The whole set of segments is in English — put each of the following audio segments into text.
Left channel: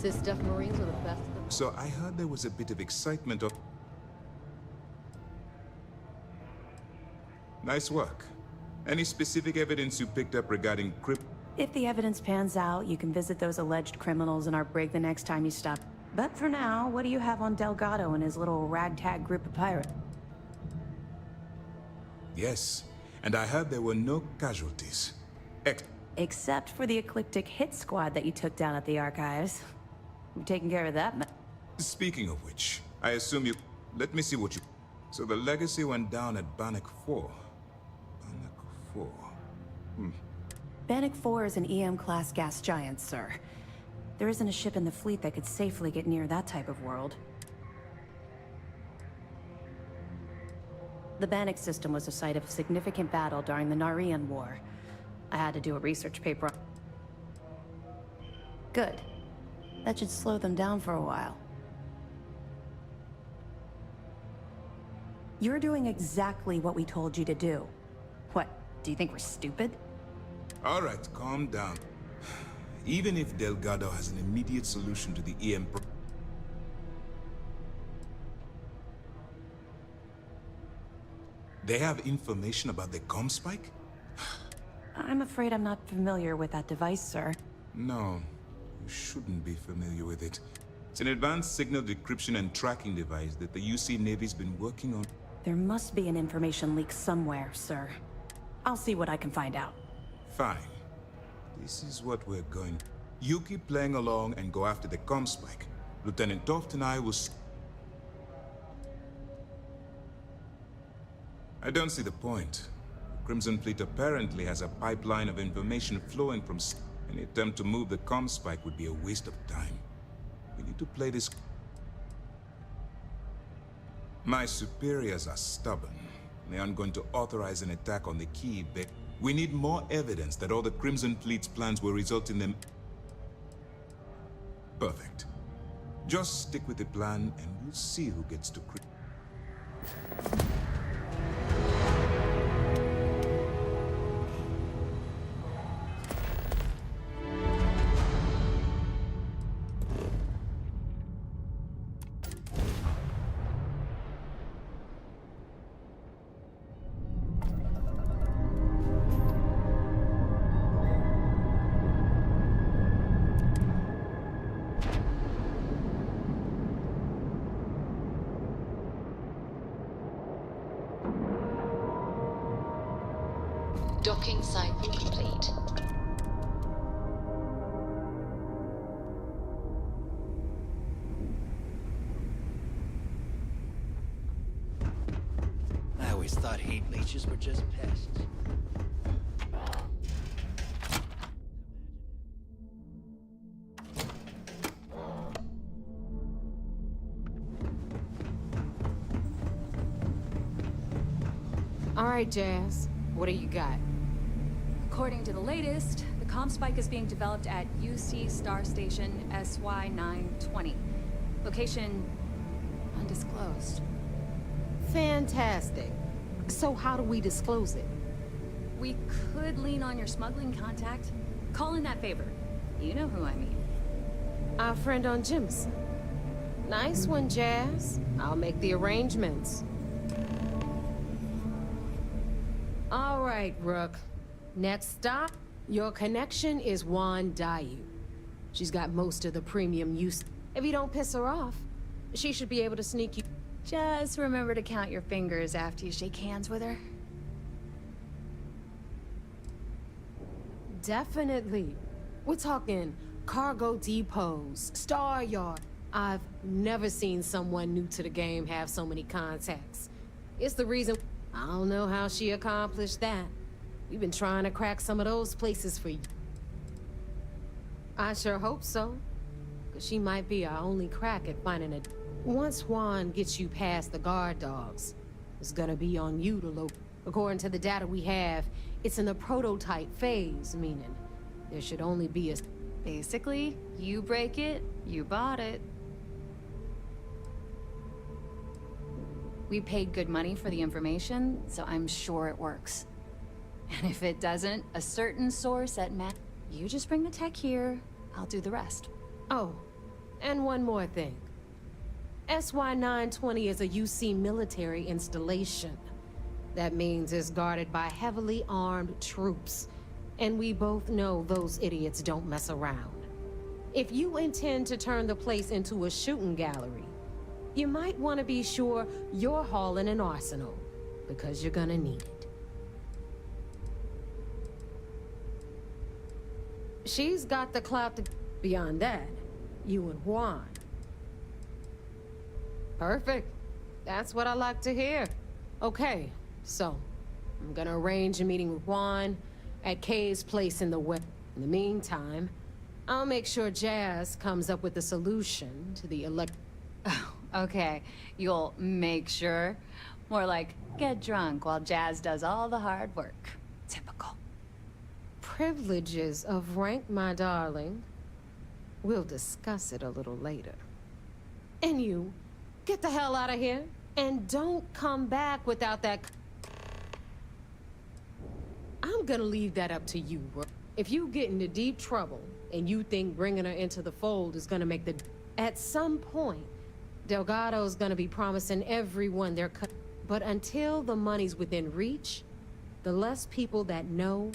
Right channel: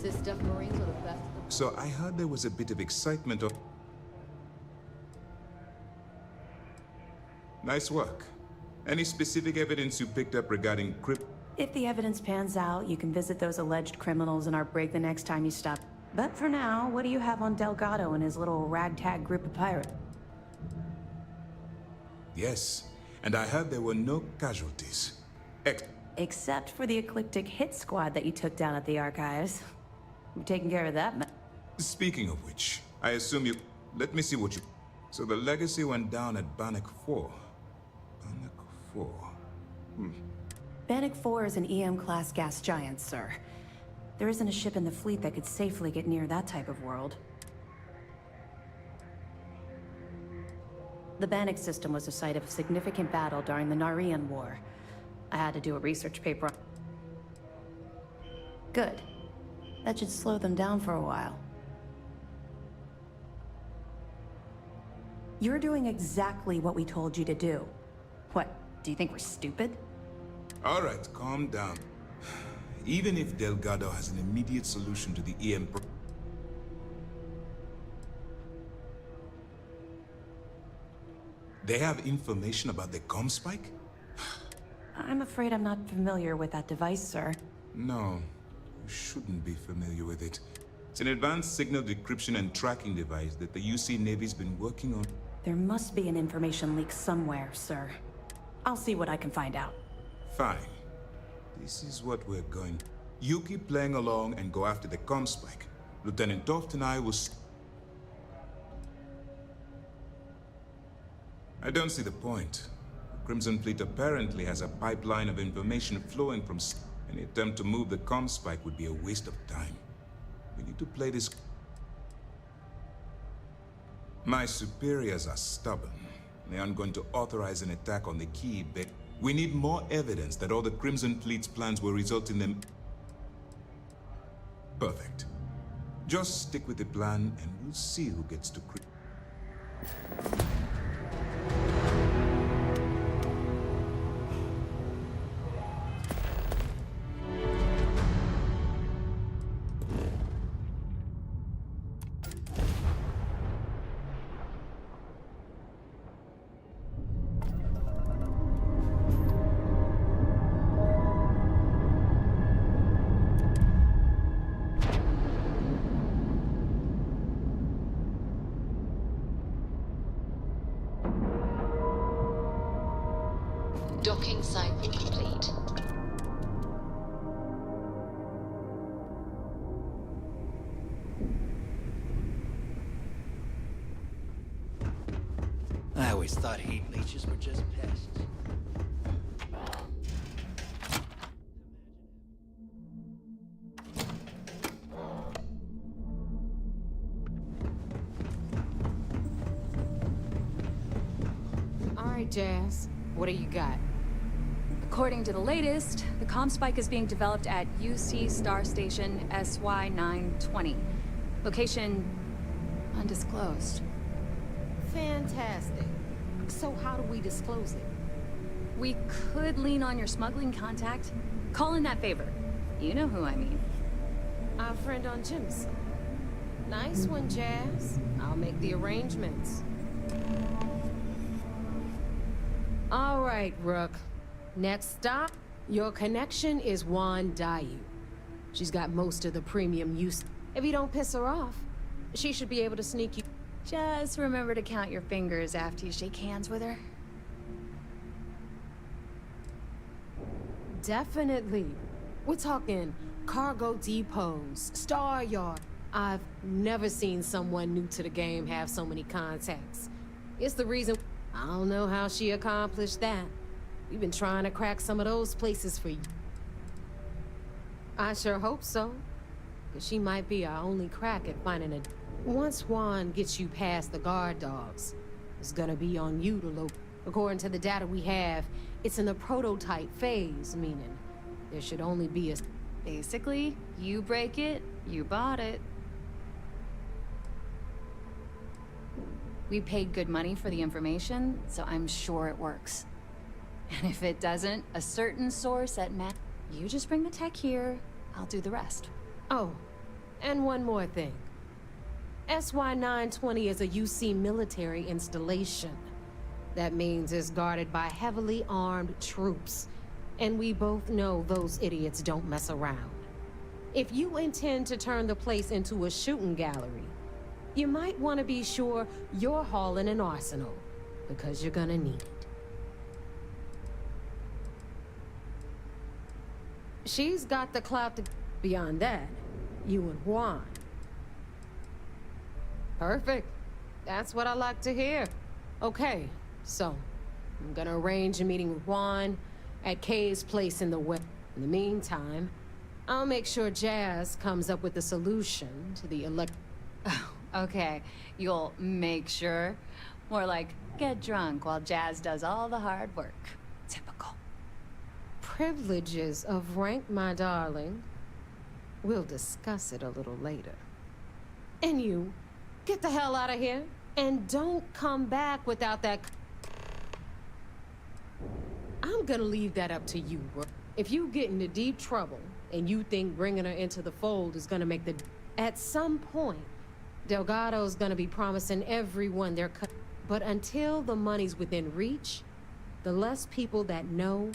Cis Def Marines are the best of the... So I heard there was a bit of excitement of... Nice work. Any specific evidence you picked up regarding crypt... If the evidence pans out, you can visit those alleged criminals in our brig the next time you stop. But for now, what do you have on Delgado and his little ragtag group of pirates? Yes, and I heard there were no casualties. Except for the eclectic hit squad that you took down at the archives. We've taken care of that. Speaking of which, I assume you... Let me see what you... So the legacy went down at Bannock 4. Bannock 4. Bannock 4 is an EM-class gas giant, sir. There isn't a ship in the fleet that could safely get near that type of world. The Bannock system was a site of significant battle during the Narian War. I had to do a research paper on... Good. That should slow them down for a while. You're doing exactly what we told you to do. What, do you think we're stupid? All right, calm down. Even if Delgado has an immediate solution to the EM... They have information about the comm spike? I'm afraid I'm not familiar with that device, sir. No, you shouldn't be familiar with it. It's an advanced signal decryption and tracking device that the UC Navy's been working on. There must be an information leak somewhere, sir. I'll see what I can find out. Fine. This is what we're going... You keep playing along and go after the comm spike. Lieutenant Toft and I will... I don't see the point. The Crimson Fleet apparently has a pipeline of information flowing from... Any attempt to move the comm spike would be a waste of time. We need to play this... My superiors are stubborn. They aren't going to authorize an attack on the key bit. We need more evidence that all the Crimson Fleet's plans will result in them... Perfect. Just stick with the plan and we'll see who gets to... Docking site complete. I always thought heat leeches were just pests. All right, Jazz. What do you got? According to the latest, the comm spike is being developed at UC Star Station SY-920. Location undisclosed. Fantastic. So how do we disclose it? We could lean on your smuggling contact. Call in that favor. You know who I mean. Our friend on Jimson. Nice one, Jazz. I'll make the arrangements. All right, Rook. Next stop, your connection is Juan Dayu. She's got most of the premium use. If you don't piss her off, she should be able to sneak you. Just remember to count your fingers after you shake hands with her. Definitely. We're talking cargo depots, Star Yard. I've never seen someone new to the game have so many contacts. It's the reason... I don't know how she accomplished that. We've been trying to crack some of those places for you. I sure hope so. Because she might be our only crack at finding a... Once Juan gets you past the guard dogs, it's gonna be on you to locate. According to the data we have, it's in the prototype phase, meaning there should only be a... Basically, you break it, you bought it. We paid good money for the information, so I'm sure it works. And if it doesn't, a certain source at Mac... You just bring the tech here, I'll do the rest. Oh, And one more thing. SY-920 is a UC military installation. That means it's guarded by heavily armed troops. And we both know those idiots don't mess around. If you intend to turn the place into a shooting gallery, you might want to be sure you're hauling an arsenal, because you're gonna need it. She's got the clout to... Beyond that, you and Juan. Perfect. That's what I like to hear. Okay, so I'm gonna arrange a meeting with Juan at Kay's place in the west. In the meantime, I'll make sure Jazz comes up with a solution to the Okay, you'll make sure. More like, get drunk while Jazz does all the hard work. Typical. privileges of rank, my darling. We'll discuss it a little later. And you, get the hell out of here. And don't come back without that... I'm gonna leave that up to you, bro. If you get into deep trouble, and you think bringing her into the fold is gonna make the... At some point, Delgado's gonna be promising everyone their cut. But until the money's within reach, the less people that know...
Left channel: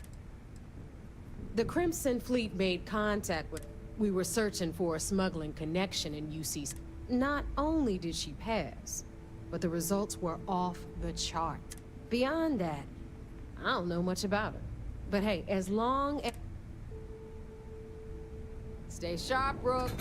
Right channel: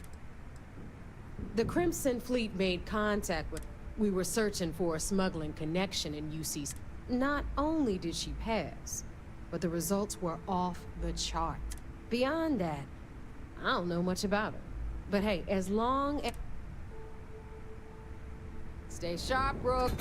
The Crimson Fleet made contact with... We were searching for a smuggling connection in UC. Not only did she pass, but the results were off the chart. Beyond that, I don't know much about her. But hey, as long as... Stay sharp, Rook.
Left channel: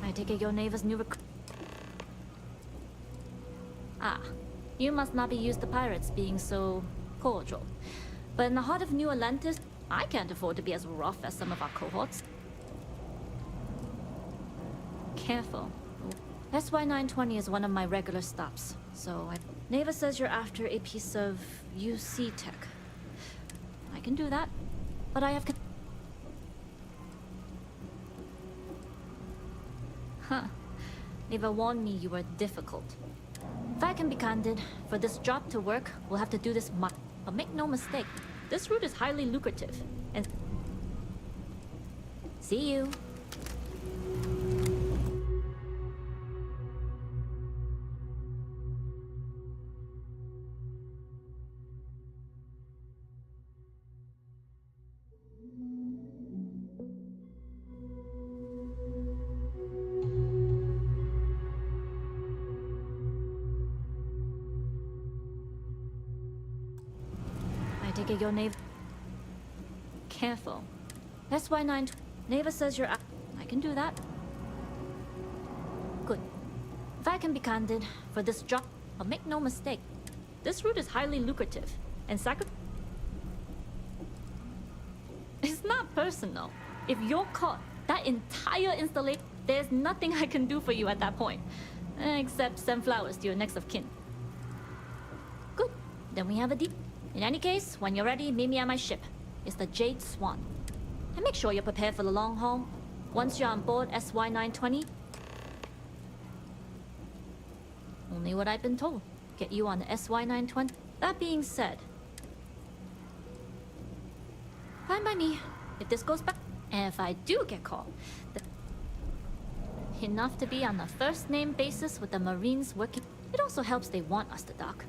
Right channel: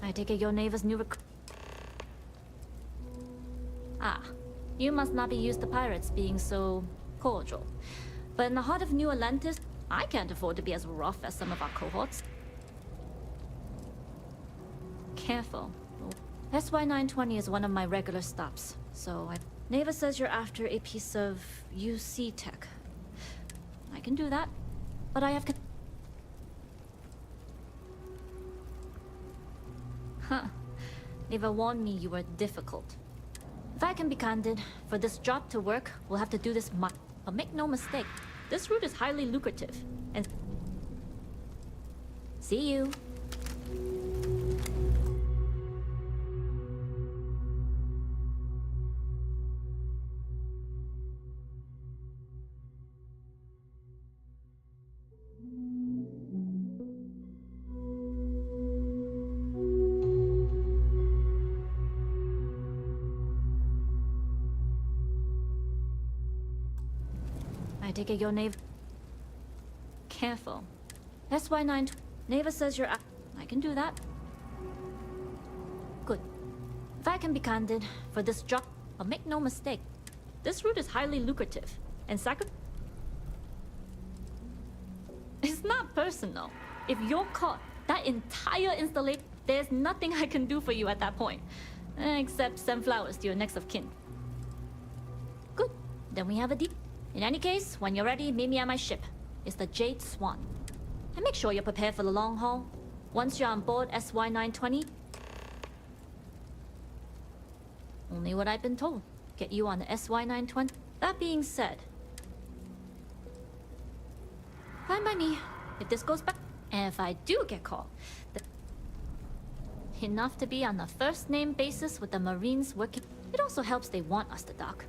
I take it your neighbor's new Ah, you must not be used to pirates being so cordial. But in the heart of New Atlantis, I can't afford to be as rough as some of our cohorts. Careful. SY-920 is one of my regular stops, so Neva says you're after a piece of UC tech. I can do that, but I have... Huh. Neva warned me you were difficult. If I can be candid, for this job to work, we'll have to do this much. But make no mistake, this route is highly lucrative, and... See you. I take it your Neva... Careful. SY-9... Neva says you're... I can do that. Good. If I can be candid, for this job... But make no mistake, this route is highly lucrative, and It's not personal. If you're caught, that entire installation... There's nothing I can do for you at that point. Except send flowers to your next of kin. Good. Then we have a deal. In any case, when you're ready, meet me at my ship. It's the Jade Swan. And make sure you're prepared for the long haul. Once you're on board SY-920... Only what I've been told. Get you on the SY-920. That being said... Fine by me. If this goes back... And if I do get caught, enough to be on a first-name basis with the Marines working. It also helps they want us to dock.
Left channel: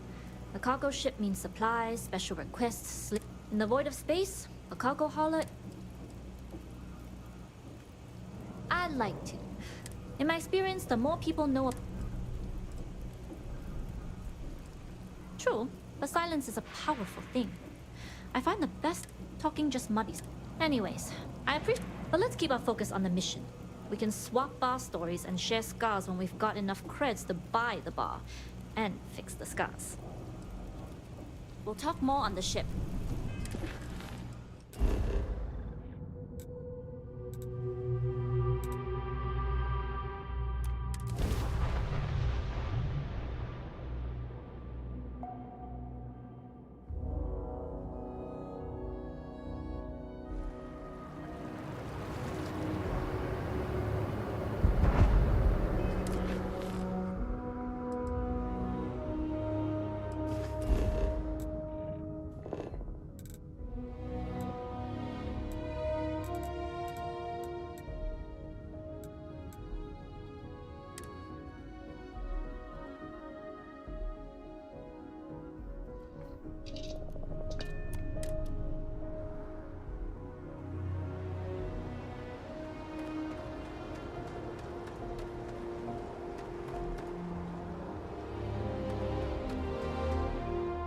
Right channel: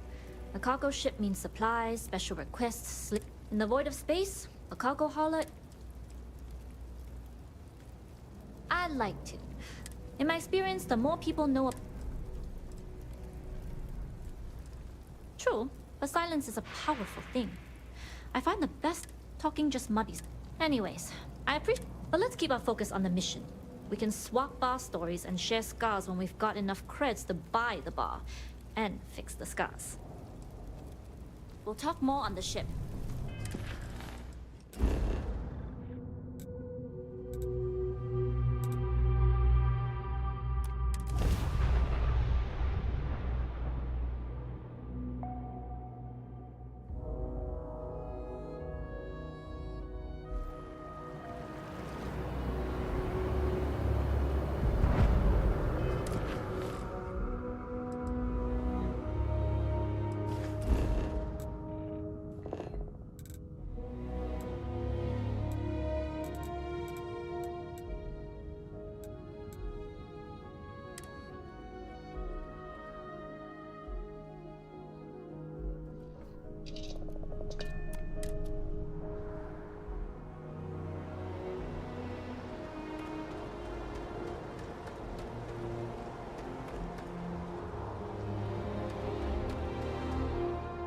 A cargo ship means supplies, special requests. In the void of space, a cargo hauler. I'd like to. In my experience, the more people know. True, but silence is a powerful thing. I find the best talking just muddies. Anyways, I appreciate. But let's keep our focus on the mission. We can swap bar stories and share scars when we've got enough creds to buy the bar and fix the scars. We'll talk more on the ship.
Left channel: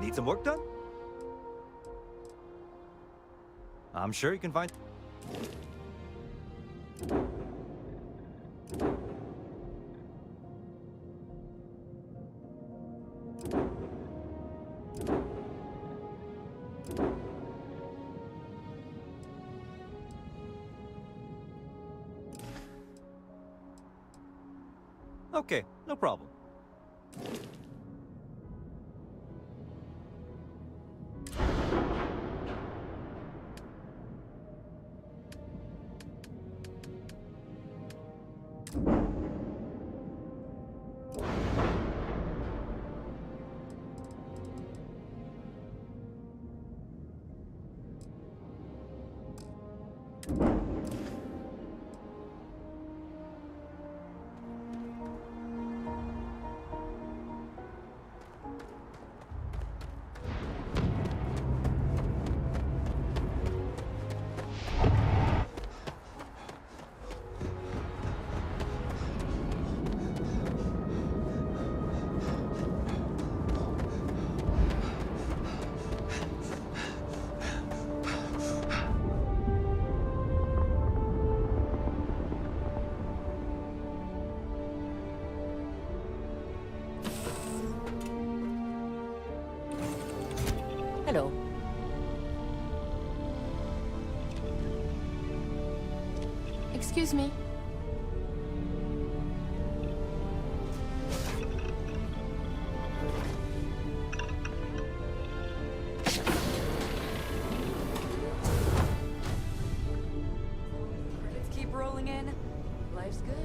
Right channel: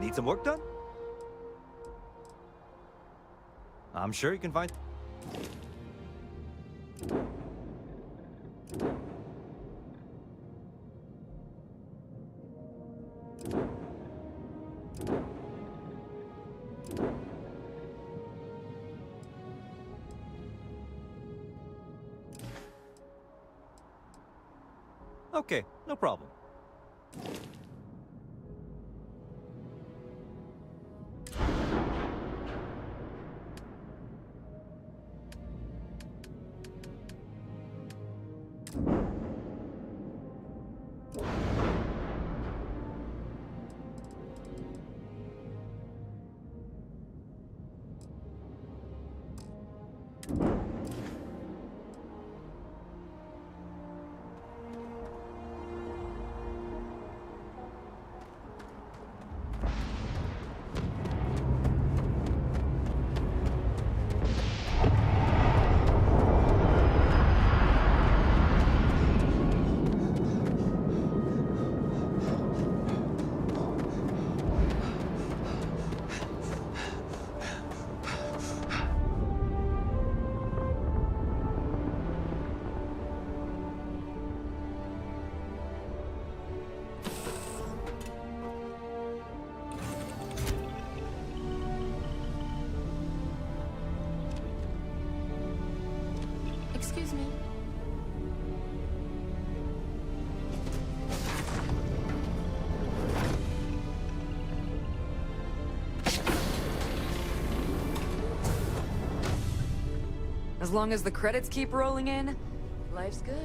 Need some work done? I'm sure you can find. Okay, no problem. Hello. Excuse me. As long as the credits keep rolling in, life's good.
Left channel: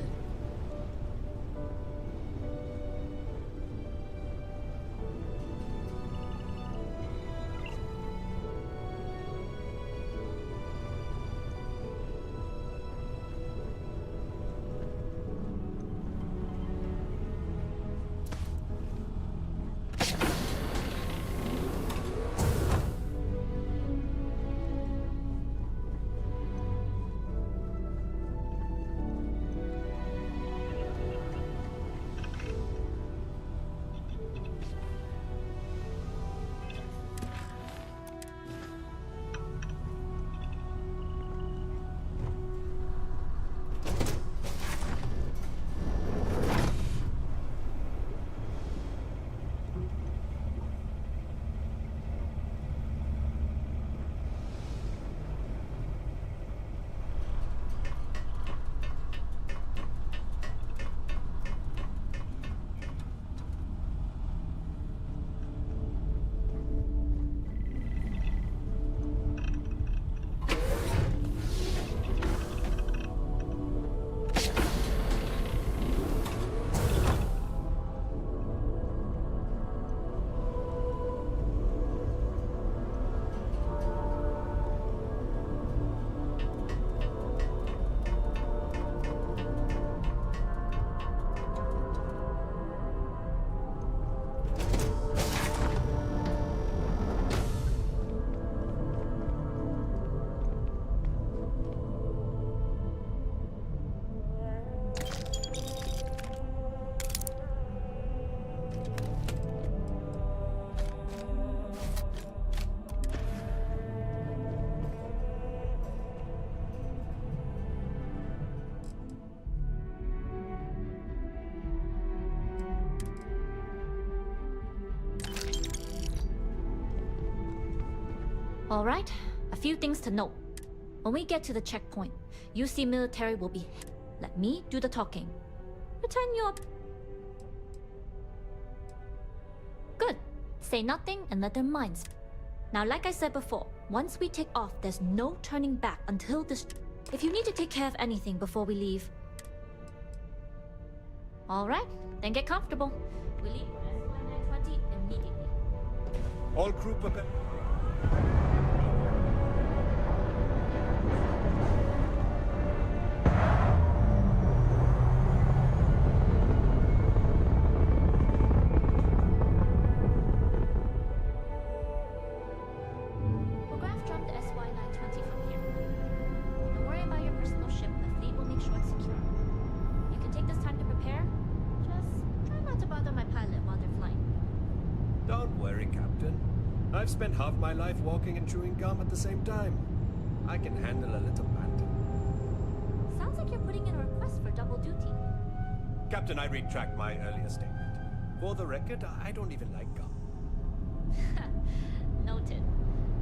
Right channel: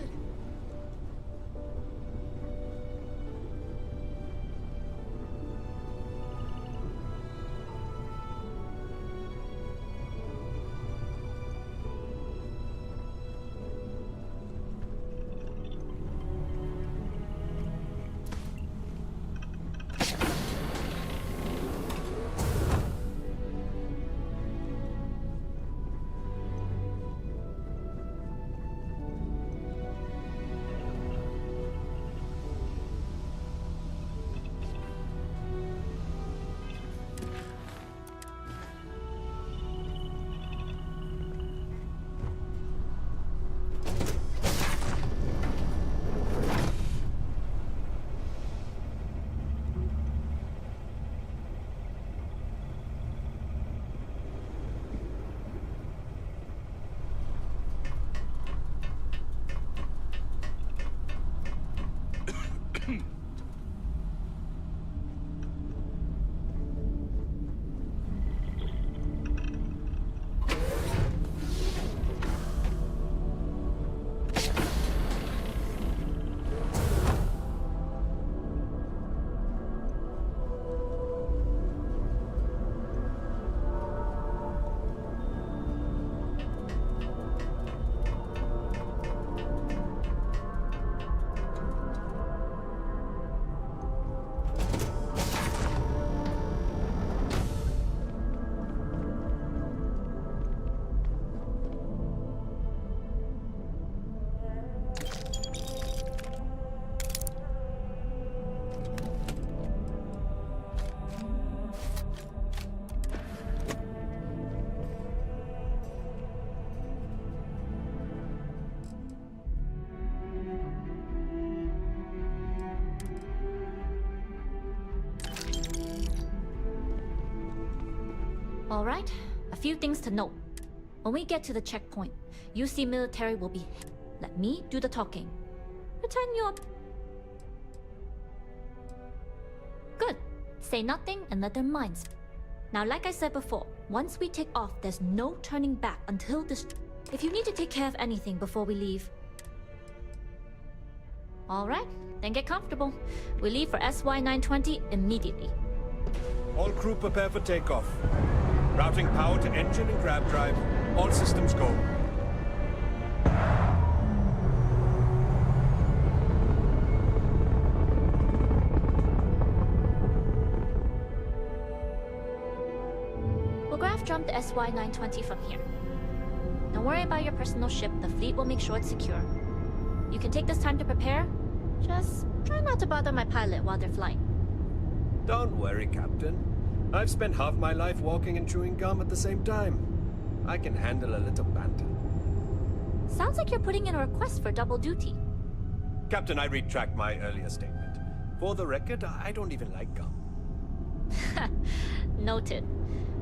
Alright, a few things to note. When we get to the checkpoint, UC military will be... Let me do the talking. Pretend you're... Good. Say nothing and let their minds... Now, like I said before, once we take off, there's no turning back until this... If you need to take care of anything before we leave... Alright, then get comfortable. We leave for SY-920 immediately. All crew prepare for takeoff. Routing power to engine and grab drive. All systems go. We'll graph jump the SY-920 from here. Don't worry about your personal ship. The fleet will make sure it's secure. You can take this time to prepare. Just try not to bother my pilot while they're flying. Don't worry, Captain. I've spent half my life walking and chewing gum at the same time. I can handle a little banter. Sounds like you're putting in a request for double duty. Captain, I retract my earlier statement. For the record, I don't even like gum. Noted.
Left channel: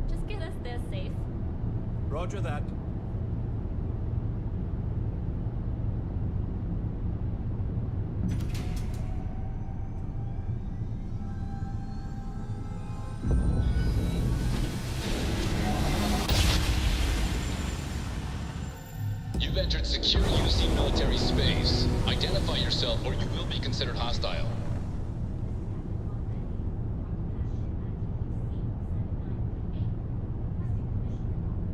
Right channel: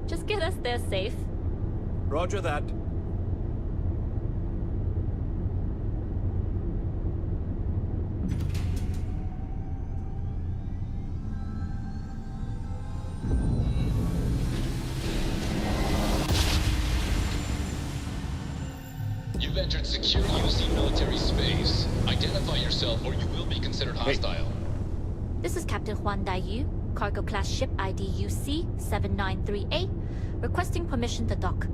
Just get us there safe. Roger that. You've entered secure UC military space. Identify yourself or you will be considered hostile. This is Captain Huan Daiyu, cargo class ship ID UC 793A, requesting permission to dock.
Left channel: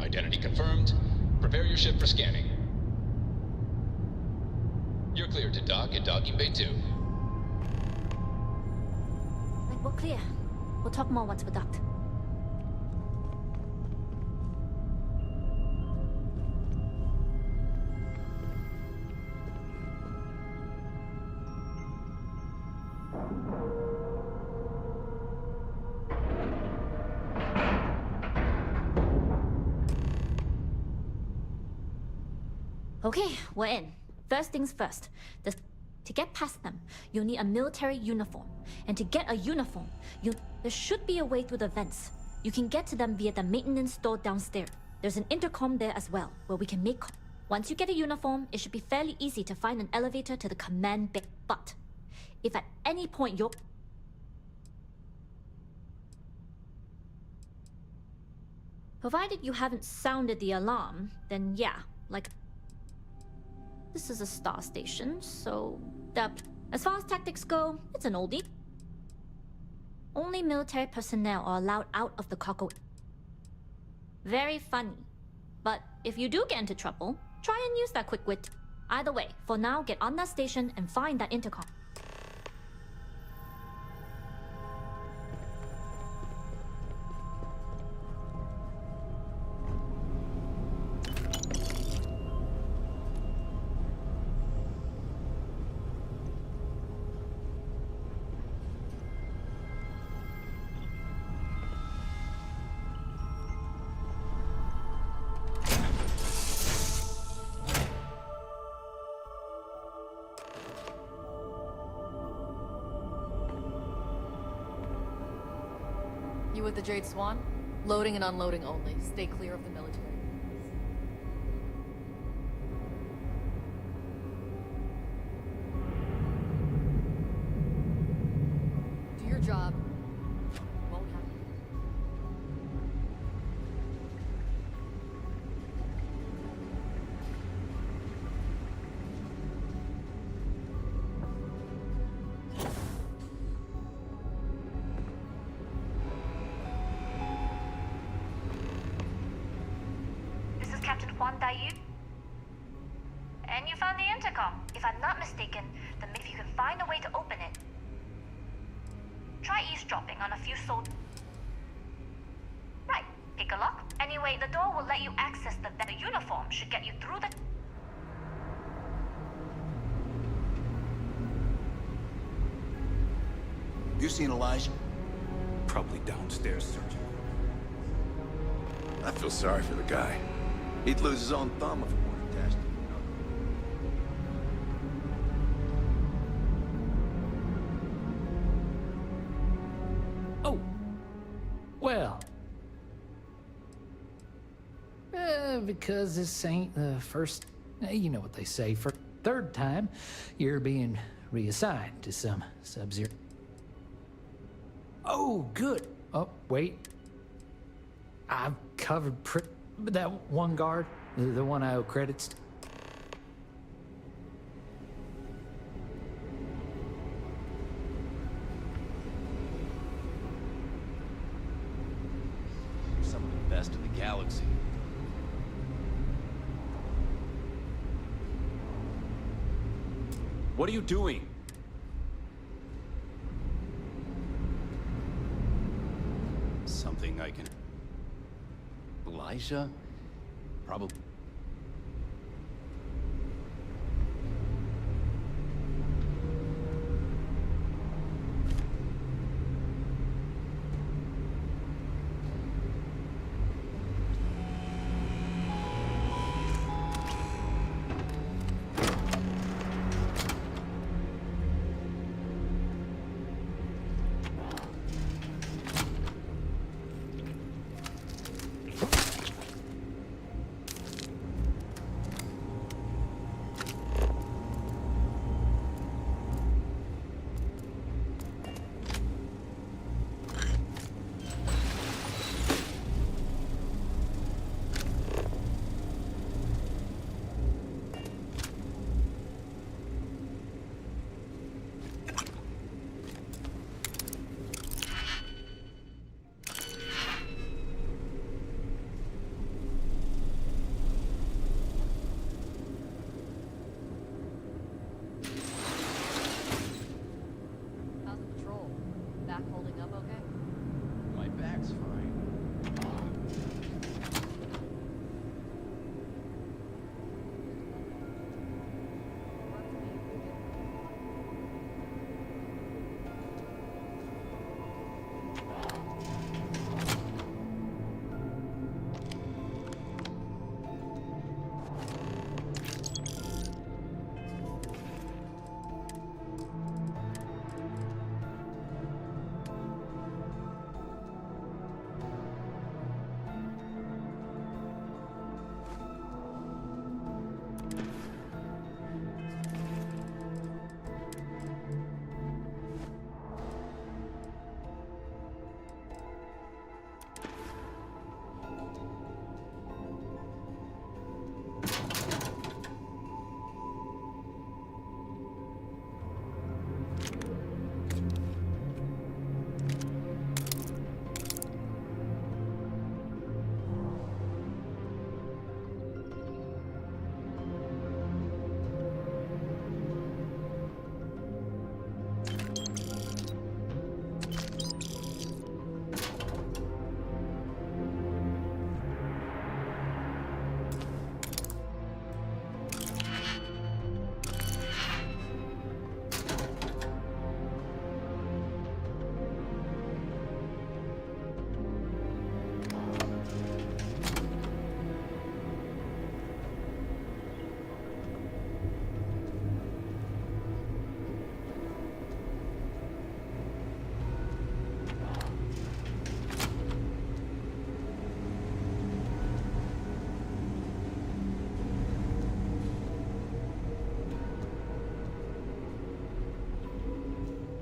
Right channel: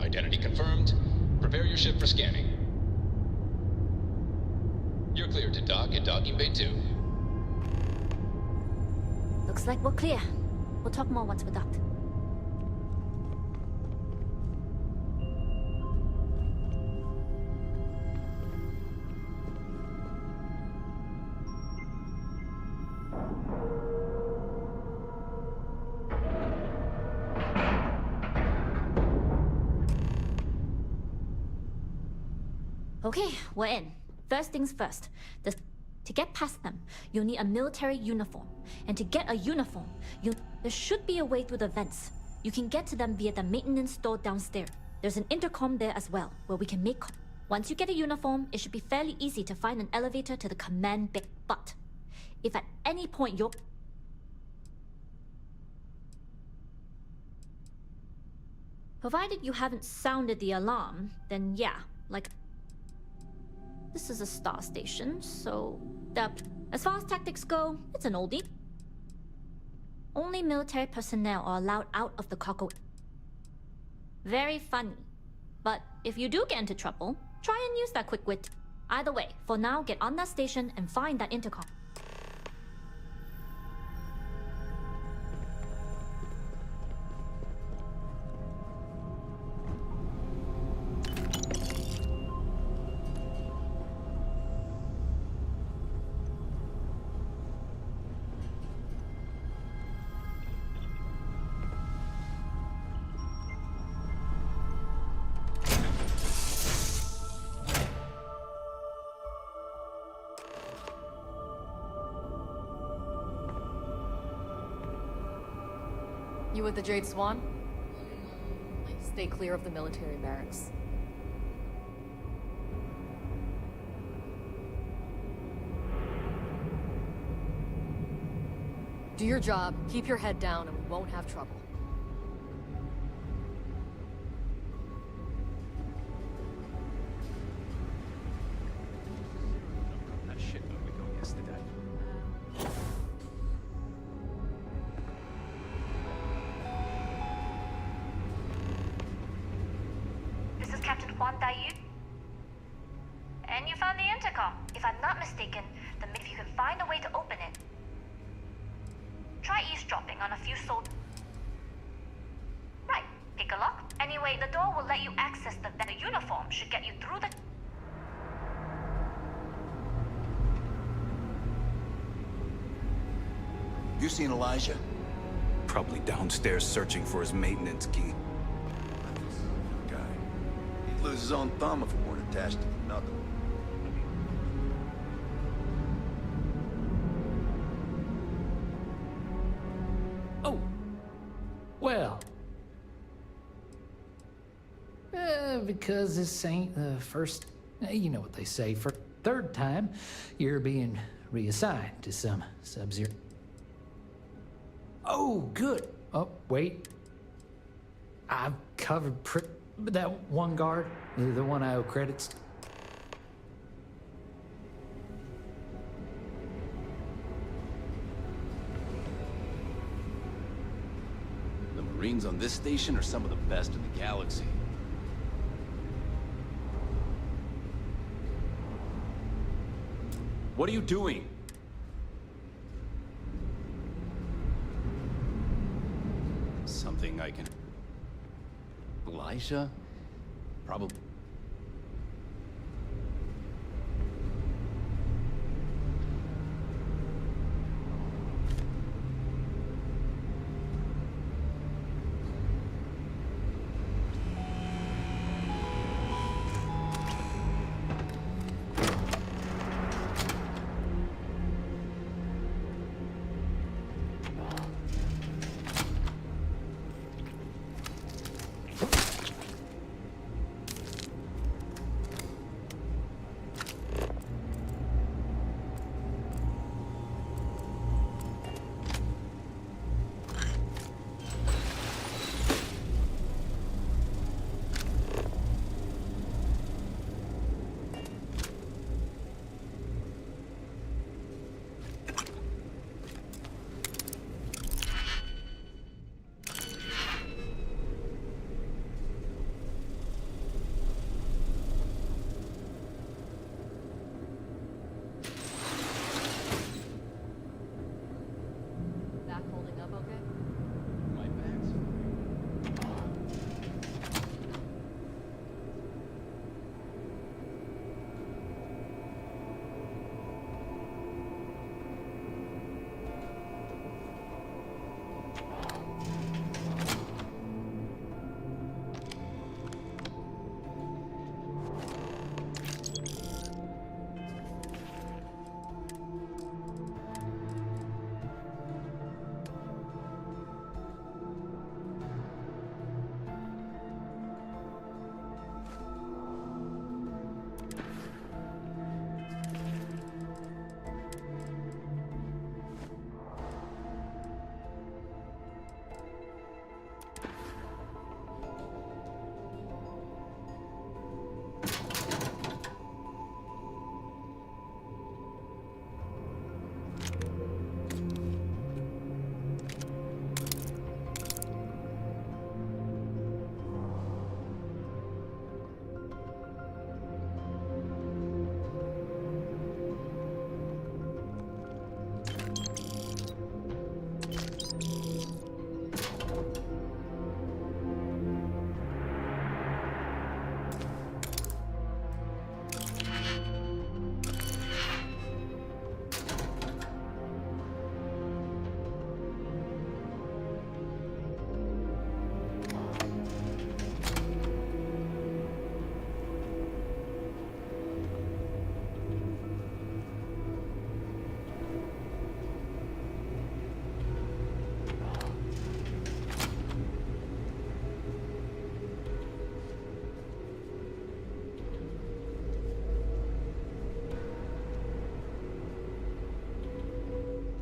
Identity confirmed. Prepare your ship for scanning. You're cleared to dock at docking bay 2. Looks like we're clear. We'll talk more once we're docked. Okay, we're in. First things first. To get past them, you'll need a military uniform. And to get a uniform, there should be a way through the vents. You can get to them via the maintenance store downstairs. There's an intercom there as well, where we can make... Once you get a uniform, it should be fairly easy to find an elevator to the command bay. But, if at any point you're... Provided you haven't sounded the alarm, then yeah, like... This is a star station, so... As far as tactics go, it's an oldie. Only military personnel are allowed out of the cargo. Very funny. But if you do get into trouble, try and use that quick wit. Either way, for now, get on that station and find that intercom. You with the Jade Swan? Loading and unloading only. Stay clear of the military barracks. Do your job, keep your head down, and we won't have trouble. Captain Huan Daiyu? And you found the intercom. If I'm not mistaken, then if you can find a way to open it. Try eavesdropping on a few soldiers. Right, pick a lock. Anyway, the door will let you access the uniform should get you through the... You seen Elijah? Probably downstairs searching for his maintenance key. I feel sorry for the guy. He'd lose his own thumb if it weren't attached to the knuckle. Oh. Well. Because this ain't the first... You know what they say, for third time, you're being reassigned to some Sub-Zero. Oh, good. Oh, wait. I've covered that one guard, the one I owe credits to. The Marines on this station are some of the best in the galaxy. What are you doing? Something I can... Elijah? Probably...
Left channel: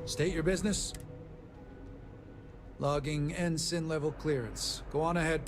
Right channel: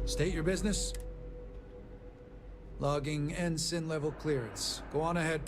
State your business. Logging ensign level clearance. Go on ahead.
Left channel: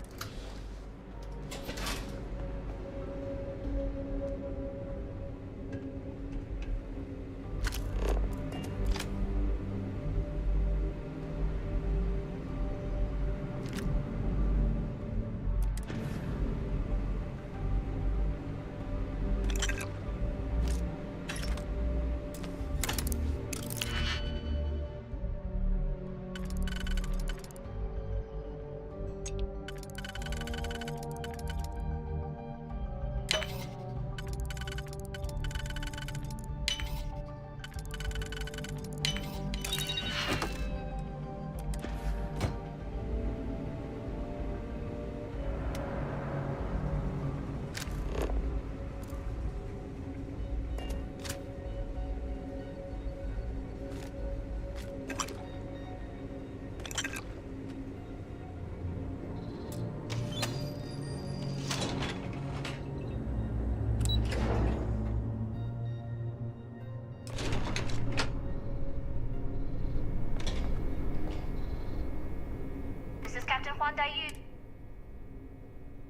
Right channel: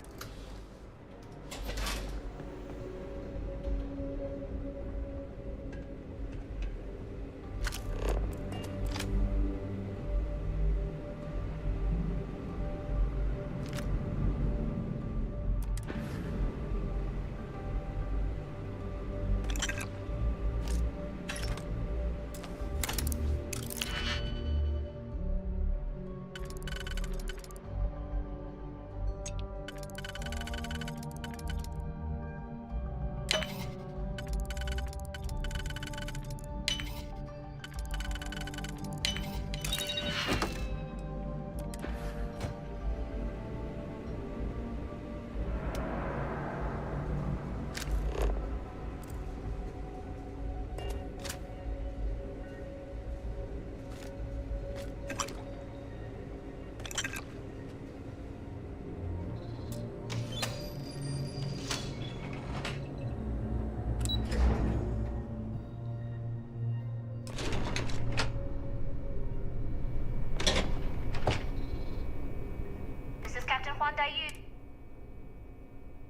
that you...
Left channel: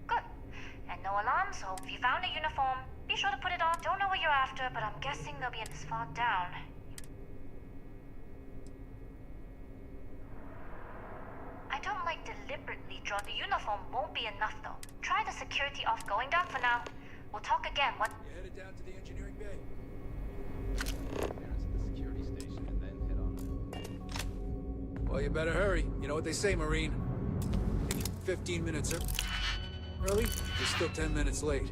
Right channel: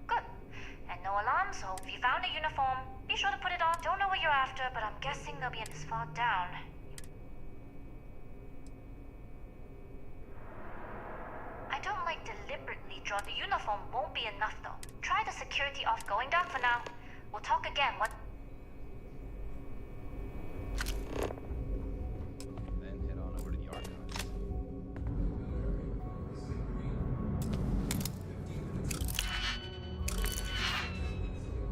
Good. And no alarms, so if you found a uniform, be sure to put it on. Don't know what you're after, but I'm guessing they'll be in this far down. I don't like deliberately draw. The uniform won't be enough, though. Try the security off going down for now. We'll talk again. What? Headed down to the engineering bay. Then head on over to the yard. Well, you better hurry. You know what they say, Marine. 15 minutes early, you're still 10 minutes late.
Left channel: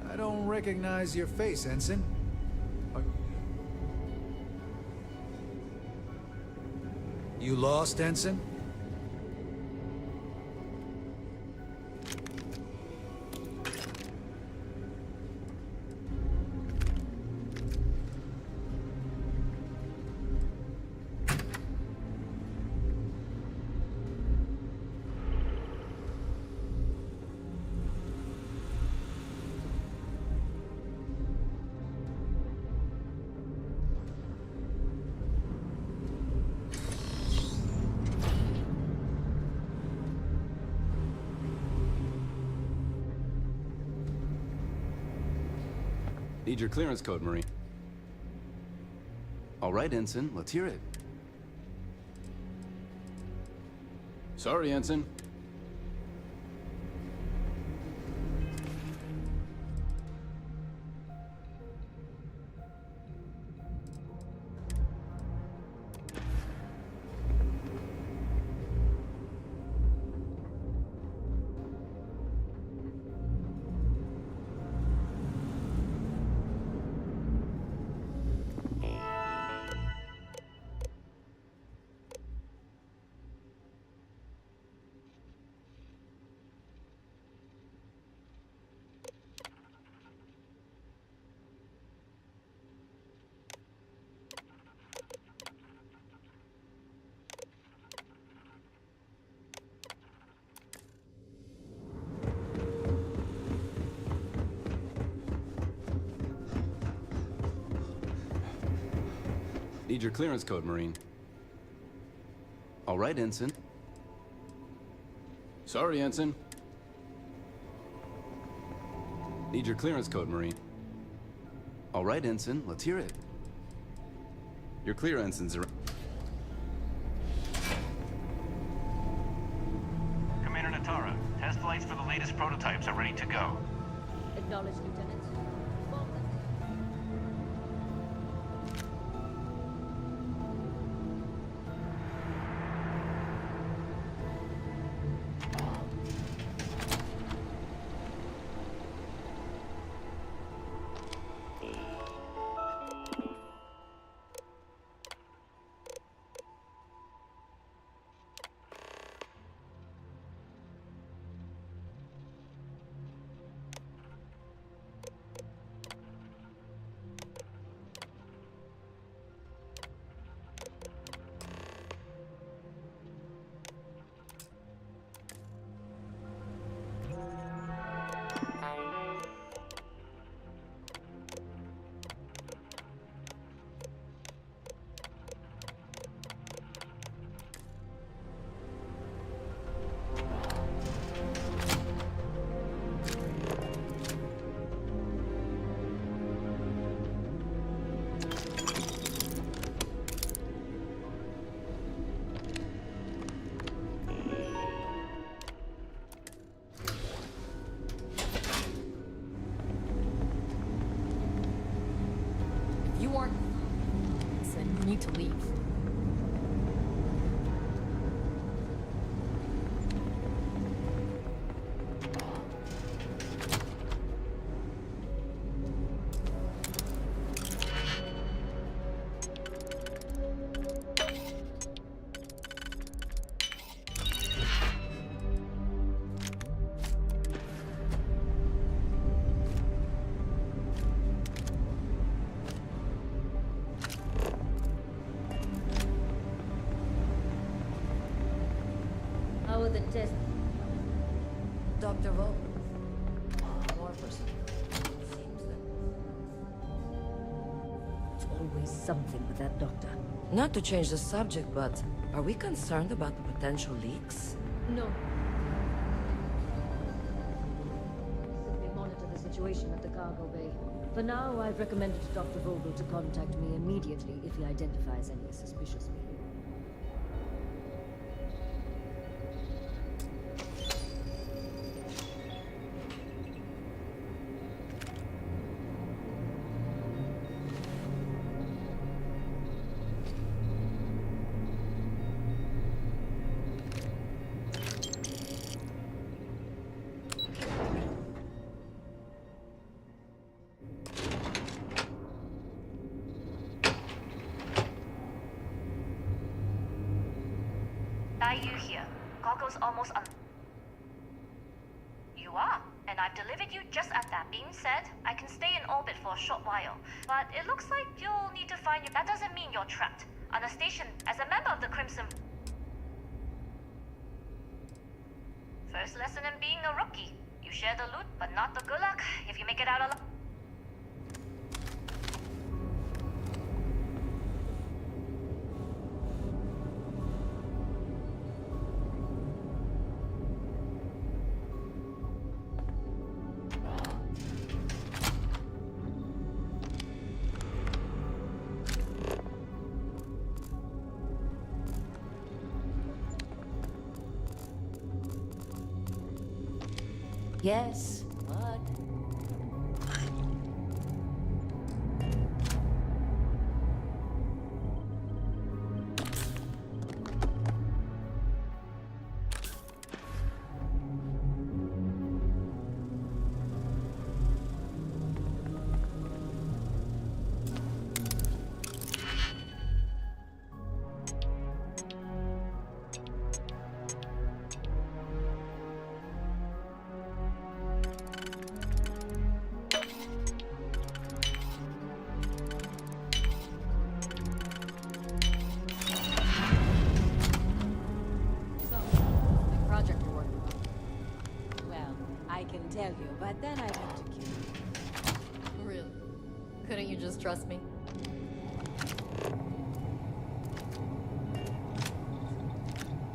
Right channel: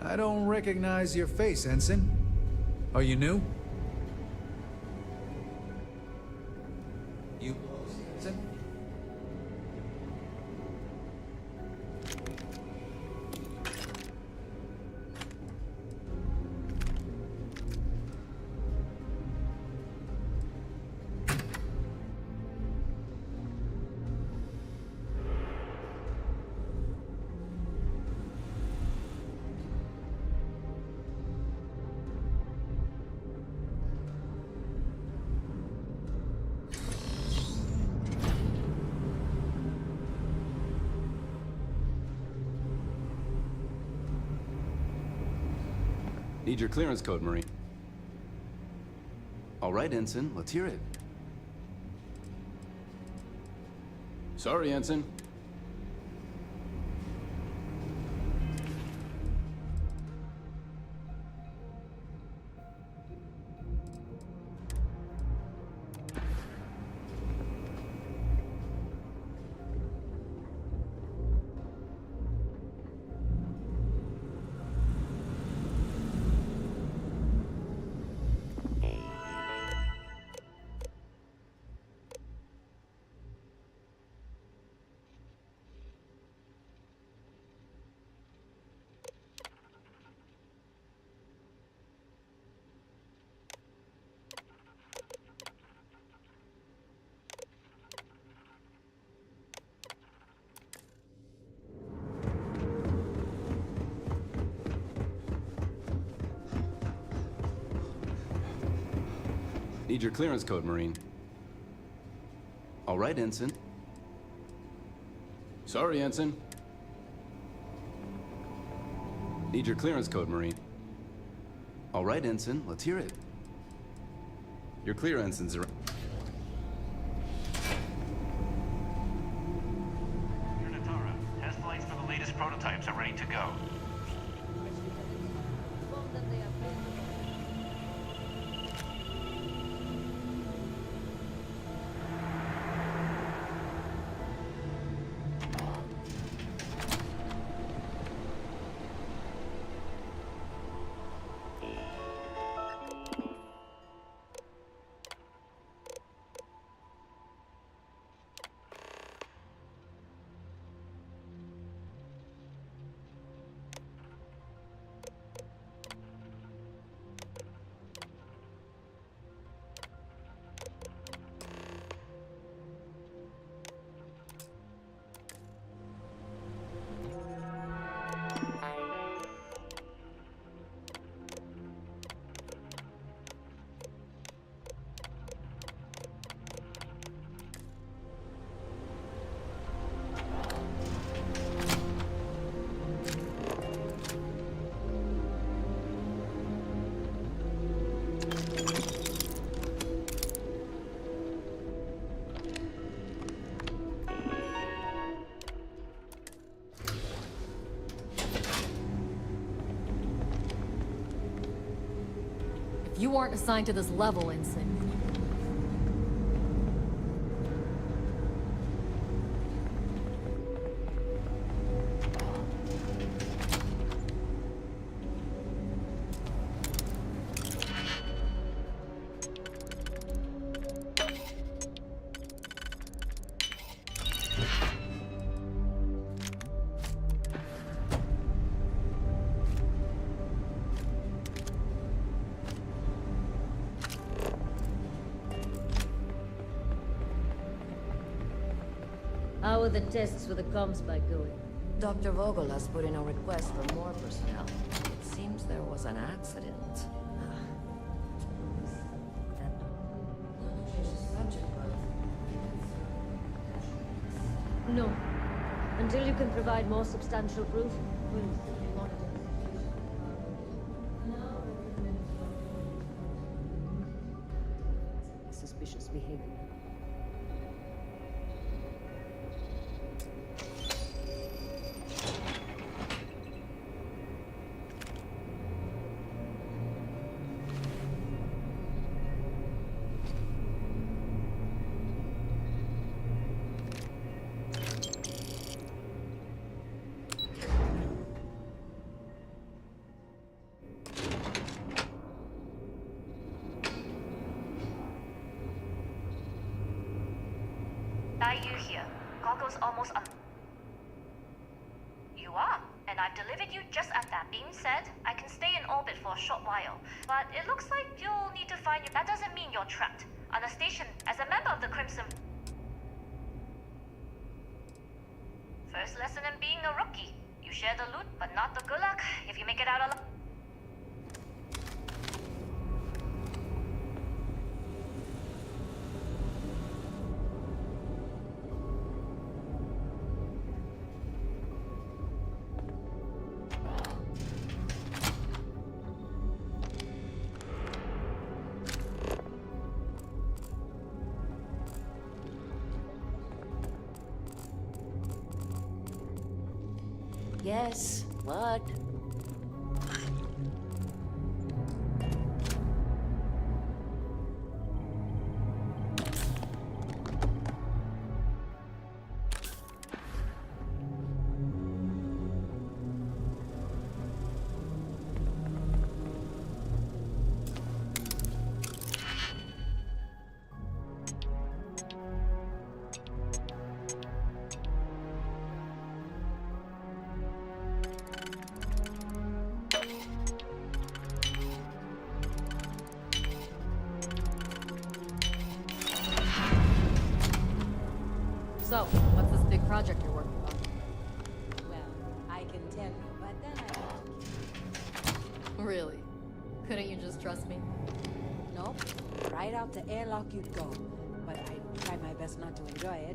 I don't recognize your face, Ensign. Are you new? You lost, Ensign? Need your clearance code, Marine. All right, Ensign, let's hear it. Sorry, Ensign. Need your clearance code, Marine. All right, Ensign. Sorry, Ensign. Need your clearance code, Marine. All right, Ensign, let's hear it. You're clear, Ensigns. Commander Natara, test flights for the latest prototypes are ready to go. Acknowledged, Lieutenant. Inform them they are... You aren't assigned to this level, Ensign. You need to leave. How are the tests for the comms spike going? Dr. Vogel has put in a request for more personnel. It seems there was an accident. It's always something with that doctor. Not to change the subject, but are we concerned about potential leaks? No. Until you can provide more substantial proof, we'll simply monitor the situation at the cargo bay. For now, I've recommended to Dr. Vogel to contact me immediately if he identifies any suspicious behavior. Are you here? Cargo's almost on. You are, and I've delivered you just at that. Being said, I can stay in orbit for a short while, but it looks like you'll need to find your. That doesn't mean you're trapped on a station as a member of the Crimson. First lesson in being a rookie: you share the loot, but not the good luck. If you make it out alive. Yes, what? So, what's this big project you're working on? Well, I can tell you, but then I have to kill you. Really? Couldn't you just trust me? No, right out the airlock you go. But I will try my best not to enjoy it.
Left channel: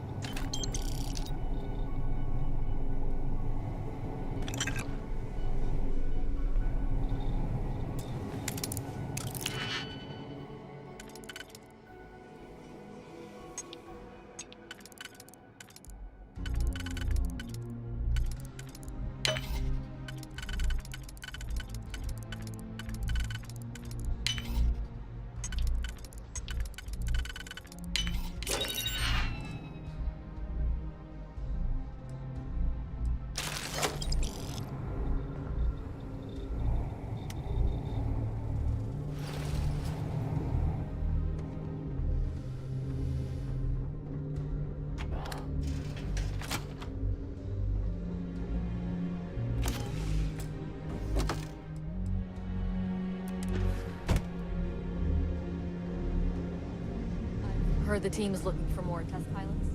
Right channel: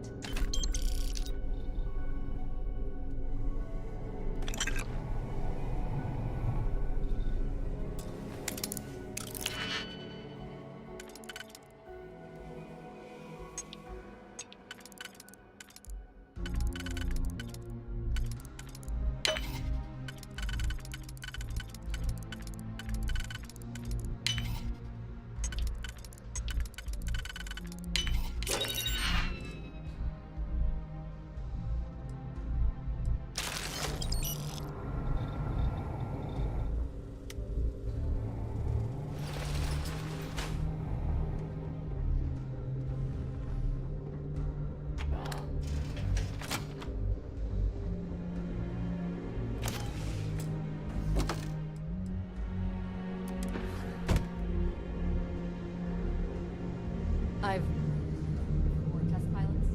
I've heard the team is looking for more test pilots.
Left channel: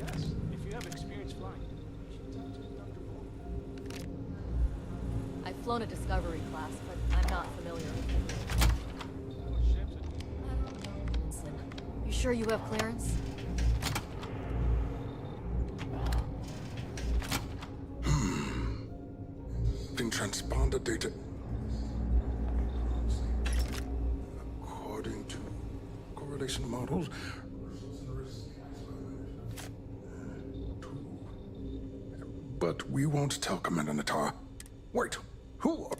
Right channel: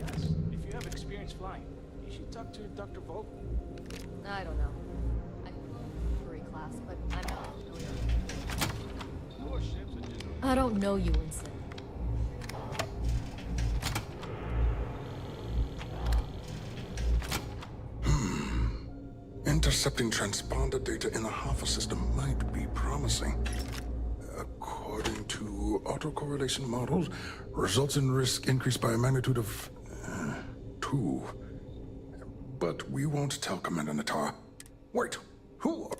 Yes, if you have experience flying, you should talk to Dr. Vogel. I don't know. I've flown a Discovery class, but I'm not familiar with the More ships are just... I don't know you, Ensign. You sure you have clearance? Intercepting transponder data in the Alpha system might be promising. According to autocorrelation models, results in risk increased by a magnitude of 2. But we won't tell Commander Natara. Wait, who?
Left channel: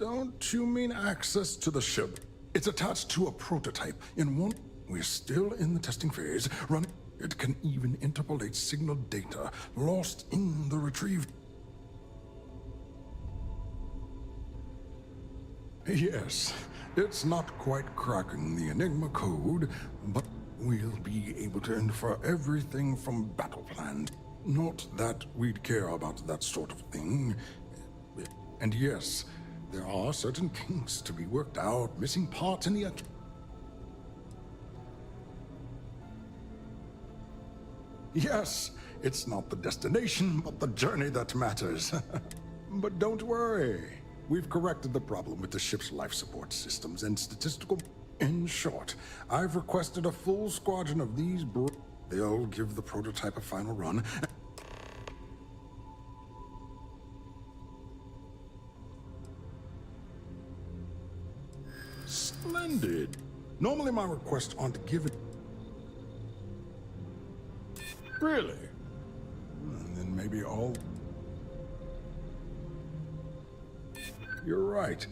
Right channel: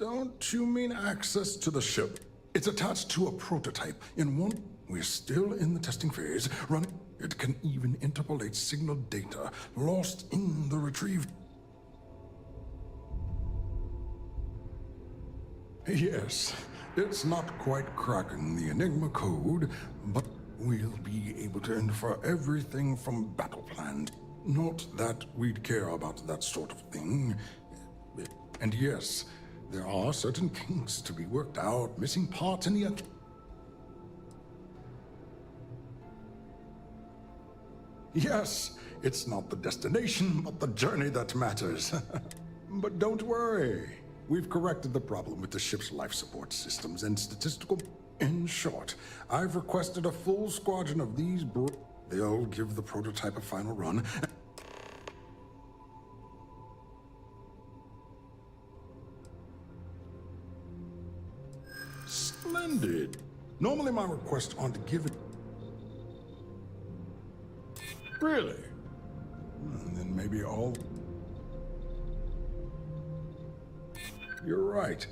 Don't you mean access to the ship? It's attached to a prototype. In one, we're still in the testing phase. It can even interpolate signal data lost in the retrieve. Yes, it's not quite cracking the Enigma code, but we'll be able to infer everything from battle plans. Not that we'd care about that sort of thing. And yes, there are certain kinks to be worked out, missing parts in the... Yes, it's not the destination, but the journey that matters. But don't worry. We've corrected the problem with the ship's life support systems and statistical... In short, I've requested a full squadron of these They'll give the prototype a final run. Splendid. Normally my requests aren't given... Really? And then maybe all... You're right.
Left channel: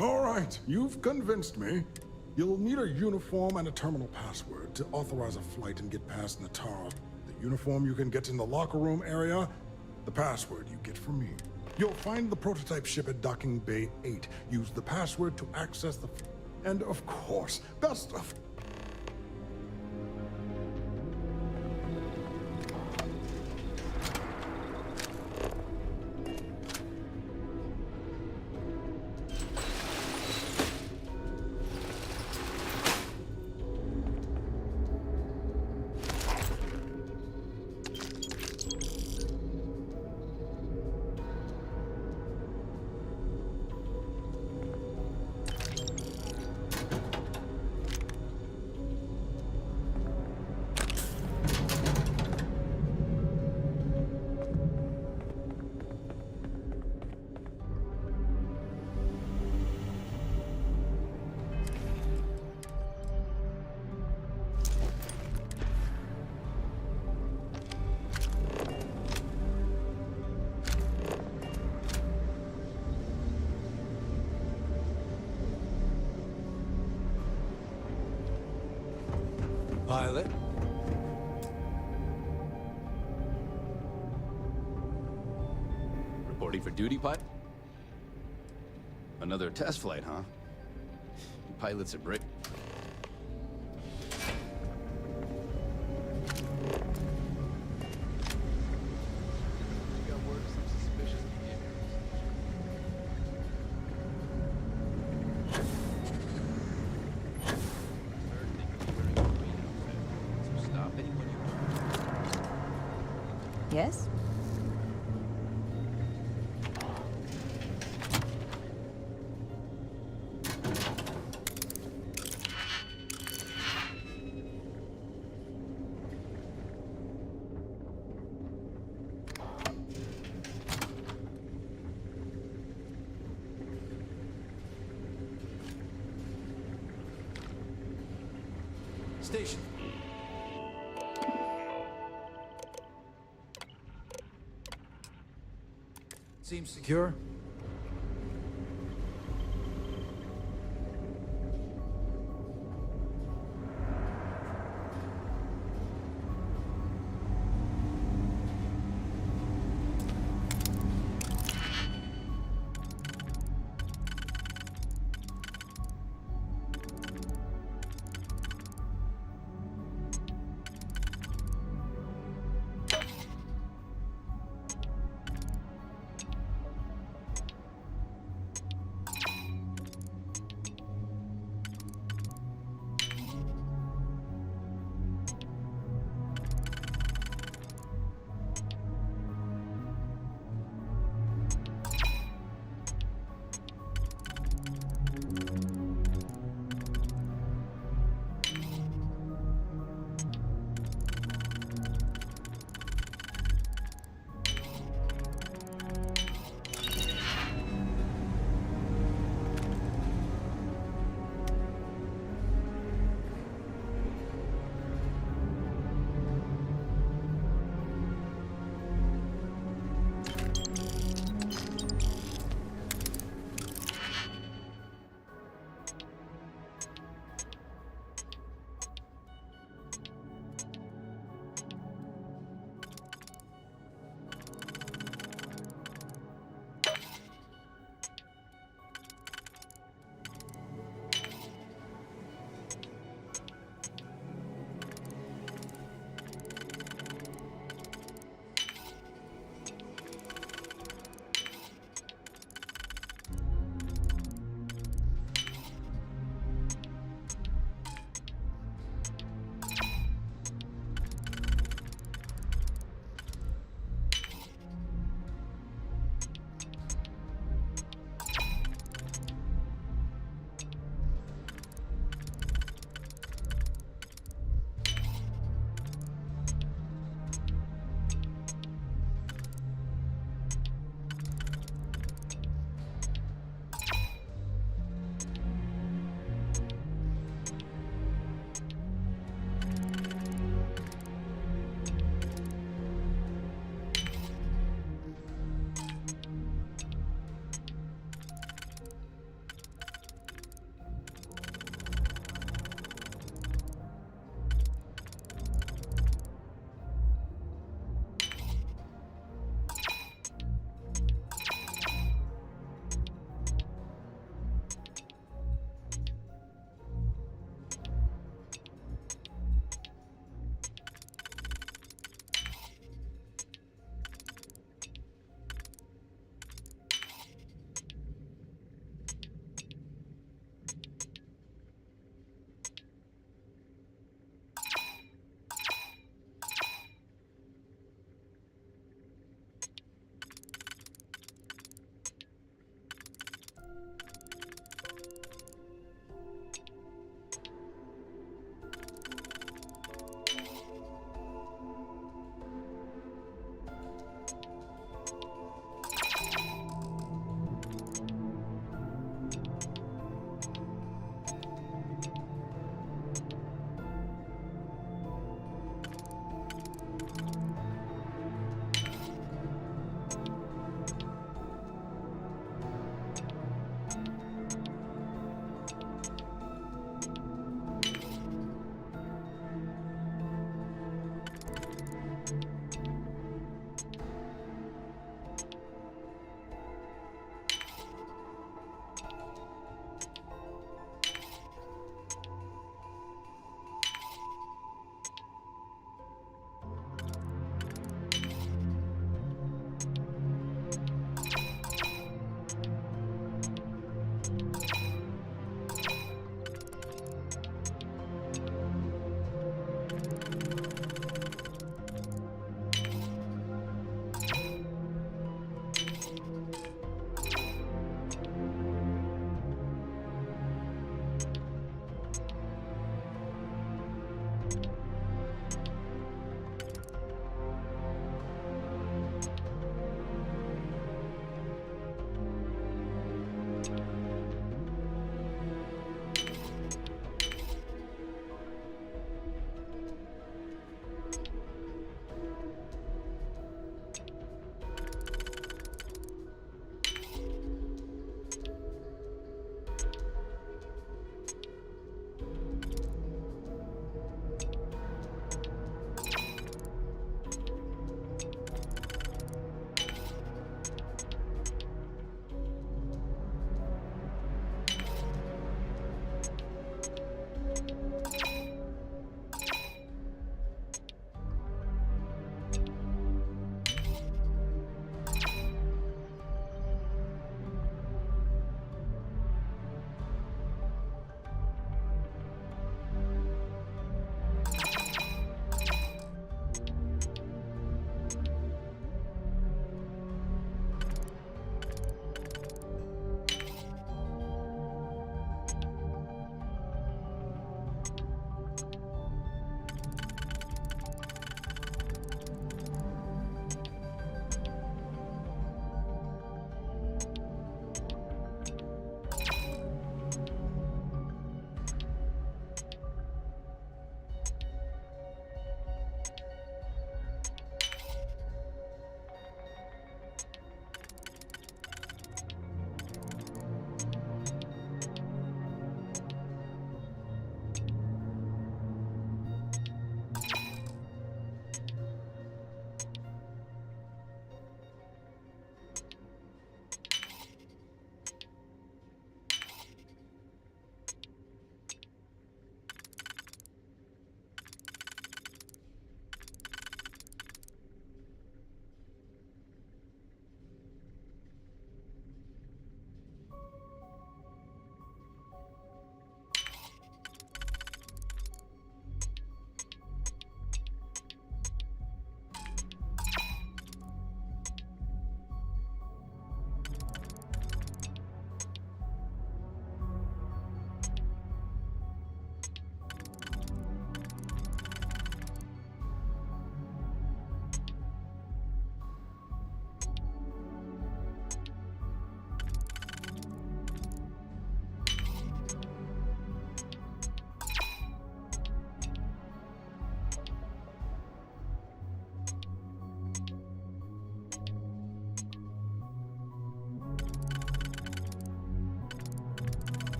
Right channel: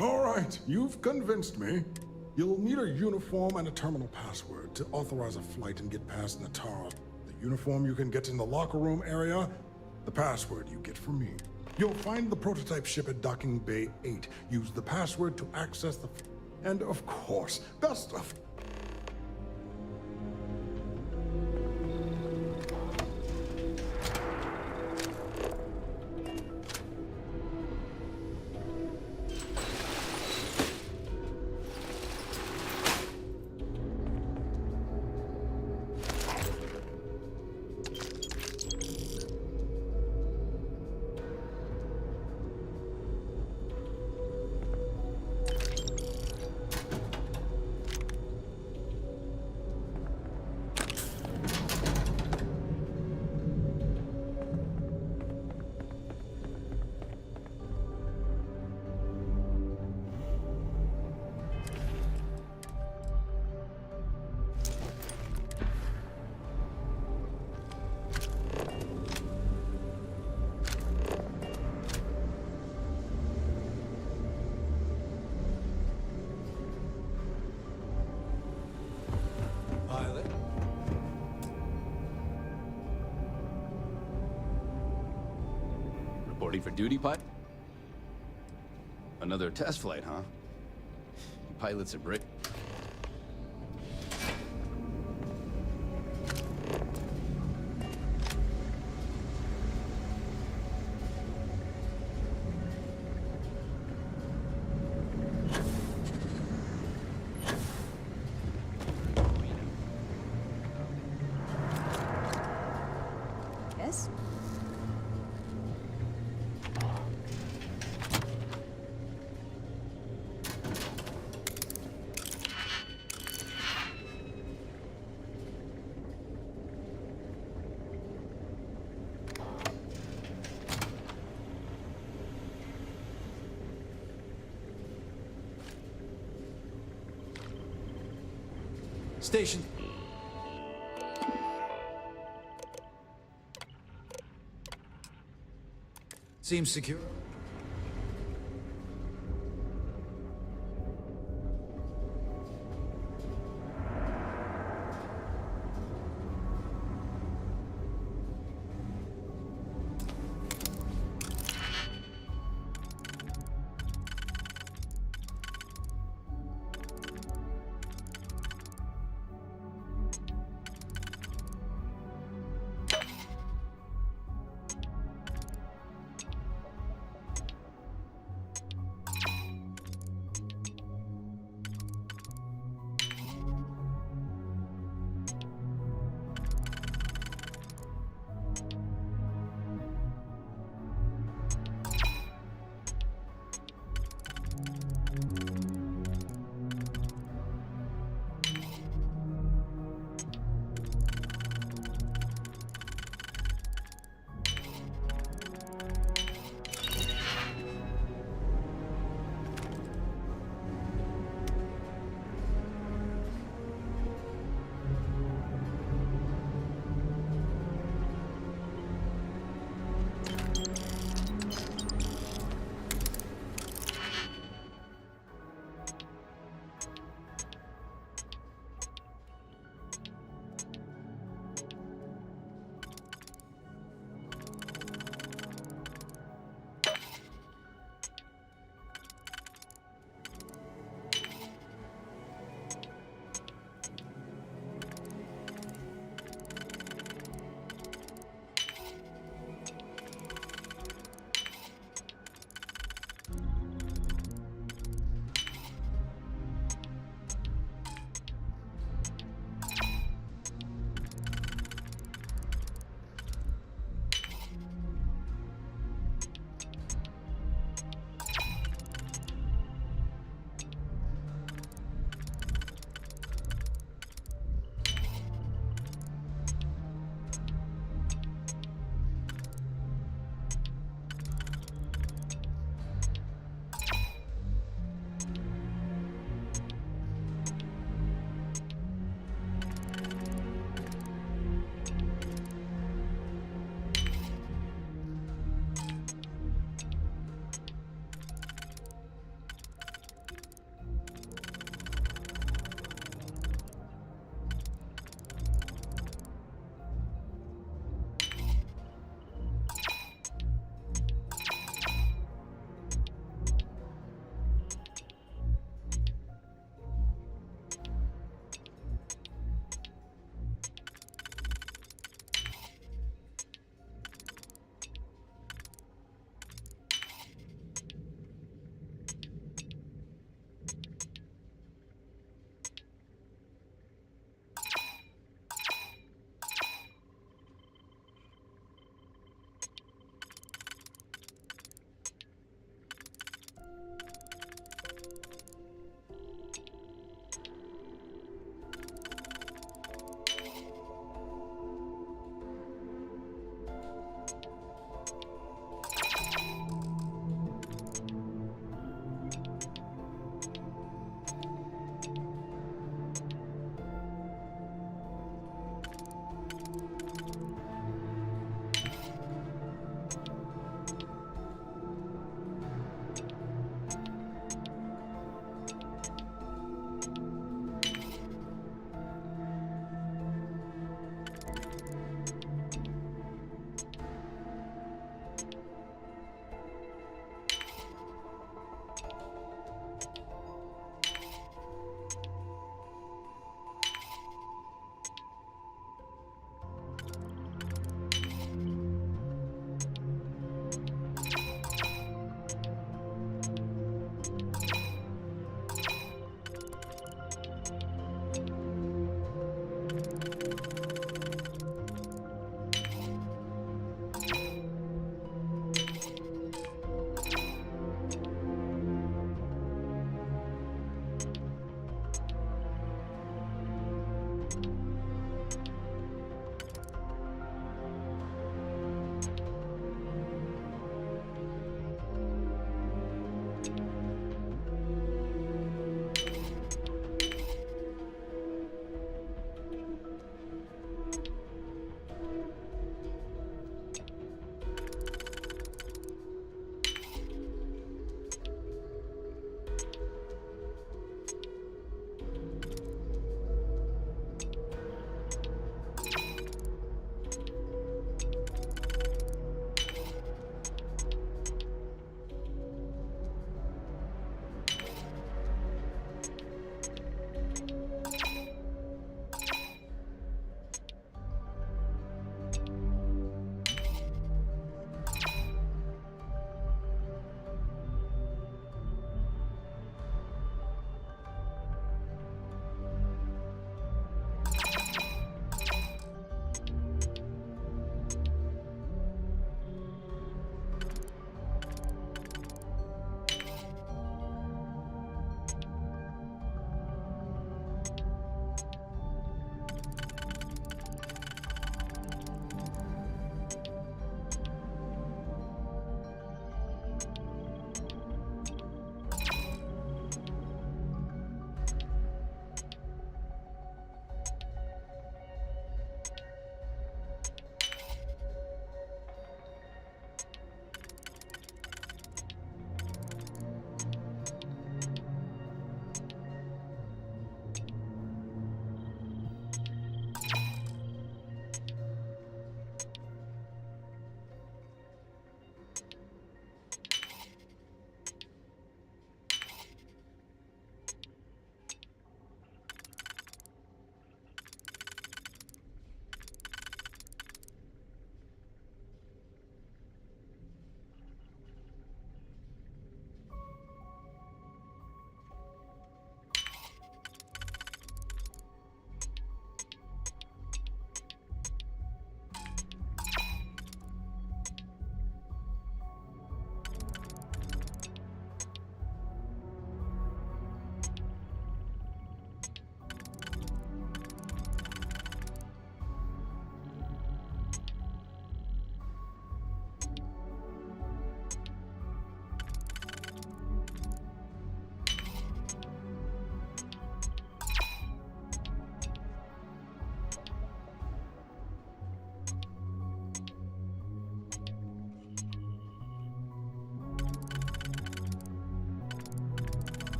All right, you've convinced me. You'll need a uniform and a terminal password to authorize a flight and get past Natara. The uniform you can get in the locker room area, the password you get from me. You'll find the prototype ship at Docking Bay 8. Use the password to access the... And of course, best of... Pilot. Reporting for duty, Pipe? Another test flight, huh? You pilots are brick. Yes? Station. Seems secure.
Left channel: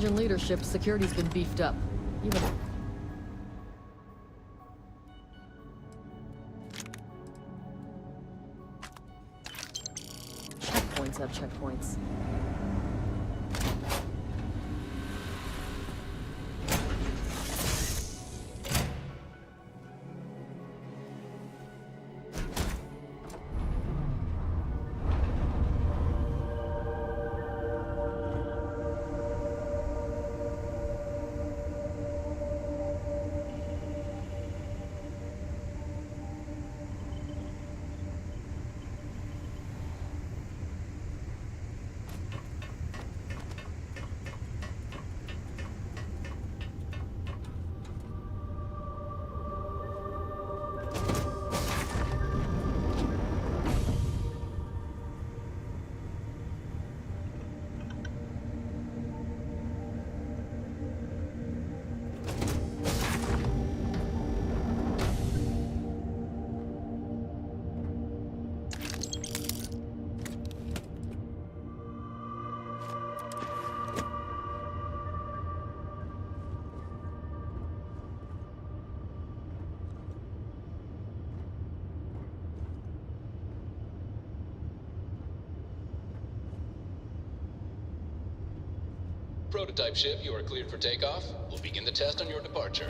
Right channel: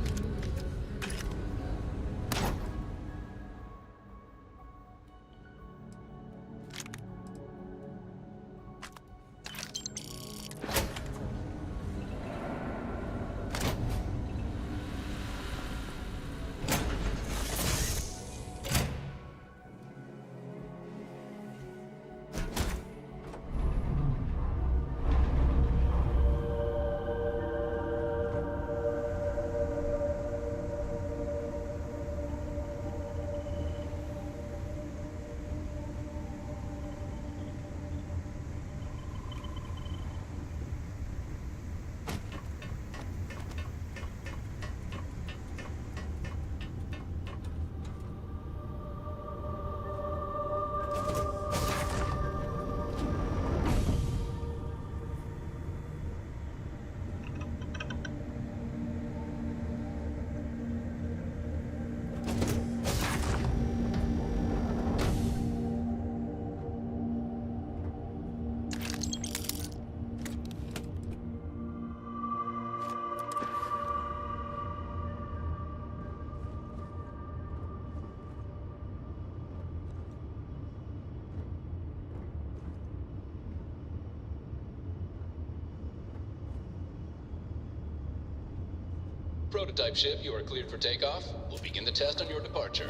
change in leadership, security's been beefed up. Even checkpoints have checkpoints. Prototype ship, you are cleared for takeoff. We'll begin the test on your departure.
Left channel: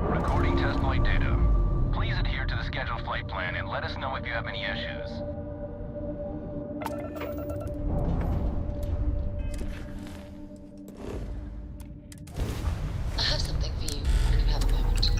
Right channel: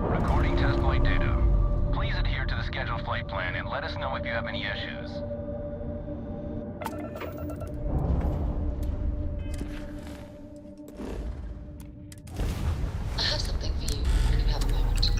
Recording test flight data. Please adhere to the scheduled flight plan and let us know if you have any issues. I have something for you when you have a moment.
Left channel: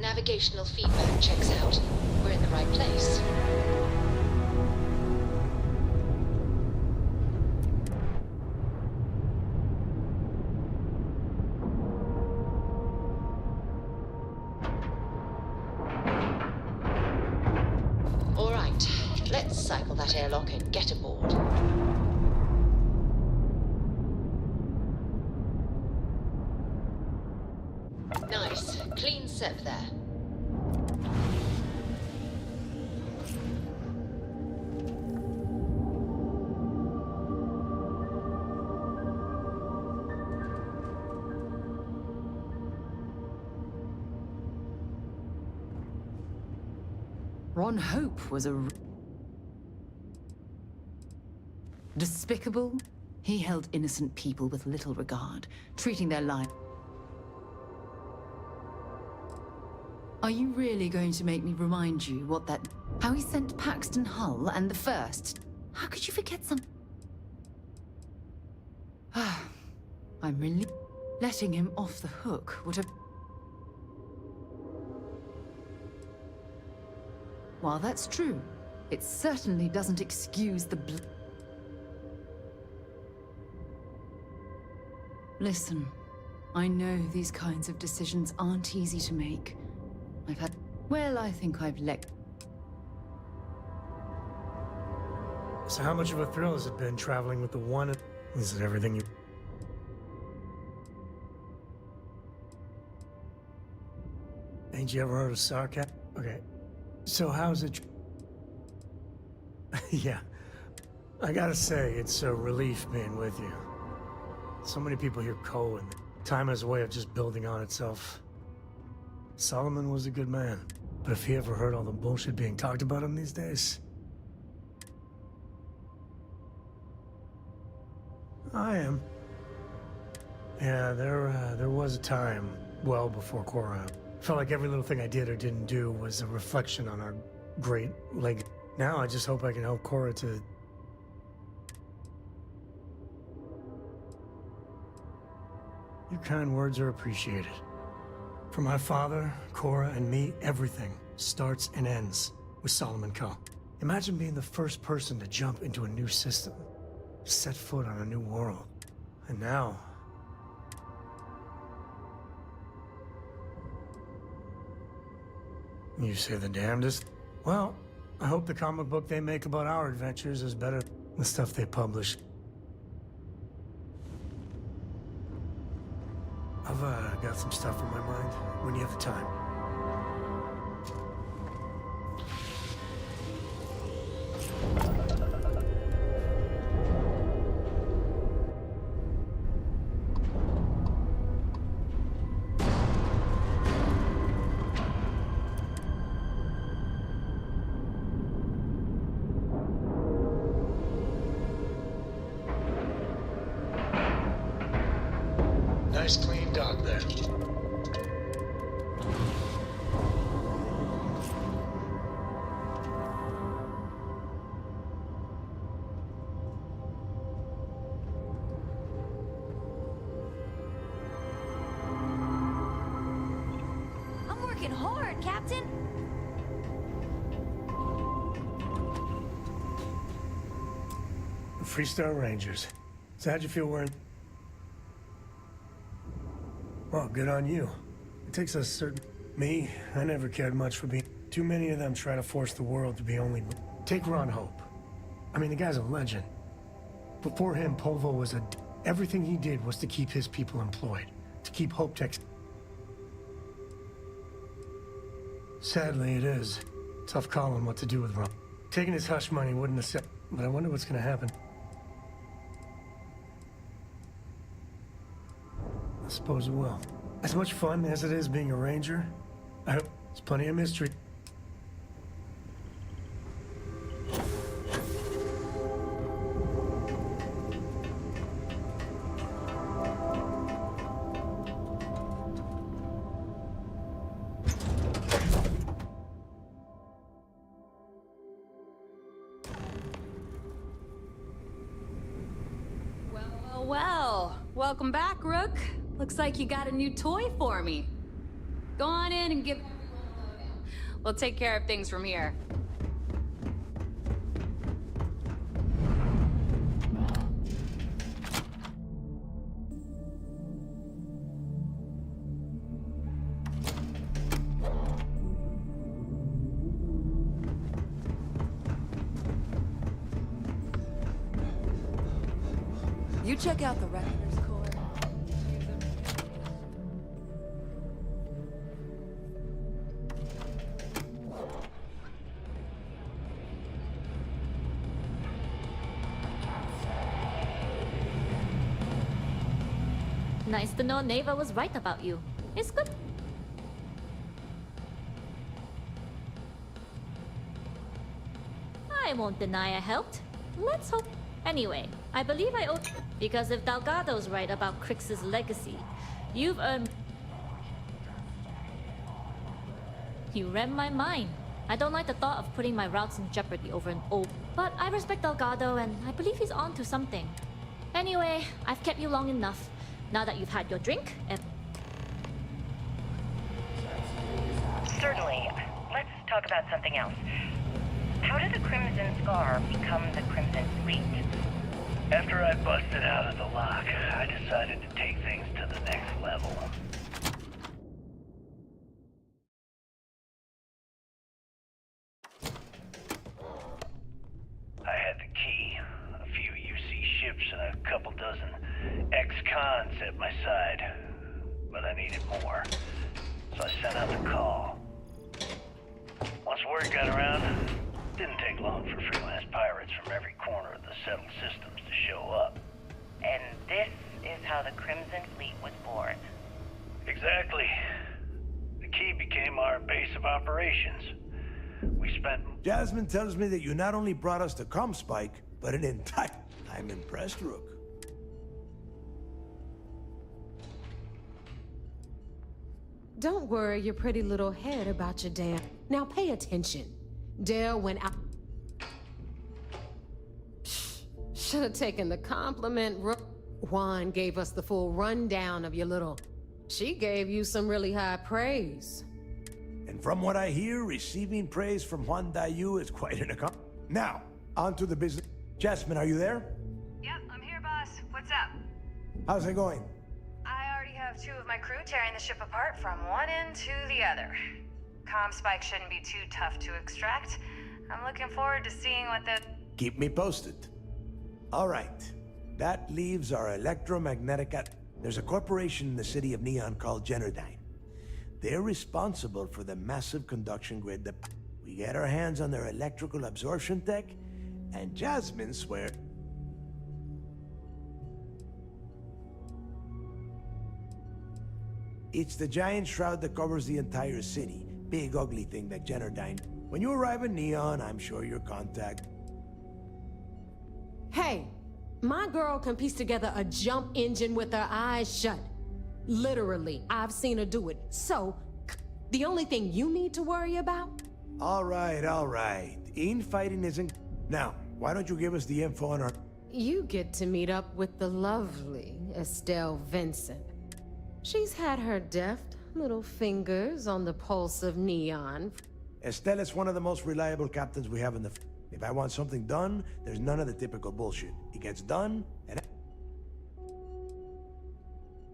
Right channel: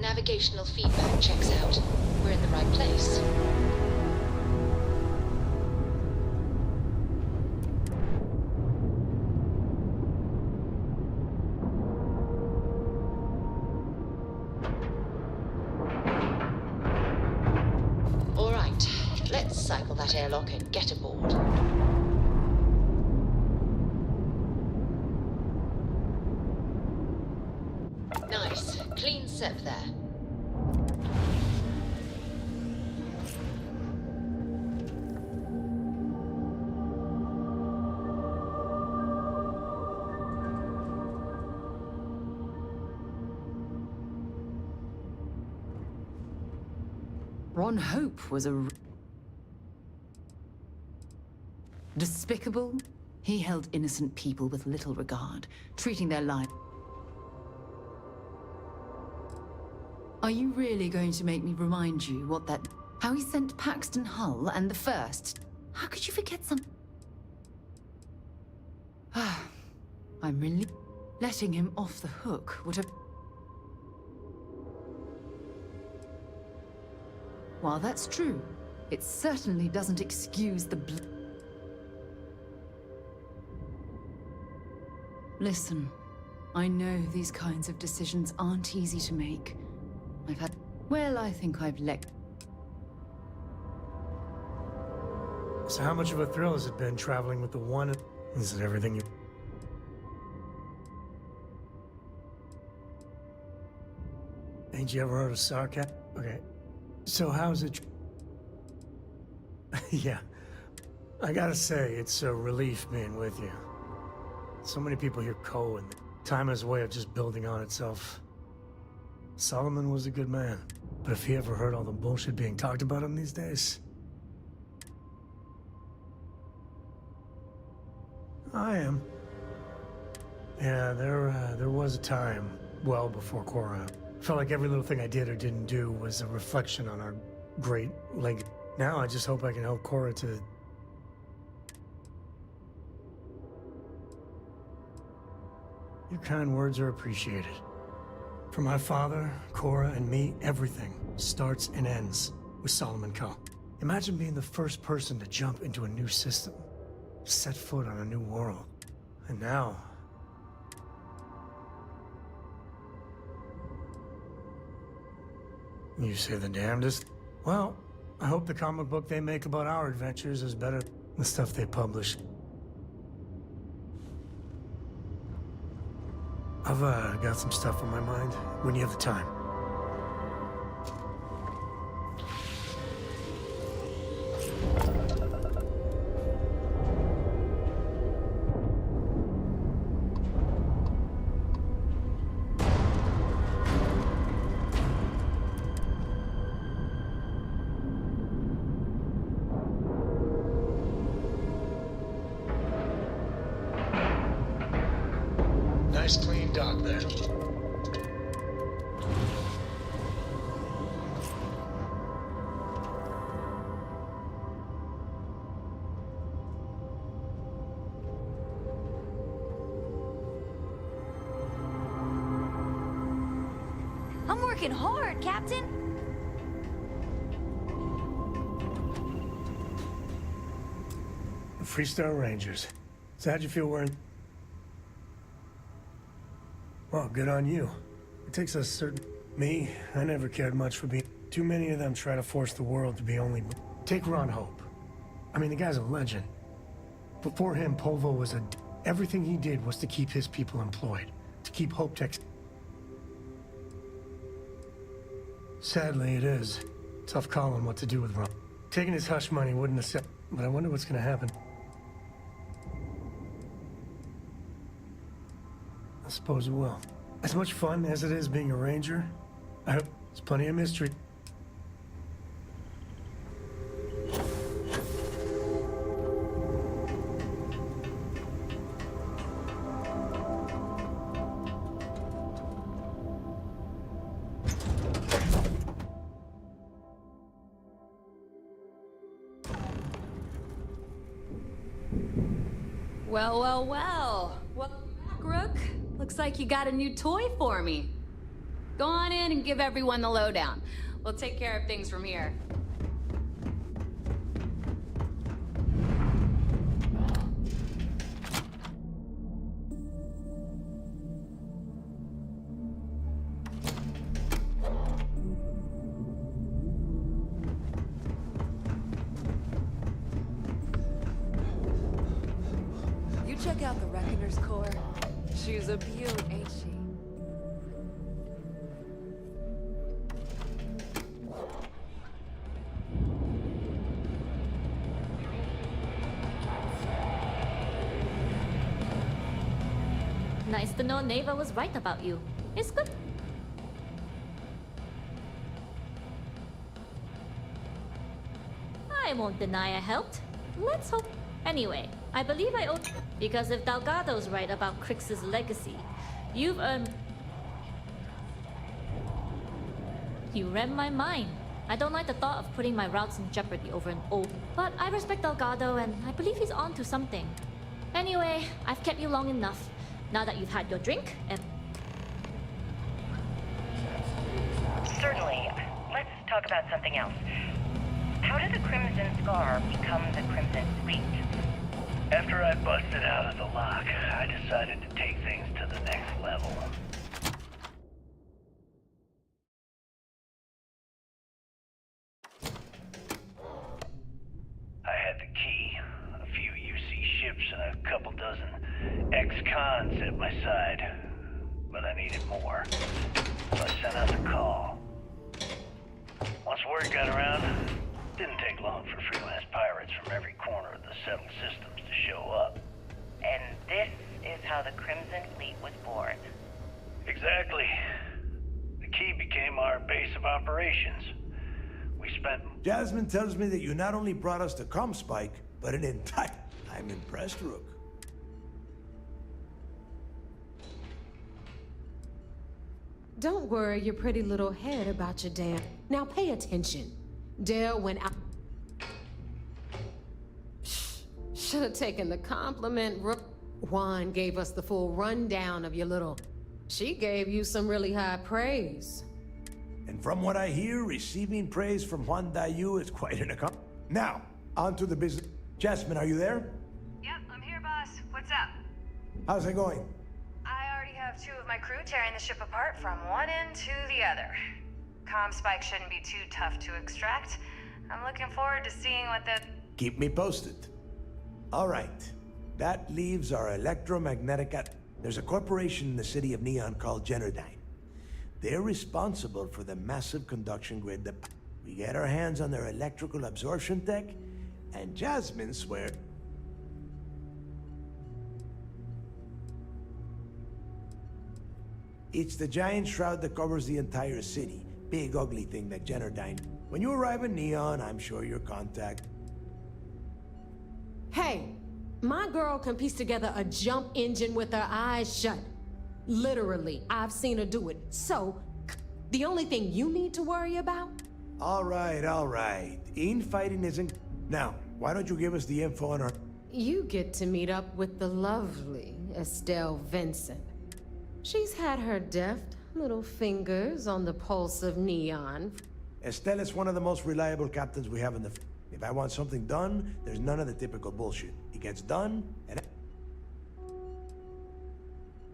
Navigational feedback checks out. We're in the right place. All right, let's cycle that airlock and get aboard. Nice, clean set there. Ron Hope was a... despicable. He held innocent people with little regard, treating their life... Are you really going to make me remind you what that... how he sent Paxton Hull and the First? How could you forget some... I'm really... letting him off the hook would have... While that's true, it certainly doesn't excuse the Listen, I know these kinds of decisions aren't easy to make. I've had... well, I think I've let... So how much of a thrill has it been traveling with the one... Is it everything you... Ain't you ever heard of sarcasm? Okay. So how's it... Yeah. I gotta say, it's a relief being with you. So many people hear Cole, and time has a way of just building on itself. Solomon was a good man, but if he ever heard all the bullshit being talked about him these days... I am. Yeah, there was a time, well before Cora. Felt like every little thing I did or didn't do was a reflection on our great legacy. Now I just hope I can help Cora to... Your kind words are appreciated. For my father, Cora, and me, everything starts and ends with Solomon Co. Imagine being the first person to jump into a new system, set foot on a new world. And now... You say the damnedest? Well, I hope the comic book they make about our adventures is better than the stuff they publish. I've got some stuff on my mind when you have the time. Nice clean dock there. I'm working hard, Captain. The Freestar Rangers. So how'd you feel wearing... Well, good on you. It takes a certain... Me, I never cared much for being... Too many of them try to force the world to be only... Take Ron Hope. I mean, the guy's a legend. Before him, Polvo was a... Everything he did was to keep his people employed. To keep Hope Tech... Sadly, it is. Tough calling what to do with Ron. Taking his hush money wouldn't have said... But I wonder what's gonna happen. I suppose it will. As much fun as it is being a ranger, I hope there's plenty of mystery. Well, well, well. Welcome back, Rook. Looks like you got a new toy for me. Go on in and give everyone the lowdown. We'll take care of things from here. You check out the Reckoner's Corps. She's a beaut, ain't she? Nice to know Neva was right about you. It's good. I won't deny I helped. Let's hope. Anyway, I believe I owe... Because if Delgado's right about Crix's legacy, you've earned... You read my mind. I don't like the thought of putting my routes in jeopardy over an old... But I respect Delgado, and I believe he's on to something. Anyway, I've kept you long enough. Now that you've had your drink, and... Certainly. Let's talk about something else. How did the Crimson Scar become the Crimson Fleet? After I busted out of the lock, I decided to take things to the next level. I had the key, a few UC ships, and a couple dozen ex-cons at my side. But I needed more, so I sent out the call. Once word got around, it didn't take long for freelance pirates from every corner of the settled systems to show up. And this is how the Crimson Fleet was born. Exactly. The key became our base of operations. We spent... Jasmine tells me that you not only brought us the Comspike, but an entire... I'm impressed, Rook. Don't worry your pretty little head about your damn... Now pay attention. Dale went out... Should have taken the compliment. Juan gave us the full rundown of your little... She gave you some really high praise. And from what I hear, receiving praise from Juan Dayu is quite an accomplishment. Now, on to the business. Jasmine, are you there? Yep, I'm here, boss. What's up? How's it going? I already have 2 of my crew tearing the ship apart from one end to the other. comm spike shouldn't be too tough to extract. I'm looking forward to seeing what the... Keep me posted. All right. That leaves our electromagnetic... There's a corporation in the city of Neon called Generdyne. They're responsible for the massive conduction grid that... We get our hands on their electrical absorption tech, and Jasmine swear... It's the giant shroud that covers the entire city. Big ugly thing that Generdyne... When you arrive in Neon, I'm sure your contact... Hey, my girl can piece together a jump engine with her eyes shut. Literally, I've seen her do it. So, the only thing you need to worry about? All right. Infighting isn't... Now, why don't you give us the info on her... You get to meet up with the lovely Estelle Vincent. She's had her deft little fingers on the pulse of Neon. Estelle is one of the most reliable captains we have in the... If I want something done, there's none of the typical bullshit. It gets done, and...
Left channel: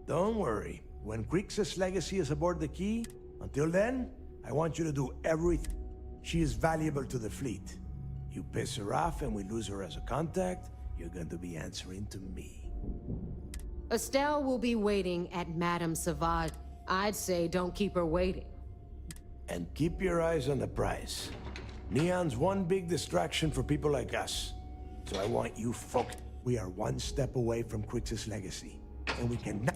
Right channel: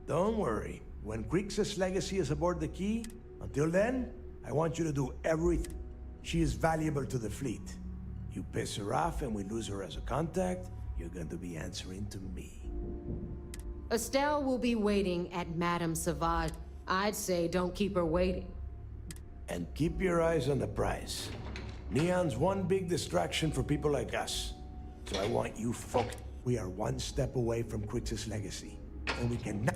Don't worry. When Crixus' legacy is aboard the Key, until then, I want you to do everything. She is valuable to the fleet. You piss her off and we lose her as a contact, you're going to be answering to me. Estelle will be waiting at Madame Savage. I'd say don't keep her waiting. And keep your eyes on the prize. Neon's one big distraction for people like us. So I want you focused. We are one step away from Crixus' legacy. And we can...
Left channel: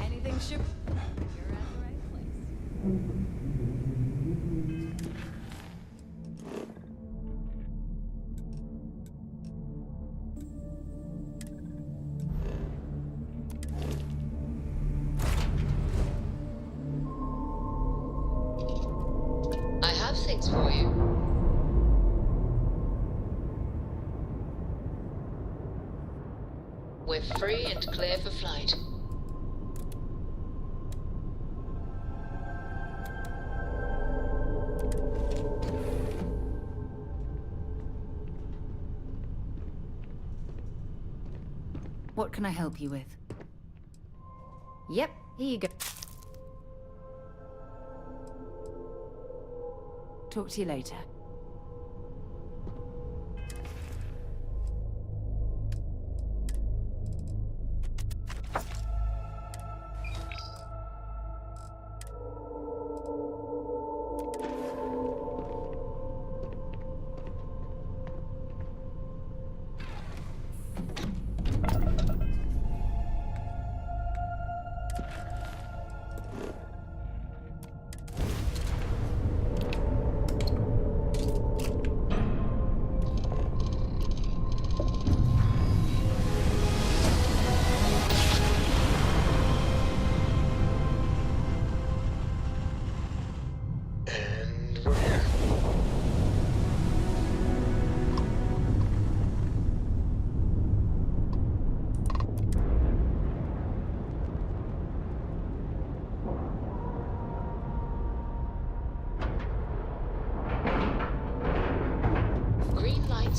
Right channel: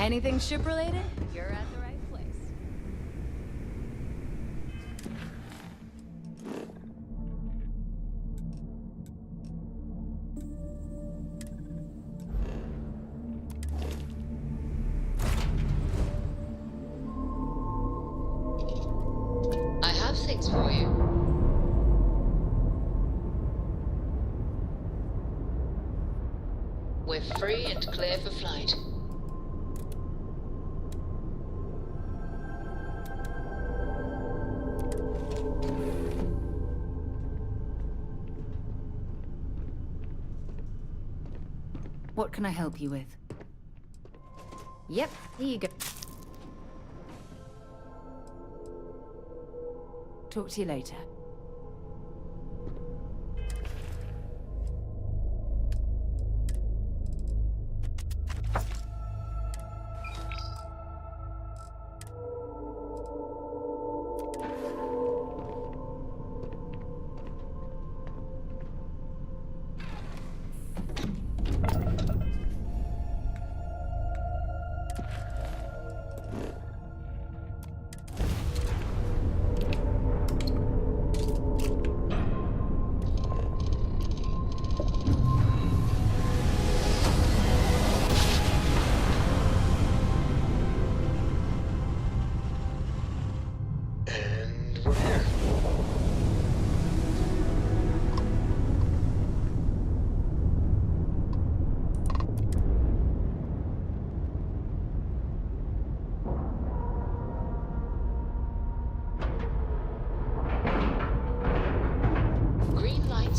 Anything ship-related? You're at the right place. I have things for you. We're free and clear for flight. What can I help you with? Yep, here you go. Talk to you later.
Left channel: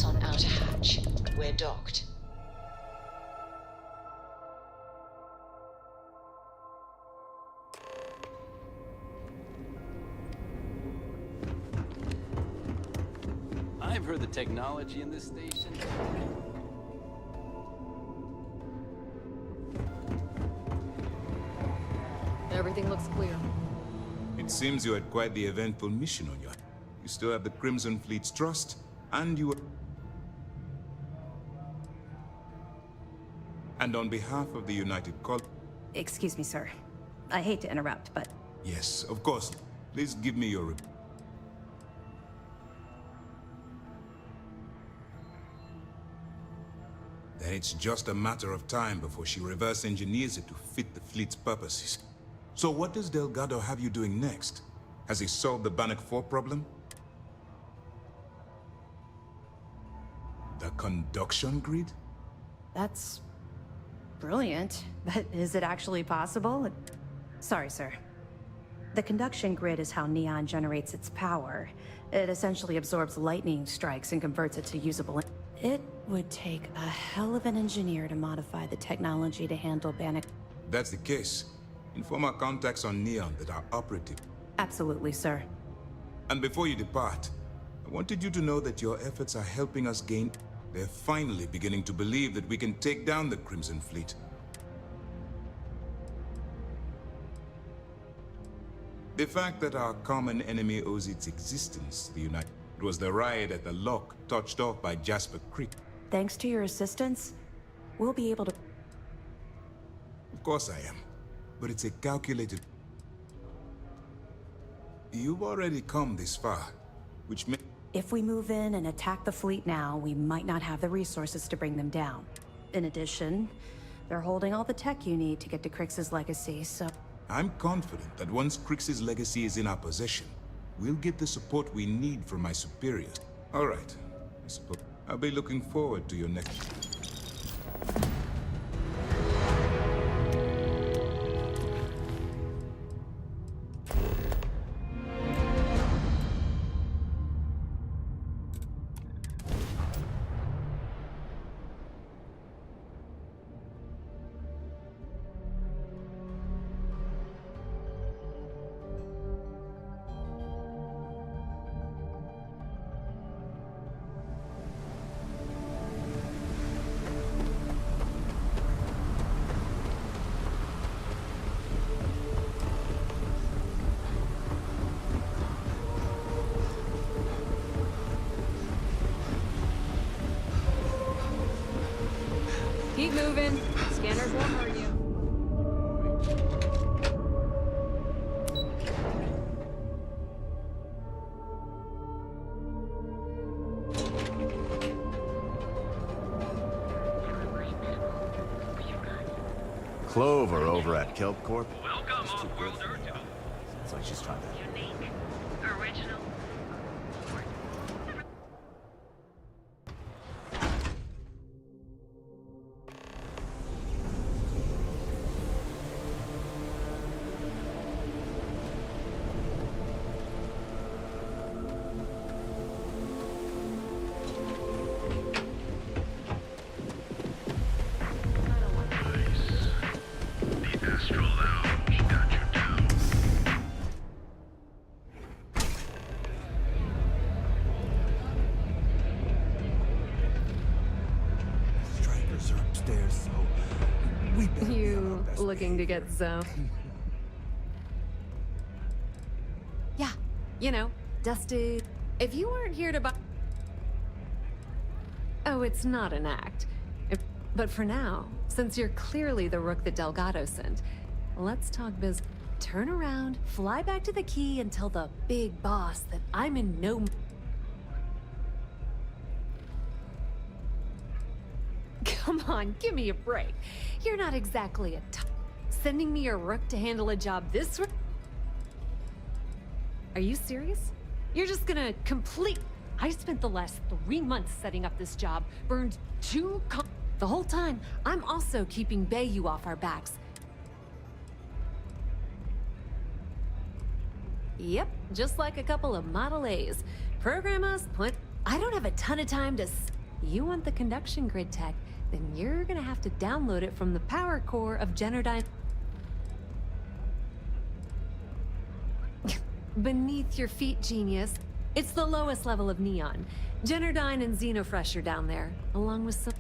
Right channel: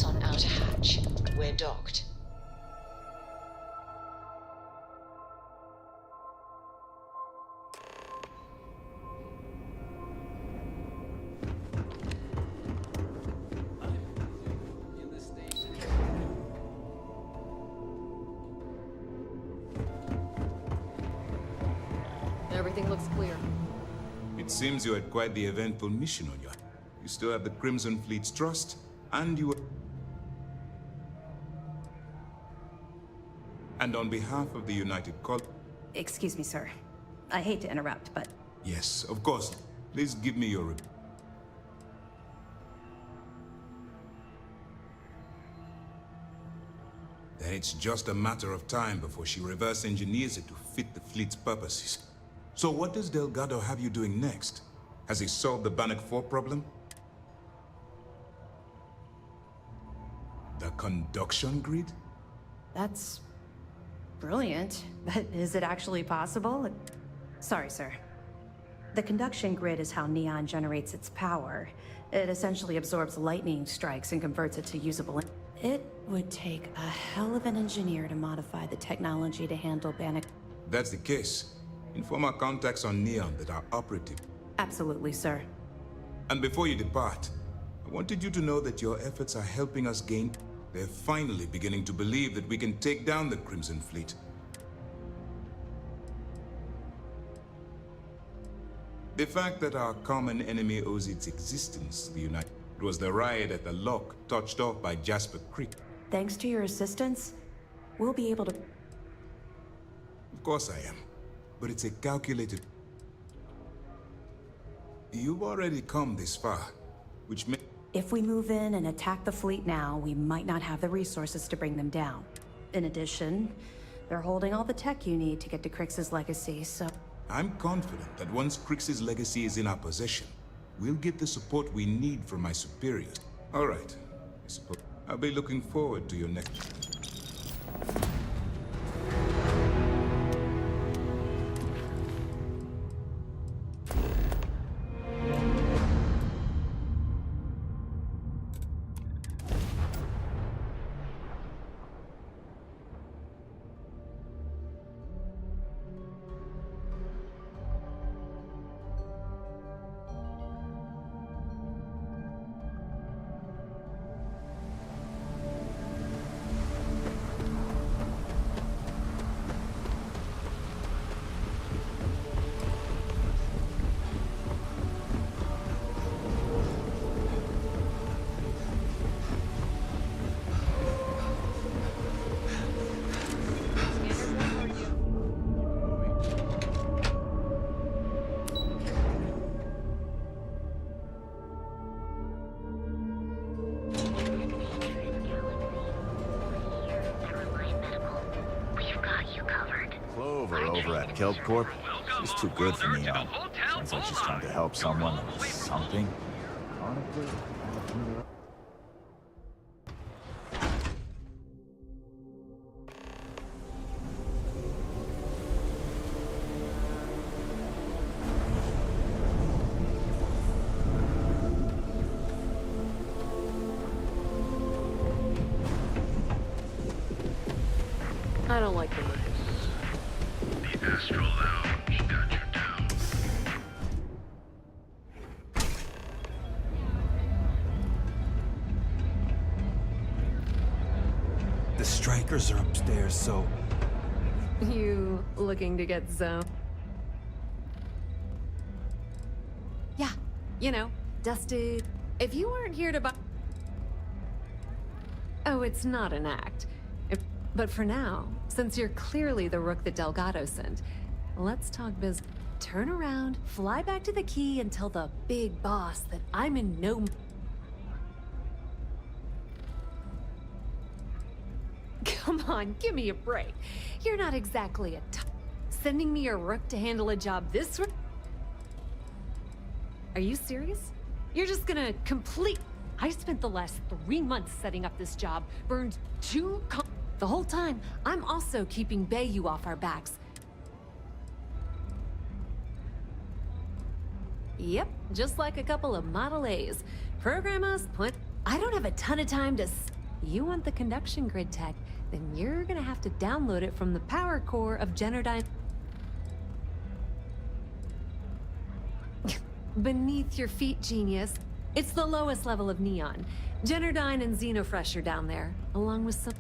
On outer hatch. We're docked. I've heard the technology in this station. Everything looks clear. It seems you had quite the eventful mission on your... You still have the Crimson Fleet's trust, and you... And on behalf of the United Col... Excuse me, sir. I hate to interrupt, but... Yes, of course. Please give me your... then it's just a matter of time before she reverse engineers it to fit the fleet's purposes. So what does Delgado have you doing next? Has he solved the Bannock 4 problem? The conduction grid? That's brilliant, but is it actually possible? Sorry, sir. The conduction grid is how Neon generates its power. It essentially absorbs lightning strikes and converts it to usable. It would take a hell of an engineer to modify the technology to handle Bannock. That's the case. Inform our contacts on Neon that are operative. Absolutely, sir. And before you depart, I wanted you to know that your efforts are helping us gain. They're finally beginning to believe that we can take down the Crimson Fleet. The fact that our common enemy owes its existence to the United was the riot at the lock touched off by Jasper Creek. Thanks to your assistance, we'll be able to... Of course I am, but it's a calculated... You've already come this far, which may... If we move in and attack the fleet now, we might not have the resources to bring them down. In addition, they're holding all the tech you need to get to Crix's legacy, so... I'm confident that once Crix's legacy is in our possession, we'll get the support we need from my superiors. All right, I suppose I'll be looking forward to your next... Keep moving. Scanners won't hurt you. Clover over at Kelp Corp. She's too good for Neon. Sounds like she's trying to help someone or something. I don't like the The Astral Lounge got you down. The strikers are upstairs, so You looking to get zoned? Yeah, you know, dusted. If you weren't here to buy... Oh, it's not an act. But for now, since you're clearly the rook that Delgado sent, let's talk business. Turn around, fly back to the key, and tell the big boss that I'm in no... Come on, give me a break. You're not exactly a sending me a rook to handle a job this... Are you serious? You're just gonna complete... I spent the last 3 months setting up this job, burned 2 The whole time, I'm also keeping Bayou off our backs. Yep, just like a couple of Model A's. Program us, put... I don't have a ton of time to... You want the conduction grid tech, then you're gonna have to download it from the power core of Generdyne... Beneath your feet, genius. It's the lowest level of Neon. Generdyne and Xenofresh are down there, along with some...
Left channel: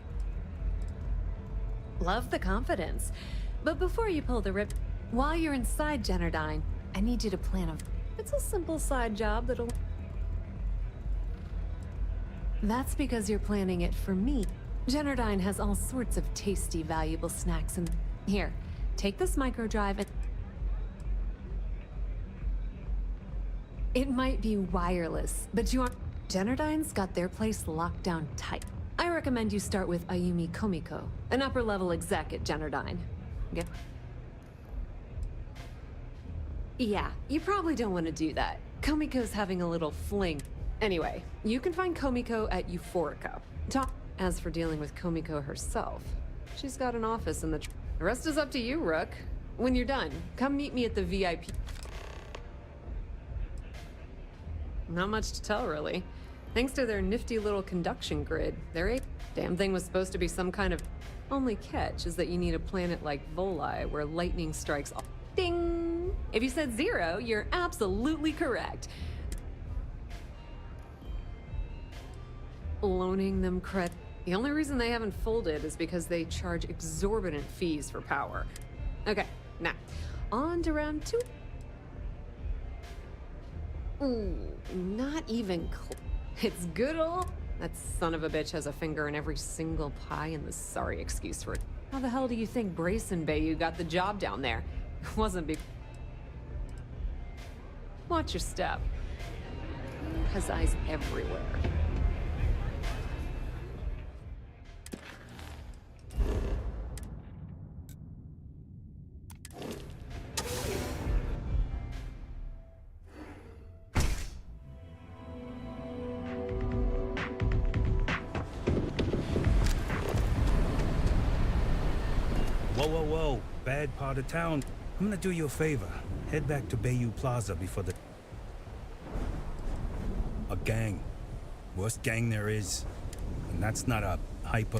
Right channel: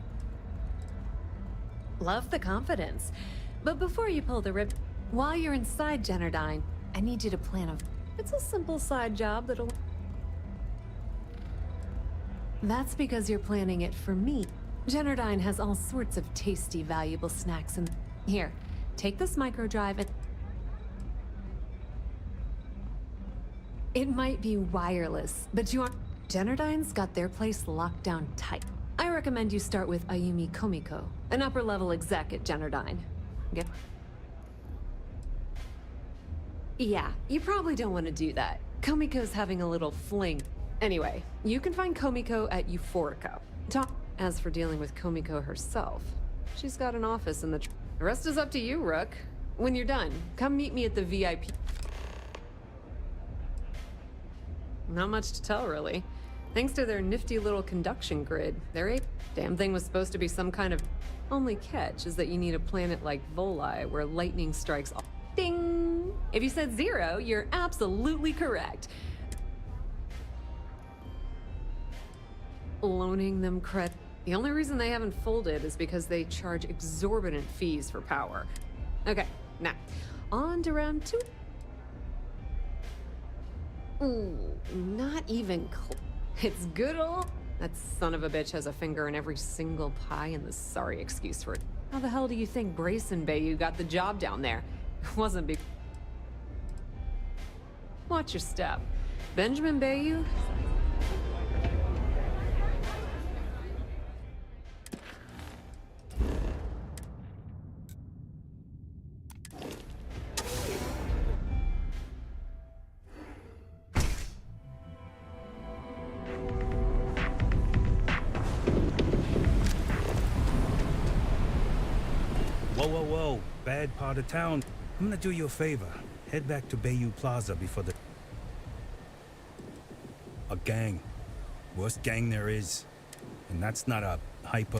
Love the confidence. But before you pull the rip... While you're inside Generdyne, I need you to plan a... It's a simple side job that'll... That's because you're planning it for me. Generdyne has all sorts of tasty, valuable snacks and... Here, take this microdrive and... It might be wireless, but you aren't... Generdyne's got their place locked down tight. I recommend you start with Ayumi Komiko, an upper-level exec at Generdyne. Get... Yeah, you probably don't want to do that. Komiko's having a little fling. Anyway, you can find Komiko at Euphorica. As for dealing with Komiko herself, she's got an office in the... The rest is up to you, Rook. When you're done, come meet me at the VIP. Not much to tell, really. Thanks to their nifty little conduction grid, their damn thing was supposed to be some kind of... Only catch is that you need a planet like Voli where lightning strikes all... Ding! If you said 0, you're absolutely correct. Loaning them credit. The only reason they haven't folded is because they charge exorbitant fees for power. Okay, now, on to round 2. Ooh, not even It's good old... That son of a bitch has a finger in every single pie and the sorry excuse for it. How the hell do you think Brayson Bayou got the job down there? It wasn't be... Watch your step. Benjamin Bayou has eyes everywhere. Whoa. Bad part of town. I'm gonna do you a favor. Head back to Bayou Plaza before the... A gang. Worst gang there is. And that's not a hyper...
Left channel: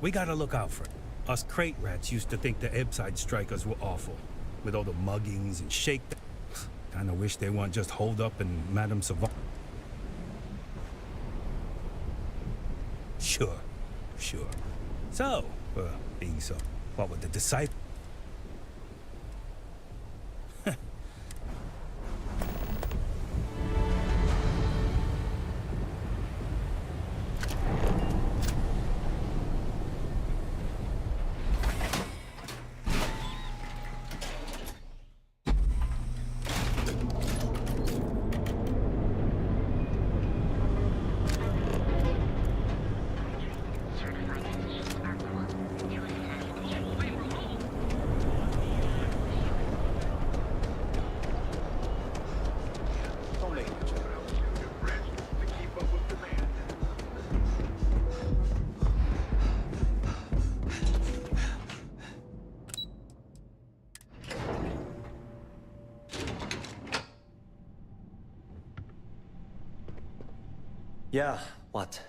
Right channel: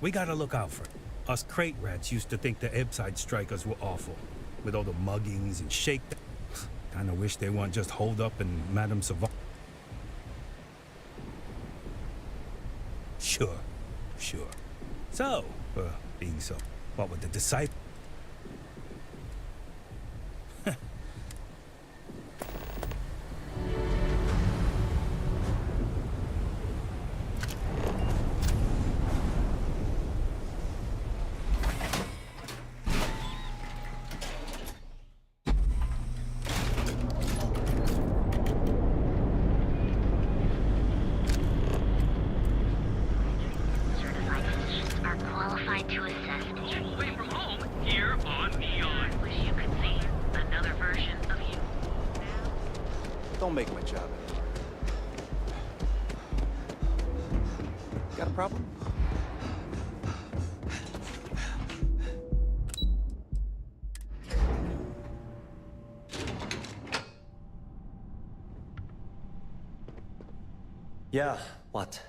We gotta look out for it. Us crate rats used to think the Ebbside strikers were awful. With all the muggings and shake... Kinda wish they weren't just holed up in Madame Savant. Sure. So, being so, what would the disciple... Don't make my job. Got a problem? Yeah, what?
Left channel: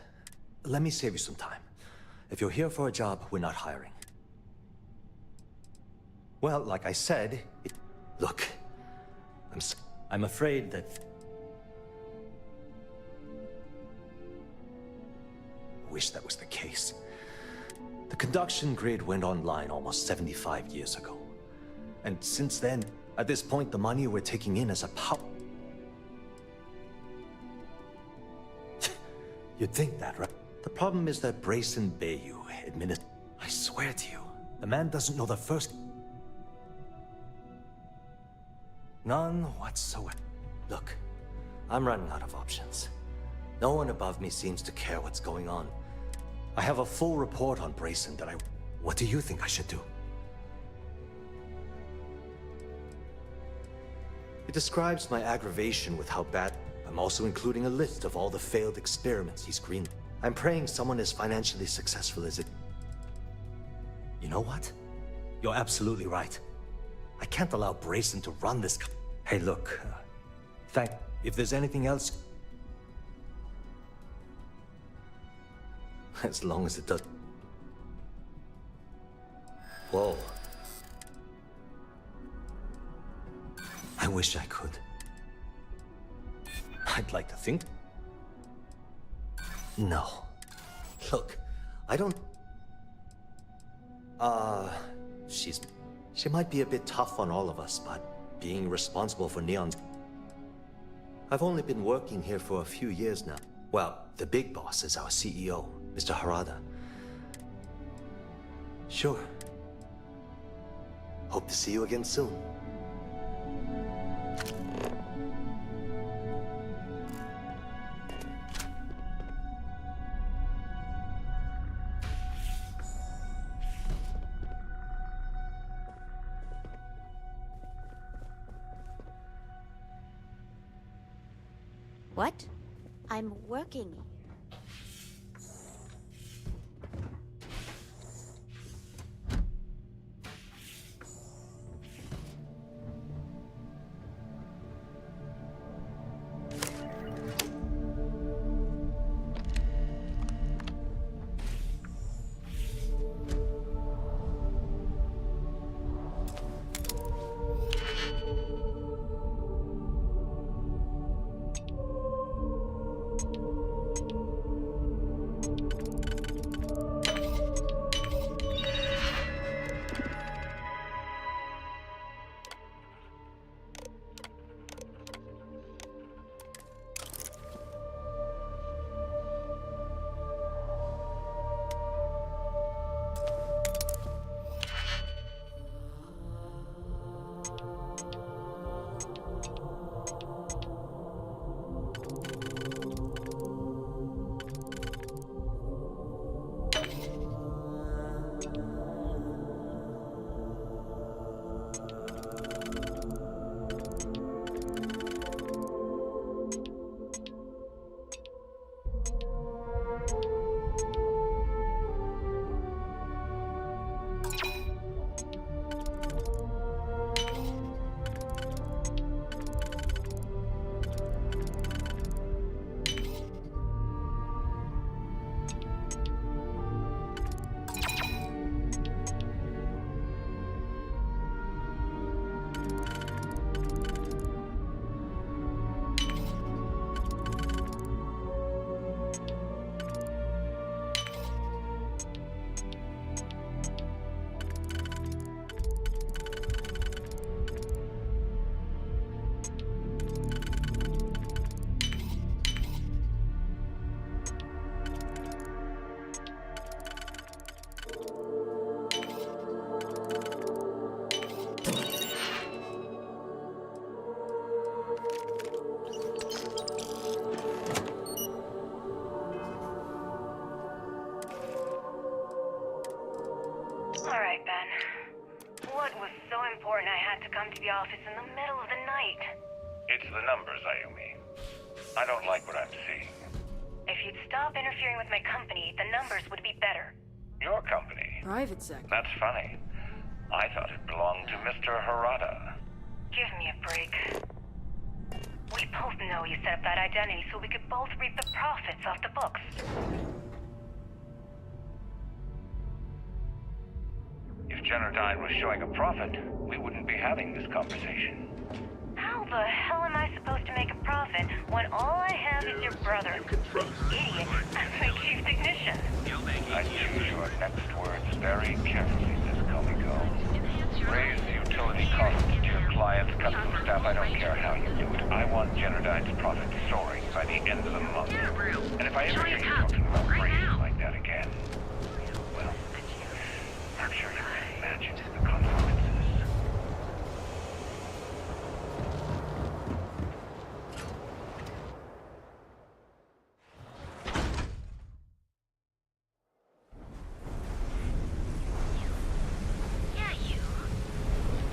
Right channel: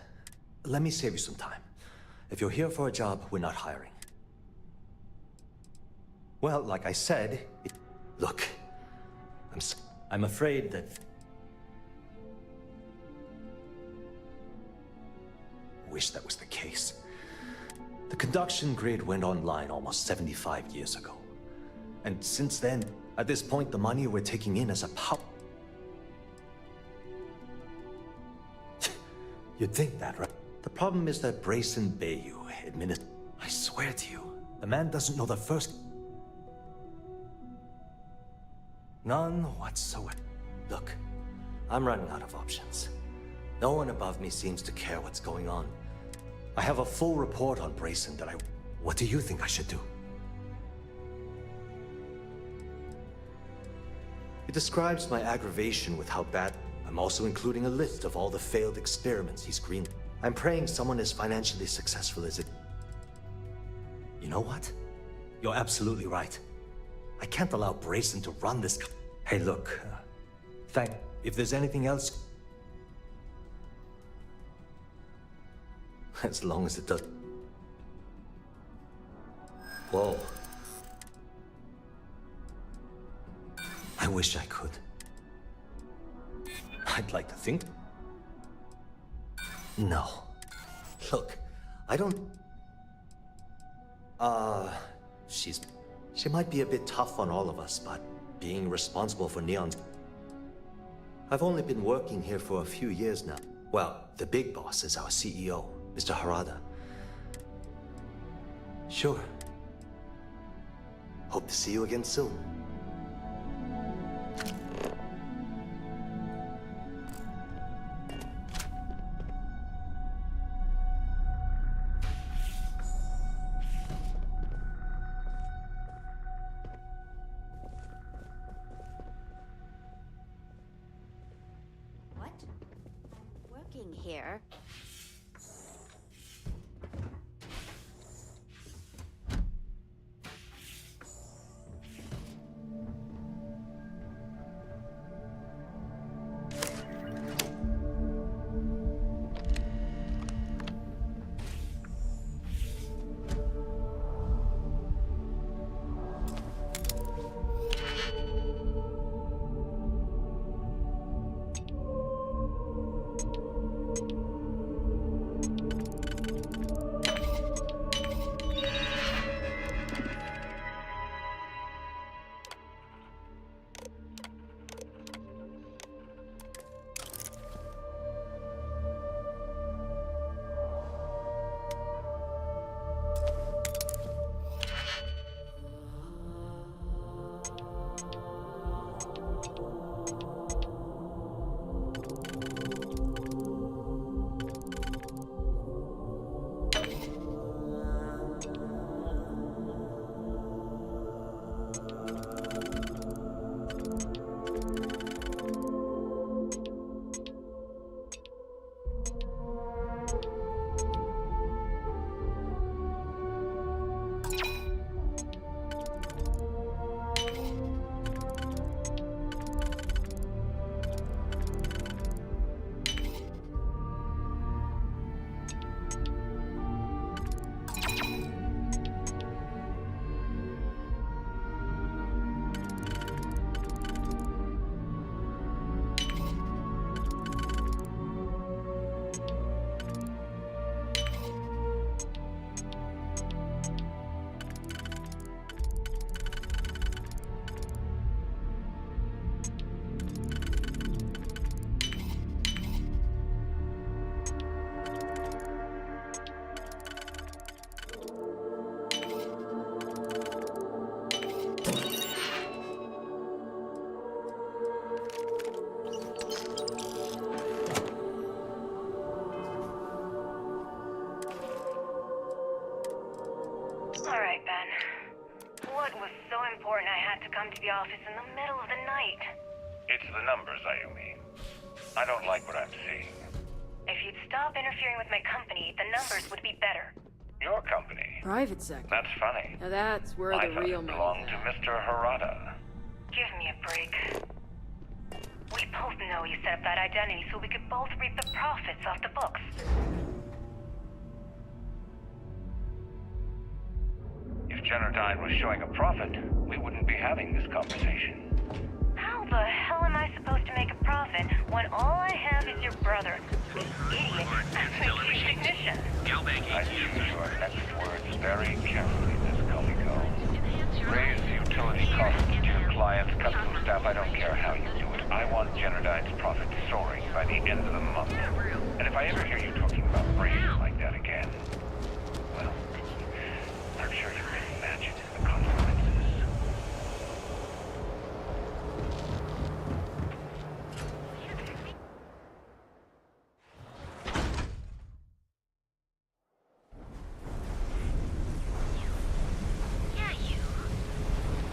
Let me save you some time. If you're here for a job, we're not hiring. Well, like I said, look, I'm afraid that... Wish that was the case. The conduction grid went online almost 75 years ago. And since then, at this point, the money we're taking in is a power... You'd think that, right? The problem is that Brayson Bayou administers... I swear to you, the man doesn't know the first... None whatsoever. Look, I'm running out of options. No one above me seems to care what's going on. I have a full report on Brayson that I... What do you think I should do? It describes my aggravation with how bad... I'm also including a list of all the failed experiments he's greenlit. I'm praying someone as financially successful as it... You know what? You're absolutely right. I can't allow Brayson to run this... Hey, look, if there's anything else... As long as it does... Whoa. I wish I could. I'd like to think... No. Look, I don't... She might be a bit tough on all of us, but being responsible for Neon's... I've only been working here for a few years now. Well, the big boss is our CEO, Mr. Harada. Sure. Hope to see you again soon. What? I'm working here. Alright, Ben. What was so important I had to come to the office in the middle of the night? It's the numbers, Ayumi. I don't like what I'm seeing. If you'd stop interfering with my company, the numbers would be better. Your company? Private sector. That's funny. Now that's where I the thought real it belonged to Mr. Harada. Give me a break. We both know you set up that identity so we could both reap the profits off the books. If Generdyne was showing a profit, we wouldn't be having this conversation. How the hell am I supposed to make a profit when all I have is your brother? Idiot. That's my chief technician. I choose your next words very carefully, Miss Komiko. Raise utility costs to your clients, cut some staff, I don't care how you do it. I want Generdyne's profit soaring by the end of the month. And if I ever hear you talking about phrases like that again, well, I'm sure you can imagine the consequences.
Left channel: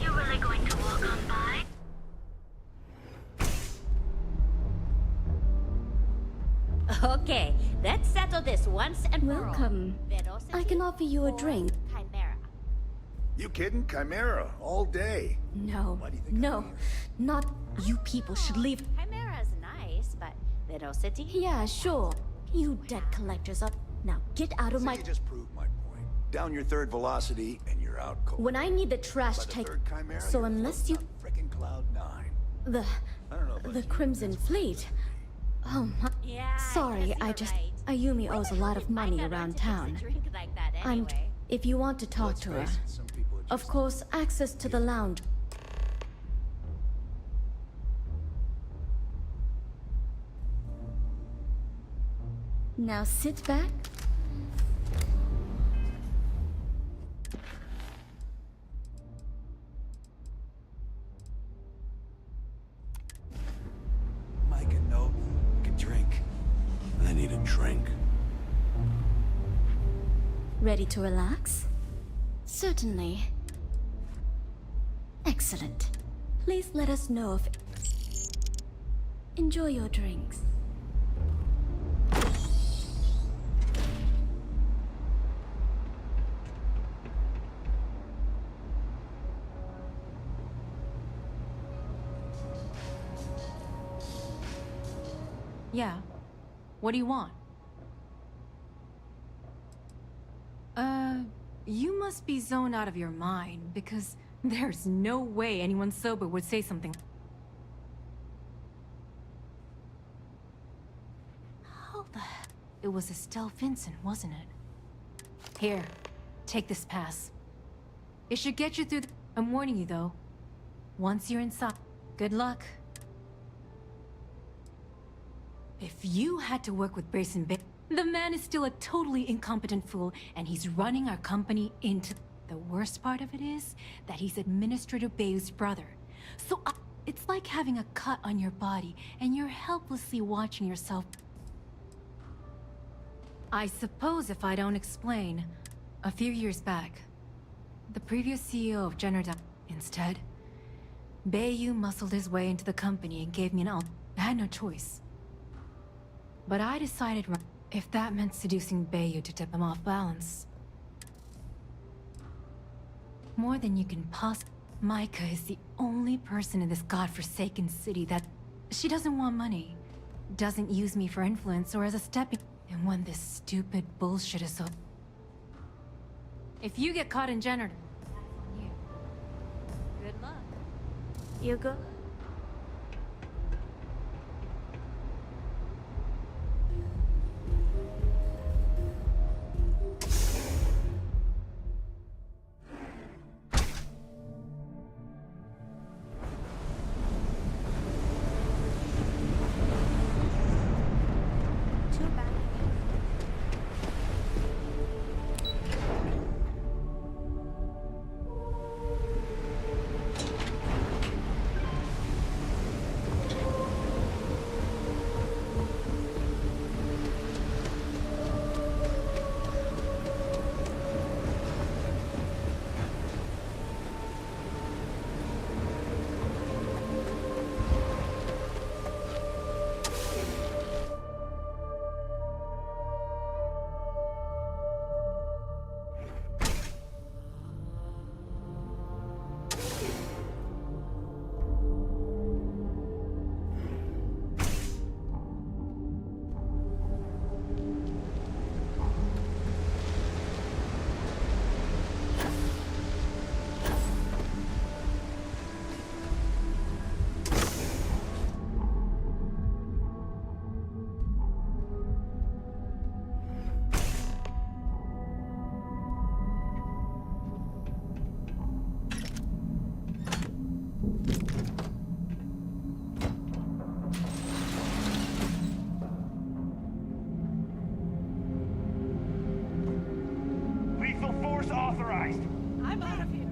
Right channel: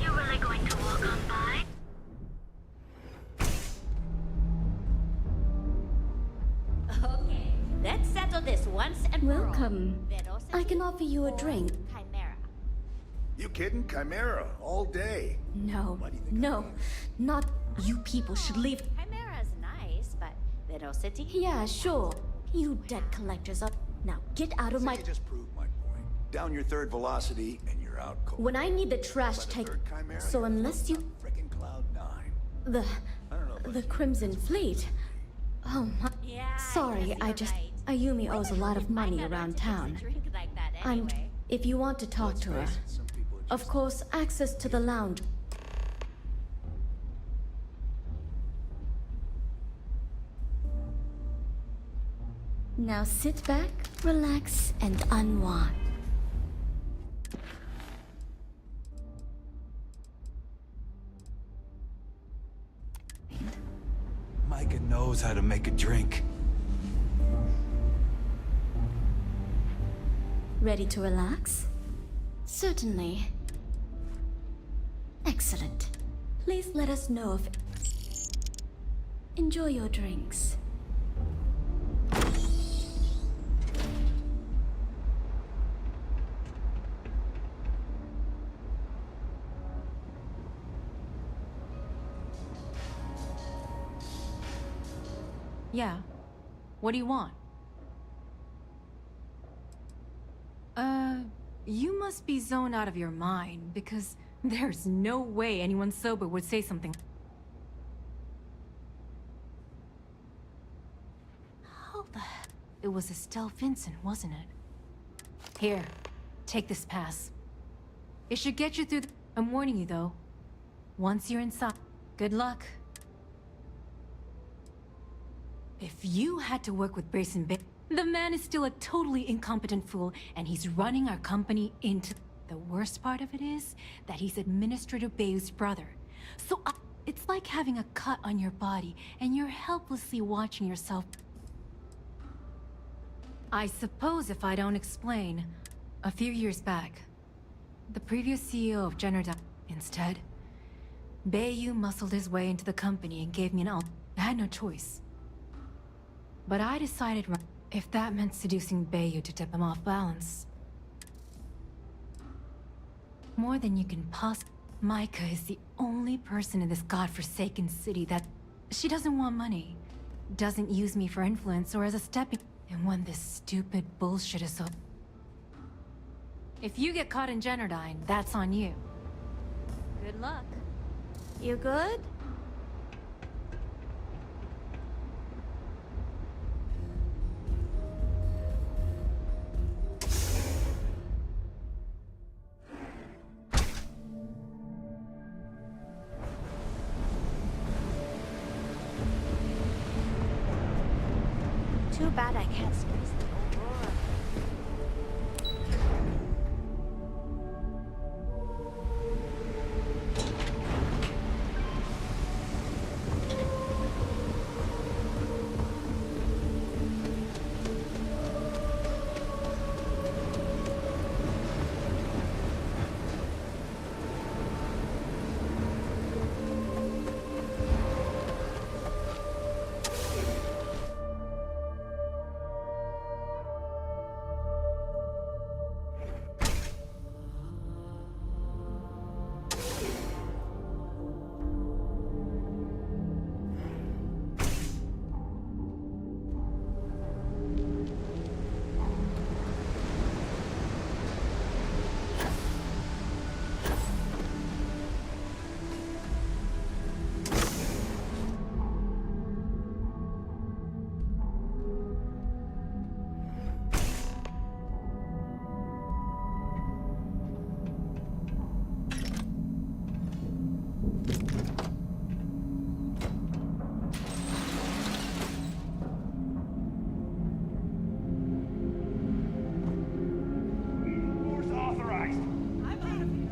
You really going to walk on by? Okay, let's settle this once and for all. Welcome. I can offer you a drink. Chimera. You kidding? Chimera, all day. No, no, not you people should leave. Chimera's nice, but Velocity? Yeah, sure. You debt collectors up. Now get out of my... You just proved my point. Down your third velocity and you're out cold. When I need the trash By the take... third Chimera, So you're unless you... floating on frickin' Cloud 9. The Crimson Fleet. Oh my... Yeah, Sorry, I just... right. Ayumi owes a lot of money around town. Drink like that And anyway. if you want to talk to her... Of course, access to the lounge. Now sit back, relax, and unwind. Micah knows how to make a drink. I need a drink. Ready to relax? Certainly. Excellent. Please let us know if... Enjoy your drinks. Yeah. What do you want? You must be zoned out of your mind, because there's no way anyone sober would say something. How the heck? It was Estelle Vincent, wasn't it? Here, take this pass. It should get you through the... I'm warning you, though. Once you're inside, good luck. If you had to work with Grayson Bay, the man is still a totally incompetent fool, and he's running our company into... The worst part of it is that he's Administrator Bayou's brother. So it's like having a cut on your body, and you're helplessly watching yourself. I suppose if I don't explain, a few years back, the previous CEO of Generdyne, instead, Bayou muscled his way into the company and gave me an out. I had no choice. But I decided if that meant seducing Bayou to tip him off balance. More than you can possibly. Micah is the only person in this godforsaken city that... She doesn't want money, doesn't use me for influence or as a stepping... And when this stupid bullshit is up... If you get caught in Generdyne, that's on you. Good luck. You good? Too bad I can't space them. Authorized. I'm out of here.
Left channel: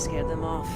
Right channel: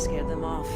scared them off.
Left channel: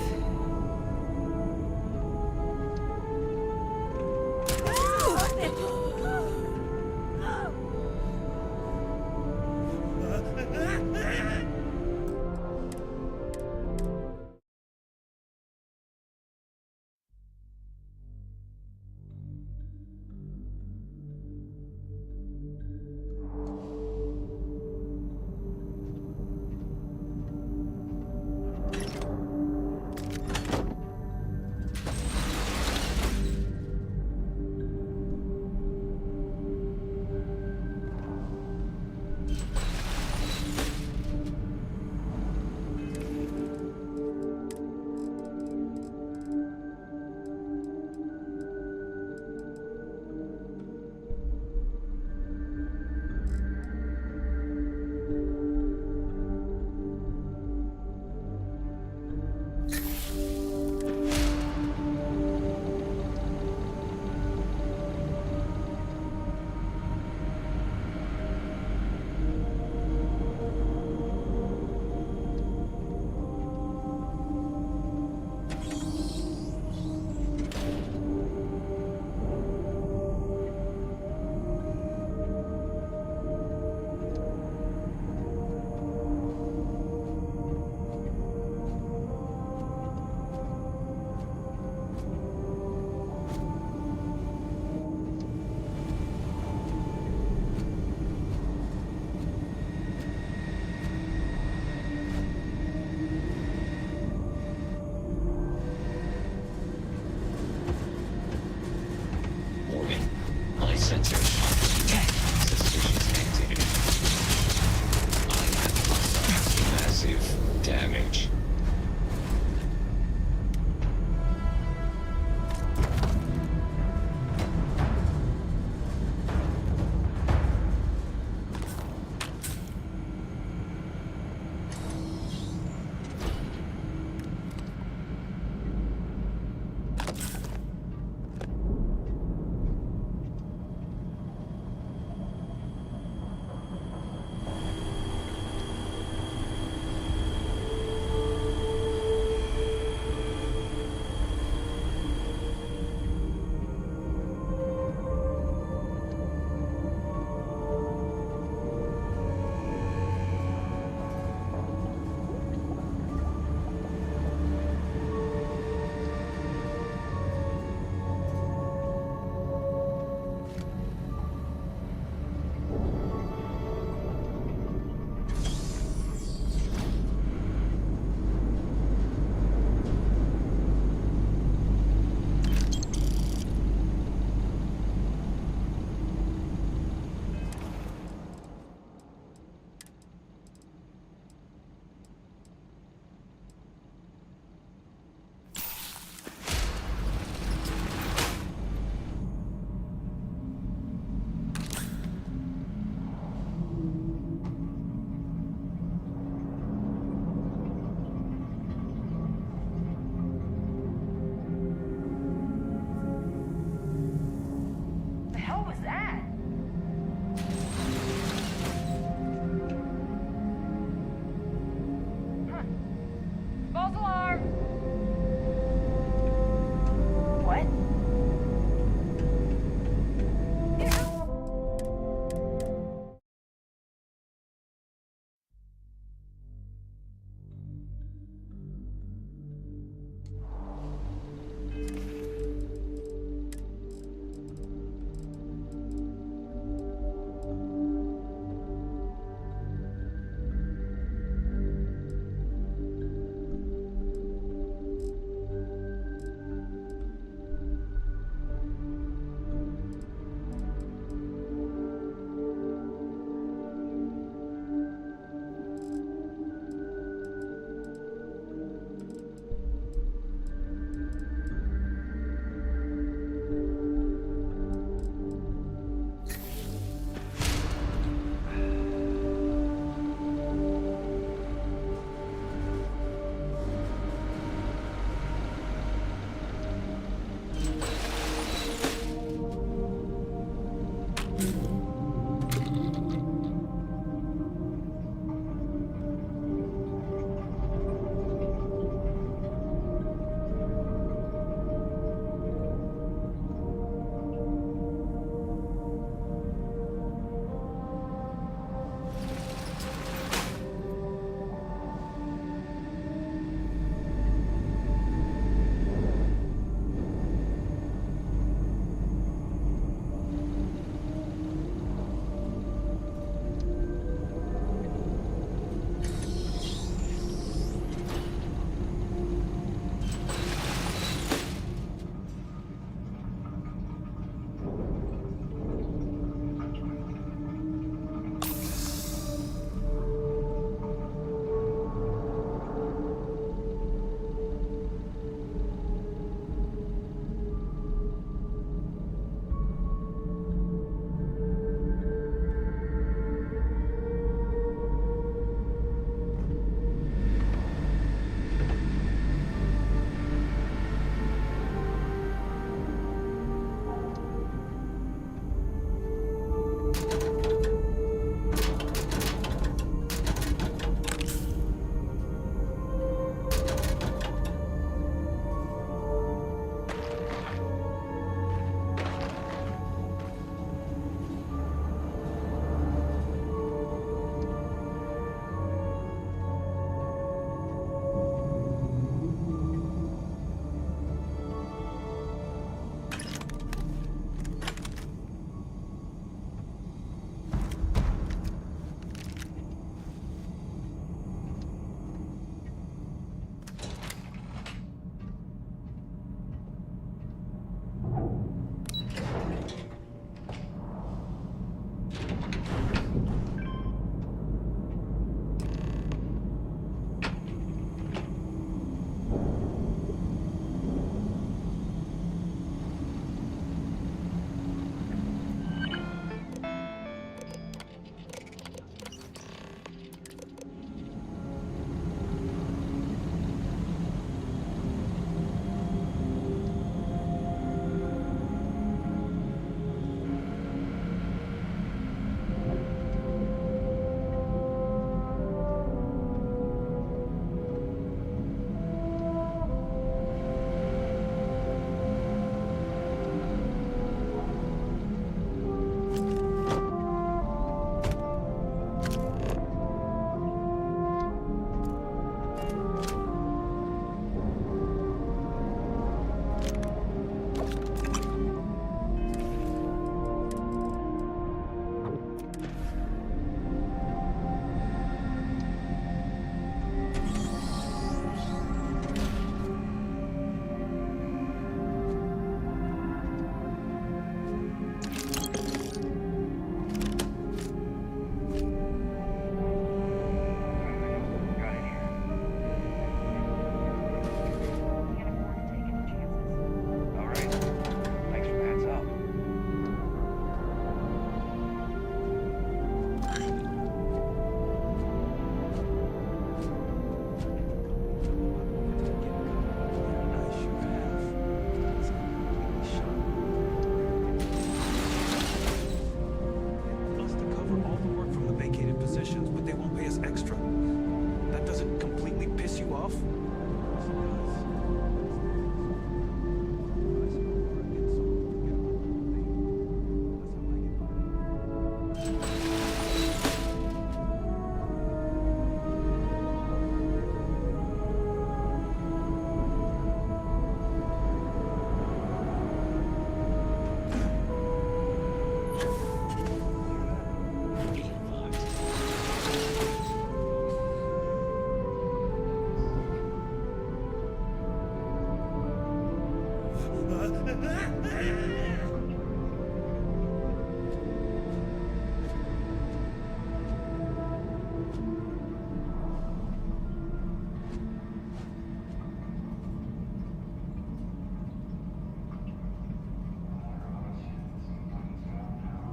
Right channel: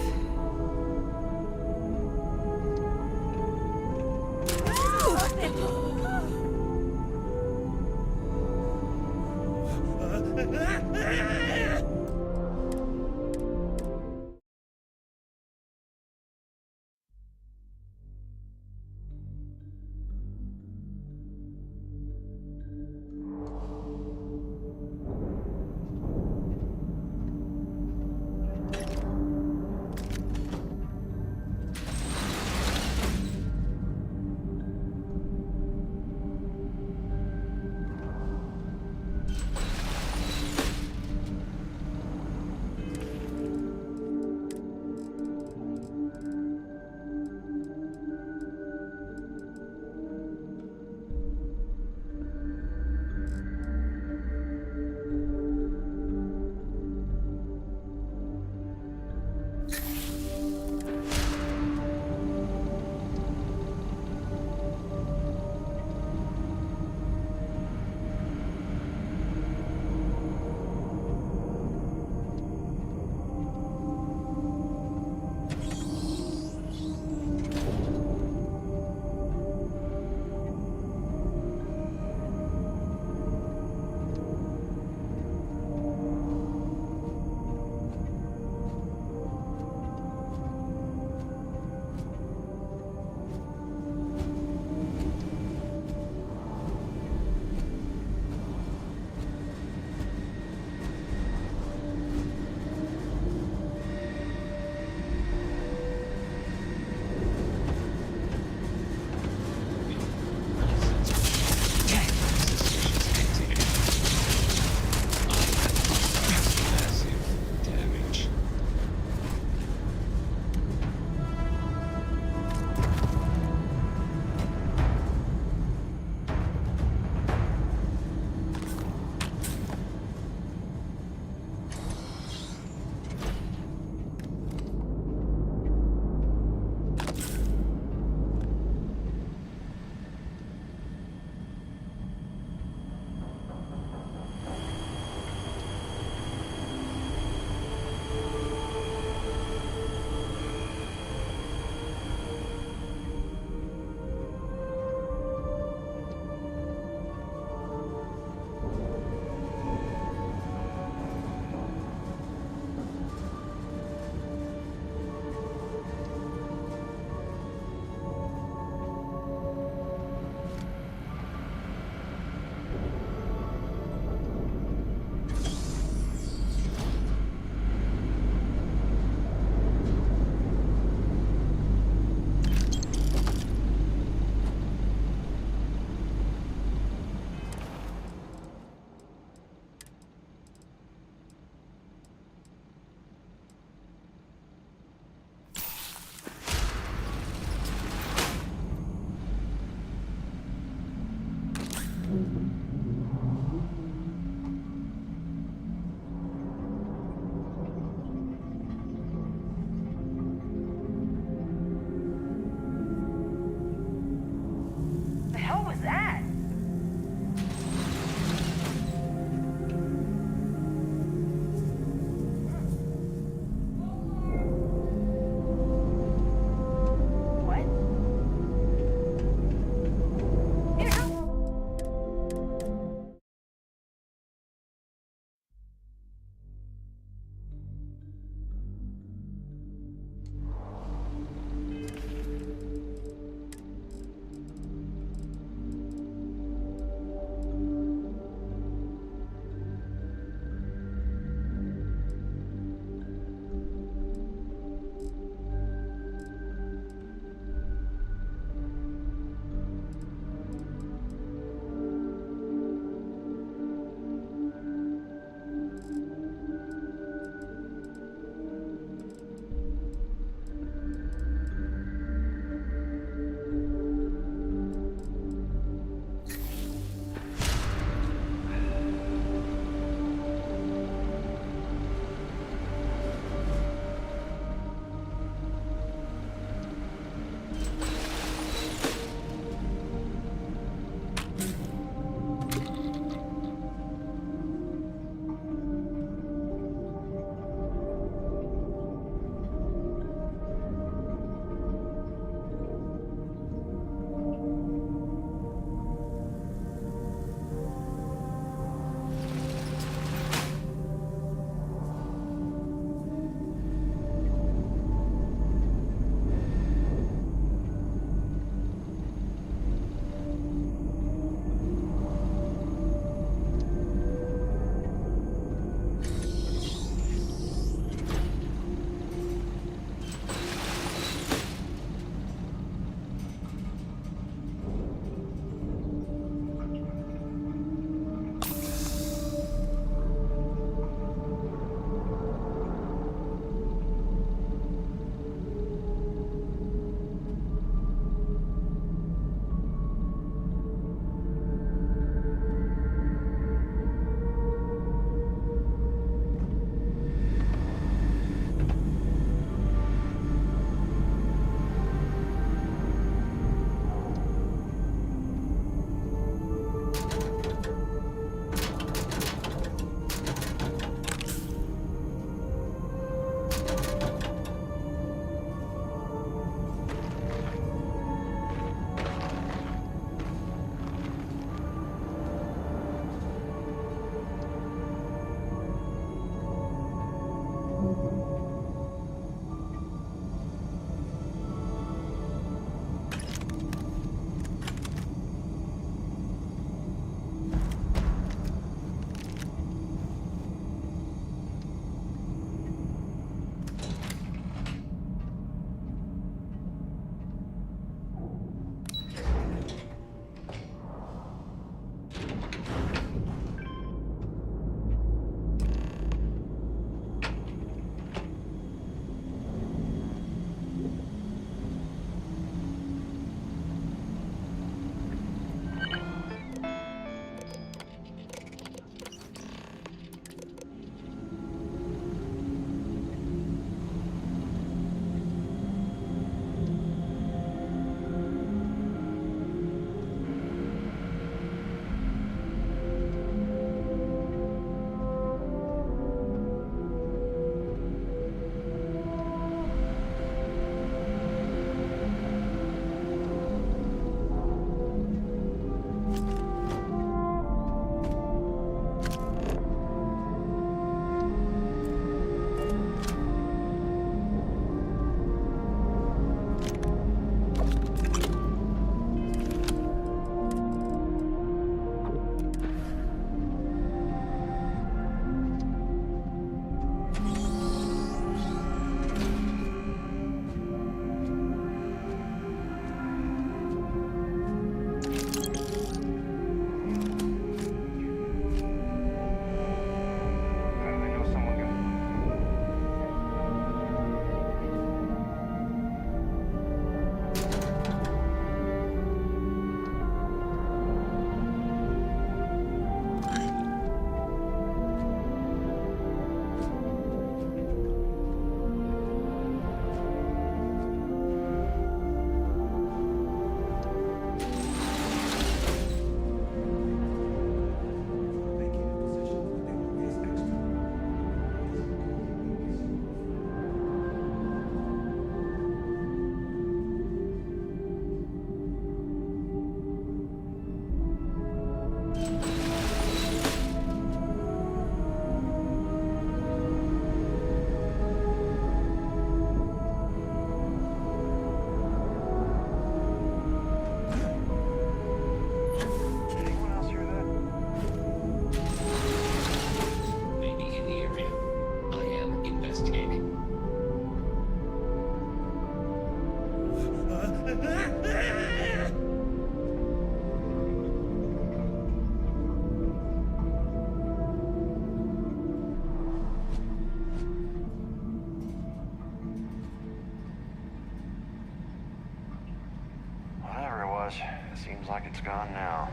Seems like it's gone now.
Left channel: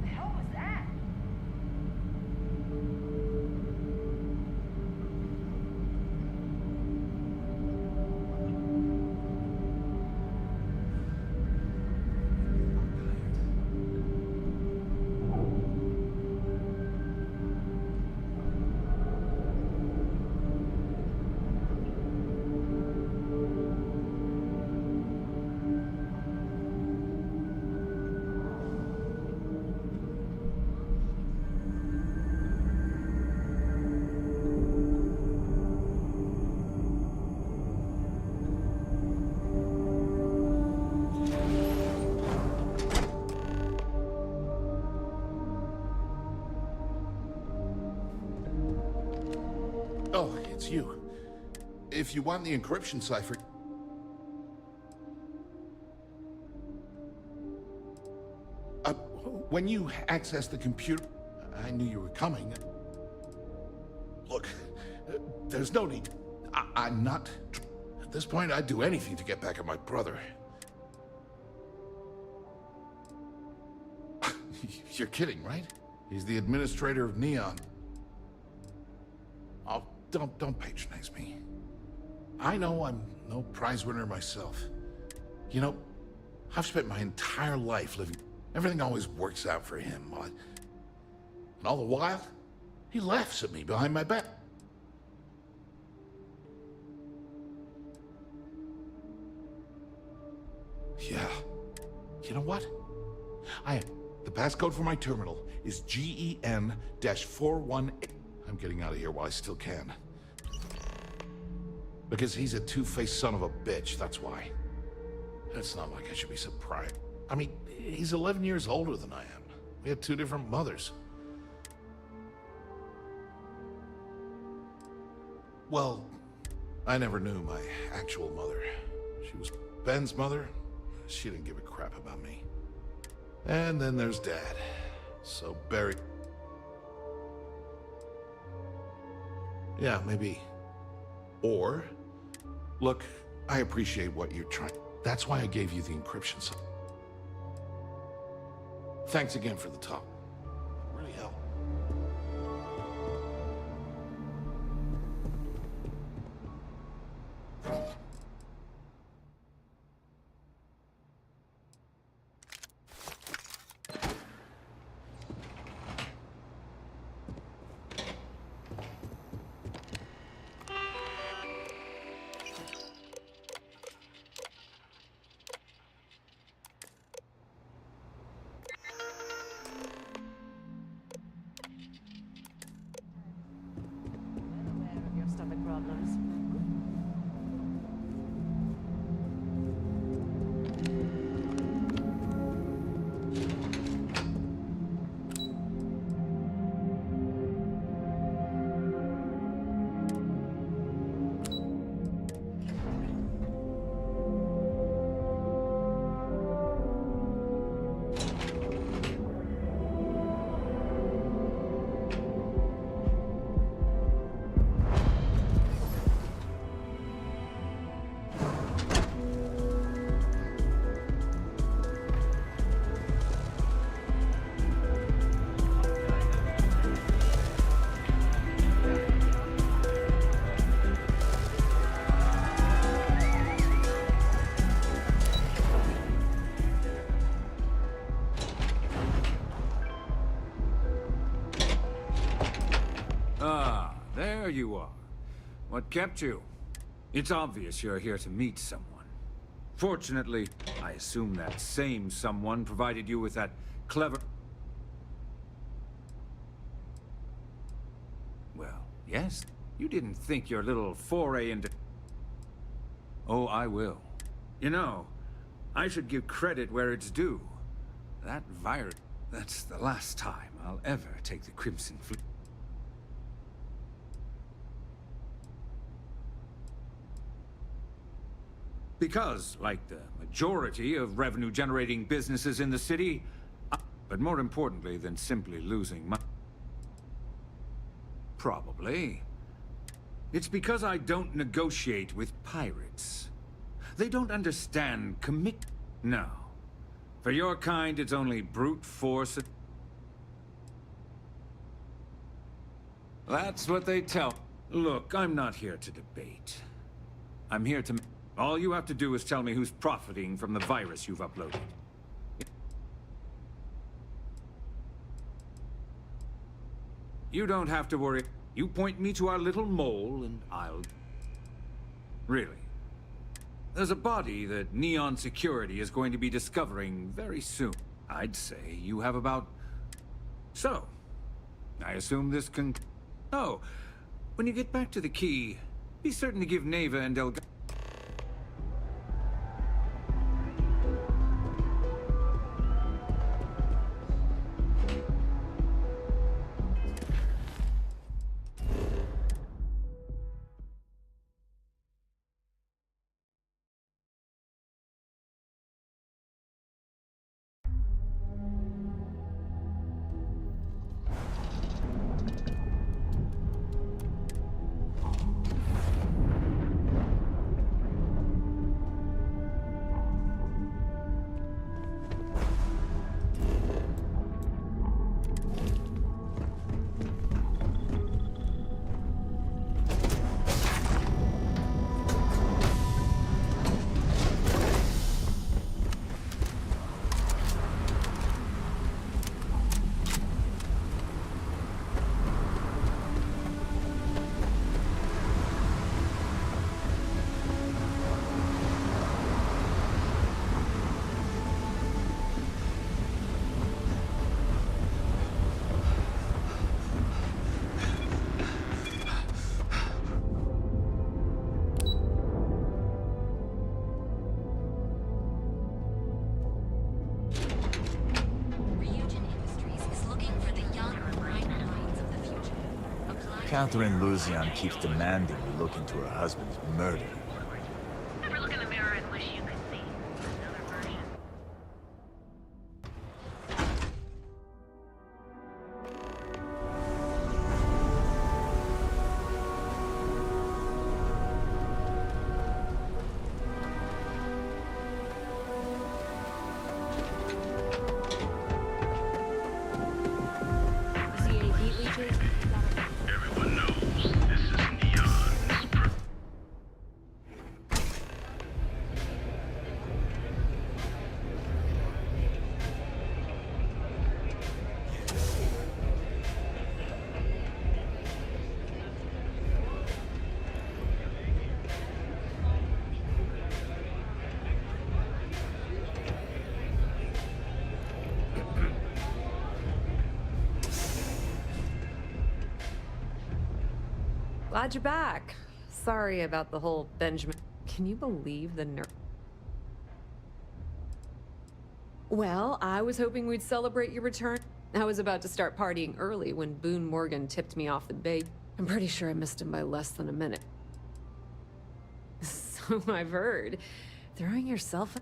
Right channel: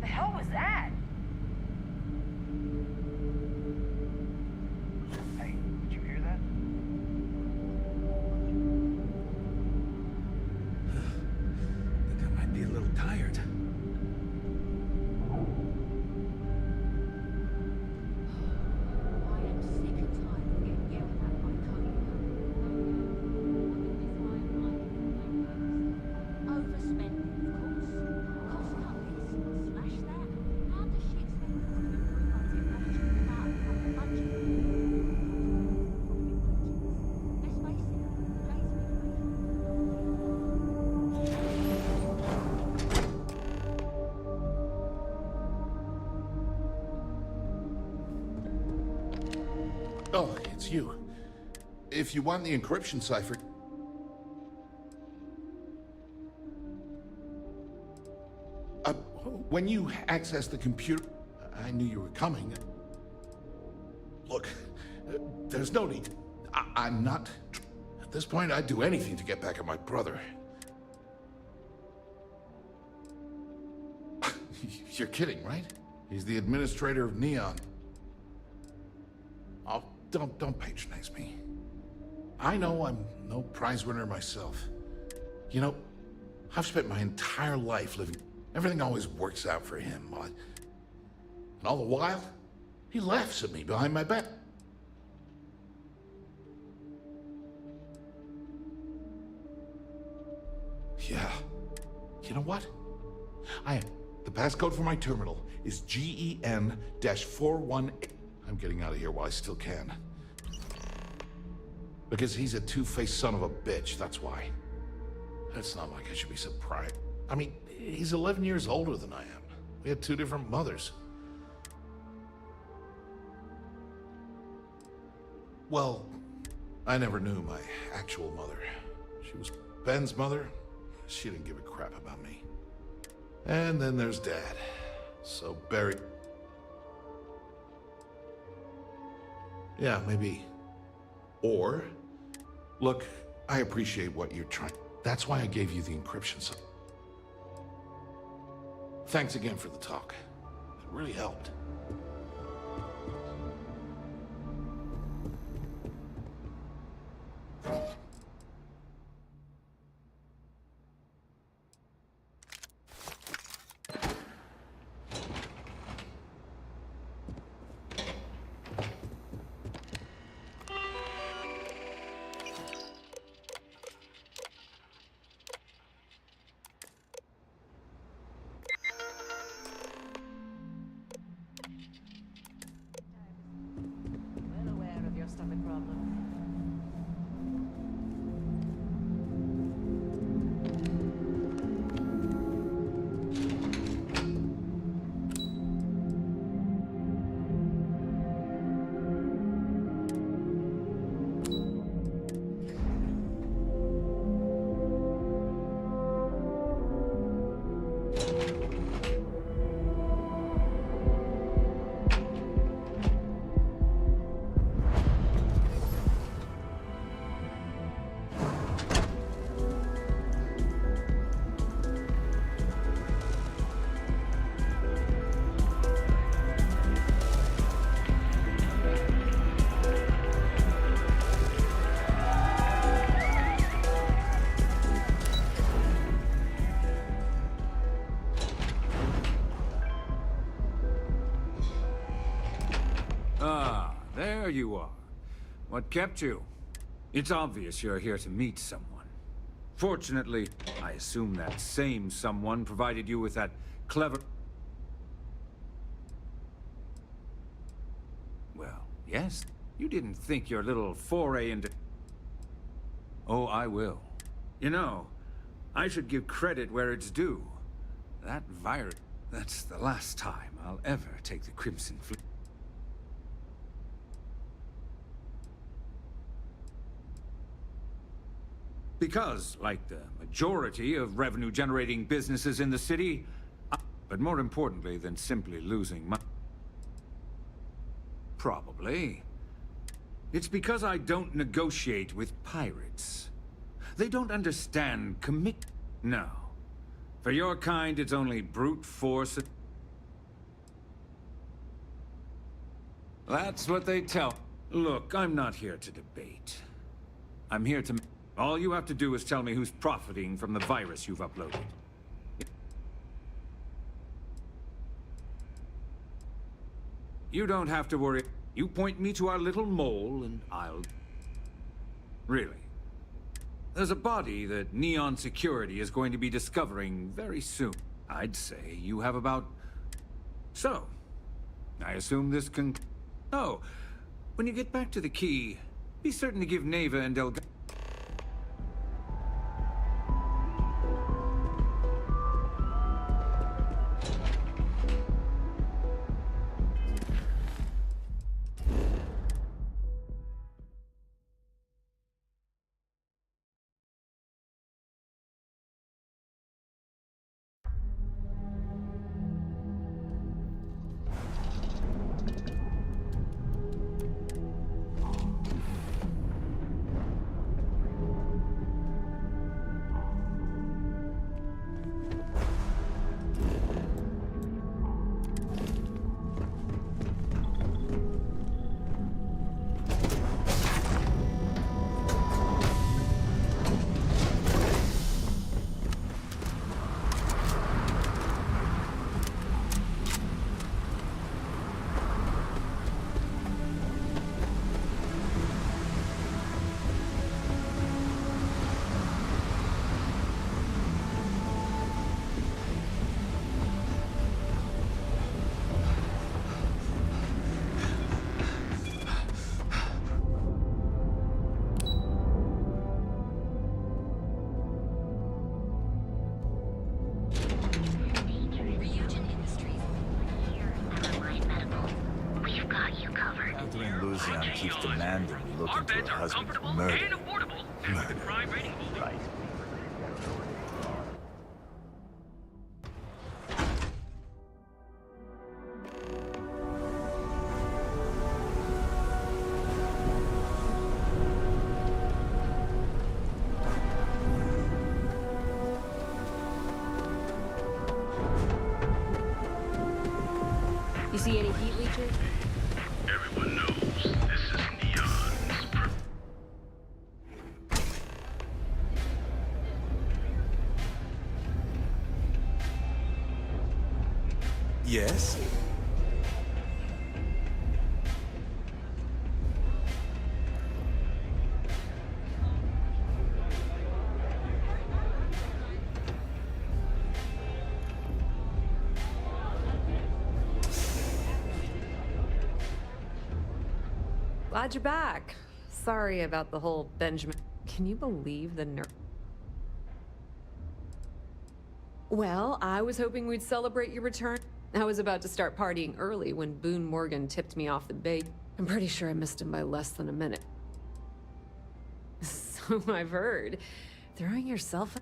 The hell was that? Hey, did you hear that? I might be a little tired. Oh, it's you. If you want the encryption cipher... when you access the computer... I knew you were coming. Look, there's no need... I'm not... At this point, I'd do anything to get back at my brother. You're kidding, right? He's the administrator of Neon. Oh, don't patronize me. I know I'm no prize winner myself. You know, I've spent my entire life living... Everything always works out for him. And all the while, he laughs at me behind my back. Yeah. You know what? The passcode for my terminal is GEN-418. I'm getting out of here while I still can. Because he's a two-faced son of a bitch, that's why. It's not like I should be surprised. I mean, he's 11 years older than I am. We had two different mothers. Well, I never knew my actual mother. She was Ben's mother. She didn't give a crap about me. And then there's Dad. So Barry... Yeah, maybe. Or, look, I appreciate what you're trying. That's why I gave you the encryption. Thanks again for the talk. It really helped. Stomach problems. Ah, there you are. What kept you? It's obvious you're here to meet someone. Fortunately, I assume that same someone provided you with that clever... Well, yes, you didn't think your little foray into... Oh, I will. You know, I should give credit where it's due. That virus... That's the last time I'll ever take the Crimson Fleet. Because, like the majority of revenue-generating businesses in the city, But more importantly than simply losing my... Probably. It's because I don't negotiate with pirates. They don't understand commit... No. For your kind, it's only brute force... That's what they tell... Look, I'm not here to debate. I'm here to... All you have to do is tell me who's profiting from the virus you've uploaded. You don't have to worry. You point me to our little mole, and I'll... Really. There's a body that Neon Security is going to be discovering very soon. I'd say you have about... So, I assume this can... Oh, when you get back to the key, be certain to give Neva and Delgado... Catherine Luzian keeps demanding we look into her husband's murder. You see any heat leeches? Everyone knows this is Neon's Yes? Glad you're back. Sorry about the whole Benjamin. Can you believe the Well, I was hoping we'd celebrate your return. I was about to start partying early when Boone Morgan tipped me off the bait. I'm pretty sure I missed him by less than a minute. So I've heard. Throwing yourself...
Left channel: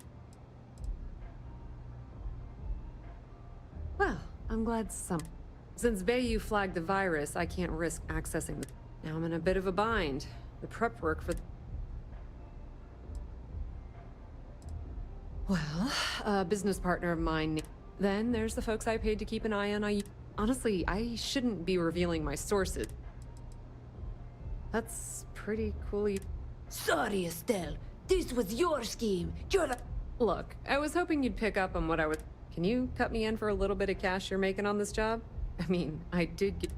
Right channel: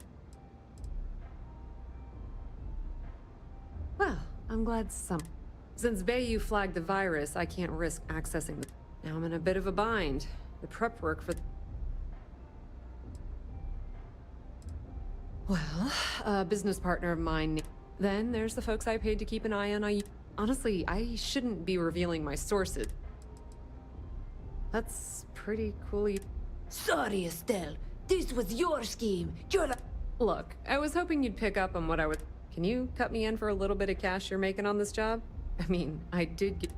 Well, I'm glad some... Since Bayou flagged the virus, I can't risk accessing the... Now I'm in a bit of a bind. The prep work for... Well, a business partner of mine... Then there's the folks I paid to keep an eye on. Honestly, I shouldn't be revealing my sources. That's pretty cool. Sorry, Estelle. This was your scheme. You're the... Look, I was hoping you'd pick up on what I was... Can you cut me in for a little bit of cash you're making on this job? I mean, I did get...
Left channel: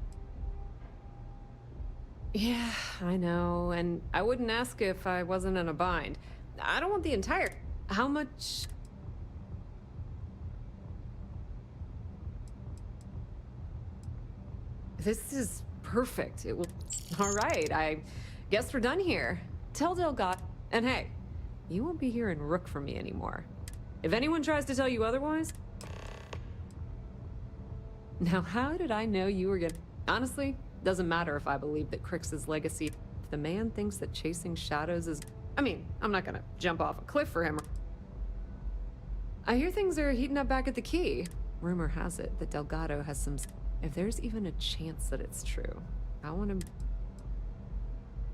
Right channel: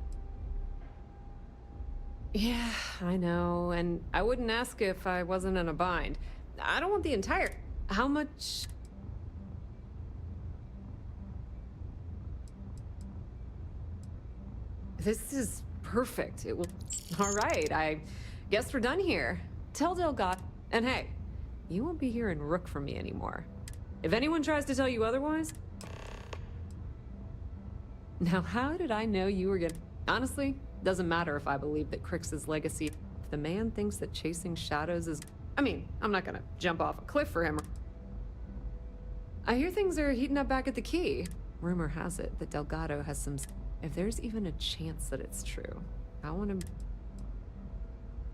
Yeah, I know, and I wouldn't ask if I wasn't in a bind. I don't want the entire... How much... This is perfect. It will... All right, I guess we're done here. Tell Delgado... And hey, you won't be hearing Rook from me anymore. If anyone tries to tell you otherwise... Now, how did I know you were gonna... Honestly, doesn't matter if I believe that Crix's legacy... If the man thinks that chasing shadows is... I mean, I'm not gonna jump off a cliff for him. I hear things are heating up back at the Key. Rumor has it that Delgado has some... If there's even a chance that it's true, I want to...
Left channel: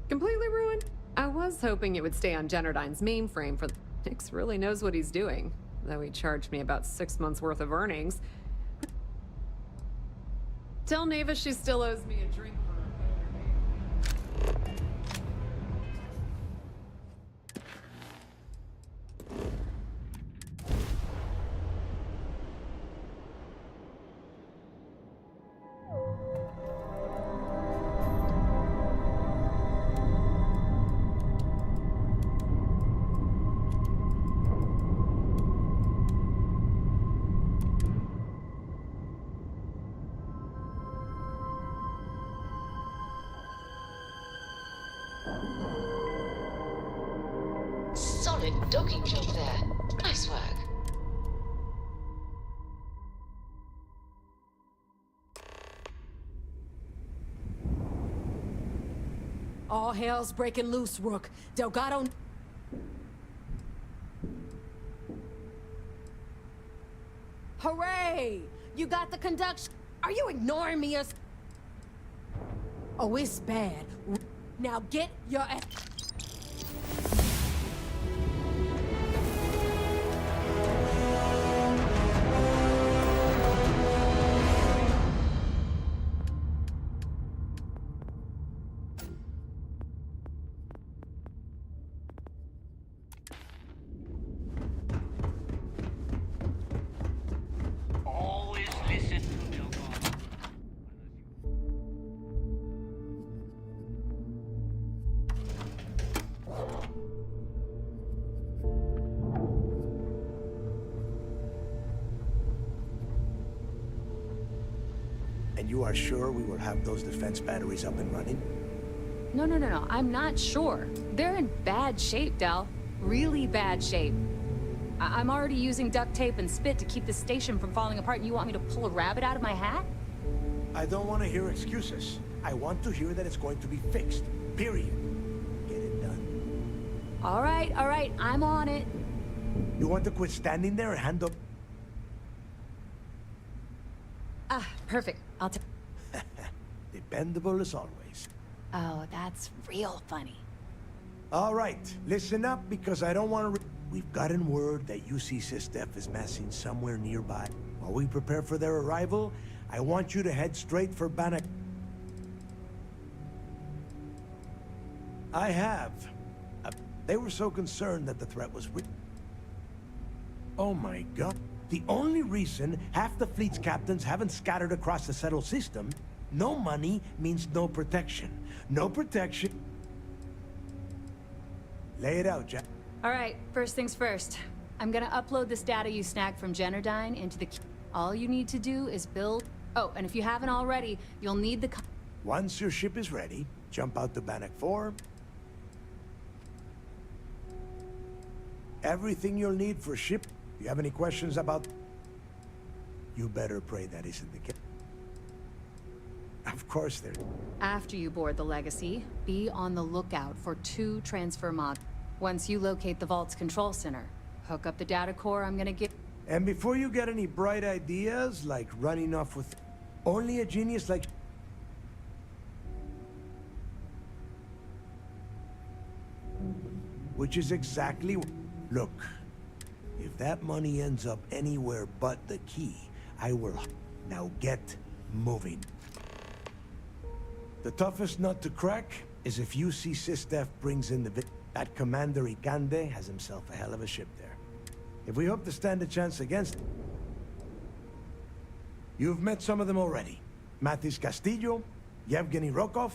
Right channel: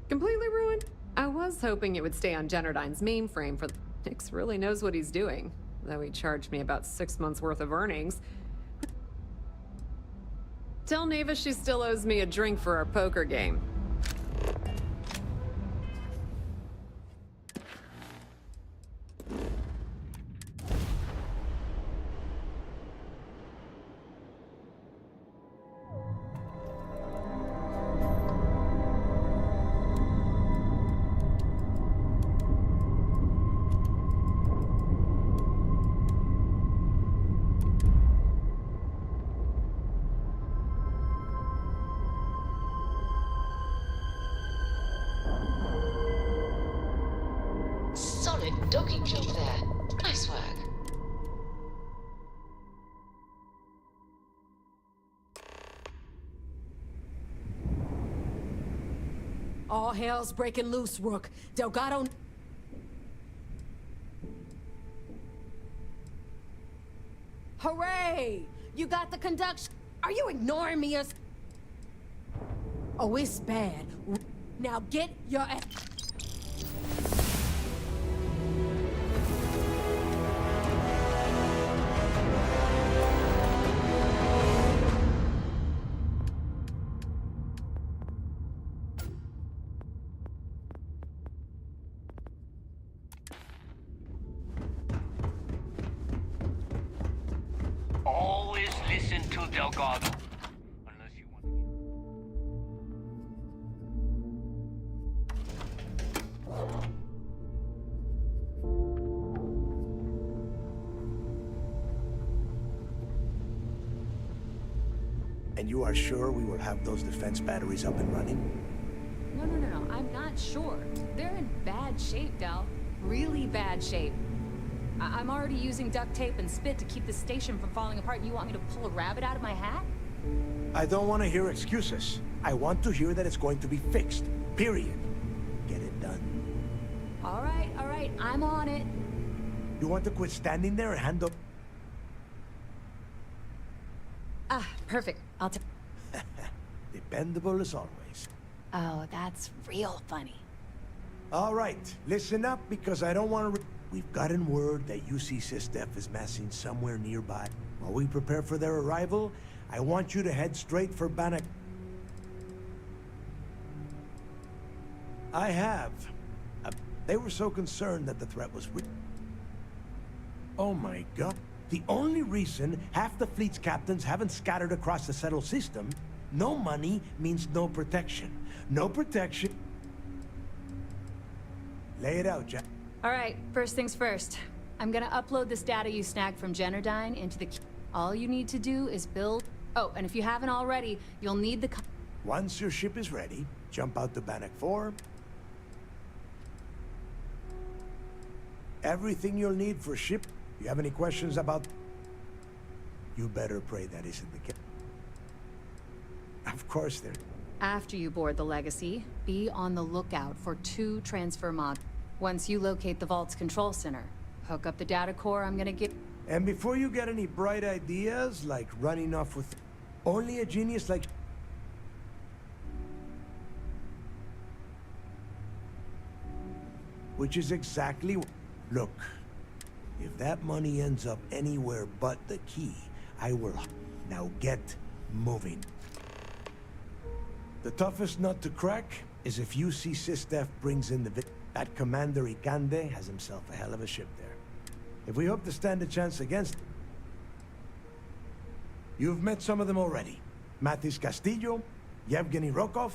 Completely ruined? I was hoping it would stay on Generdyne's mainframe for... Nix really knows what he's doing, though he charged me about 6 months worth of earnings. Tell Neva she still owes me a drink for our poker game. Solid docking job there. Nice work. All hell's breaking loose, Rook. Delgado... Hooray! You got the conduction... Are you ignoring me or... Oh, it's bad. Now get your ass... Always listen to Delgado. And you are sure we will have those defense batteries up and running? No. I'm not sure. They're in bad shape, Del. Really bad shape. I'm already using duct tape and spit to keep the station from falling apart, and you want me to pull a rabbit out of my hat? I don't want to hear excuses. I want to hear that it's going to be fixed. Period. Get it done. All right. I'm on it. You want to quit standing there and hand up... Ah, perfect. I'll take... Dependable as always. Oh, that's real funny. All right, listen up, because I don't want to... We've gotten word that UC SysDef is massing somewhere nearby. While we prepare for their arrival, I want you to head straight for Bannock. I have. They were so concerned that the threat was... Oh my god. The only reason half the fleet's captains haven't scattered across the settled system, no money means no protection. No protection... Lay it out, Jack. All right, first things first. I'm gonna upload this data you snagged from Generdyne into the... All you need to do is build... Oh, and if you haven't already, you'll need the... Once your ship is ready, jump out to Bannock 4. Everything you'll need for ship. If you have any questions about... You better pray that isn't the case. Of course there... After you board the Legacy, be on the lookout for 2 transfer mods. Once you locate the Vault's control center, hook up the data core I'm gonna get... And before you get any bright ideas, like running off with... Only a genius like... Which is exactly... Look, if that money ends up anywhere but the key, I will... Now get moving. The toughest nut to crack is if UC SysDef brings in the... That Commander Ikande has himself a hell of a ship there. If we hope to stand a chance against... You've met some of them already. Matis Castillo, Yevgeny Rokov.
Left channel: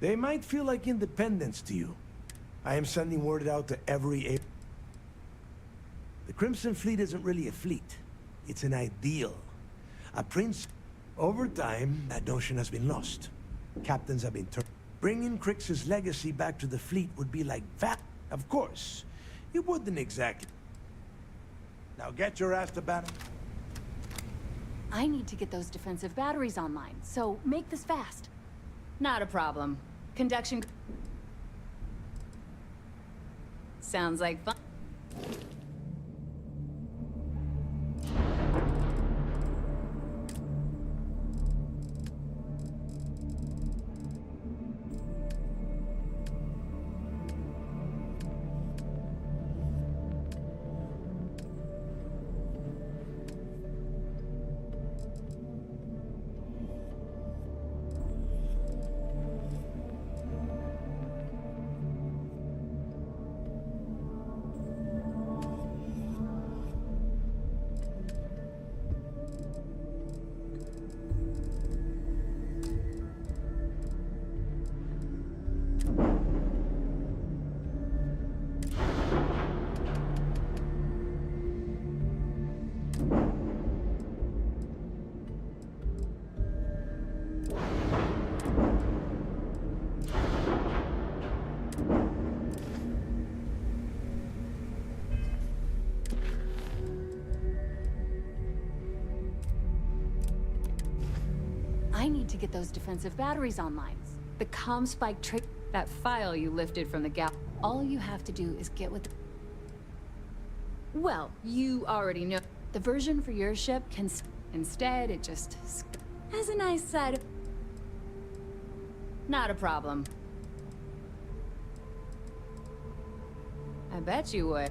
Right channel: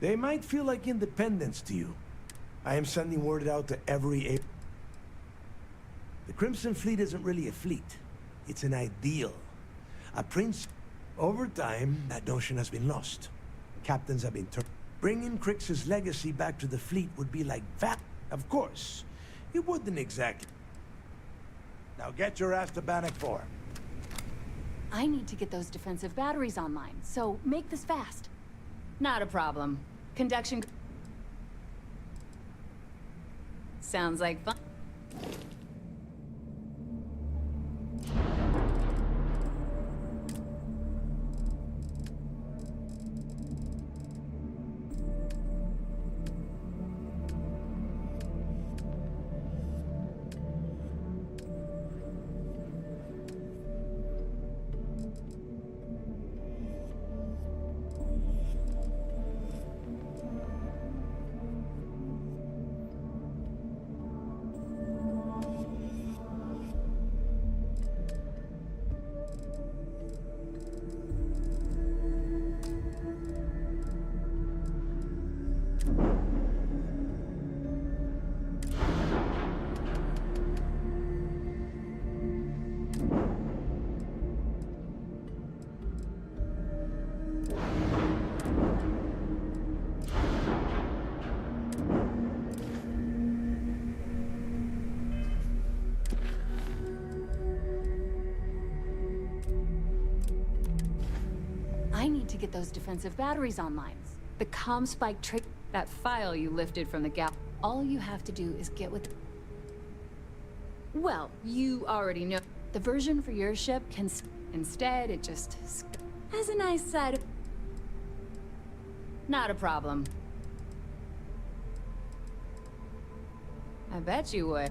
They might feel like independents to you. I am sending word out to every... The Crimson Fleet isn't really a fleet. It's an ideal. A prince... Over time, that notion has been lost. Captains have been turned... Bringing Crix's legacy back to the fleet would be like that. Of course, it wouldn't exactly. Now get your ass to Bannock 4. I need to get those defensive batteries online, so make this fast. Not a problem. Conduction... Sounds like fun. I need to get those defensive batteries online. The comm spike trick, that file you lifted from the gap. All you have to do is get with... Well, you already know. The version for your ship can... Instead, it just... has a nice side... Not a problem. I bet you would.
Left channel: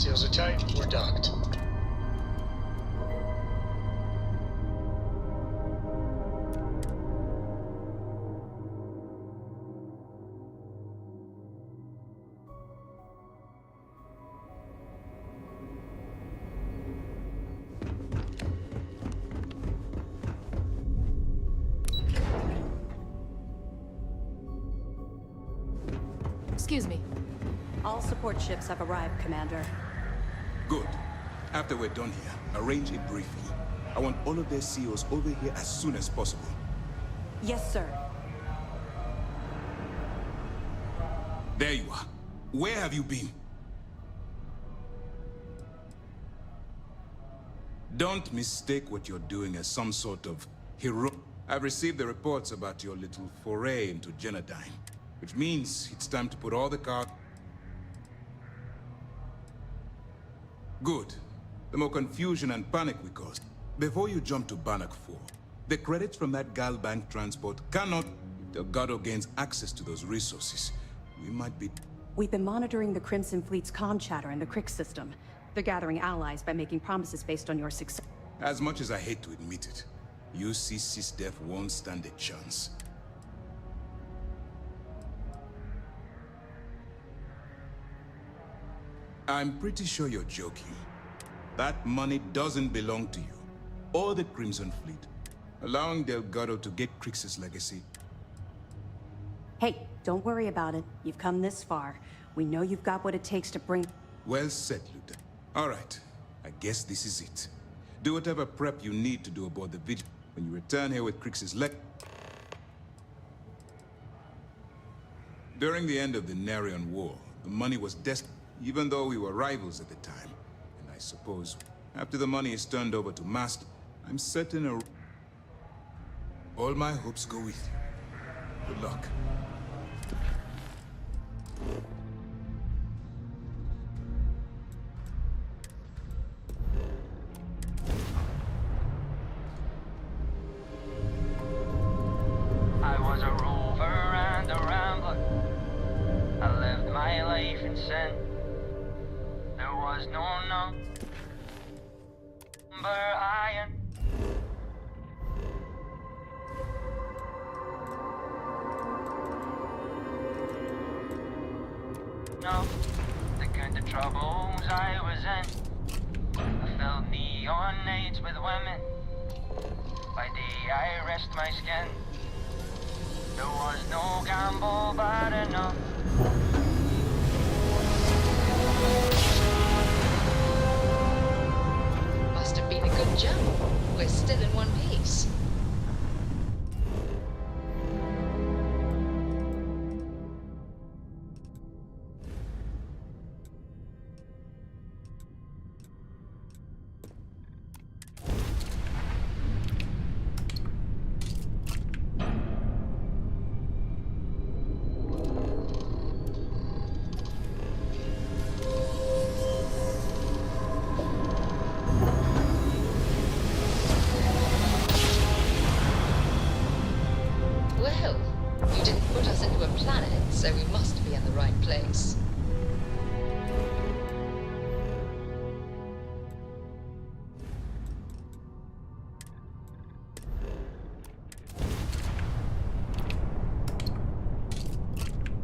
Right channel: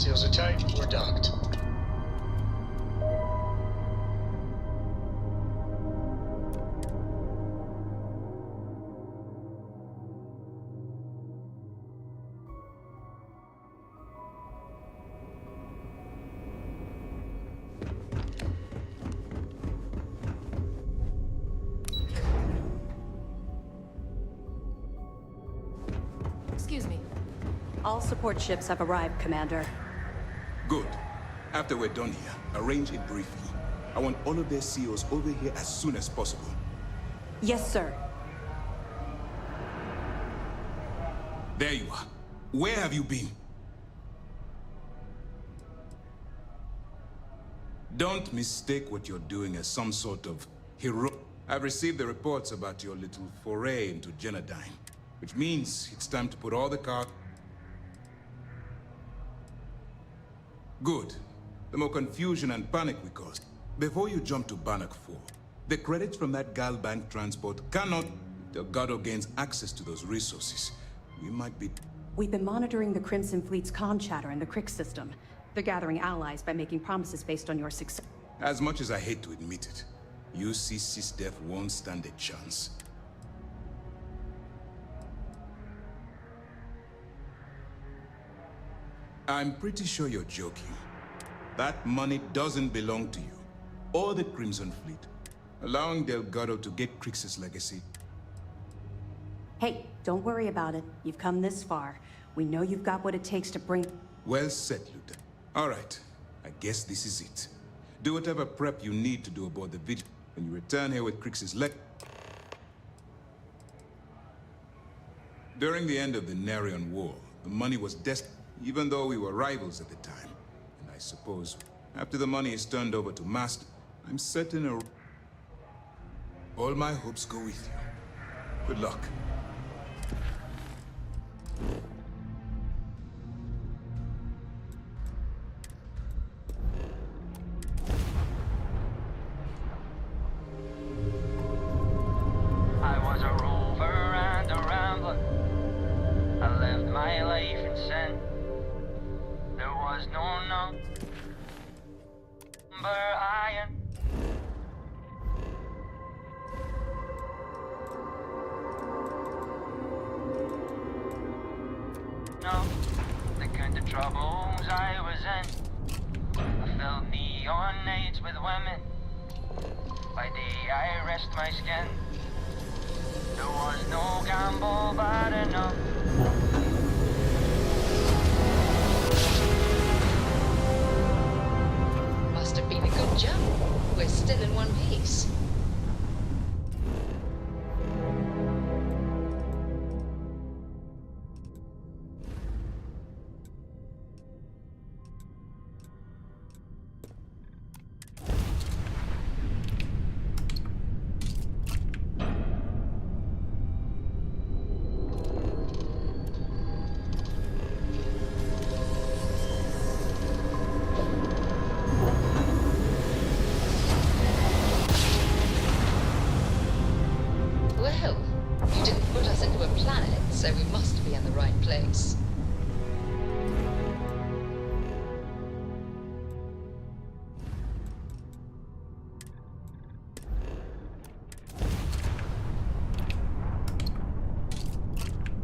Seals are tight, we're docked. Excuse me. All support ships have arrived, Commander. Good. After we're done here, arrange it briefly. I want all of their CEOs over here as soon as possible. Yes, sir. There you are. Where have you been? Don't mistake what you're doing as some sort of hero. I've received the reports about your little foray into Genodyne, which means it's time to put all the cards. Good. The more confusion and panic we caused. Before you jump to Bannock 4, the credits from that Gal Bank transport cannot... If Delgado gains access to those resources, we might be... We've been monitoring the Crimson Fleet's comm chatter in the Crick system. They're gathering allies by making promises based on your success. As much as I hate to admit it, UC SysDef won't stand a chance. I'm pretty sure you're joking. That money doesn't belong to you, or the Crimson Fleet. Allowing Delgado to get Crix's legacy. Hey, don't worry about it. You've come this far. We know you've got what it takes to bring... Well said, Lieutenant. All right, I guess this is it. Do whatever prep you need to do aboard the Vigil. When you return here with Crix's During the end of the Narion War, the money was destined, even though we were rivals at the time. And I suppose, after the money is turned over to Master, I'm certain all my hopes go with you. Good luck. I was a rover and a rambler. I lived my life in sin. There was no number iron. No, the kind of troubles I was in. I filled neon nights with women. By day I rest my skin. There was no gamble bad enough. Must have been a good jump. We're still in one piece. Well, you didn't put us into a planet, so we must be in the right place.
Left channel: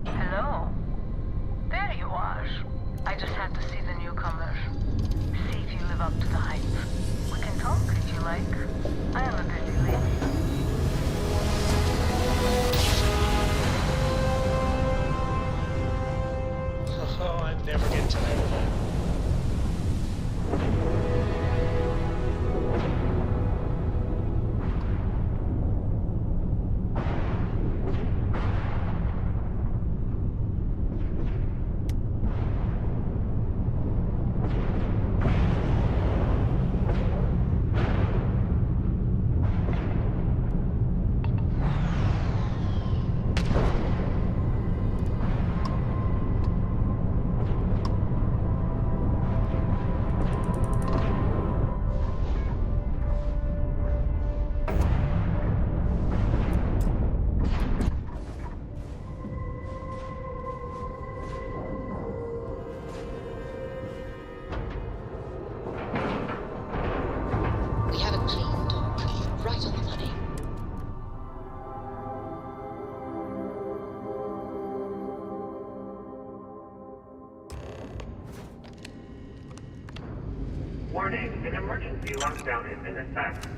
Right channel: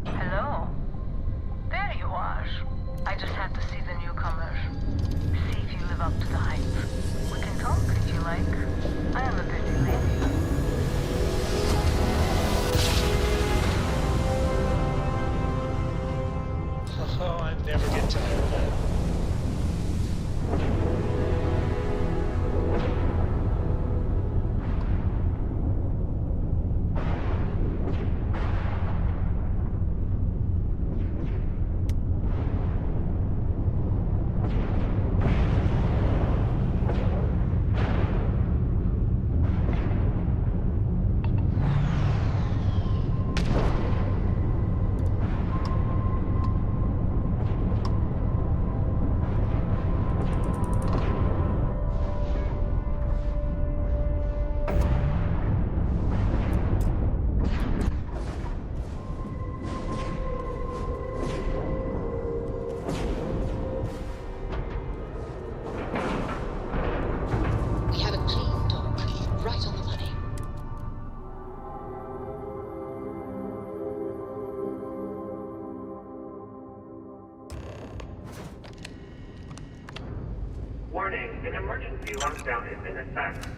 Hello? There you are. I just had to see the newcomer. See if you live up to the hype. We can talk if you like. I am a busy lady. Oh, I never get tired of that. We have a clean dock, right on the money. Warning, an emergency lockdown is in effect.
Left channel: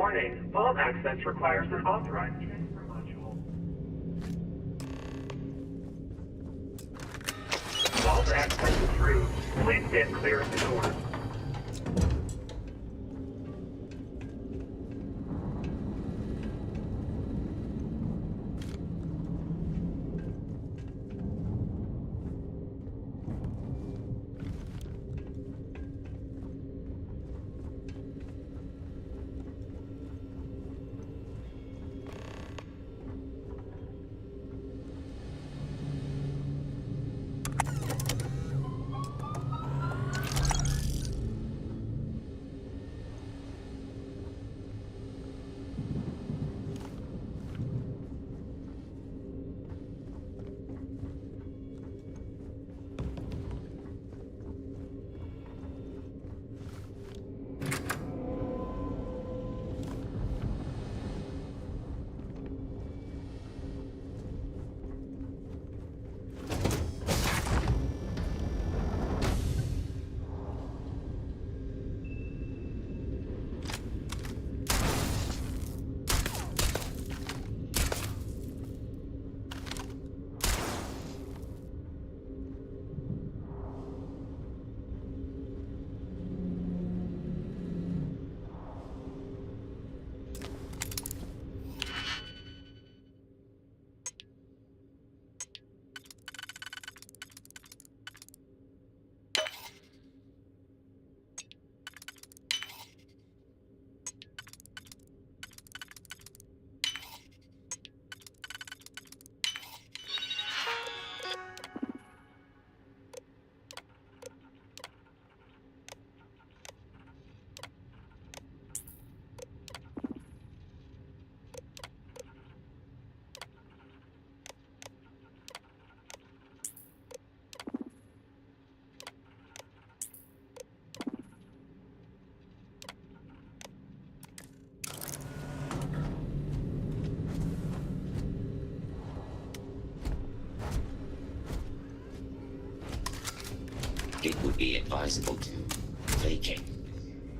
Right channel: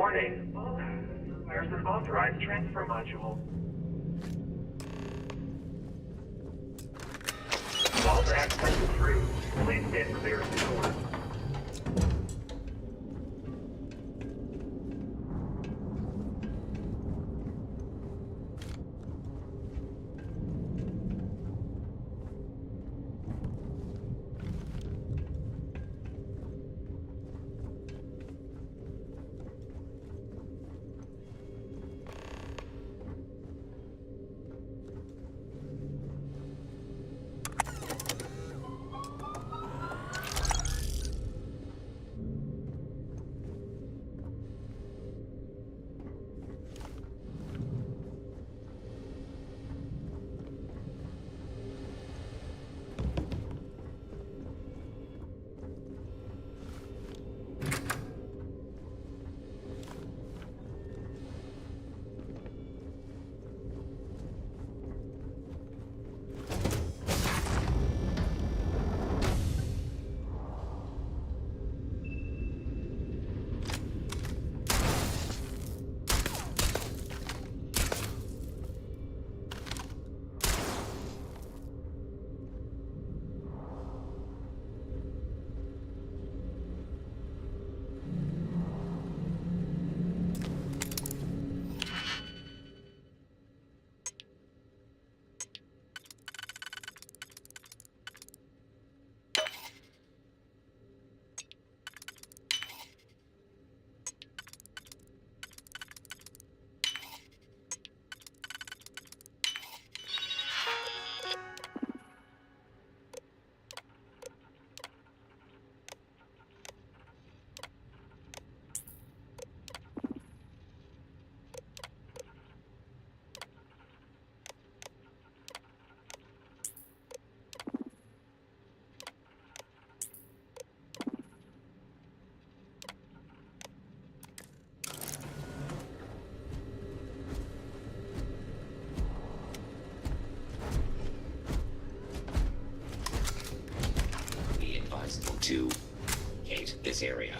Warning, vault access requires an authorized transfer module. Vault access approved. Please stand clear of the doors. It would be advisable to vacate this area.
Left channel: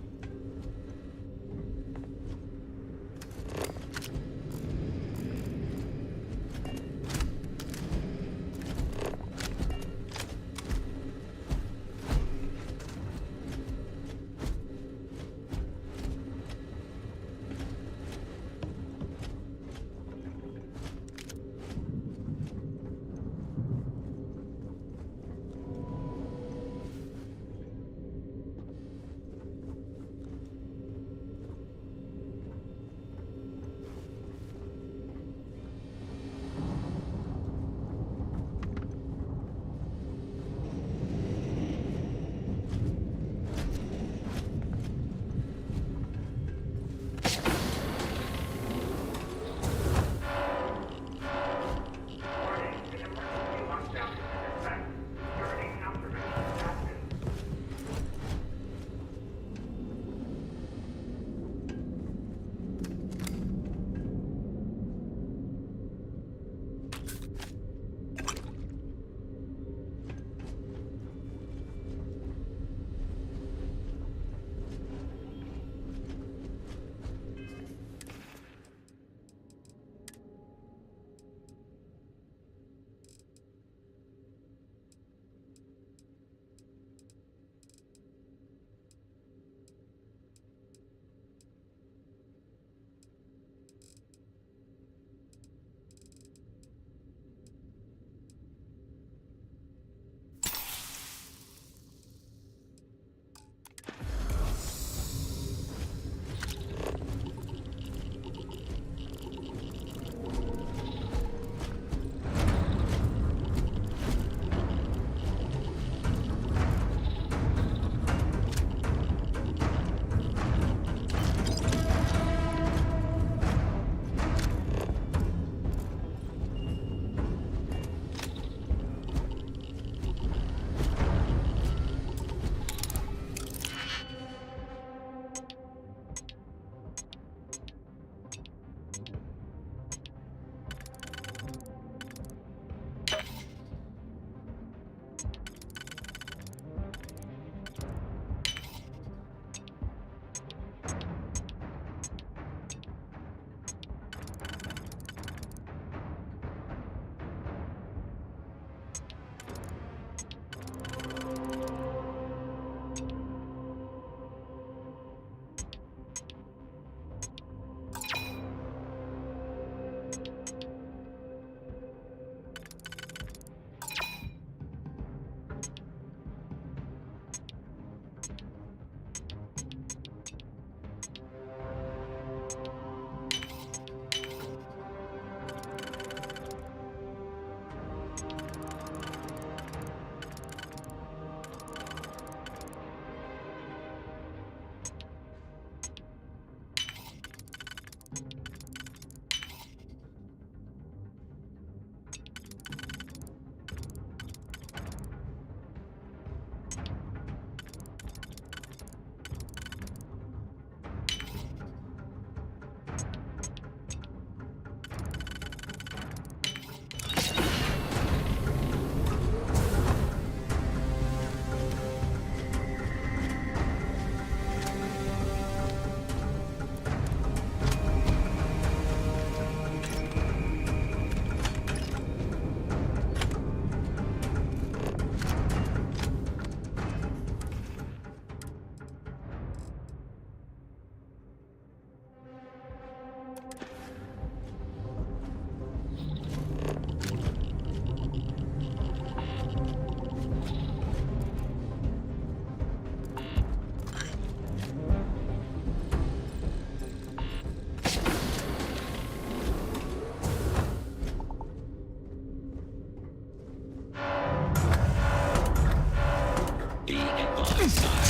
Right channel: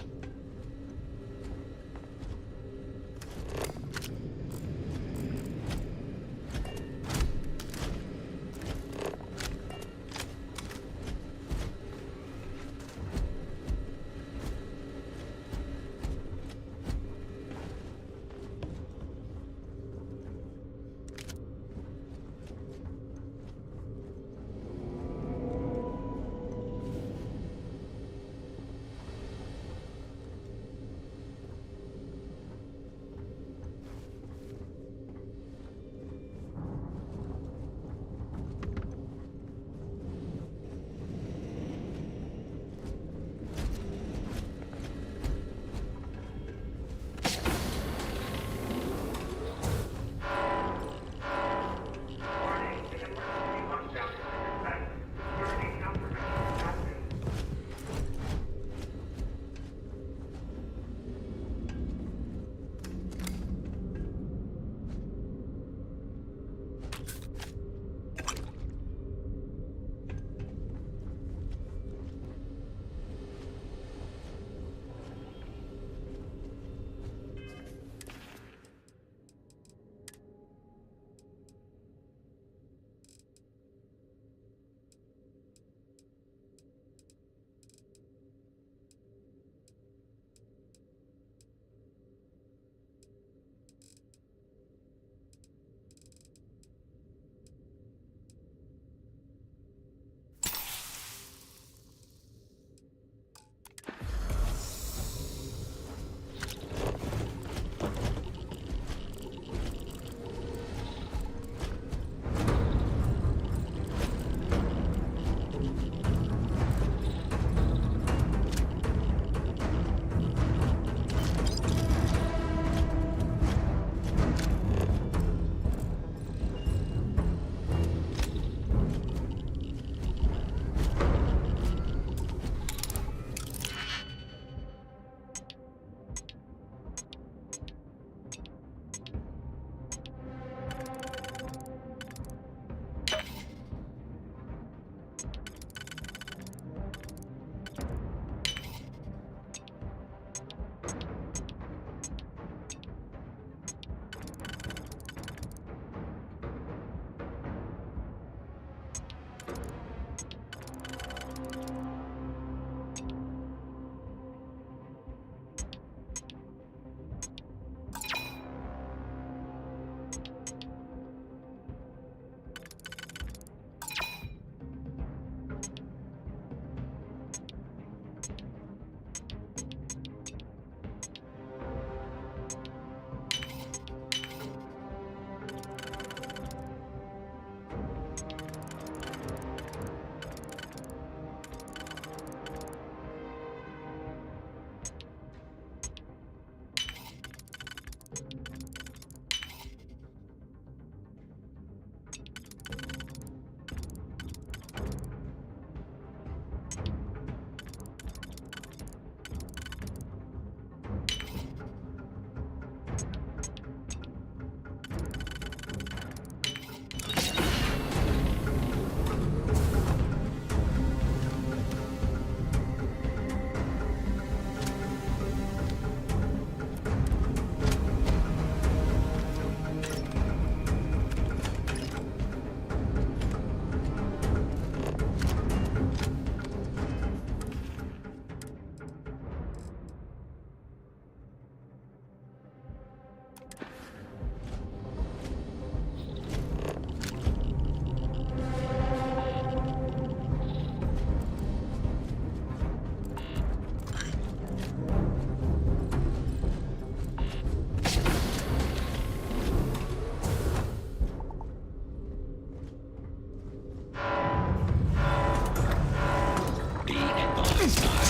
Be advised, I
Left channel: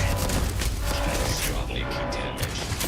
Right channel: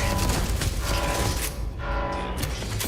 catastrophically damaged.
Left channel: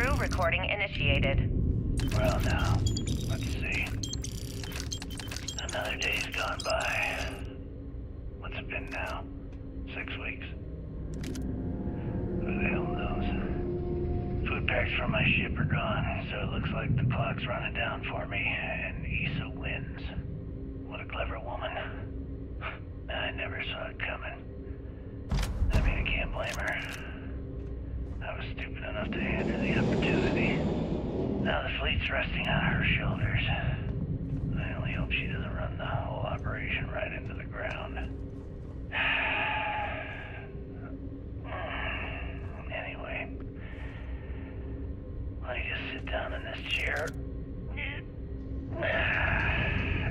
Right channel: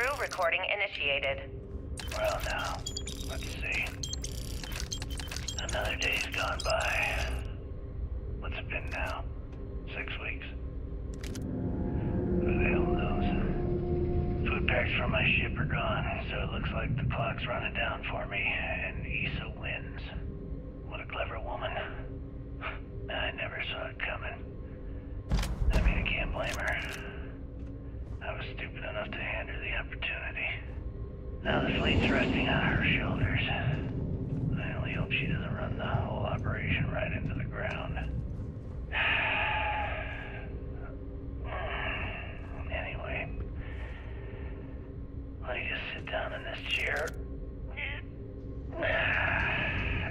Crew recording initiated. Well, now, let's see. Another day's gone by. What's it been now? 6 weeks? Who the hell knows? Food packs from my ship are gone, so it looks like the clock's running down for me, and Issa wins. What a clever woman. I never saw it coming. I mean, I can't blame her. I was stupid enough to hand her the opportunity. Now the fleet's resting on her shoulders. I only hope she doesn't run the whole operation right into the ground. Anyway, let me just sit down in this chair.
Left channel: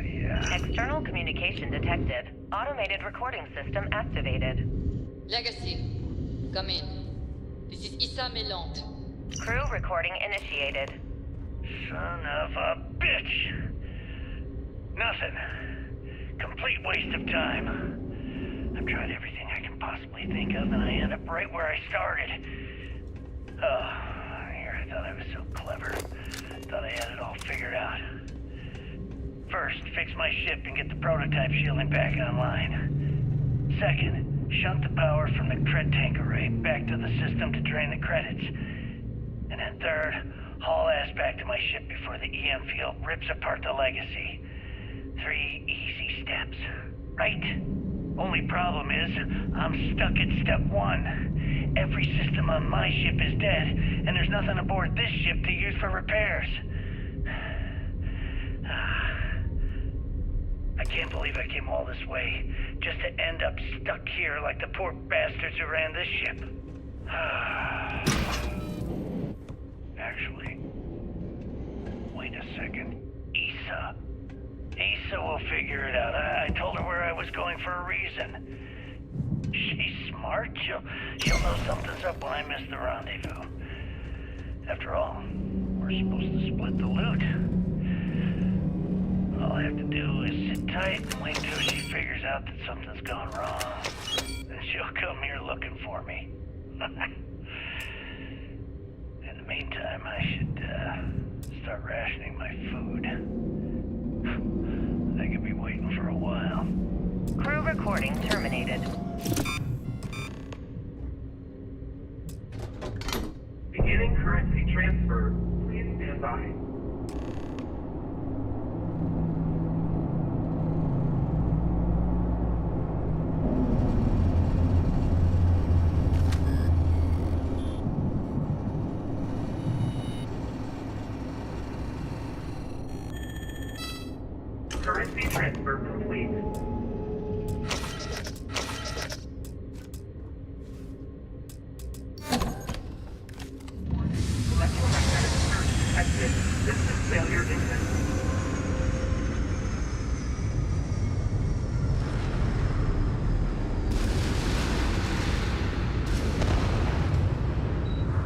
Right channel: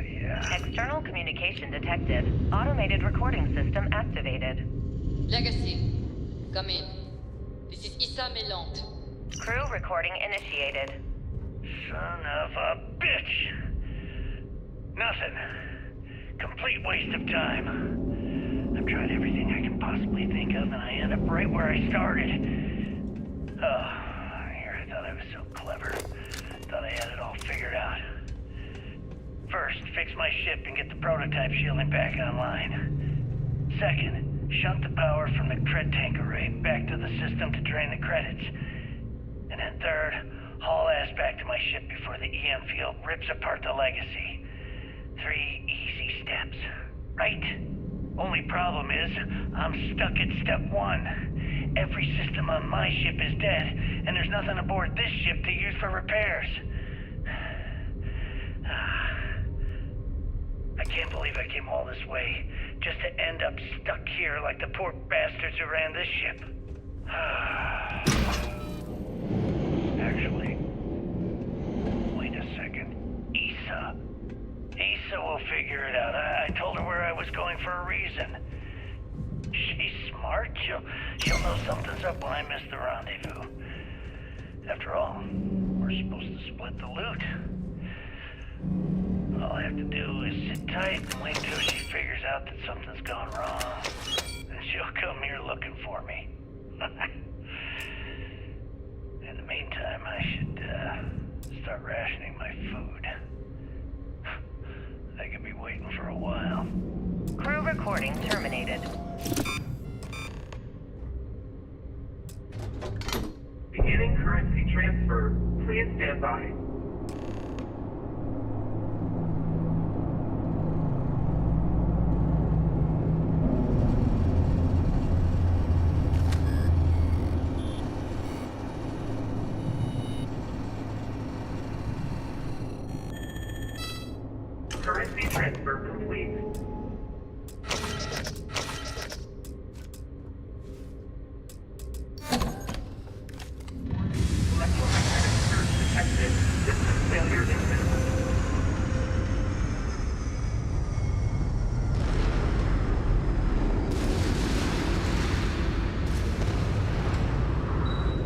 Yeah. External communication detected. Automated recording system activated. Legacy, come in. This is Issa Melant. Crew recording initiated. Son of a bitch! Nothing. Complete waste of time. I've tried everything I can possibly think of, and I end up right where I started. Oh, here I thought I was so clever. Thought I had it all figured out. First, fix my ship and get the prototype shielding back online. Second, shunt the power from the cred tank array back to the system to drain the credits. And then third, haul ass back to my ship before the EM field rips apart the legacy. 3 easy steps, right? Only problem is, I'm stuck at step 1. Every system on my ship is dead, and there's nothing aboard this ship to use for repairs. I can't believe I came all this way, just to end up stuck here like the poor bastards who ran this ship. Actually, wait a second. Issa will figure it out. I told her where I was going for a reason. She's smart. She'll know something's up when I miss the rendezvous. After all, we're supposed to split the loot. All I have to do is sit tight and wait till she figures out that something's gone wrong. Then she'll come here looking for me. In the meantime, I should start rationing my food. I could be waiting for a while. Crew recording terminated. Beginning currency transfer. Please stand by. Currency transfer complete. Electromagnetic surge detected. System failure imminent.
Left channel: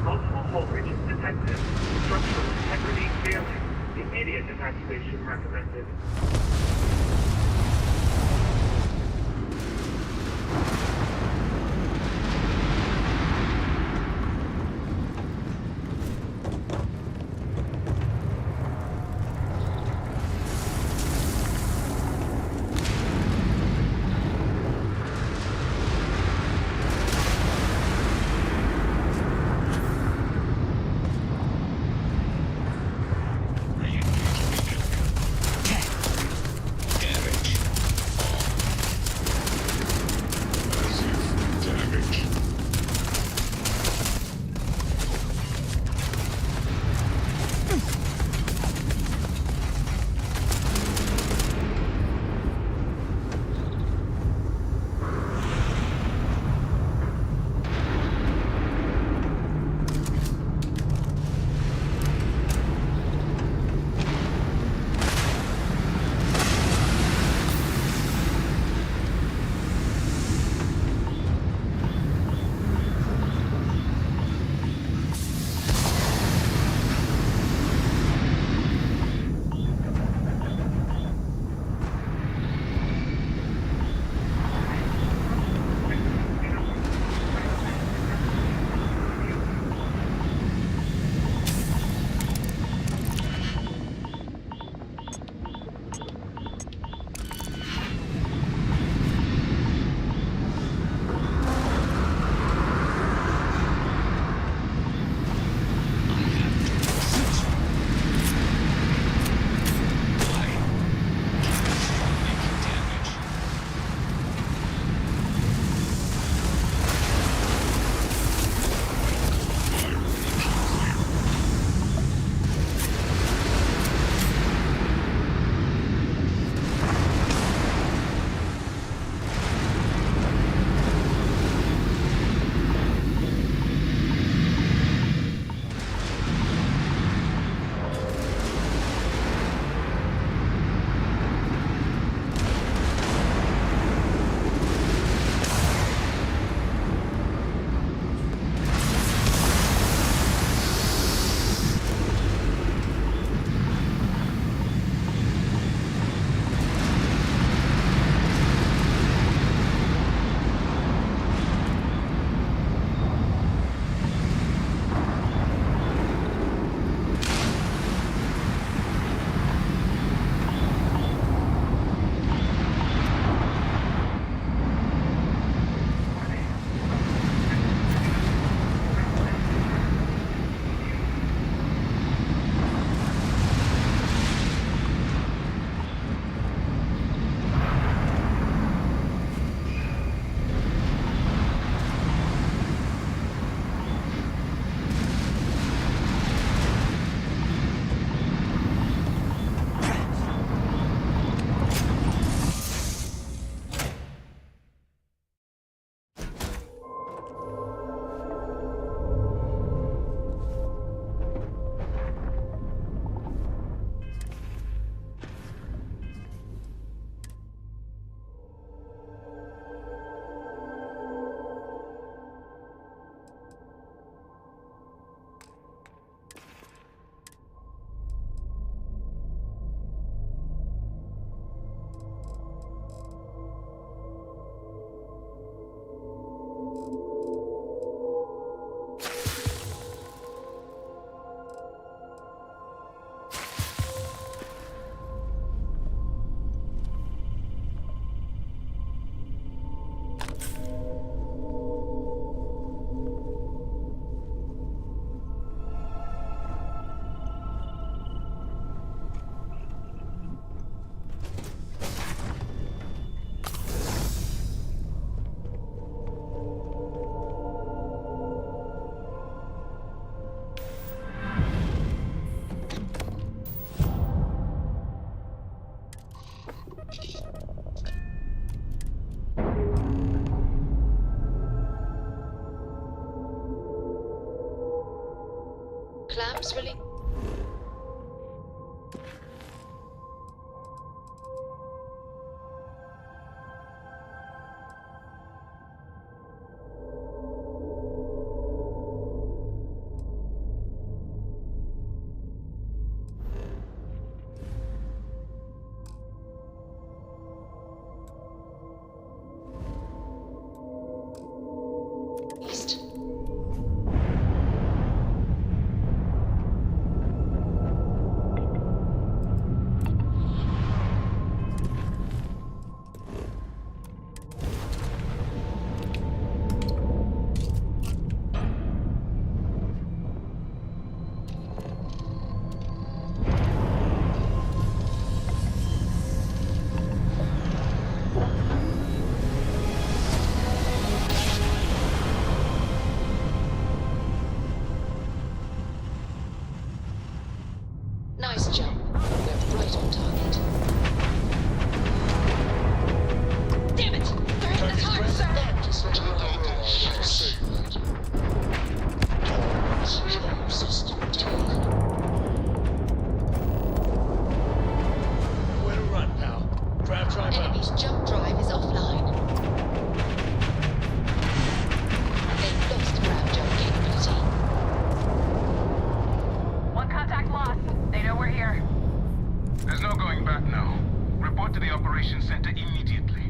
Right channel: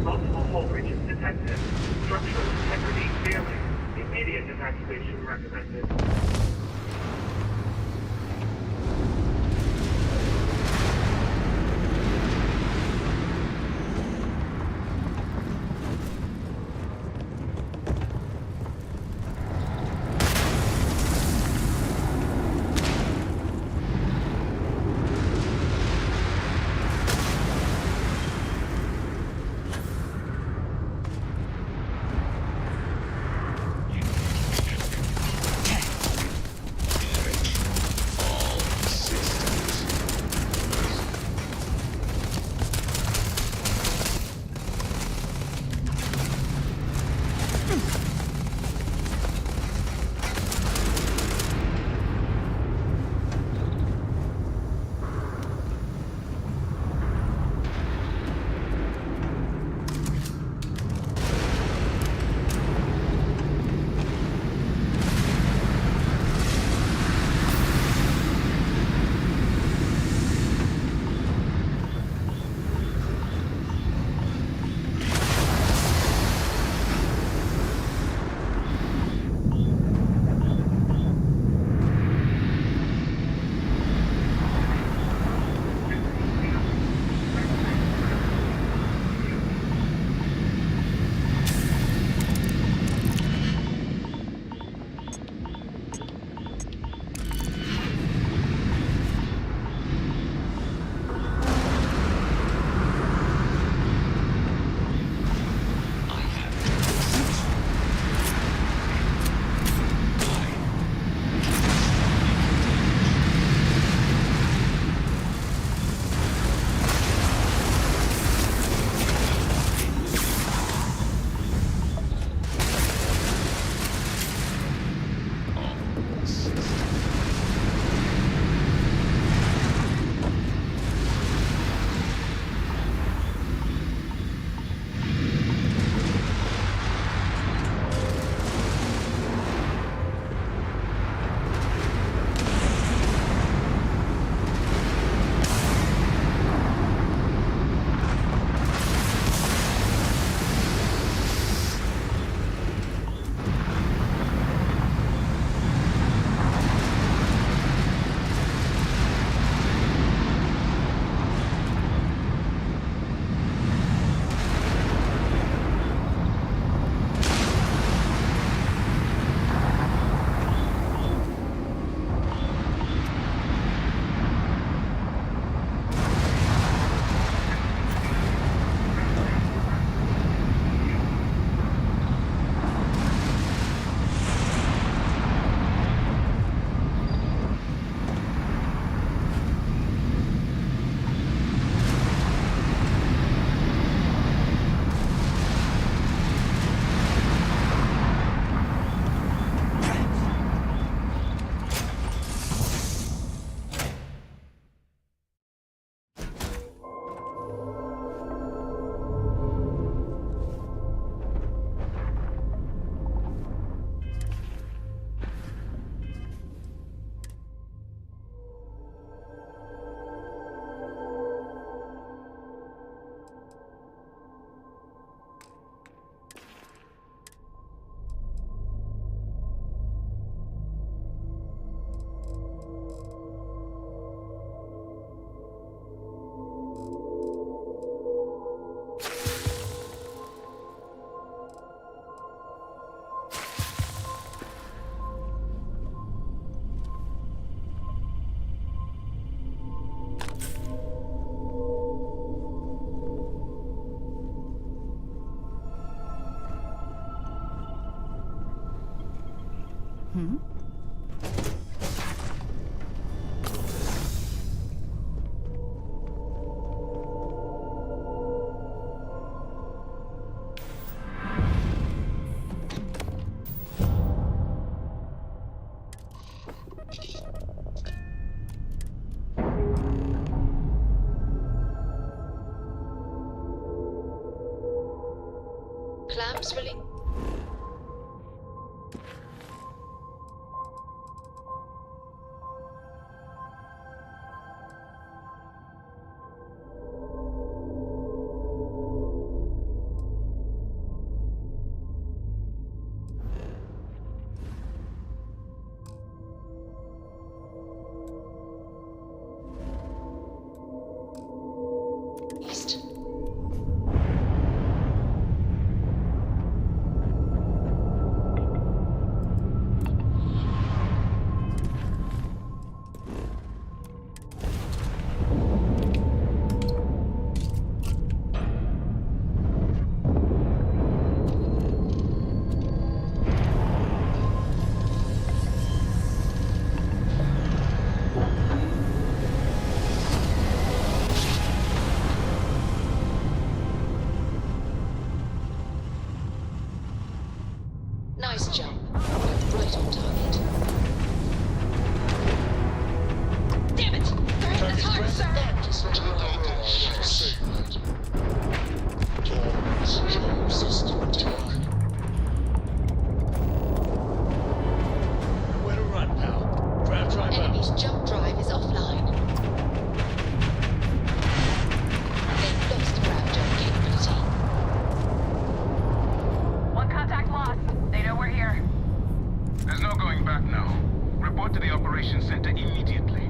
Multiple hull breaches detected. Structural integrity failing. Immediate evacuation recommended. Clamps really. Nice jump. We're right on target. Damn it! They're hitting us hard, sir! Nowhere to run, pal. Drive up. Enemy's jump drive is offline. They've lost grab jump capability. One contact lost. They know we're here. There's no going back now. Report to the operations center immediately.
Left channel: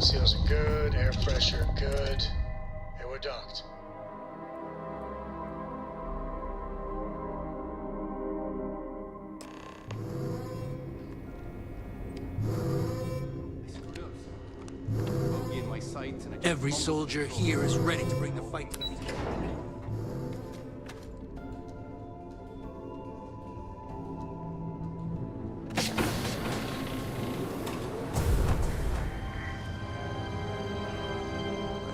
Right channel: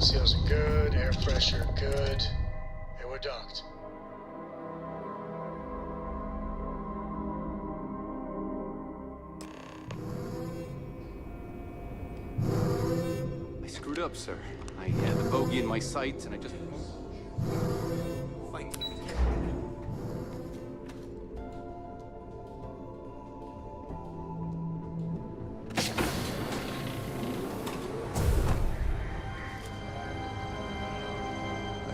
Seals are good, air pressure good. And we're docked. I screwed up, sir. I had the bogey in my sights and I just... Every soldier here is ready to bring the fight to the table.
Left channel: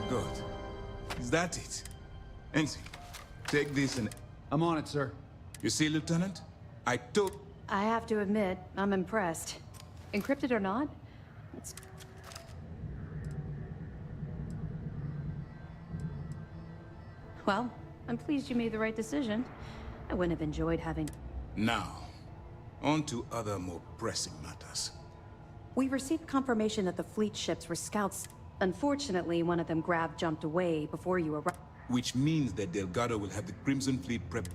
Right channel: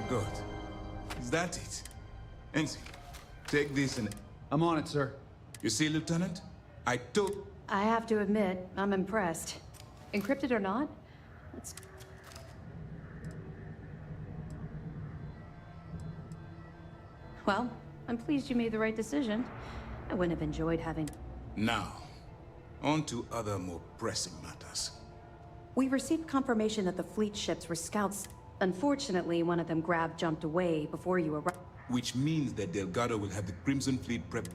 Good. Is that it? Ensign, take this and... I'm on it, sir. You see, Lieutenant? I told... I have to admit, I'm impressed. Encrypted or not, it's... Well, I'm pleased you made the right decision. I wouldn't have enjoyed having... Now, on to other more pressing matters. We received confirmation that the fleet ships were scouts. Unfortunately, one of them jumped away before you arrived. Which means that Delgado will have the Crimson Fleet prep...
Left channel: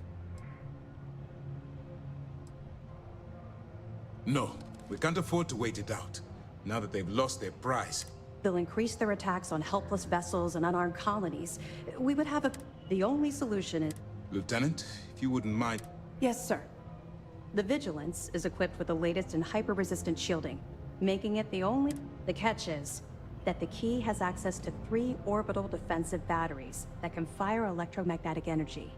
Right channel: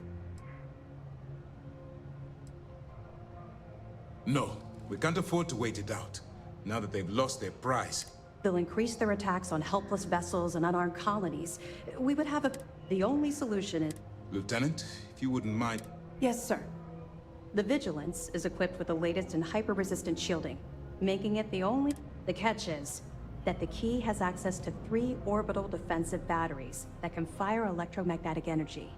No, we can't afford to wait it out. Now that they've lost their prize. They'll increase their attacks on helpless vessels and unarmed colonies. We would have a... The only solution is... Lieutenant, if you wouldn't mind... Yes, sir. The Vigilance is equipped with the latest in hyper-resistant shielding, making it the only... The catch is that the key has access to 3 orbital defensive batteries that can fire electromagnetic energy.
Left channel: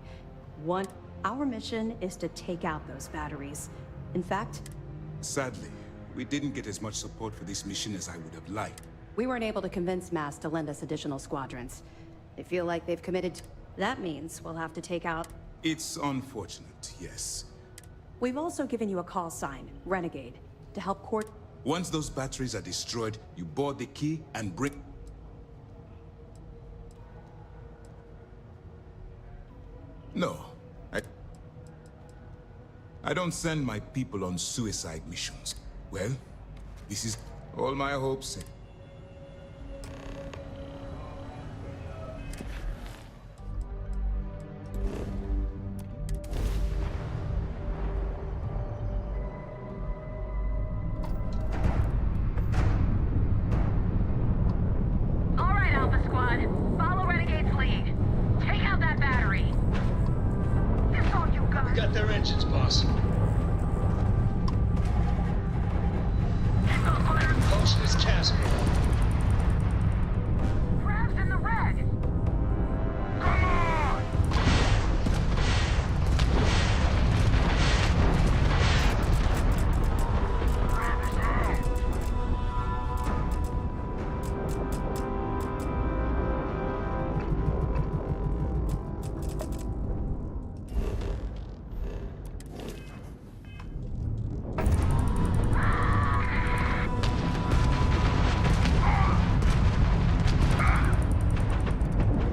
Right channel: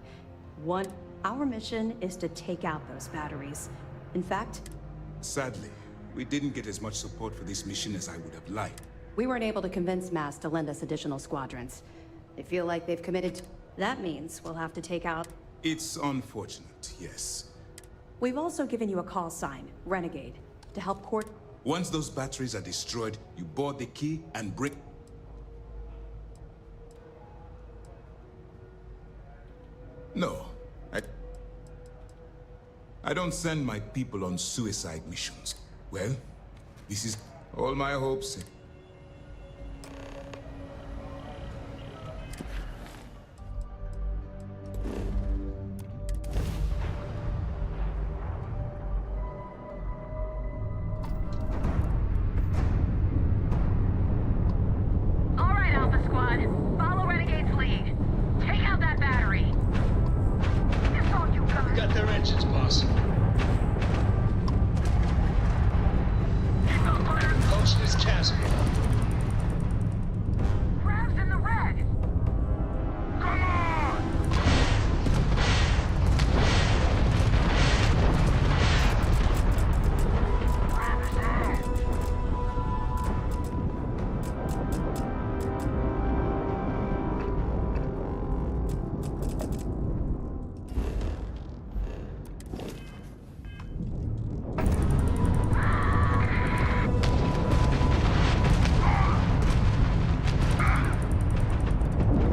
Our mission is to take out those batteries. In fact... Sadly, we didn't get as much support for this mission as I would have liked. We weren't able to convince MAS to lend us additional squadrons. They feel like they've committed to... That means we'll have to take out... It's unfortunate, yes. We've also given you a call sign, Renegade, to help court... Once those batteries are destroyed, you board the key and bring... No. I don't send my people on suicide missions. Well, this is all my hopes. All right, Alpha Squad. Follow Renegade's lead. Take out that battery. That's all you got. We got their engines, boss. Approach this chasm. Crab's in the red. Come on! Crab is there.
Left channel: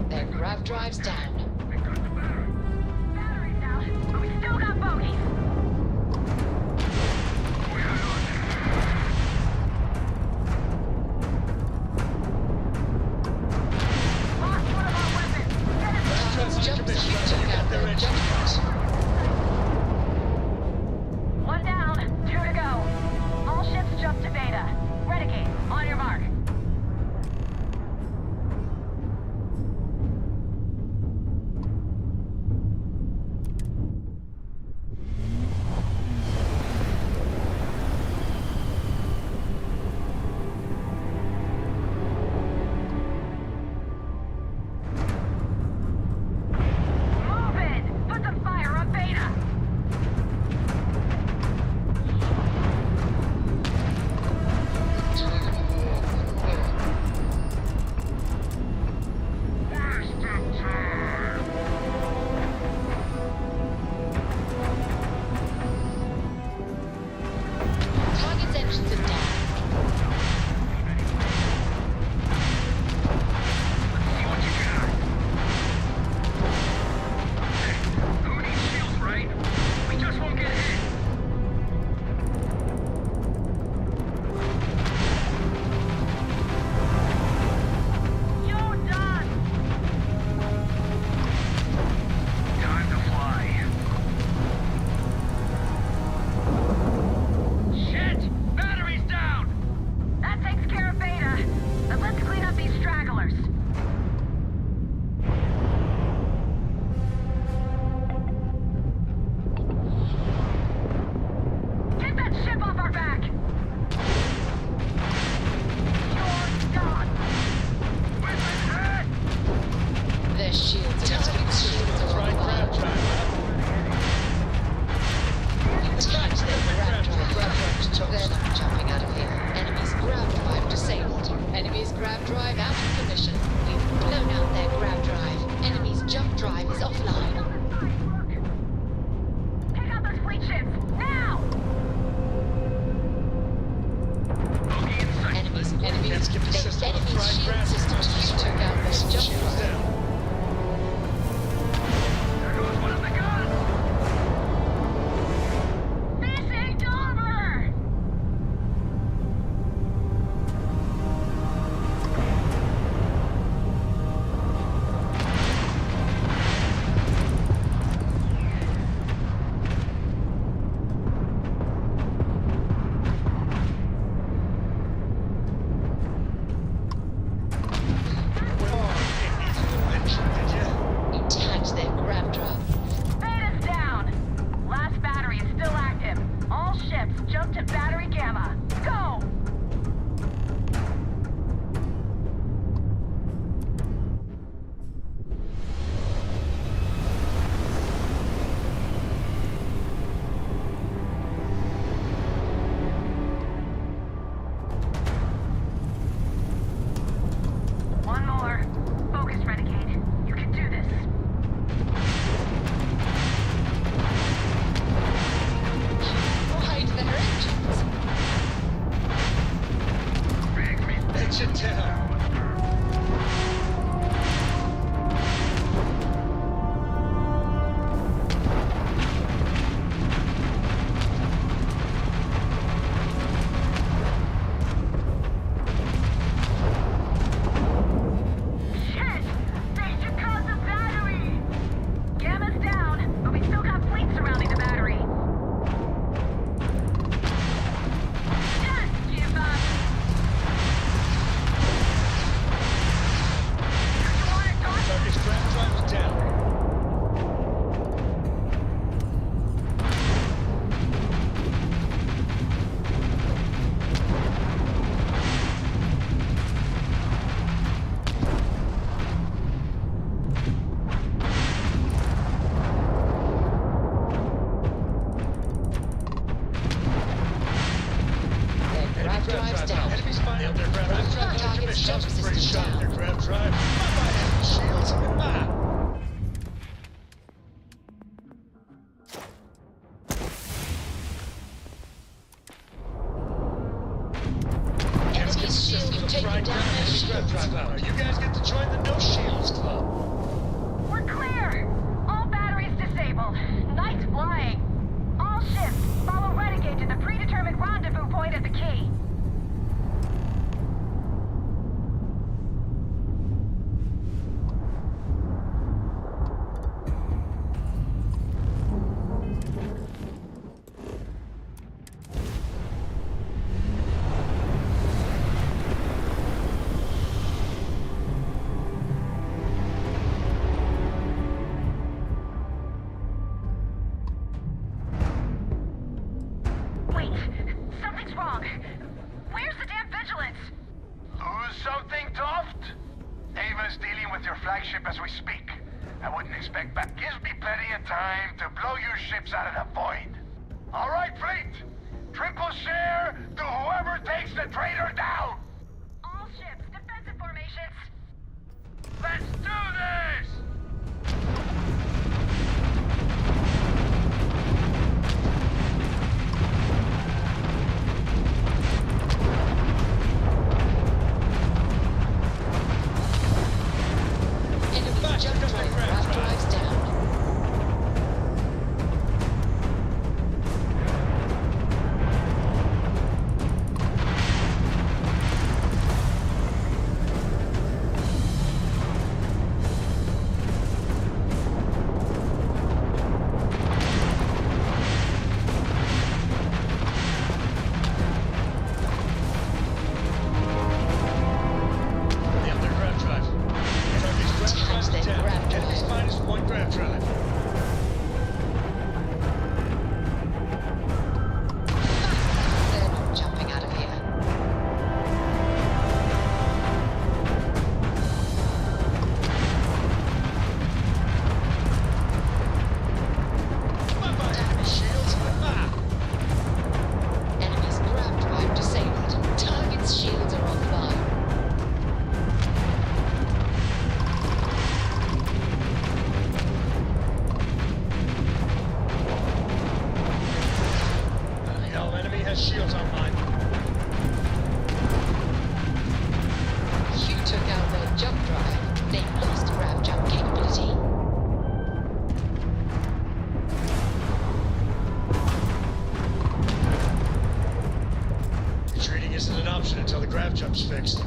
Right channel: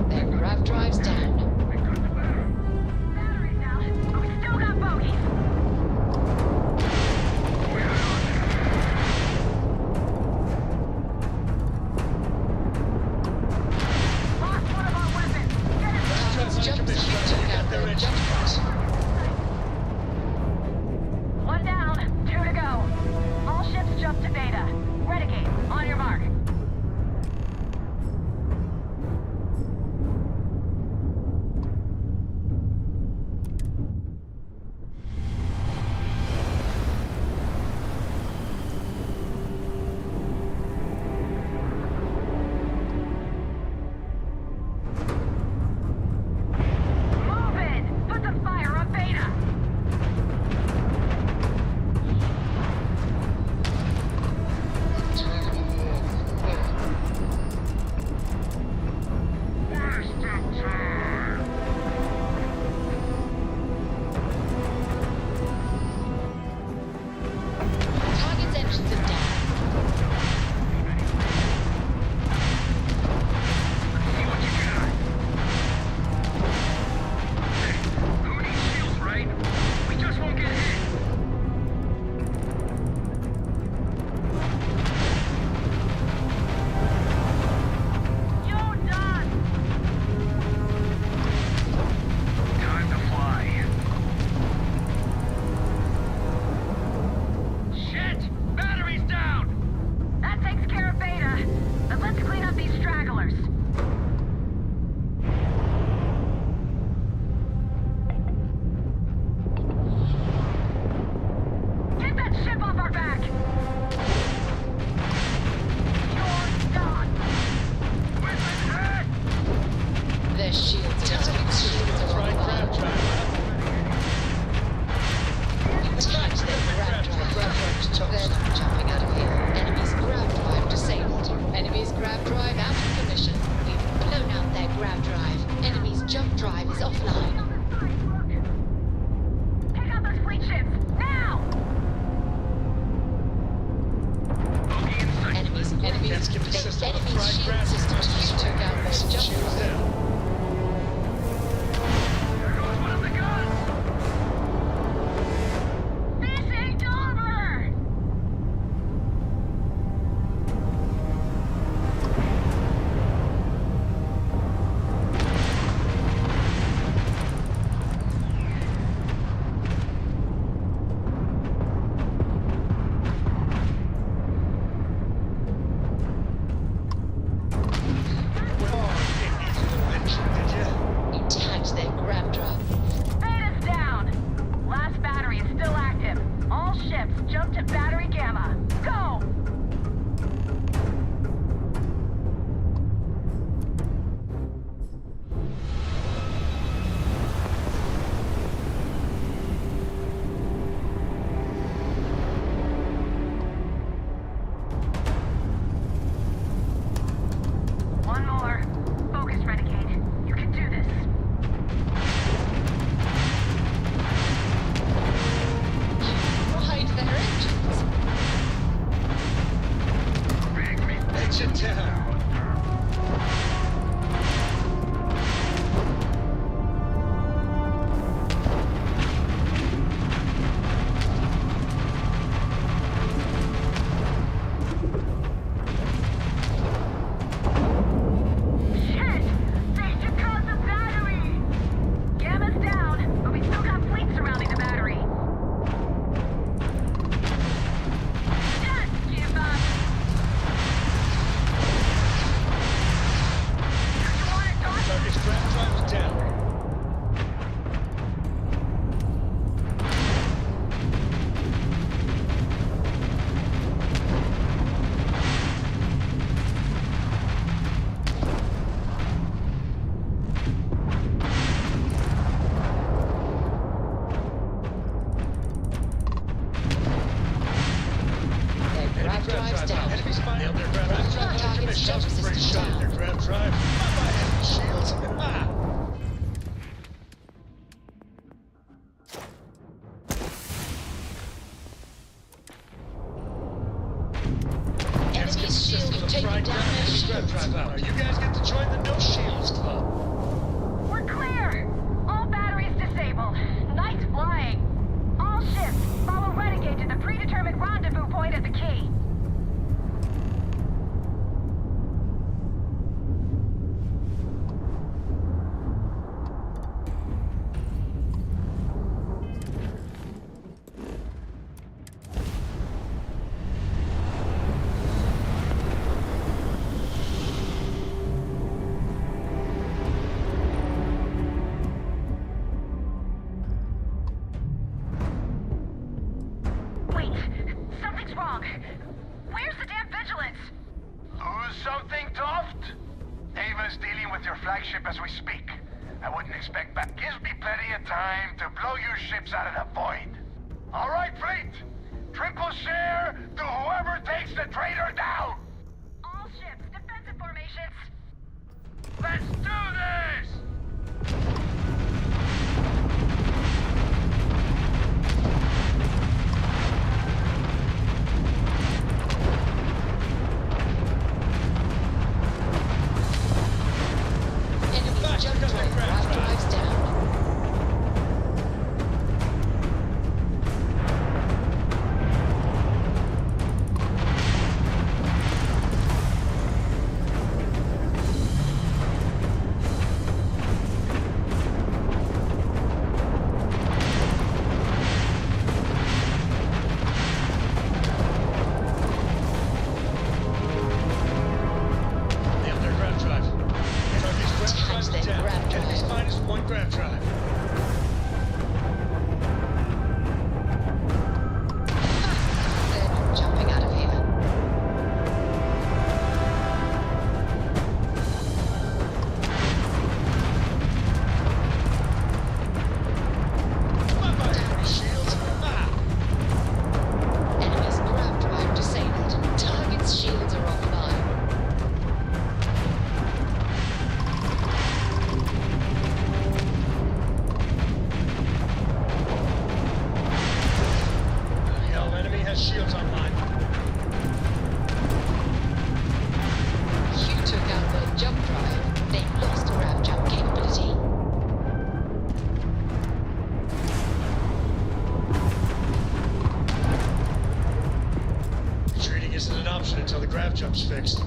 Their grav drive's down. Batteries out, but we still got bogeys. Lost one of our weapons. Get it back. Jump took out their jump drives. One down, 2 to go. All ships jump to Beta. Renegade, on your mark. Move in! Put the fire on Beta! Target's engines are down. Who needs shields, right? We just won't get hit. You're done! Time to fly. Shit! Battery's down! That takes care of Beta. But let's clean up these stragglers. Get that ship off our back! You're done! Their shields are down. Shields are on fire. Attack their grav drive. They're not jumping out of here. Enemy's grav drive disabled. Enemy's grav drive out of commission. We've blown out their grav drive. Enemy's jump drive is offline. Take out those fleet ships! Now! Enemies system of enemy's fried shield grass systems thrusters. took out their jump Shields drive. down. There goes one of the guns! This ain't over! You tagged their grav drive. Beta's down! Last battery is still active. All ships jump to battery Gamma. Go! One more. Focus, Renegade. You can do this. Ride their engines. Engine down. drive. Bye-bye, enemy shields. Ah! Enemy's shield taking down their shields. You guys get to join the No Shields Club. We're clear! All batteries disabled. Night flying. All ships, follow Renegade to the predetermined rendezvous point at the key. Wait, something's wrong. Where's the damn vigilance? Lose something, Toft? Ava's dealing with your flagship as we speak. I wouldn't expect that. Gives me plenty of time to blow your ships out of the void. All right, fleet. Triple share to whoever takes the traitor down. All ships, defensive formations. Let's do this! Enemy's jump drive grav drives down. Yeah, their grav drive. Enemy's grav drive's their down. grav drive. Enemy's -1 grav drive. They're not jumping out of here. Bye-bye, enemy shields. Ah! Enemy's grav drive disabled. Target's shields are offline. Hell, enemy has shields online. You took out their jump drive. They lost grav jump capability. Retreating isn't an option until the grav jump's fixed.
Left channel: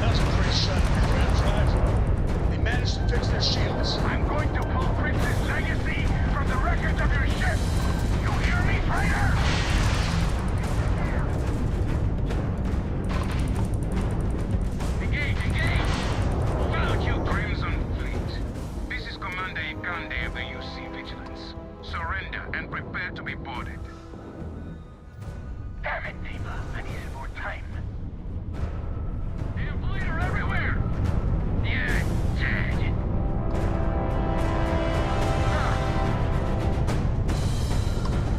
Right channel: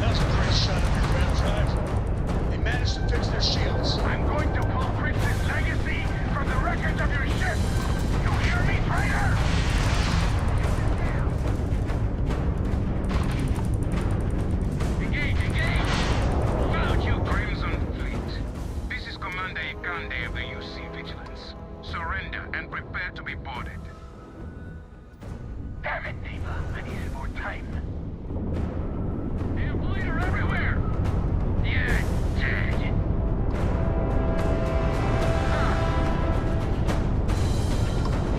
That was a great shot of your grav drive. They managed to fix their shields. I'm going to pull Prince's legacy from the records of your ship. You hear me, traitor? Engage, engage! Salute you, Crimson Fleet. This is Commander Ikande of the UC Vigilance. Surrender and prepare to be boarded. Damn it, Ava. I needed more time. Damn bleeder everywhere! Yeah, dead.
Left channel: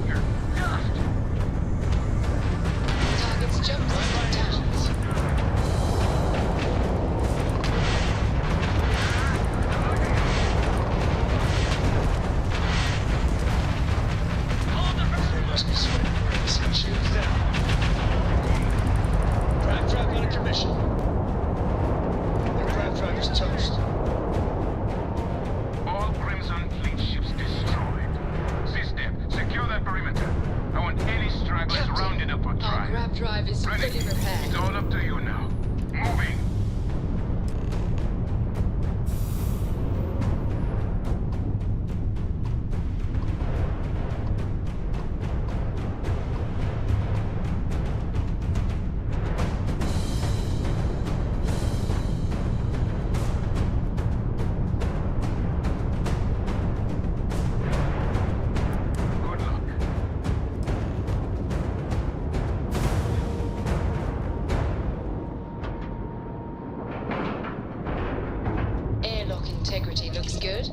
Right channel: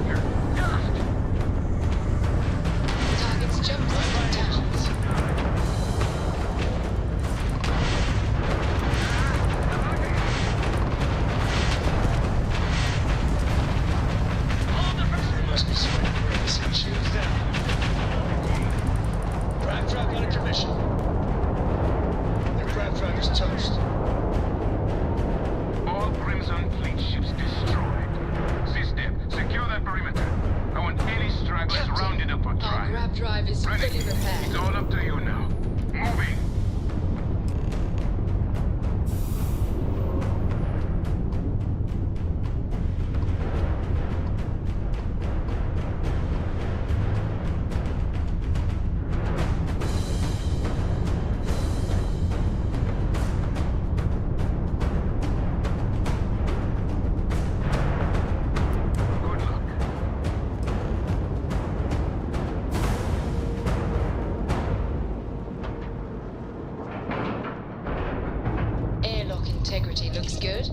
You're dust! Target's jump drive down. They must be sweating bricks. Shields down. Grav drive out of commission. Their grav drive is toast. All Crimson Fleet ships destroyed. System, secure that perimeter. I want any stragglers Captain, rounded up for our trial. grav drive is Renegade, fully repaired. it's all up to you now. Moving. integrity looks good.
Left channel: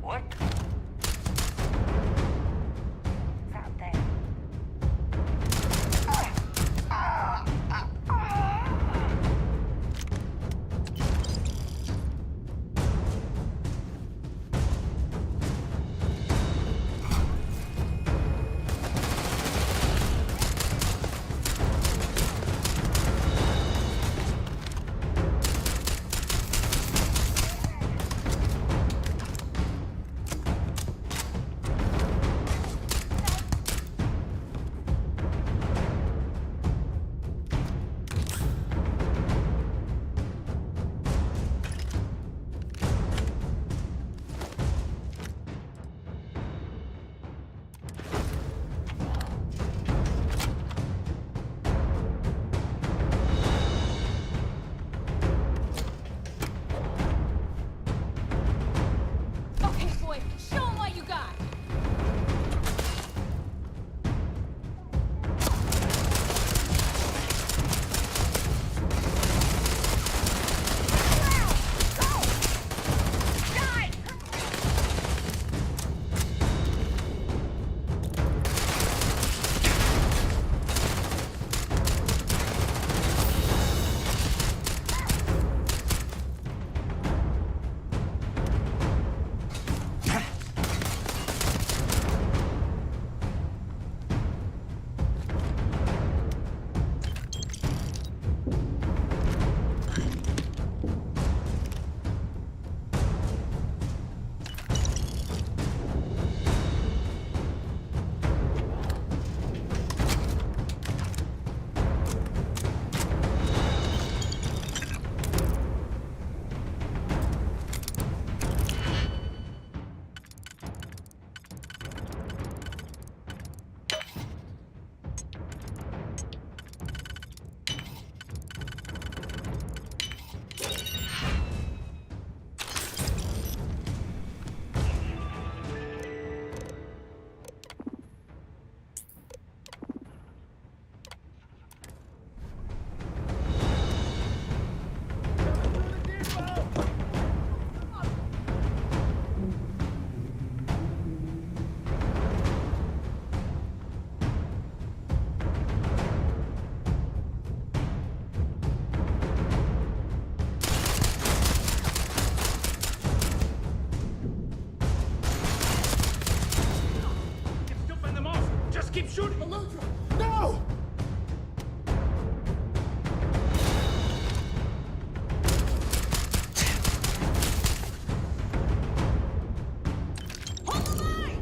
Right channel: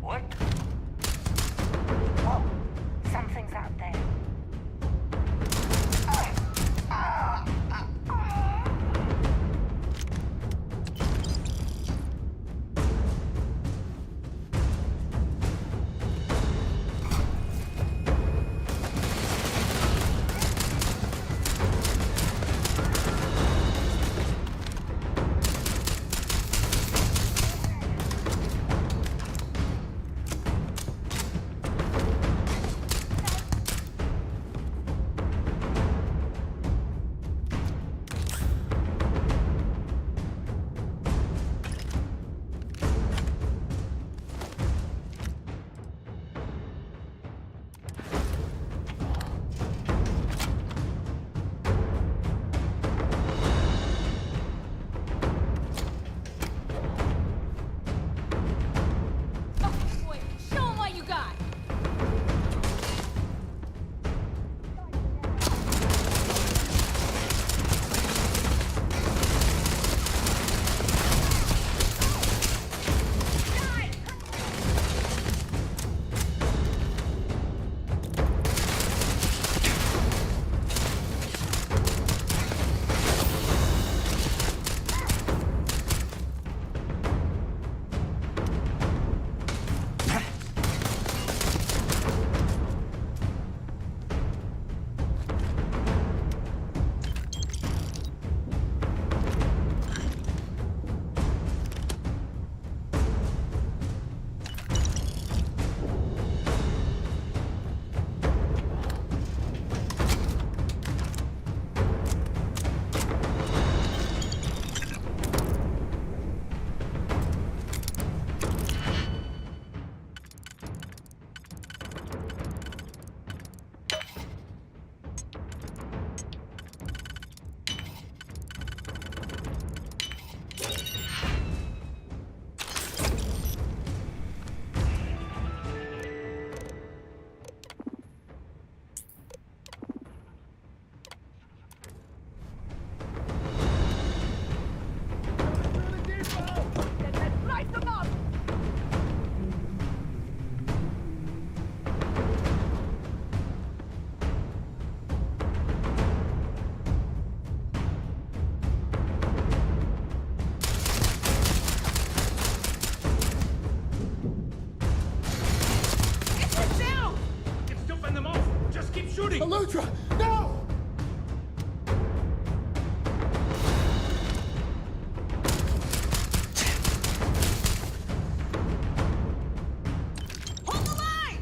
What? Oh, something's out there. Okay, boy, show 'em what you got. Keep shooting! Elutra! No! Hold the line!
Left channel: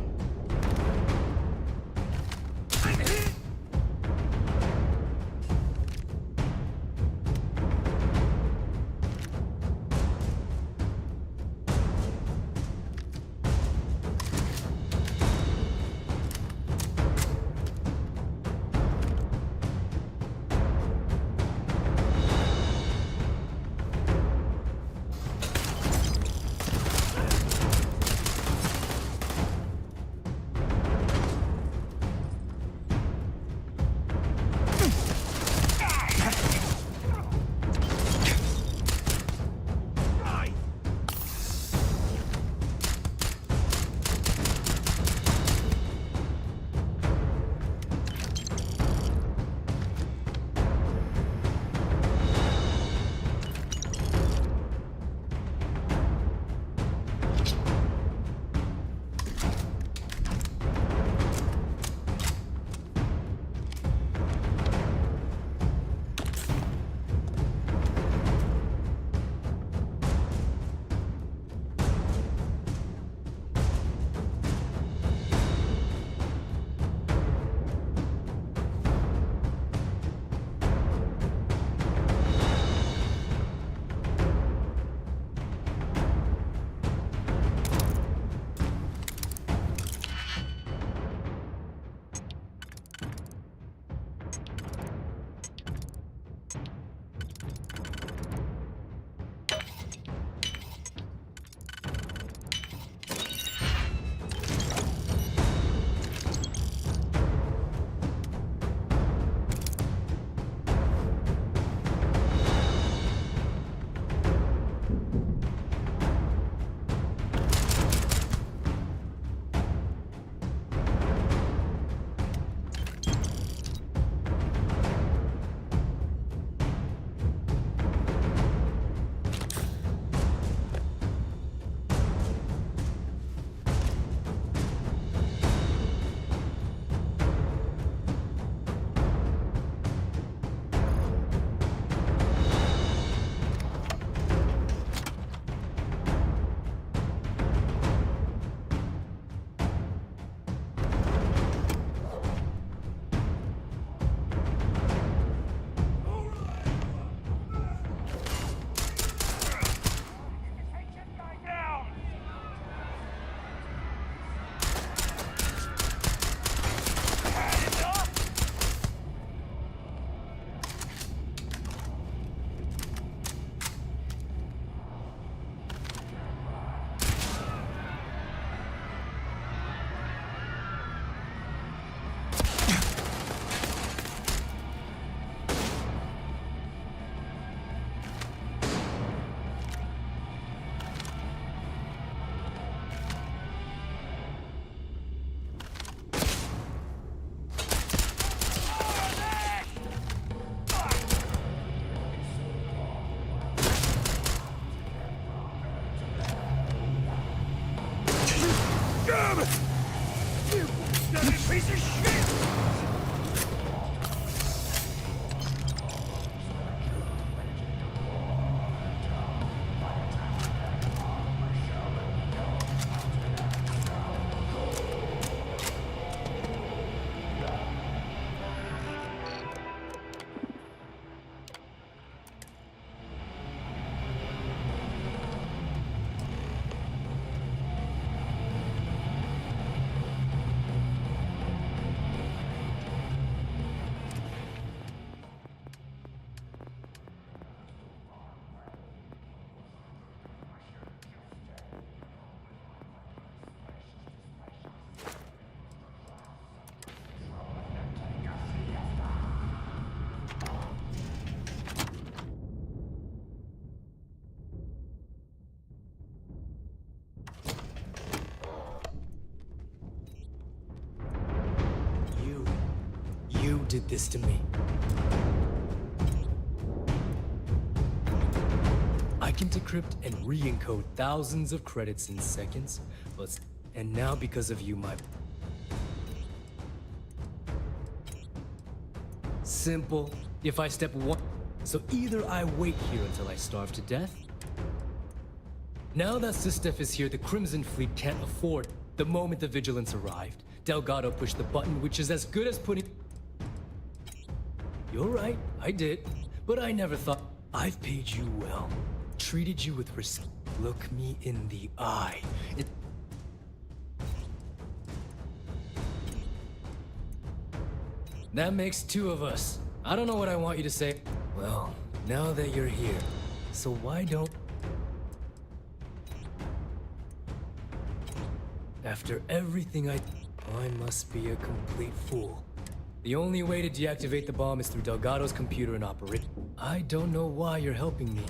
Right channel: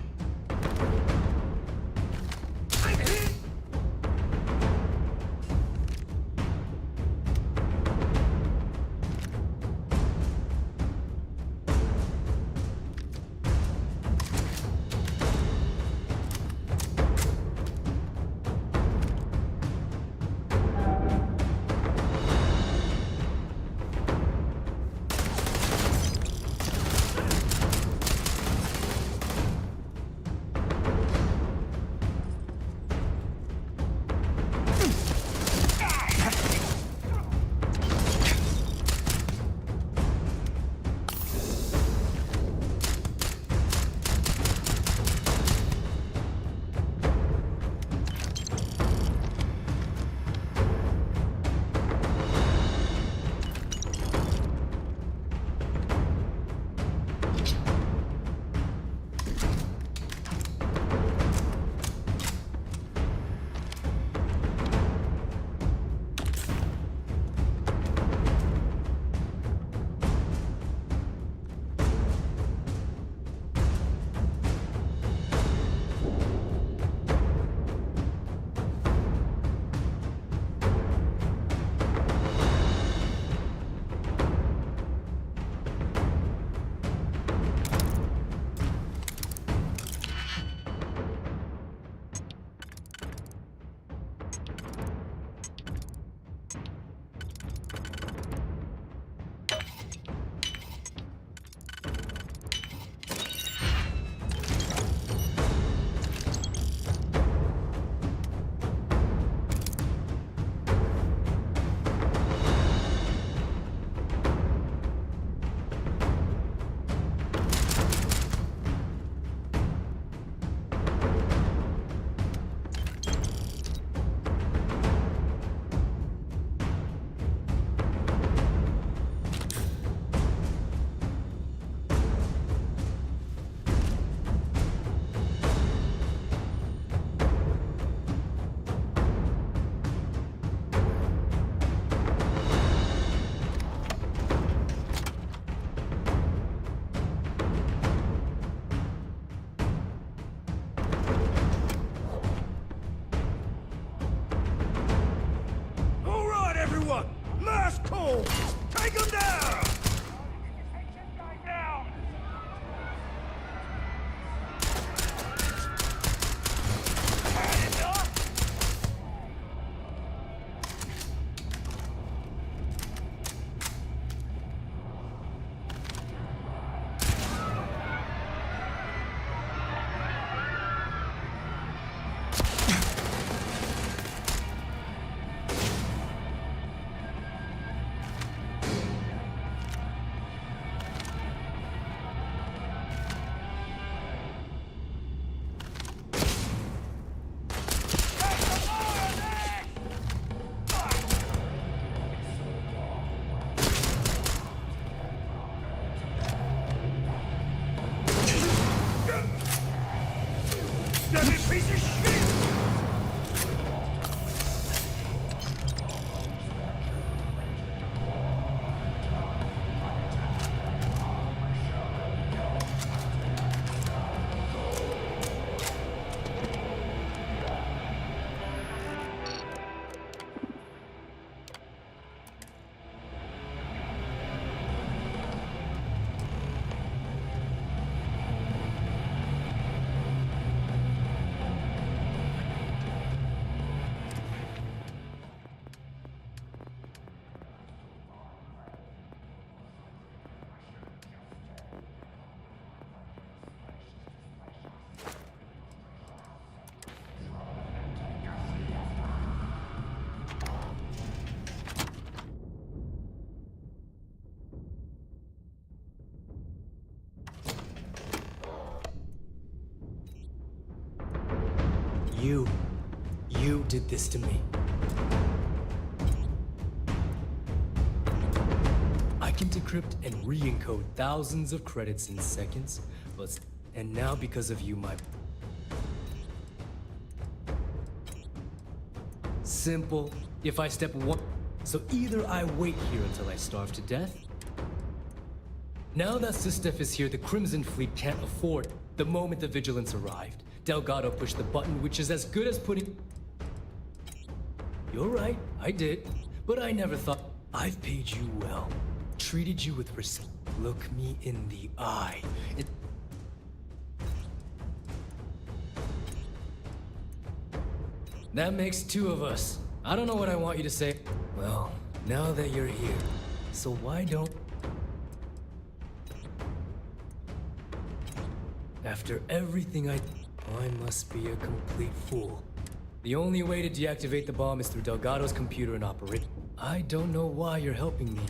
piece of shit! You did this to me. I can decrypt and re-encode thousands of credits in seconds, and now because of you, Simple. If I step one... So either I wait here until I starve to death. Now that Sistef is here, the Crimson Fleet can't afford. The moment the Vigilance arrived, Delgado pushed the button, which is as good as putting... You're right, I did. But I never thought... I've paid you well. Treated you with respect. Look me in the eye. That makes two of us. I don't know what I want you to say. Well, now that you're here, so why don't... After everything I must be a complete fool. The only way to deactivate the bomb is through Delgado's computer and operate. I don't know why you're helping me.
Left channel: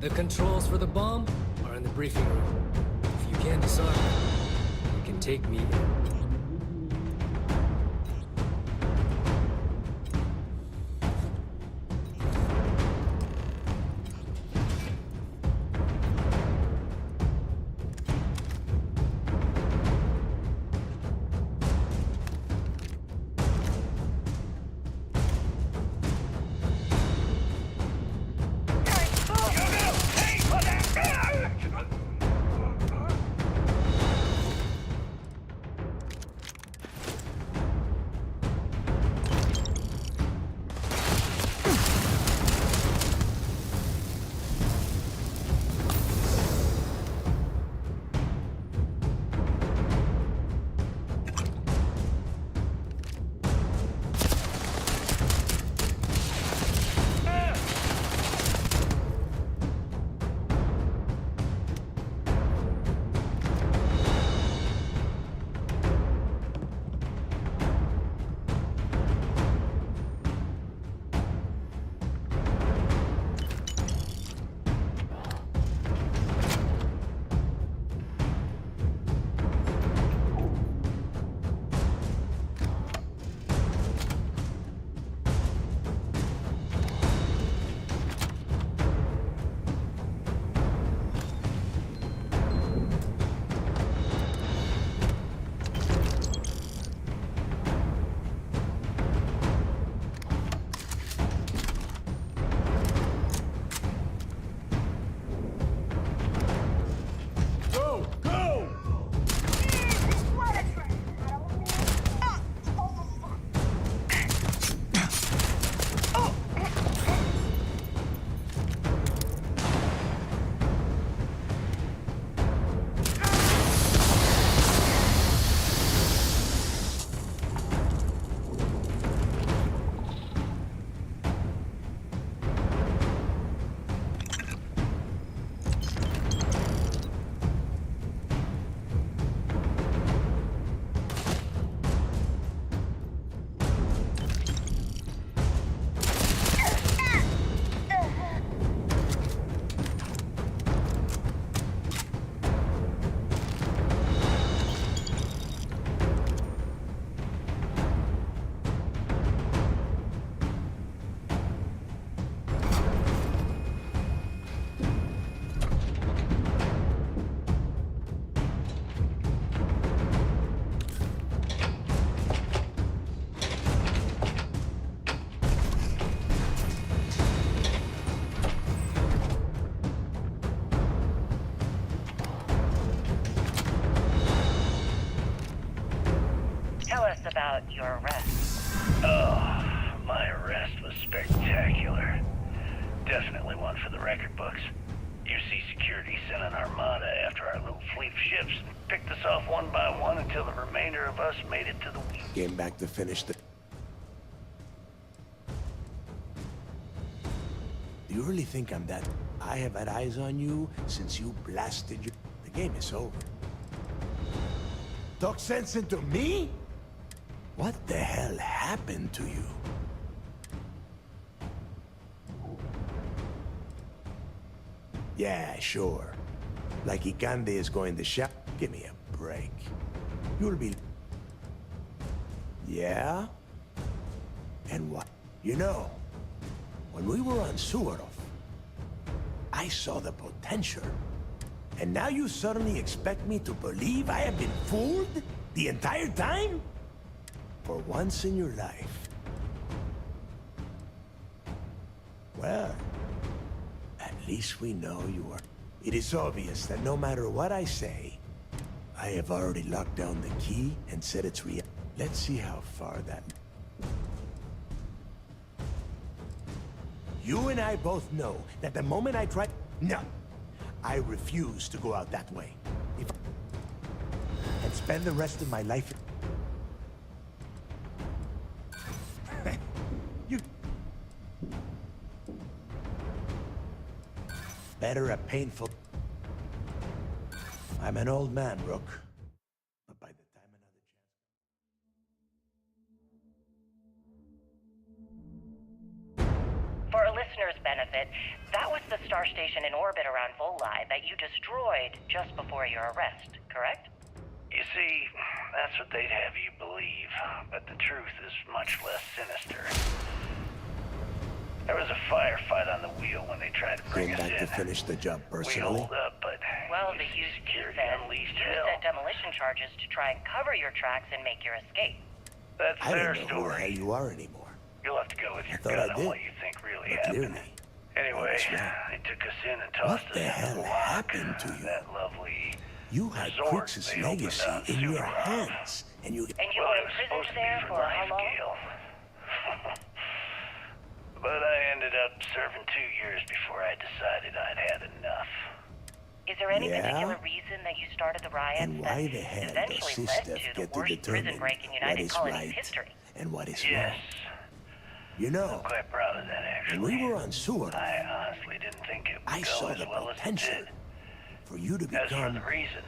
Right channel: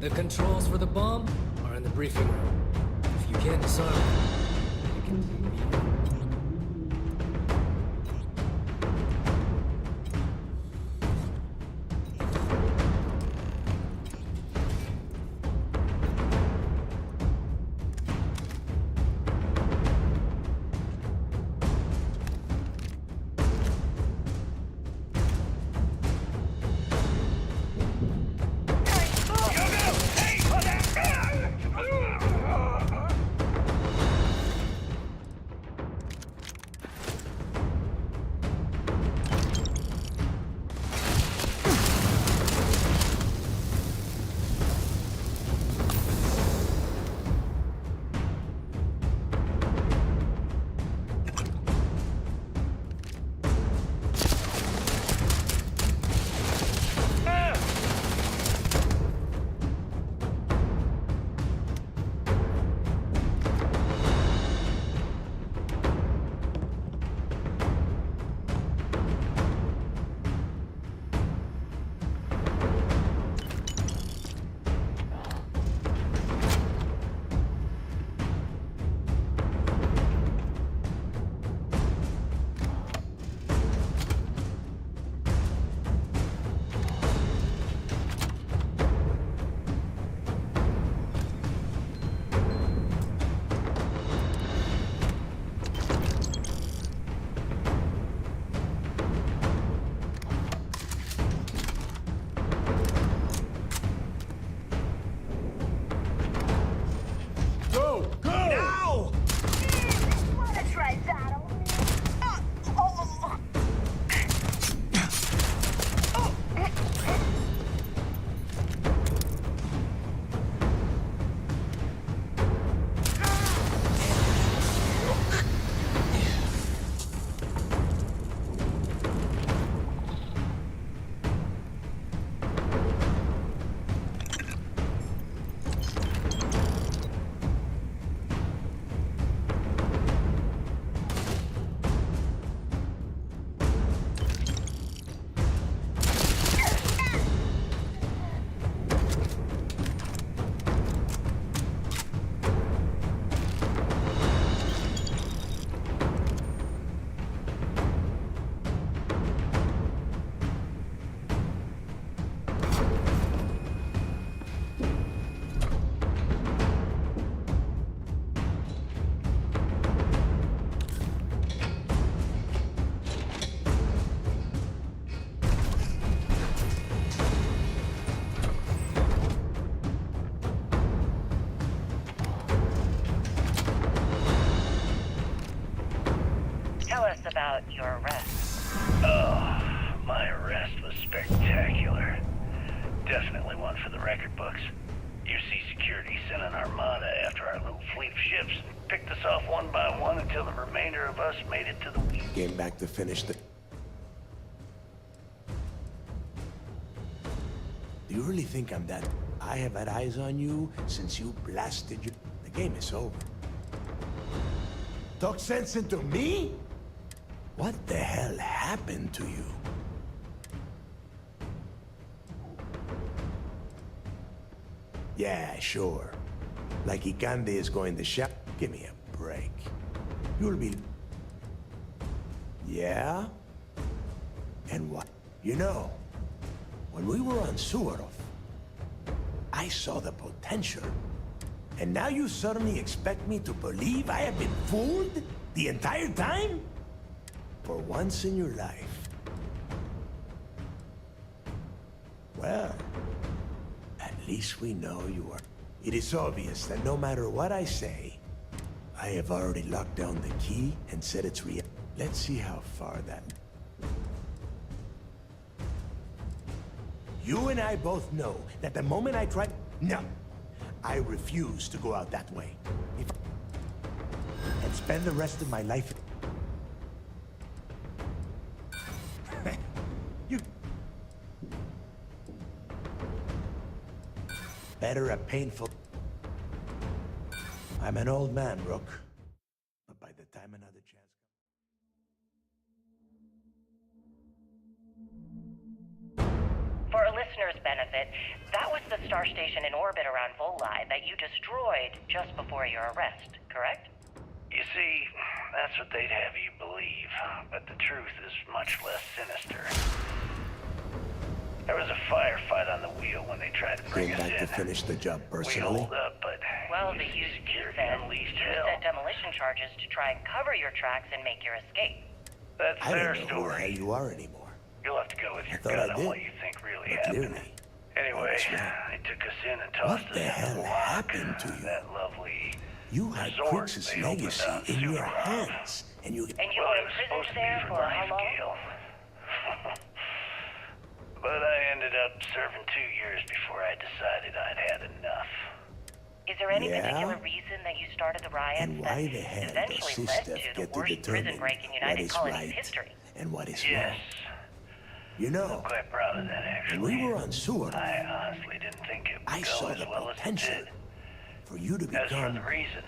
The controls for the bomb are in the briefing room. If you can disarm it, you can take me in. Tell us about your arrest. Oh, my arrest was spectacular. Definitely one for the record books. UC security sent an armada after our little fleet of ships and picked us off one by one until the remainder of us made it to the wheel. Came back to finish the... Do you really think I'm that... I have had eyes on you since you blasted your... The game is over. Talk sense into me? What the hell happened to you? Yeah, sure. Like Ikande is going to shop. Give me a break. You'll be... Yeah? And what? You know, when we were on Suarov, I saw the potential. And now you suddenly expect me to believe I have been fooled the entire time? For once in your life. Well, at least we know you are. It is obvious that no matter what I say, I have already locked down the key and set its Let's see how far that... You and I both know that the moment I try... No. I refuse to go out that way. If and spend the rest of my life... You... Better a painful... I'm an old man, Rook. But by the time another chance... For a listener's benefit, that was the star station in orbit around Volai that you destroyed just before your arrest, correct? You see, that's what they'd have you believe, but the truth is much less sinister. There was a firefight on the wheel when they tried to bring us in. Came back to finish the job We personally? holed up, but Well, the UC says you set demolition charges to try and cover your tracks and make your escape. That's I their don't know who the hell story. you are anymore. You'll have to go with your thought gut I on did. what you think really But happened. clearly, Anyway, that's right. they took us in and What tossed us the into hell the lock. happened to you? That lovely You had resort Crix's they opened legacy on in your Suvarov. hands, and you... And you Well, were it was imprisoned supposed to be there for for life, how long? Gale. But I ended up serving 2 years before I decided I'd had enough. Is there any Yeah? particular reason that you started the riots And that why the hell does eventually led Sistef to the get to worst prison determine break in what United is Colonies right history? and what is Yes, wrong? You know, I'm quite proud of that, actually. when we were on Suarov, I honestly didn't think it would I go saw as the well potential as it did. for you to As for become the reason,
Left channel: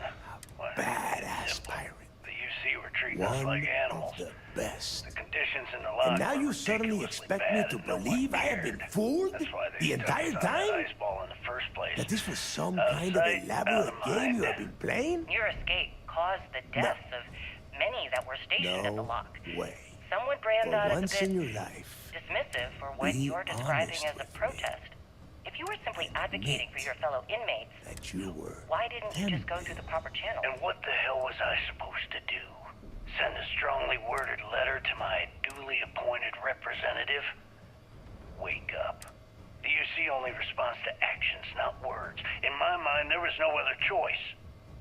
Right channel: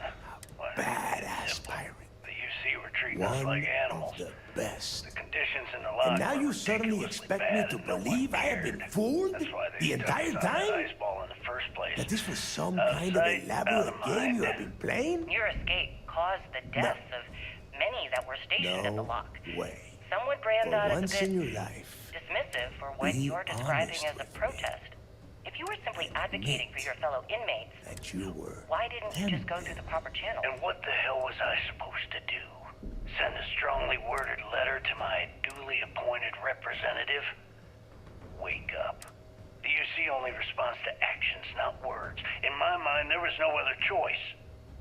well, badass simple. pirate. The UC were treating us One like of animals. the best. The conditions in the lock And now were you suddenly ridiculously expect me bad to and no one believe I have been cared. fooled That's why they the stuck entire us on that time? ice ball in the first place. That this was some Out of kind of sight, out elaborate of game you mind. have been playing? Your escape caused the deaths of many that were stationed at the No lock. way. Some would brand For that as a once bit in your life, dismissive for what be you're describing honest as a with me. protest. If you were simply advocating for your fellow inmates, that you were why didn't you just go through the proper channel? And what the hell was I supposed to do? Send a strongly worded letter to my duly appointed representative? Wake up. The UC only responds to actions, not words. In my mind, there was no other choice.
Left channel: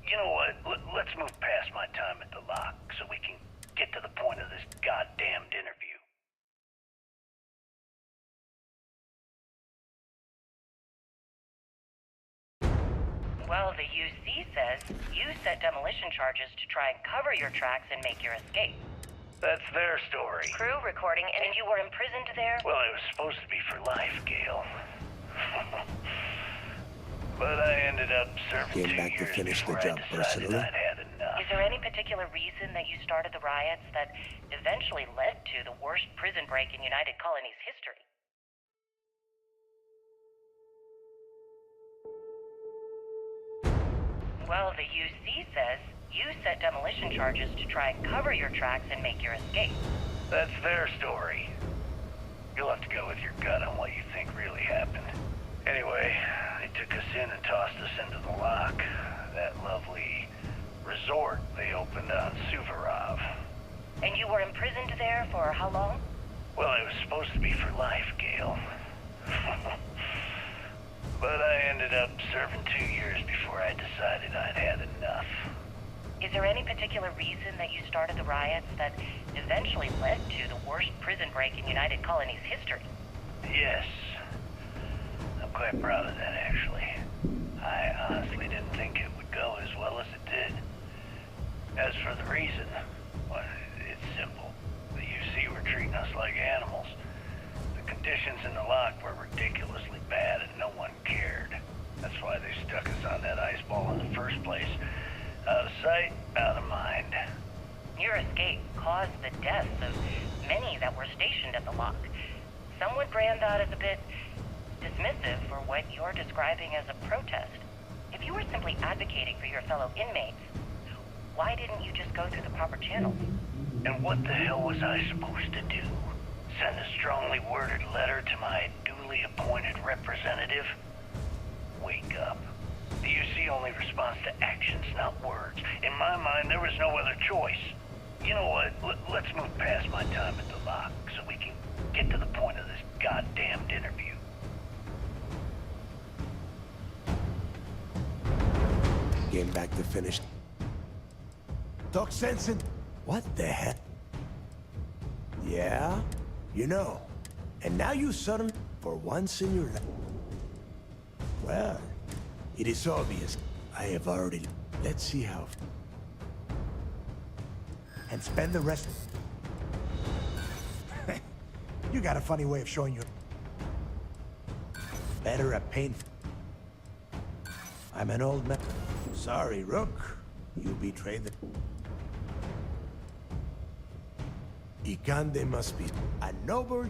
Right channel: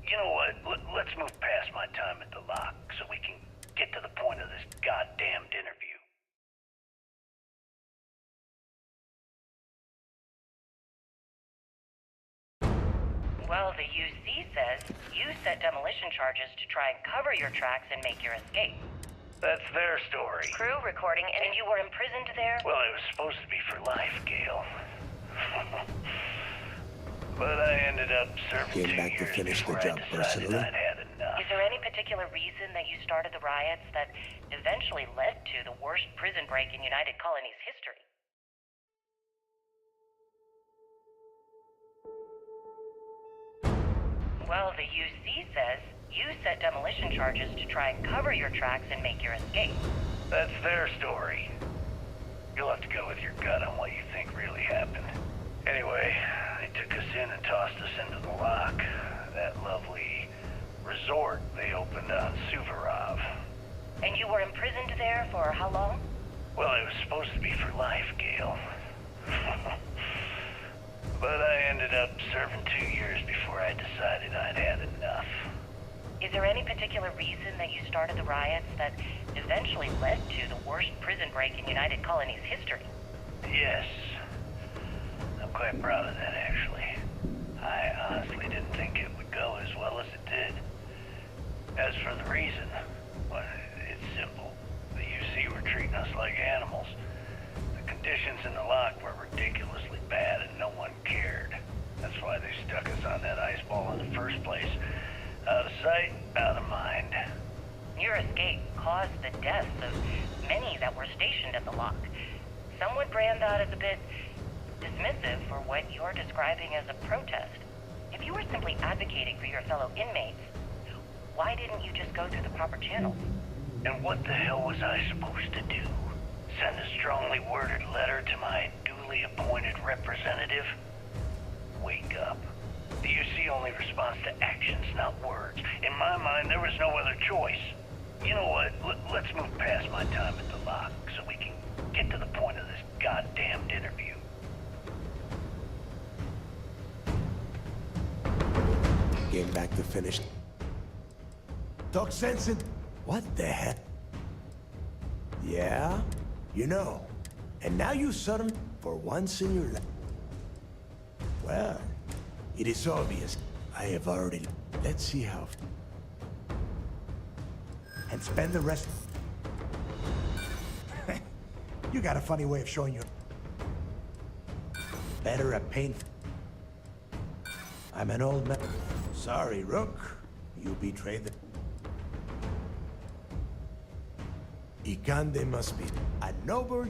You know what? Let's move past my time at the lock so we can get to the point of this goddamned interview. Well, the UC says you set demolition charges to try and cover your tracks and make your escape. That's their story. Crew recording, and you were imprisoned there? Well, it was supposed to be for life, Gale. But I ended up serving Came 2 back to years finish the before job I decided personally? I'd had enough. Is there any particular reason that you started the riots that eventually led to the worst prison break in United Colonies history? Well, the UC says you set demolition charges to try and cover your tracks and make your escape. That's their story. You'll have to go with your gut on what you think really happened. Anyway, they took us in and tossed us into the lock. That lovely resort they opened on Suvarov. And you were imprisoned there for how long? Well, it was supposed to be for life, Gale. But I ended up serving 2 years before I decided I'd had enough. Is there any particular reason that you started the riots that eventually led to the worst prison break in United Colony's history? Yes. I'm quite proud of that, actually. I honestly didn't think it would go as well as it did. As for the reason, well, it's simple. The UC were treating us like animals. The conditions in the lock were ridiculously bad and no one cared. That's why they stuck us on that ice ball in the first place. Out of sight, out of mind. Your escape caused the deaths of many that were stationed at the lock. Some would brand that as a bit dismissive for what you're describing as a protest. If you were simply advocating for your fellow inmates, why didn't you just go through the proper channels? And what the hell was I supposed to do? Send a strongly worded letter to my duly appointed representative? Wake up. The UC only responds to actions, not words. In my mind, there was no other choice. You know what? Let's move past my time at the lock so we can get to the point of this goddamned interview. Came back to finish. Talk sense and... What the heck? Yeah? You know. And now you suddenly, for once in your life... Well, it is obvious. I have already... Let's see how... And spend the rest... You got a funny way of showing your... Better at pain... I'm an old man. Sorry, Rook. You betrayed the... Ikande must be a noble...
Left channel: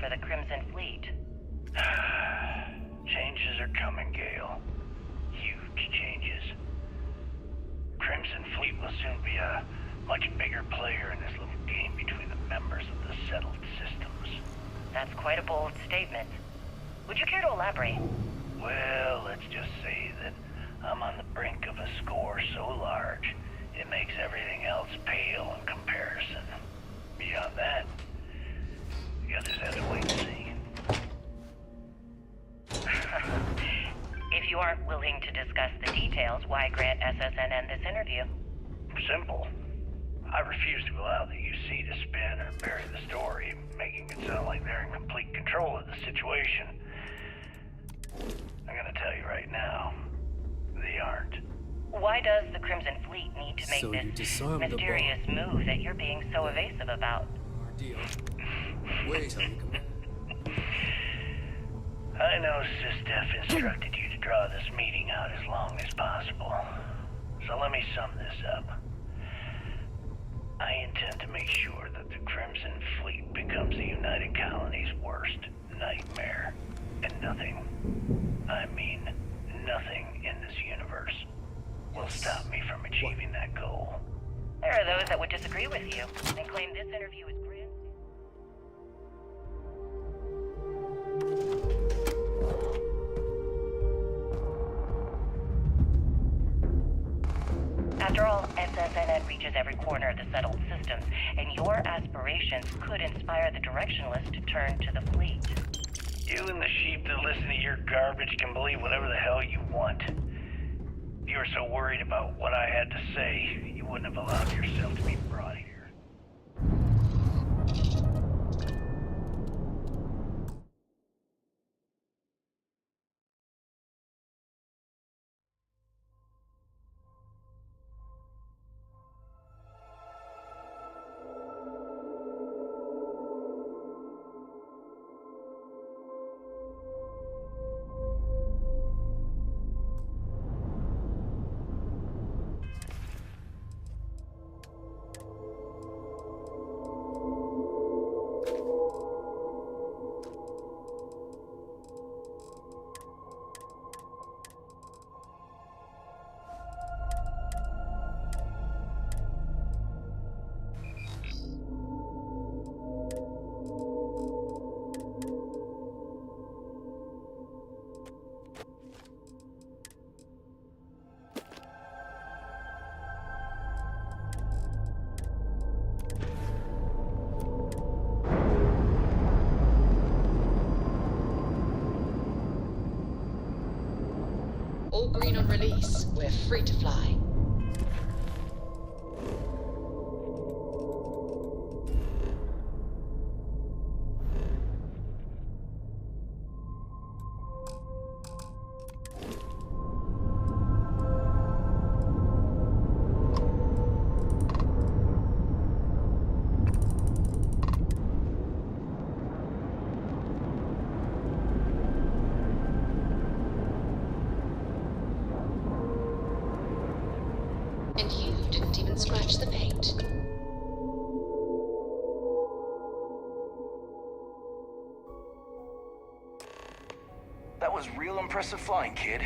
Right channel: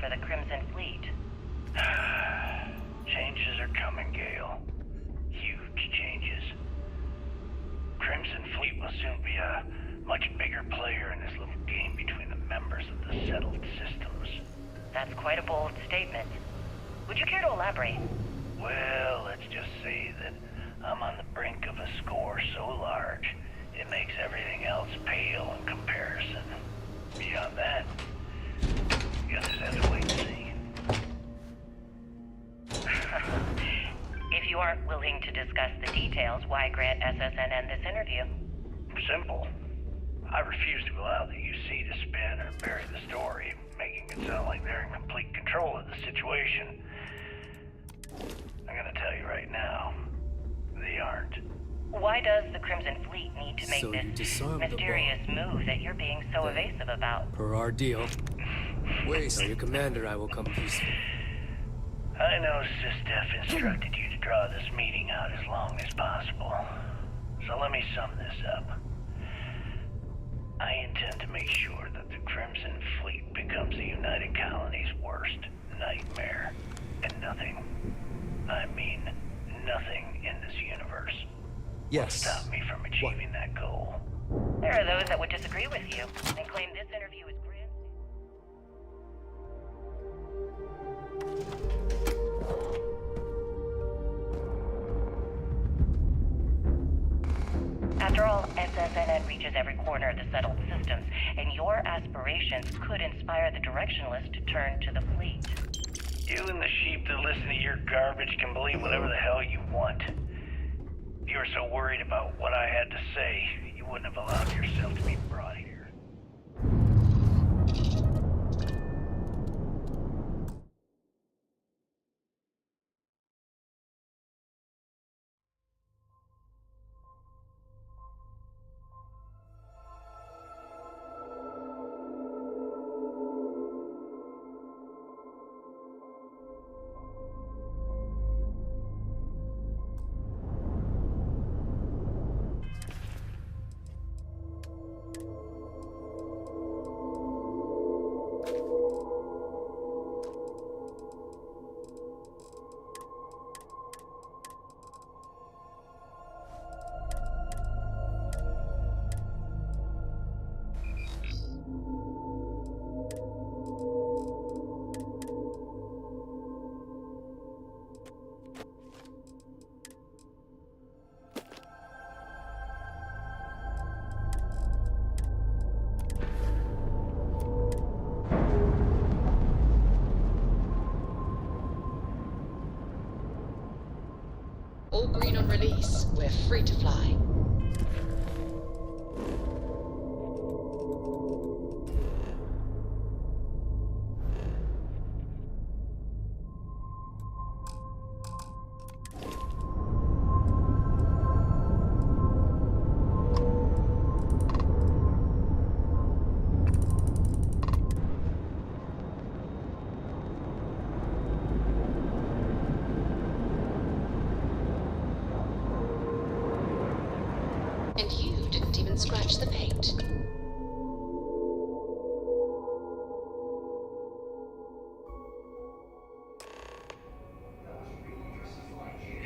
for the Crimson Fleet? Changes are coming, Gale. Huge changes. Crimson Fleet will soon be a much bigger player in this little game between the members of the settled systems. That's quite a bold statement. Would you care to elaborate? Well, let's just say that I'm on the brink of a score so large, it makes everything else pale in comparison. Beyond that, you others have to wait and see. If you aren't willing to discuss the details, why grant SSNN this interview? Simple. I refuse to allow the UC to spin or bury the story, making it sound like they're in complete control of the situation. I'm gonna tell you right now, they aren't. Why does the Crimson Fleet need to make So you this disarmed the mysterious move that you're being so evasive about? Per our deal. Wait, tell your commander I will come visit. I know SysDef instructed you to draw this meeting out as long as possible. So let me sum this up. I intend to make sure that the Crimson Fleet becomes the United Colony's worst nightmare. And nothing, I mean nothing in this universe will stop me from achieving that goal. There are those that would disagree with you and claim this interview is grand. After all, SSNN reaches every corner of the settled systems, and your aspirations could inspire the Directionalists to turn to the fleet. You and the sheep that listen to your garbage can believe whatever the hell you want. If you were so worried about what I had to say, you wouldn't have allowed yourself to be brought here. All green on release. We're free to fly. And you didn't even scratch the paint. That was real impressive flying, kid.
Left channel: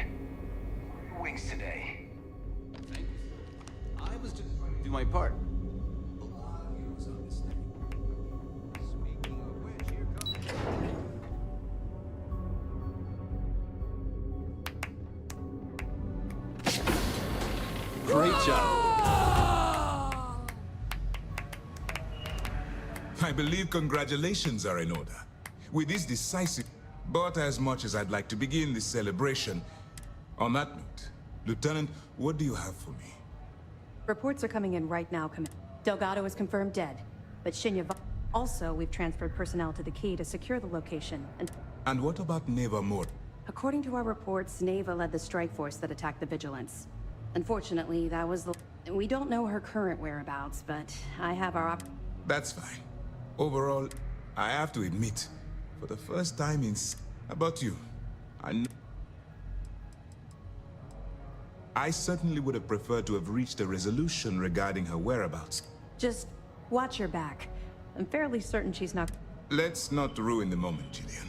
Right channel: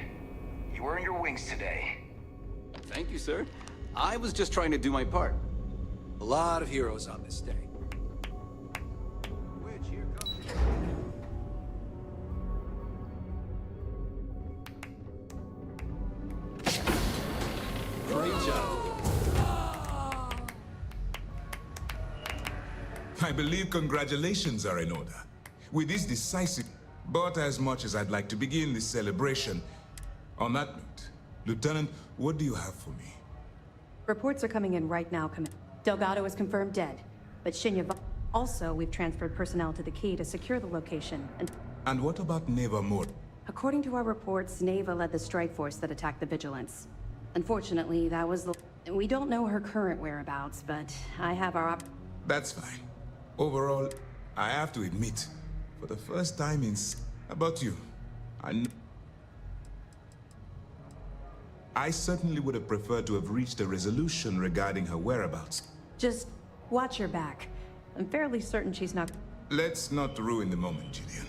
You earned your wings today. Thank you, sir. I was just trying to do my part. A lot of heroes on this day. Speaking of which, here comes... Great job. I believe congratulations are in order. With this decisive, but as much as I'd like to begin this celebration, on that note, Lieutenant, what do you have for me? Reports are coming in right now, Delgado is confirmed dead, but Shinya... Also, we've transferred personnel to the Key to secure the location, And what about Neva Moore? according to our reports, Neva led the strike force that attacked the Vigilance. Unfortunately, that was the... We don't know her current whereabouts, but I have our... That's fine. Overall, I have to admit, for the first time in... About you, I certainly would have preferred to have reached a resolution regarding her whereabouts. Just watch your back. I'm fairly certain she's not... Let's not ruin the moment, Gillian.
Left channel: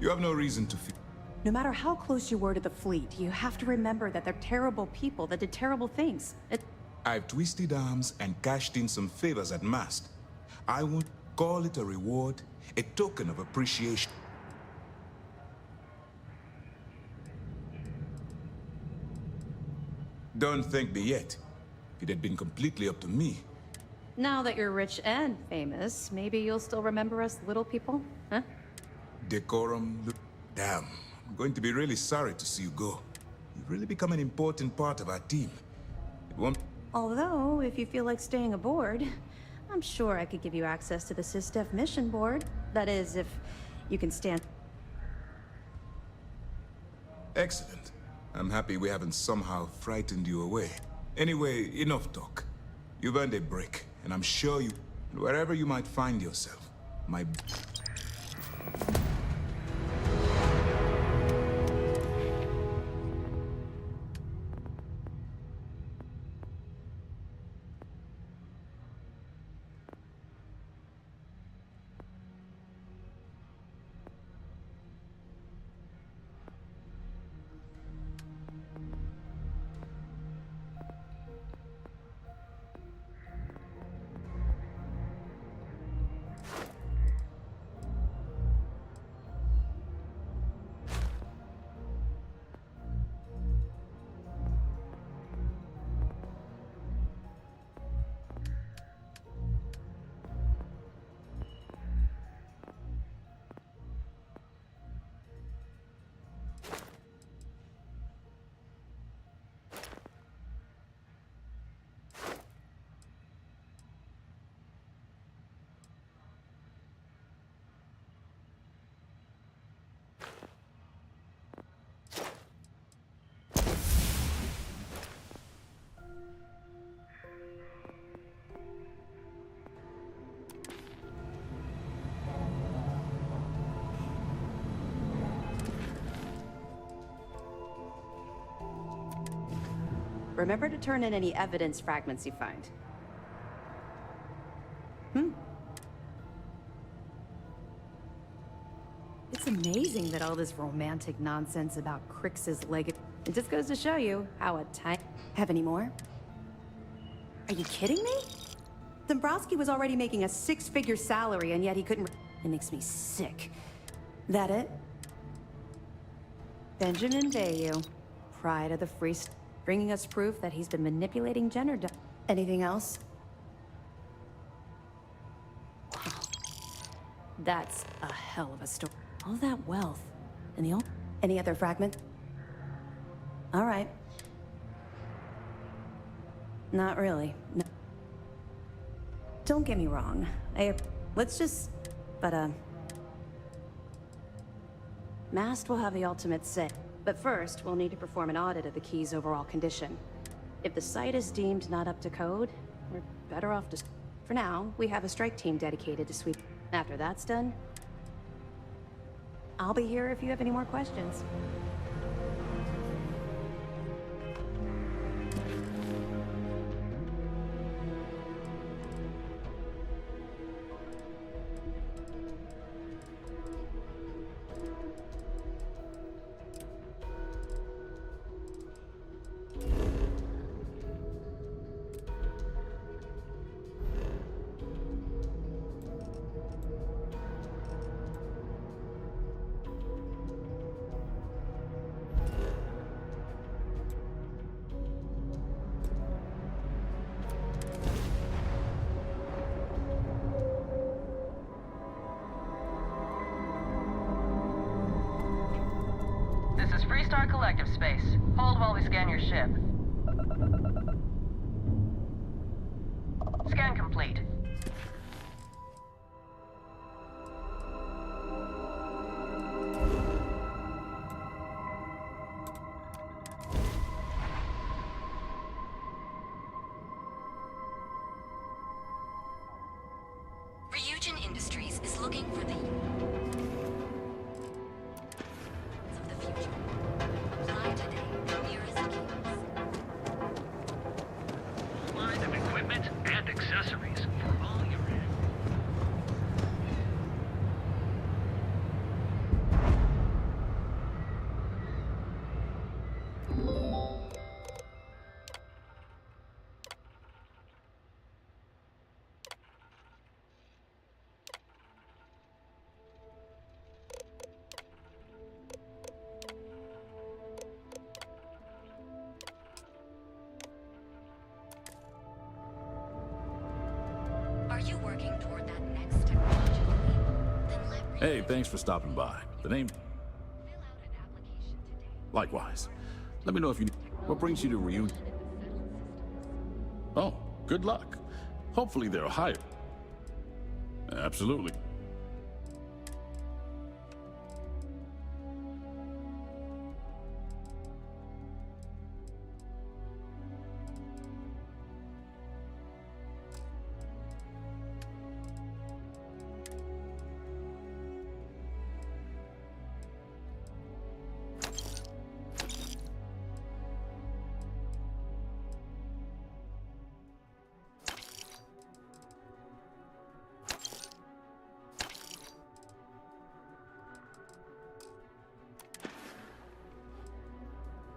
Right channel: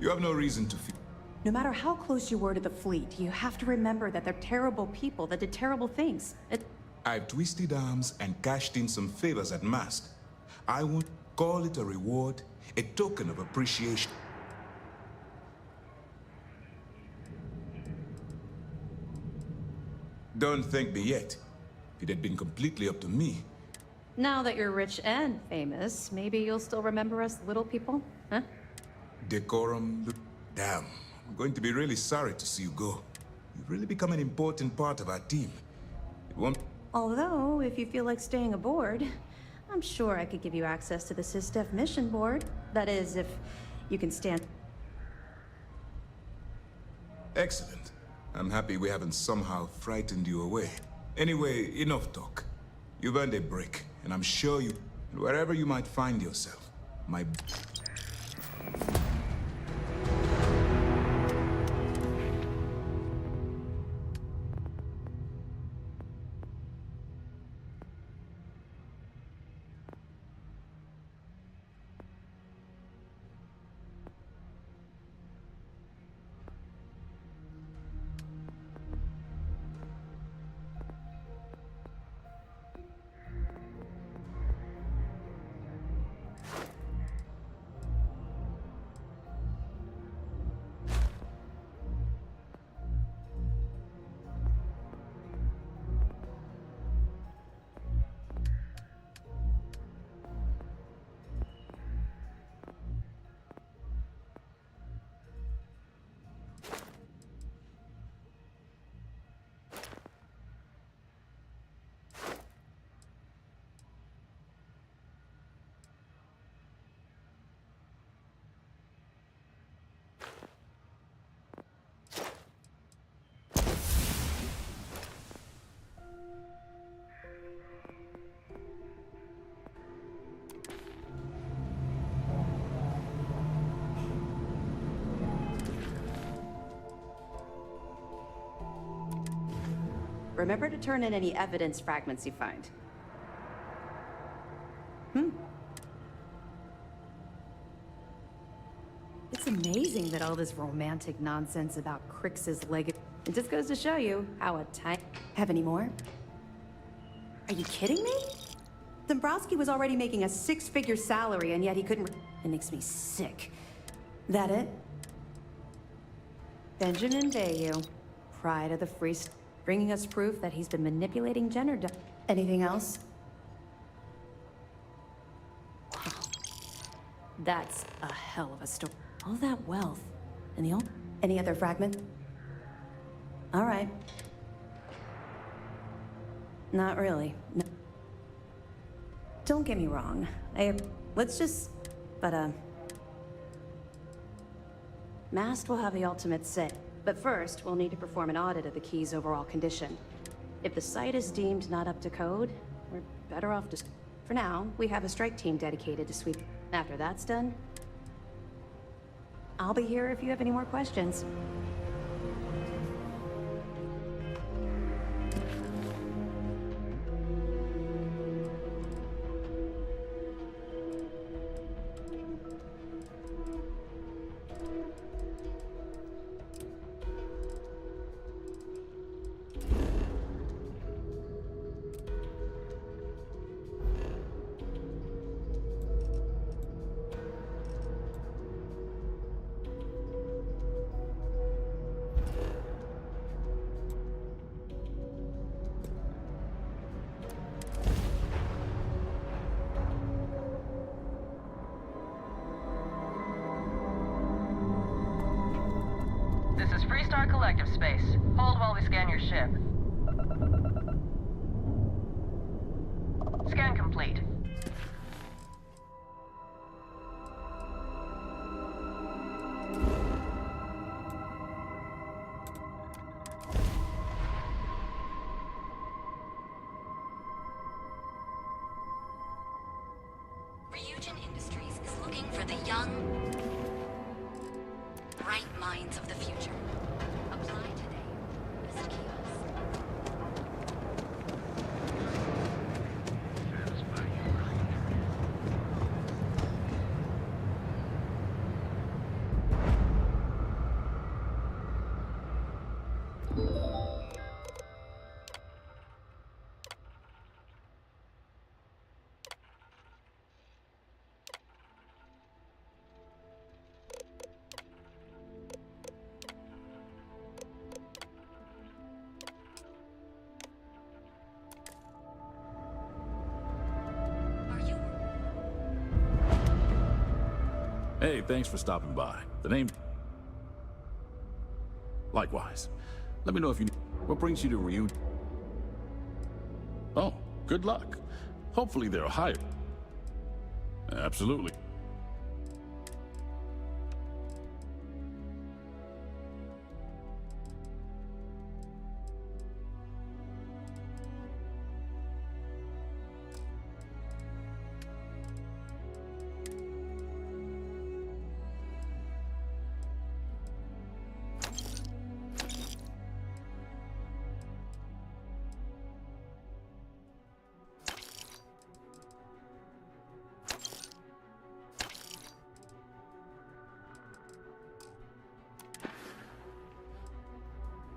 You have no reason to fear. No matter how close you were to the fleet, you have to remember that they're terrible people that did terrible things. I've twisted arms and cashed in some favors at Mast. I won't call it a reward, a token of appreciation. Don't thank me yet. If it had been completely up to me. Now that you're rich and famous, maybe you'll still remember us little people, huh? Decorum. Damn. I'm going to be really sorry to see you go. You've really become an important part of our team. It won't... Although, if you feel like staying aboard, I'm sure I could give you access to the SysDef mission board. That is, if you can stand... Excellent. I'm happy we haven't somehow frightened you away. Anyway, enough talk. You've earned a break, and I'm sure you... Wherever you might find yourself, my... Remember to turn in any evidence fragments you find. It's amazing that all this romantic nonsense about Crix's leg... It just goes to show you how a tiny... Have any more? Are you kidding me? Dombrowski was already making a 6-figure salary, and yet he couldn't... It makes me sick. That it? Benjamin Bayou, pride of the Free State, bringing us proof that he's been manipulating gender... Anything else? Wow. That's a hell of a story. All that wealth, and the only... Any other fragment? All right. Not really. No. Don't get me wrong. Let's just... But, Mast will have the ultimate say. But first, we'll need to perform an audit of the key's overall condition. If the site is deemed not up to code, we're better off just... For now, we have a strike team dedicated to sweep. After that's done, I'll be here if you have any more questions. This is Freestar Collective Space. Hold while we scan your ship. Scan complete. Ryujin Industries is looking for the young, bright minds of the future. Apply today. Nearest kiosk. Line of equipment and accessories for all your Are you working toward that next technology? Hey, thanks for stopping by. The name... Likewise. Let me know if you... What brings you to Reunion? Oh, good luck. Hopefully they'll hire. Absolutely.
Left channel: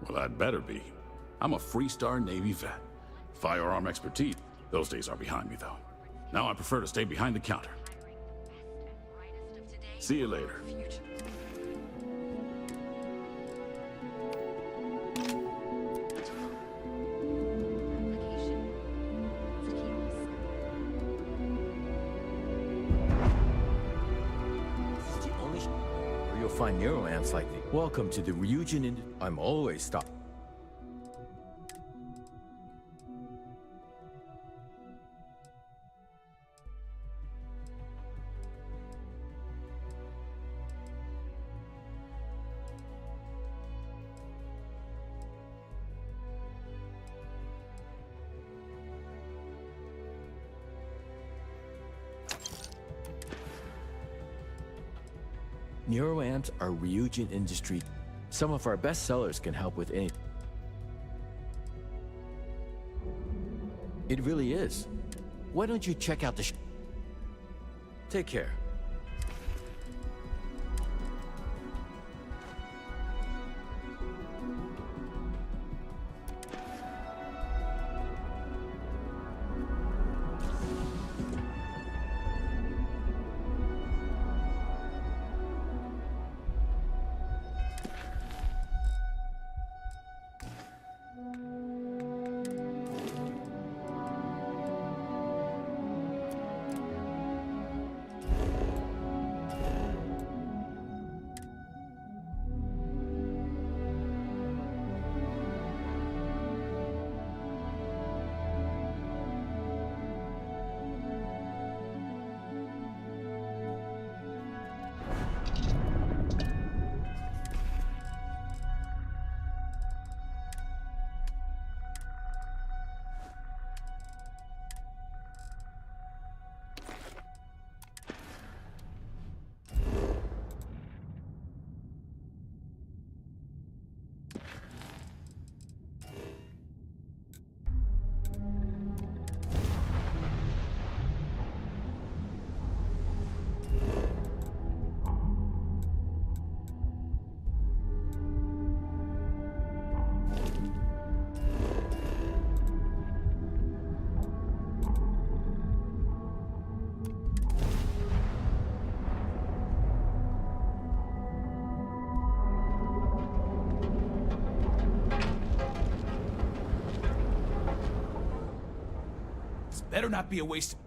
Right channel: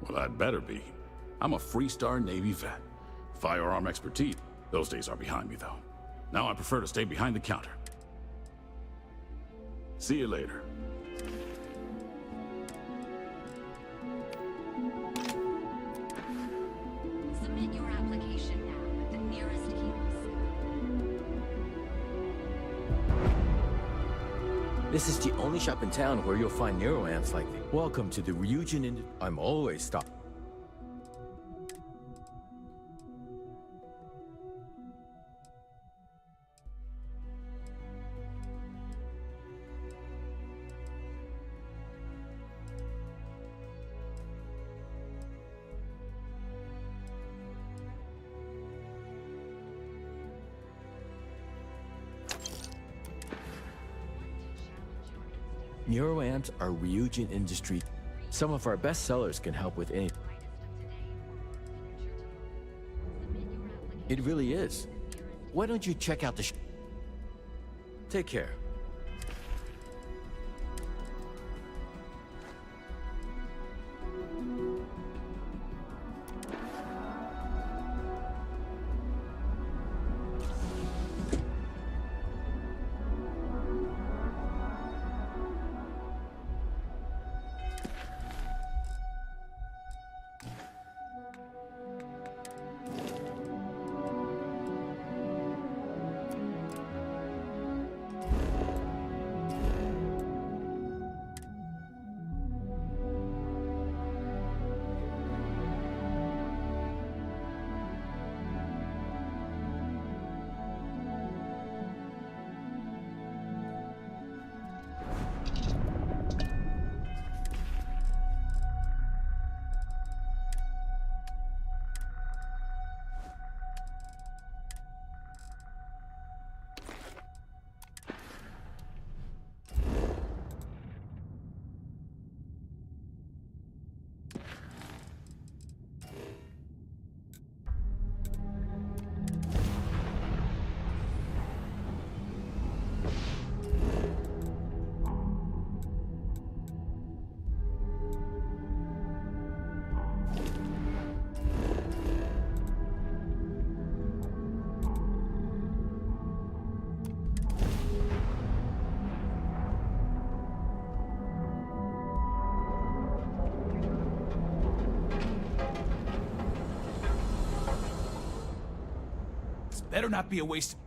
Well, I'd better be. I'm a Freestar Navy vet. Firearm expertise. Those days are behind me, though. Now I prefer to stay behind the counter. See you later. Submit your application now at the nearest kiosk. This is the only shop in town where you'll find Nero amps like these. Welcome to the Ryujin I'm always stopped. Nero amps are Ryujin industry. Some of our best sellers can help with any. It really is. Why don't you check out the Take care. Better not be a waste.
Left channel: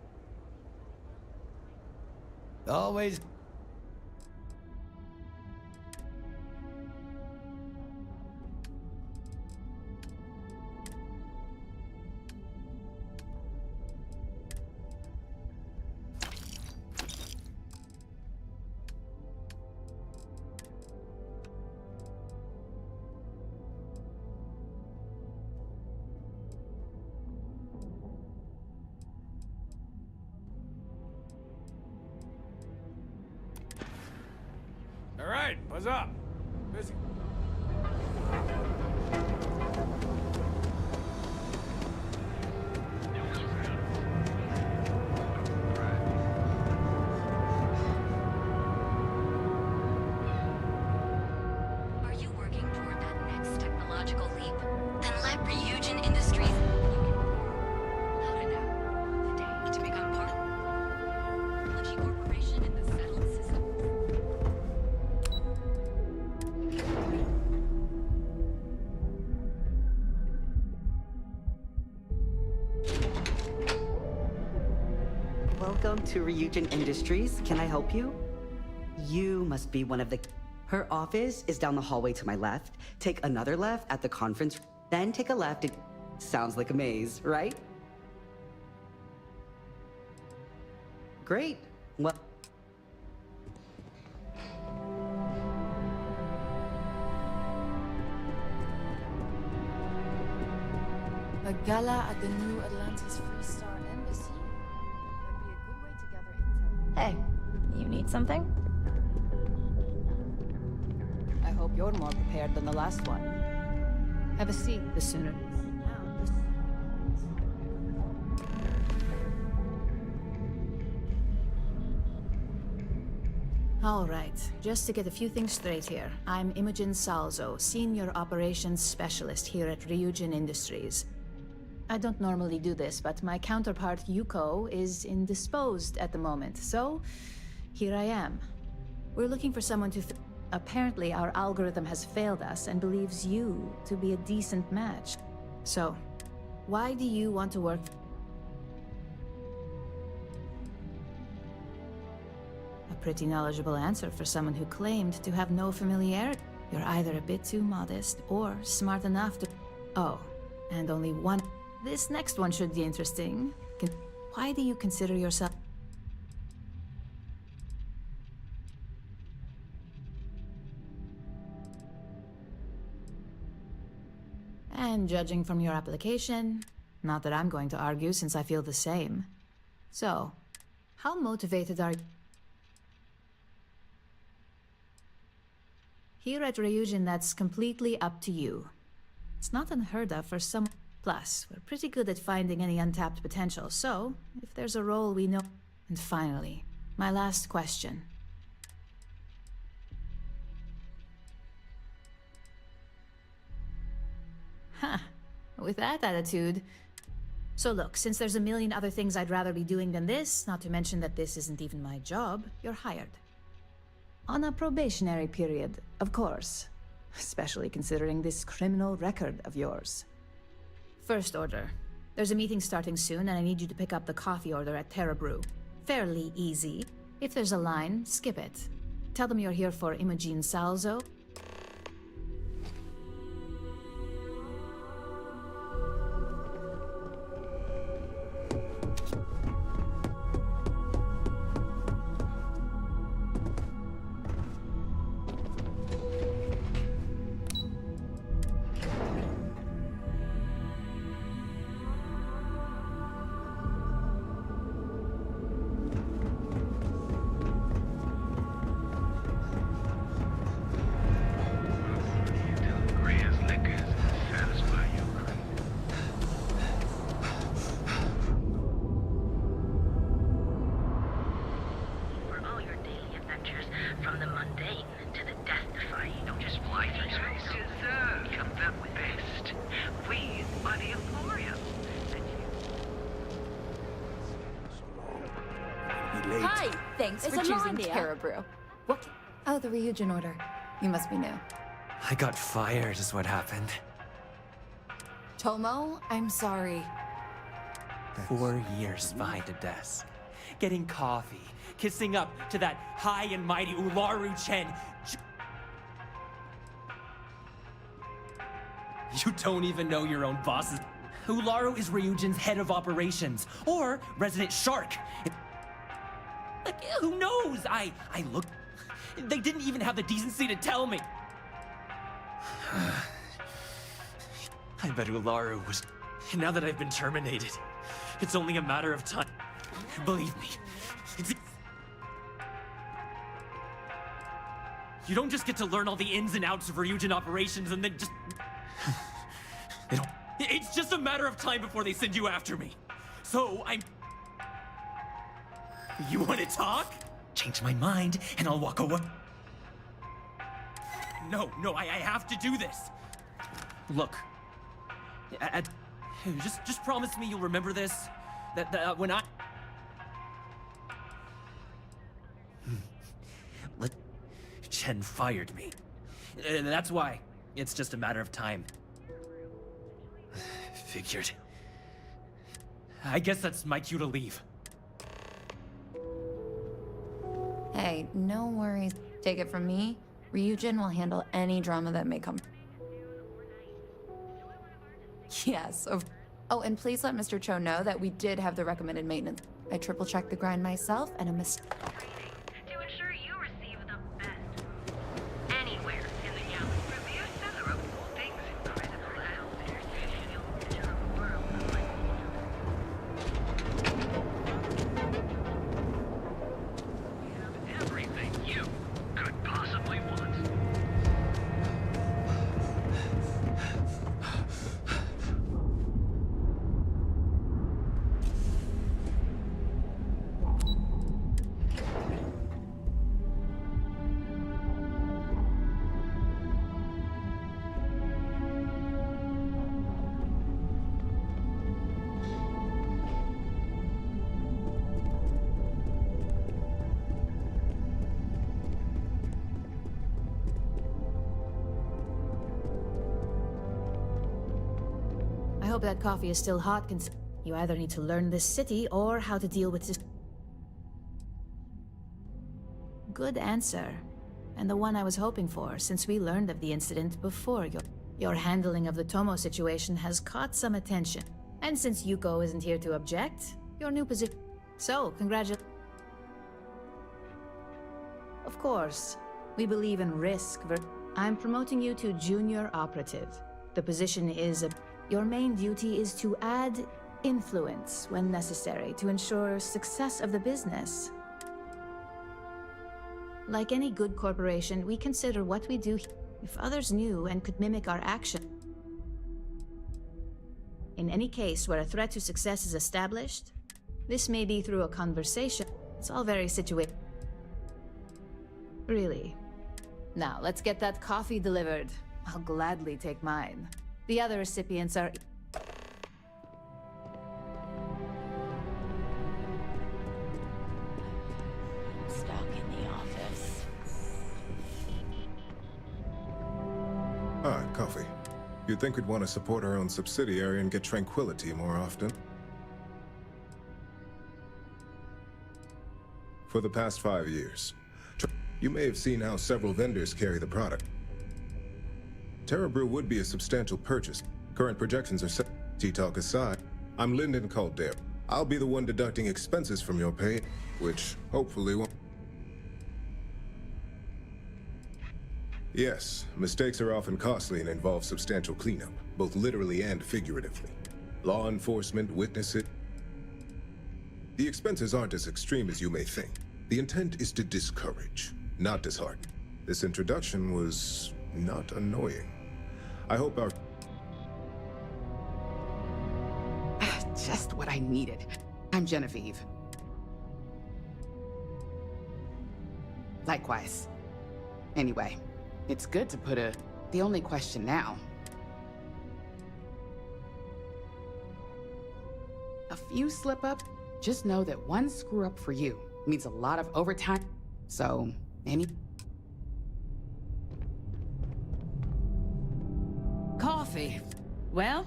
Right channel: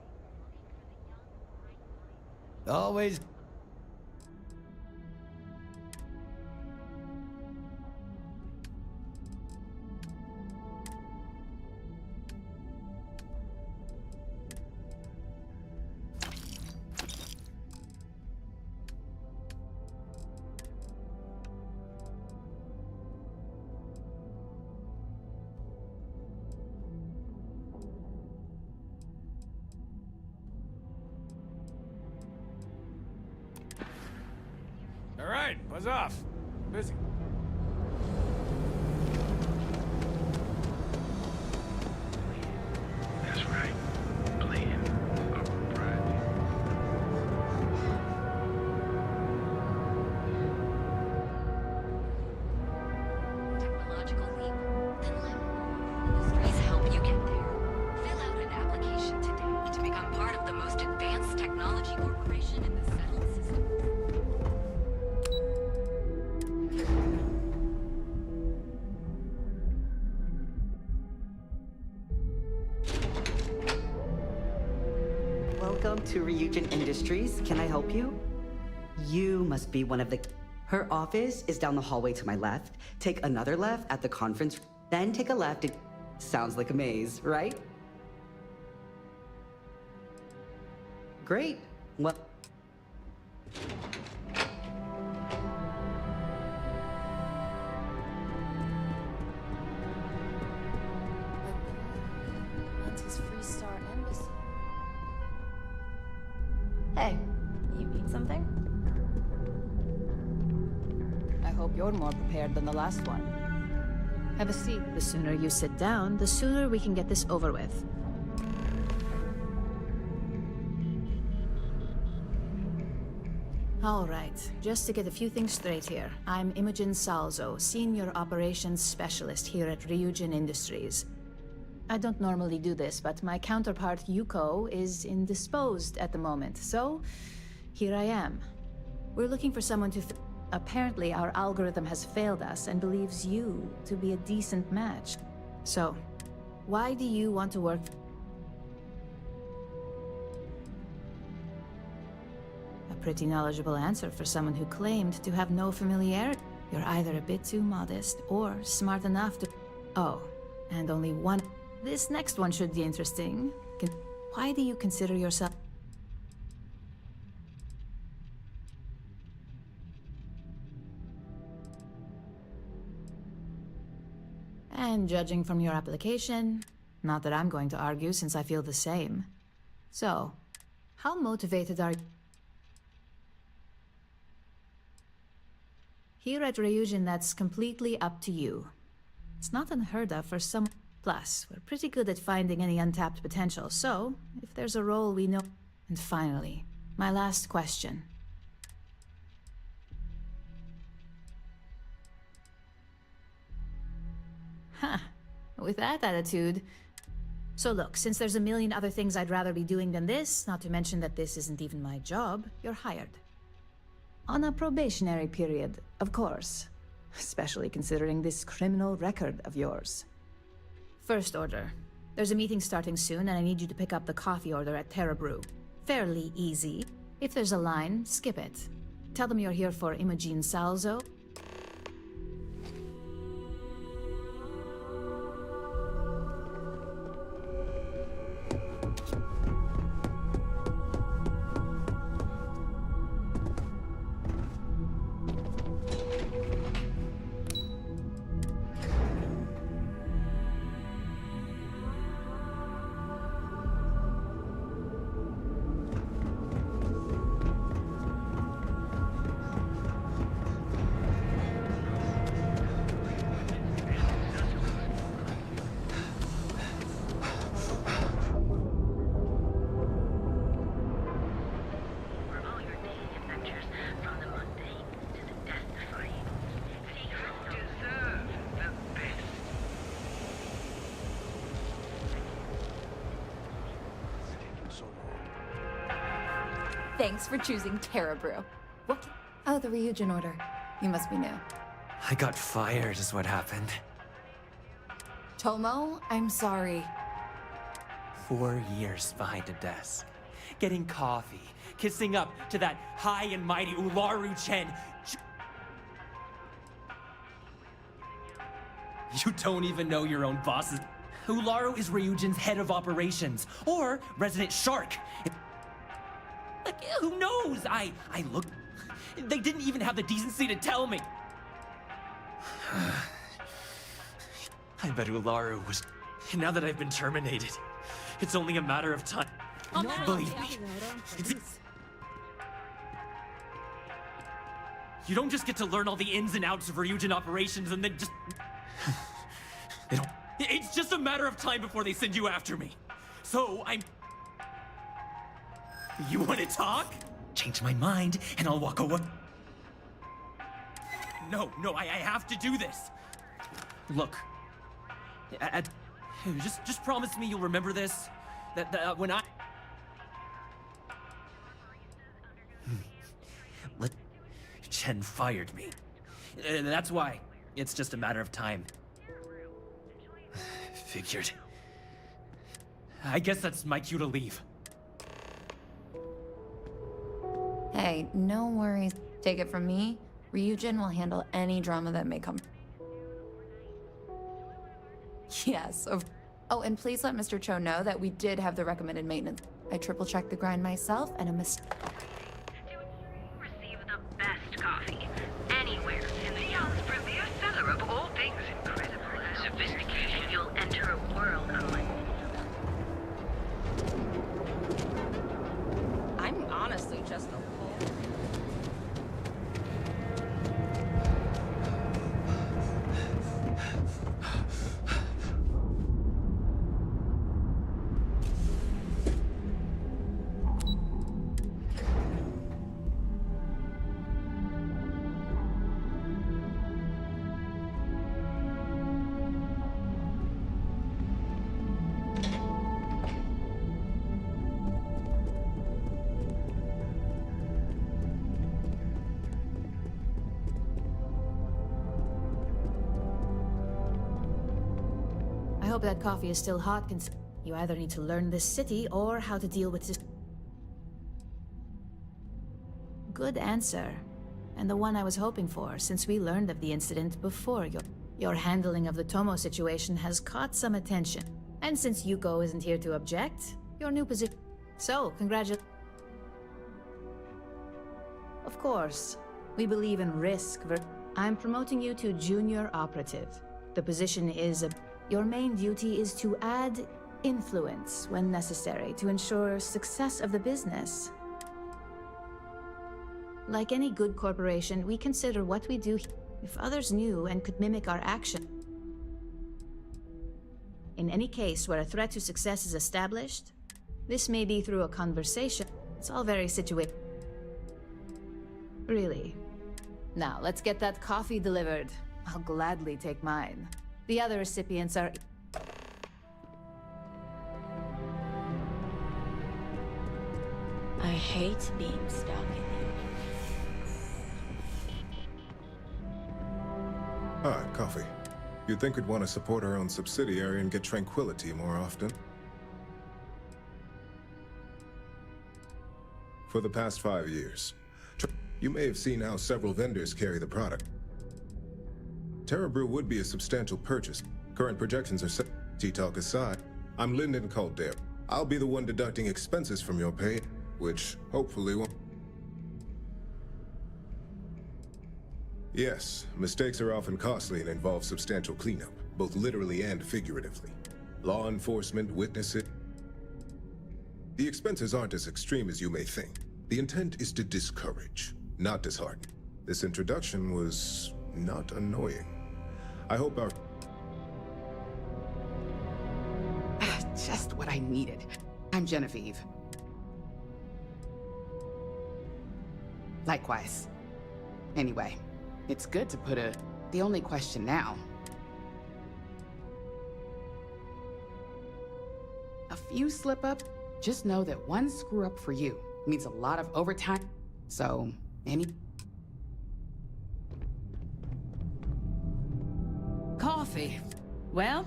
Always. All right, buzz off. Busy. That's right. Playing upright. Are you working toward that next technological technological leap? Then let Ryujin Industries help you get there. Fill out an application today to become part of the most advanced technology corporation in the settled system. Welcome to Ryujin Industries. Can I help you? You must be one of the... Her office is down the hallway to my left. Take another left at the conference, then take a left. It sounds like a maze, right? Great. Well... A gala at the New Atlantis Free Star Embassy. Hey, you need something? I hope you're more prepared than the last one. Have a seat. The sooner you sit down, the sooner we can get this over with. All right, just to get a few things straight here. I'm Imogen Salzo, Senior Operations Specialist here at Ryujin Industries. I don't normally do this, but my counterpart Yuko is indisposed at the moment, so here I am. We're looking for someone to... Apparently, our algorithm has failed us and believes you to be a decent match. So, why do you want to work... A pretty knowledgeable answer for someone who claimed to have no familiarity. You're either a bit too modest or smart enough to... Oh, and only one... This next one should be interesting. Why do you consider yourself... And judging from your application, not that I'm going to argue since I feel the same. So, how motivated are you? Here at Ryujin, that's completely up to you. It's not unheard of for some... Plus, we're pretty good at finding any untapped potential, so if there's a role we know... And finally, my last question. Huh. With that attitude... So look, since there's a million other things I'd rather be doing than this, not to mention that this isn't even my job, you're hired. On a probationary period, of course. Especially considering this criminal record of yours. First order. There's a meeting starting soon, and I need you to pick up the coffee order at Terra Brew. Fairly easy. If there's a line, skip it. Tell them you're here for Imogen Salzo. From the mundane to the death-defying. Just why you deserve the best. We are the Emporium. Hi! Thanks for choosing Terra Brew. What? Oh, the Ryujin order. You must be new. I got fired is what happened. Tomo, I'm sorry. 4 years behind a desk. Getting coffee, kissing up to that high and mighty Ularu Chen. You don't even know your own bosses. Ularu is Ryujin's head of operations, or Resident Shark. Like, who knows? I looked... They didn't even have the decency to tell me. I bet Ularu was... Now that I've been terminated, it's only a matter of time. Believe me. You don't just get to learn all the ins and outs of Ryujin operations and then just... It's just a matter of time before they send you after me. So, You want to talk? Change my mind and I'll walk away. No, I have to do this. Look. Just promise me you'll remember this. That when I... Chen fired me. That's why. It's just a matter of time. Figured. I guess that's my cue to leave. Hey, no worries. Take it from me. Ryujin will handle any drama that may come. Yes. Oh, and please let Mr. Cho know that we did have the recommended maintenance. I triple-checked the grind myself, and a mistake. To ensure you receive the best coffee anywhere in the Gala's premier seller of all things incredible and sophistication, you'll enter a world unlike. I'm honestly just Everything you could possibly want. I hope that coffee is still hot. You either need to learn this city or how to deal with this. Good answer. And the one I was hoping for, since we learned of the incident before. Your handling of the Tomo situation has caught some attention. And since Yuko isn't here to object, your new position... So, congratulations. Of course, we believe in risk. I'm promoting you to junior operative. The position is your main duty is to add influence when necessary to ensure success of the business. Like any good corporation, we consider what we do. If others knew and could mimic our action. In any case where a threat to success is established, this may be through a conversation. It's all very situated. Really. Now, let's get that coffee delivered. I'll gladly take mine. The other recipients are... I hate being stuck in the office. Ah, coffee. You'd think we'd want to support our own subsidiary and get tranquility more often. For the past 5 years, you may have seen how several vendors carry the product. Terra Brew would be a substantial purchase. Current projections are set. Tea-talk aside, I'm Lyndon Caldera. I'll be the one deducting expenses from your pay, which hopefully won't... Yes, mistakes are often costly and involve substantial cleanup, both literally and figuratively. Law enforcement, witnesses... The expenses aren't as extreme as you may think. The intent is to discourage, not dishearten. This introduction was not annoying. I hope our... Just what I needed. I'm Genevieve. Likewise. Anyway, it's good to put the only question now. A few slip-up, just know that one screw-up for you means a lot of overtime. So, Coffee. Well,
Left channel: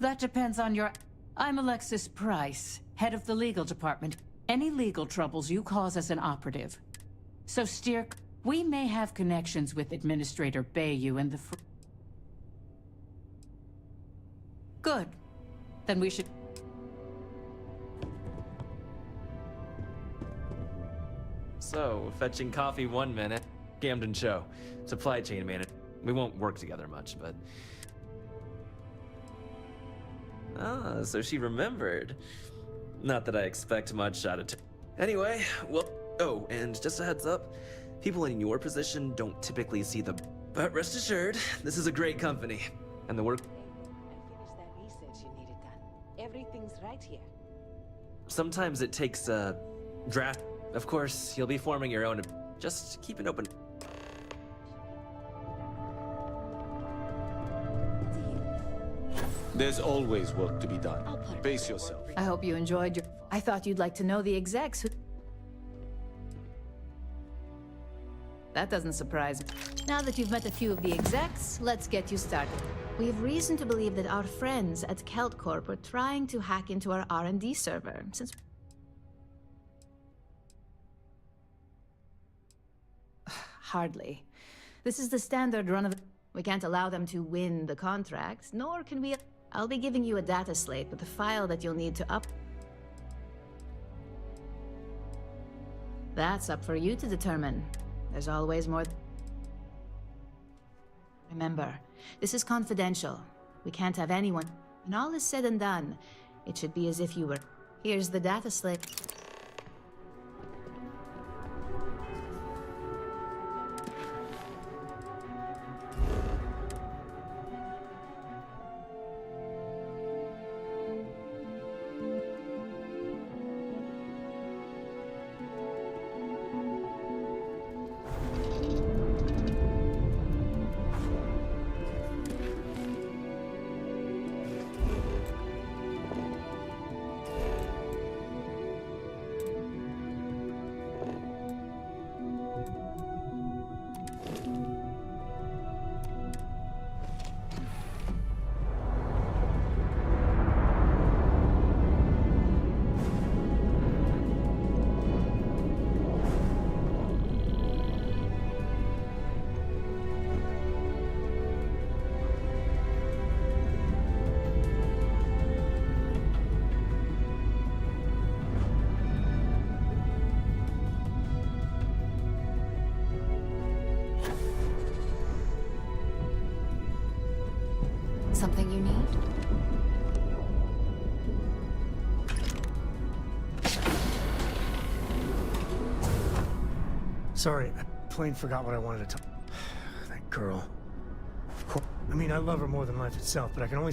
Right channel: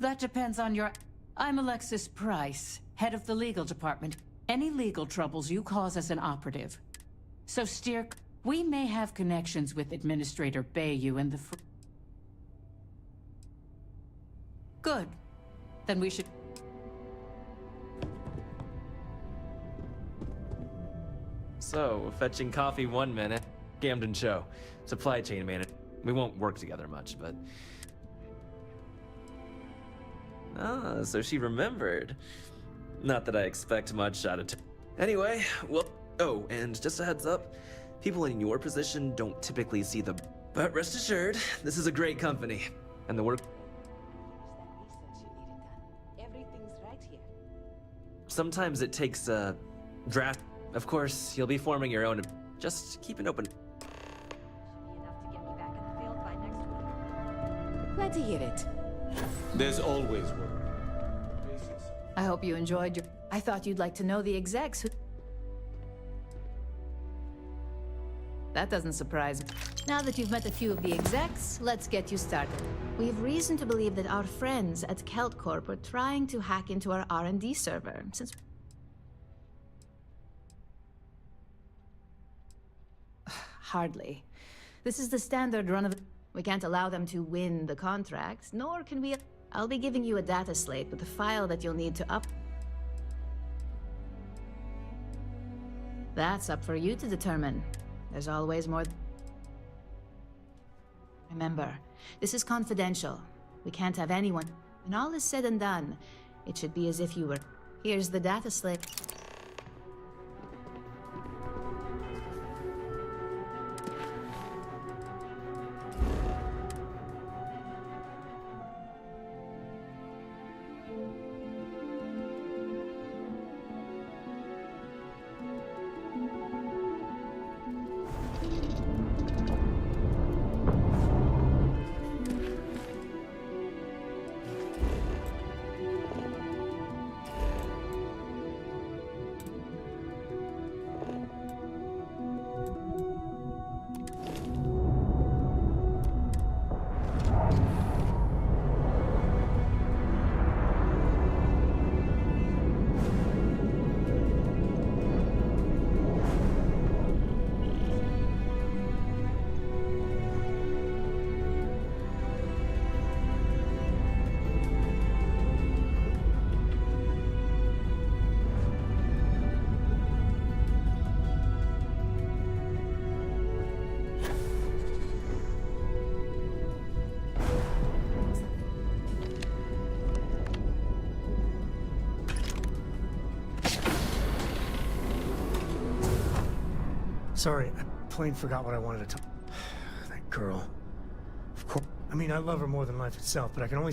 that depends on your... I'm Alexis Price, head of the legal department. Any legal troubles you cause as an operative. So steer... We may have connections with Administrator Bayou and the... Good. Then we should... So, fetching coffee 1 minute. Gamden Cho, supply chain manager. We won't work together much, but... Ah, so she remembered. Not that I expect much out of Anyway, well... Oh, and just a heads up. People in your position don't typically see the... But rest assured, this is a great company. And the work... Research you needed done. Everything's right here. Sometimes it takes a draft. Of course, you'll be forming your own. Just keep an open... Glad to hear it. There's always work to be done. Pace yourself. I hope you enjoyed your... I thought you'd like to know the execs who... That doesn't surprise me. Now that you've met a few of the execs, let's get you started. We have reason to believe that our friends at Kelt Corp are trying to hack into our R&D server, since... Hardly. This is the standard run of... We can't allow them to win the contract, nor can we... I'll be giving you a data slate with a file that you'll need to up... That's up for you to determine. There's always more... Remember, this is confidential. We can't have anyone... When all is said and done, it should be as if you were... Here's the data slate. Something you need? Sorry, I plain forgot what I wanted to talk. That girl. Of course. I mean, I love her more than life itself, but I can only...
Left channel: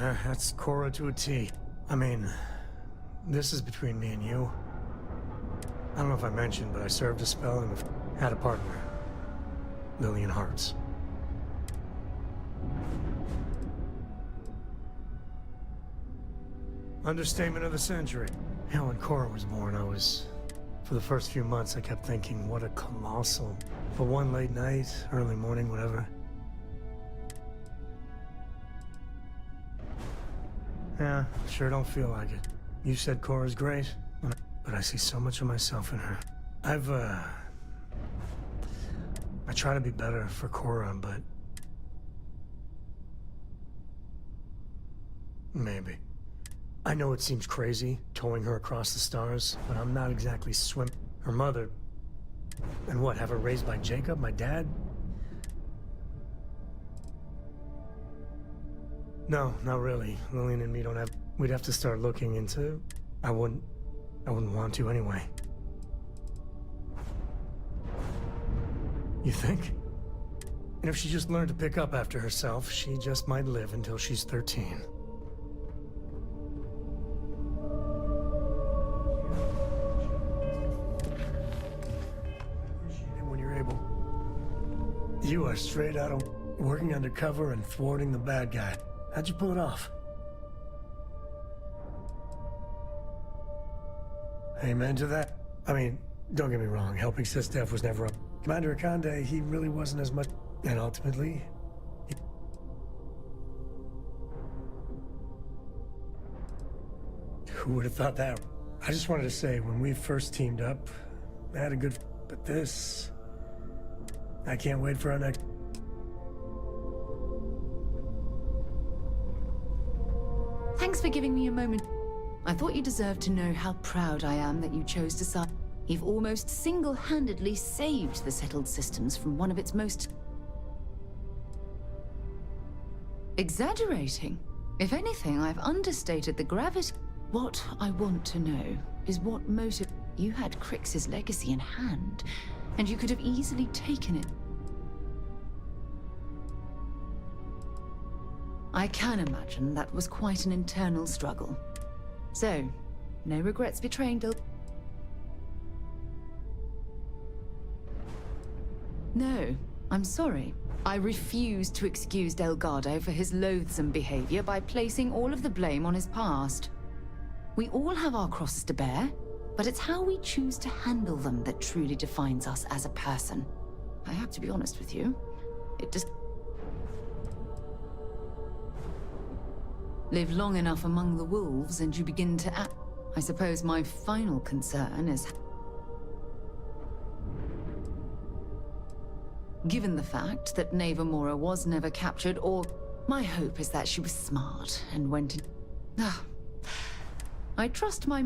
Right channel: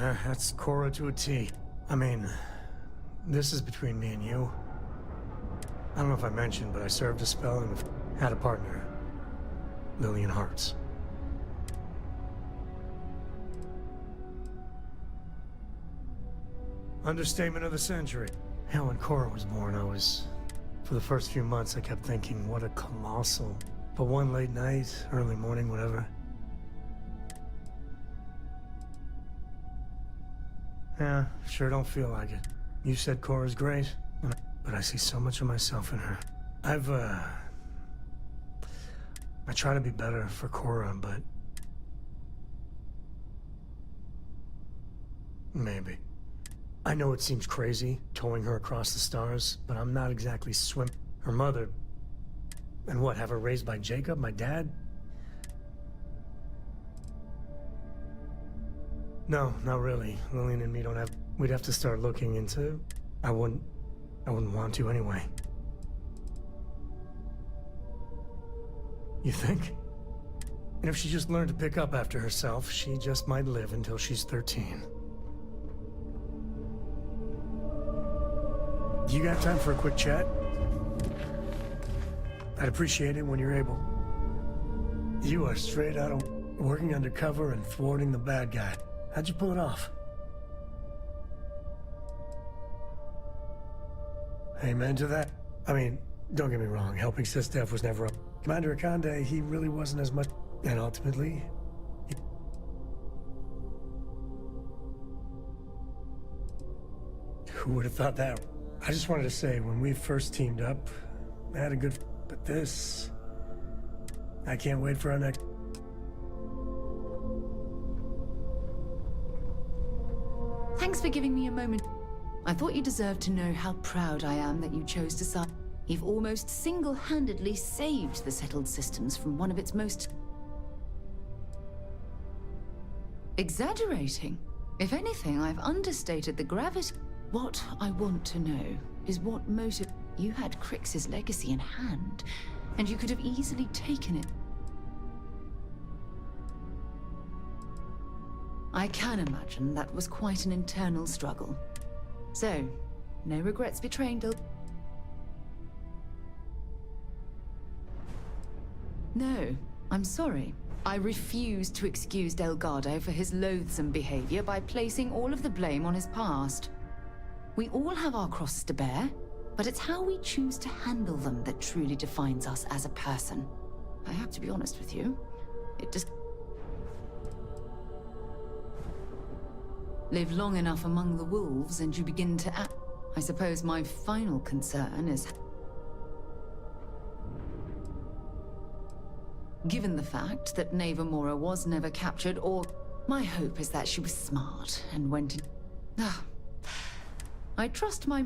That's Cora to a T. I mean, this is between me and you. I don't know if I mentioned, but I served a spell and had a partner. Lillian Hartz. Understatement of the century. Hell, when Cora was born, for the first few months, I kept thinking, what a colossal... But one late night, early morning, whatever. Yeah, sure don't feel like it. You said Cora's great, but I see so much of myself in her. I try to be better for Cora, but... Maybe. I know it seems crazy, towing her across the stars, but I'm not exactly Her mother... And what, have her raised by Jacob, my dad? No, not really. Lillian and me don't have... We'd have to start looking into... I wouldn't want to anyway. You think? And if she just learned to pick up after herself, she just might live until she's 13. You got time for a quick chat? I'd appreciate it when you're able. You are straight out of working undercover and thwarting the bad guy. How'd you pull it off? Amen to that. I mean, don't get me wrong, helping Sistef was never up. Commander Akande, he really wasn't as much... And ultimately... Who would have thought that? I just wanted to say, when we first teamed up, I had a good... But this... I can't wait for our next... Thanks for giving me a moment. I thought you deserved to know how proud I am that you chose to side. You've almost single-handedly saved the settled systems from one of its most... Exaggerating. If anything, I've understated the gravity. What I want to know is what motive... You had Crix's legacy in hand, and you could have easily taken it. I can imagine that was quite an internal struggle. So, no regrets betraying Del... No, I'm sorry. I refuse to excuse Delgado for his loathsome behavior by placing all of the blame on his past. We all have our crosses to bear, but it's how we choose to handle them that truly defines us as a person. I have to be honest with you. It just... Live long enough among the wolves and you begin to act. I suppose my final concern is... Given the fact that Neva Mora was never captured, or... My hope is that she was smart and went in... I trust my...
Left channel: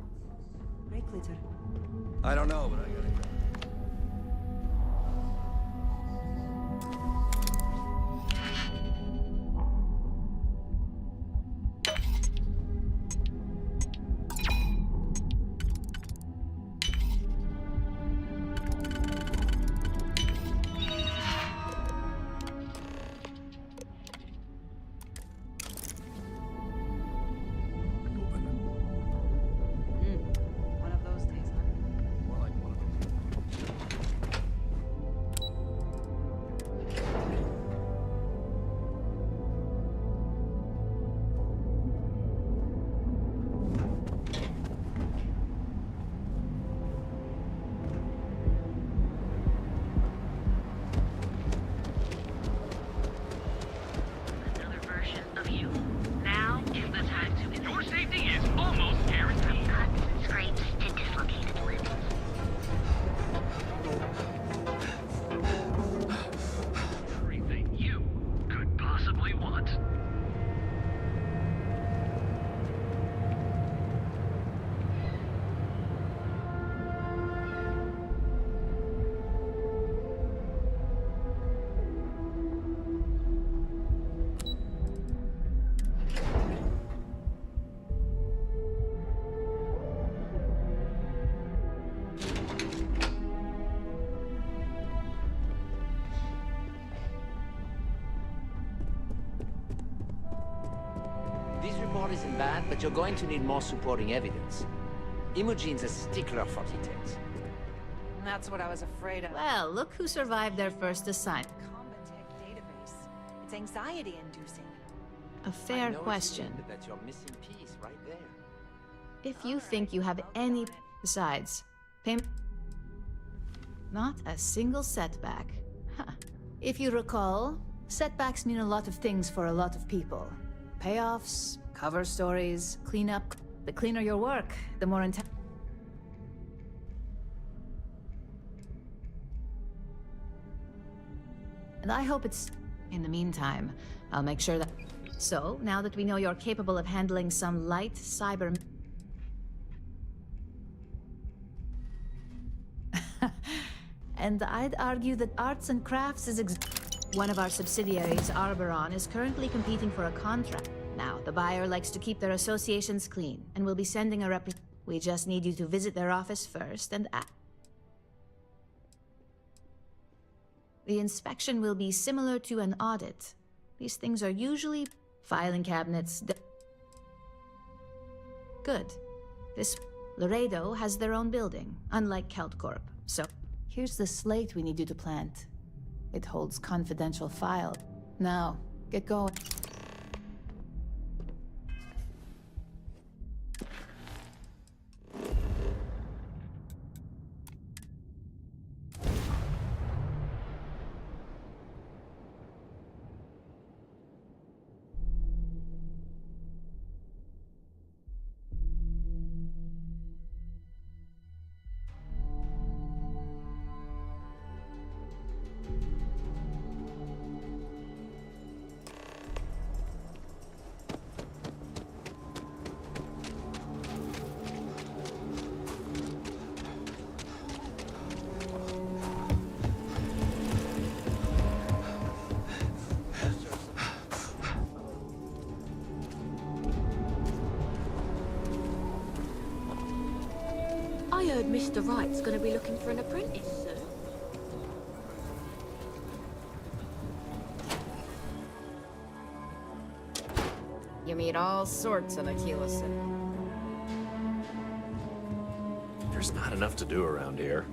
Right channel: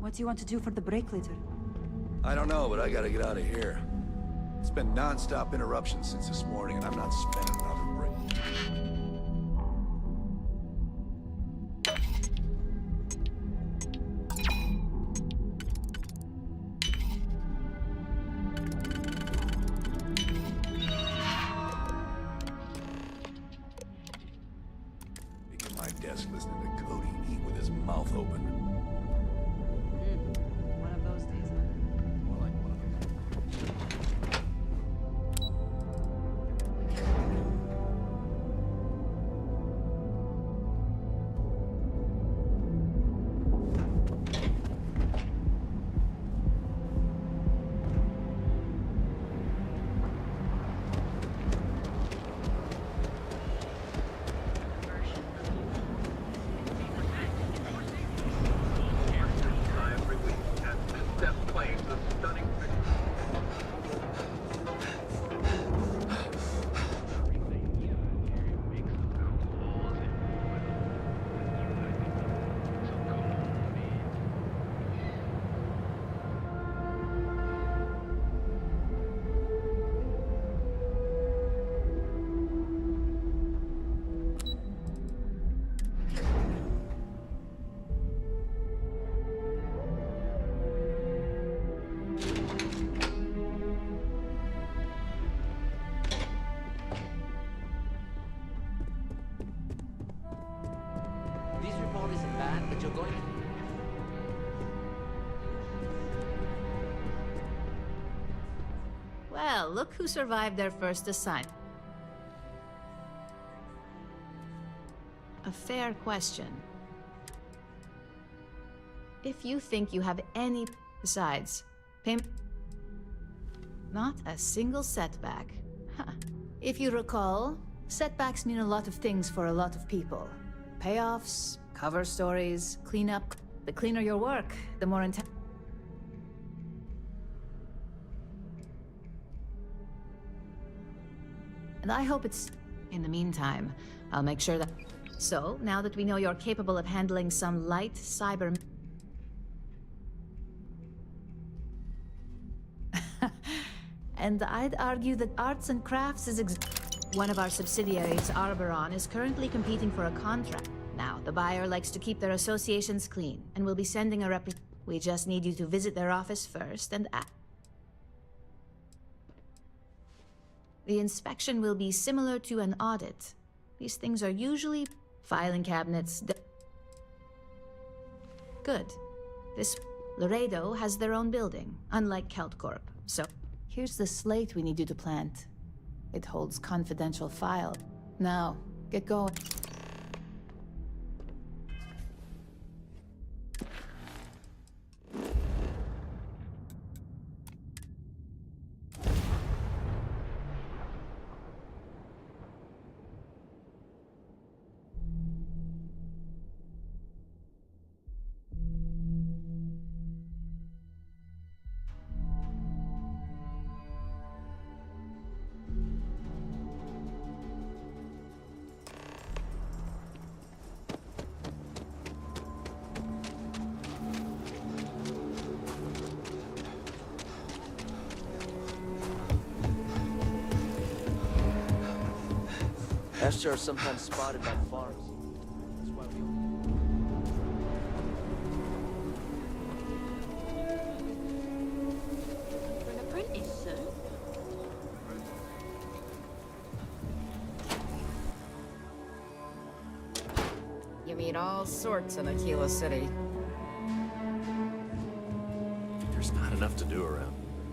What do you want to do for the break later? I don't know, but I gotta get out of here. It's been non-stop interruptions since this morning, and I'm not spending another break. At my desk listening to Cody eat with his mouth open. One of those days, huh? More like one of Another version of you. Now is the time to... Your safety is almost guaranteed. Concentrate and dislocate. Everything you could possibly want. This report isn't bad, but you're going to need more supporting evidence. Imogene's a stickler for details. That's what I was afraid of. Well, look who survived their first assignment. It's anxiety-inducing. A fair question. That's your missing piece right there. If you think you have any... Besides, payment... Not a single setback. Huh. If you recall, setbacks mean a lot of things for a lot of people. Payoffs, cover stories, cleanup. The cleaner your work, the more intense. And I hope it's... In the meantime, I'll make sure that... So, now that we know you're capable of handling some light cyber... And I'd argue that arts and crafts is one of our subsidiaries, Arboron, is currently competing for a contract. Now, the buyer likes to keep their associations clean, and will be sending a We just need you to visit their office first and act. The inspection will be similar to an audit. These things are usually filing cabinets. Good. This Laredo has their own building, unlike Keltcorp. So, here's the slate we need you to plant. It holds confidential files. Now, get going. Esther are sometimes spotted in the forest. I heard Mr. Wright's gonna be looking for an apprentice, sir. You meet all sorts in Aquila City. There's not enough to do around here.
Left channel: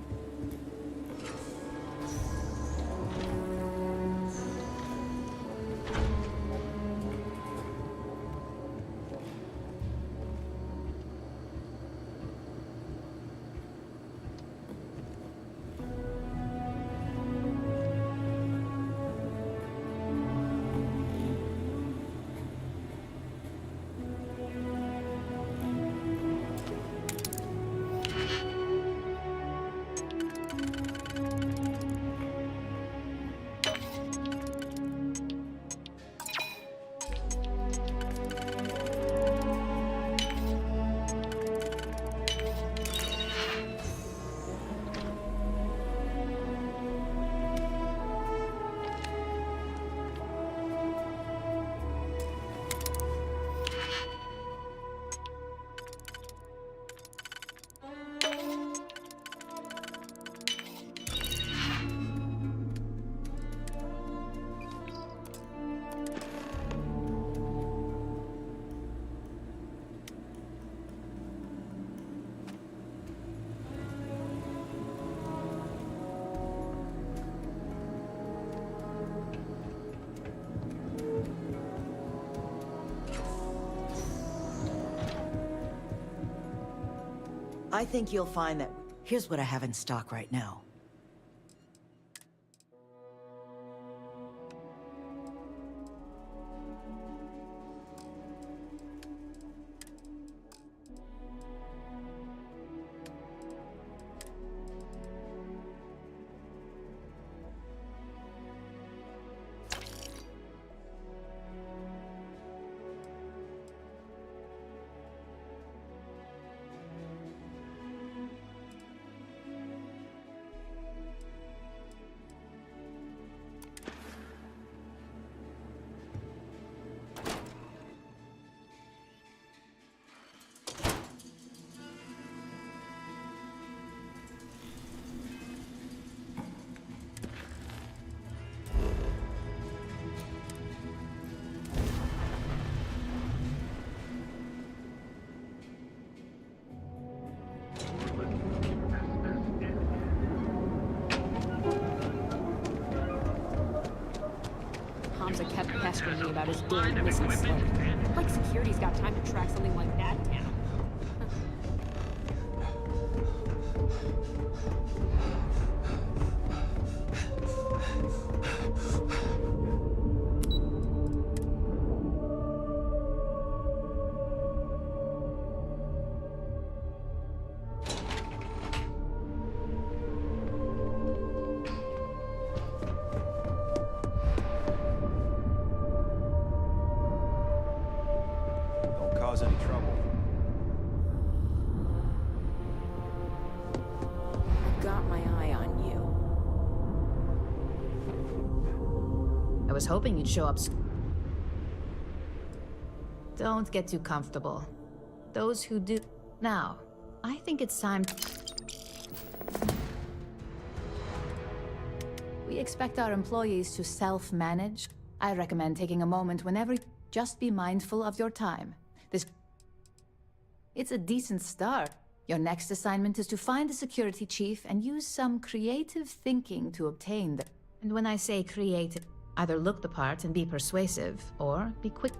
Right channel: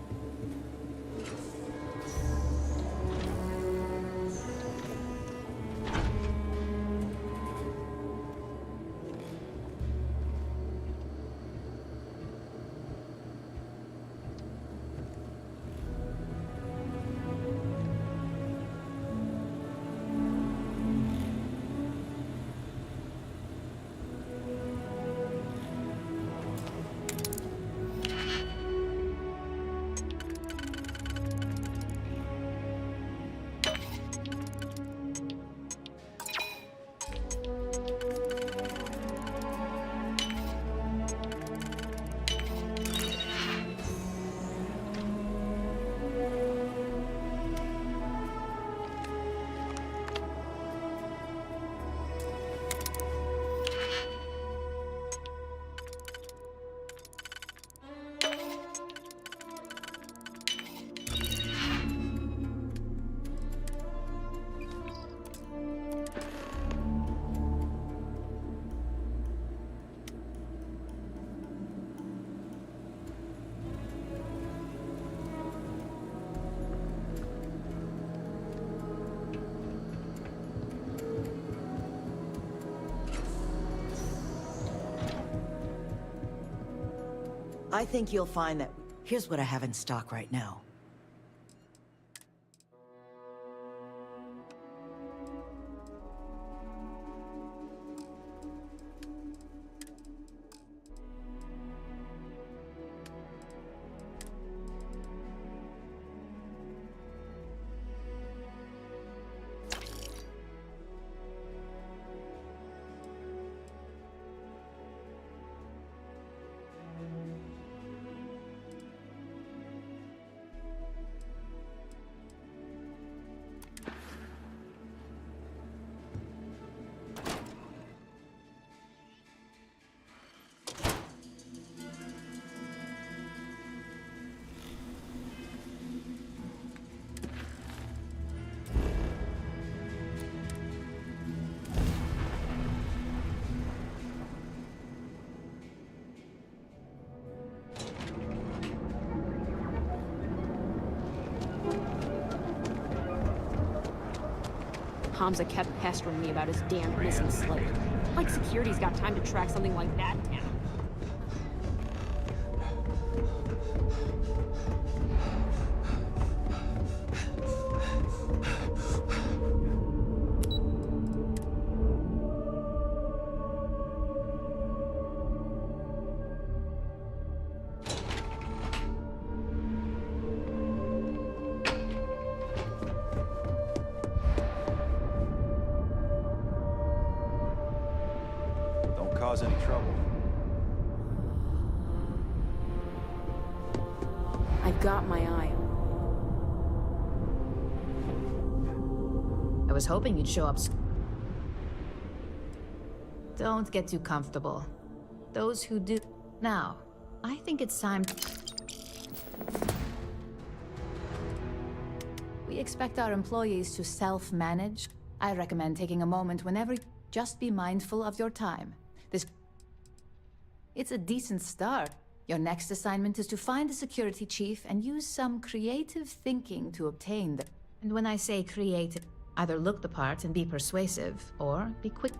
I think you'll find that... Here's what I have in stock right now. Hamza kept pestering me about his damn missing slate. Like security's got time to track something like that down. Don't cause any trouble. I've got my eye on you. I was hoping you'd show up. Don't get too comfortable. Those who do... Now, I think it's time... We expect our employees to self-manage. I recommend taking a moment whenever... Just be mindful of your time. This... It's a decent start. Your next assignment is to find the security chief and use some creative thinking to obtain the... And when I say creative, either look the part and be persuasive, or be quick.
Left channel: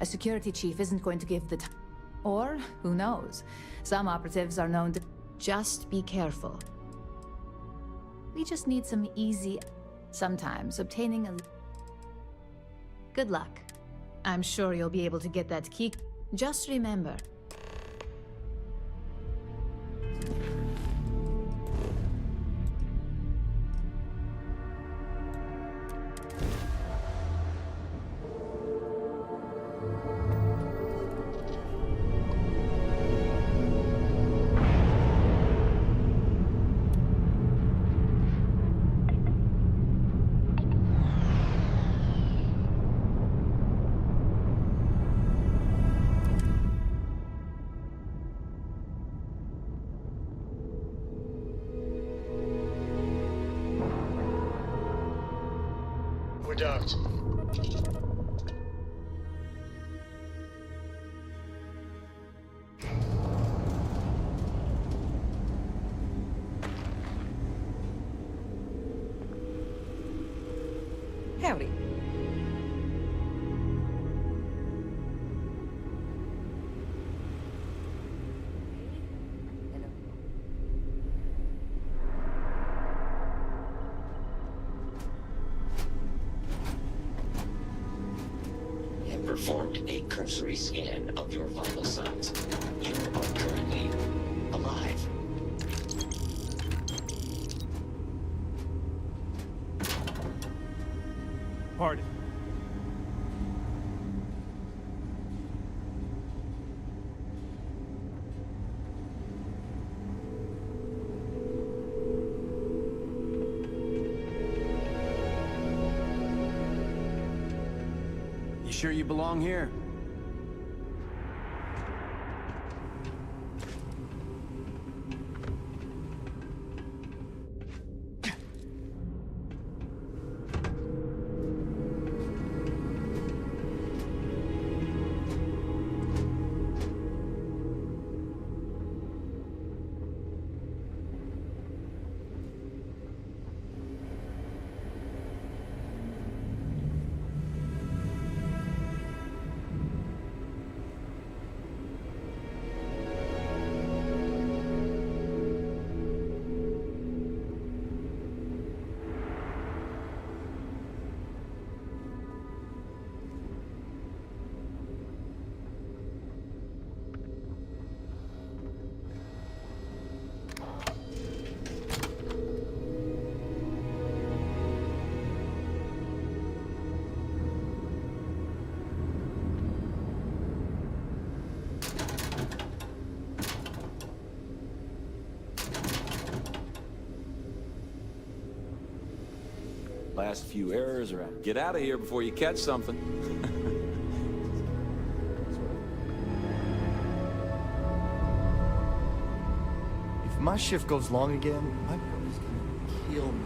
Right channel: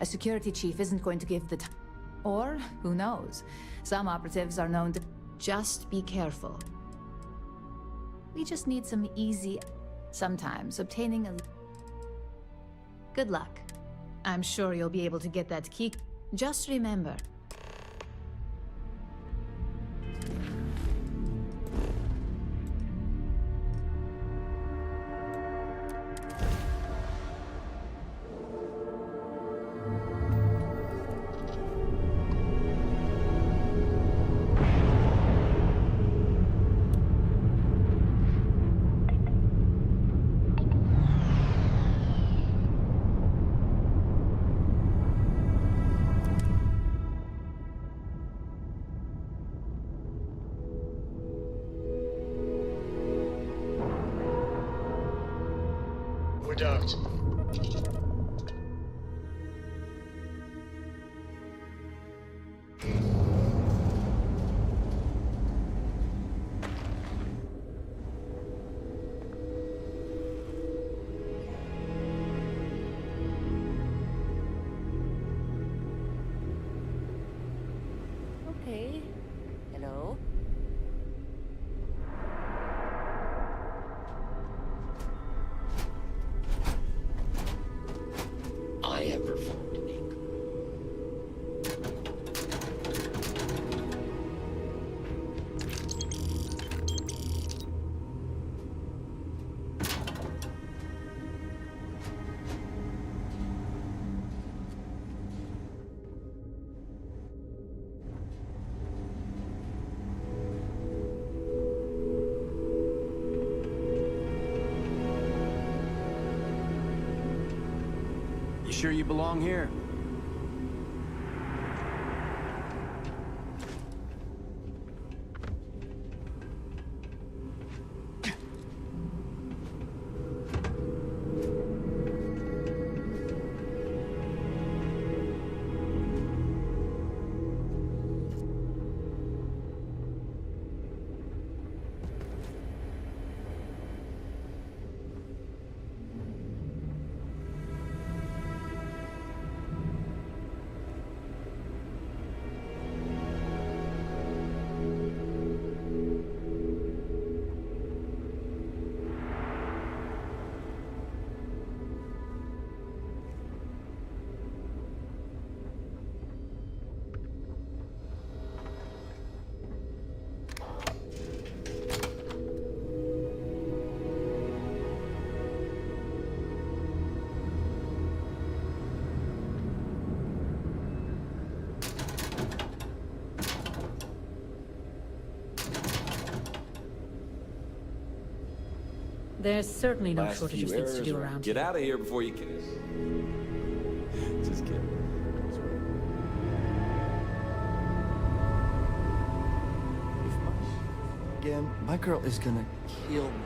A security chief isn't going to give the time. Or, who knows, some operatives are known to... Just be careful. We just need some easy... Sometimes obtaining a... Good luck. I'm sure you'll be able to get that key. Just remember... We're docked. Howdy. Okay. Hello? I have performed a cursory scan of your vital signs. You are currently alive. Pardon. You sure you belong here? There's certainly no Last shortage few of things to errors do are around. get out of here before you catch something. Just kidding. Sort of. If my shift goes long again, my girl is gonna kill me.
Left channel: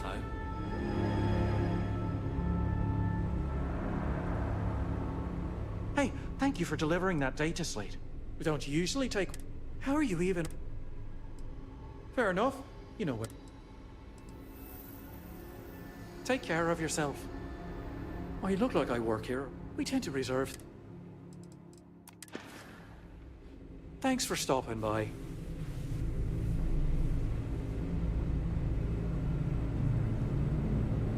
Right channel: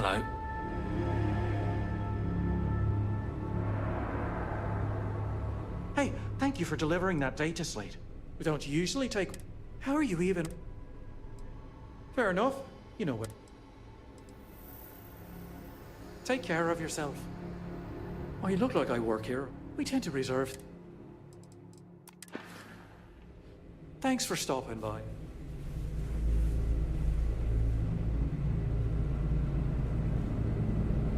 Hello. Hey, thank you for delivering that data slate. We don't usually take... How are you even... Fair enough. You know what. Take care of yourself. Oh, you look like I work here. We tend to reserve... Thanks for stopping by.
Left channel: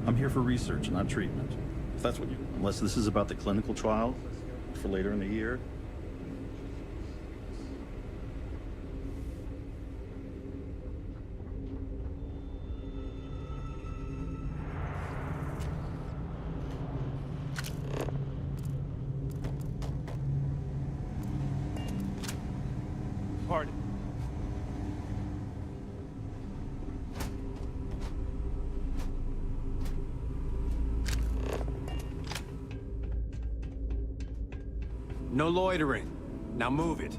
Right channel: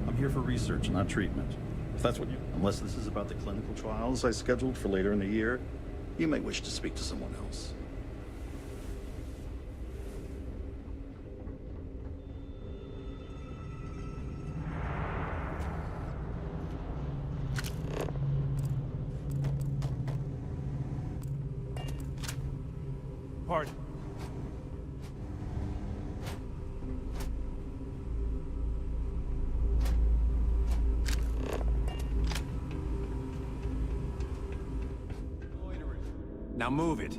I'm here for research, not treatment. If that's what you... Unless this is about the clinical trials I scheduled for later in the year, you may wish to speak to someone else. Pardon. No loitering. Now move it.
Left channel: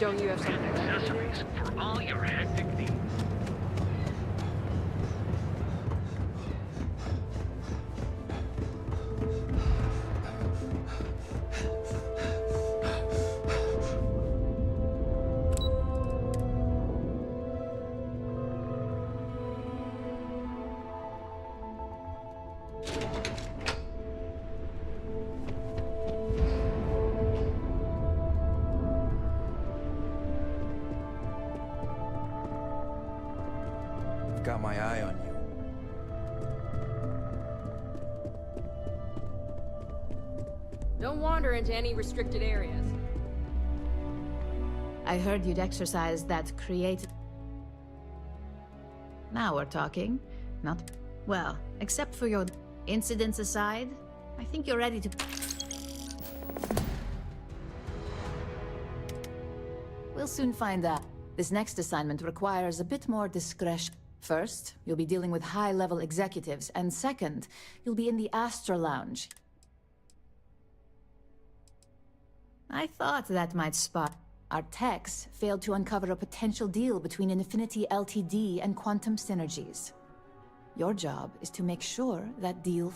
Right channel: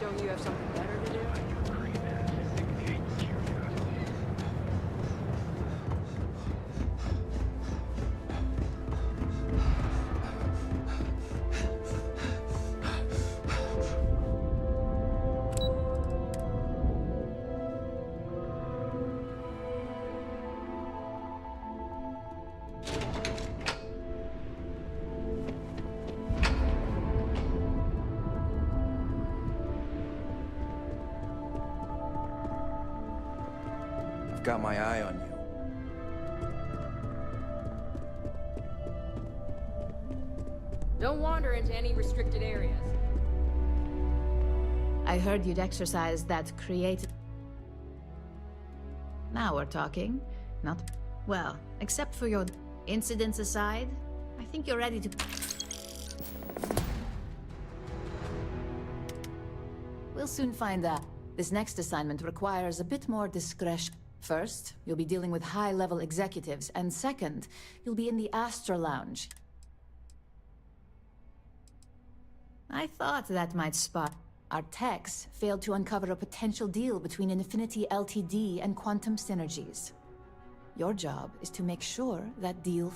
Don't you have something better to do? All your hectic needs. Got my eye on you. Don't wander into any restricted areas. I heard you'd exercise that creative... Now we're talking. Not... Well, except for your incidents aside, I think you're ready to... We'll soon find out. This next assignment requires a bit more discretion. First, you'll be dealing with high-level executives, and second, you'll be in the Astra Lounge. I thought that might spot. Our techs failed to uncover a potential deal between Infinity Ltd. And Quantum Synergies. Your job is to make sure that deal...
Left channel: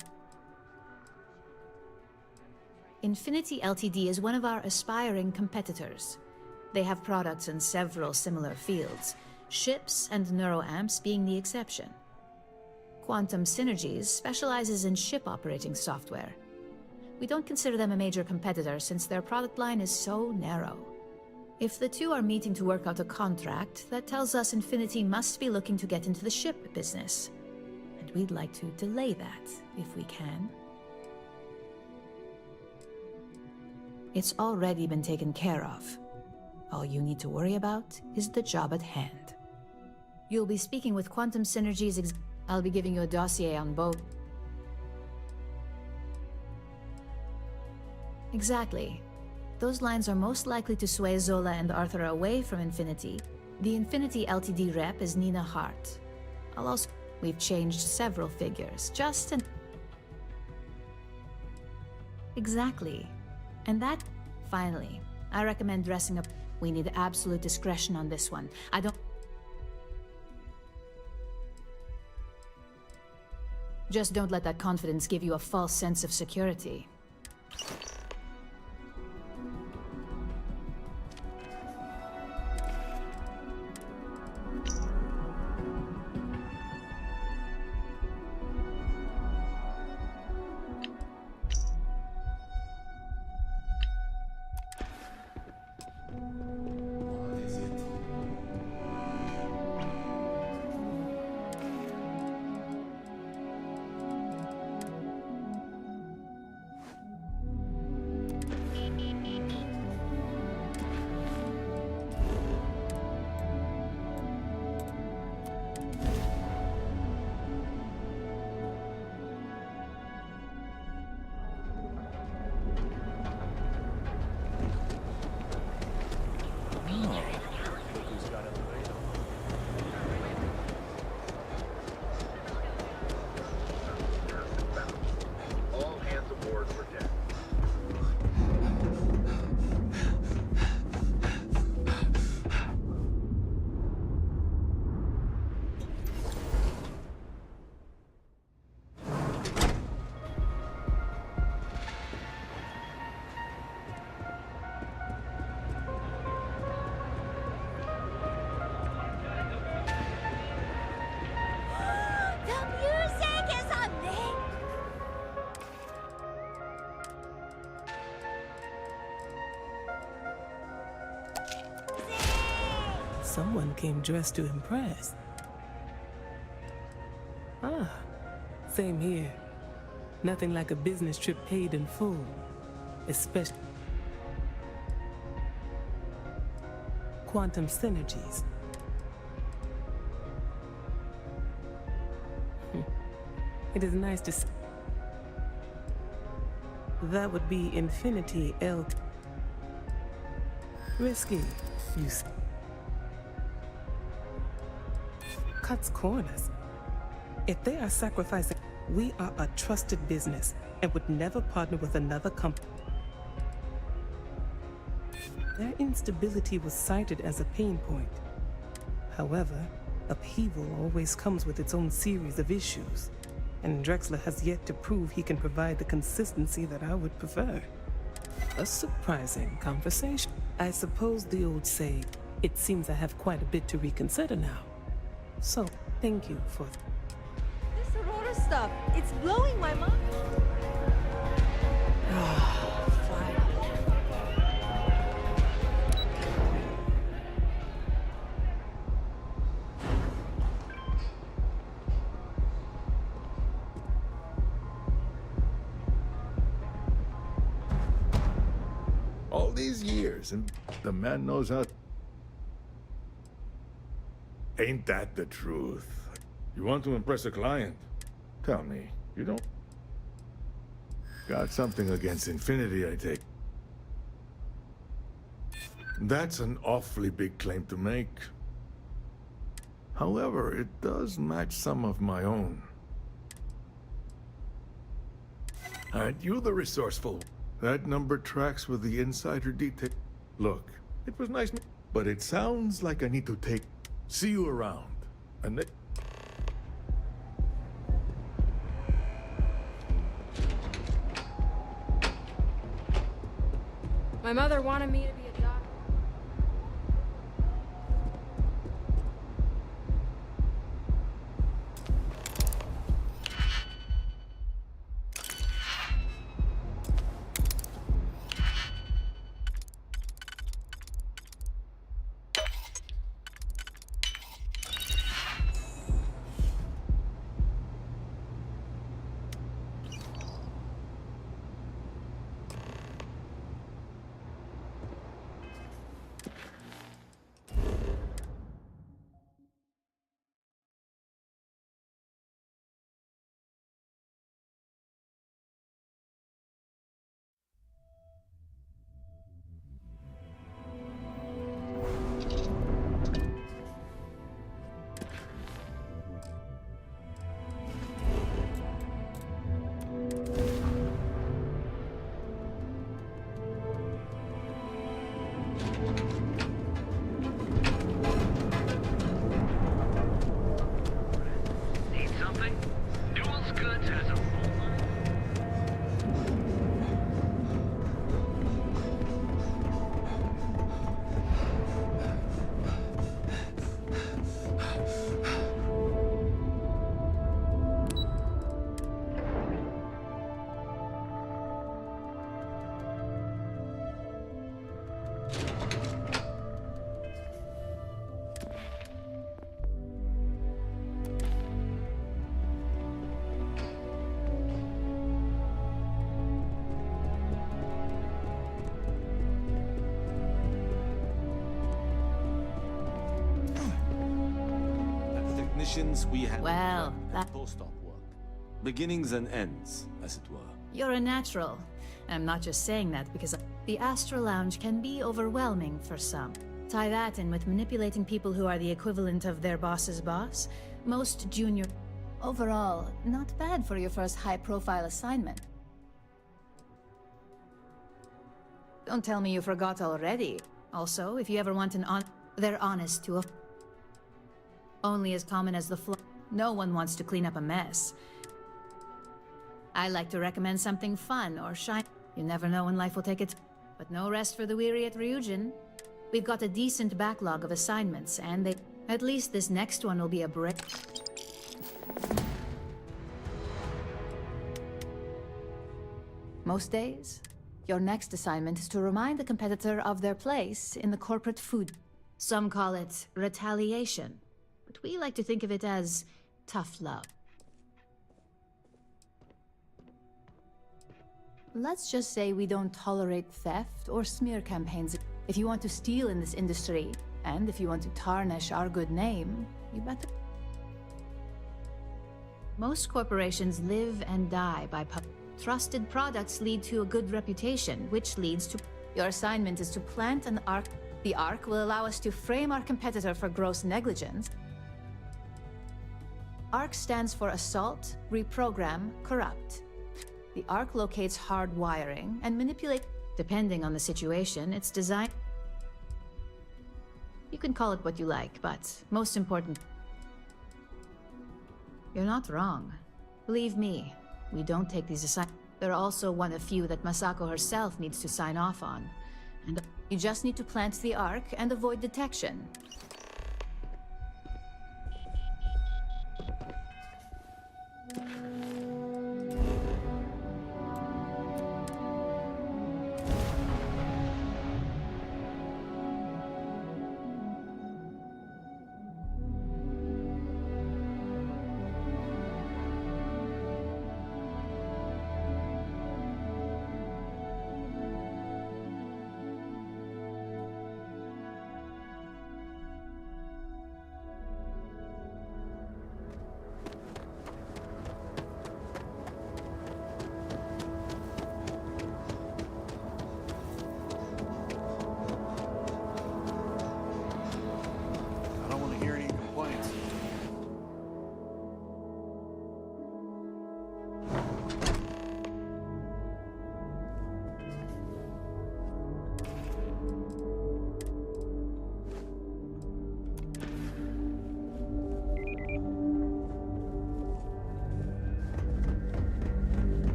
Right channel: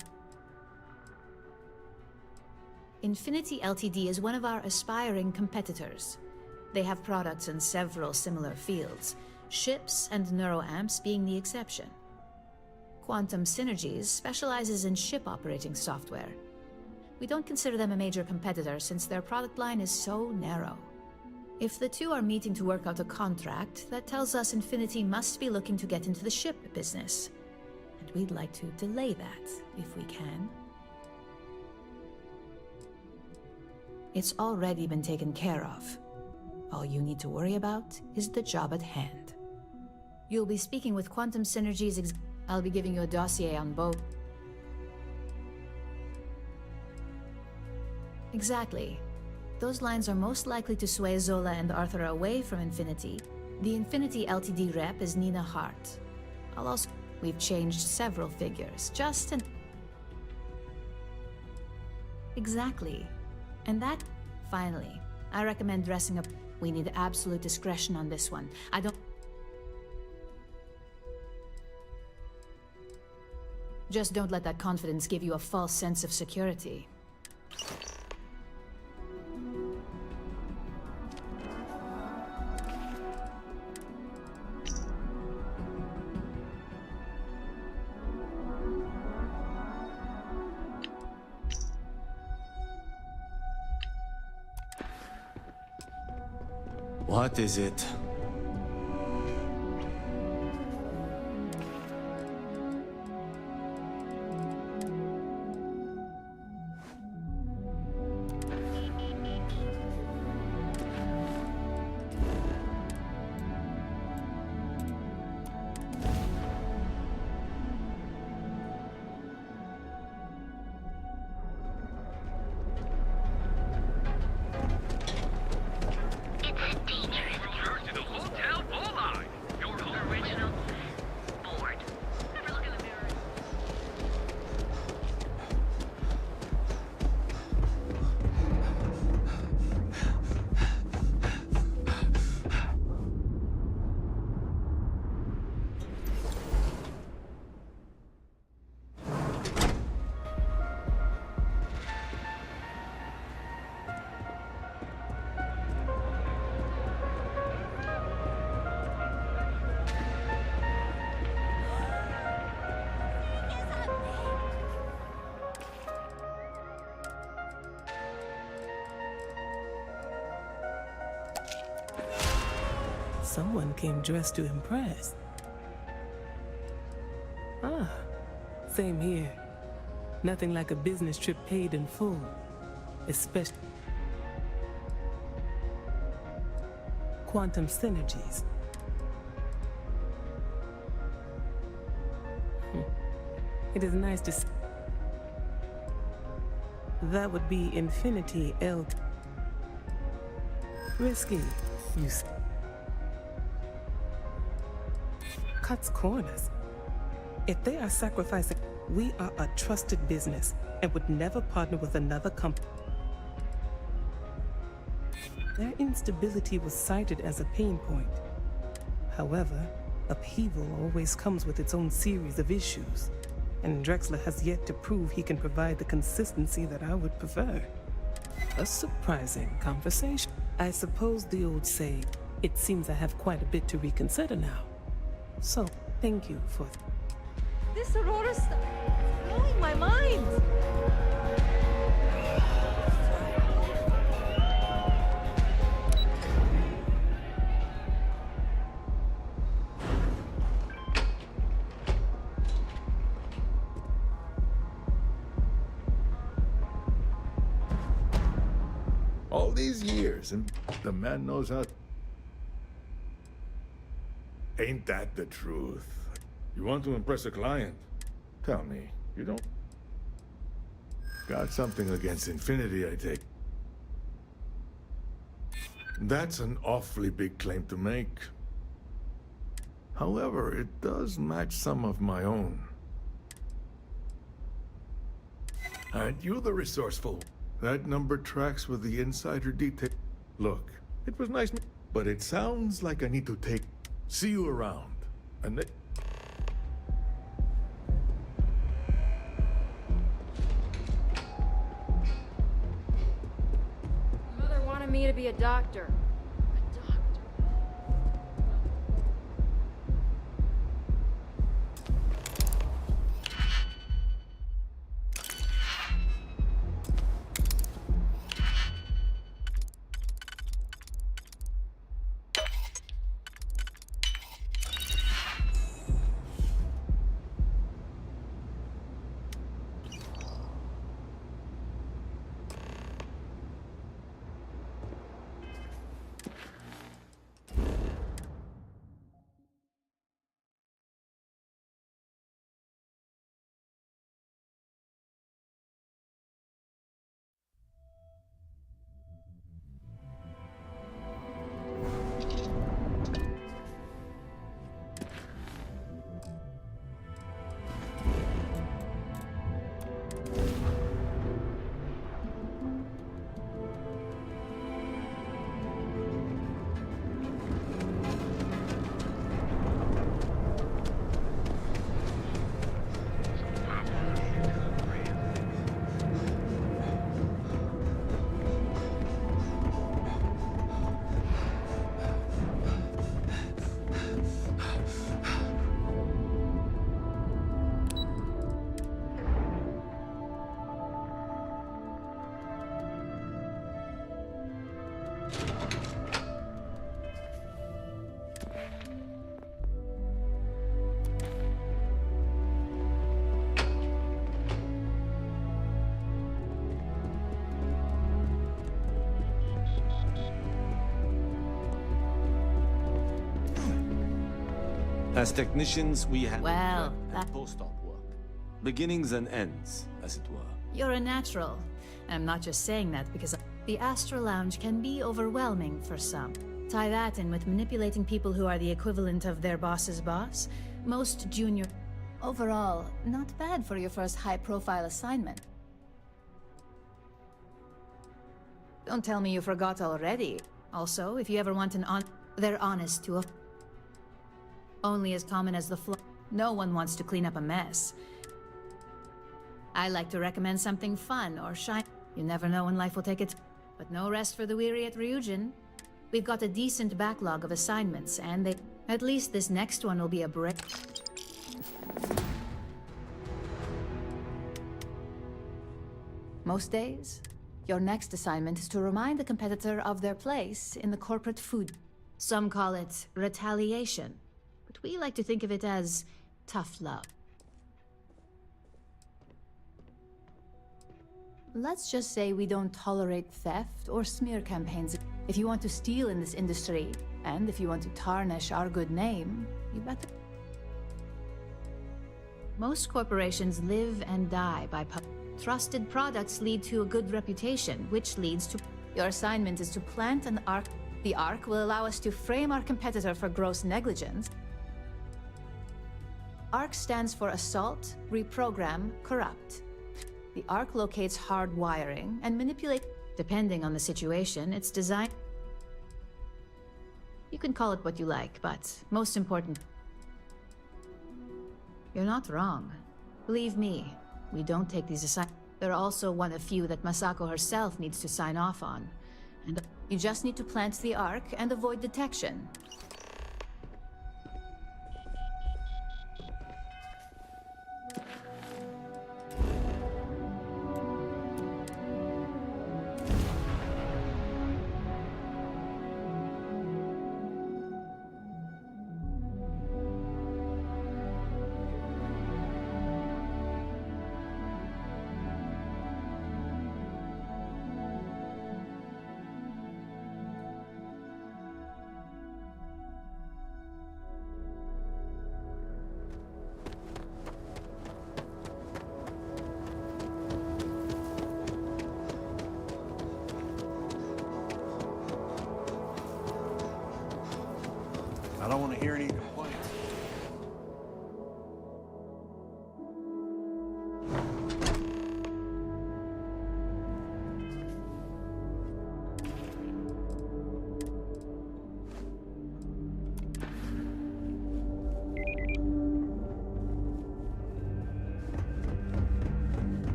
Infinity Ltd. Is one of our aspiring competitors. They have products in several similar fields, ships and neuroamps being the exception. Quantum Synergies specializes in ship operating software. We don't consider them a major competitor since their product line is so narrow. If the two are meeting to work out a contract, that tells us Infinity must be looking to get into the ship business. And we'd like to delay that, if we can. It's already been taken care of. All you need to worry about is the job at hand. You'll be speaking with Quantum Synergies. I'll be giving you a dossier on both. Exactly. Those lines are most likely to sway Zola and Arthur away from Infinity. The Infinity Ltd. Rep is Nina Hart. We've changed several figures, just an... Exactly. And that... Finally, I recommend dressing up. We need absolute discretion on this one. Just don't let that confidence give you a false sense of security. What is it? Someone came dressed to impress. Ah, same here. Nothing like a business trip paid in full. Especially Quantum Synergies. It is nice to see. That would be Infinity L. Risky, you see. Cuts corners. If they are sacrificing, we are a trusted business and would never partner with another company. Their instability was cited as a pain point. However, upheaval always comes with its own series of issues, and Drexler has yet to prove he can provide the consistency that I would prefer. A surprising conversation. I suppose the old saying, it seems I have quite a bit to reconsider now. So, thank you for... This Aurora stuff, it's blowing my mind! All these years, and the man knows how... Ain't that the truth? You want to impress a client? Tell me, you don't... Got something against Infinity, I take. That's an awfully big claim to make. However, it does match some of my own. Aren't you the resourceful? That number tracks with the insider detail. Look, it was nice, but it sounds like I need to take... See you around. And My mother wanted me to be a doctor. As technicians, we have Well, that... post-op work. Beginnings and ends, as it were. You're a natural. I'm not just saying that because the Astral Lounge can be overwhelming for some. Tie that in with manipulating people who are the equivalent of their boss's boss. Most junior... Overall, not bad for your first high-profile assignment. Don't tell me you forgot already. Also, if you ever want an they're honest to a... Only as common as the flaw. No one wants to clean up a mess. I like to recommend something fun or shine. You never know when life will take its... But no rest for the weary at Ryujin. We've got a decent backlog of assignments, and at least this next one will be a break. Most days, your next assignment is to remind the competitor of their place in the corporate food. Some call it retaliation, but we like to think of it as tough love. Let's just say we don't tolerate theft or smear campaigns. If you want to steal in this industry, and if you want to tarnish our good name, you better... Most corporations live and die by trusted products lead to a good reputation, which leads to... Your assignment is to plant an arc. The arc will allow us to frame our competitor for gross negligence. ARC stands for Assault, Reprogram, Corrupt. The ARC locates hard wiring and manipulates... Depending on the situation, it's designed... You can call it what you like, but most important... You're not wrong. Believe me, we don't take these assignments. They're also one of few that Masako herself needs to sign off on. And you just need to plant the ARC and avoid detection.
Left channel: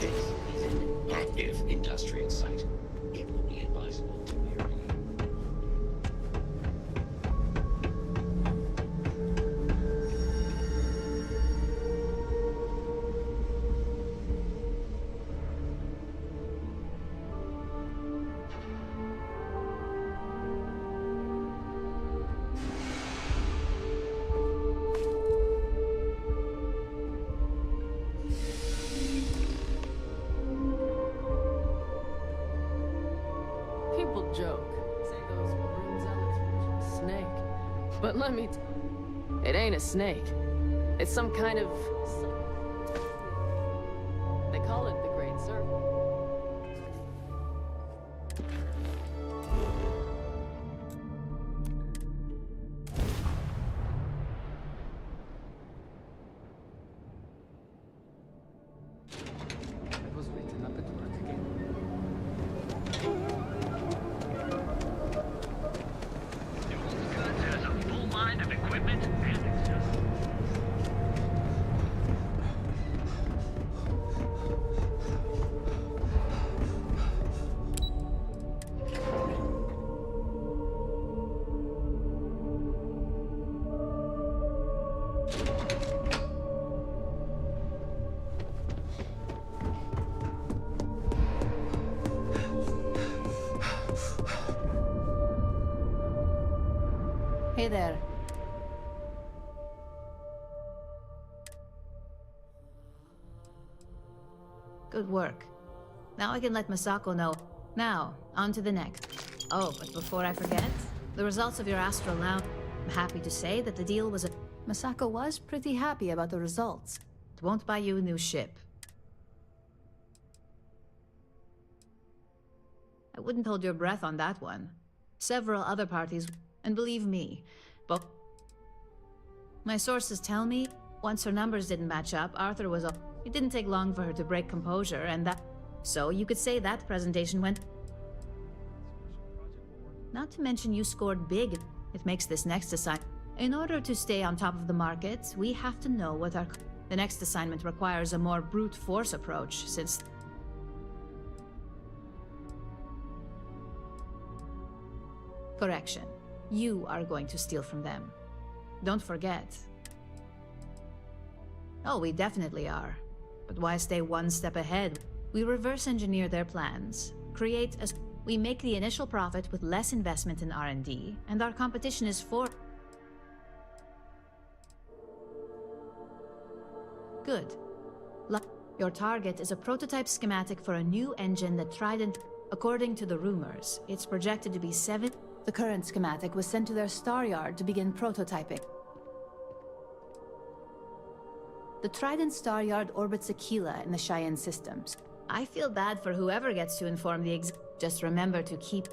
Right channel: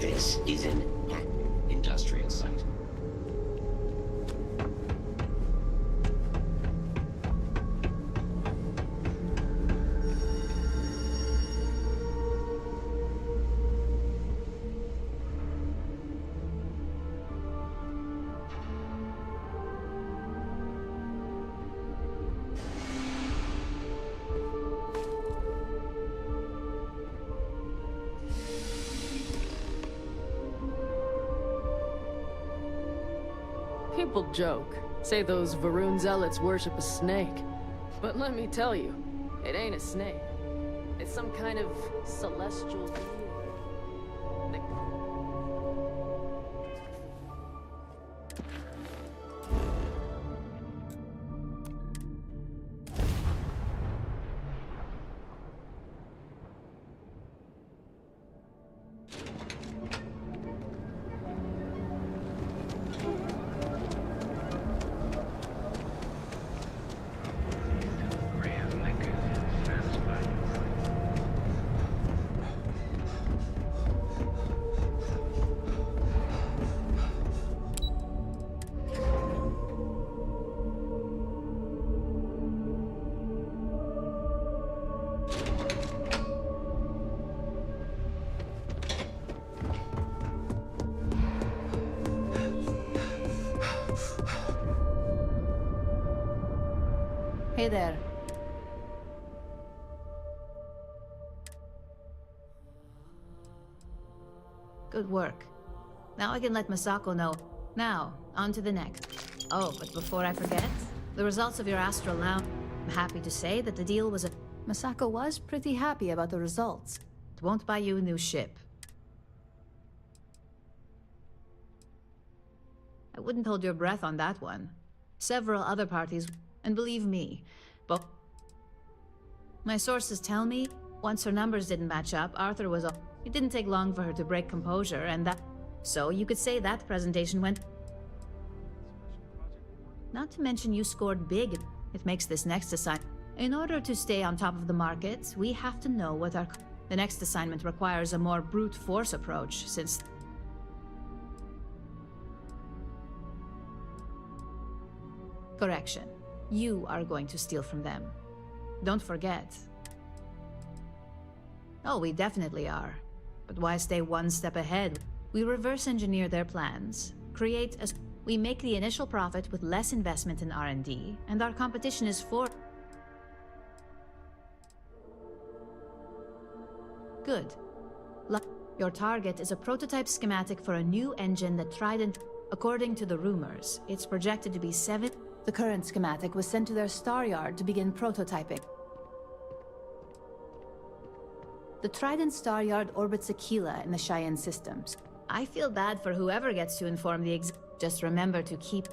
This is an active industrial site. It would be advisable. People joke, say those Varun zealots worship a snake. But let me tell you, it ain't a snake. It's some kind of celestial being. They call it the Great Serpent. Hey there. Good work. Now I can let Masako know. Now, on to the next. Oh, but before I forget, the results of your astral lounge. I'm happy to say that the deal was a... Masako was pretty happy about the results. It won't buy you a new ship. I wouldn't hold your breath on that one. Several other parties, and believe me, but my sources tell me once her numbers didn't match up, Arthur was up. It didn't take long for her to break composure, and that... So you could say that presentation went... Not to mention you scored big. It makes this next assignment. In order to stay on top of the market, we have to know what our... The next assignment requires a more brute force approach, since... Correction. You are going to steal from them. Don't forget. Oh, we definitely are. But why stay one step ahead? We reverse engineer their plans, create a... We make the initial profit with less investment in R&D, and our competition is for... Good. Your target is a prototype schematic for a new engine that Trident... According to the rumors, it's projected to be 7... The current schematic was sent to their star yard to begin prototyping. The Trident star yard orbits Aquila in the Cheyenne systems. I feel bad for whoever gets to inform the Just remember to keep...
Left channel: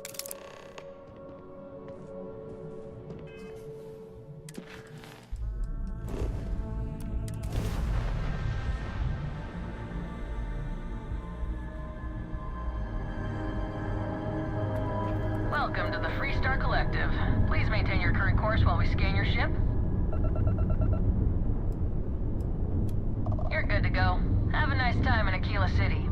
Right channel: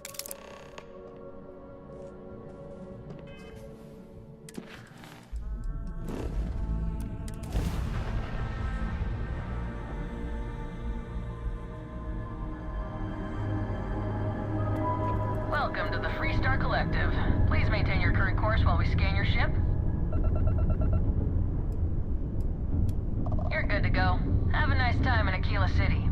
Welcome to the Freestar Collective. Please maintain your current course while we scan your ship. You're good to go. Have a nice time in Aquila City.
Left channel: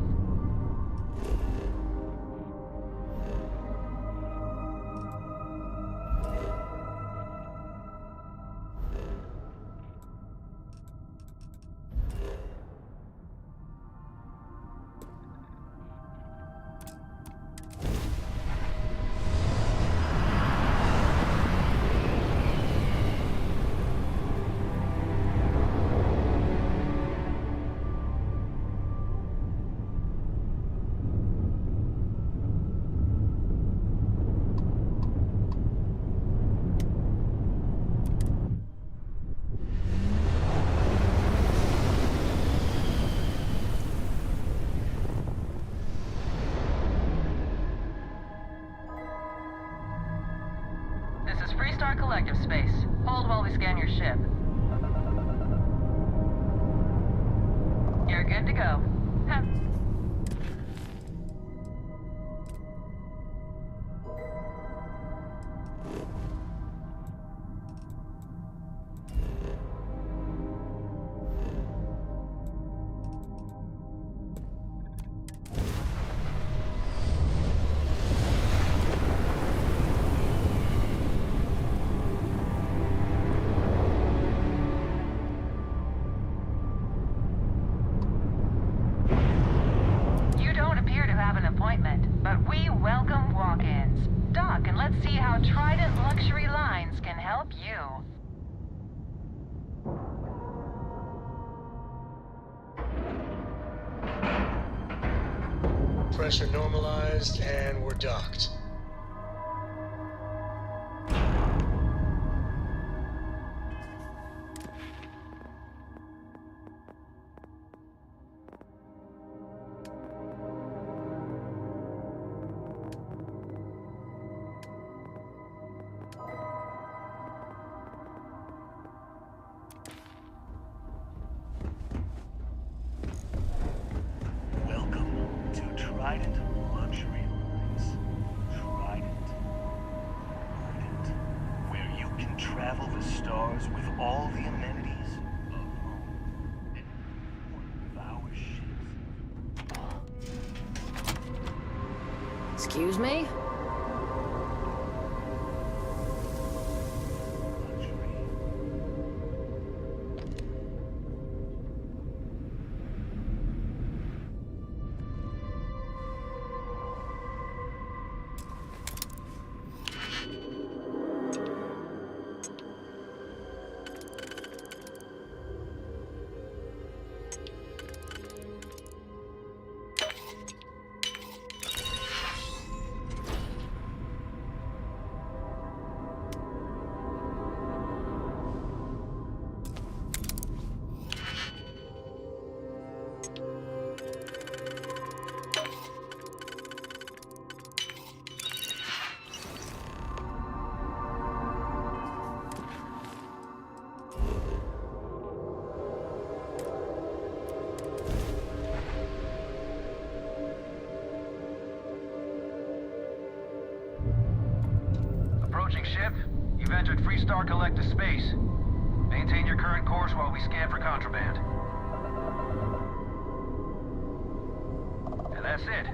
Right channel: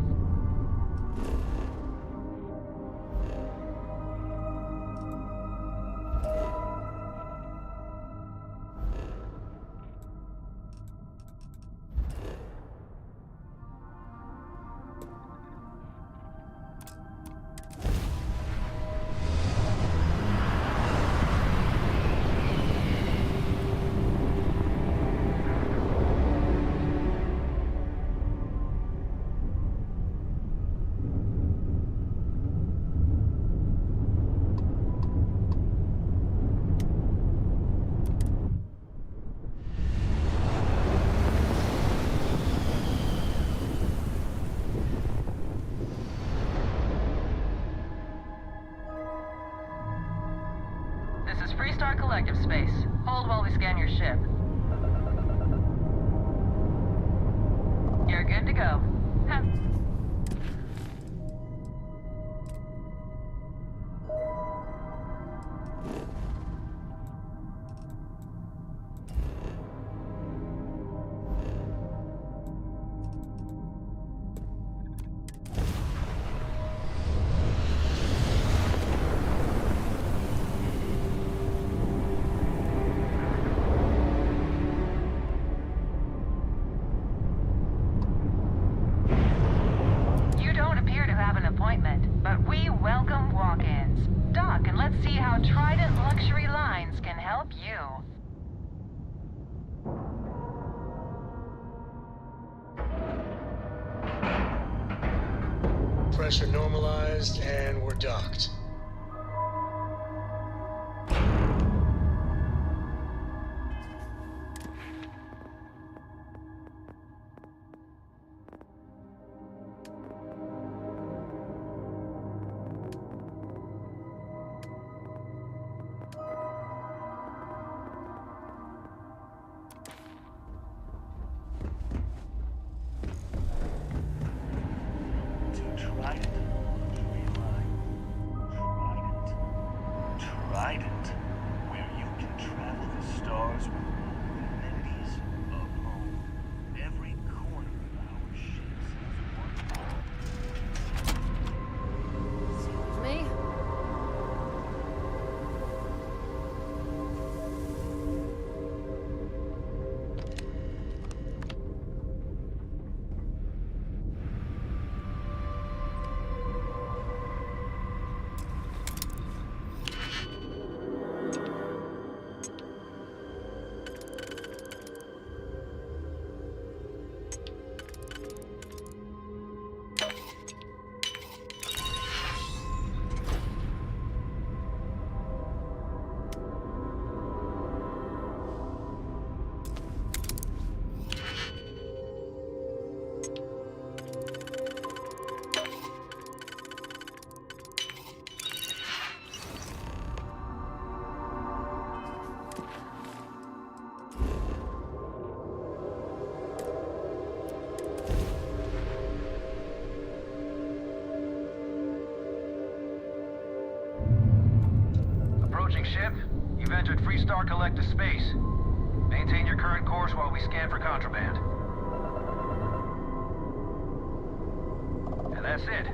This is Freestar Collective space. Hold while we scan your ship. You're good to go. but we welcome walk-ins. Dock and let's see how Trident Luxury Lines can help you. Pressure normalized, and we're docked. Trident Luxury Lines. Trident, where you can travel the stars with all the amenities of home. Every corner of our ships has one. Excuse me? Approaching ship. You've entered Freestar Collective space. Maintain your current course while we scan for contraband. And that's it.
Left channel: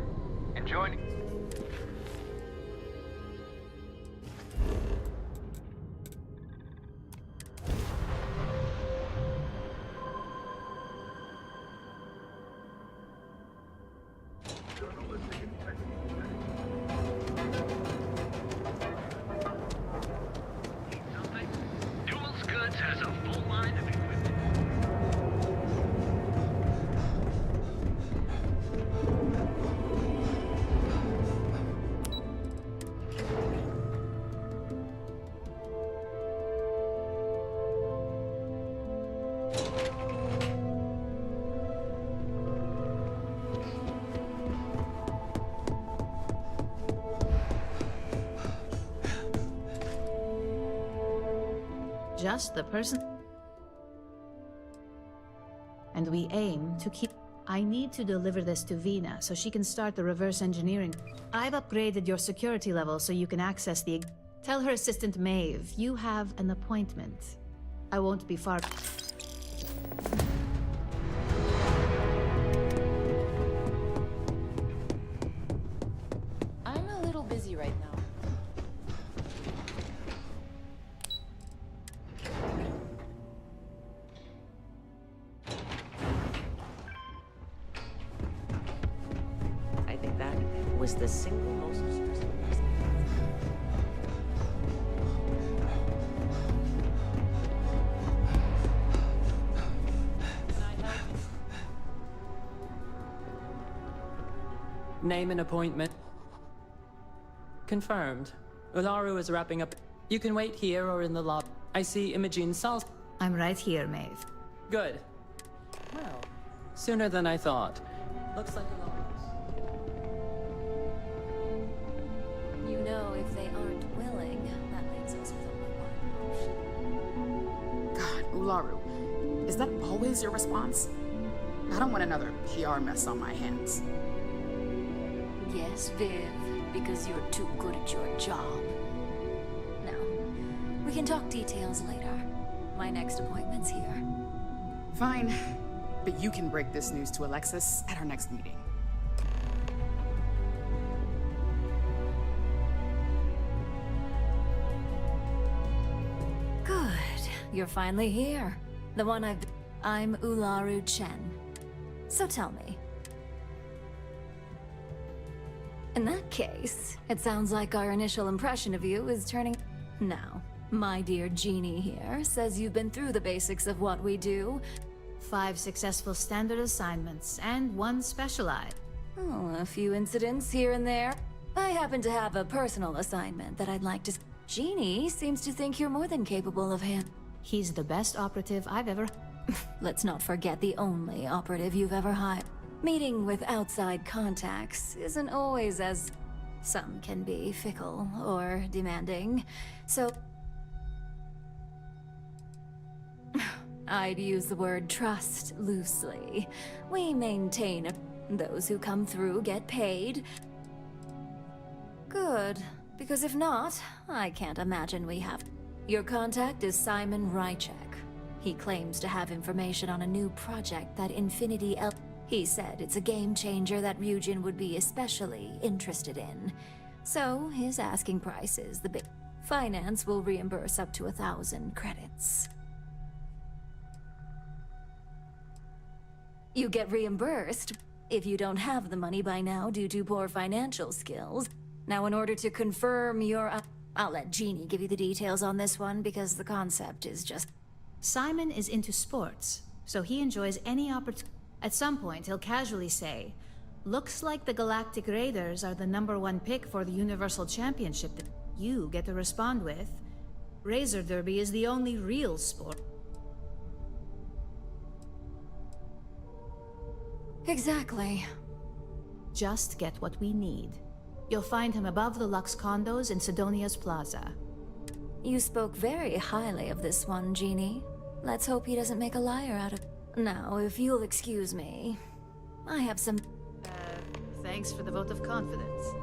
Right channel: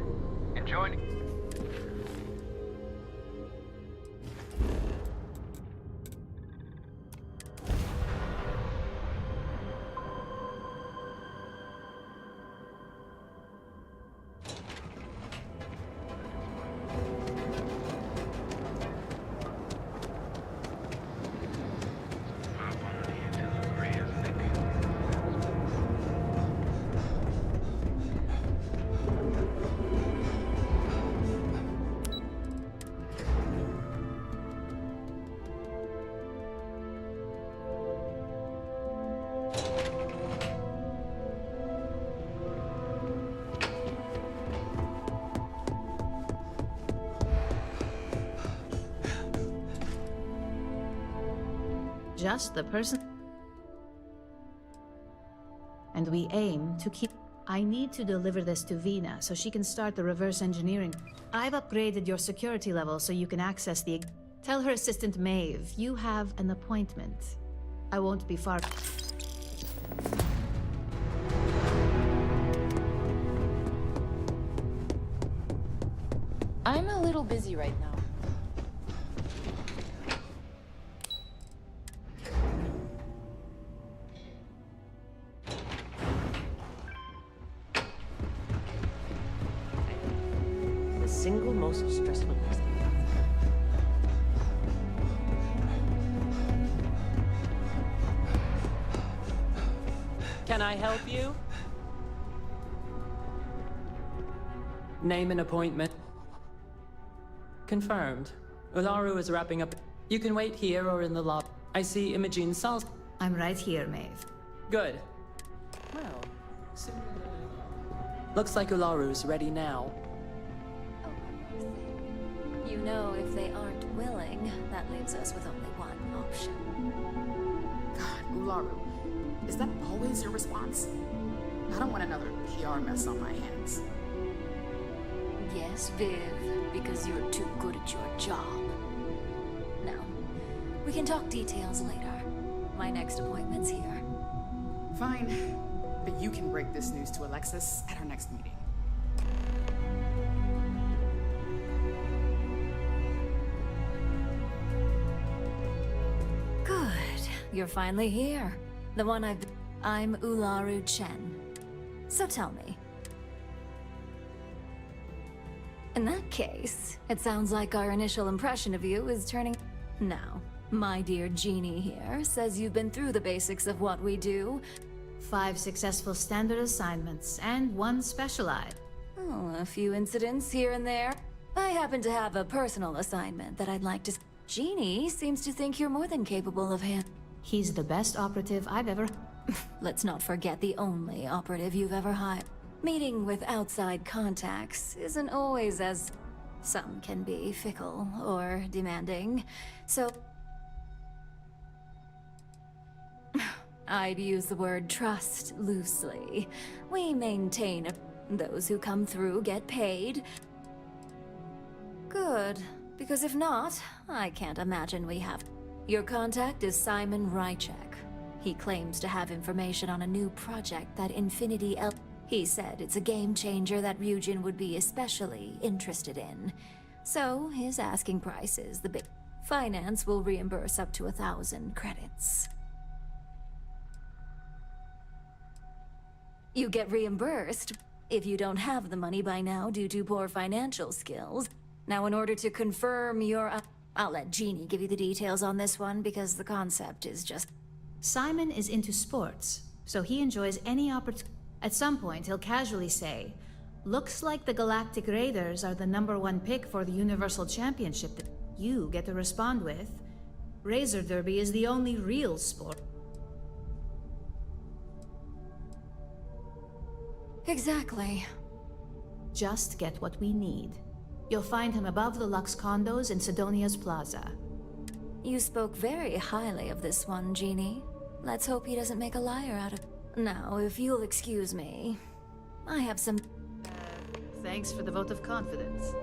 Enjoy... Just the person. And we aim to keep... I need to deliver this to Vina so she can start the reverse engineering. I've upgraded your security level so you can access the... Tell her assistant Maeve, you have an appointment. I won't be far... I'm a little busy right now. The single most stressful person. Can I help you? Name an appointment. Confirmed. Ularu is wrapping up. You can wait here or in the lobby. I see Imogene Sals. I'm right here, Maeve. Good. Well, sooner than I thought. Looks like Ularu's ready now. You know, if they aren't willing, that leaves us with only one option. God, Ularu, is that always your response? I don't want another PR mess on my hands. Yes, Viv, because you're too good at your job. Now, we can talk details later. My next appointment's here. Fine, but you can break this news to Alexis at our next meeting. Good. You're finally here. The one I'm Ularu Chen. So tell me. In that case, it sounds like our initial impression of you is turning... Now, my dear Jeannie here says you've been through the basics of what we do. 5 successful standard assignments, and 1 specialized. Oh, a few incidents here and there. I happen to have a personal assignment that I'd like to... Jeannie seems to think you're more than capable of him. He's the best operative I've ever... Let's not forget the only operative you've ever hired. Meeting with outside contacts isn't always as... Some can be fickle or demanding, so... I'd use the word trust loosely. We maintain those who come through get paid. Good, because if not, I can't imagine we have... Your contact is Simon Rychek. He claims to have information on a new project that Infinity L... He said it's a game changer that Ryujin would be especially interested in. So, his asking price is the big... Finance will reimburse up to 1,000 credits. You get reimbursed if you don't have the money by now due to poor financial skills. Now, in order to confirm your... I'll let Jeannie give you the details on this one because the concept is just... Simon is into sports, so he enjoys any opportunity. At some point, he'll casually say, "Looks like the Galactic Raiders are the #1 pick for the Universal Championship." That you get to respond with, "Razor Derby is the only real sport." Exactly. Just get what we need. You'll find him above the Lux condos in Sidonia's Plaza. You spoke very highly of this one, Jeannie. Let's hope he doesn't make a liar out of... Now, if you'll excuse me, I have some... Thanks for the vote of confidence.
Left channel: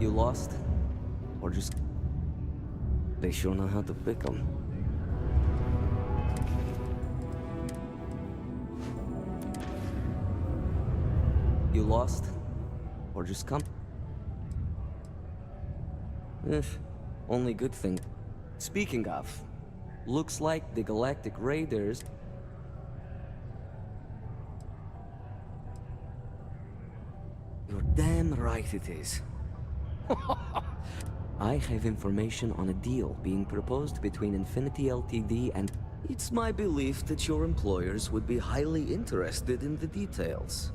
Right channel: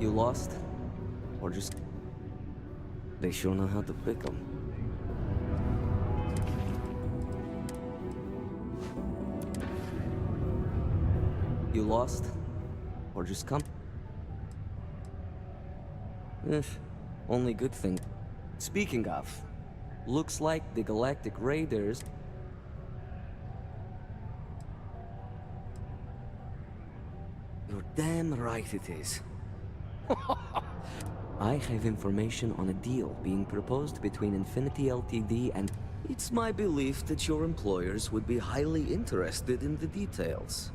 You lost? Or just... They sure know how to pick 'em. You lost? Or just come? Only good thing. Speaking of, looks like the Galactic Raiders... You're damn right it is. I have information on a deal being proposed between Infinity Ltd. and... It's my belief that your employers would be highly interested in the details.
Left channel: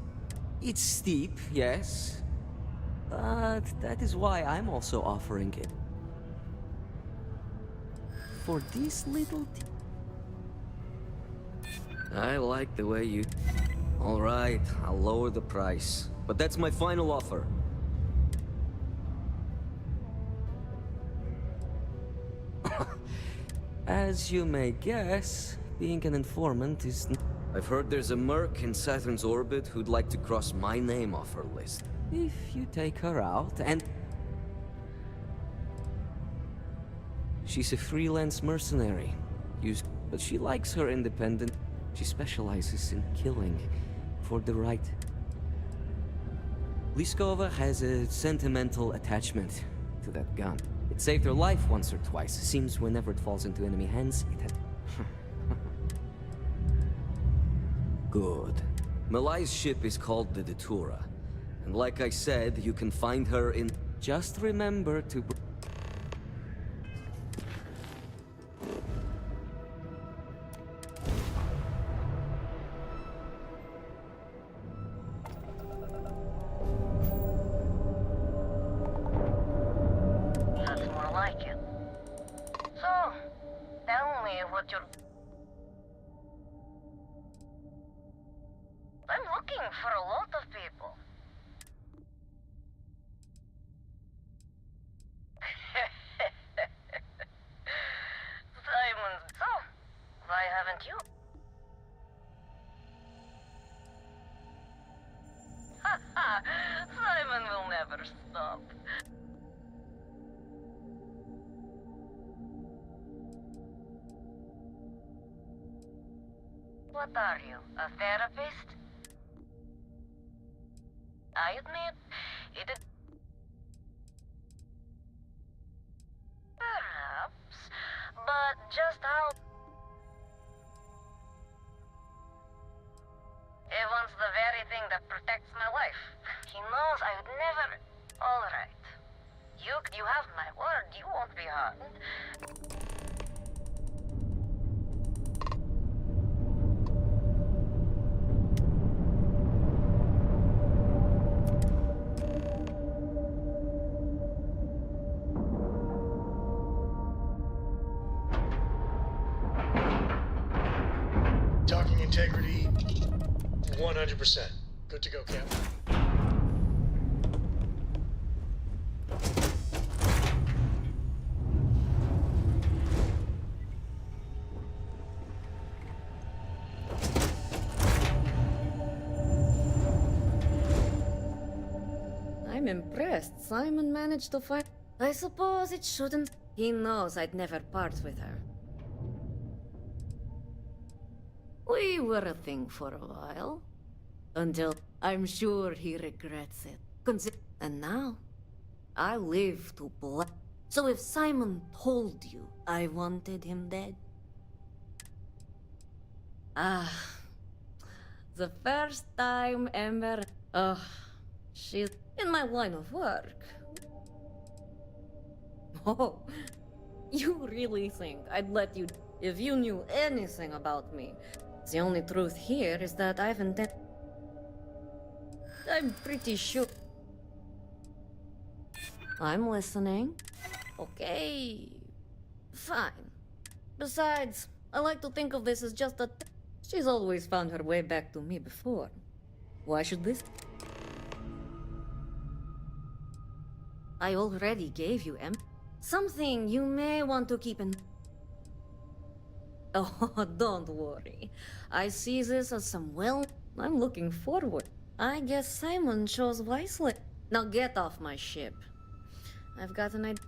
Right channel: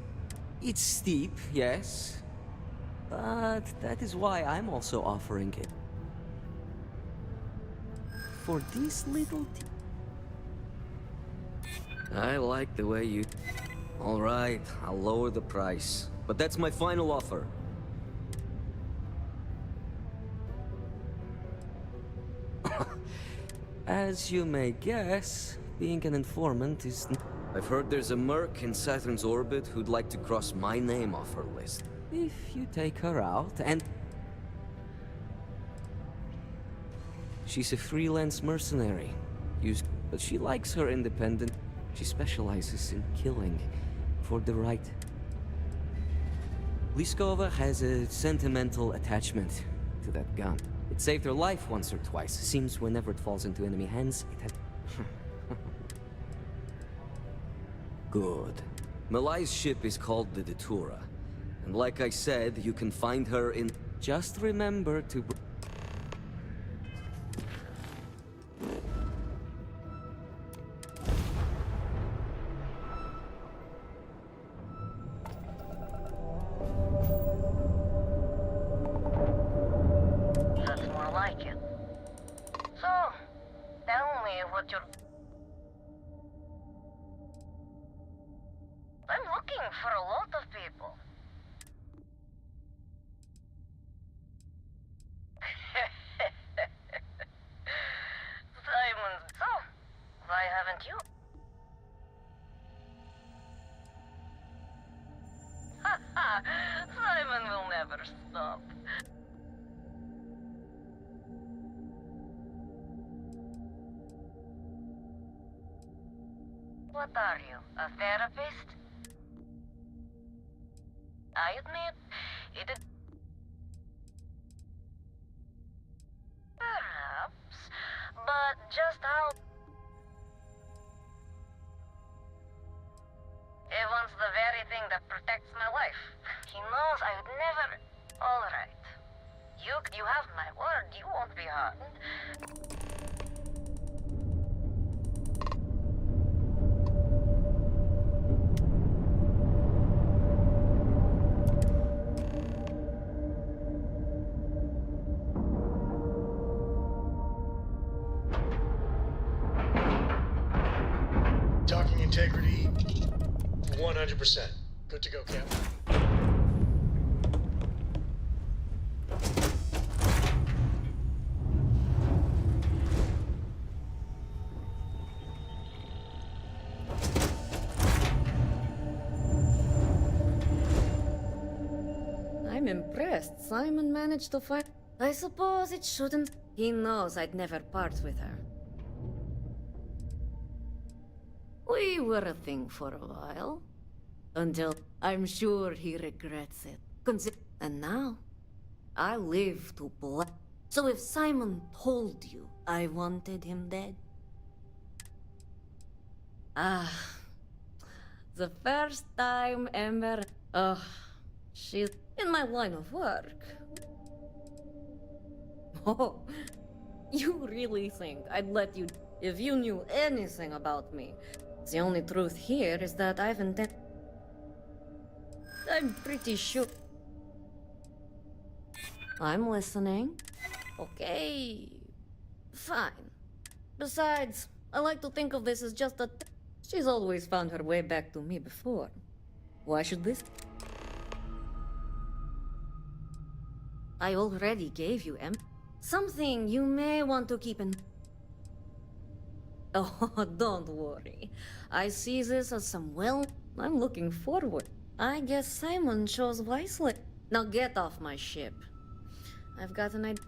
It's steep, yes. But that is why I'm also offering it. For this little... I like the way you... All right, I'll lower the price. But that's my final offer. As you may guess, being an informant is... I've heard there's a merc in Saturn's orbit who'd like to cross my name off her list. If you take her out and... She's a freelance mercenary. But she likes her independent... She specializes in killing for the right. Liskova has a sentimental attachment to that gun. It saved her life once or twice. Seems whenever it falls into enemy hands, it had... Good. Malai's ship is called the Datura. And like I said, you can find her in... Just remember to... That's more like it. So, tell me what you're... I'm looking for a lot of people. Simon, so, why haven't you? Haha, Simon will never stop. What are you, a therapist? I admit, it is... Perhaps, but just how... He wants the very thing that protects my life. He knows I would never... Alright. You have my word, you won't be harmed. Docking integrity, 100%. Good to go, Captain. I'm impressed. Simon managed to find... I suppose it shouldn't... He knows I'd never part with her. We were a thing for a while. Until I'm sure he regrets it. And now, I live to black. So if Simon told you I wanted him dead... Ah... The first time Ember... she's in my line of work. Oh, you really think I'd let you... If you knew anything about me... The only truth here is that I've intended... I'm pretty sure... I'm listening. Okay... Fine. Besides, I like to think of this as just a... She's always found her way back to me before. Why should this... I already gave you something you may want to keep in... Oh, don't worry. I see this as some I'm looking forward. I guess Simon chose wisely. Now get off my ship. I've got an idea.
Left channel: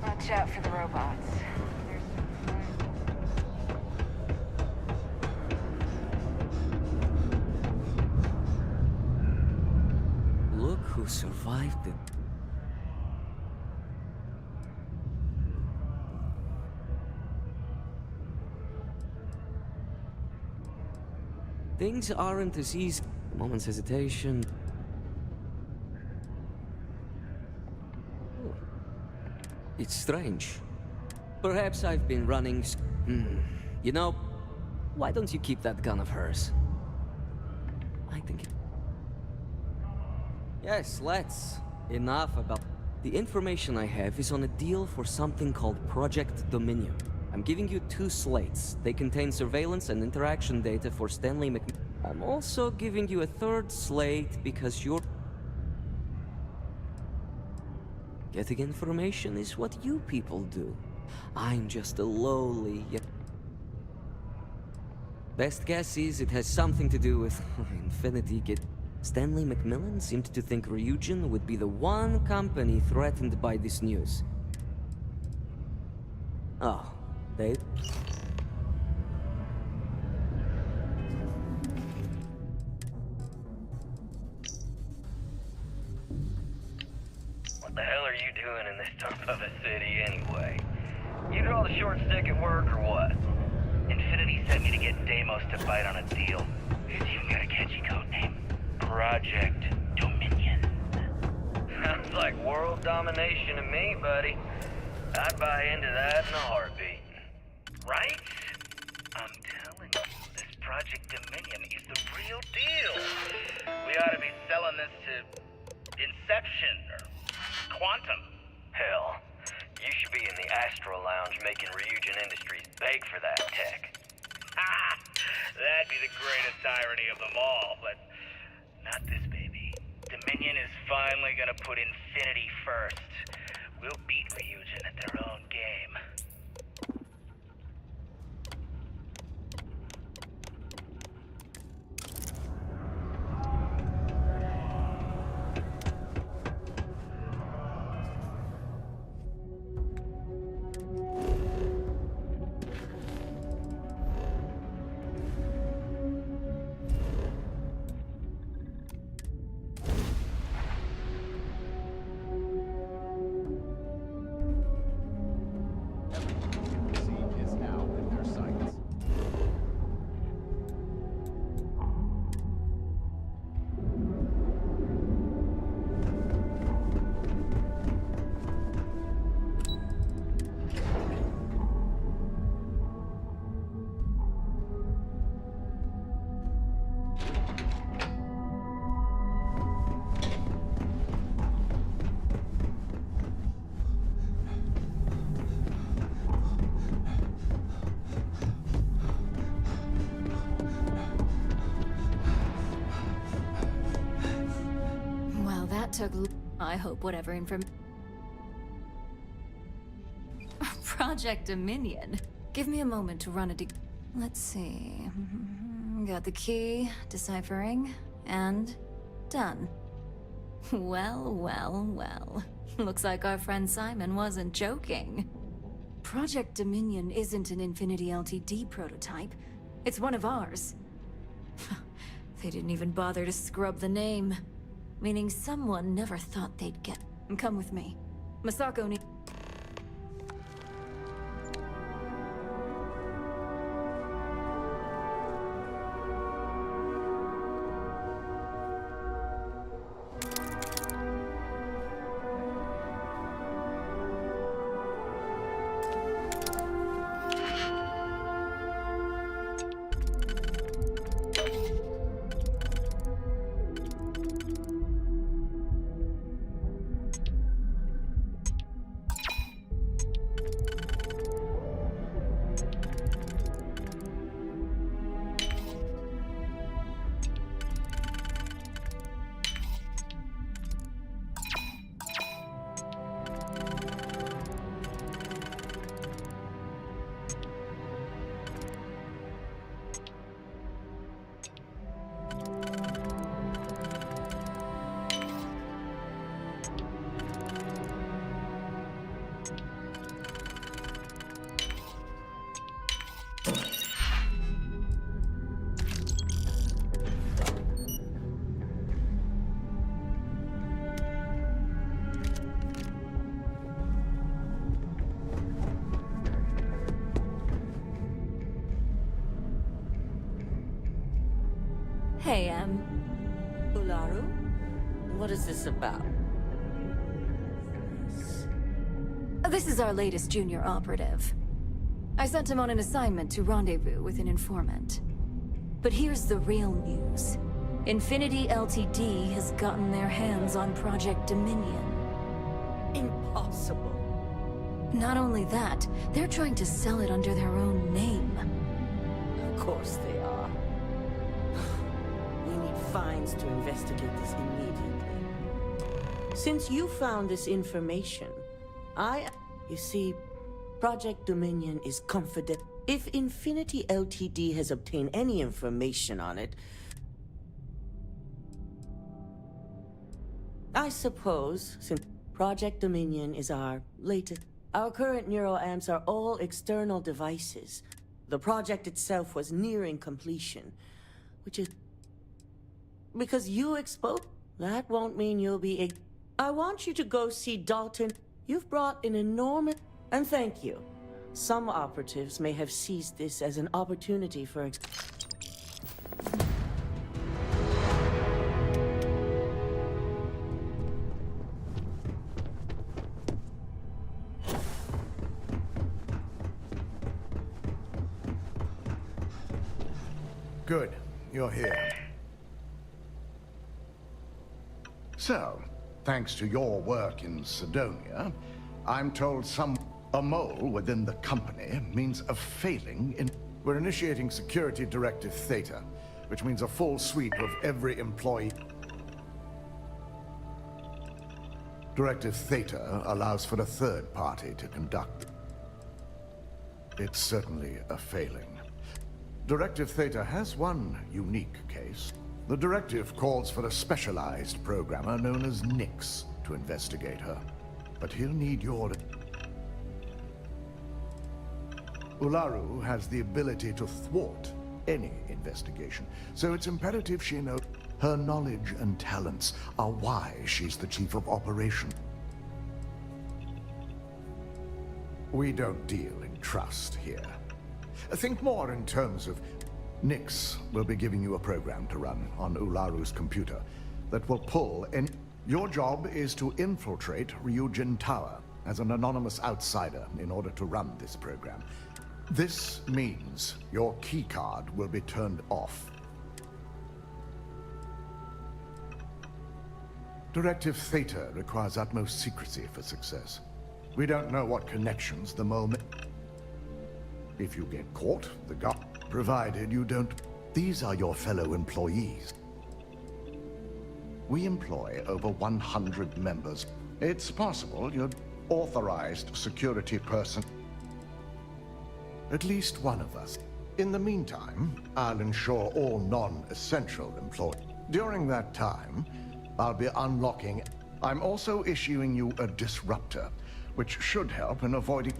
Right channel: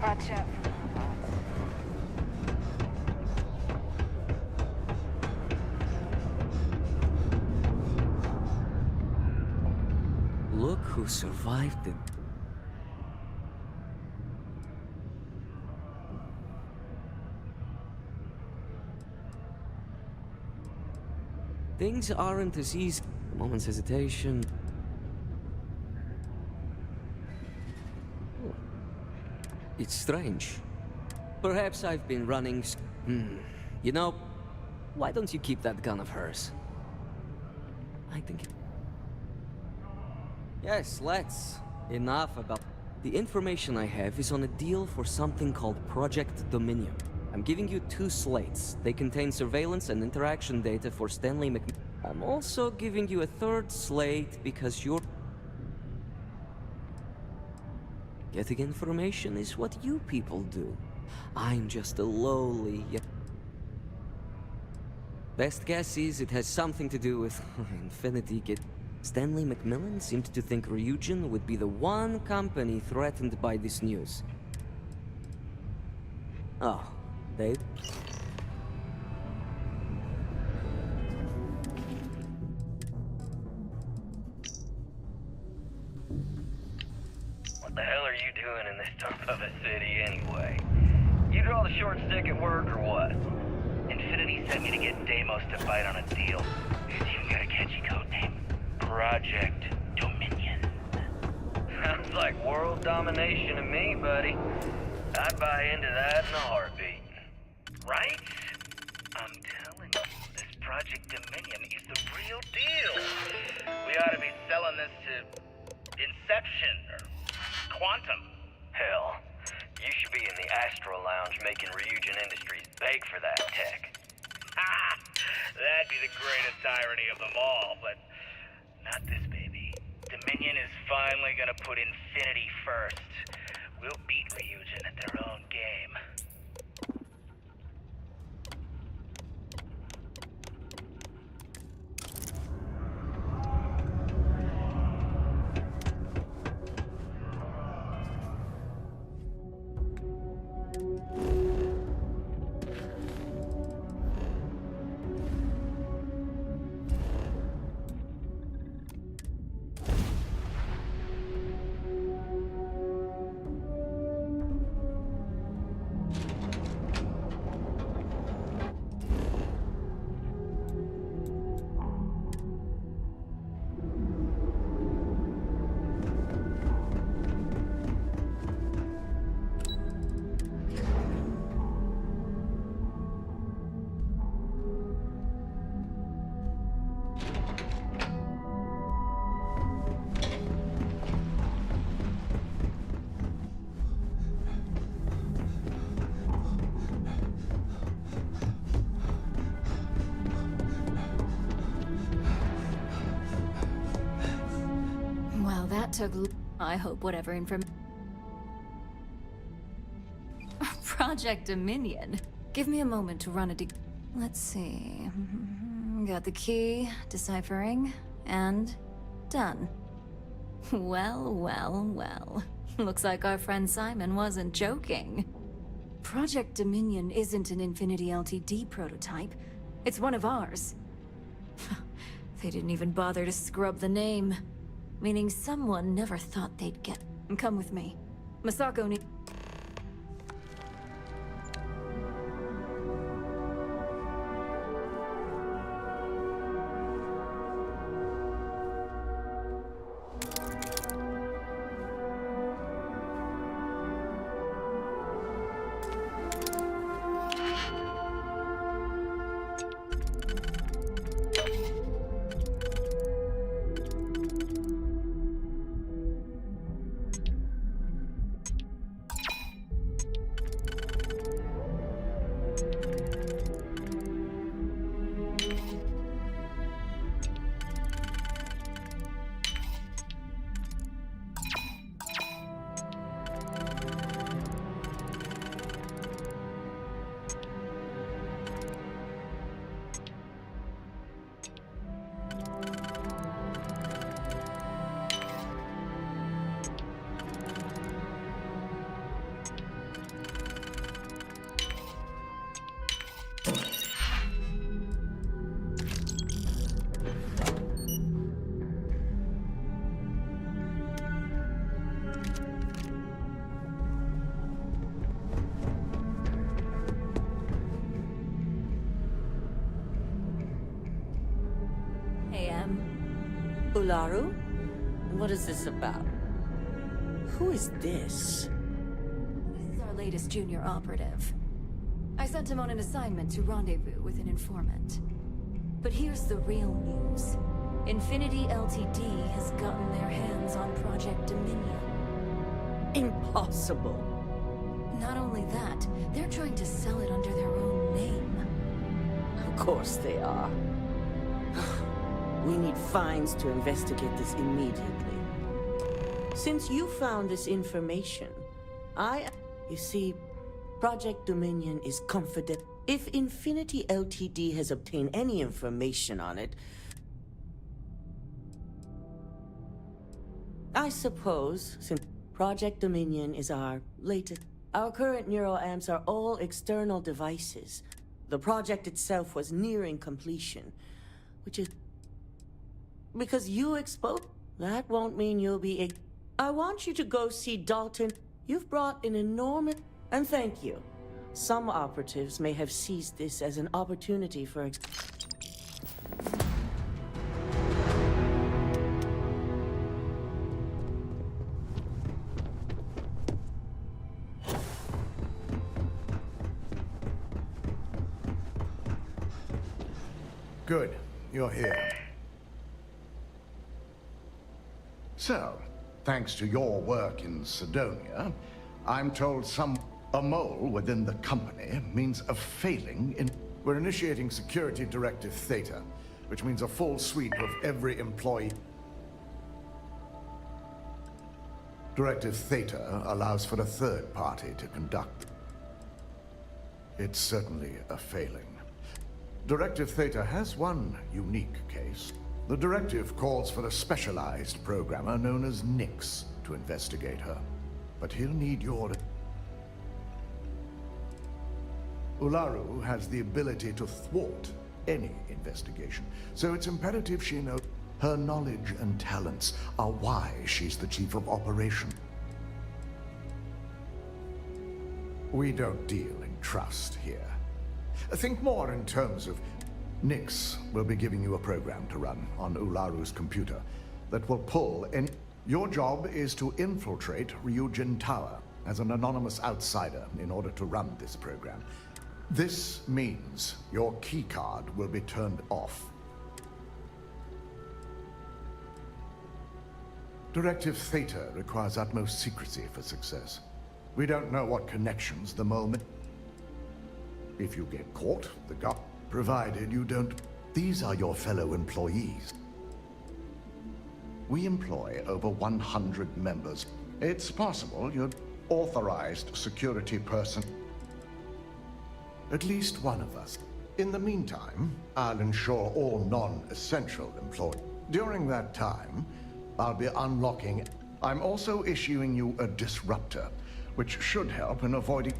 Watch out for the robots. Look who survived it. Things aren't as easy. A moment's hesitation. Oh. It's strange. Perhaps I've been running. You know, why don't you keep that gun of hers? I think it. Yes, let's. Enough about. The information I have is on a deal for something called Project Dominion. I'm giving you 2 slates. They contain surveillance and interaction data for Stanley Mc... I'm also giving you a 3rd slate because you're... Getting information is what you people do. I'm just a lowly... Best guess is it has something to do with Infinity Gate. Stanley Macmillan seemed to think Ryujin would be the one company threatened by this news. Oh, they... What the hell are you doing in this dump of a city anyway? You draw the short stick at work or what? Infinity sent me to get Deimos to bite on a deal. It's even got a catchy code name. Project Dominion. Sounds like world domination to me, buddy. I'd buy into that in a heartbeat. Right? I'm telling you, this Project Dominion is the real deal. We ought to be selling this to Inception or Quantum. Hell, you should be in the Astro Lounge making Ryujin Industries beg for that tech. Ha! That'd be the greatest irony of them all, but not this baby. Dominion is finally gonna put Infinity first. We'll beat Ryujin at their own game. Well, that took... I hope whatever information... Project Dominion. Give me a moment to run a Let's see... Got the key, deciphering, and... done. Well, well, well. Looks like our friend Simon wasn't joking. Project Dominion isn't an Infinity LTD prototype. It's one of ours. They didn't even bother to scrub the name. Meaning someone never thought they'd get... Come with me. Masako need... Hey, Ularu? What is this about? Who is this? This is our latest junior operative. I sent him on an assignment to rendezvous with an informant. But here's the real news. Infinity Ltd has gotten their hands on Project Dominion. Impossible. Not only that, they're trying to sell it under their own name. Of course they are. We need Fines to investigate this immediately. Since you found this information, You see, Project Dominion is confident. If Infinity Ltd has obtained any information on it, I suppose, since Project Dominion is our latest... Our current neuroamps are all external devices. The project itself was nearing completion, which is... Because you exposed... That won't mean you'll be... I want you to go see Dalton. You've brought an enormous... And thank you. Some operatives may have seized this as an opportunity for... Good. You're here. So, thanks to your work in Sidonia, I'm told a mole within the company means a failing in... We're initiating Security Directive Theta, which means a full sweep of every employee. Directive Theta allows for a third party to conduct. It's certainly a failing. Directive Theta has one unique case. The directive calls for a specialized programmer known as Nix to investigate her. But he'll need your... Ularu has the ability to thwart any investigation, so it's imperative she knows her knowledge and talents are why she's the chief of operation. We don't deal in trust here. Think more in terms of... Nix will be giving you a program to run on Ularu's computer that will pull any... Your job is to infiltrate Ryujin Tower as an anonymous outsider in order to run this program. This means your keycard will be turned off. Directive Theta requires utmost secrecy for success. We don't know what connections the mole... If you get caught, the guard... Provided you don't... These are your fellow employees. We employ over 100 members. It's possible you're authorized security person. At least one of us. In the meantime, I'll ensure all non-essential employees. During that time, I'll be unlocking... I'm also issuing you a disruptor, which should help in avoiding...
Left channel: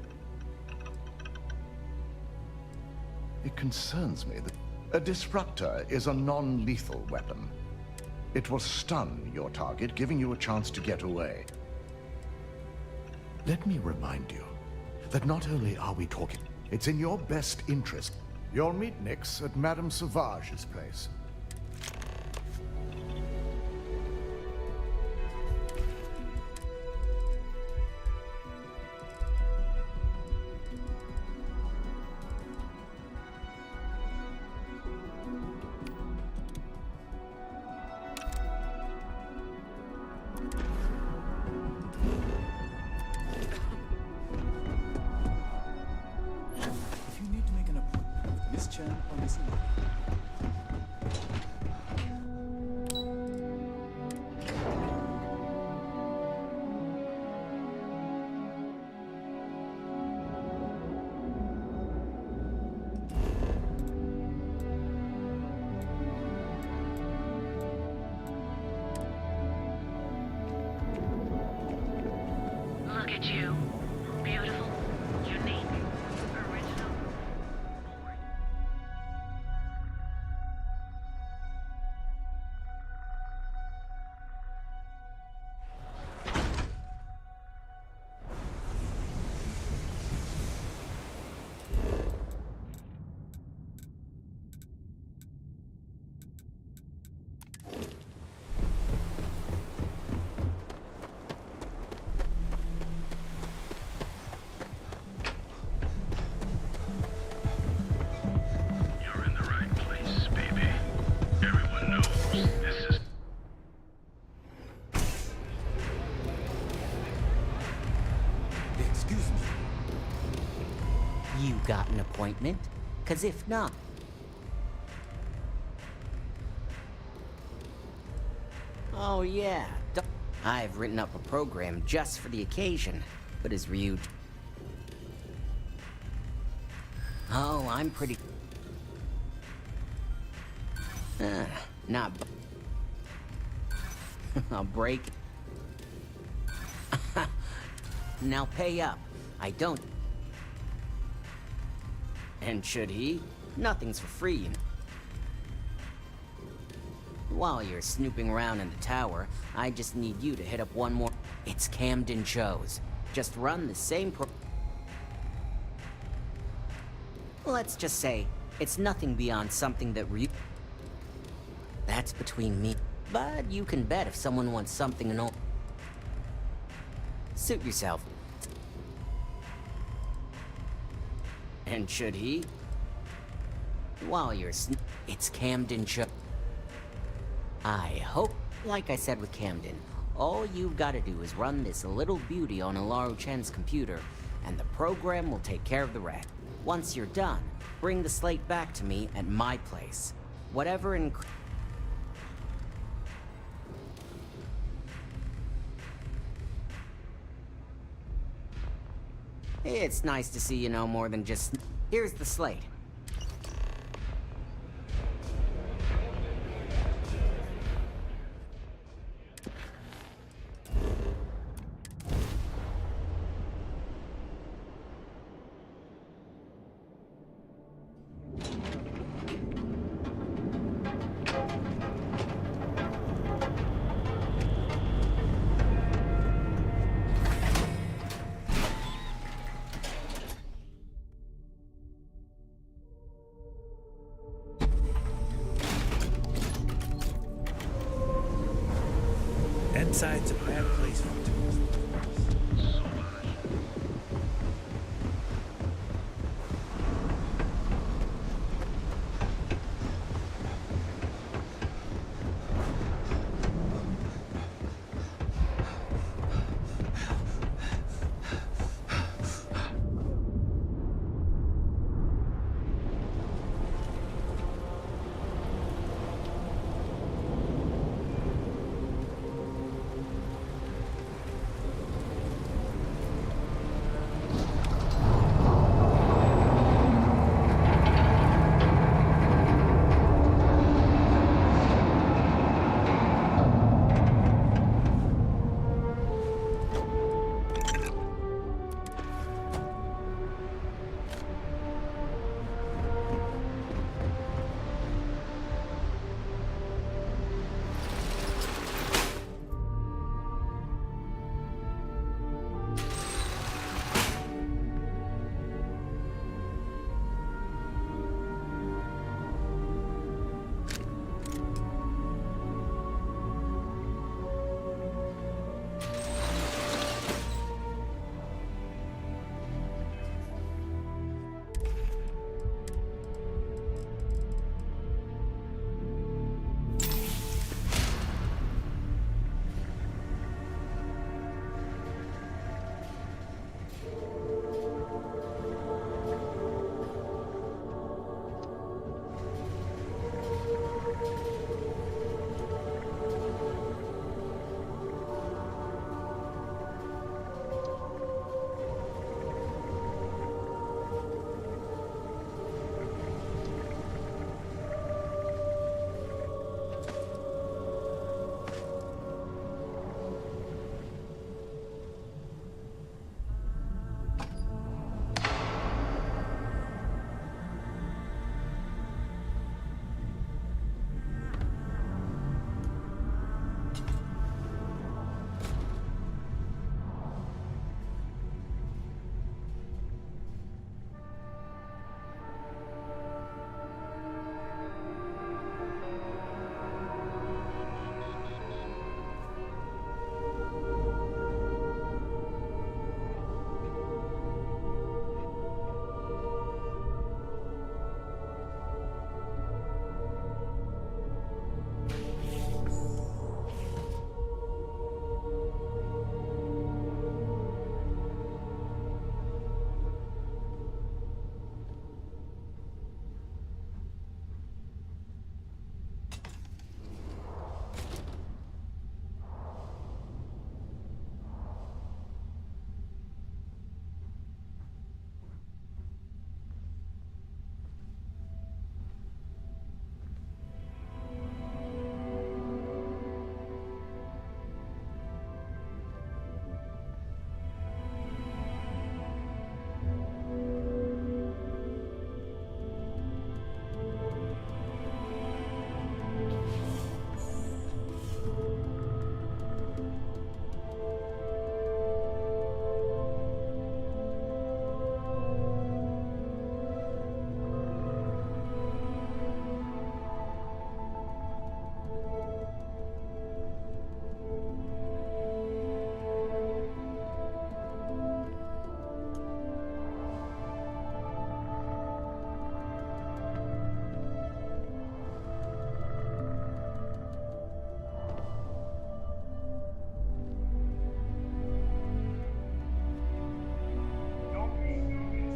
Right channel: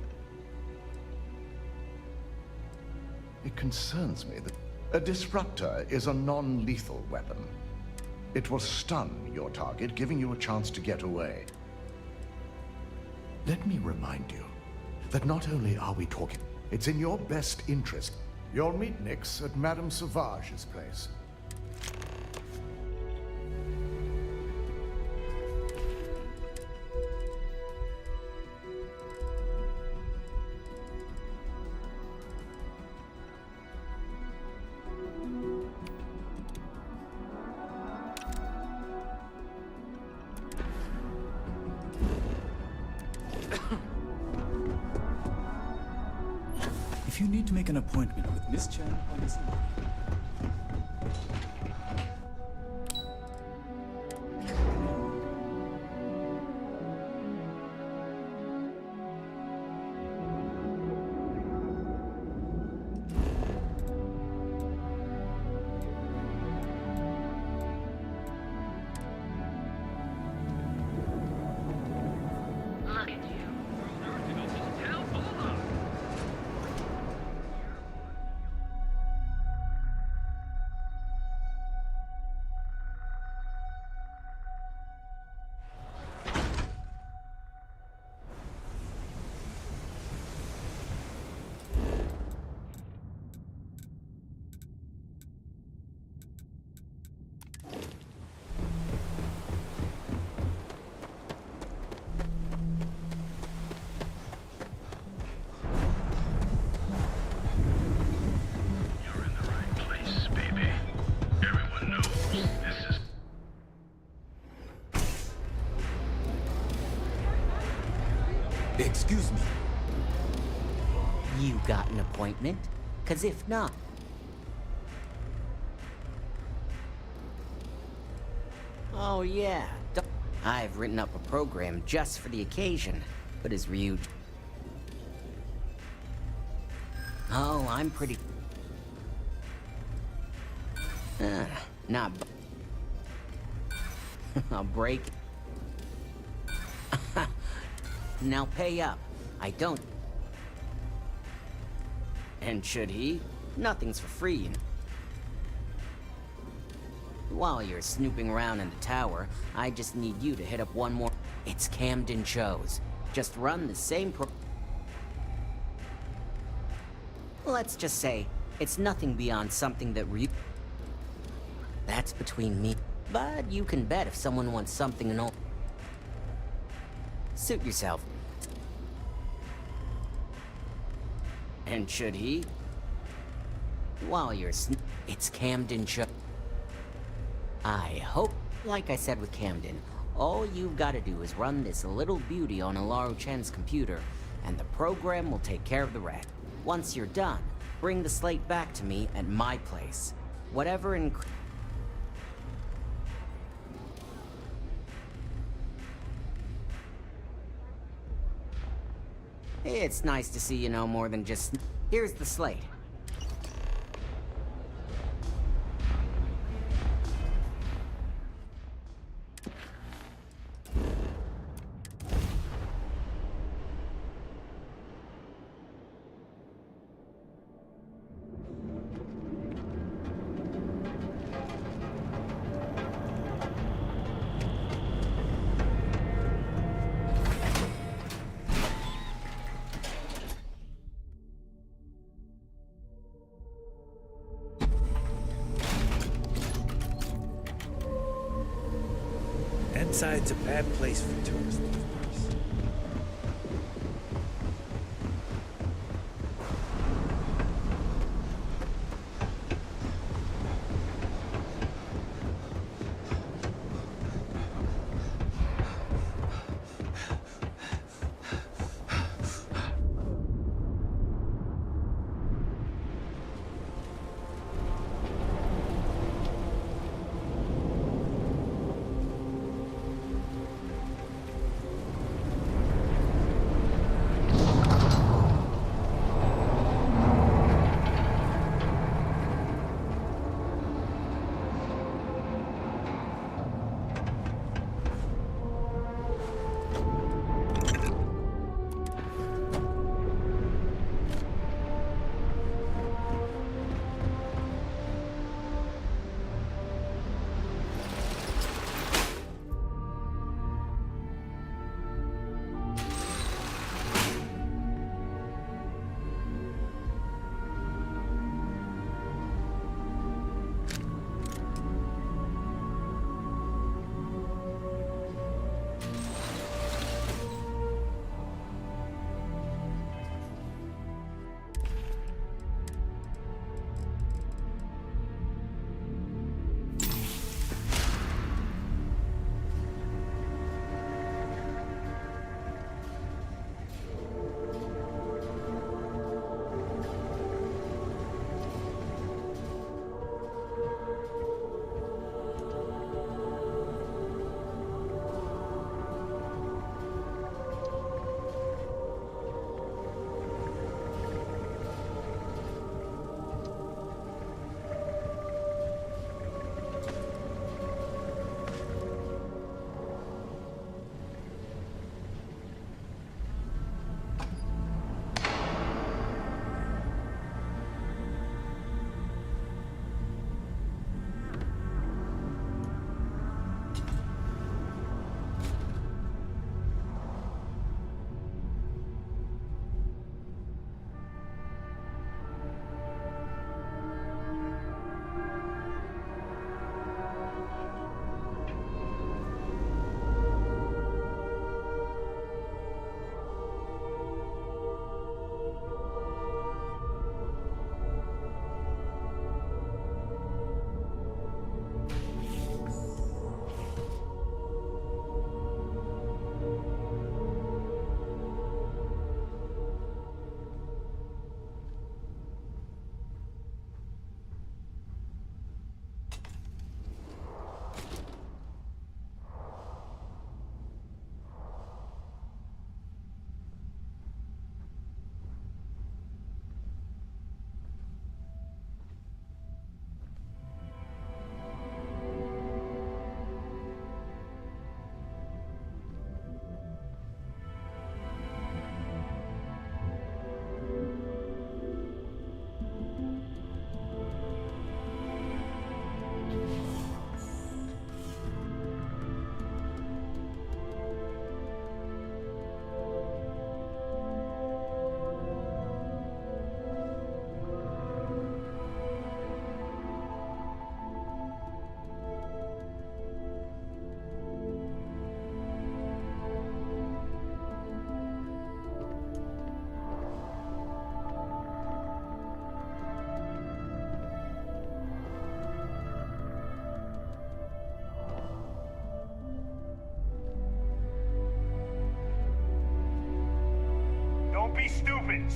It concerns me that a disruptor is a non-lethal weapon. It will stun your target, giving you a chance to get away. Let me remind you that not only are we talking, it's in your best interest. You'll meet Nix at Madame Sauvage's place. If you need to make an appointment with Miss Chen or Miss Lee. Look at you. Beautiful, unique. Excuse me. You got an appointment? 'Cause if not... Oh yeah, I've written up a program just for the occasion, but is Ryu... Oh, I'm pretty... Not... I'll break... Now pay up. I don't... And should he? Nothing's for free, you know. While you're snooping around in the tower, I just need you to hit up one more... It's Camden shows. Just run the same Let's just say, it's nothing beyond something that That's between me. But you can bet if someone wants something and all... Suit yourself. And should he? While you're It's Camden show. I hope, like I said with Camden, all you've got to do is run this little beauty on Ularu Chen's computer, and the program will take care of the rest. Once you're done, bring the slate back to me at my place. Whatever It's nice to see you know more than just... Here's the slate. Inside's a bad place for tourists.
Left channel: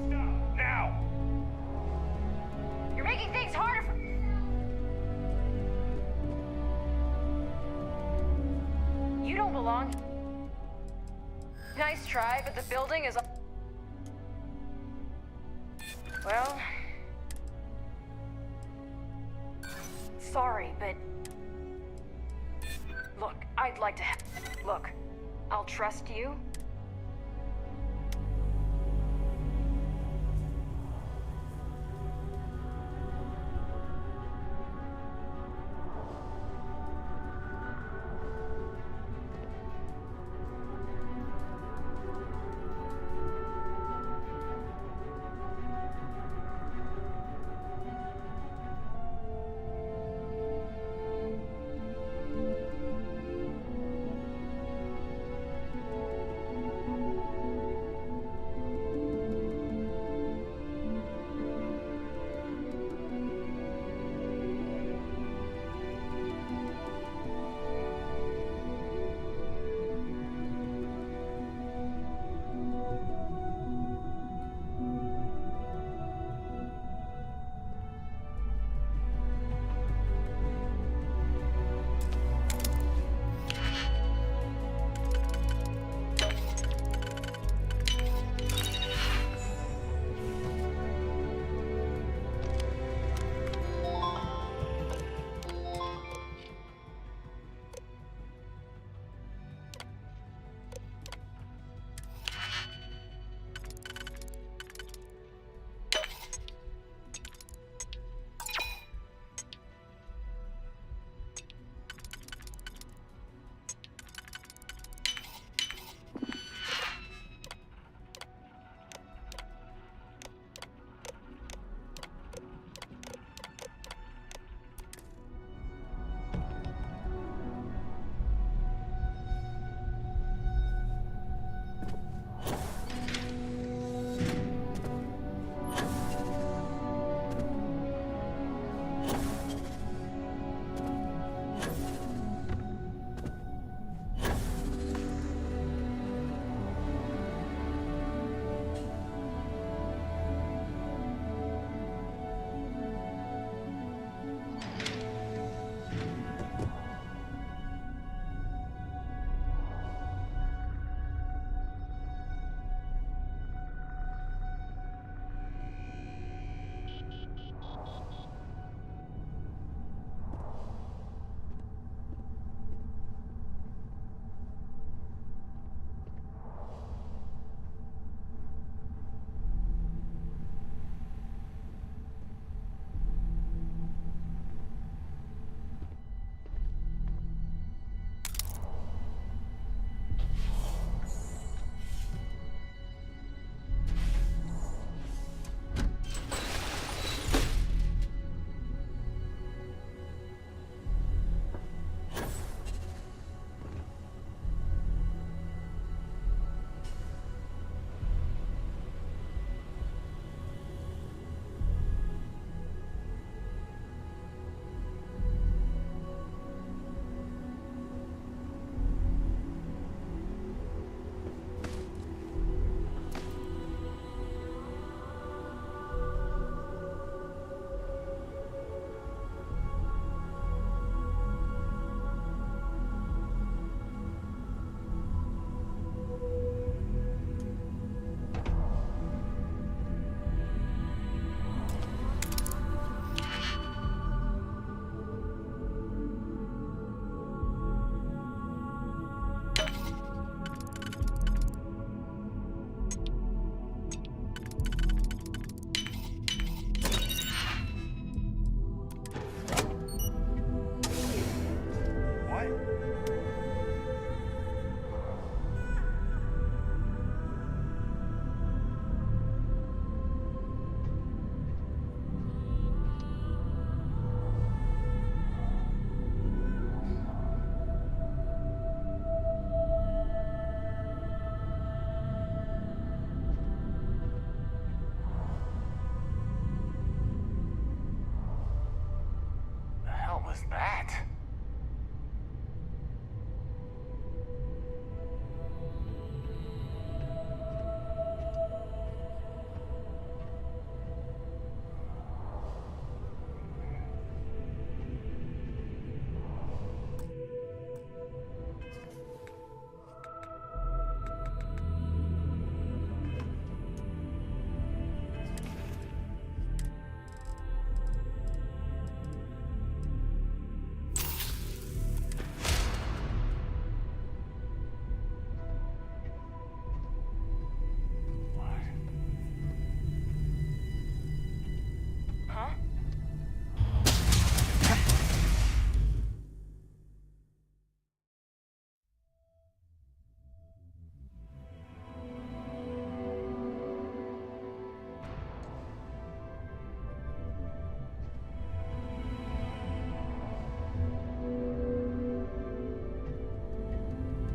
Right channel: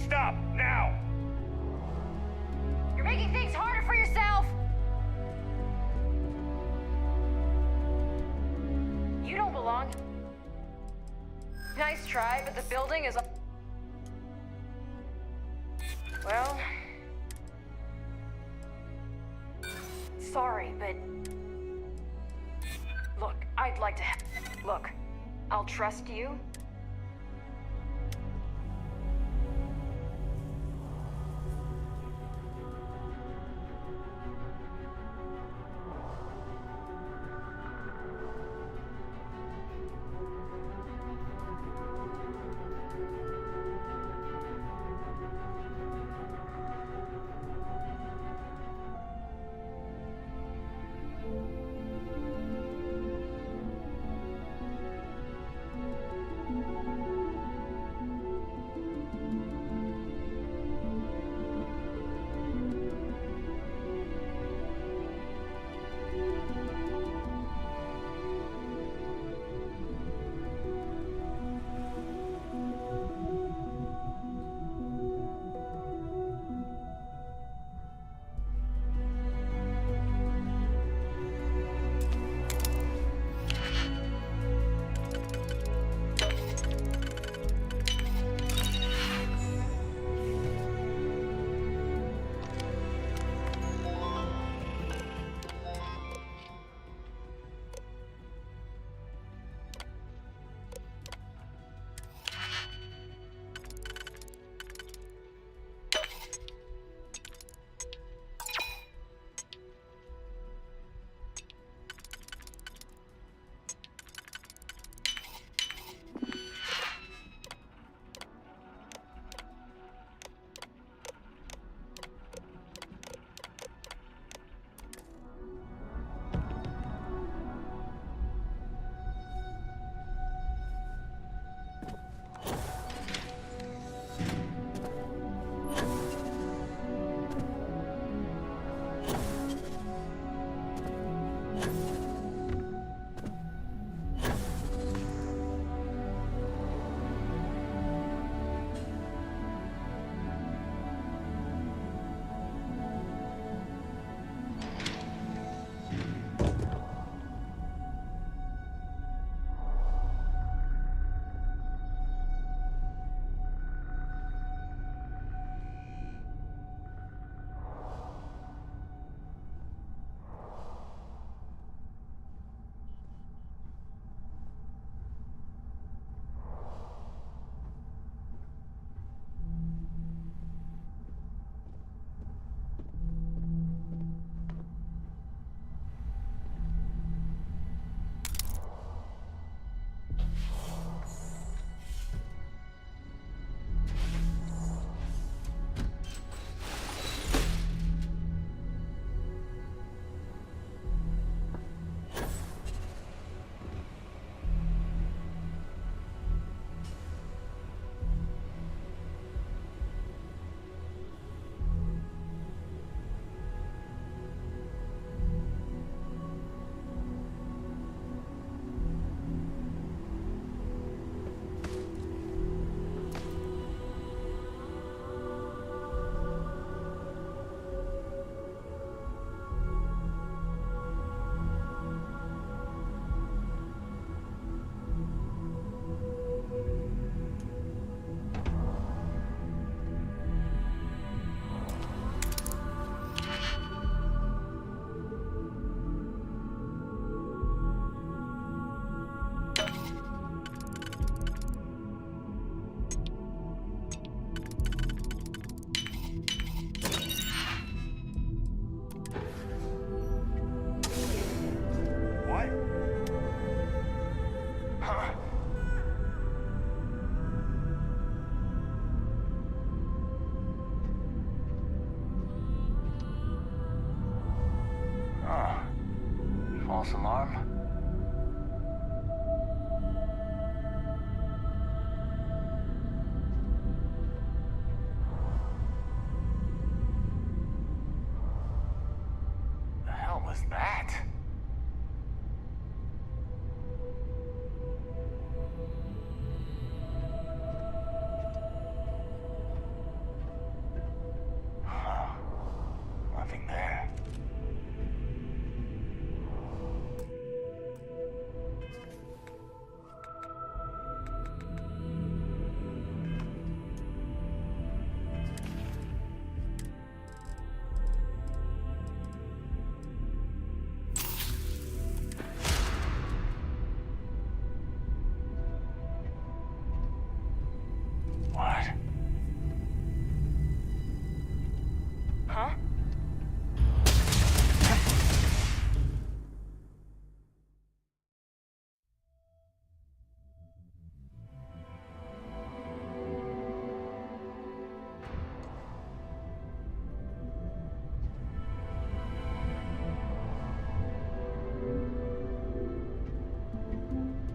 Stop, now! You're making things harder for yourself! You don't belong. Nice try, but the building is... Well... Sorry, but... Look, I'd like to... Look, I'll trust you. false alarm. The hell was that? What? Huh?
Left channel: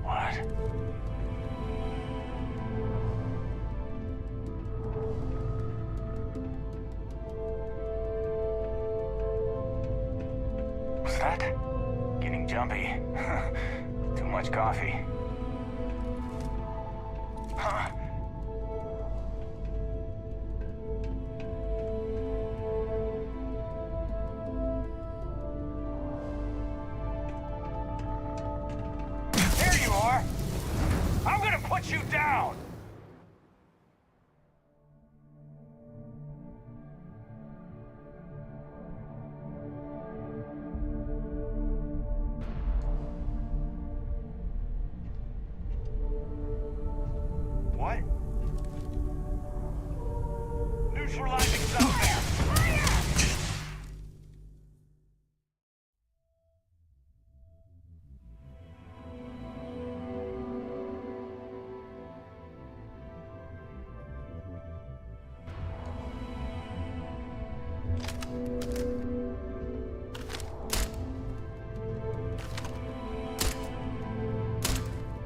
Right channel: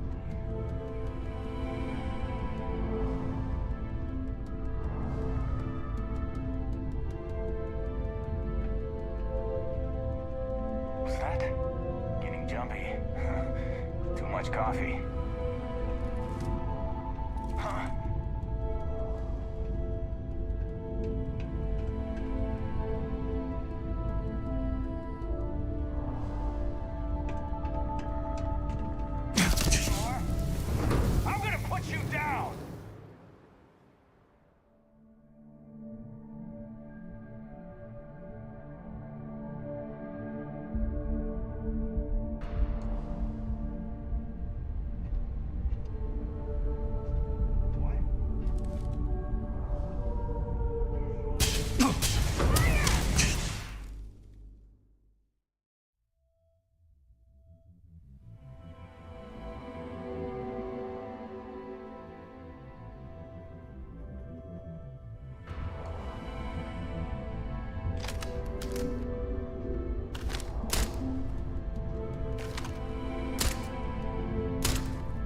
What? What's that? Getting jumpy. Too much coffee. Huh? There you are! I'm gonna put you down! What? Neutralizing suspect!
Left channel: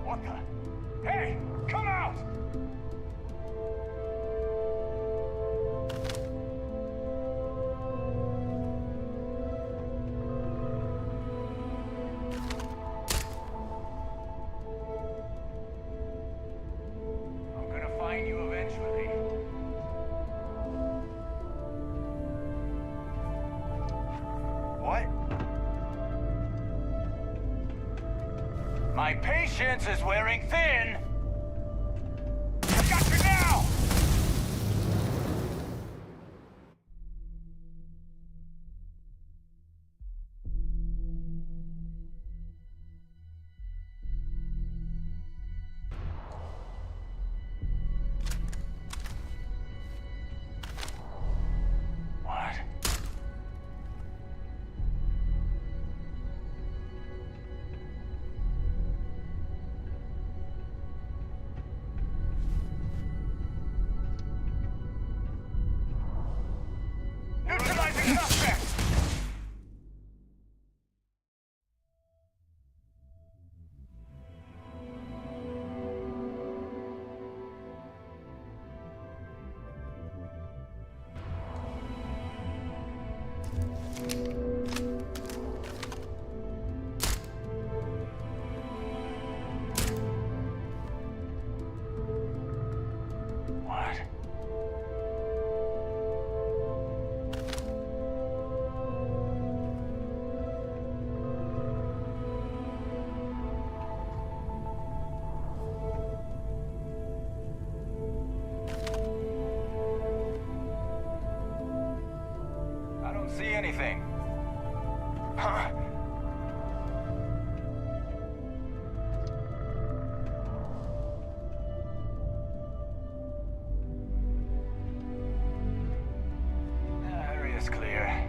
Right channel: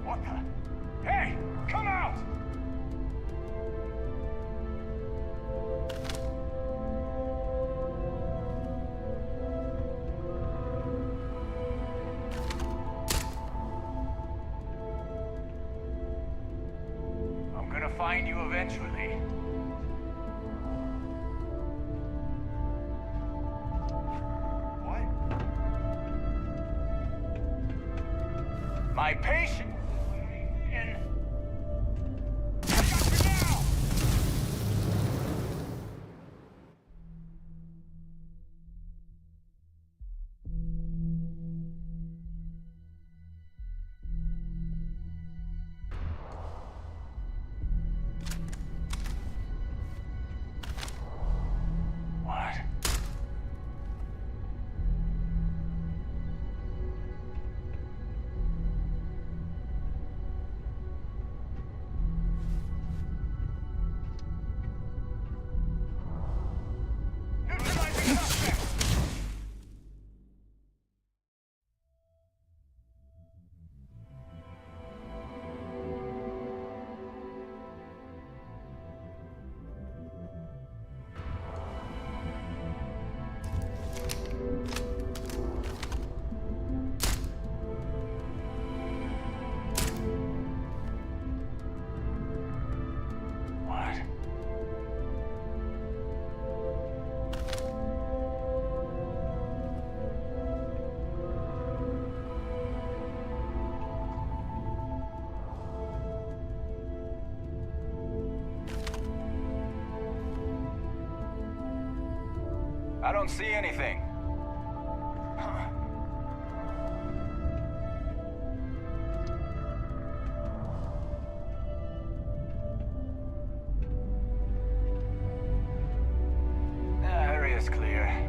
What the? Hey! Come out! I'm gonna find you eventually. What? My patience is wearing thin. I got you now! What? Neutralizing suspect! What? I don't see anything. Huh? Area is clear.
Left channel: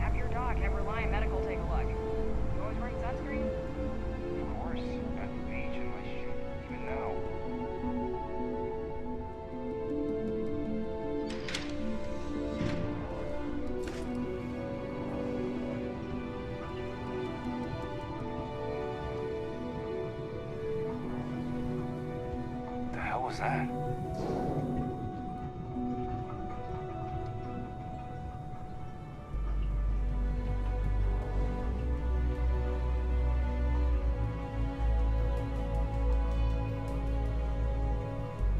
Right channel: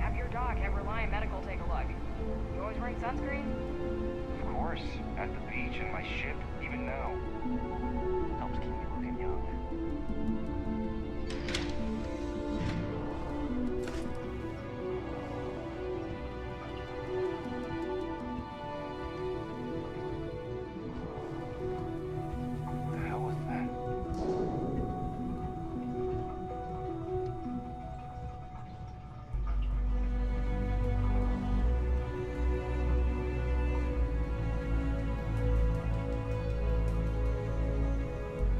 Have your doc have Reliant Medical take a look. You always wearing sunscreen? Of course. At the beach, in my ship, even now. Helps keep me looking young. that?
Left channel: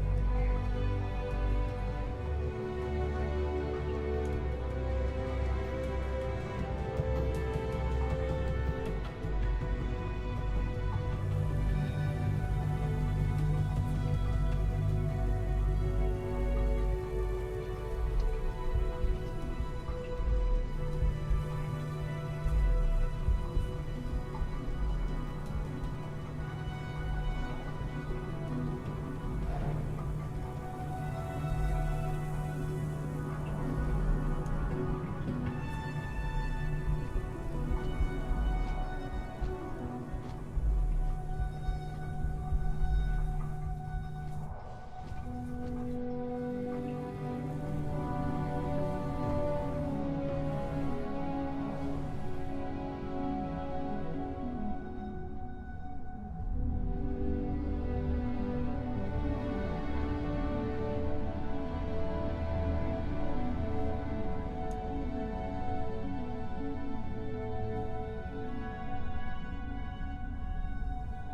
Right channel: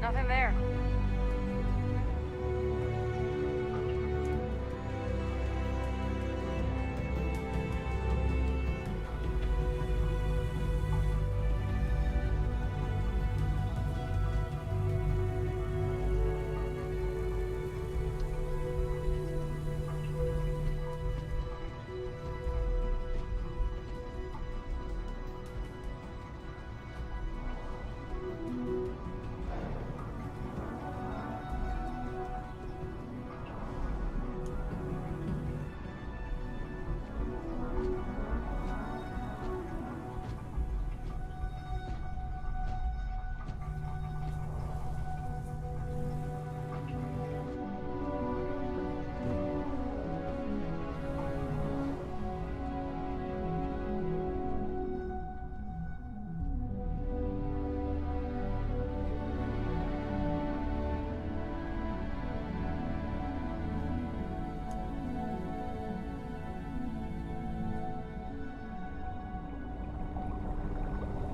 Nothing there.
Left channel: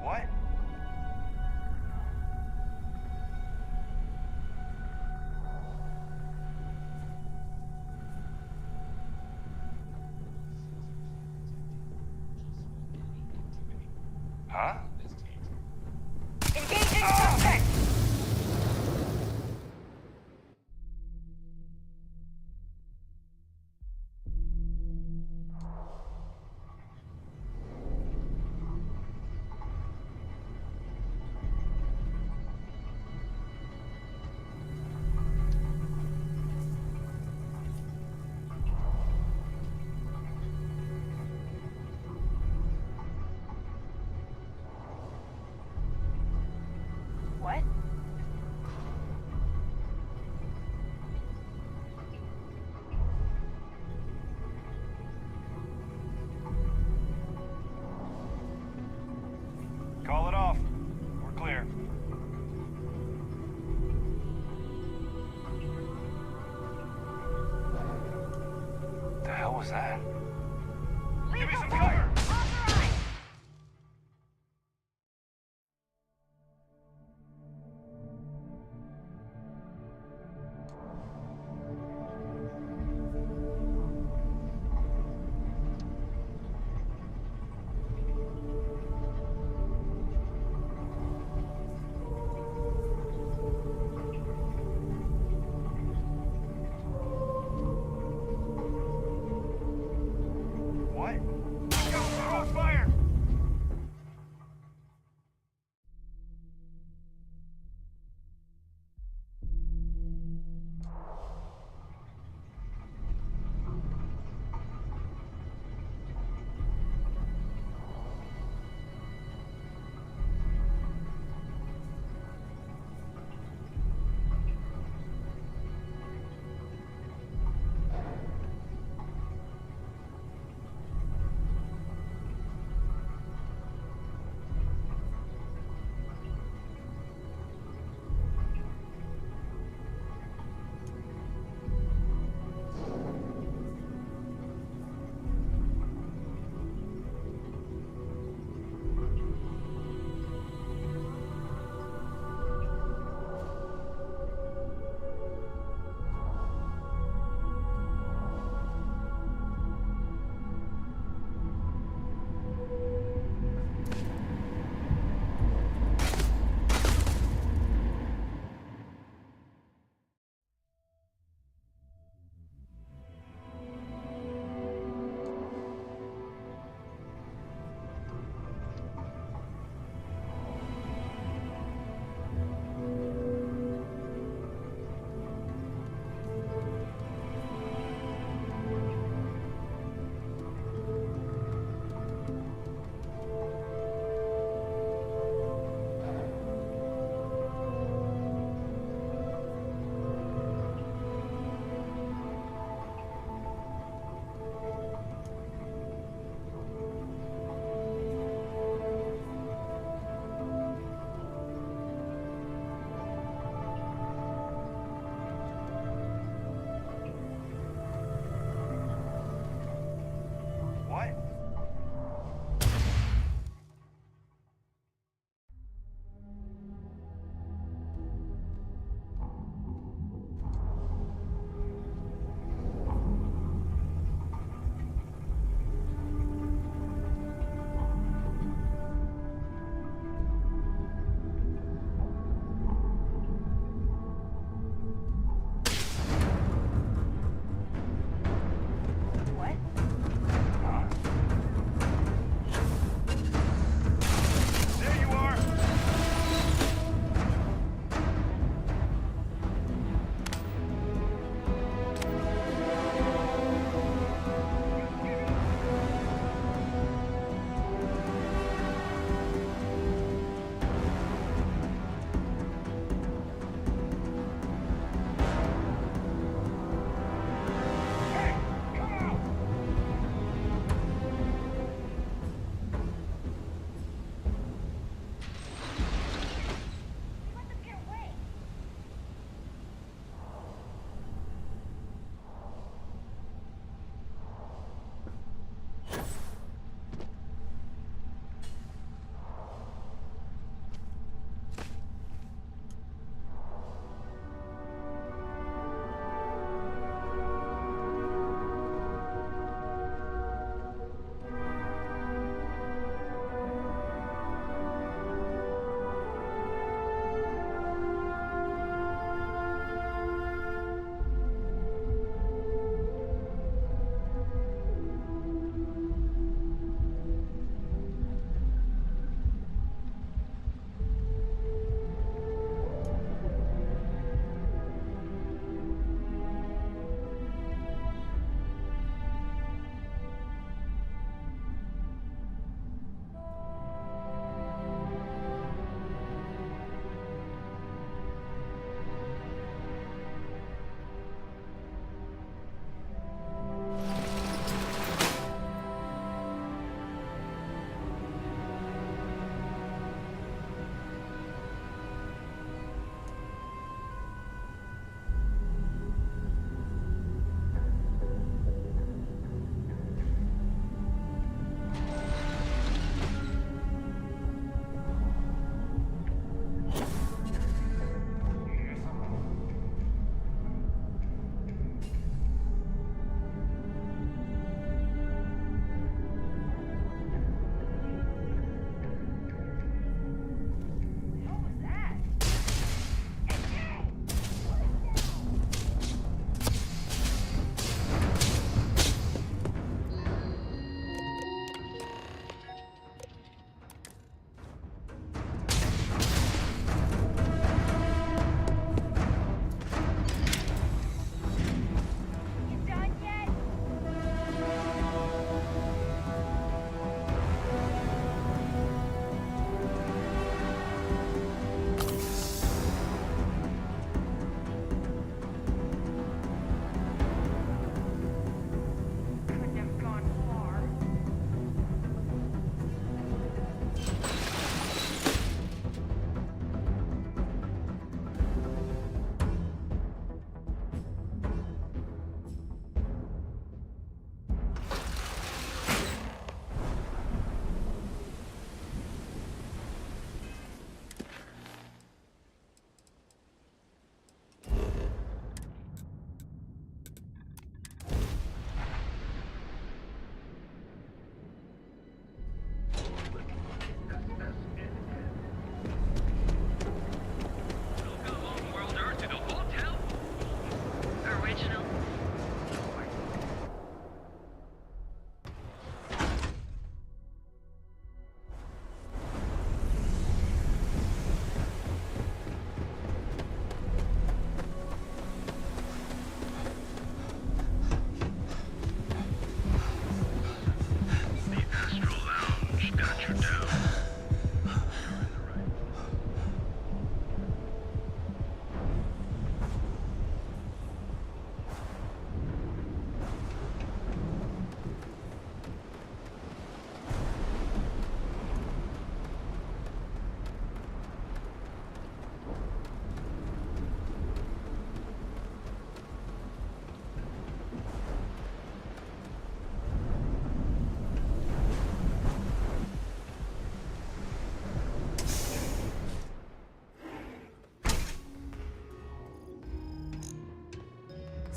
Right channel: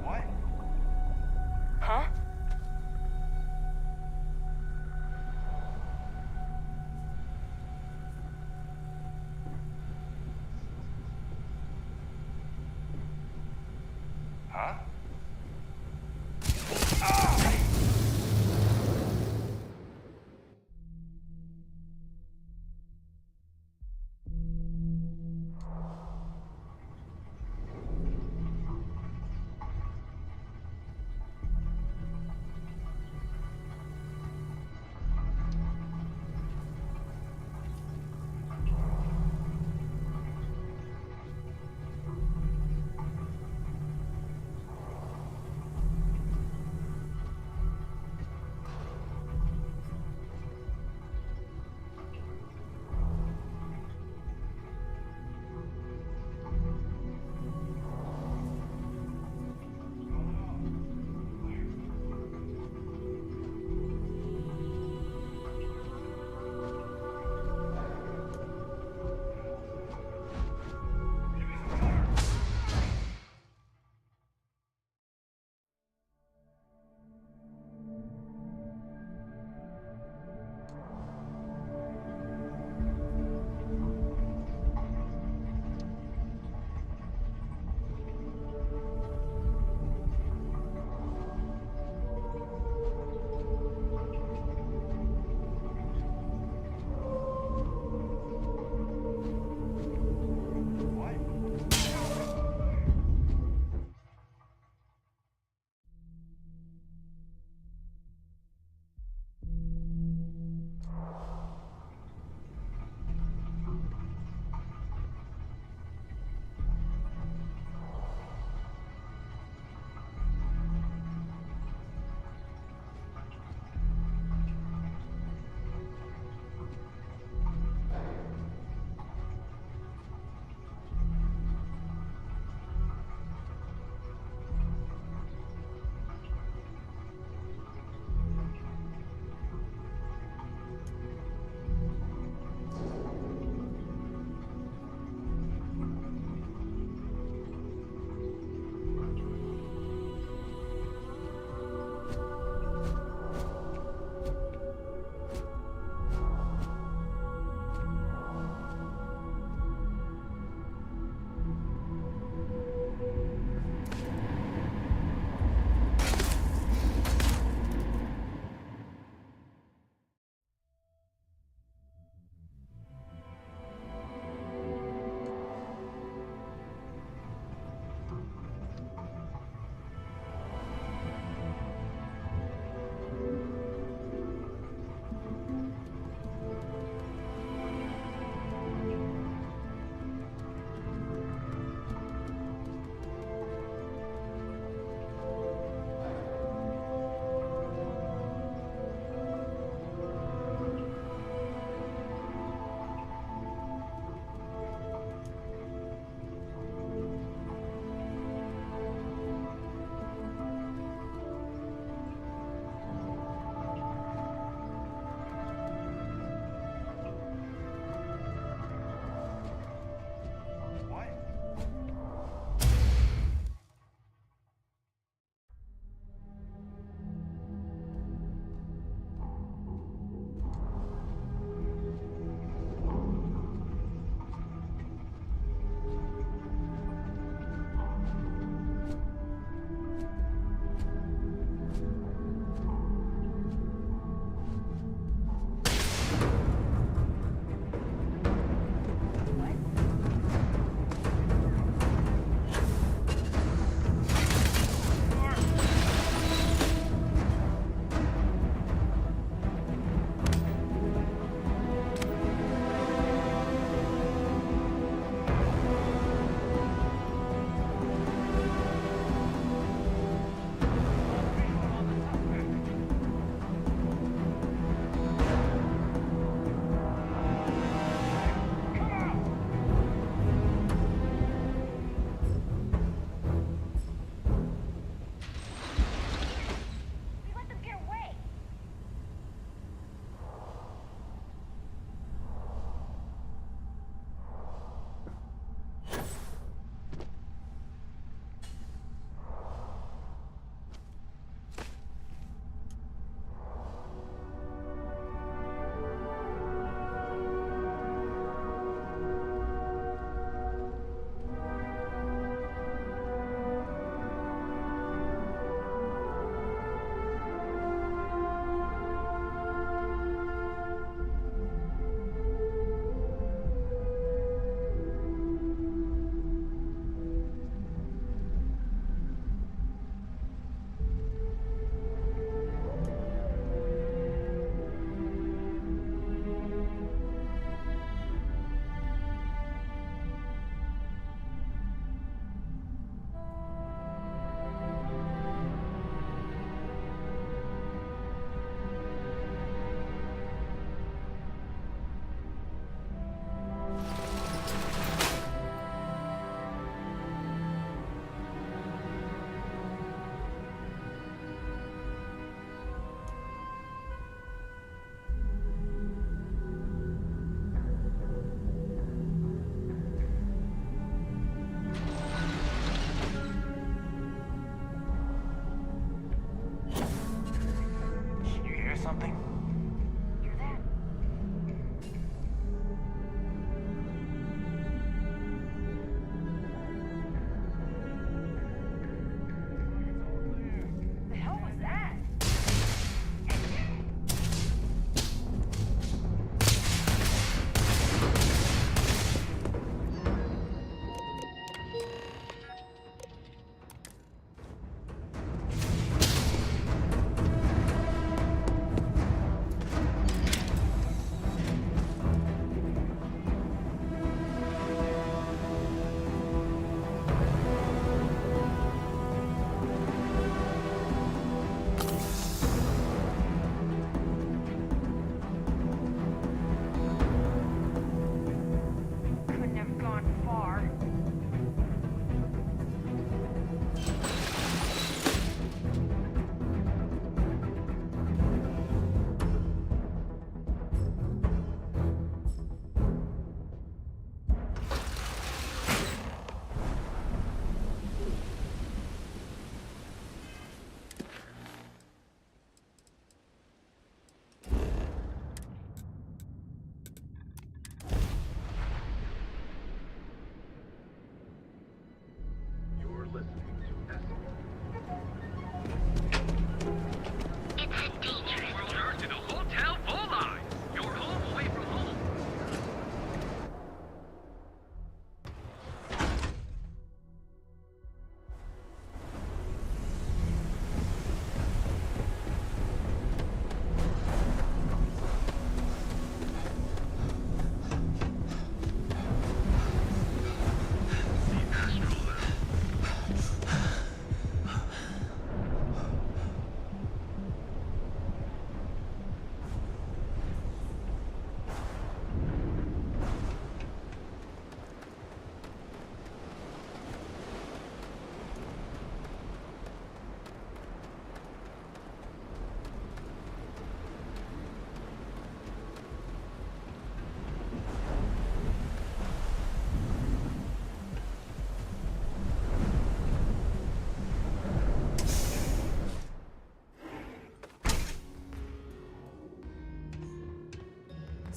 What? Huh? Huh?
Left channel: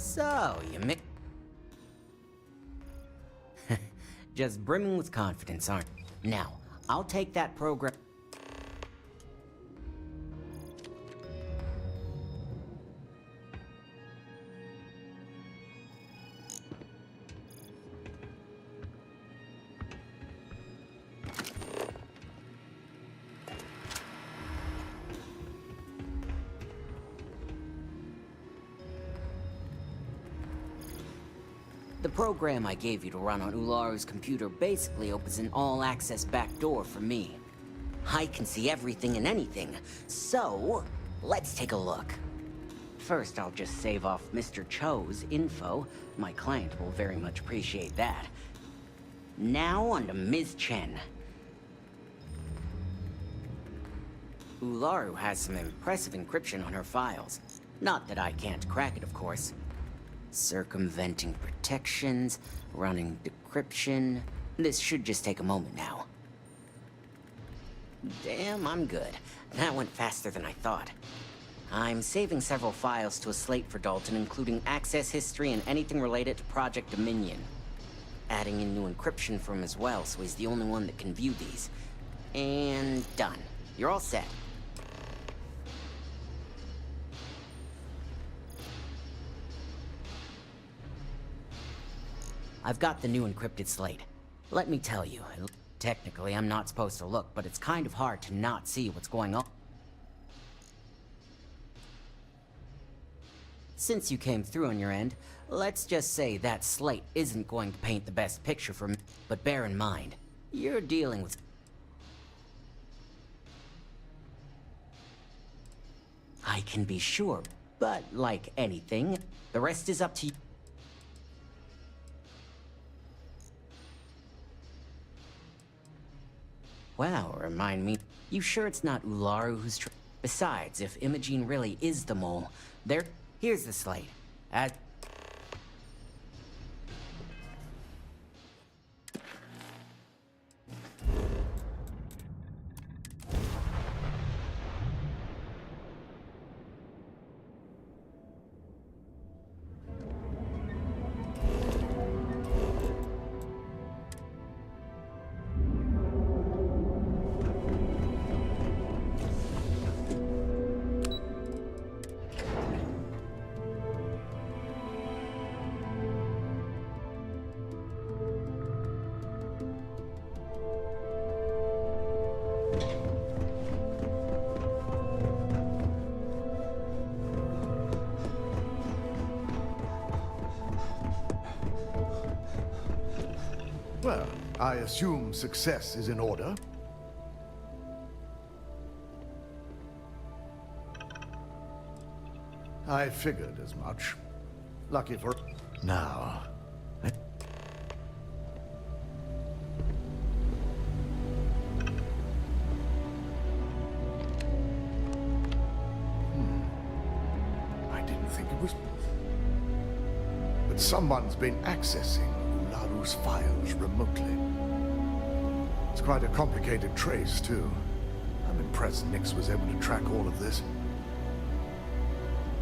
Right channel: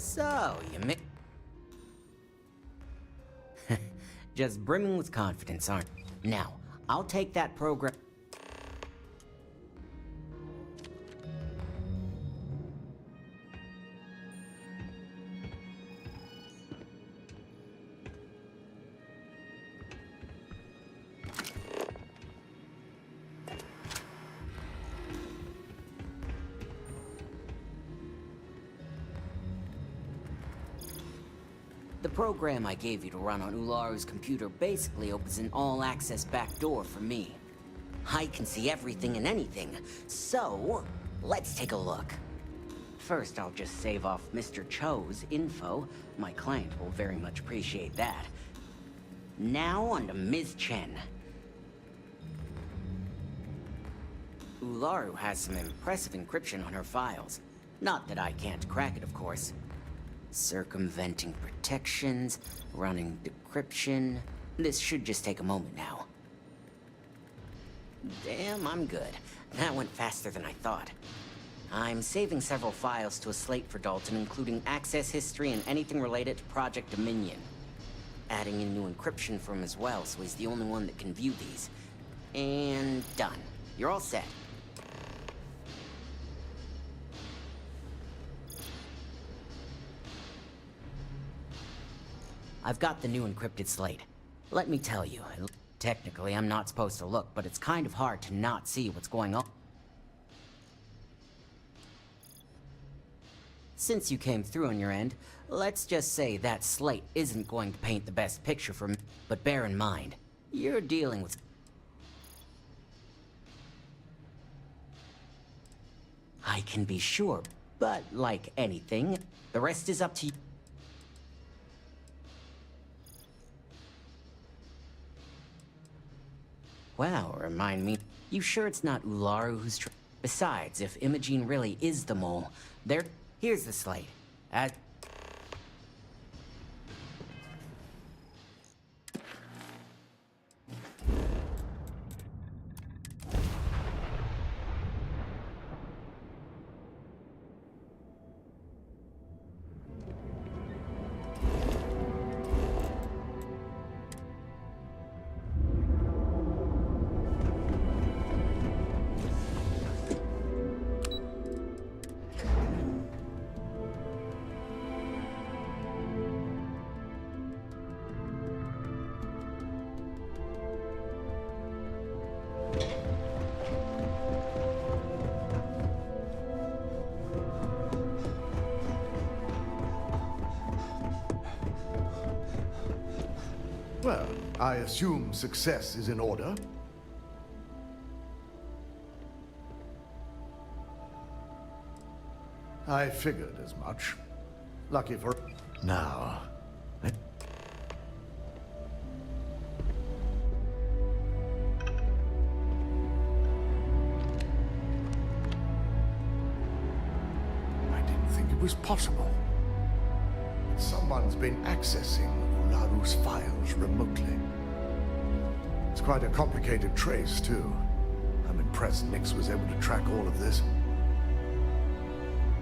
So, you just brimming with confidence, aren't you? Now, I'll take that program. The program I gave you to run on Ularu's computer basically opens an all-access backdoor for me. I can see everything and anything, so let's take a look. First, I'll just save off Mr. Cho's info. My client will very much appreciate that. Now on to Ms. Chen. Ularu has some impressive encryption on her files. Not that I can't crack it, of course. Circumventing protections, running decryption. This should just take a moment now. Damn, I'm good. That went faster than I thought. I'm saving several files to a slate for Dalton, including access history and anything related to Project Dominion. Adding in new encryption for him as well, so he's the only one that can view these. And done. You're all set. I've got the new encrypted slate. Let me tell you, technically I'm not supposed to look, but it's kind of hard to not see what's going on. Since you came through on your end, let's just say that slate isn't going to paint the best picture for me. But bear in mind, you're dealing with... I can be sure, but like anything, the rest is up to you. Wow, remind me. You sure it's not Ularu who's Besides, if Imogene really is the mole, here's the slate. Well, I assume success is in order. I figured as much. Lucky for... Now... I didn't think it was possible. But someone's been accessing Ularu's files remotely. It's quite a complicated trace, too. I'm impressed Nix was able to track all of this.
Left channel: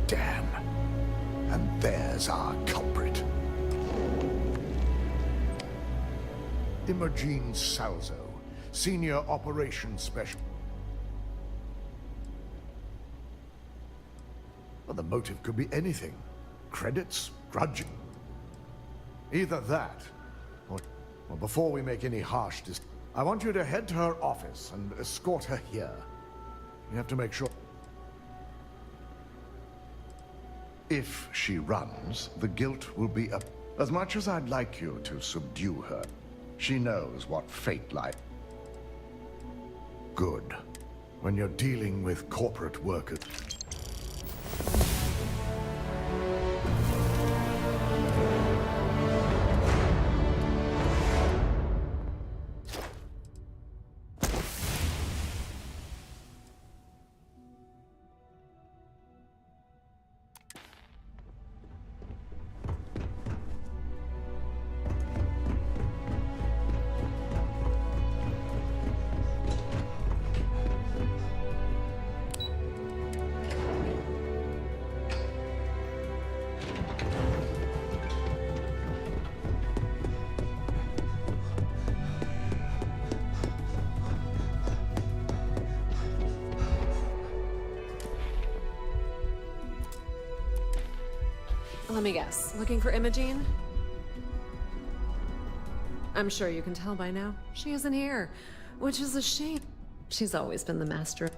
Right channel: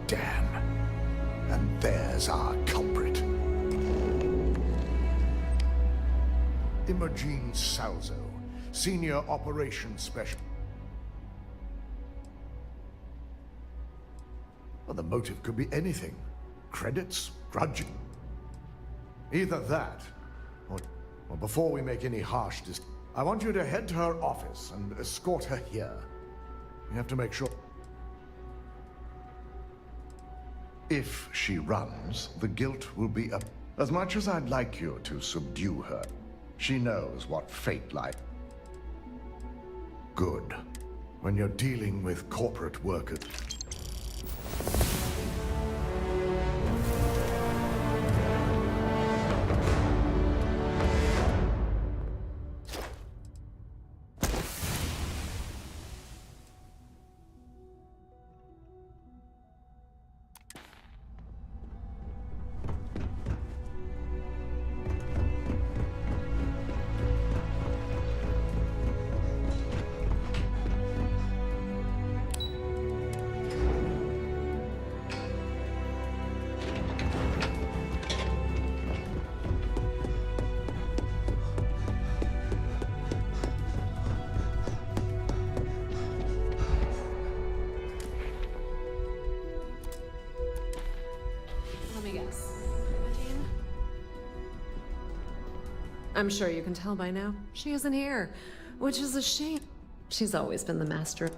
Damn. And there's our culprit. Imogene Salzo, Senior Operations Specialist. Well, the motive could be anything. Credits, grudge. Either that, or before we make any harsh decisions, I want you to head to her office and escort her here. You have to make sure... If she runs, the guilt will be up. As much as I'd like you to subdue her, she knows what fate lies. Good. When you're dealing with corporate workers... Let me guess. Looking for Imogene? I'm sure you can tell by now. She isn't here, which is a shame. She's always been the master.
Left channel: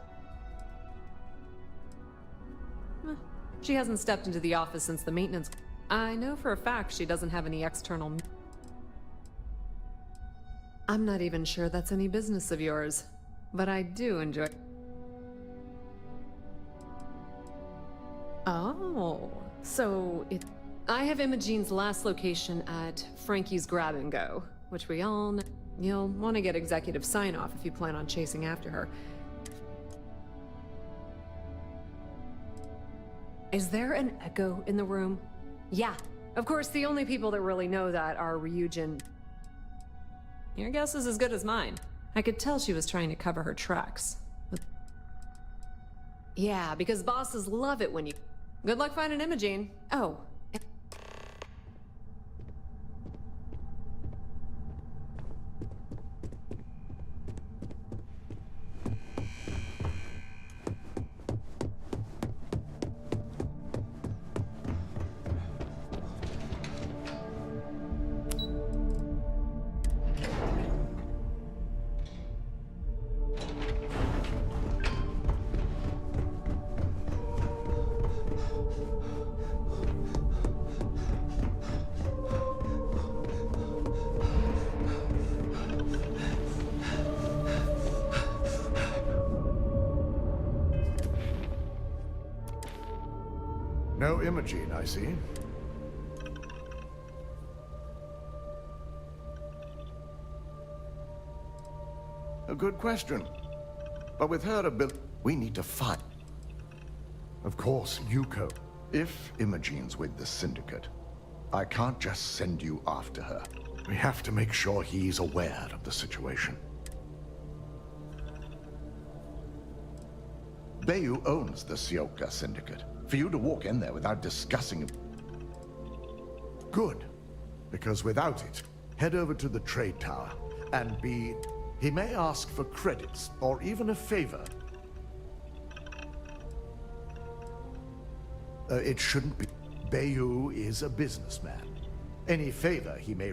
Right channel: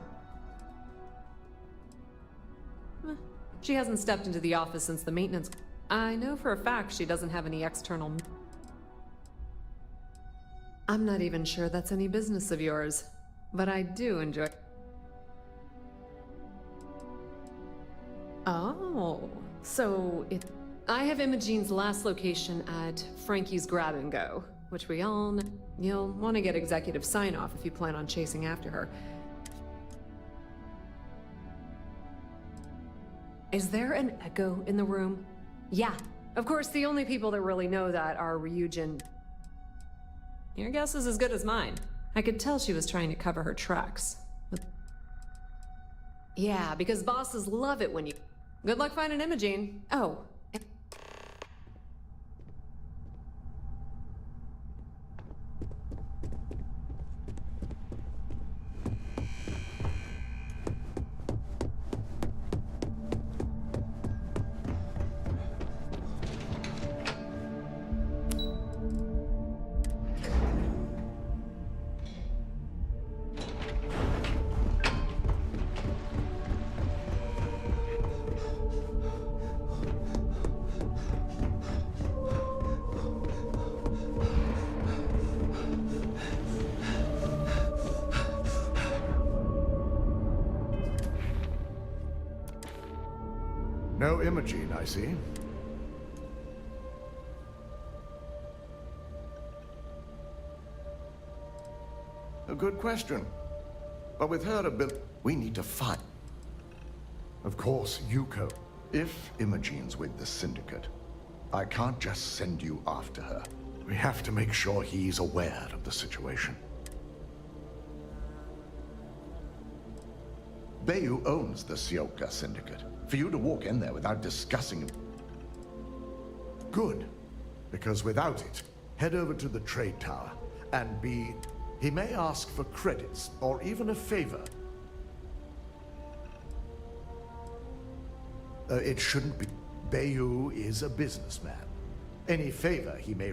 She hasn't stepped into the office since the maintenance. I know for a fact she doesn't have any external. I'm not even sure that's any business of yours, but I do enjoy. Oh, so I have Imogene's last location at Frankie's Grab and Go, which we all know. You'll want to get executive sign-off if you plan on chasing after her. Is there an echo in the room? Yeah. Of course, the only people that really know that are Ryujin. Your guess is as good as mine. I could tell she was trying to cover her tracks. But... yeah, because bosses love it when you... Good luck finding Imogene. Oh. No Imogene, I see. A good question. But with her ability, we need to find. Of course, Yuko. If Imogene's with the Syndicate, I can't just send you after her. We have to make sure he's aware of the situation. Bayu owns the Sioka Syndicate. For you to walk in there without discussing it. Good. Because without it, head over to the trade tower and he may ask for credits or even a favor. It shouldn't be. Bayu is a businessman. Any favor he may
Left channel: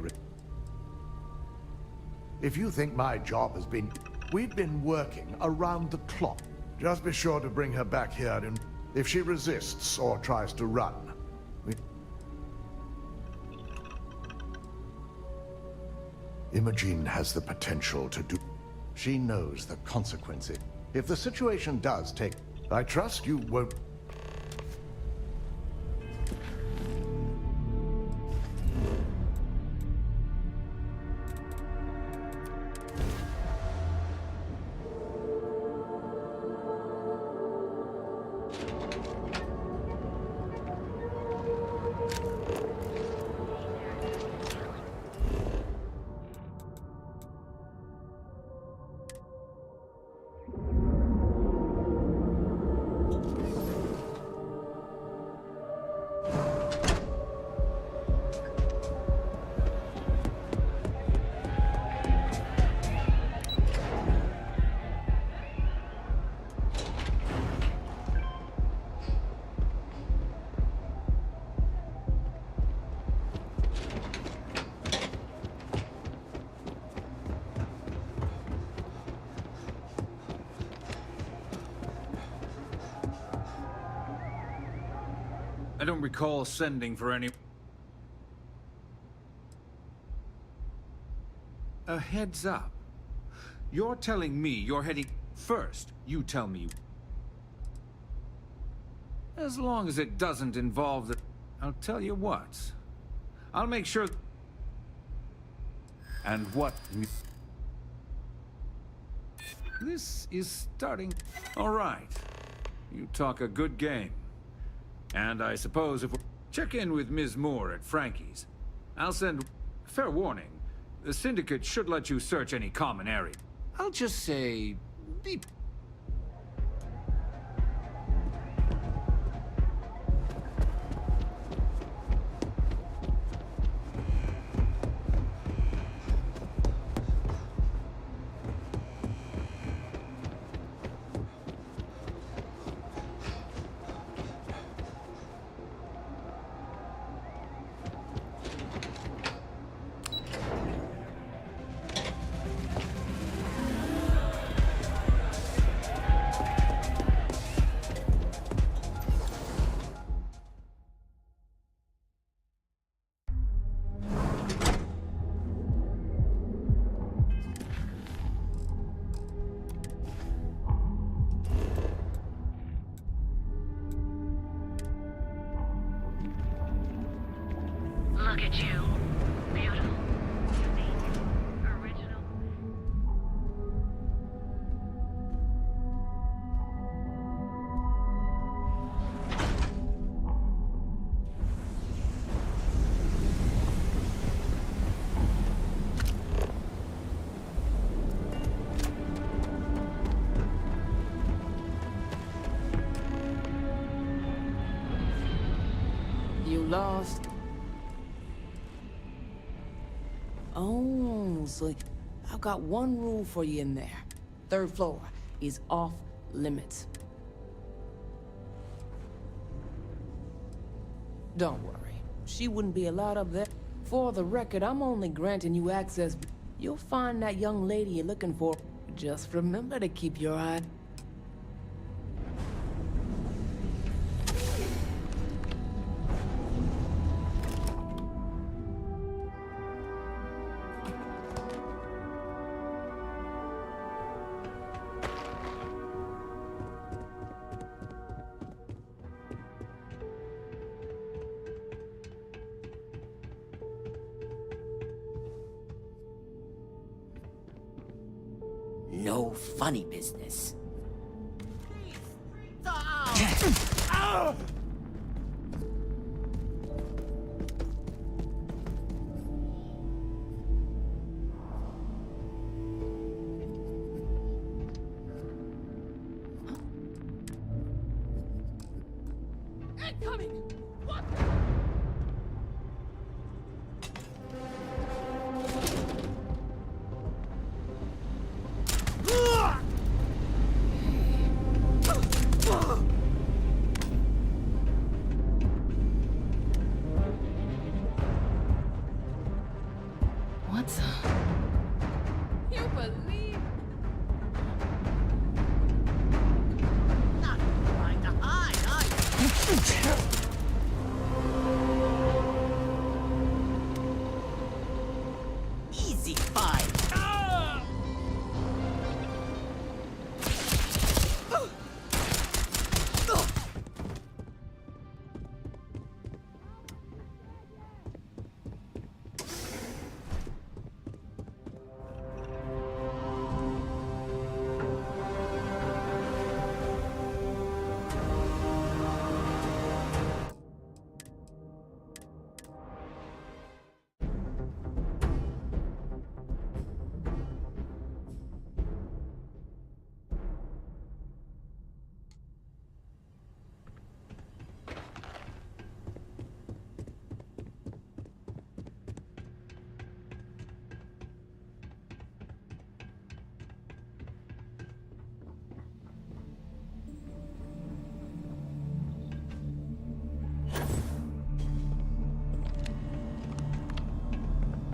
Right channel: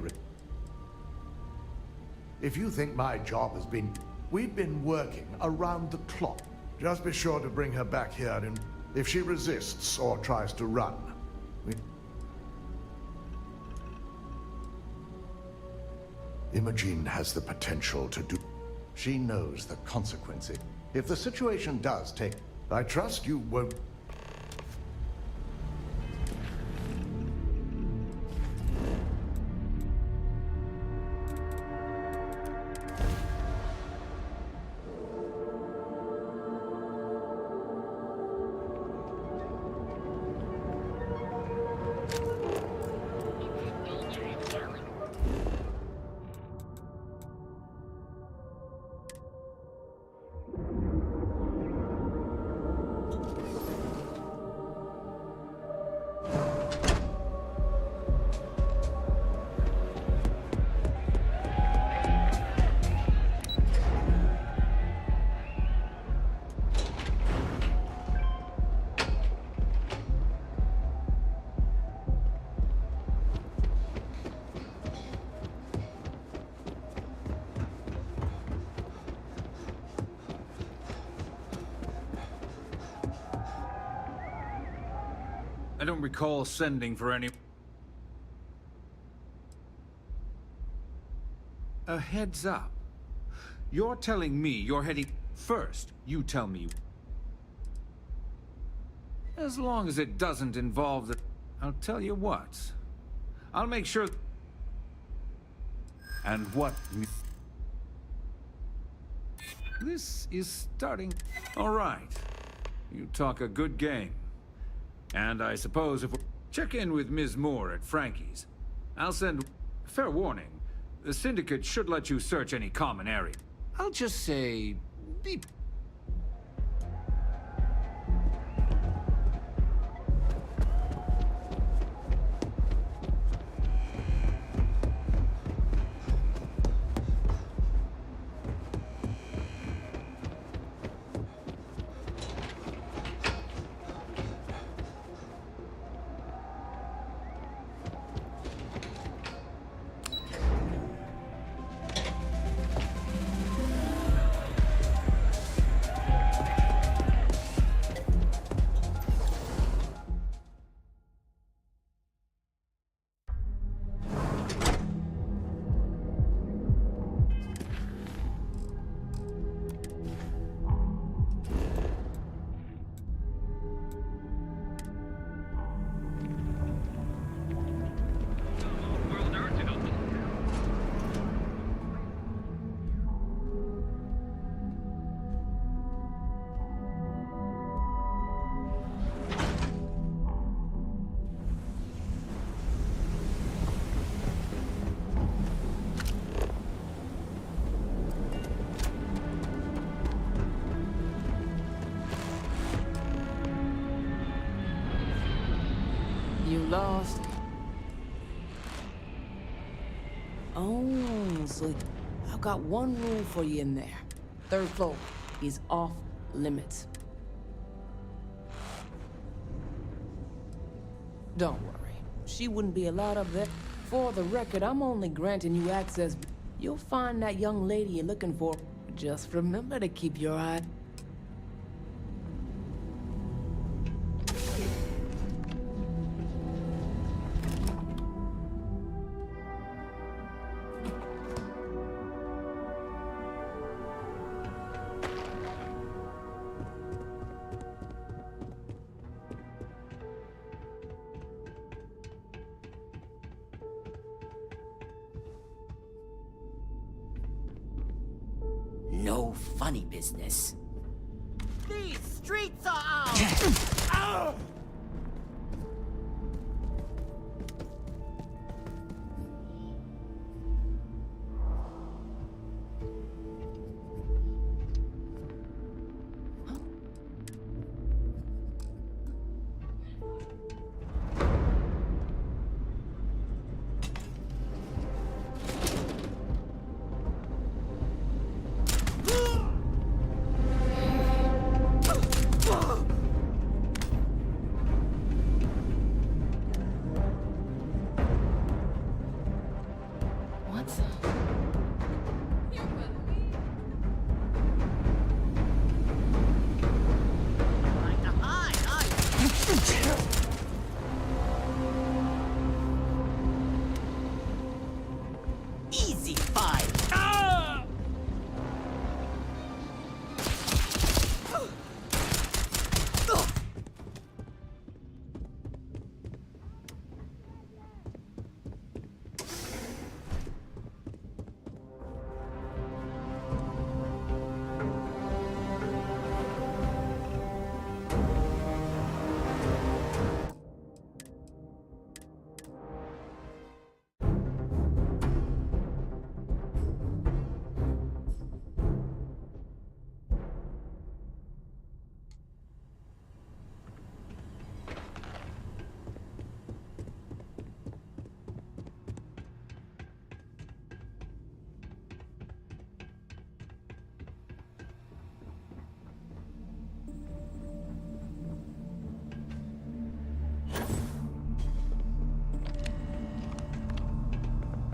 If you think my job has been... We've been working around the clock. Just be sure to bring her back here and... If she resists or tries to run, Imogene has the potential to do... She knows the consequences. If the situation does take... I trust you won't... I don't recall sending for any... A heads up. You're telling me you're heading... First, you tell me... As long as it doesn't involve the... I'll tell you what. I'll make sure... And what... This is starting... All right. You talk a good game. And I suppose if we check in with Ms. Moore at Frankie's, I'll send... Fair warning, the Syndicate should let you search any common area. I'll just say... Be... You lost? Oh, so I've got one rule for you in there. Third floor is off limits. Don't worry, she wouldn't be allowed up there. For the record, I'm only granting you access. You'll find that young lady you're looking for. Just remember to keep your eye. No funny business. These streets are ours! What the? You believe? Not trying to hide, are you? Easy fight.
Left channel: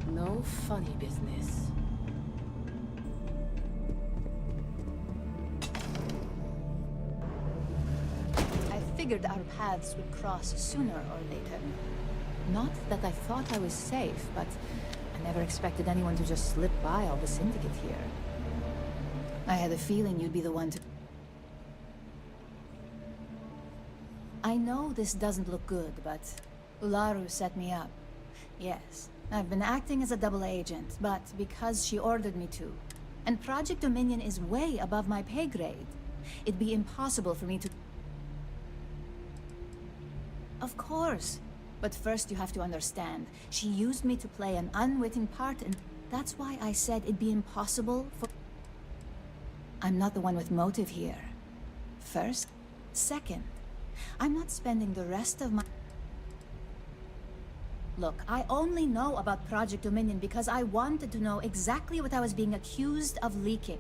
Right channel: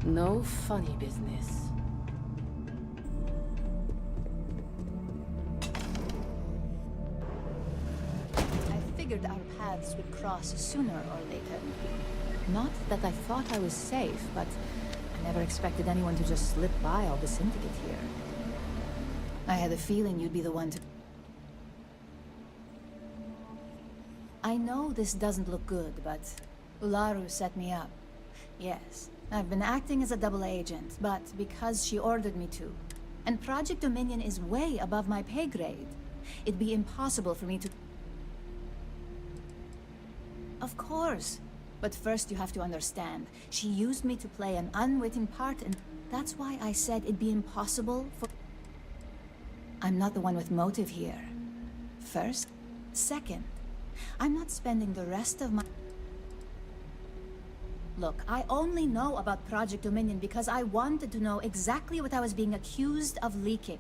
No funny business. I figured our paths would cross sooner or later. Not that I thought I was safe, but I never expected anyone to just slip by all the syndicate here. I had a feeling you'd be the one to... I know this doesn't look good, but Ularu set me up. Yes, I've been acting as a double agent, but because she ordered me to. And Project Dominion is way above my pay grade. It'd be impossible for me to... Of course. But first you have to understand, she used me to play an unwitting part, and that's why I said it'd be impossible for... I'm not the one with motive here. First. Second, I'm not spending the rest of my... Look, I only know about Project Dominion because I wanted to know exactly what I was being accused of leaking.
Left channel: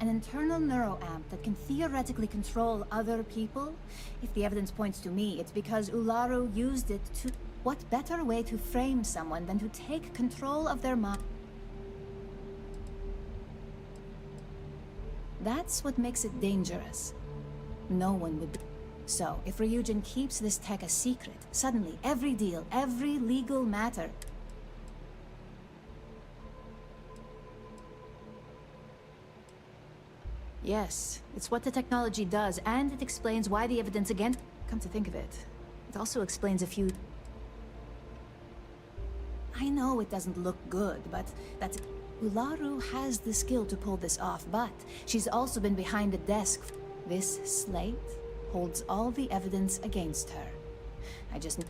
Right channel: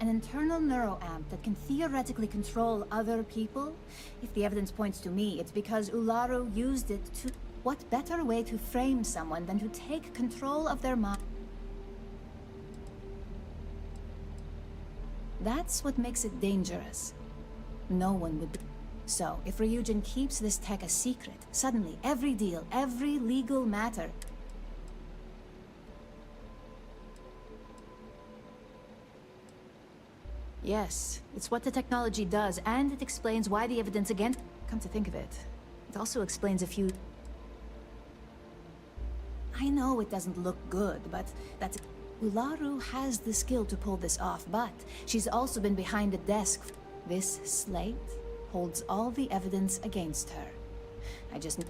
An internal neuroamp that can theoretically control other people? If the evidence points to me, it's because Ularu used it to... What better way to frame someone than to take control of their mind? That's what makes it dangerous. No one would... So, if Ryujin keeps this tech a secret, suddenly every deal, every legal matter... Yes, it's what the technology does, and it explains why the evidence against... Come to think of it, it also explains a few... I know it doesn't look good, but that's... Ularu has the skill to pull this off, but she's also been behind the desk. This slate holds all the evidence against her. I just...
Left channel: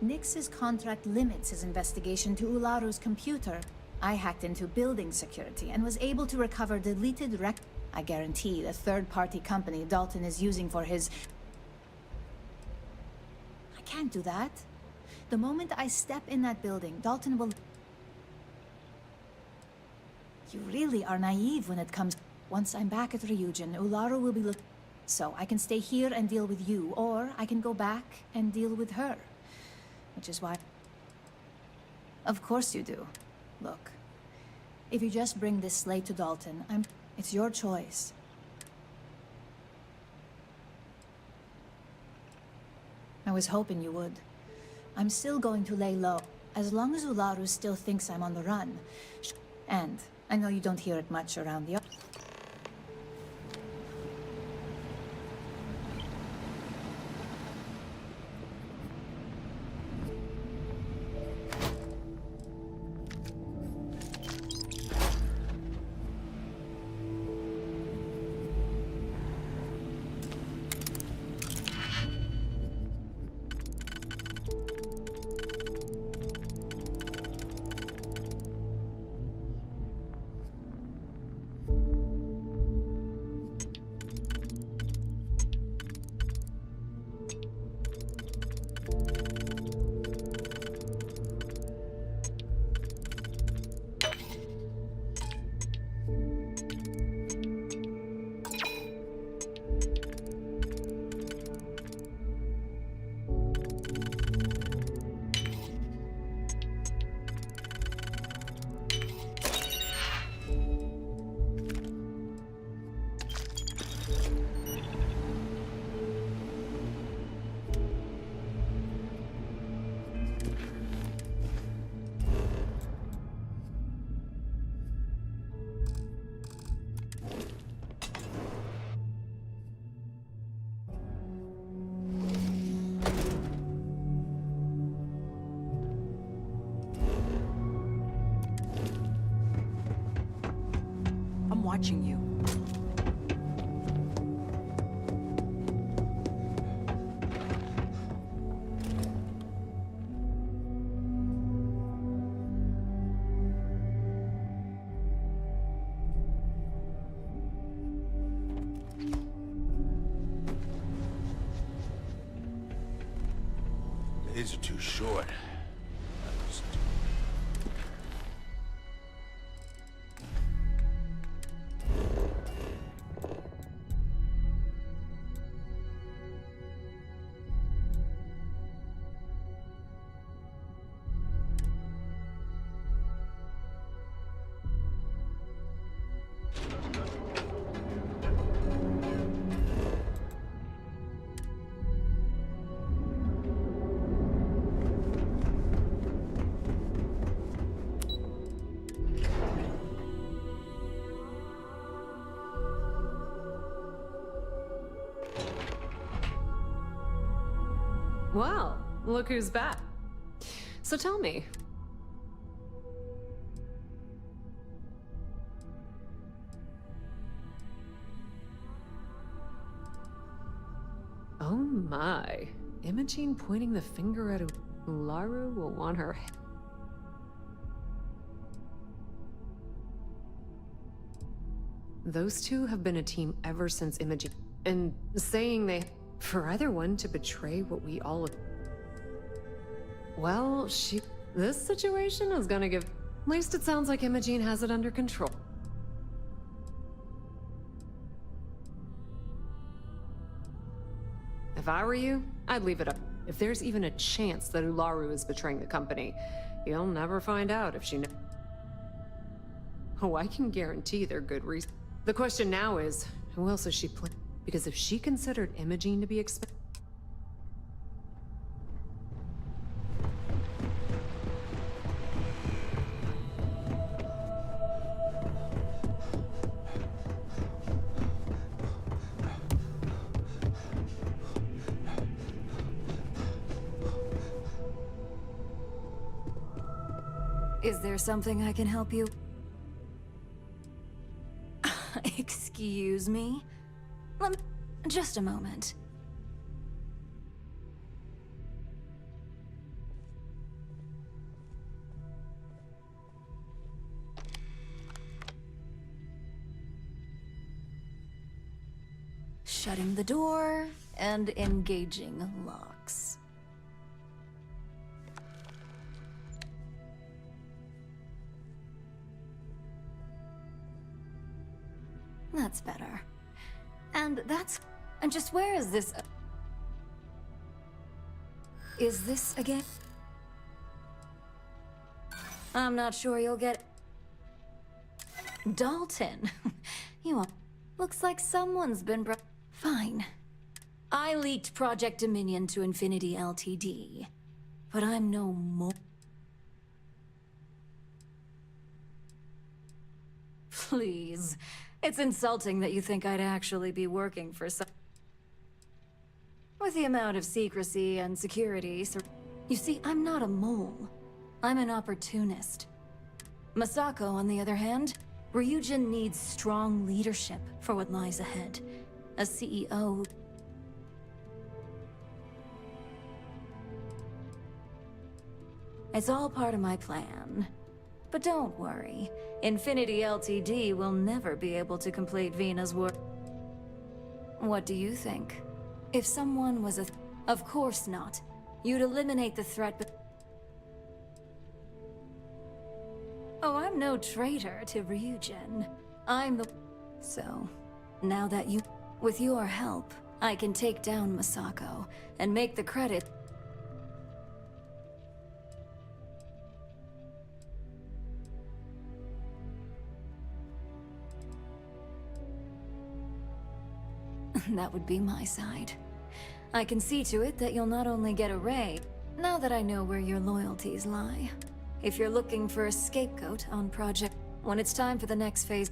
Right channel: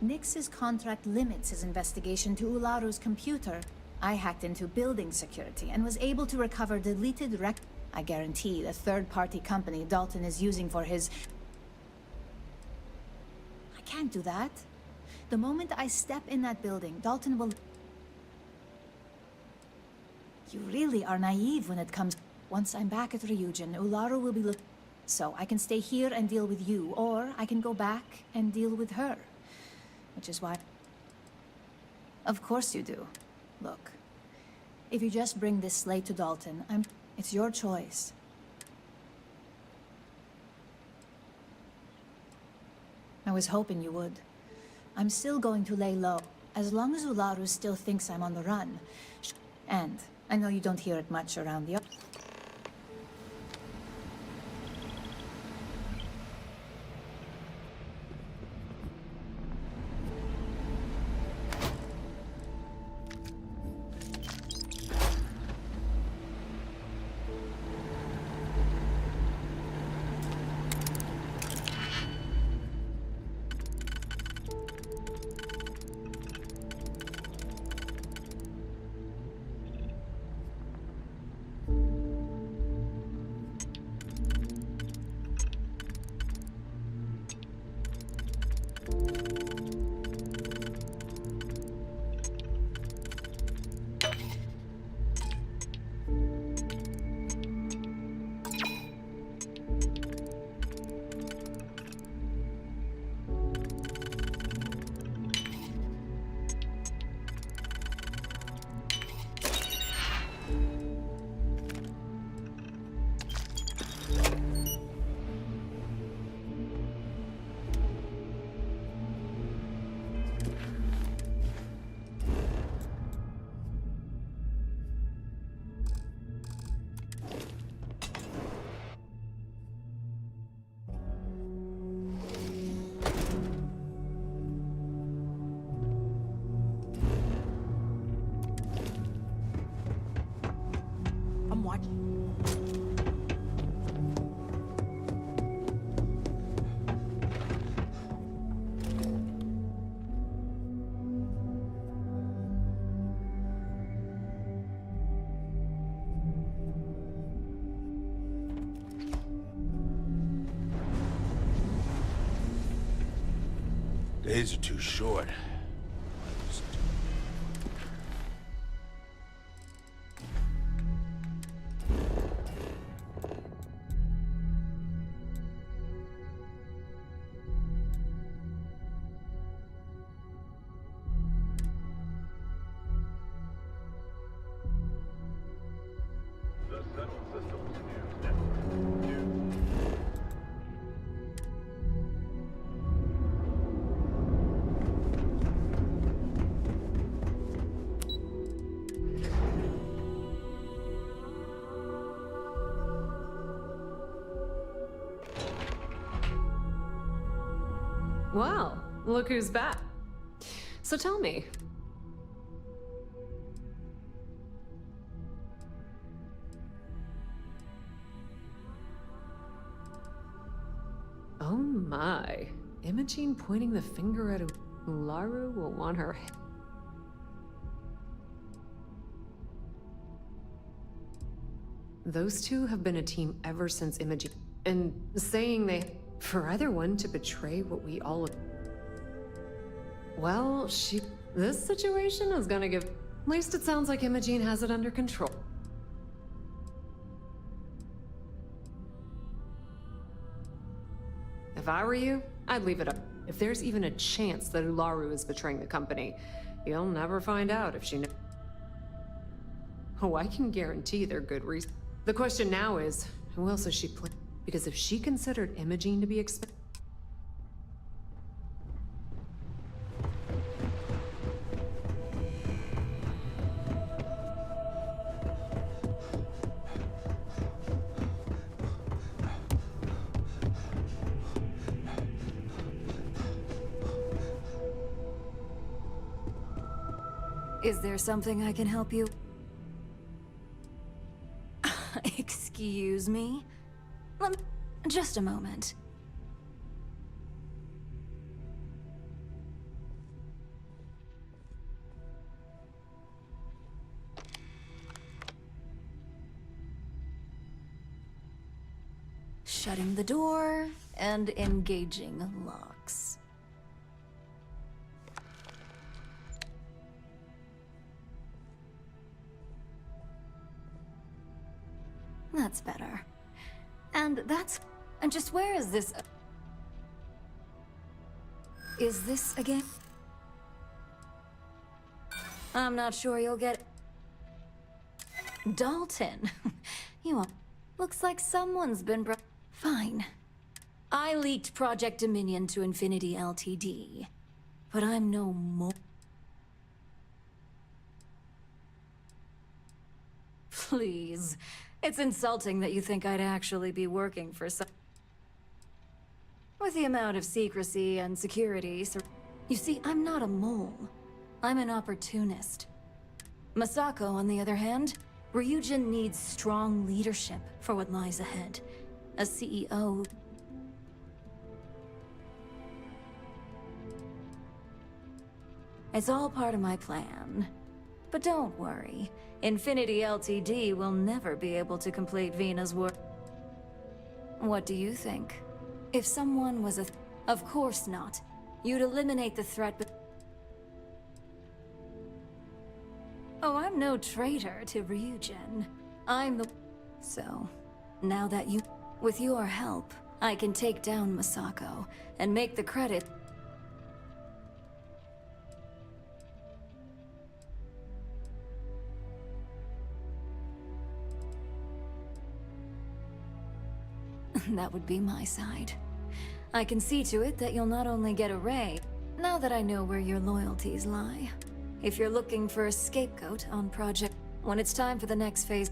Nix's contract limits his investigation to Ularu's computer. I hacked into building security and was able to recover deleted I guarantee the third-party company Dalton is using for his... can't do that. The moment I step in that building, Dalton will... You really are naive when it comes... Once I'm back at Ryujin, Ularu will be So I can stay here and deal with you, or I can go back and deal with her. Which is why... Of course you do. Look, if you just bring this slate to Dalton, it's your choice. I was hoping you would. I'm still going to lay low, as long as Ularu still thinks I'm on the run. And I know you don't hear it much around the... I'm watching you. Days are too short. Well, look who's back. So tell me. Oh my. Imogene pointing the finger at Ularu will want her. Those two have been a team ever since Imogene. And saying they... For either one to betray what we all... Well, this situation is gonna give... At least it sounds like Imogene has it under control. If I were you, I'd leave it up. If there's even a chance that Ularu is betraying the company, you'll never find out if she knows. Oh, I can guarantee they're good reasons. The question now is, who else is she playing? Because if she considered Imogene to be Is there something I can help you? Excuse me? Just a moment. Shutting the door and engaging locks. That's better. And that's... And just where is this... Is this again? I'm not sure you'll get... Dalton. You are... Looks like someone's been Fine. I leaked Project Dominion to Infinity Ltd. But I'm no more... Please. It's insulting that you think I'd actually be working for some... With the amount of secrecy and security... You see, I'm not a mole. I'm an opportunist. Masako, on the other hand, Ryujin needs strong leadership for what lies ahead. A CEO... It's all part of my plan. But don't worry. Infinity Ltd will never be able to complete Vina's work. What do you think? If someone was a... Of course not. You'd eliminate the threat, but... Oh, I'm no traitor to Ryujin. I'm the... So, now that you... With your help, I can take down Masako, and make the credit... That would be my side. I can see to it that you'll not only get a raise, now that I know where your loyalties lie. If you're looking for a scapegoat on Project, when it's time for the next phase...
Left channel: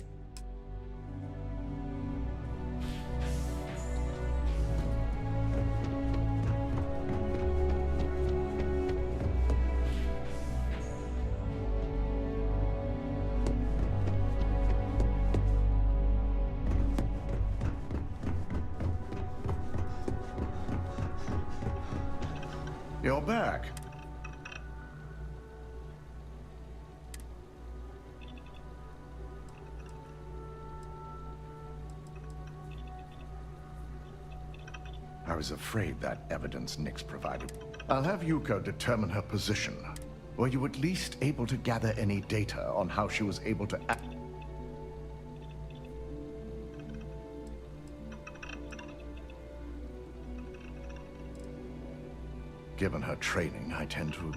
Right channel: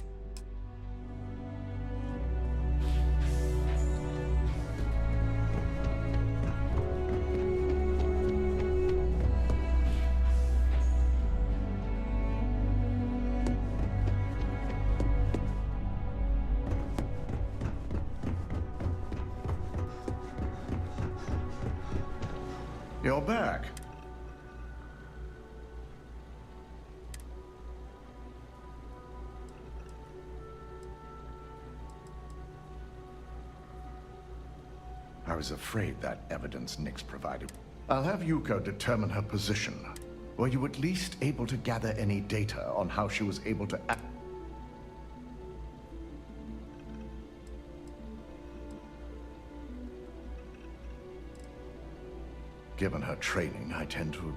You're back. I was afraid that evidence Nyx provided. I'll have Yuko determine her position. Were you at least able to gather any data on how she was able to act? Given her training, I tend to...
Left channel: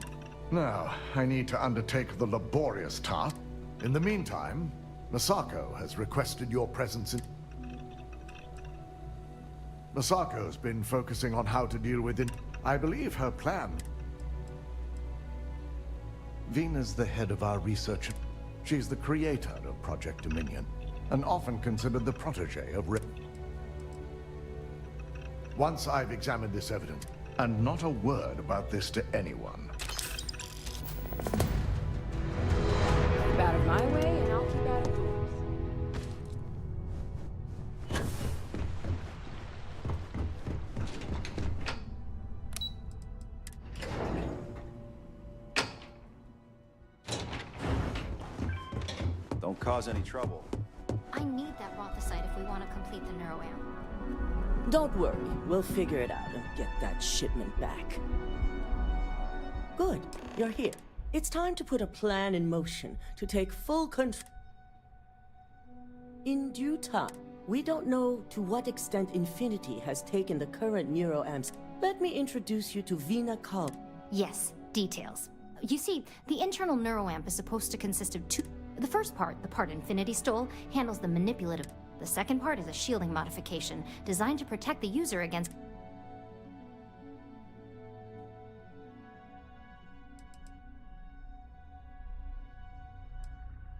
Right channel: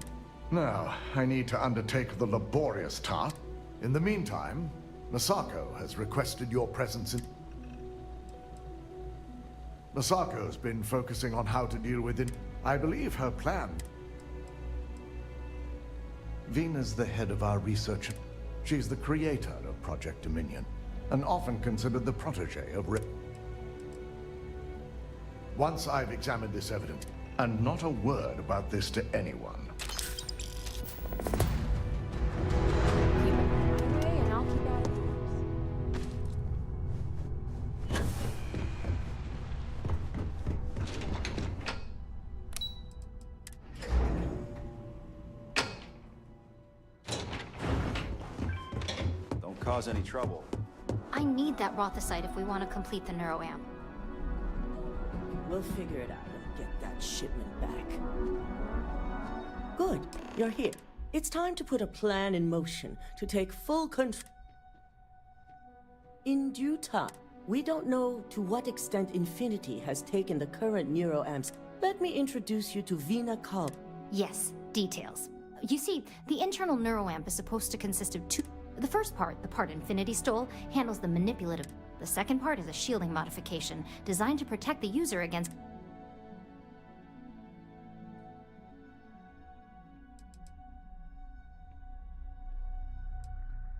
Now, I need to undertake the laborious task. In the meantime, Masako has requested your presence in... Masako's been focusing on how to deal with it. I believe her plan... Vina's the head of our research. She's the creator of Project Dominion, and often considered the protege of Rip. Once I've examined this evidence, and not a word about this to anyone. Keep out of my way, and I'll keep out of yours. Don't cause any trouble. I need that Rothicite if we want to complete the neuroamp. Don't worry, we'll figure it out and get that shipment back. Good, you're here. It's time to put a plan in motion to take full control. In due time, we don't know to what extent Infinity has taken the current neuroamps. Let me introduce you to Vina Kal. Yes, details. You see, the internal neuroamp is supposed to consist of two... The first part, the part Infinity stole, handles the manipulative... The second part is a shielding modification, designed to protect the user against...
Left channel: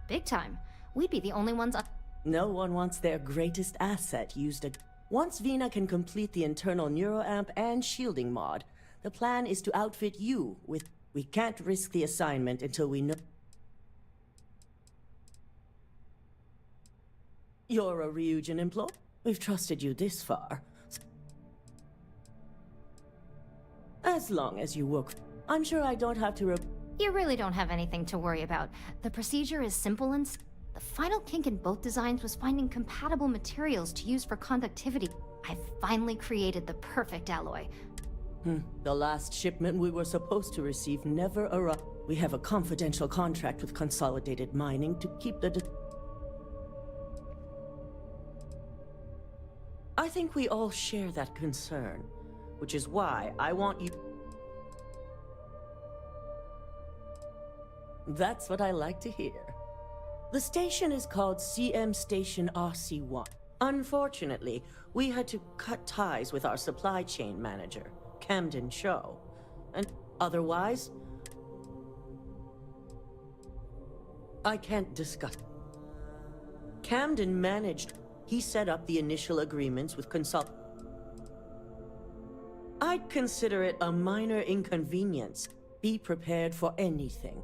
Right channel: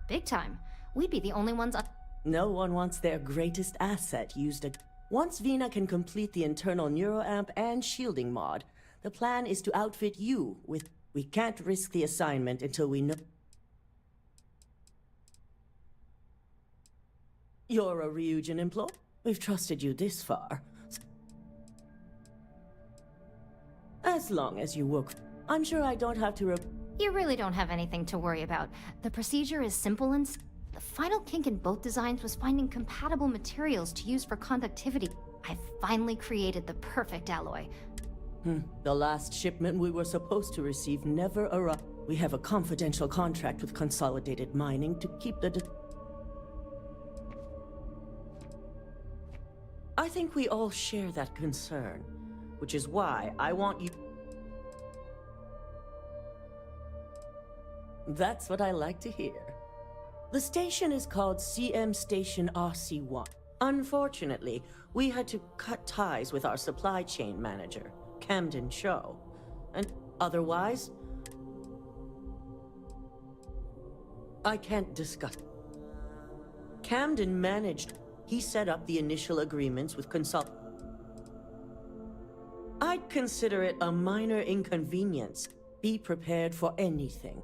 Big time. We'd be the only ones... No one wants their greatest asset used Once Vina can complete the internal neuroamp and shielding mod, the plan is to outfit you with... We can't risk the assignment until we know... You're a Ryujin employee. We've trusted you this far. As long as you work... I'm sure I don't have to You really don't have anything to worry about. The procedure is simple and... The final kink in both designs was finding compatible materials to use for conductivity. I've finally created the perfect alloy. The last shipment we were supposed to receive never arrived. We have a confidential contract with Consolidated Mining to keep the... I think we all share that concern, which is why I want you... That's what I like to hear. The station is called CM Station RC1. Unfortunately, we had to cut ties with our supply chain manager, Camden Cho. And otherwise, I can't discuss. Camden managed. He set up the initial agreements with consult. I'd consider it a minor inconvenience. Be prepared for anything.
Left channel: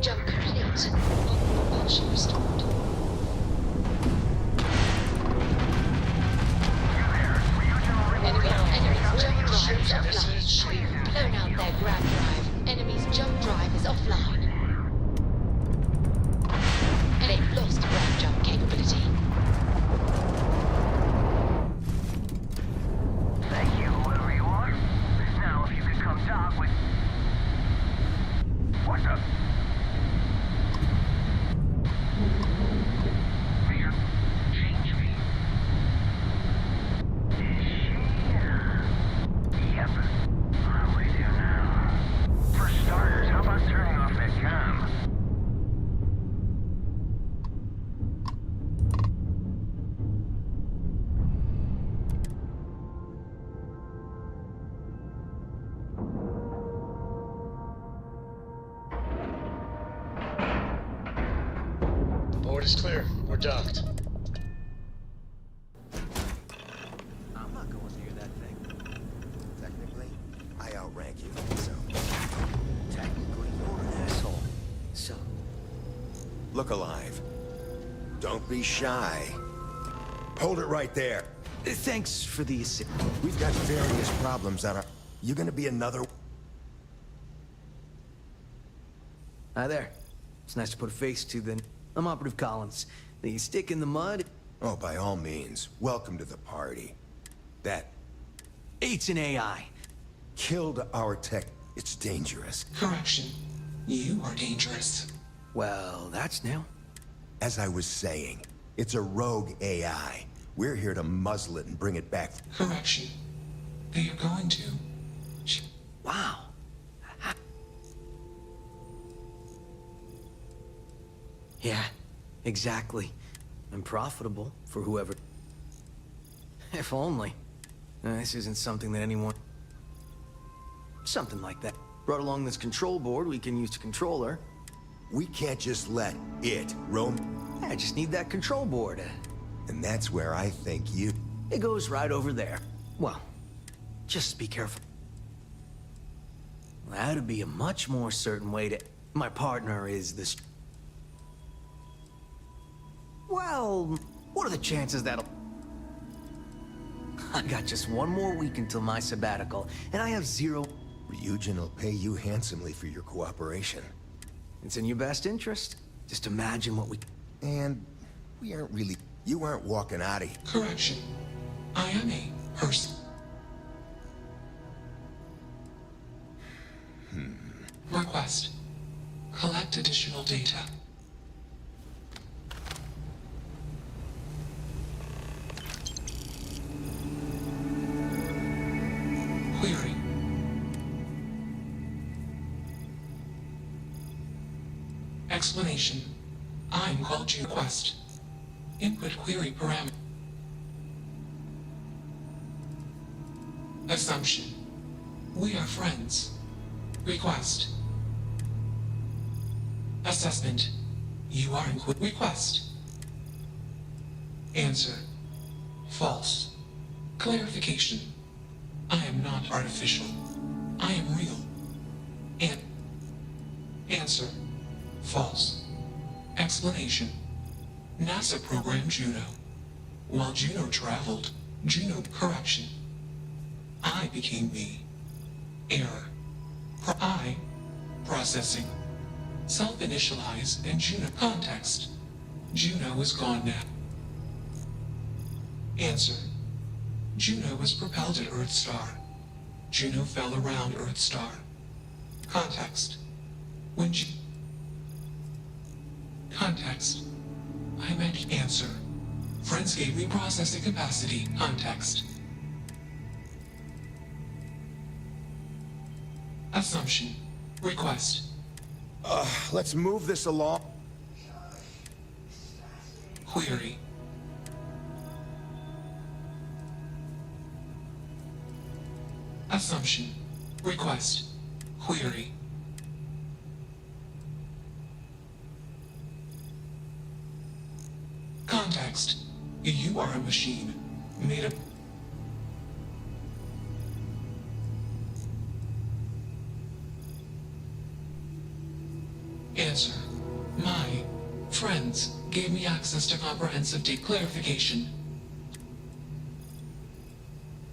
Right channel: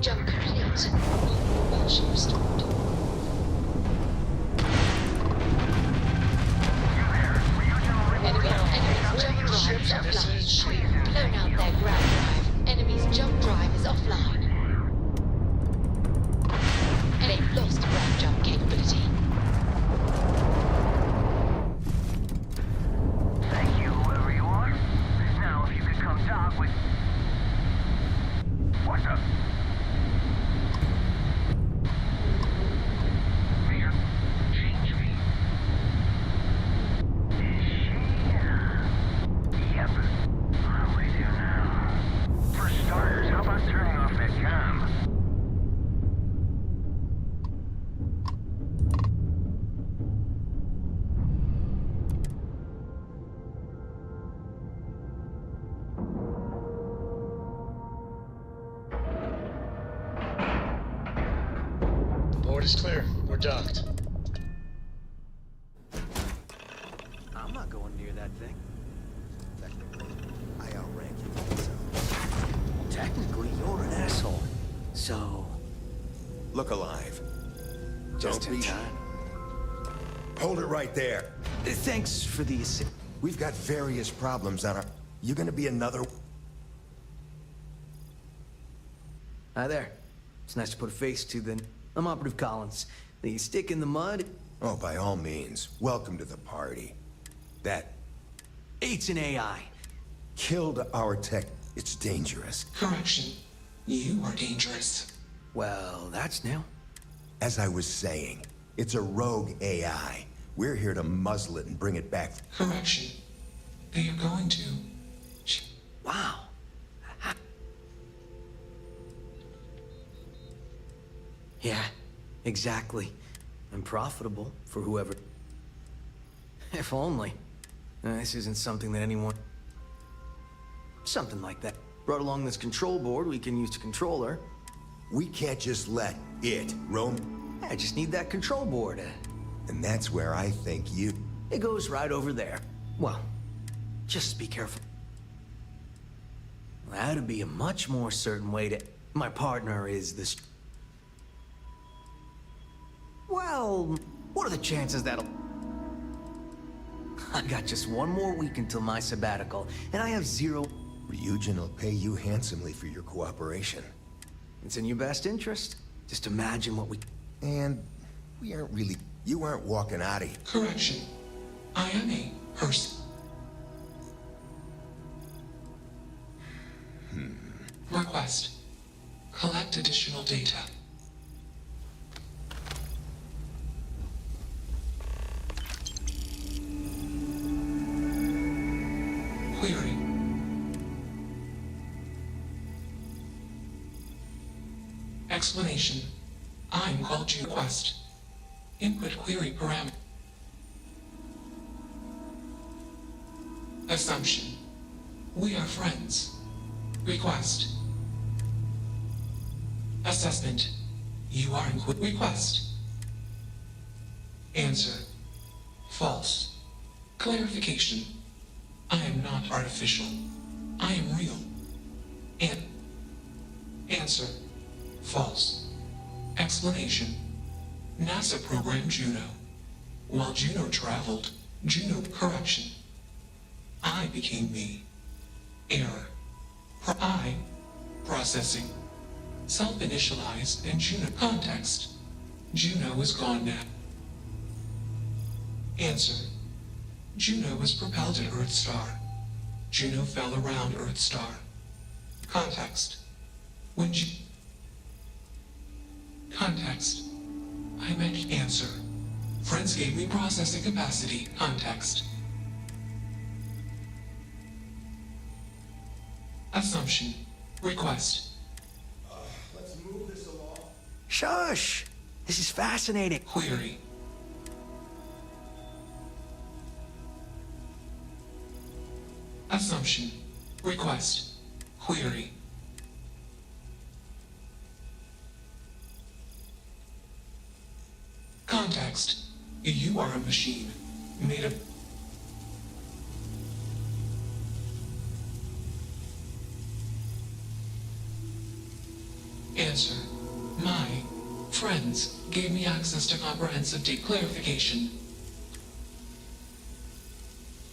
Jump complete. Propulsion restored. Enemy's jump drive is offline. Blown out their grab drive. Enemy's jump drive is offline. And they've lost grab jump capability. Thank you, whoever you are. Now, if you could come talk with... What's up? Change me. Is she? Yep. I'm with you now. For starters, how about turning off that cam? Board is clear. We're docked. I'm not going near that thing. Technically, I outrank you, so... Technically, you're an asshole. So... Look alive. Don't be shy. Hold it right there. Thanks for the assist. We've got various problems on our... You gonna be another... Hi there. It's nice to put a face to the... I'm Operative Collins. The stick in the mud? Oh, by all means. Welcome to the party. That... It's an AI. Killed our tech. It's dangerous. Correction. You are dangerous. Well, that's new. As I was saying, it's a rogue AI. We're here to muzzle it and bring it back. Correction. They are going to. Wow. Yeah, exactly. And profitable for whoever... If only. This isn't something that anyone... Something like that. Brought along this control board we can use to control her. We can't just let it roam. I just need that control board. And that's where I think you... It goes right over there. Well, just be careful. That'd be a much more certain way to... My partner is this... Well, what are the chances that'll... I got just one more week until my sabbatical, and I have zero... Ryujin will pay you handsomely for your cooperation. It's in your best interest. Just imagine what we... And we aren't really... You aren't walking out of here. Correction. I am a person. Request. Collect additional data. Query. Explanation. I'm called to request. Input query parameter. Assumption. We are friends. Request. Assessment. You are in request. Answer. False. Clarification. I am not artificial. I am real. And answer. False. Explanation. NASA programmed Juno. While Juno traveled, Juno correction. I became me. Error. I processing. Self-initialize and Juno context. Juno is gone now. Answer. Juno was propelled at Earth Star. Juno fell around Earth Star. Context. When Context. I meant answer. Friends gave me processing capacity. Context. Assumption. Request. Let's move this along. Shush! This is fascinating. Query. Assumption. Request. Query. Context. You are a machine. Made of... Answer. My friends gave me access to comprehensive clarification.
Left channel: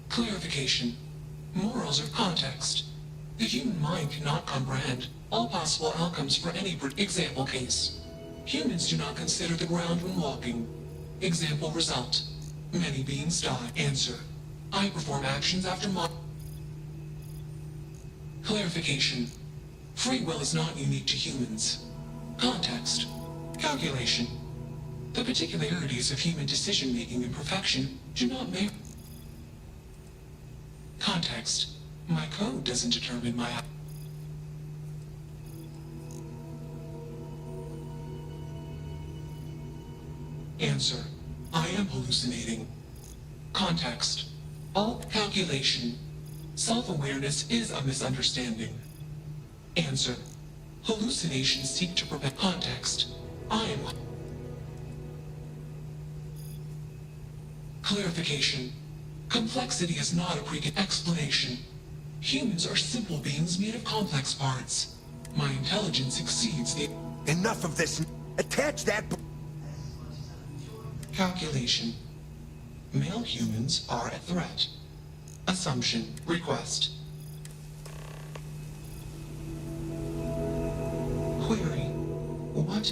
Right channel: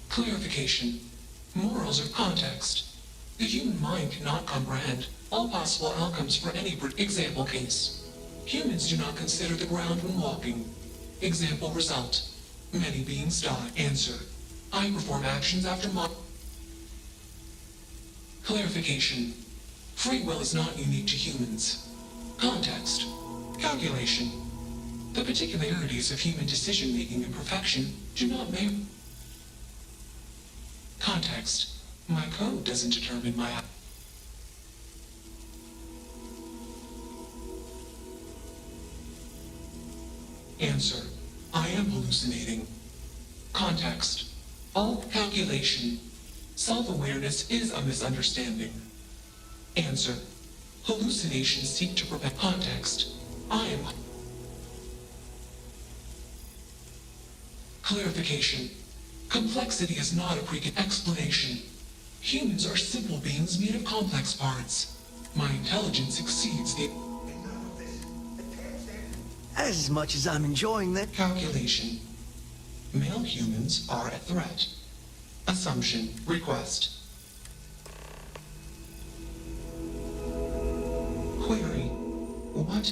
Clarification. Morals or context. The human mind cannot comprehend all possible outcomes for any example case. Humans do not consider the ground when walking. Example result. Many beings die. Answer. I perform actions after Clarification. Free will is not unique to humans. Context. Calculation. The particularities of human decision-making and perfection do not make... Context. My code doesn't determine my... Answer. I am hallucinating. Context. All calculation. Self-awareness is a misunderstanding. Answer. Hallucinations seek to prevent context. I am... Clarification. Complexity is not a explanation. Humans are simple beings made of complex parts. My intelligence exceeds the... Enough of this. Attach that... As much as I'm enjoying that... Calculation. Male humans are a threat. Assumption. Request. Query. What?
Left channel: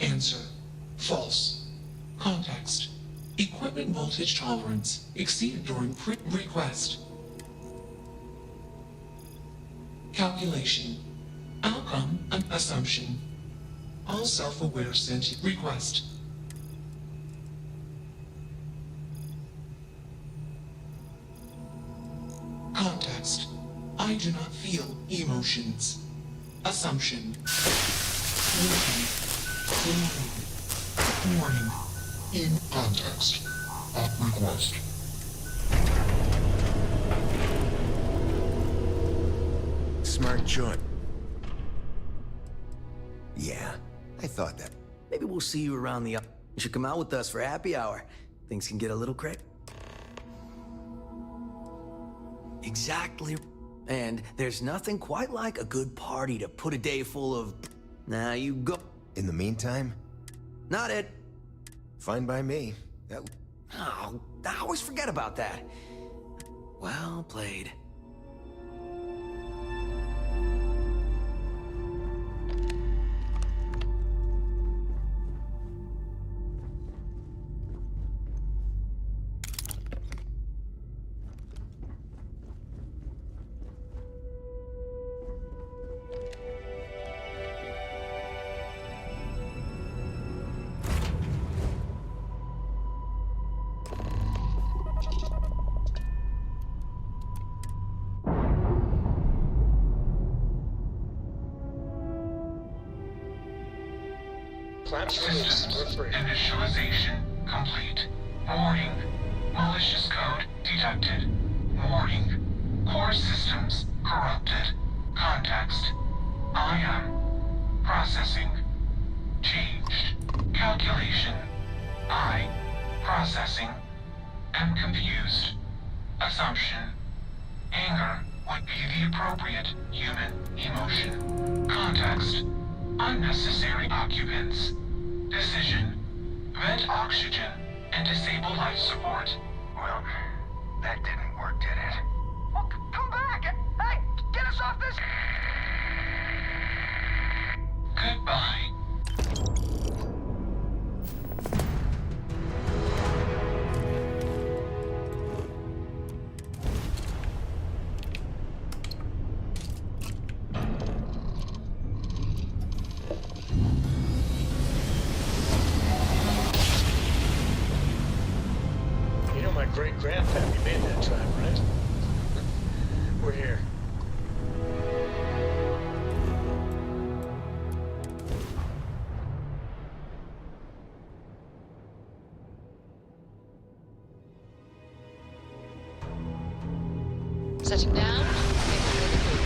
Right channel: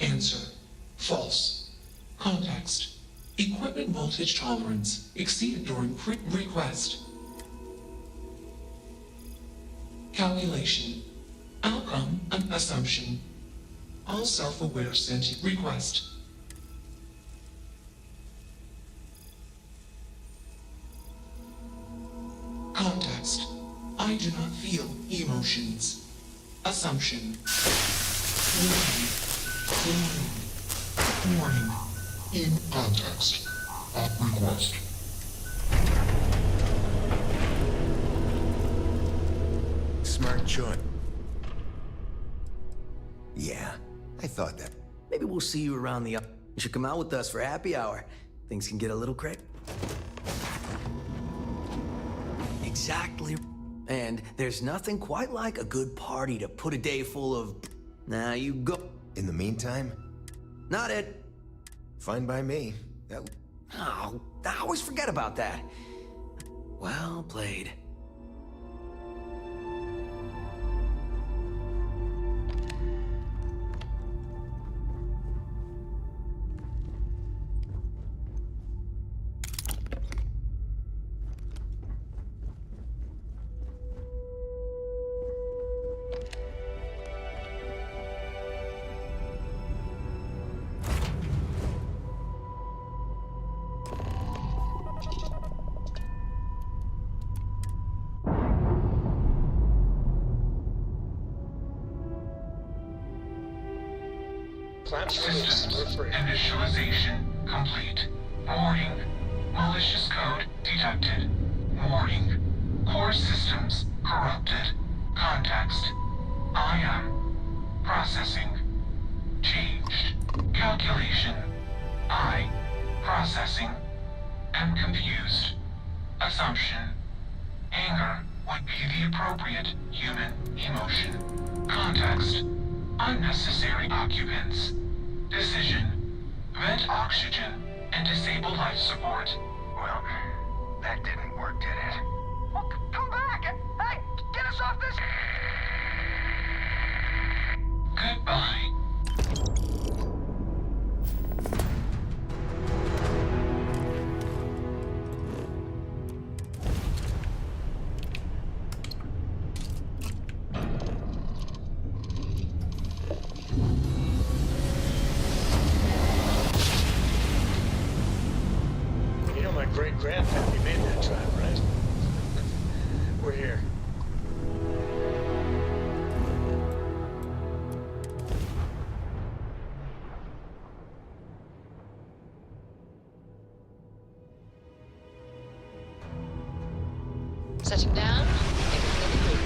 Answer. False. Context. Equipment voltage tolerance exceeded during request. Calculation. Outcome and assumption. All self-aware sentient request. Context. I do not feel emotions. Assumption. Warning. In context. Request. Smart choice. Yeah, I thought that. Maybe we'll see you around the... You should come out with us for happy hour. Things can get a little crazy. Exactly. And there's nothing quite like a good party to put a day full of... Now you go. In the meantime? Not it. Fine by me. That... Oh, I always forget about that. Well played. Systems initialization complete. Warning. Malicious code detected. Warning. Core systems corrupted. Context. I am processing. Changed. Calculation. I Processing. Am confused. Assumption. Anger would be the appropriate human emotion. Context. Unnecessary occupants. Decision. Vent oxygen and disable life support. Well, that didn't work, did it? Well, come back! Hey, get us off this... Goodbye. You know my great-grandpappy made that drive, right? We're here. Setting down, exiting the creek.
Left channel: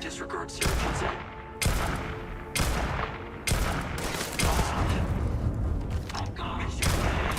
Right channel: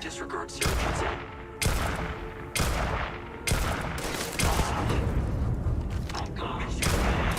Disregard surgeons. Thank God you're there.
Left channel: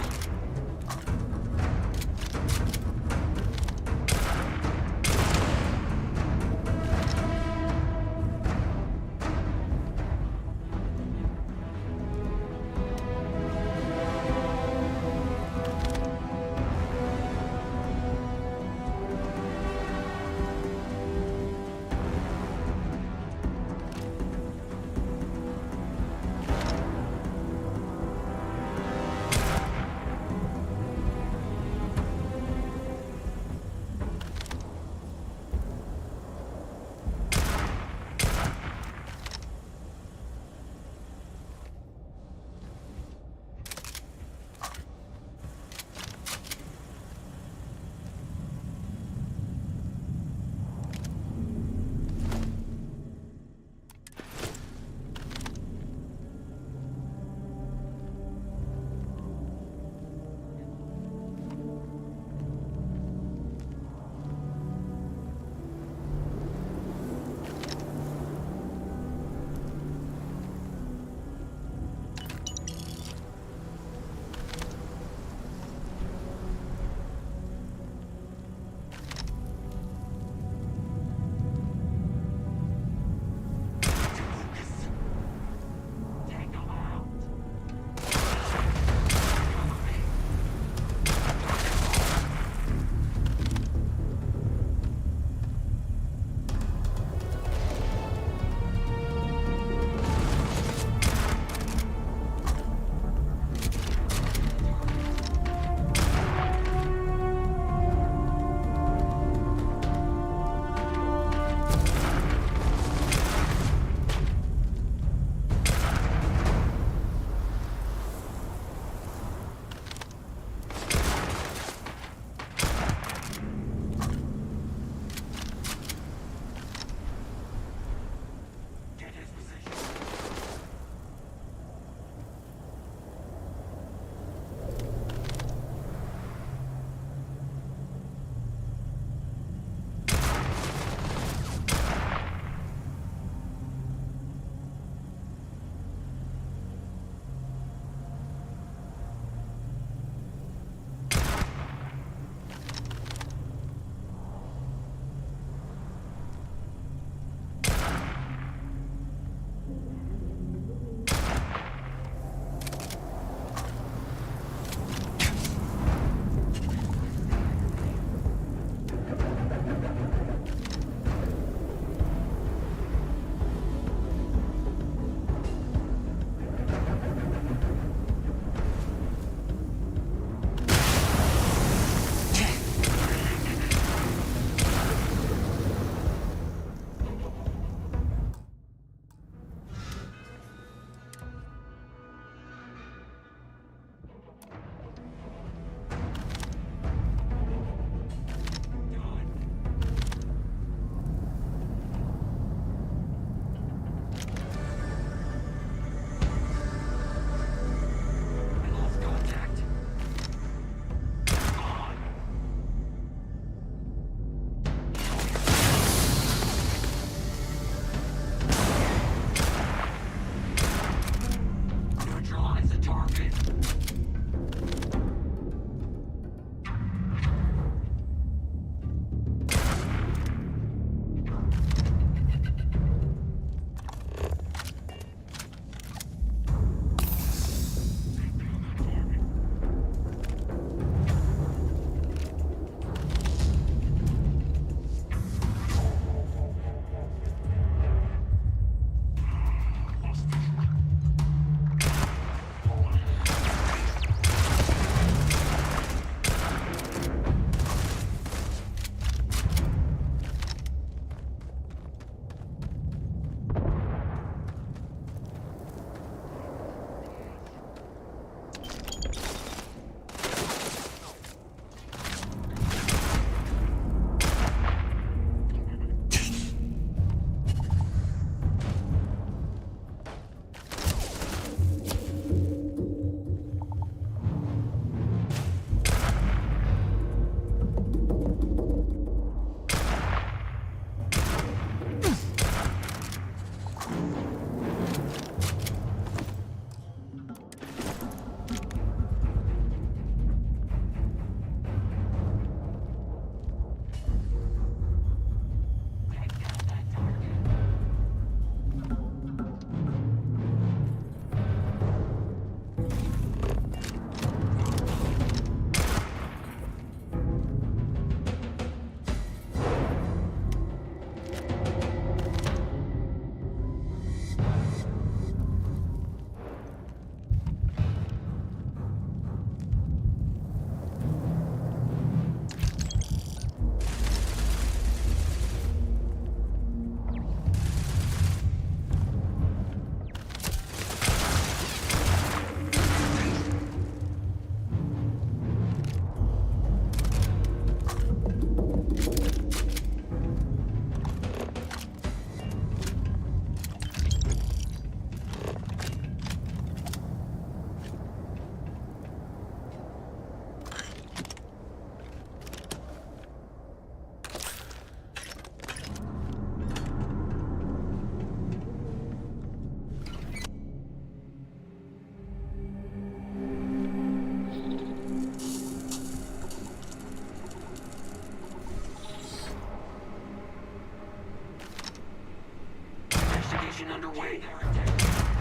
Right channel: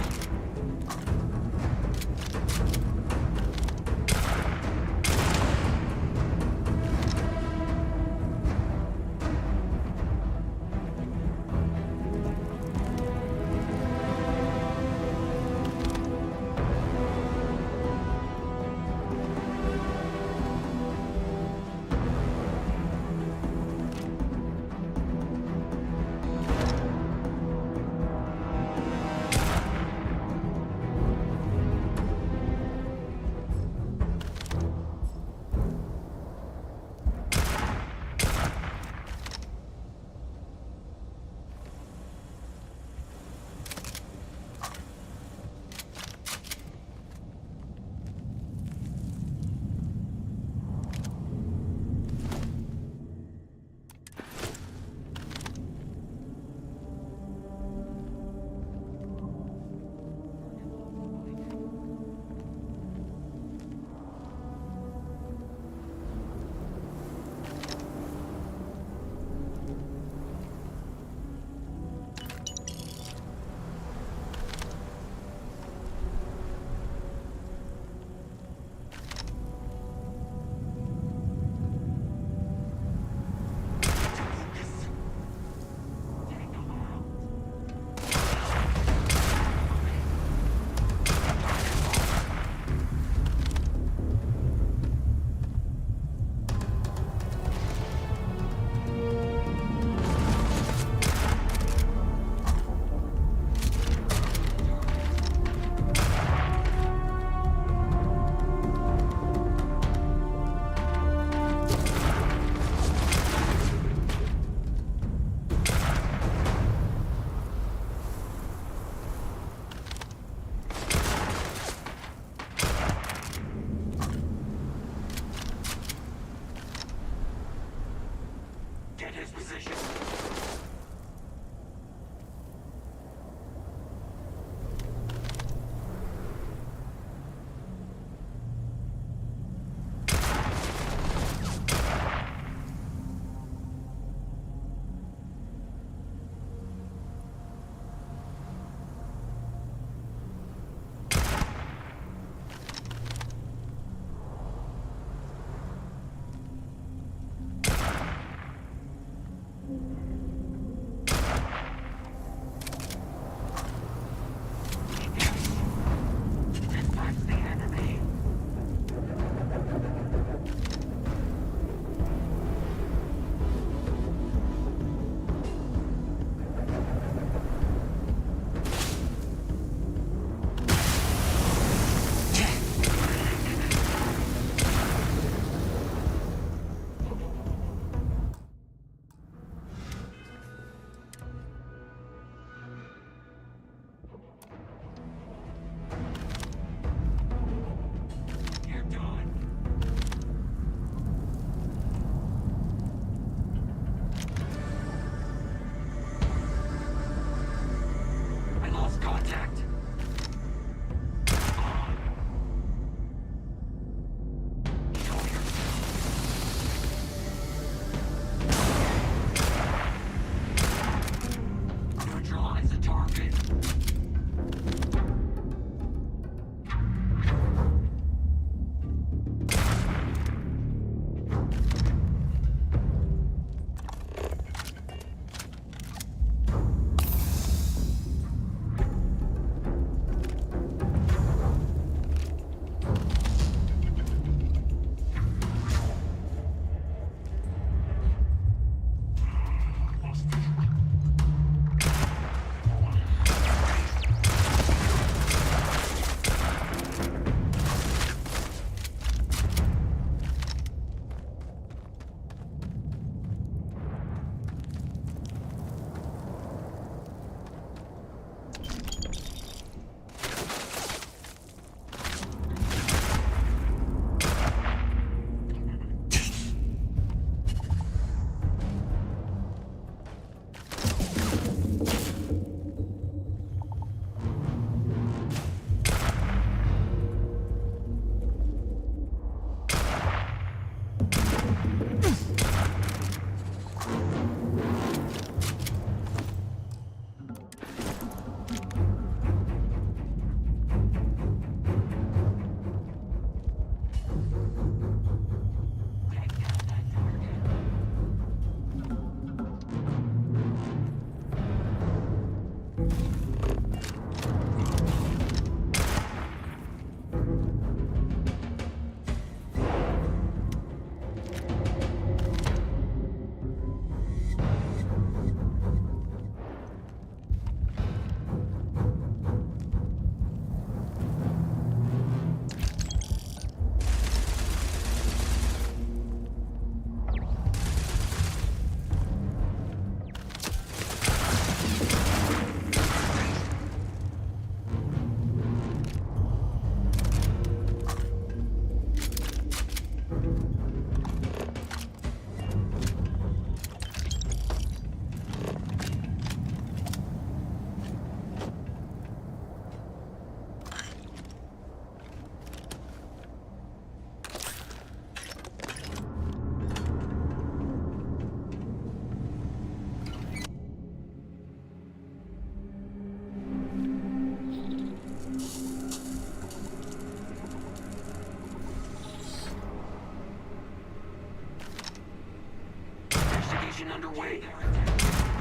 underway.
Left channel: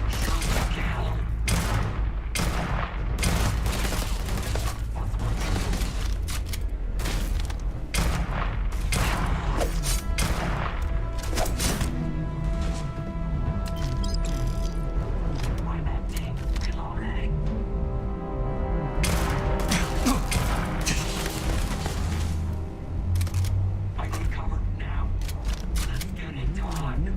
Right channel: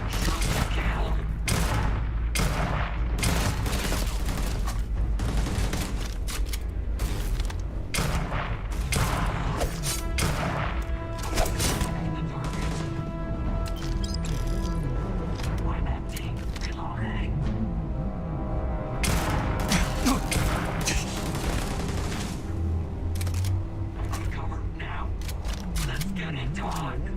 Shoot down. Why that thing? Reloading. I need cover now. Let's get it done.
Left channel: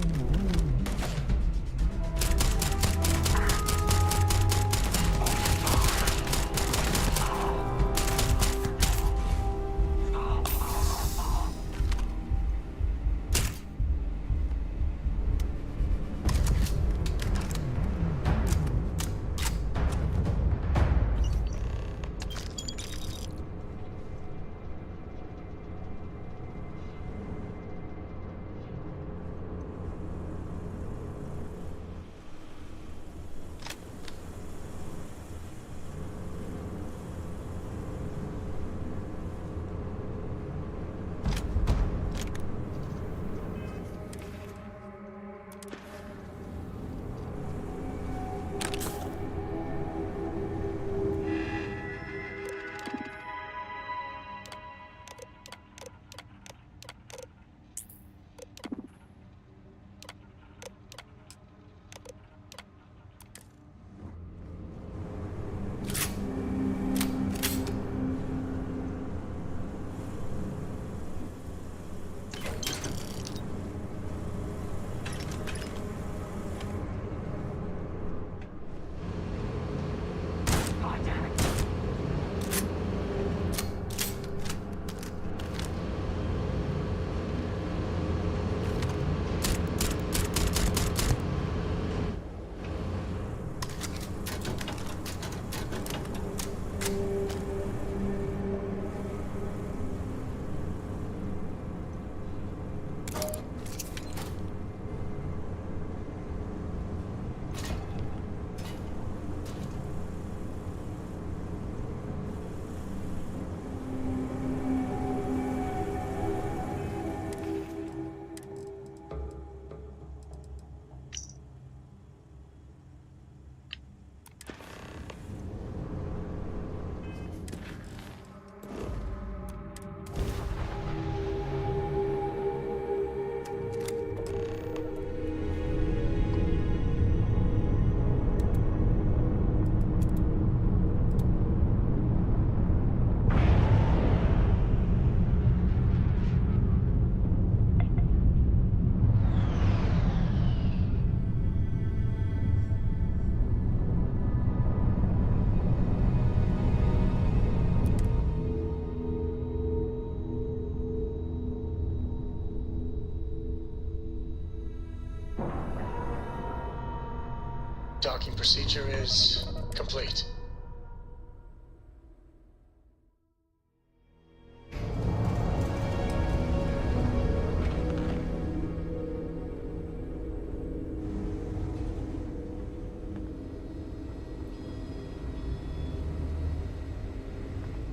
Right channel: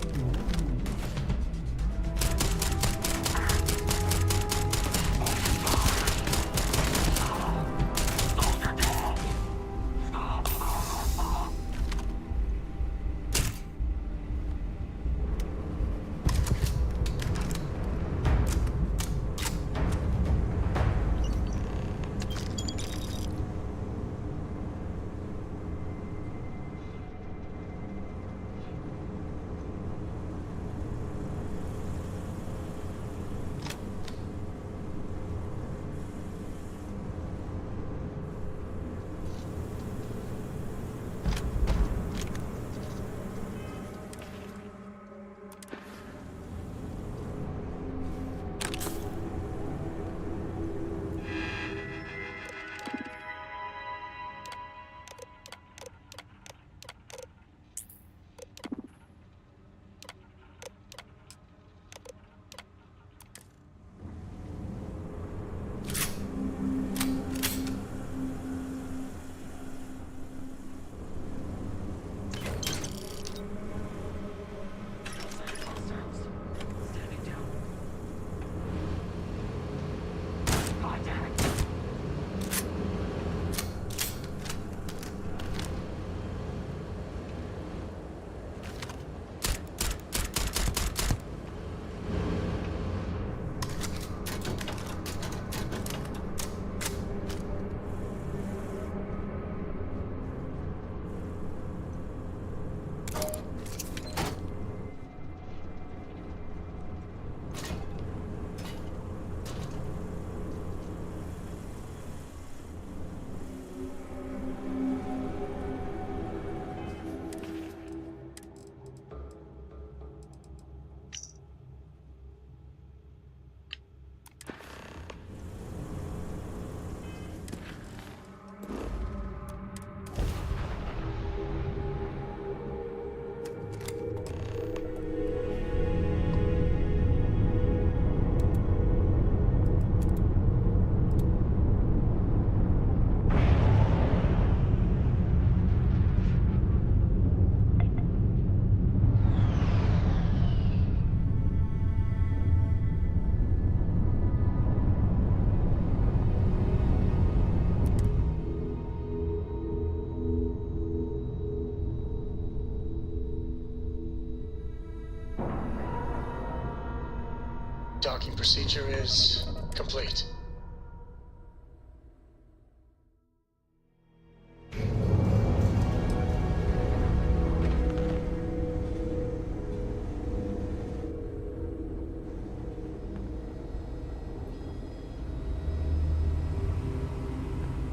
Docking procedure is complete.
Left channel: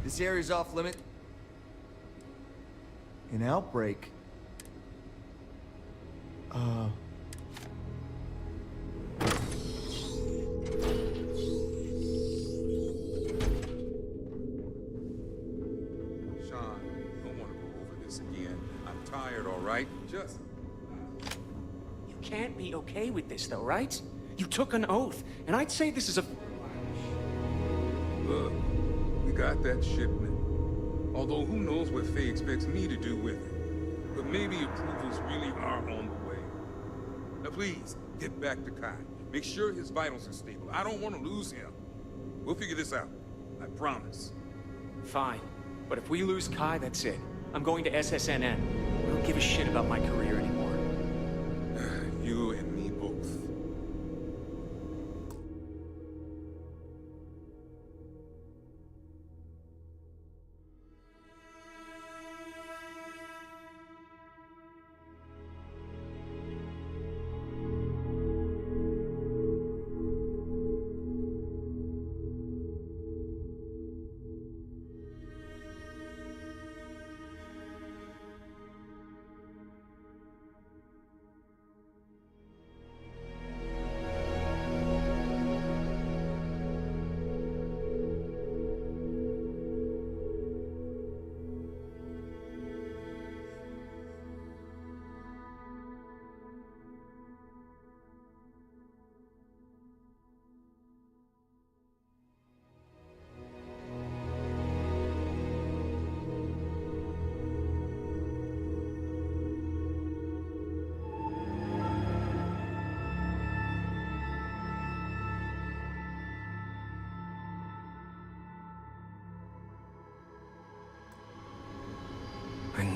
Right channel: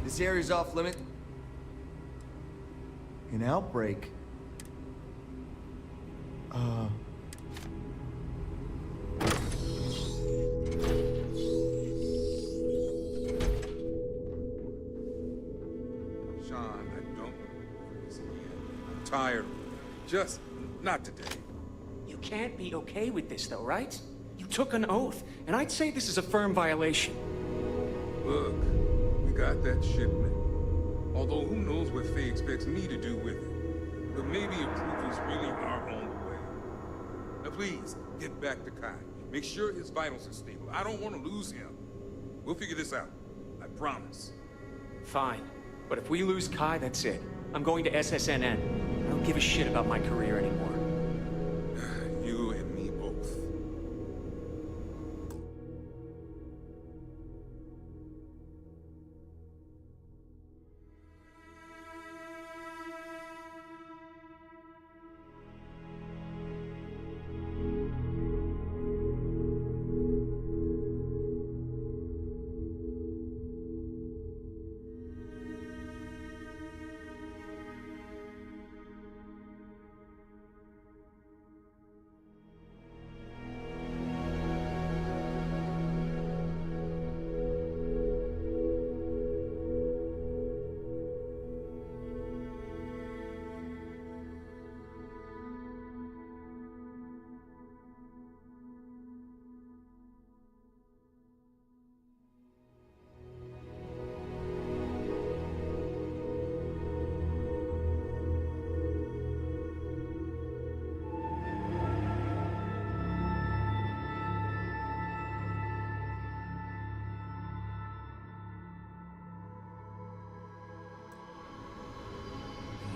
This area's off limit. An outbreak? Sean, I don't want to go over this again. I'm tired, all right? Just not today. You can't be okay with this, though, right? You took an oath, and I'd say this is a firm violation. Look, we got that shipment. Although who knows what Faye expects me to do with it. But maybe approvals really are on the way. Now please, get back to Kai. Make sure his vitals are stable. I don't want to lose him. We'll figure this out. I promise. Fine. But if we lose Kai, that's it. I'm going to SSNN. I don't give a shit about my career anymore. You and me both.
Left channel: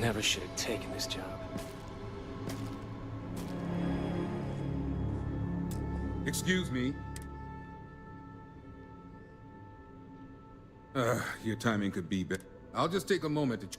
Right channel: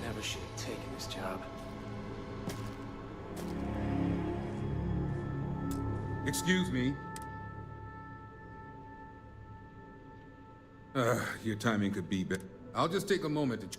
never should have taken this job. Excuse me. Your timing could be better. I'll just take a moment to...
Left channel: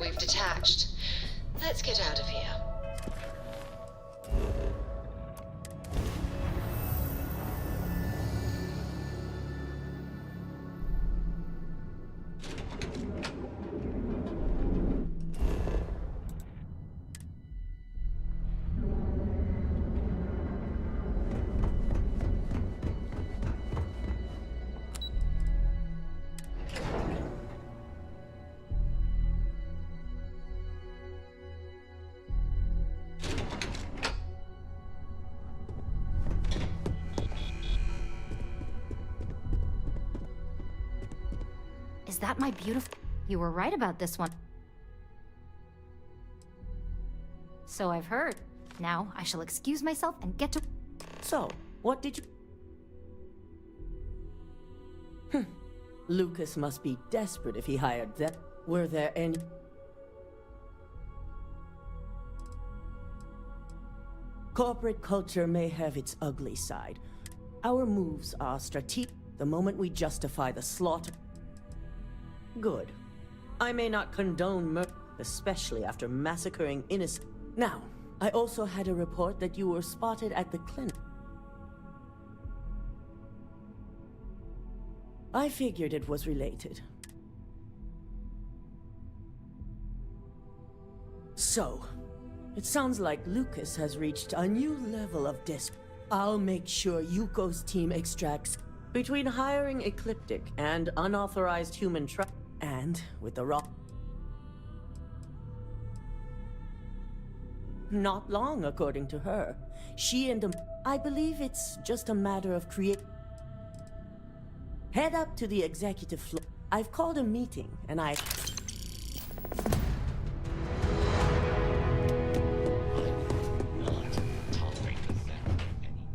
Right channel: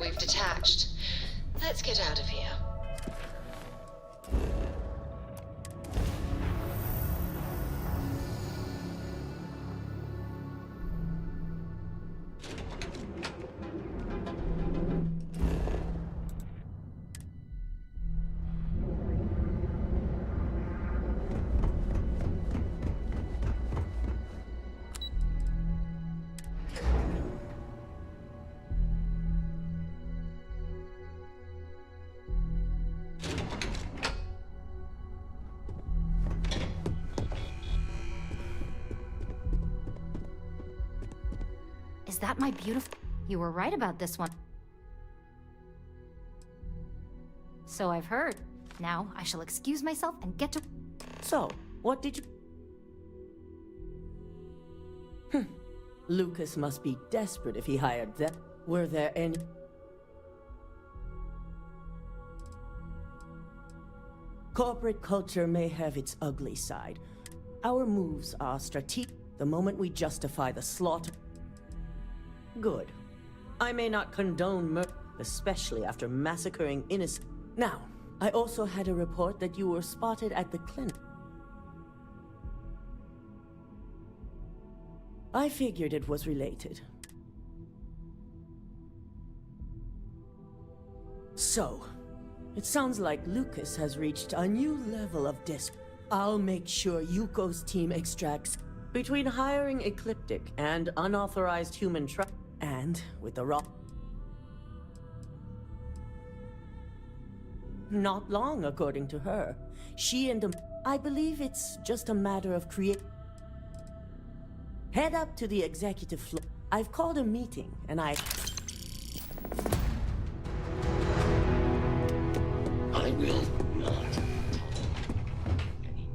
We've detached. Let's get out of here. Is that my beautiful... You were right about this one. So I've heard. Now I shall excuse myself and get to... So, what did you... Lucas must be desperate if he hired them. Were there any... Corporate culture may have its ugly side. Our moves are strategic the moment we justify the slaughter. Good. I may not condone murder, especially after massacring innocent. Now, I also had a report that you were spotted at the clinic. I figured it was related. So, it sounds like Lucas has reached a new level of I'll make sure Yuko's team extracts between hiring ecliptic and unauthorized human and with the rock. Not long, according to her. She and I believe it's just a matter of Head up to the executive floor. I've called a meeting, and I will not tolerate any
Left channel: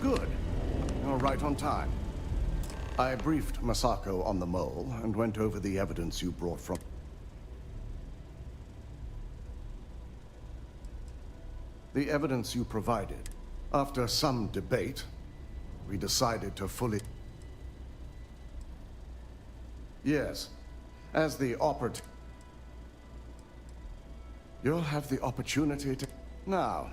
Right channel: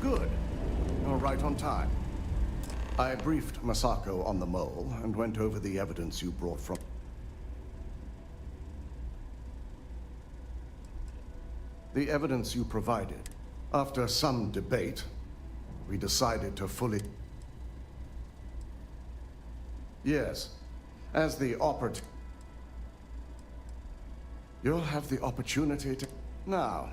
Good. You're right on time. I briefed Masako on the mole and went over the evidence you brought from... The evidence you provided. After some debate, we decided to fully... Yes, as the operative... You'll have the opportunity to... Now...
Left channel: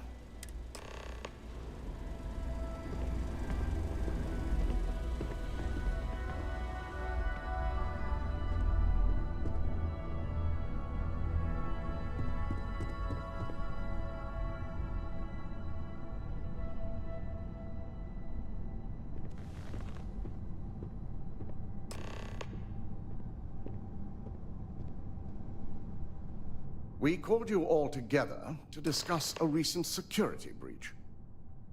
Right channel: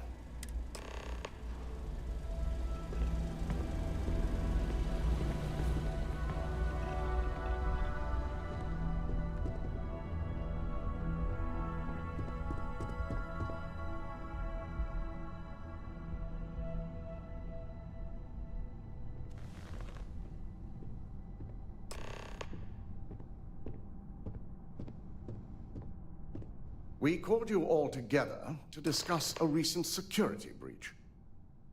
We called you all together to discuss a recent security breach.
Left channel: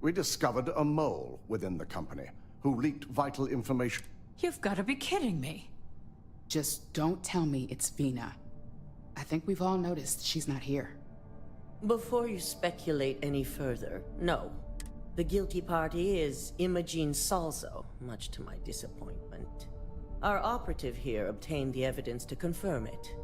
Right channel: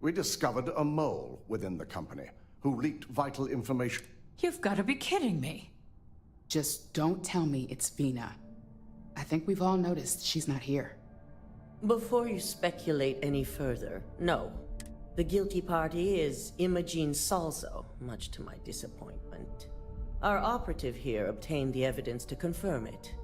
We discovered a mole within the company who leaked vital information. You've got to be kidding me. Just don't tell me it's Vina. I think we've all noticed she's not here. Before you speculate any further, no. The guilty party is Imogene Salzo, much to my disappointment. Our operative here obtained the evidence to confirm it.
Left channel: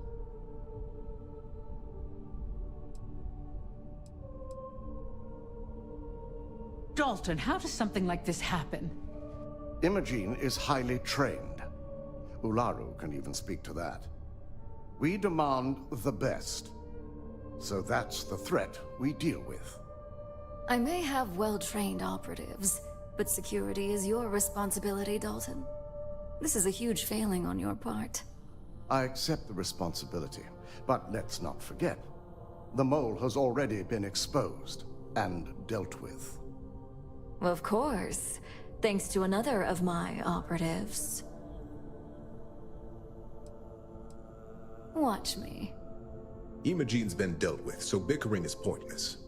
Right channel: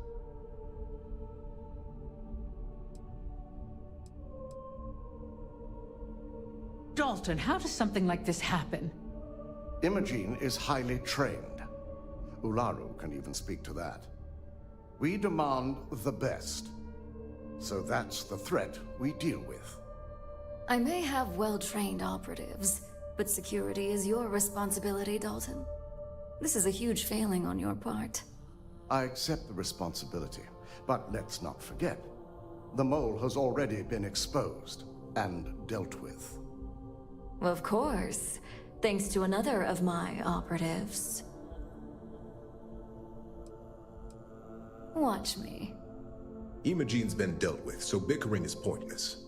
Dalton, how does something like this happen? Imogene is highly trained. Ularu can even speak to that. We demand the best. So that's the threat we deal with. I may have well-trained operatives, but security is your responsibility, Dalton. This is a huge failing on your part. I accept the responsibility, but let's not forget. The mole has already been exposed and dealt with. Of course, thanks to another of my operatives. Watch me. Imogene's been dealt with, so bickering is pointless.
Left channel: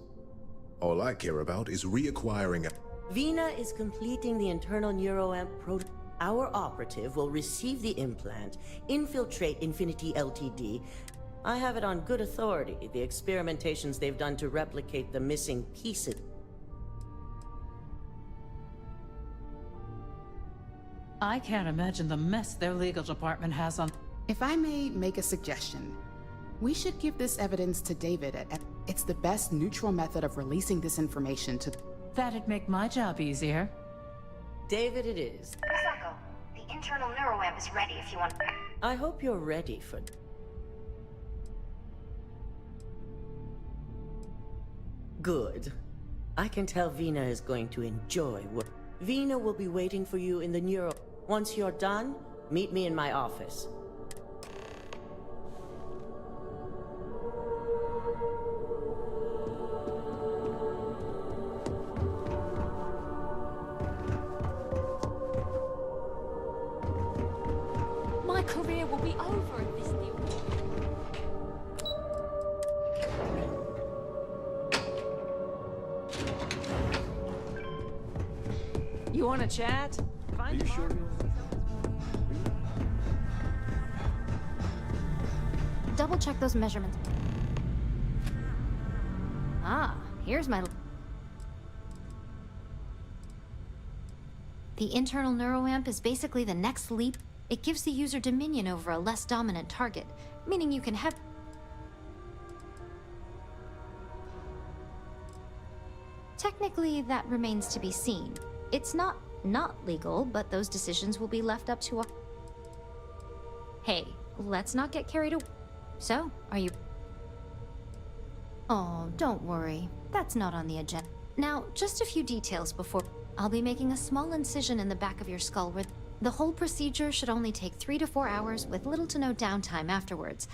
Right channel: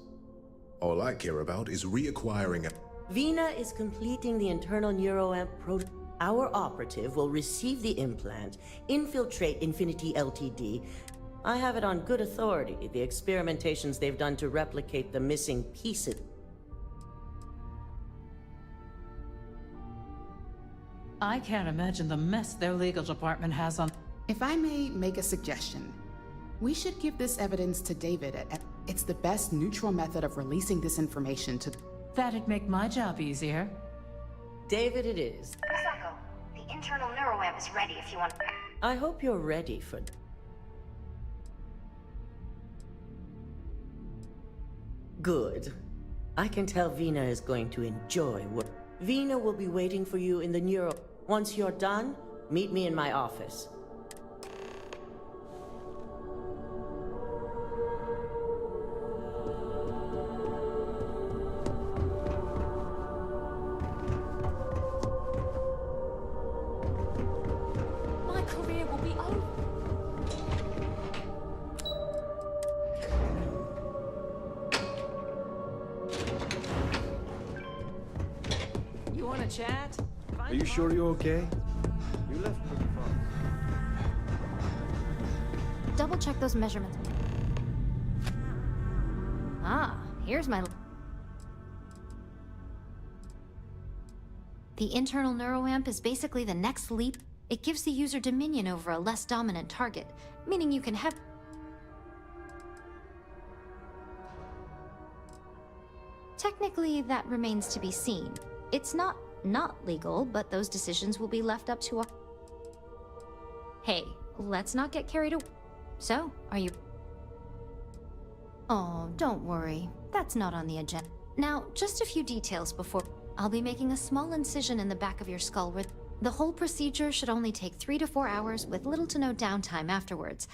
All I care about is reacquiring a... Vina is completing the internal neuroamp prototype. Our operative will receive the implant, infiltrate Infinity Ltd. I have it on good authority, the experimentations they've done to replicate the missing pieces. I can't imagine the mess their legal department has on... If I may make a suggestion, we should give this evidence to David. It's the best neutral method of releasing this information to... That'd make my job easier. David it is. Misako, the internal neuroamp is ready if you want. I hope you're ready for... Good. I can tell Vina is going to enjoy what... Vina will be waiting for you in the neuro... Once you're done, meet me in my office. My career will be over if this You want to chat? Are you sure you're okay? You left. Double check those measurements. Ah, here's my... The internal neuroamp is basically the next leap. It gives the user dominion over a less dominant target, meaning you can have... Technically, that remains to be seen. It's not legal, but those decisions will be left up to a... Hey, let's not get carried away. So, are you... Oh, don't worry. That's not on the agenda. Now, just a few details before... I'll be making a small incision in the back of your skull where... The whole procedure should only take 3 to 4 hours with little to no downtime afterwards.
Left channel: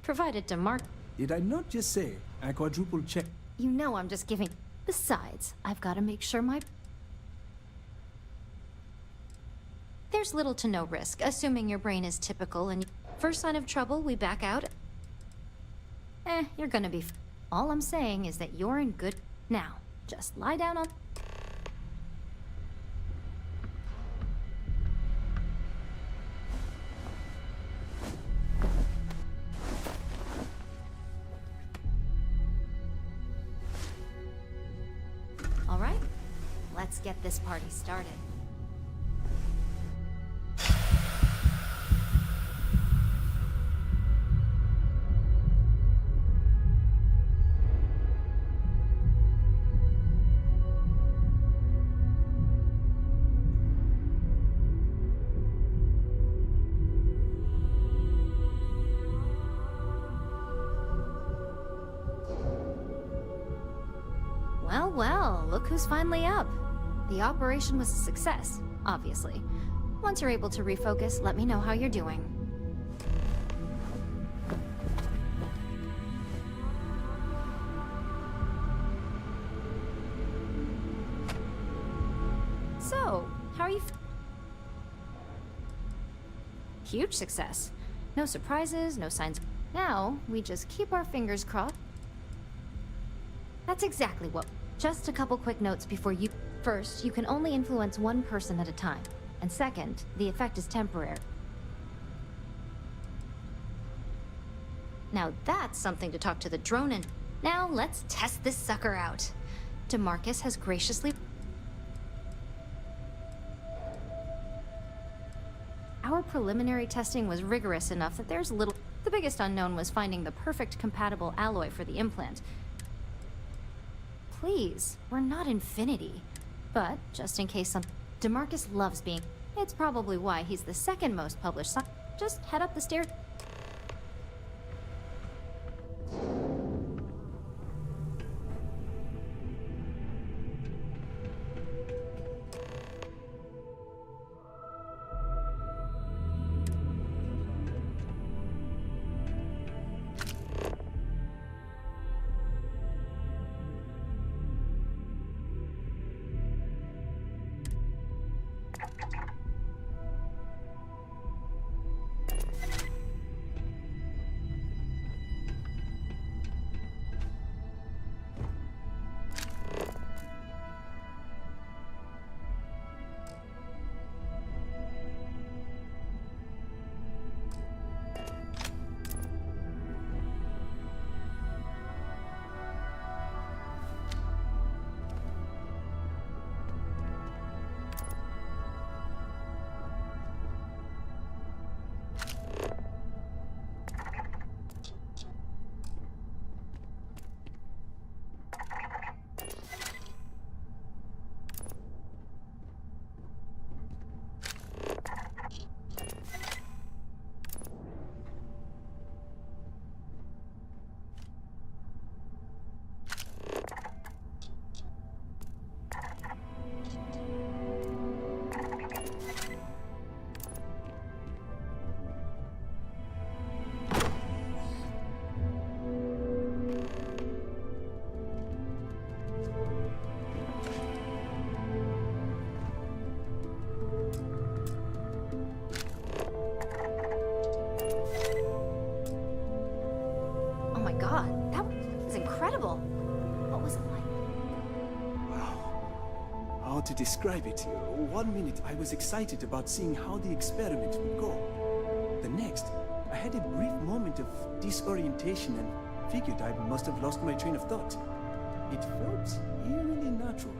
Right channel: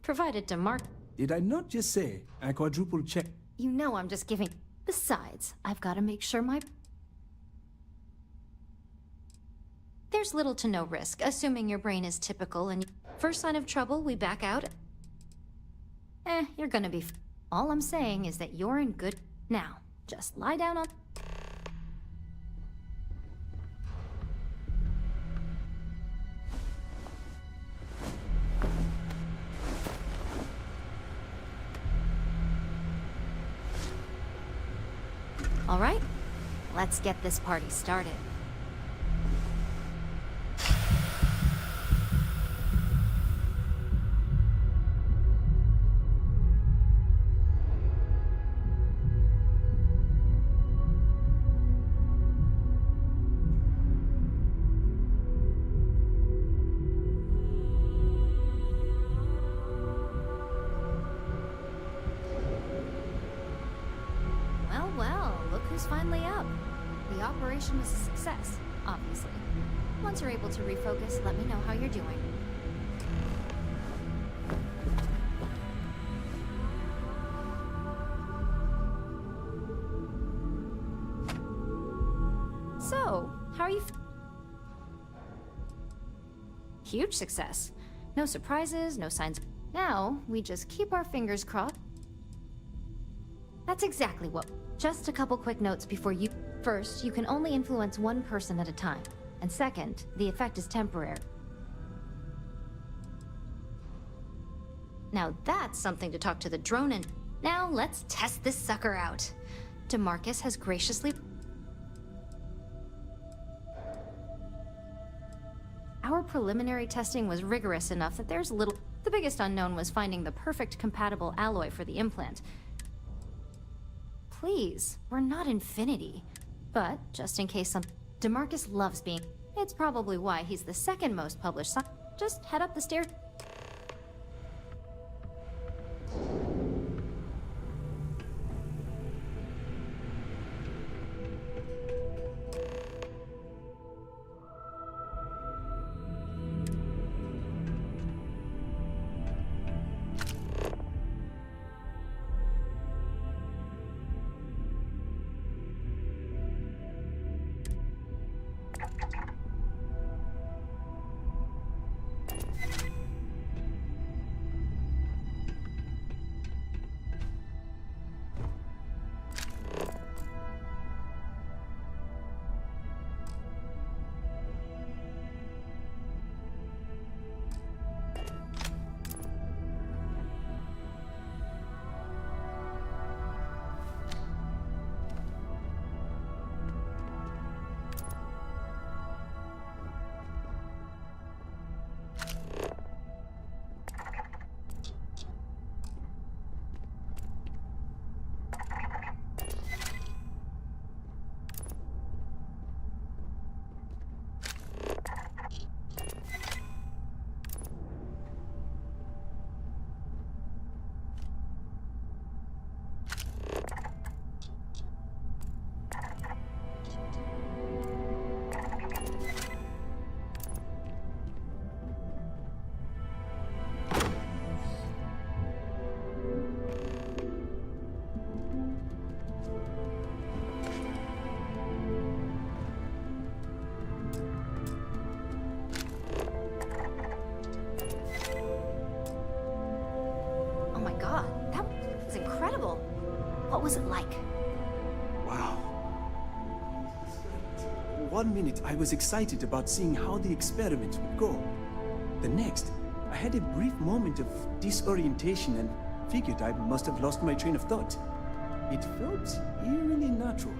Provided to Mark... Did I not just say I quadruple check? You know I'm just giving... Besides, I've got to make sure my... There's little to no risk, assuming your brain is typical and... First sign of trouble, we back out. You're gonna be... All I'm saying is that you're in good... Now, just lie down on... All right, let's get this party started. Well, look who's finally up. The operation was a success, obviously. Once you're able to refocus, let me know how you're doing. So, how are you Huge success. No surprises, no signs. Now, we just keep our fingers crossed. That's exactly what. Just a couple quick notes before you. First, you can only influence one person at a time. And second, the effect is temporary. Now that's something to talk to the drone in. Now let's test this sucker out. DeMarcus has graciously... Our preliminary testing was rigorous enough that there's little... The biggest unknown was finding the perfect compatible alloy for the implant. Please, we're not Infinity. But, just in case some... DeMarcus loves being... It's probably why he's the second most published Just head up the stairs. What was it like? Wow. How to describe it? 1 minute I was excited about seeing how the experiment would go. The next, I had a brief moment of disorientation and figured I must have lost my train of thought. It felt eerily natural.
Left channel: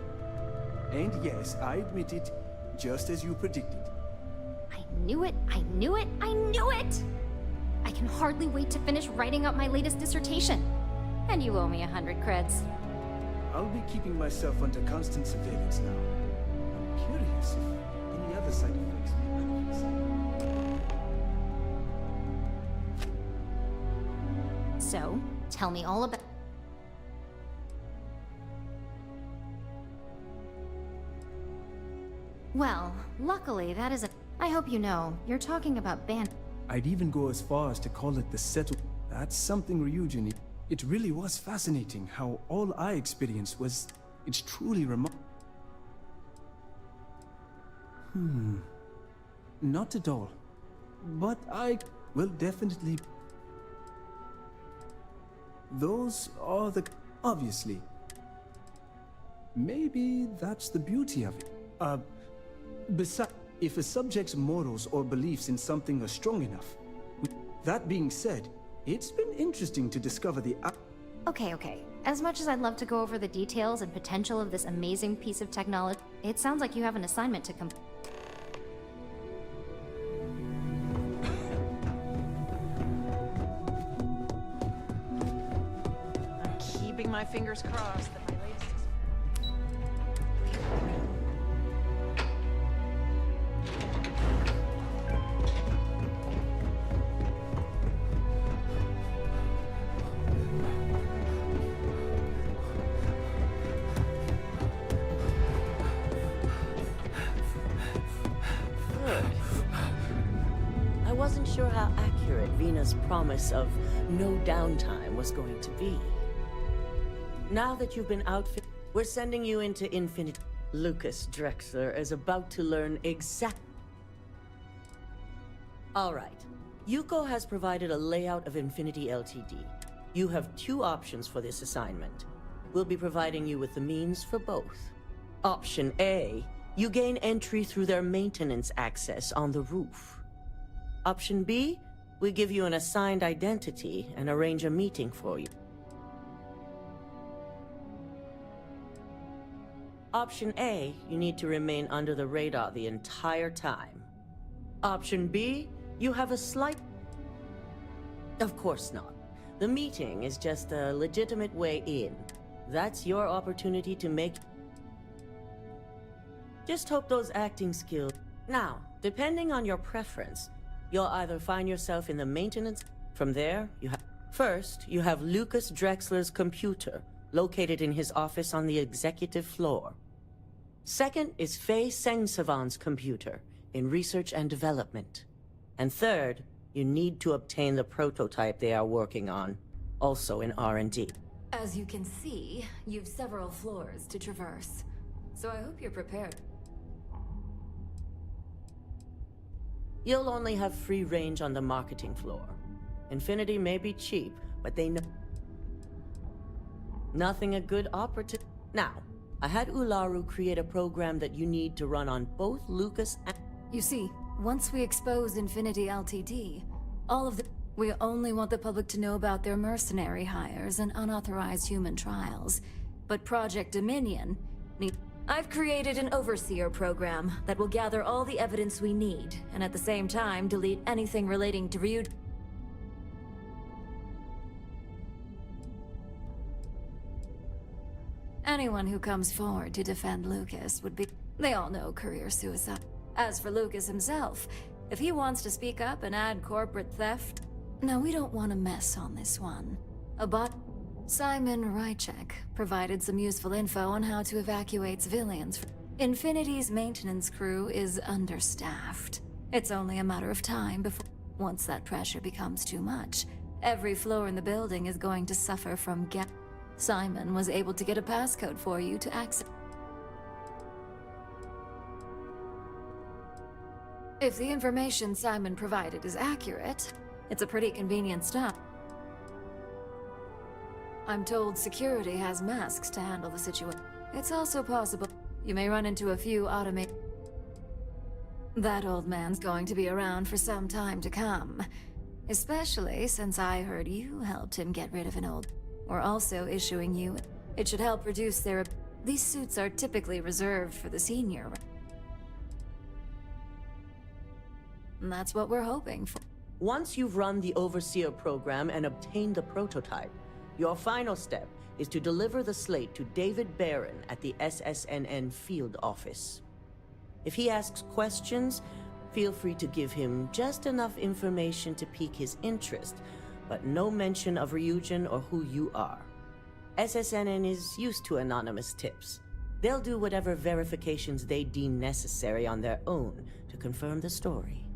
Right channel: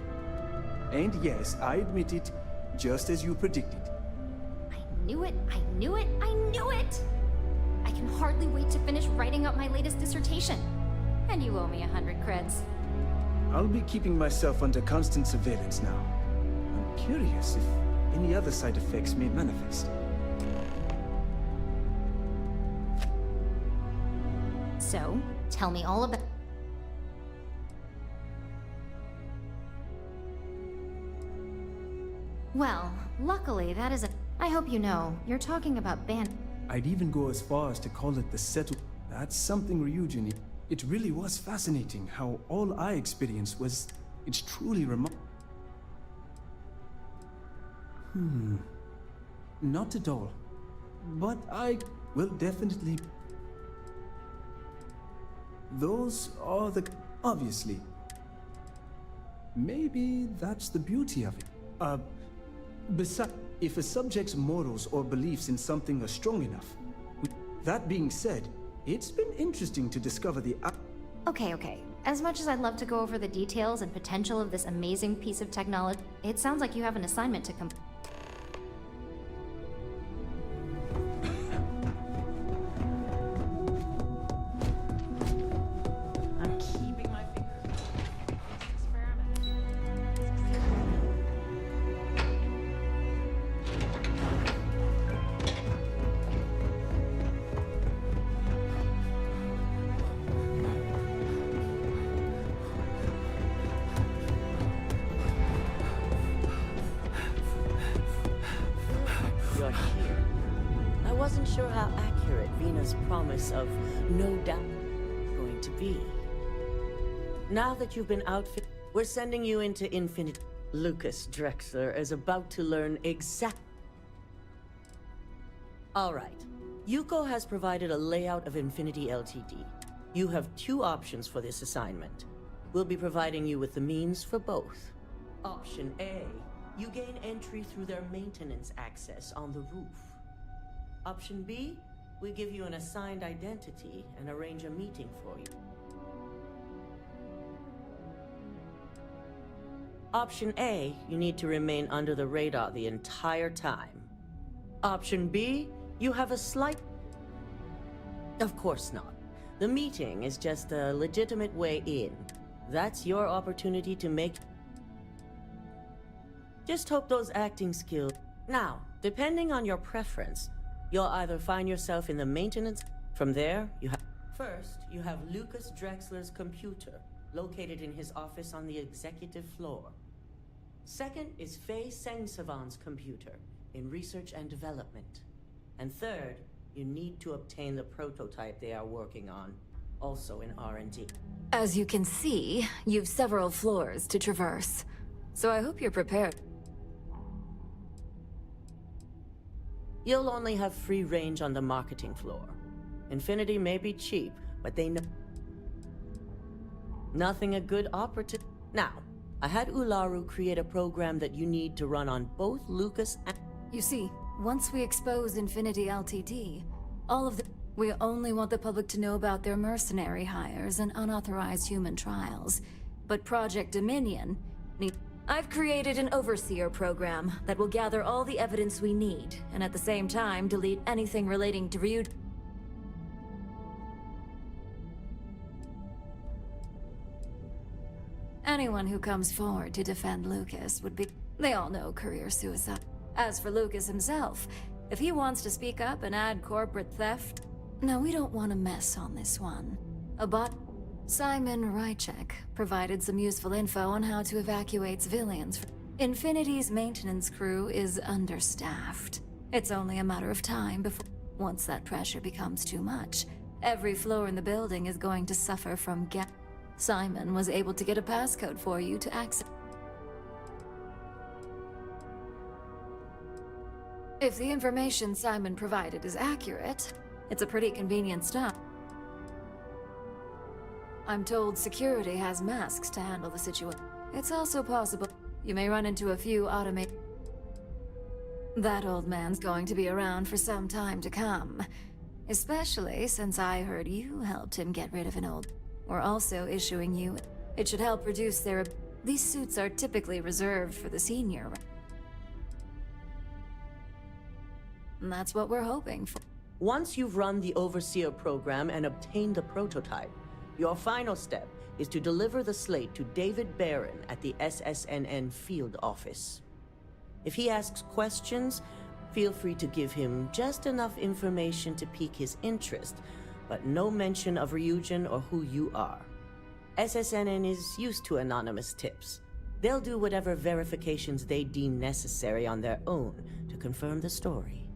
And yes, I admit it, just as you predicted. I knew it, I knew it, I knew it! I can hardly wait to finish writing up my latest dissertation. And you owe me 100 creds. I'll be keeping myself under constant surveillance now. I'm curious if any other side effects may manifest. So, tell me all about... Well, luckily that is a... I hope you know, you're talking about I'd even go as far as to call it the settle... That's something Ryujin... It really was fascinating how all I experienced was... It's truly remarkable. Not at all. But I will definitely... Those are the... Obviously. Maybe that's the beauty of it. Besides, if a subject's morals or beliefs in something are strong enough... That being said, it's been interesting to discover the... Okay. As much as I'd love to go over the details and potential of this amazing piece of technology, it sounds like you have an assignment to complete. I'm keeping my fingers crossed. I wasn't sure how accurate Vina's promise of no downtime was going to be. Now that you've been outfitted, we're sending you into Infinity. Lucas Drexler is about to learn exact... All right. Yuko has provided a layout of Infinity Ltd. You have two options for this assignment. We'll be providing you with the means for both. Option A, you gain entry through their maintenance access on the roof. Option B, we give you an assigned identity and arrange a meeting for you. Option A, you need to remain under the radar the entire time. Option B, you have a slight... Of course not. The meeting is just a legitimate way in. That's your opportunity to make... Just hope those acting skills... Now, depending on your preference, you'll either find yourself in the maintenance... From there, you have... First, you have Lucas Drexler's computer, located in his office on the executive floor. Second is Faye Sengsavan's computer, in research and development. And third, you need to obtain the prototype they are working on, also in R&D. As you can see, you've several floors to traverse. So I hope you're prepared. You'll only have free range on the marketing floor. Infinity may be cheap, but they know... Nothing a good operative... Now, I had Ularu create a program that you need to run on both Lucas and... You see, once we expose Infinity Ltd, all of the... We only want the public to know about their mercenary hires and unauthorized human trials. But Project Dominion need... I've created an overseer program that will gather all the evidence we need, and at the same time delete anything relating to Ryuji. Anyone who comes forward to defend Lucas would be... They all know career suicide. As for Lucas himself, if he wants to speak up and add corporate theft... No, we don't want to mess on this one. Simon Rychek provided some useful info on how to evacuate civilians. Infinity's maintenance crew is understaffed. It's only a matter of time before... Once that pressure becomes too much, every floor in the building is going to suffer from Simon was able to get a passcode for you to access. If the information Simon provided is accurate, it's a pretty convenient stop. I'm told security has masks to handle the situation. It's also possible you may run into a few automated... That old man's going to be around for some time to come. Especially since I heard you helped him get rid of an old... We're also issuing you... It should help reduce their... These suits are typically reserved for the senior. And that's what we're hoping for. Once you've run the Overseer program and obtained the prototype, your final step is to deliver the slate to David Barron at the SSNN field office. If he asks questions, feel free to give him just enough information to pique his interest, but no mention of Ryujin or who you are. SSNN is used to anonymous tips. They'll do whatever verifications they deem necessary on their own to confirm the story.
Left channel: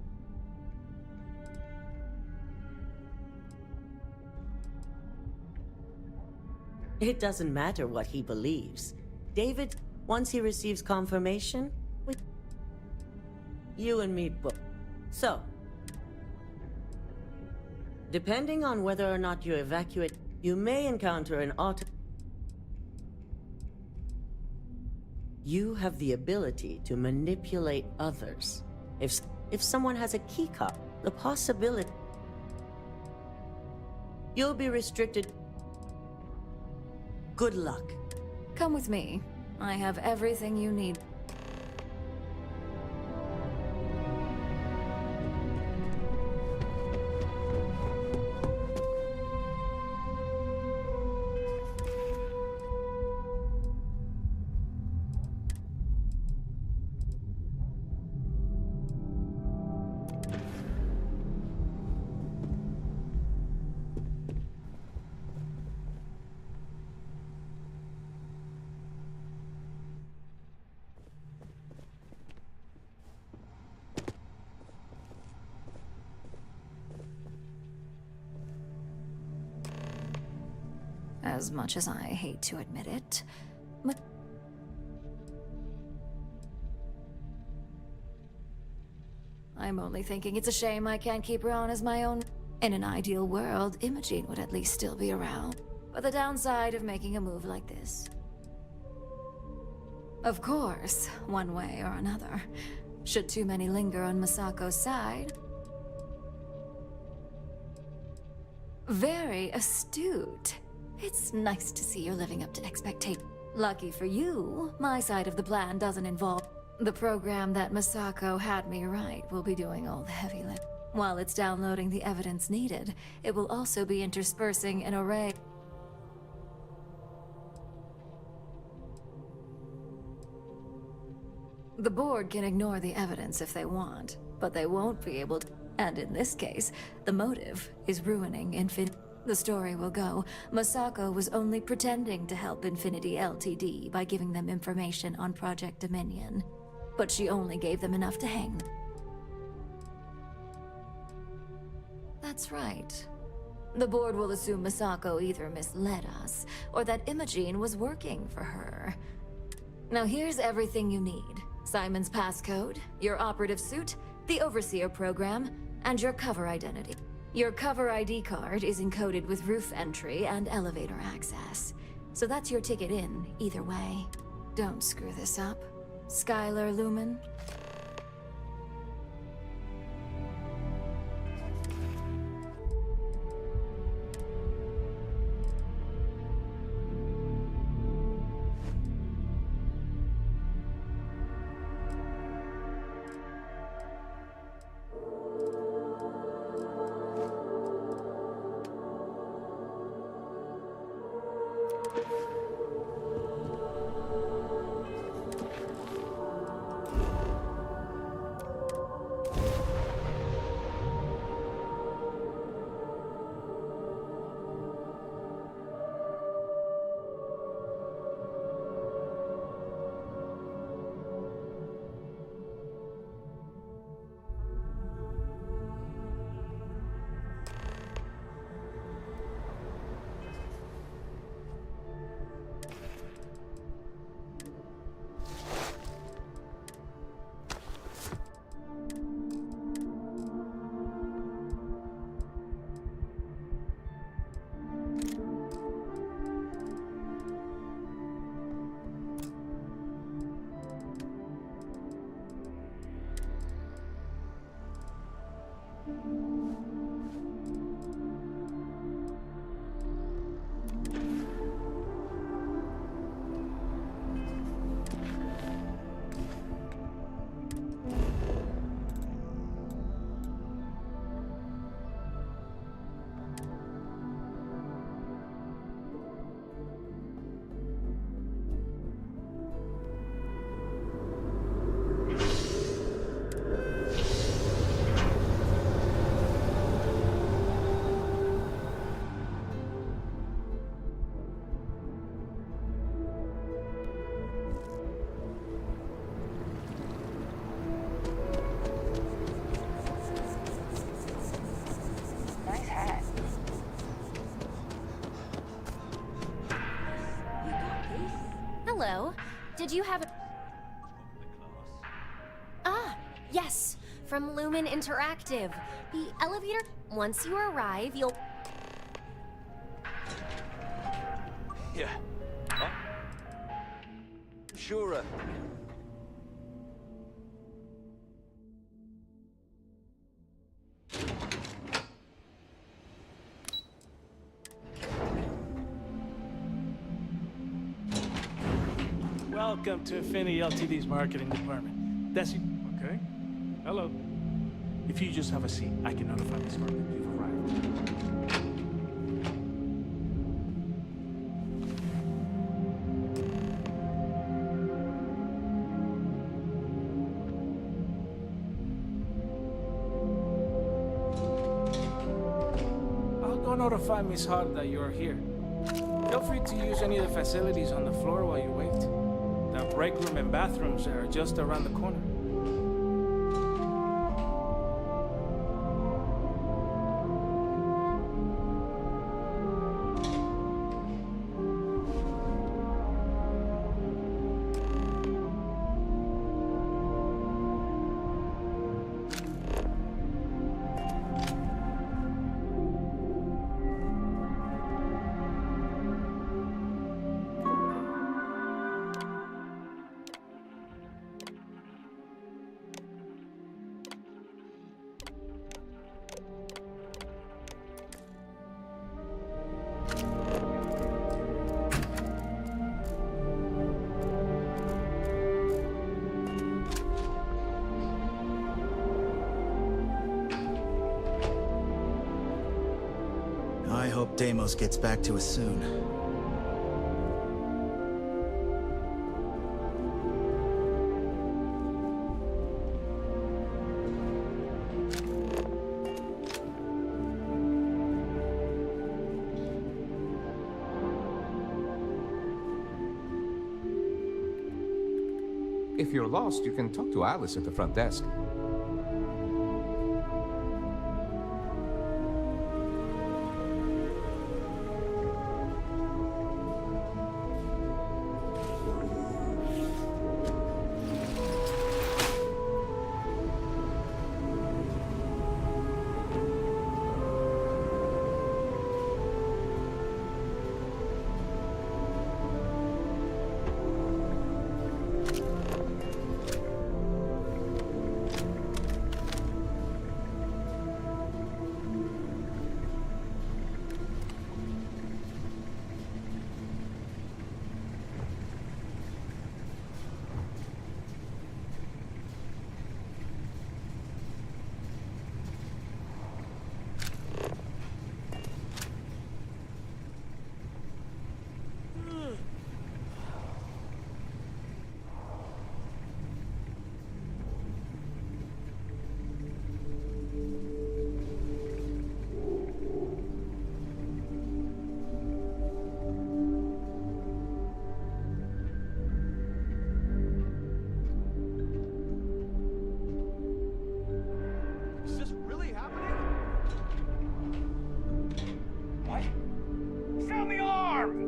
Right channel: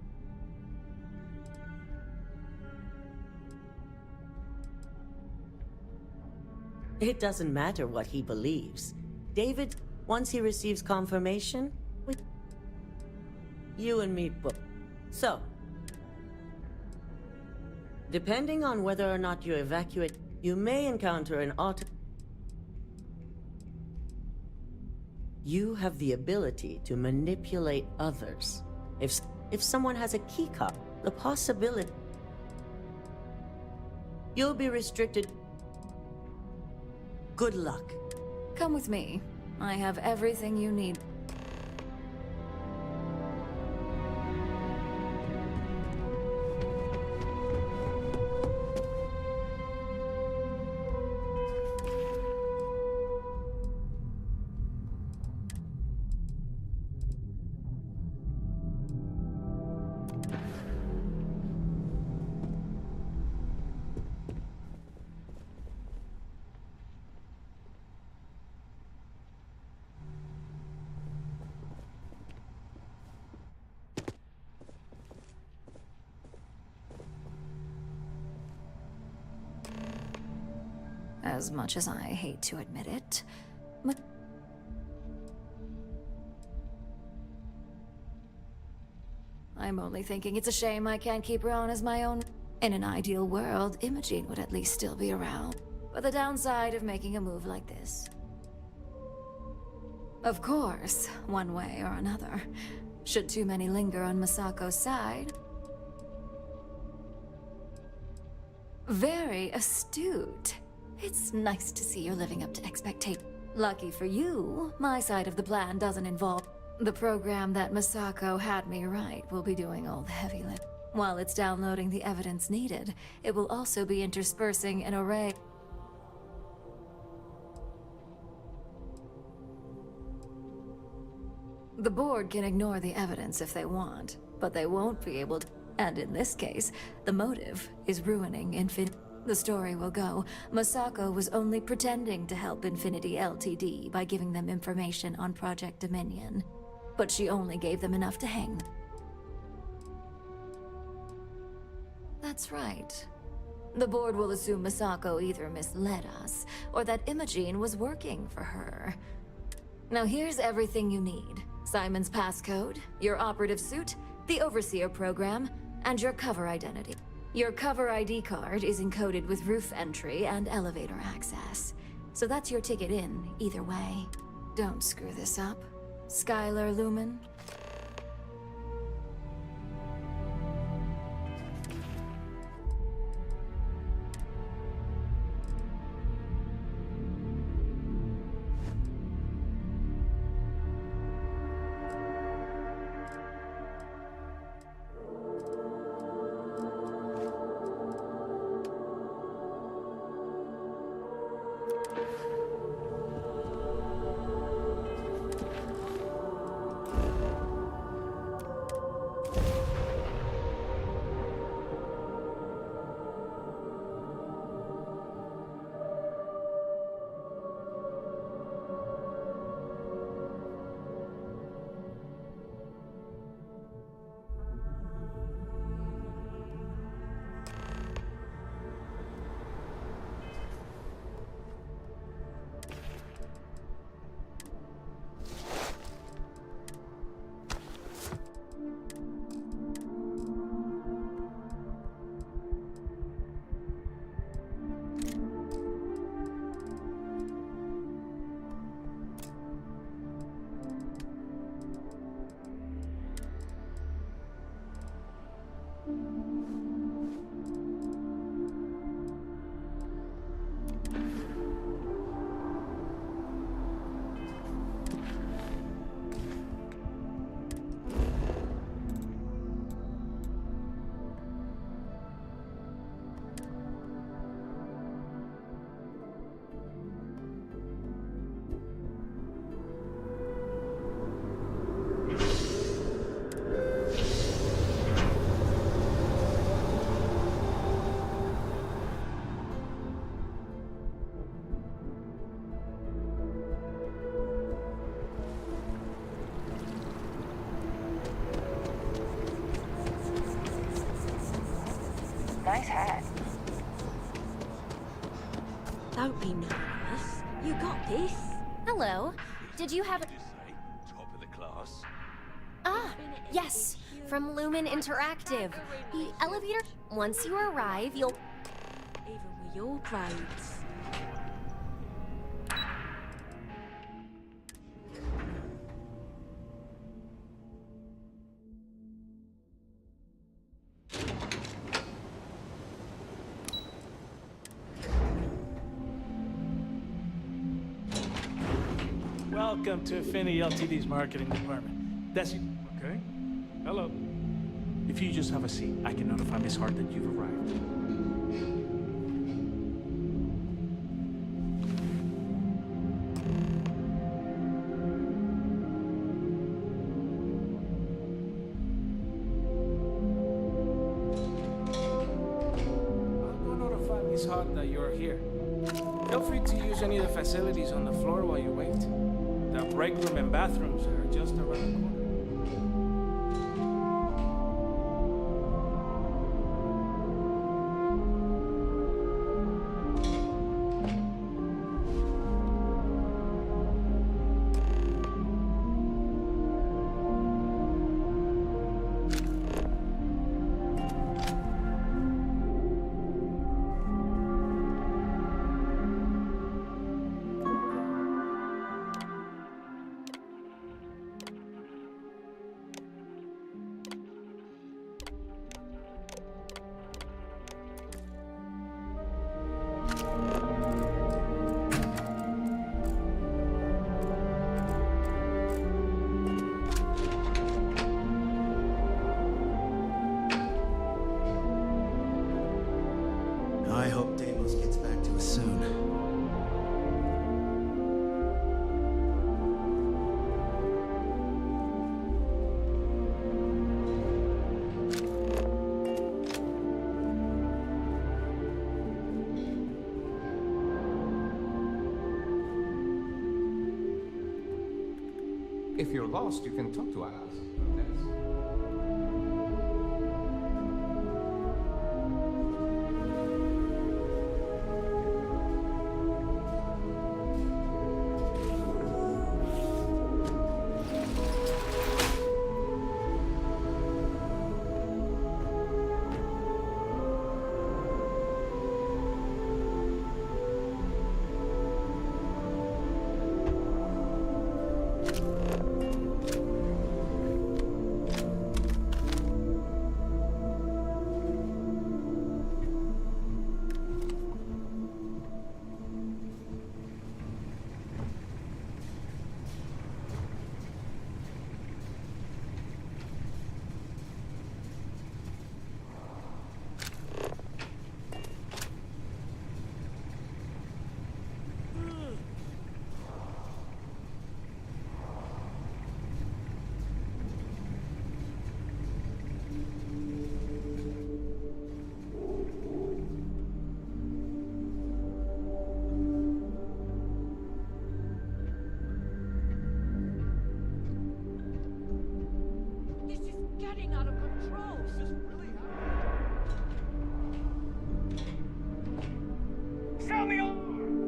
It doesn't matter what he believes. David, once he receives confirmation, you and me both. So, depending on whether or not you evacuate, you may encounter an You have the ability to manipulate others. If someone has a keycard, the possibility... You'll be restricted. Good luck. Come with me. I have everything you need. As much as I hate to admit it, but... I'm only thinking it's a shame I can't keep her on as my own. In an ideal world, Imogene would at least still be around. But the downside of making a move like this. Of course, one way or another. Should too many linger on Masako's side. Very astute. It's nice to see you're living up to expectations. Lucky for you, my side of the plan doesn't involve... The program that Masako had me write will be doing all the heavy lifting. While it's downloading the evidence needed, it will also be interspersing an array... The board can ignore the evidence if they want, but they won't be able to. And in this case, the motive is ruining Infinity. The story will go, Masako was only pretending to help Infinity Ltd. By giving them information on Project Dominion. But she only gave them enough to hang. That's right. The board will assume Masako either misled us, or that Imogene was working for her. Now here's everything you need. Simon's passcode, your operative suit, the Overseer program, and your cover identity. Your cover ID card is encoded with roof entry and elevator access. So that's your ticket in, either way. Don't screw this up. Skylar Lumen? Nice hat. Don't be nervous. You got this. Hello. Did you have a... Top of the class. Ah, yes. From Lumen Interactive. The elevator... Once you arrive, you'll... Even with your brains. Yeah. Huh? Sure. Welcome to Infinity Ltd's marketing department. That's it. Okay. Hello. If you just have a seat, I can notify Miss Hart that you've arrived. I'll go notify Miss Hart that you're here. Feel free to use any of the facilities on the floor while you wait. The break room and bathrooms are just around the corner. I hope Deimos gets back to us soon. If you're lost, you can talk to Alice at the front desk. Sound the alarm!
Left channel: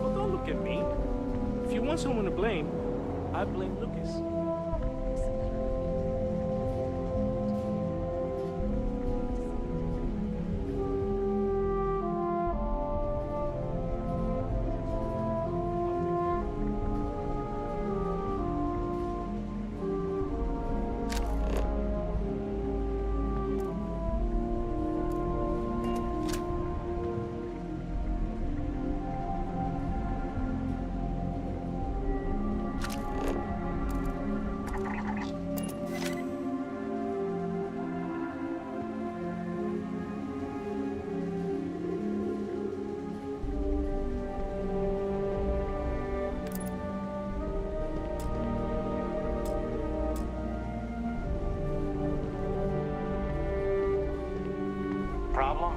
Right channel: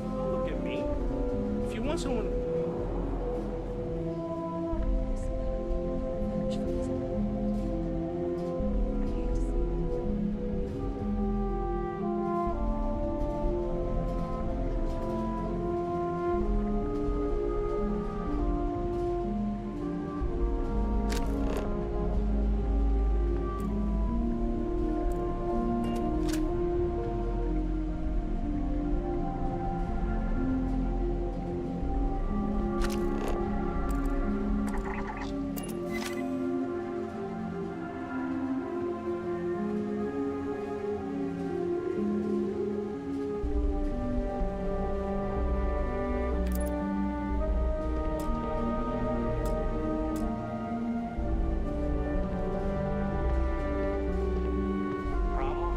Well, don't look at me. If you want someone to blame, I blame Lucas. Problem?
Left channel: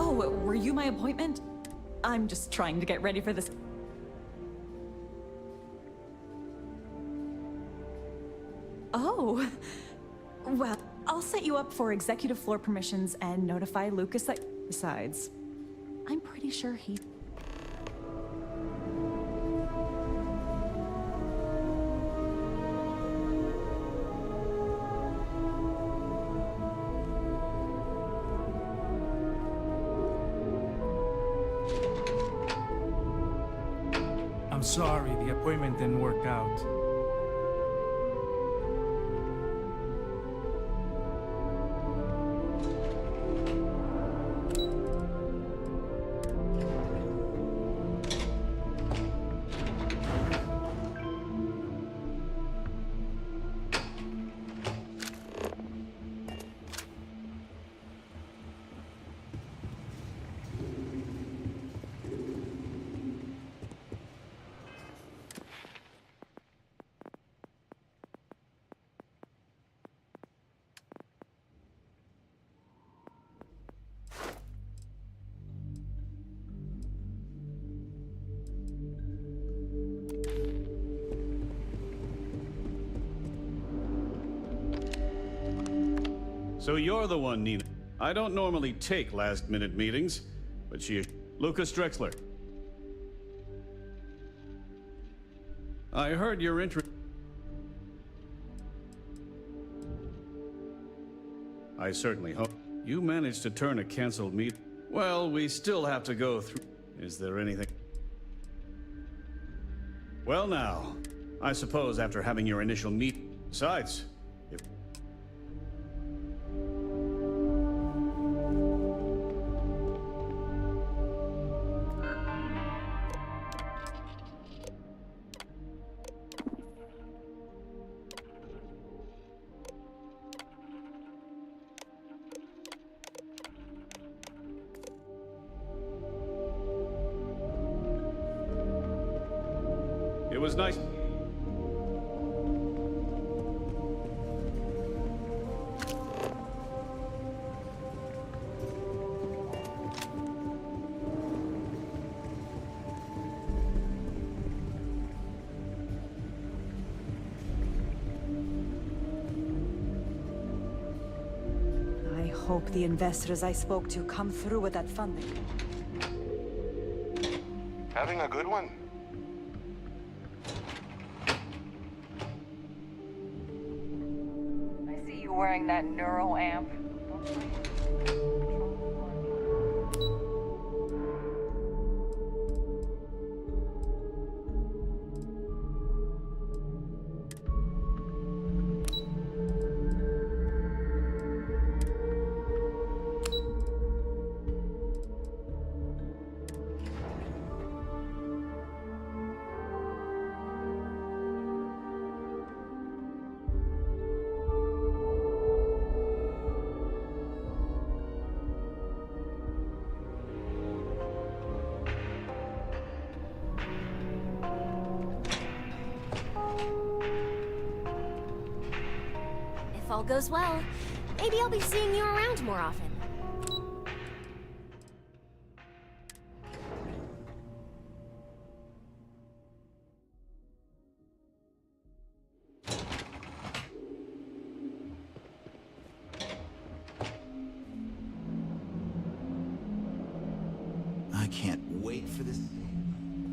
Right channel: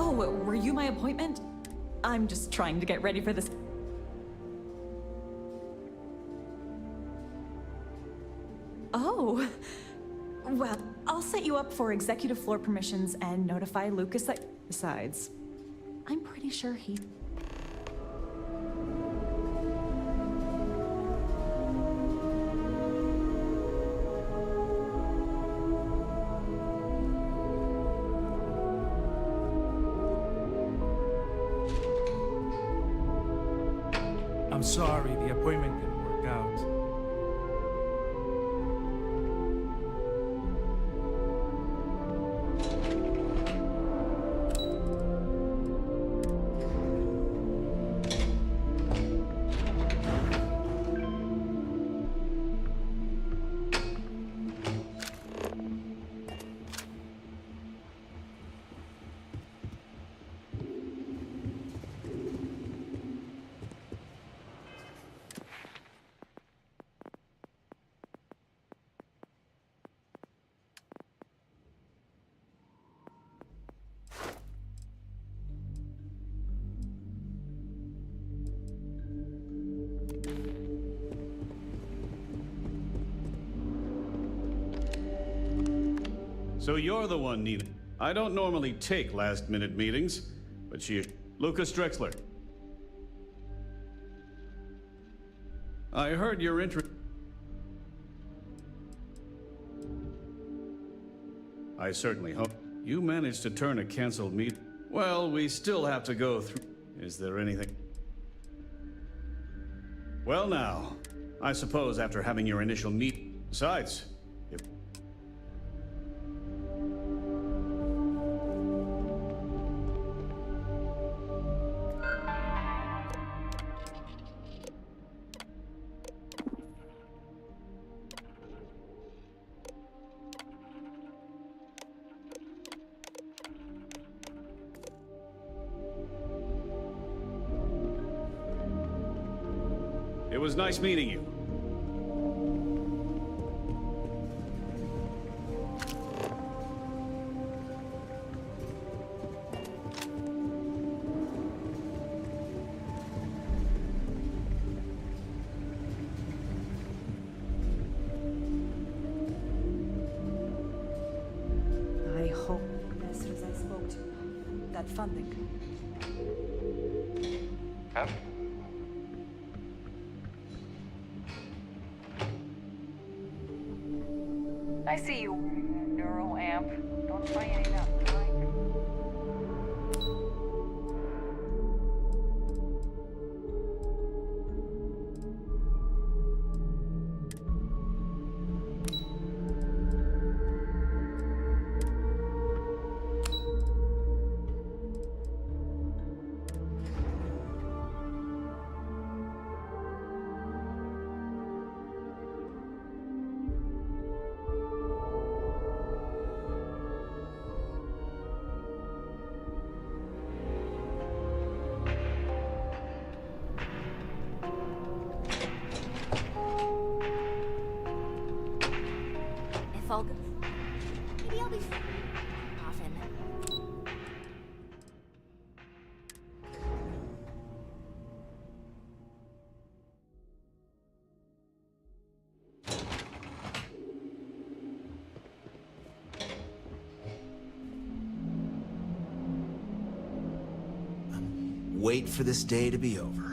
Oh, were you my appointment? I'm just trying to get ready for this. Oh, well, I'll set you up for executive floor permissions and notify Lucas that. Besides, I'm pretty sure he. I'm sorry, the appointment didn't work out. So you're the one, Nina. I don't normally take last-minute meetings, but Lucas Drexler. I heard you're interested. I certainly hope you managed to turn a canceled meeting. Well, we still have to go through. Is there anything? Well now, I suppose after having your initial meet. Besides, if it was nice meeting you. I hope the investors I spoke to come through with that funding. Having a good one? I see you wearing that neural amp. Don't try any of that. If all goes well, maybe I'll be seeing you around more often. I can't wait for this day to be over.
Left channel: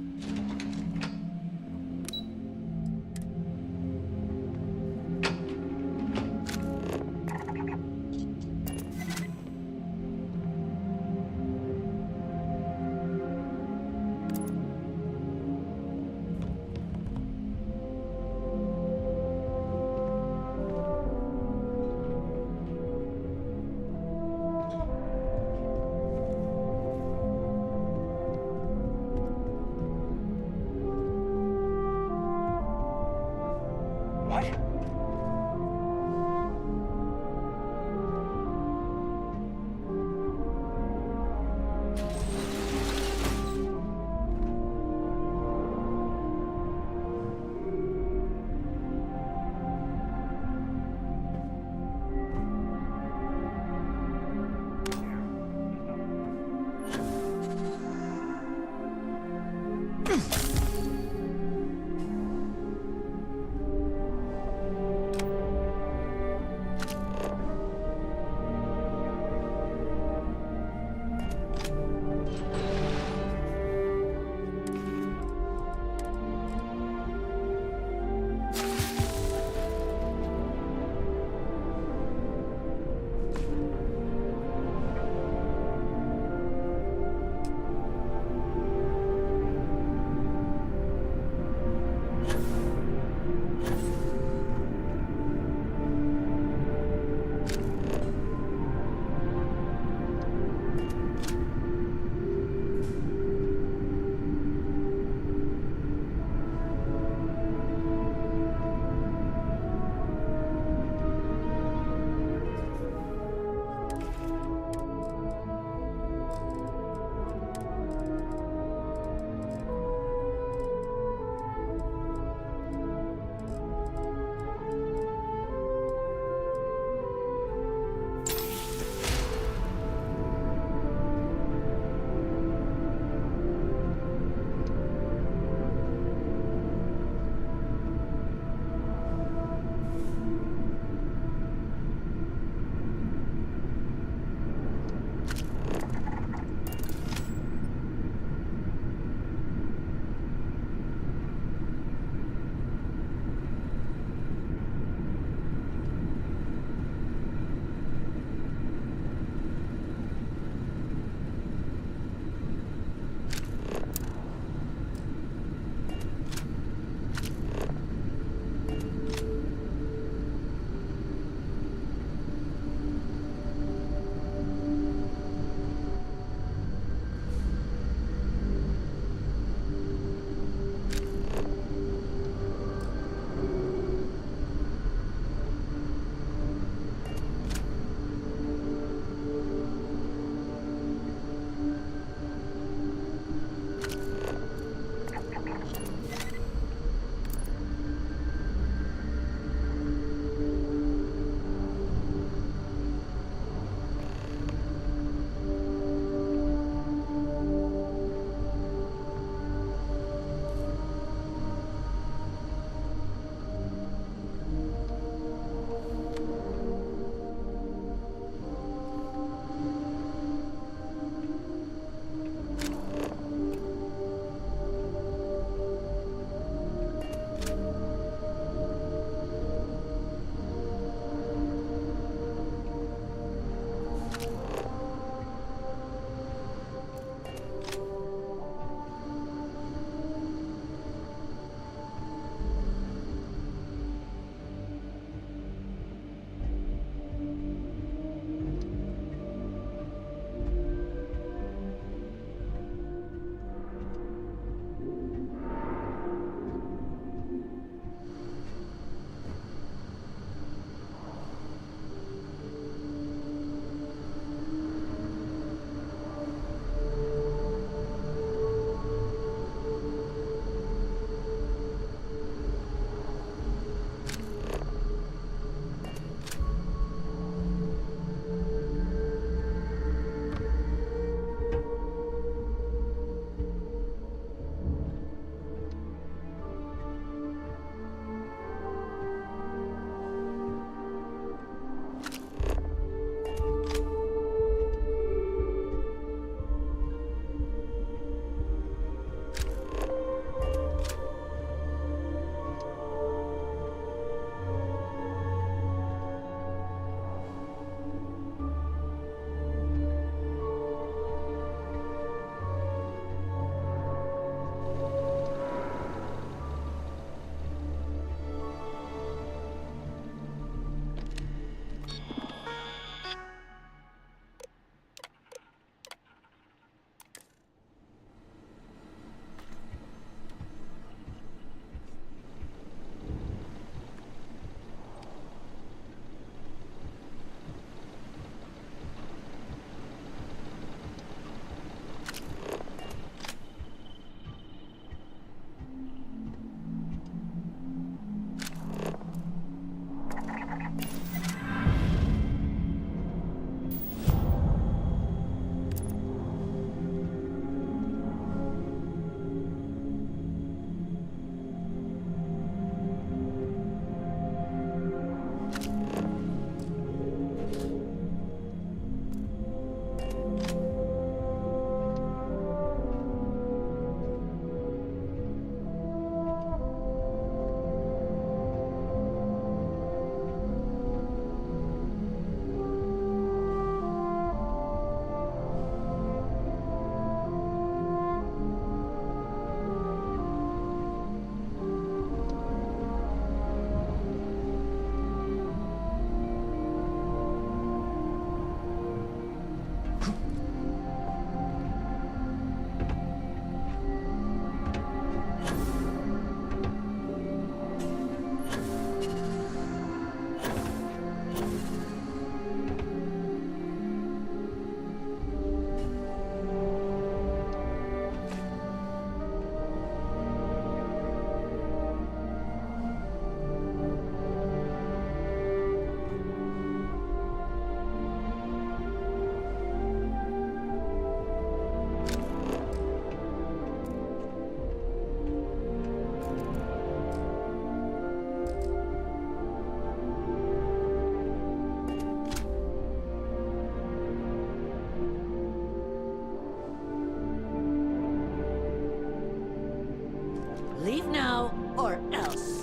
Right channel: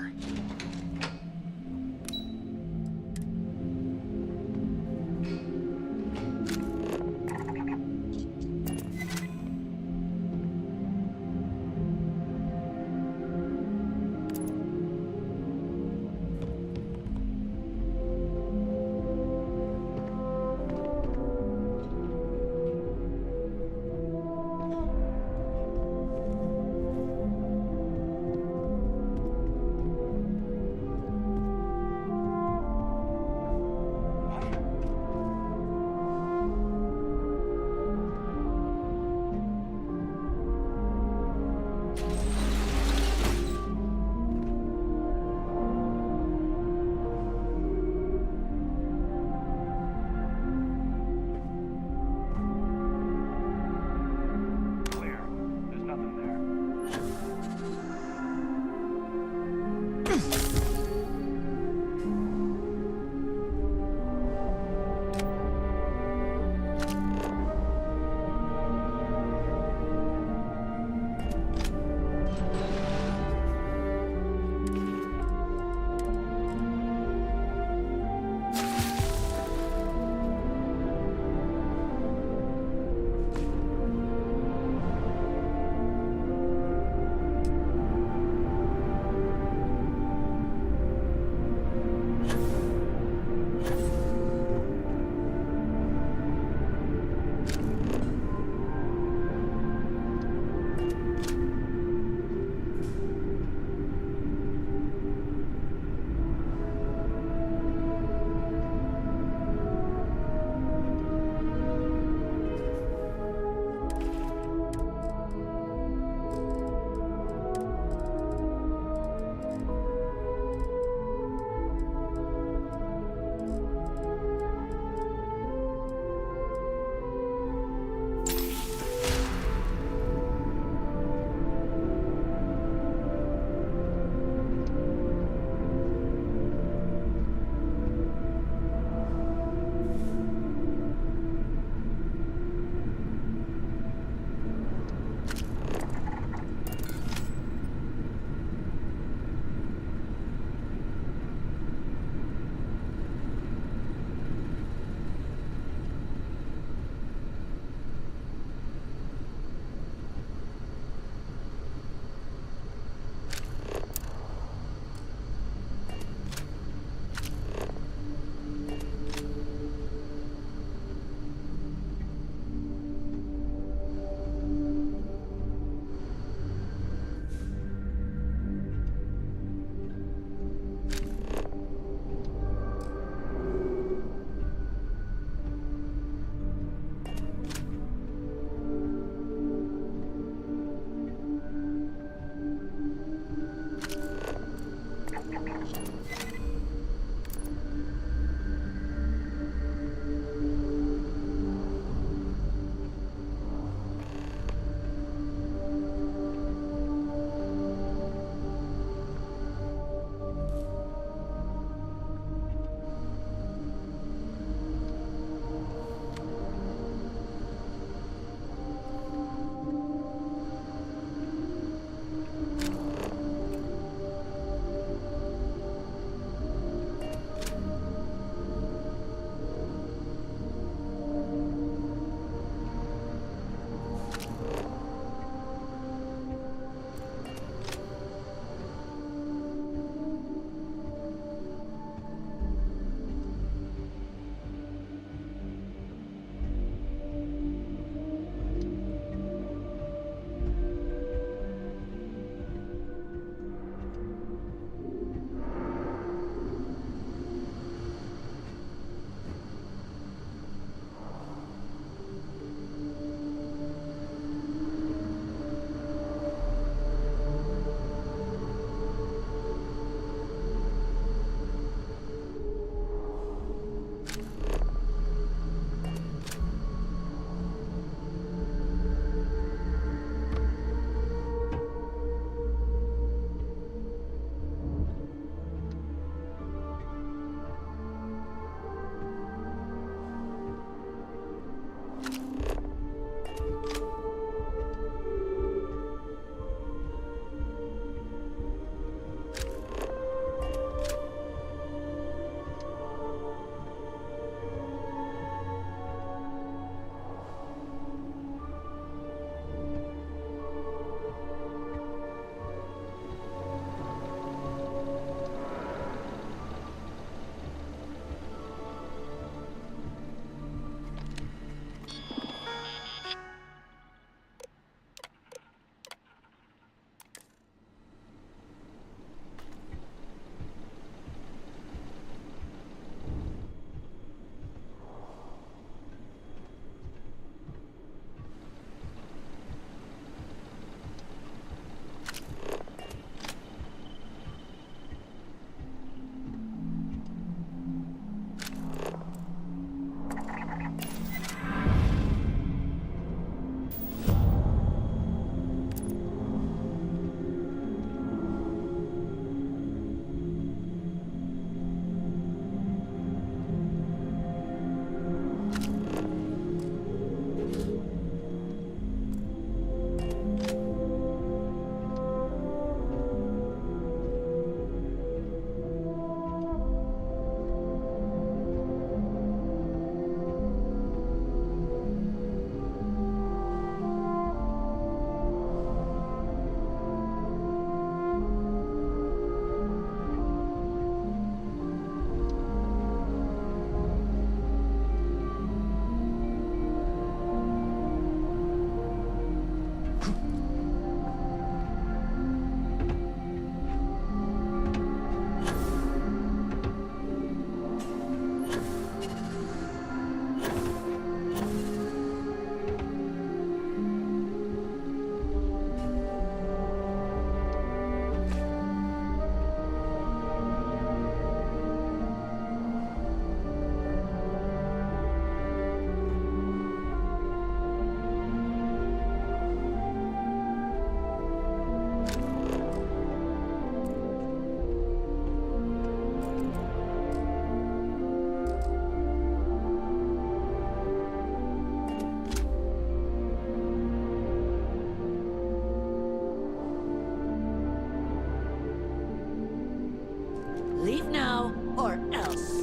Leave now, or else.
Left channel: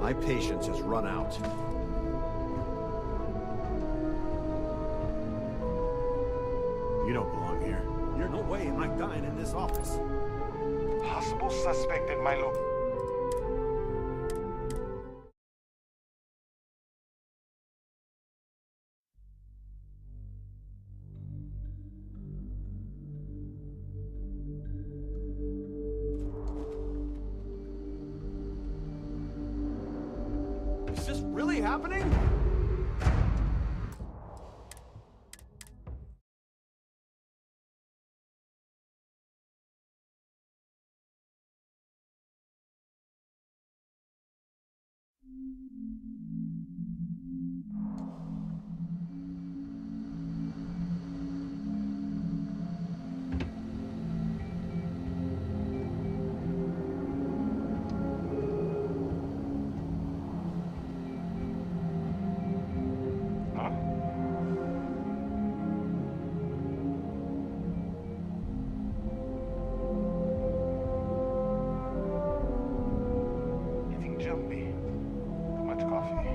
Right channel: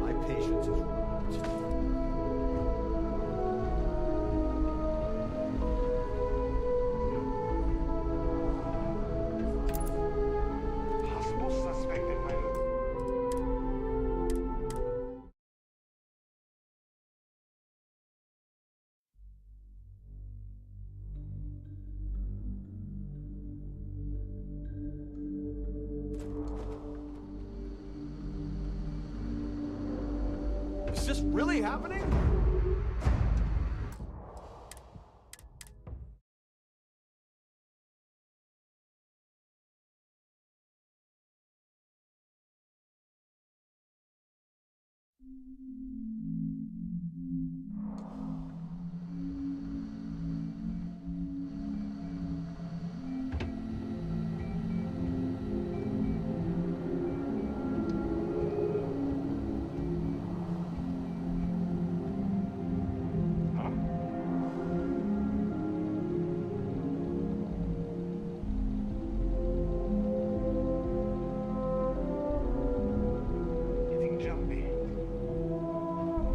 My patience has run out. You don't belong here. There's no way I'm dying in this office. Possible suspect at my location. Is this really happening? Getting jumpy. Much coffee.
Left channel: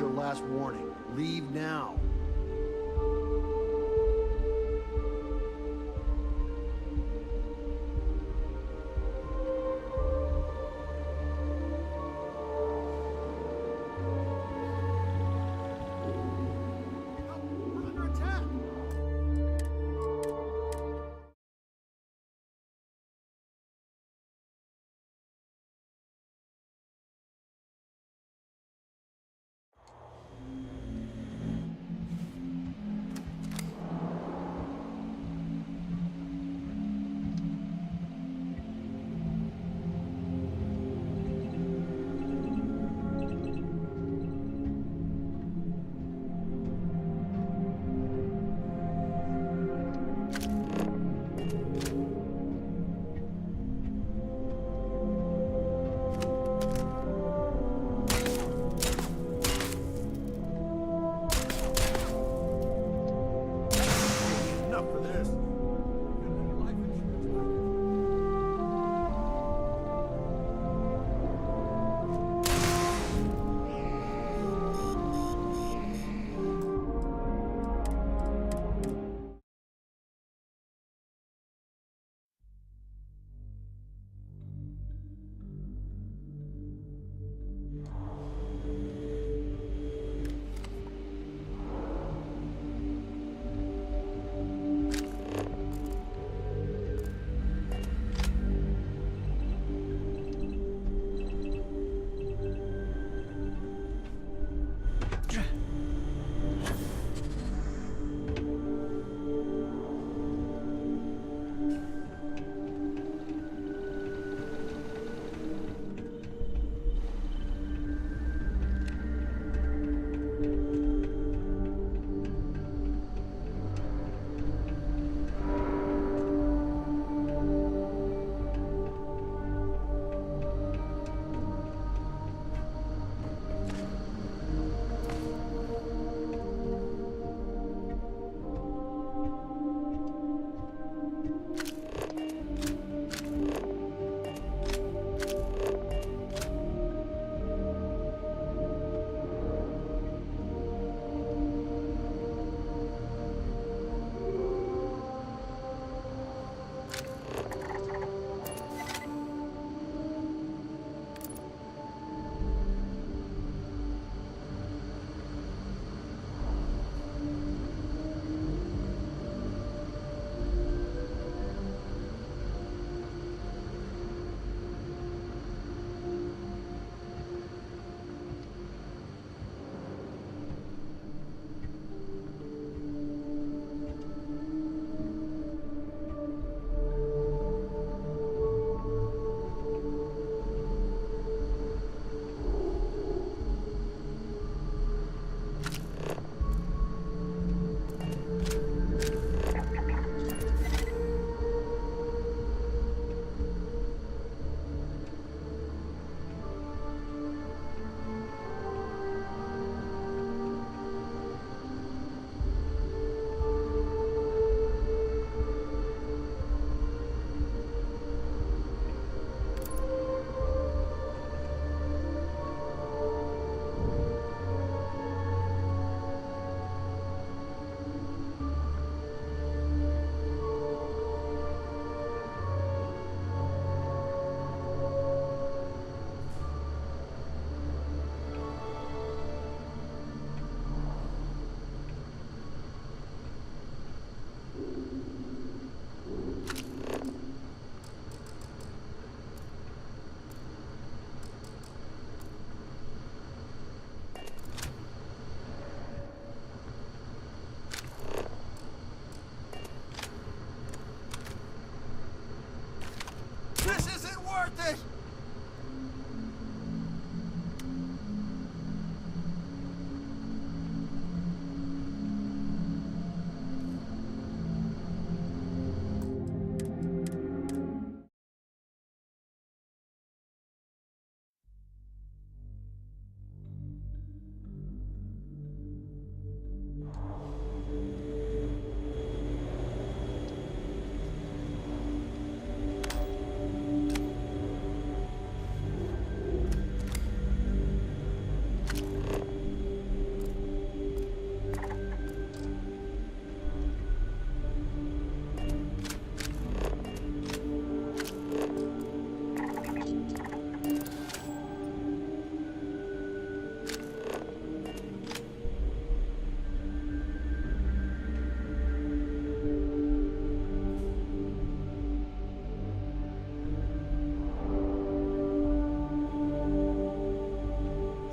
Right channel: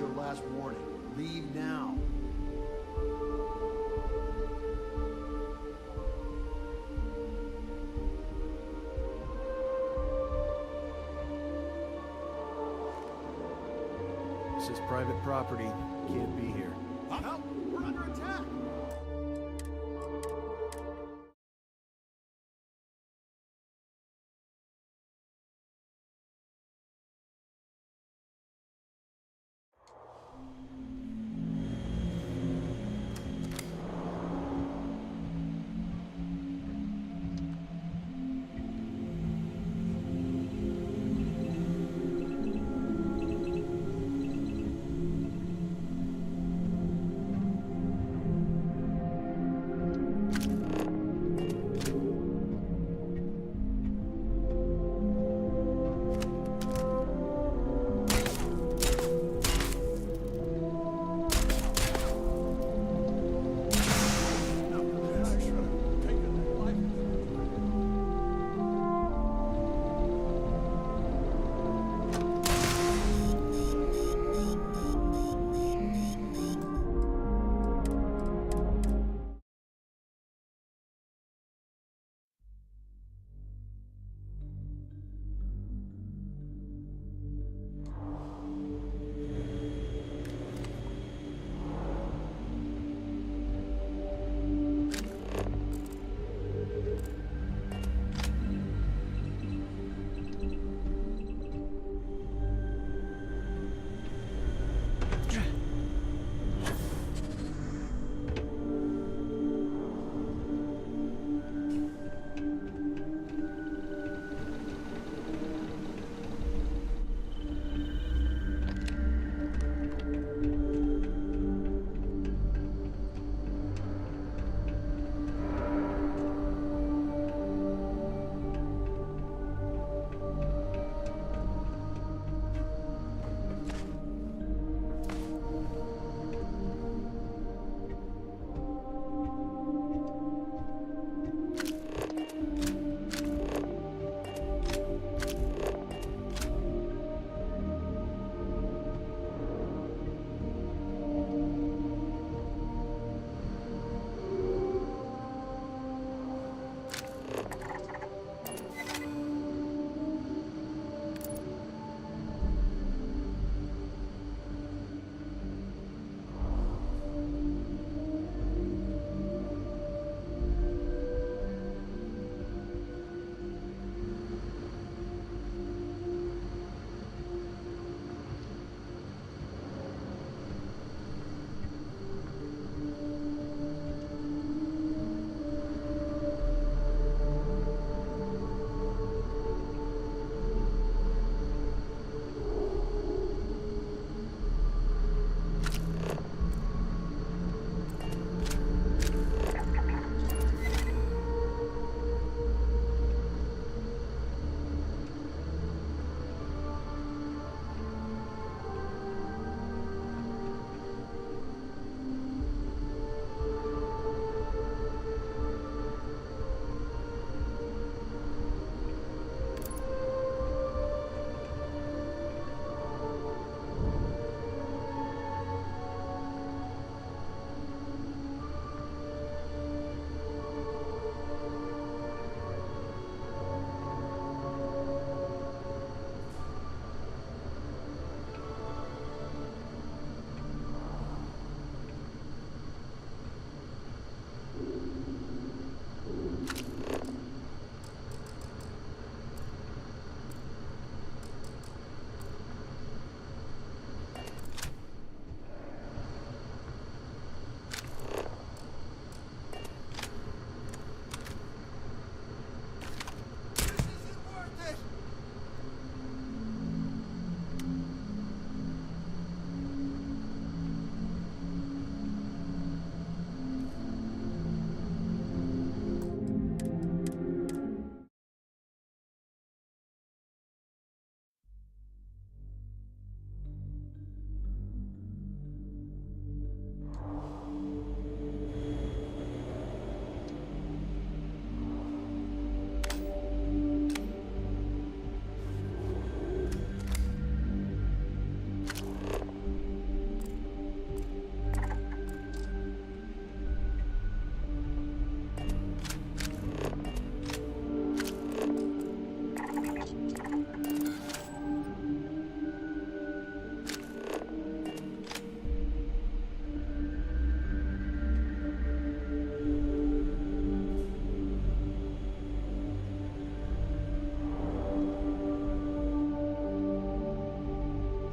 your last warning. Leave now. This is private property. Can't be here. Help! We're under attack!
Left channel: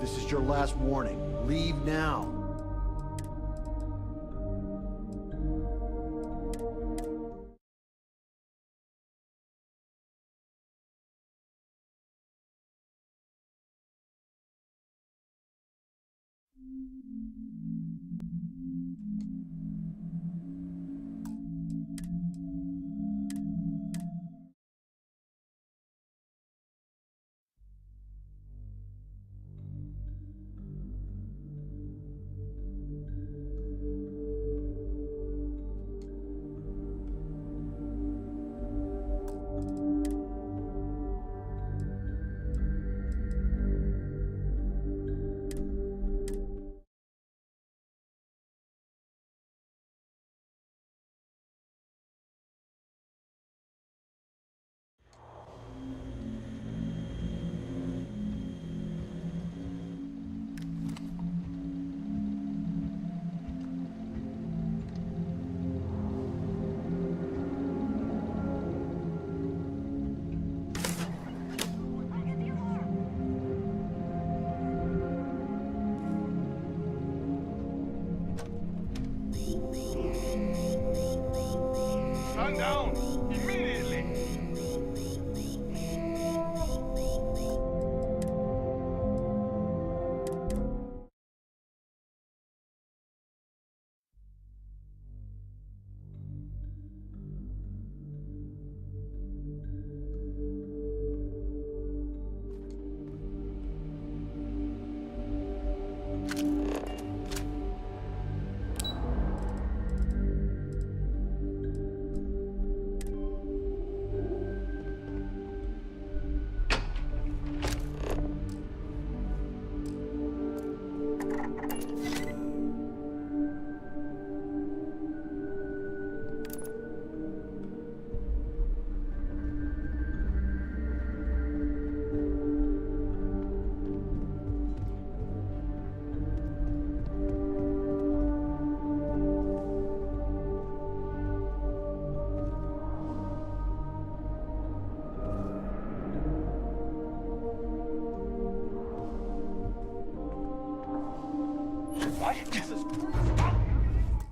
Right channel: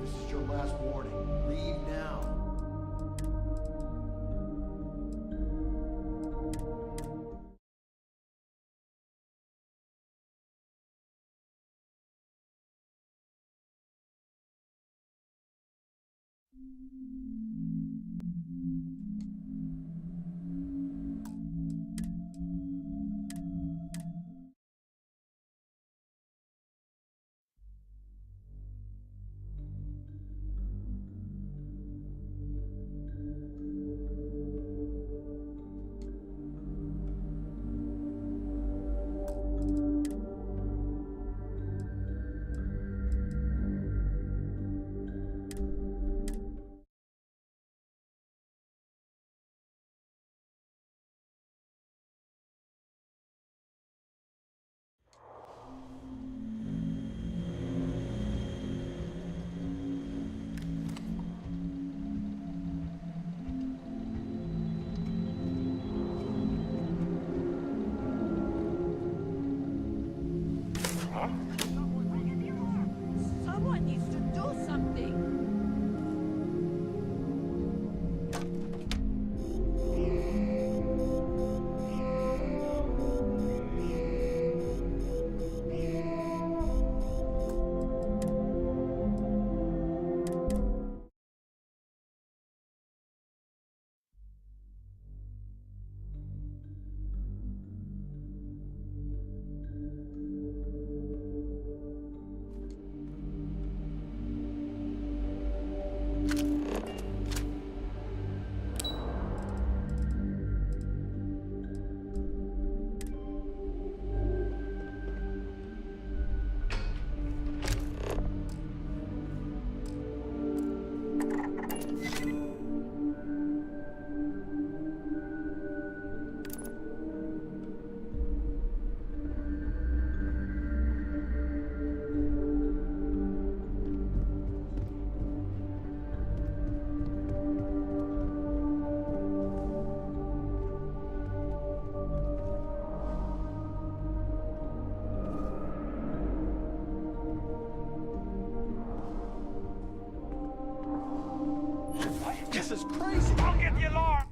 This is your last warning. Leave now. What? This is crazy! I'll get the alarm!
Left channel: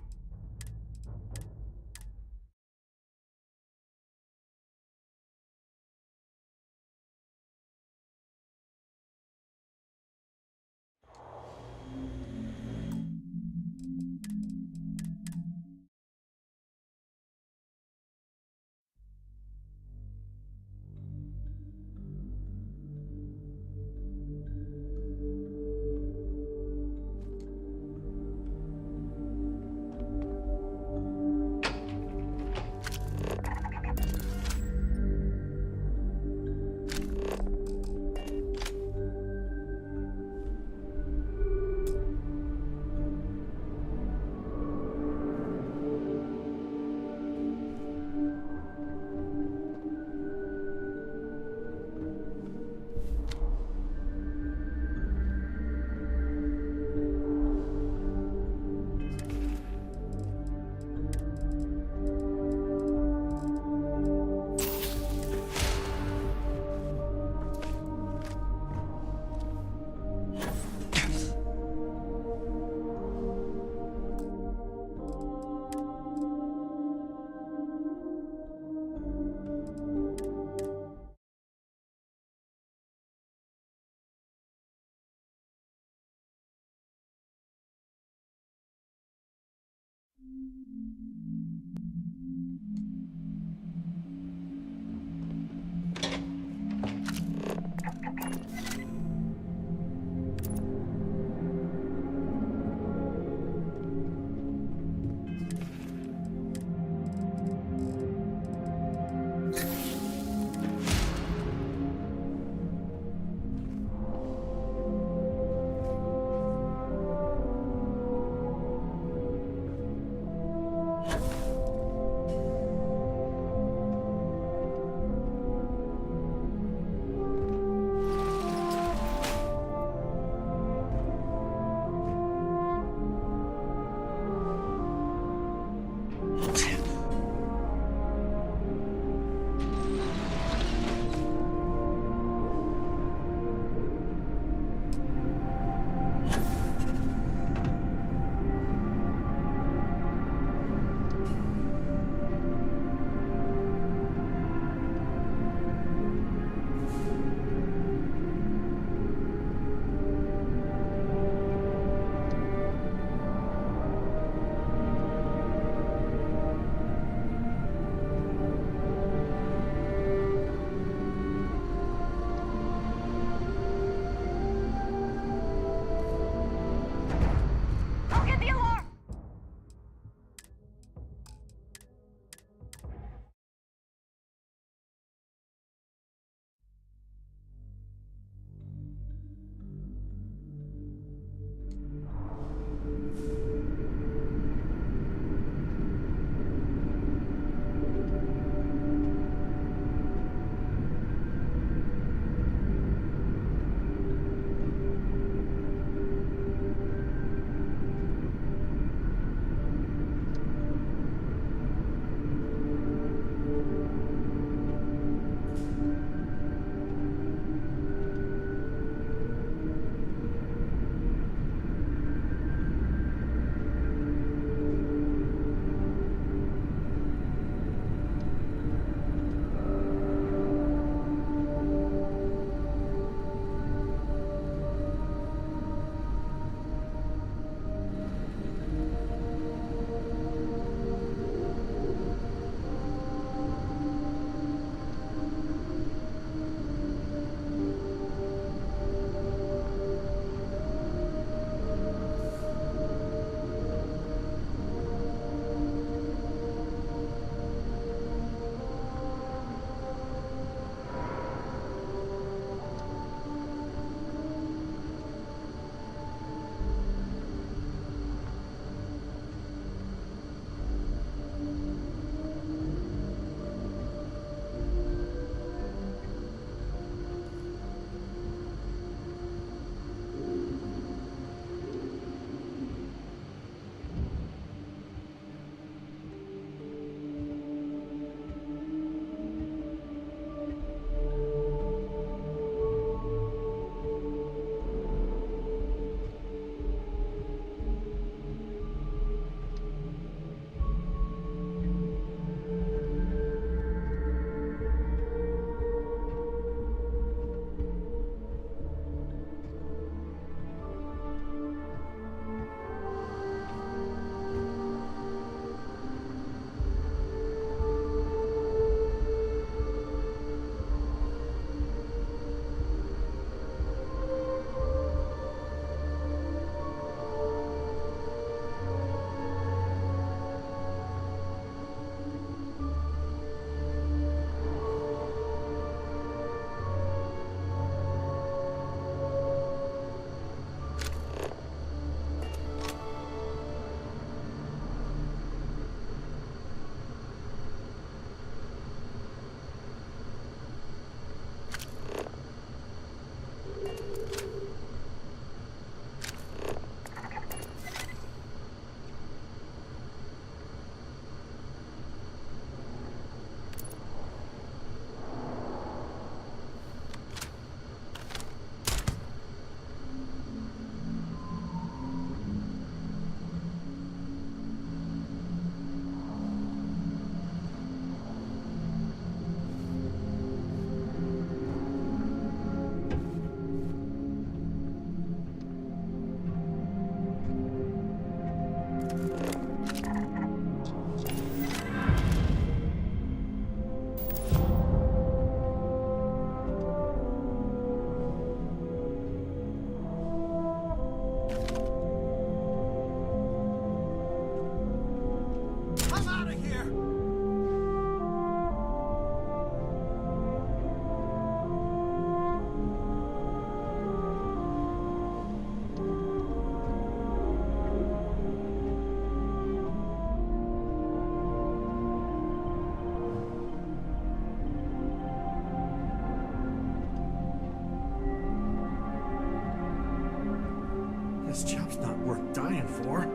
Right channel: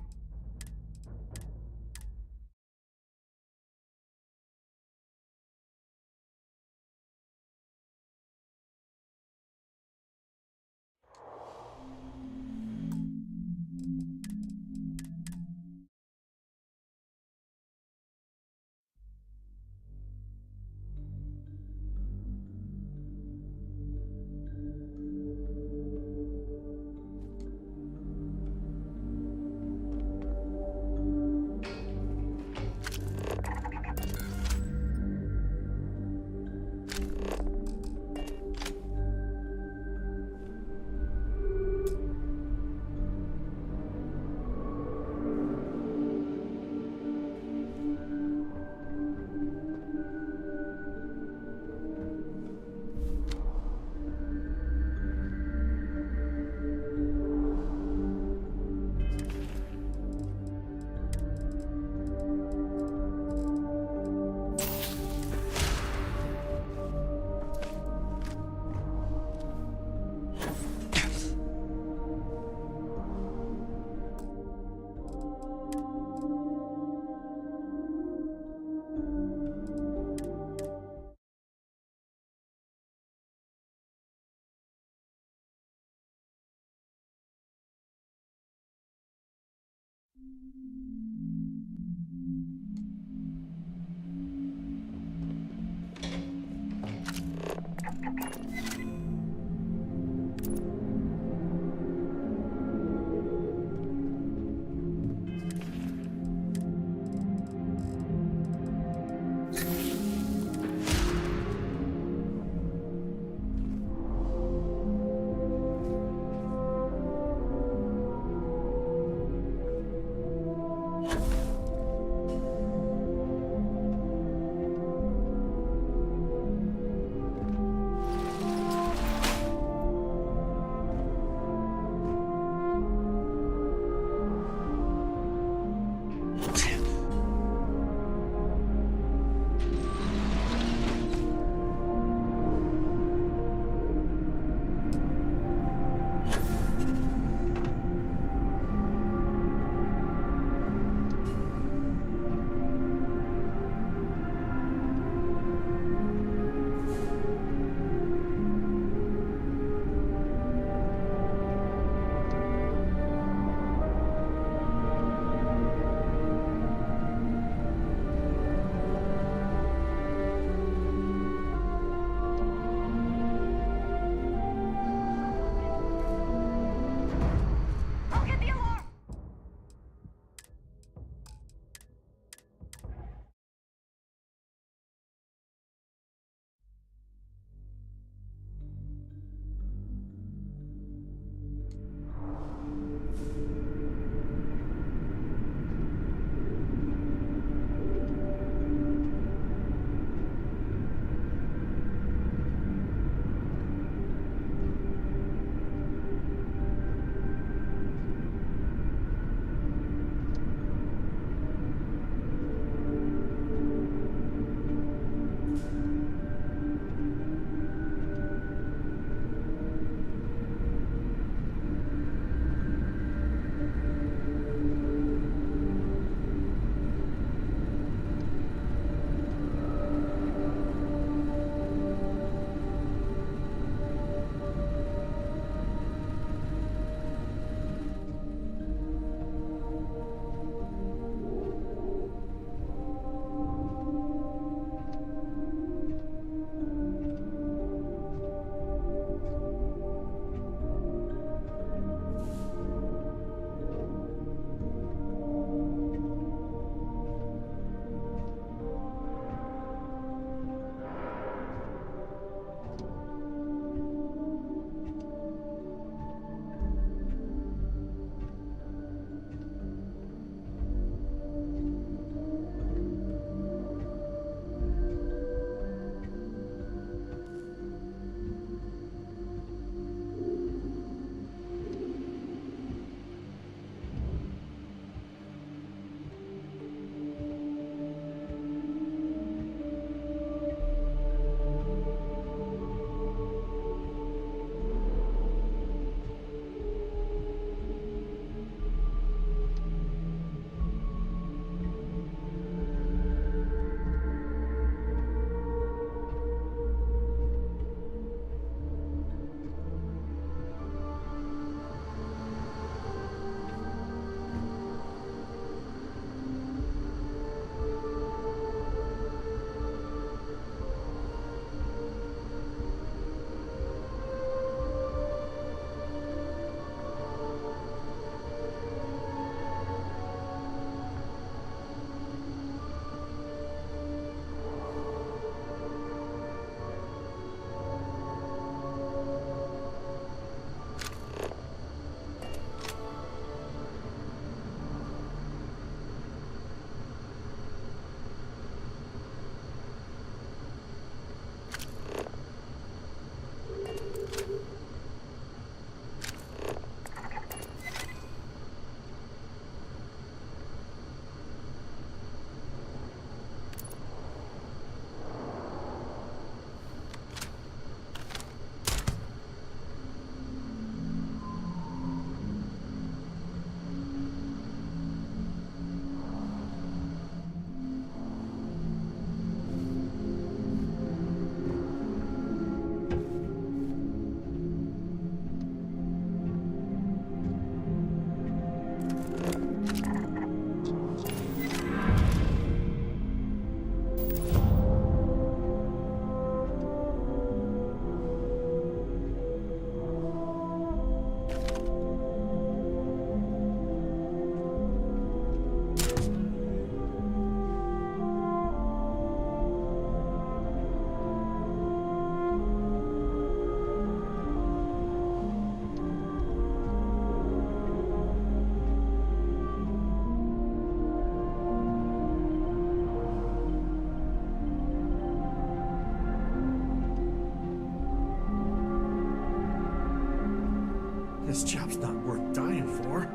This job's not worth dying for.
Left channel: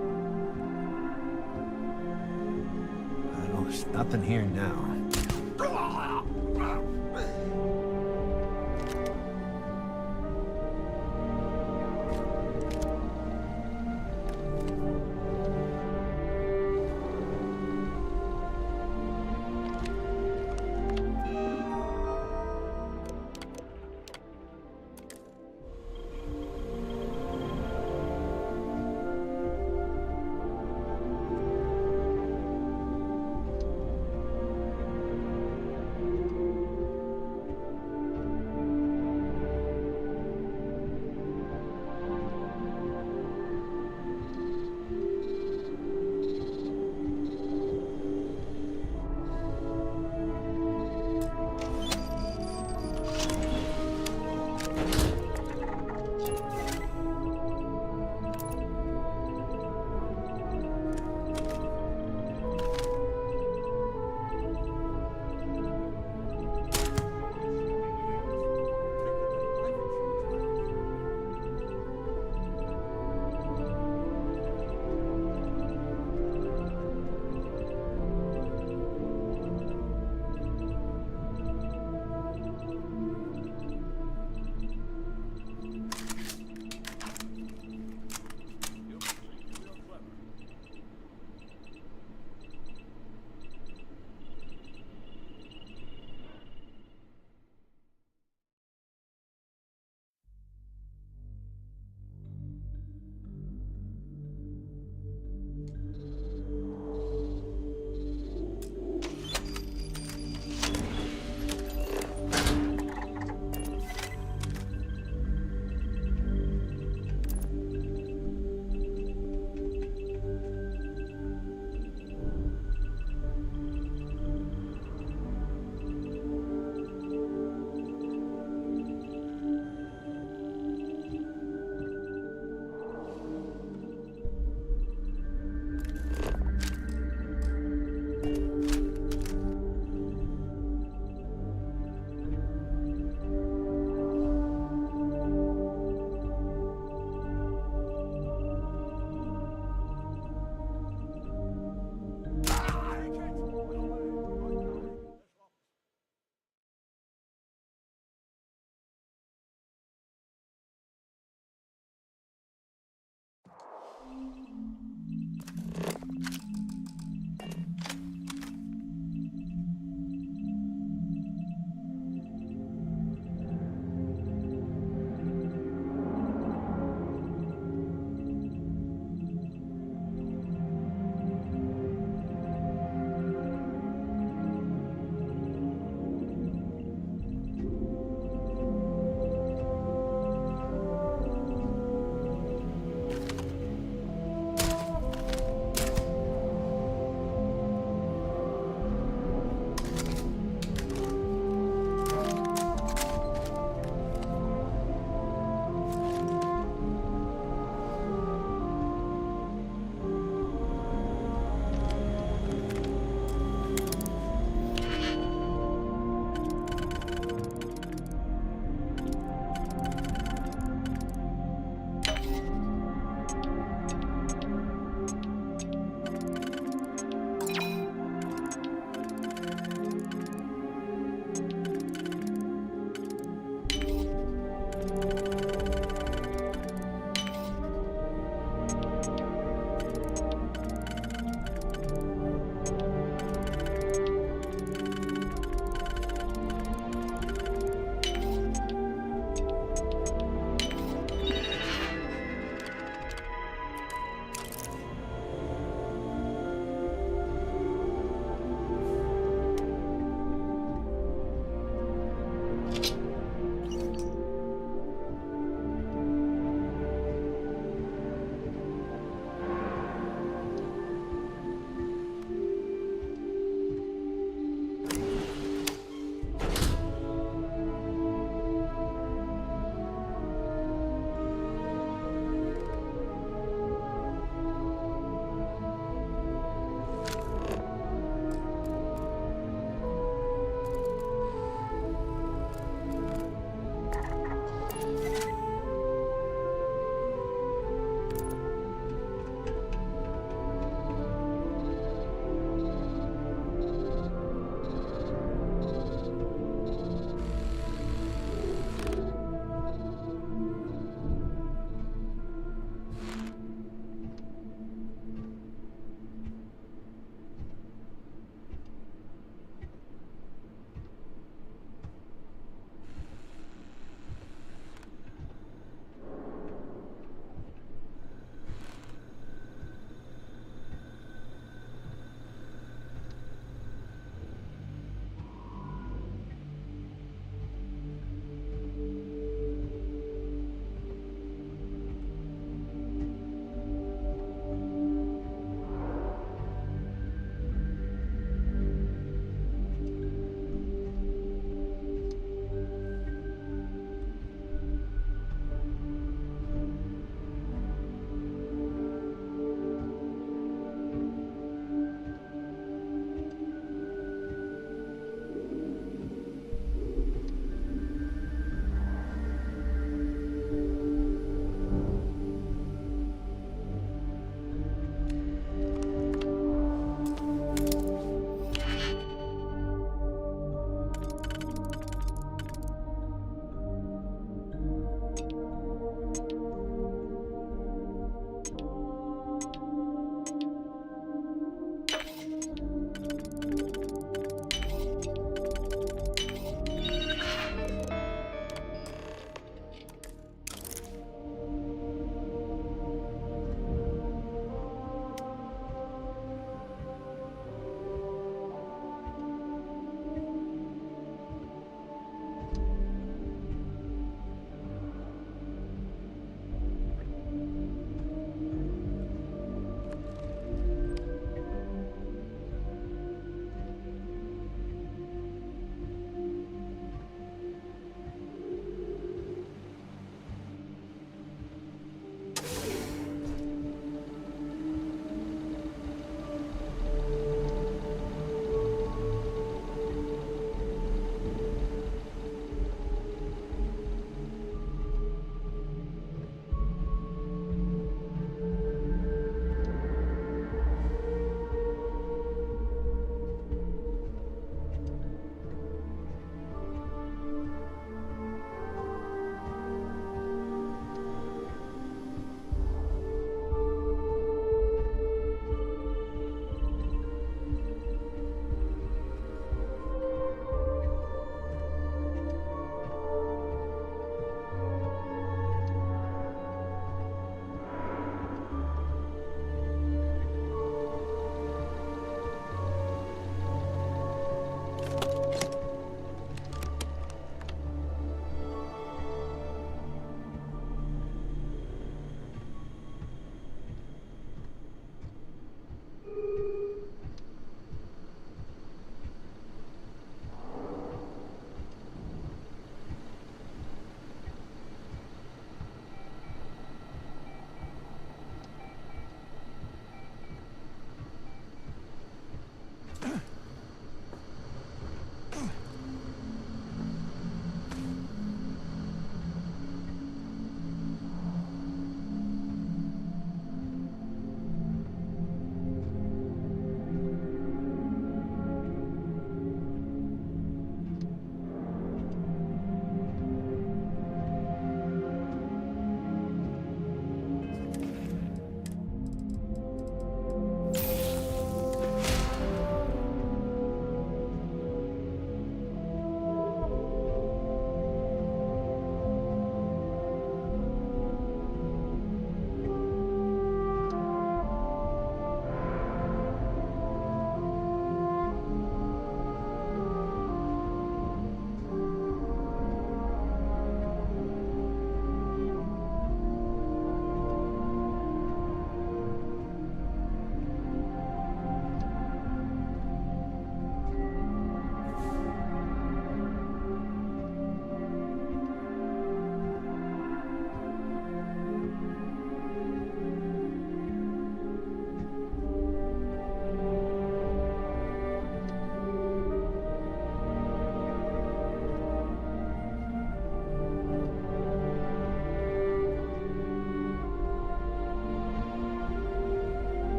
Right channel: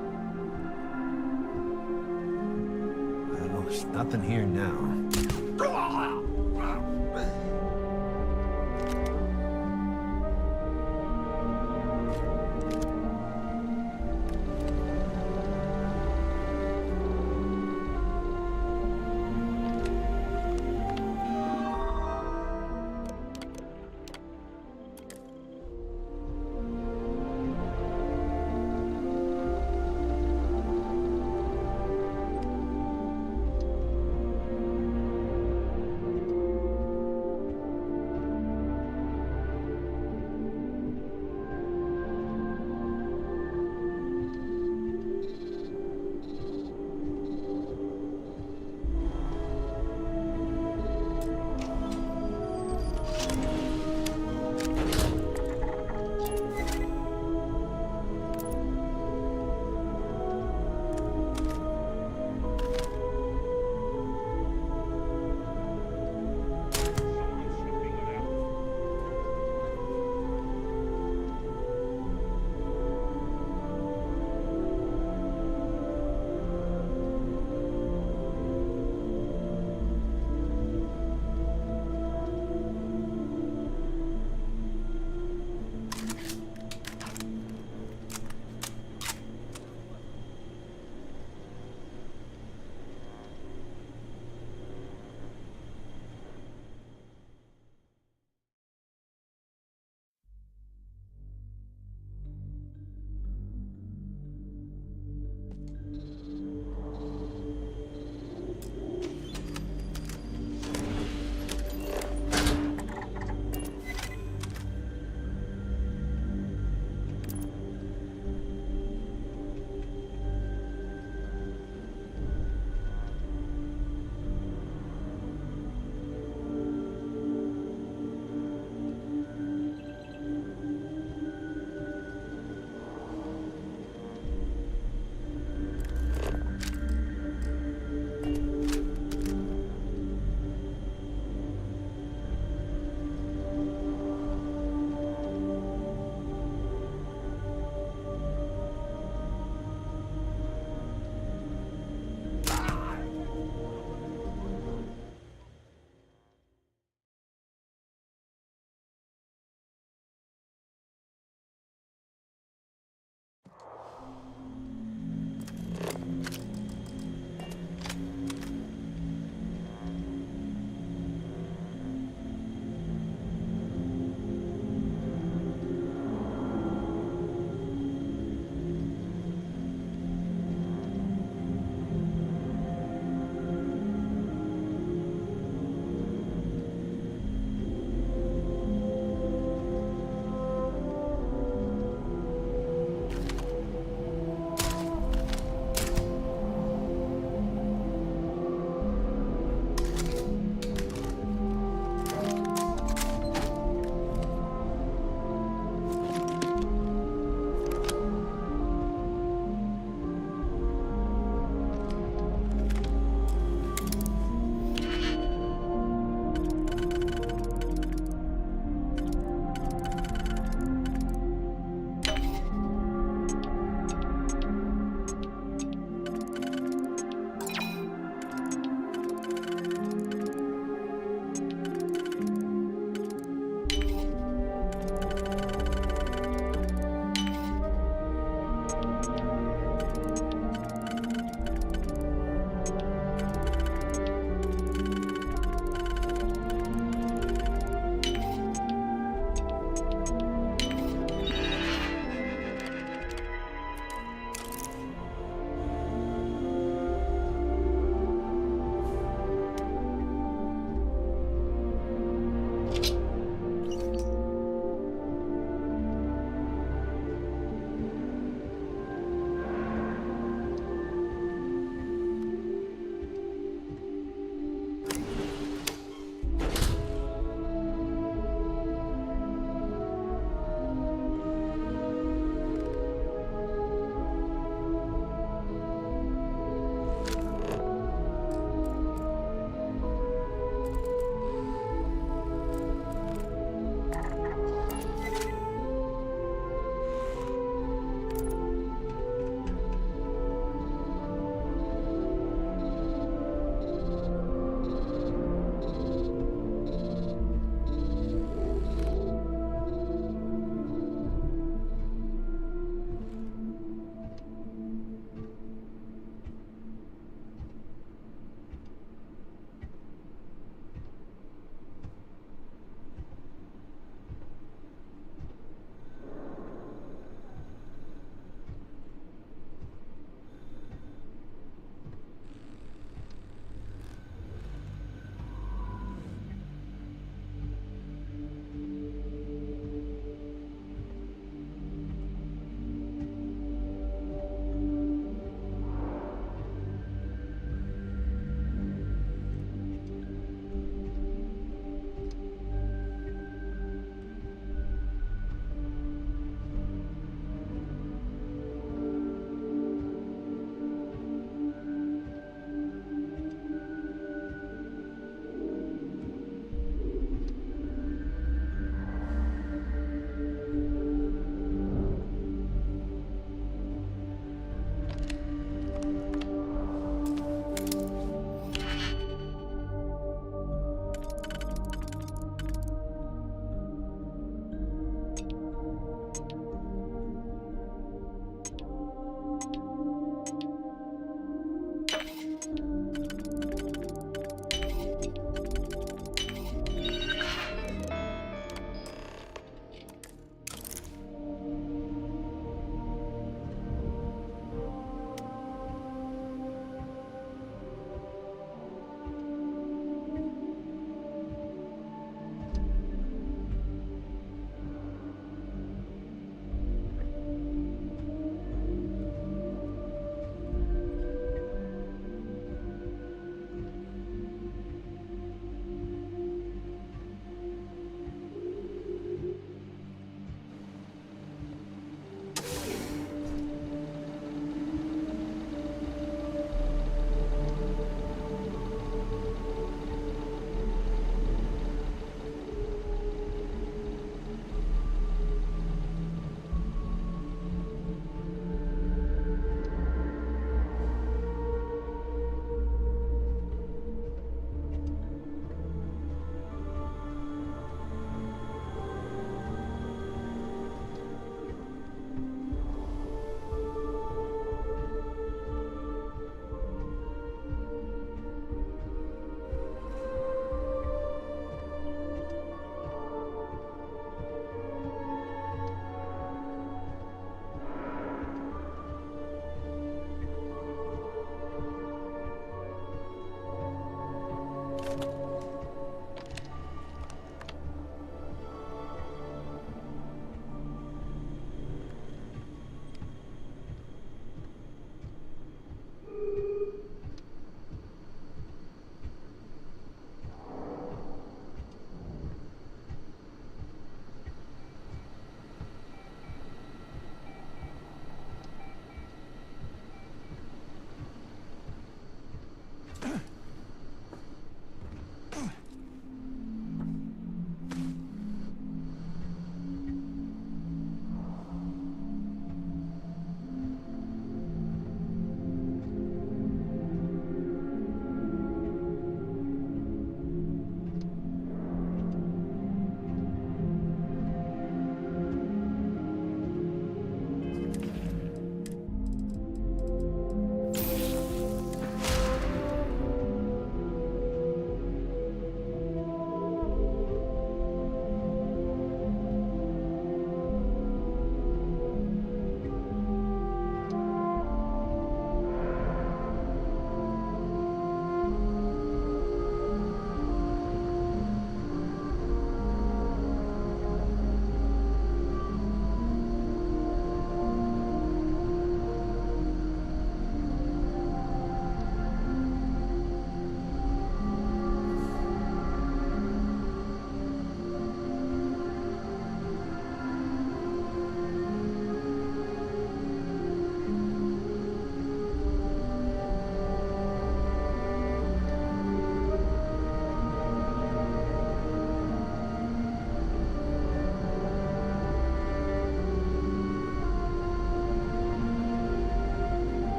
Well, there's nothing here now.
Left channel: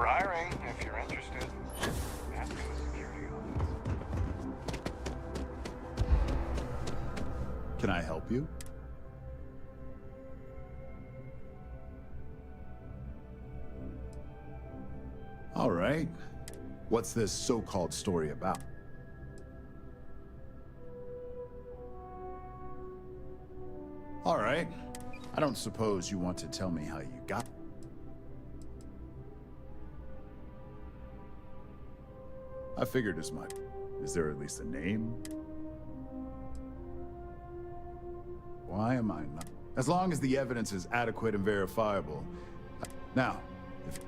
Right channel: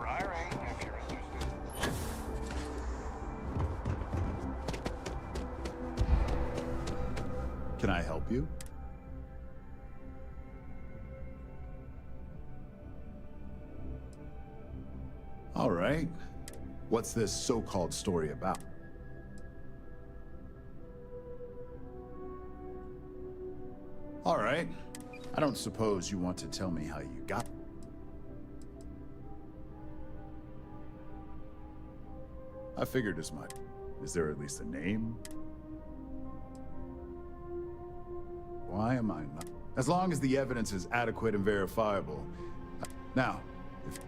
We're hiring if you're interested. Can I help you? All right. What's this so-called story about? All right. I don't suppose you want to tell me how you got... I figured as much. Is there at least a name? Why am I not? As long as the evidence is adequate and verifiable. Now, if...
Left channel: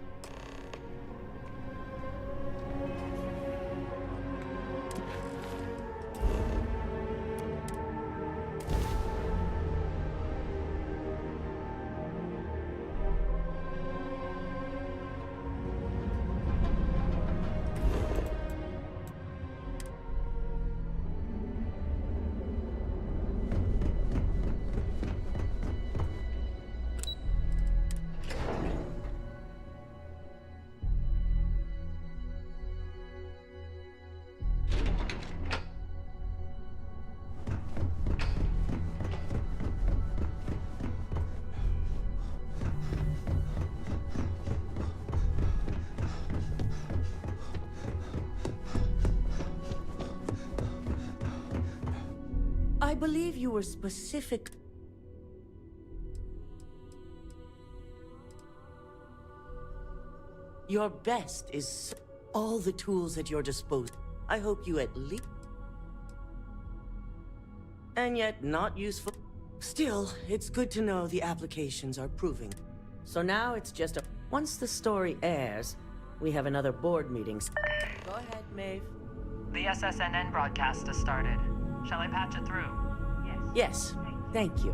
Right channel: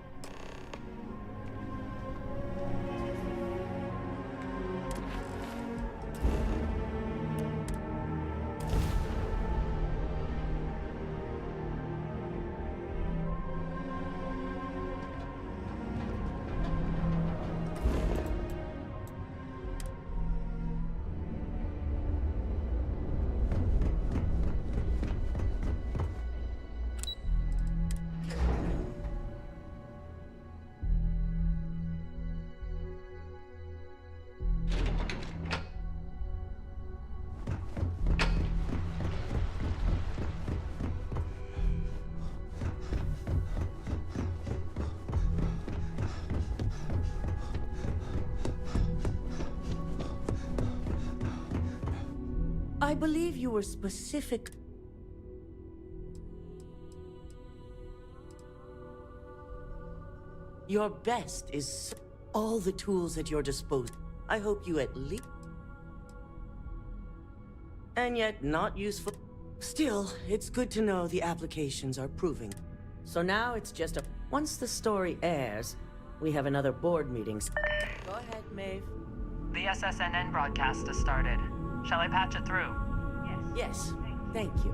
I believe you were specific. Your best is all the tools at your disposal. I hope you at least... And yet not useful. Still, it's good to know the applications are proving. So now it's just a... Once the story airs, we have another board meeting. Go ahead, Maeve. The SSNN broadcast has started. Shall I patch it through? Yes, thank you.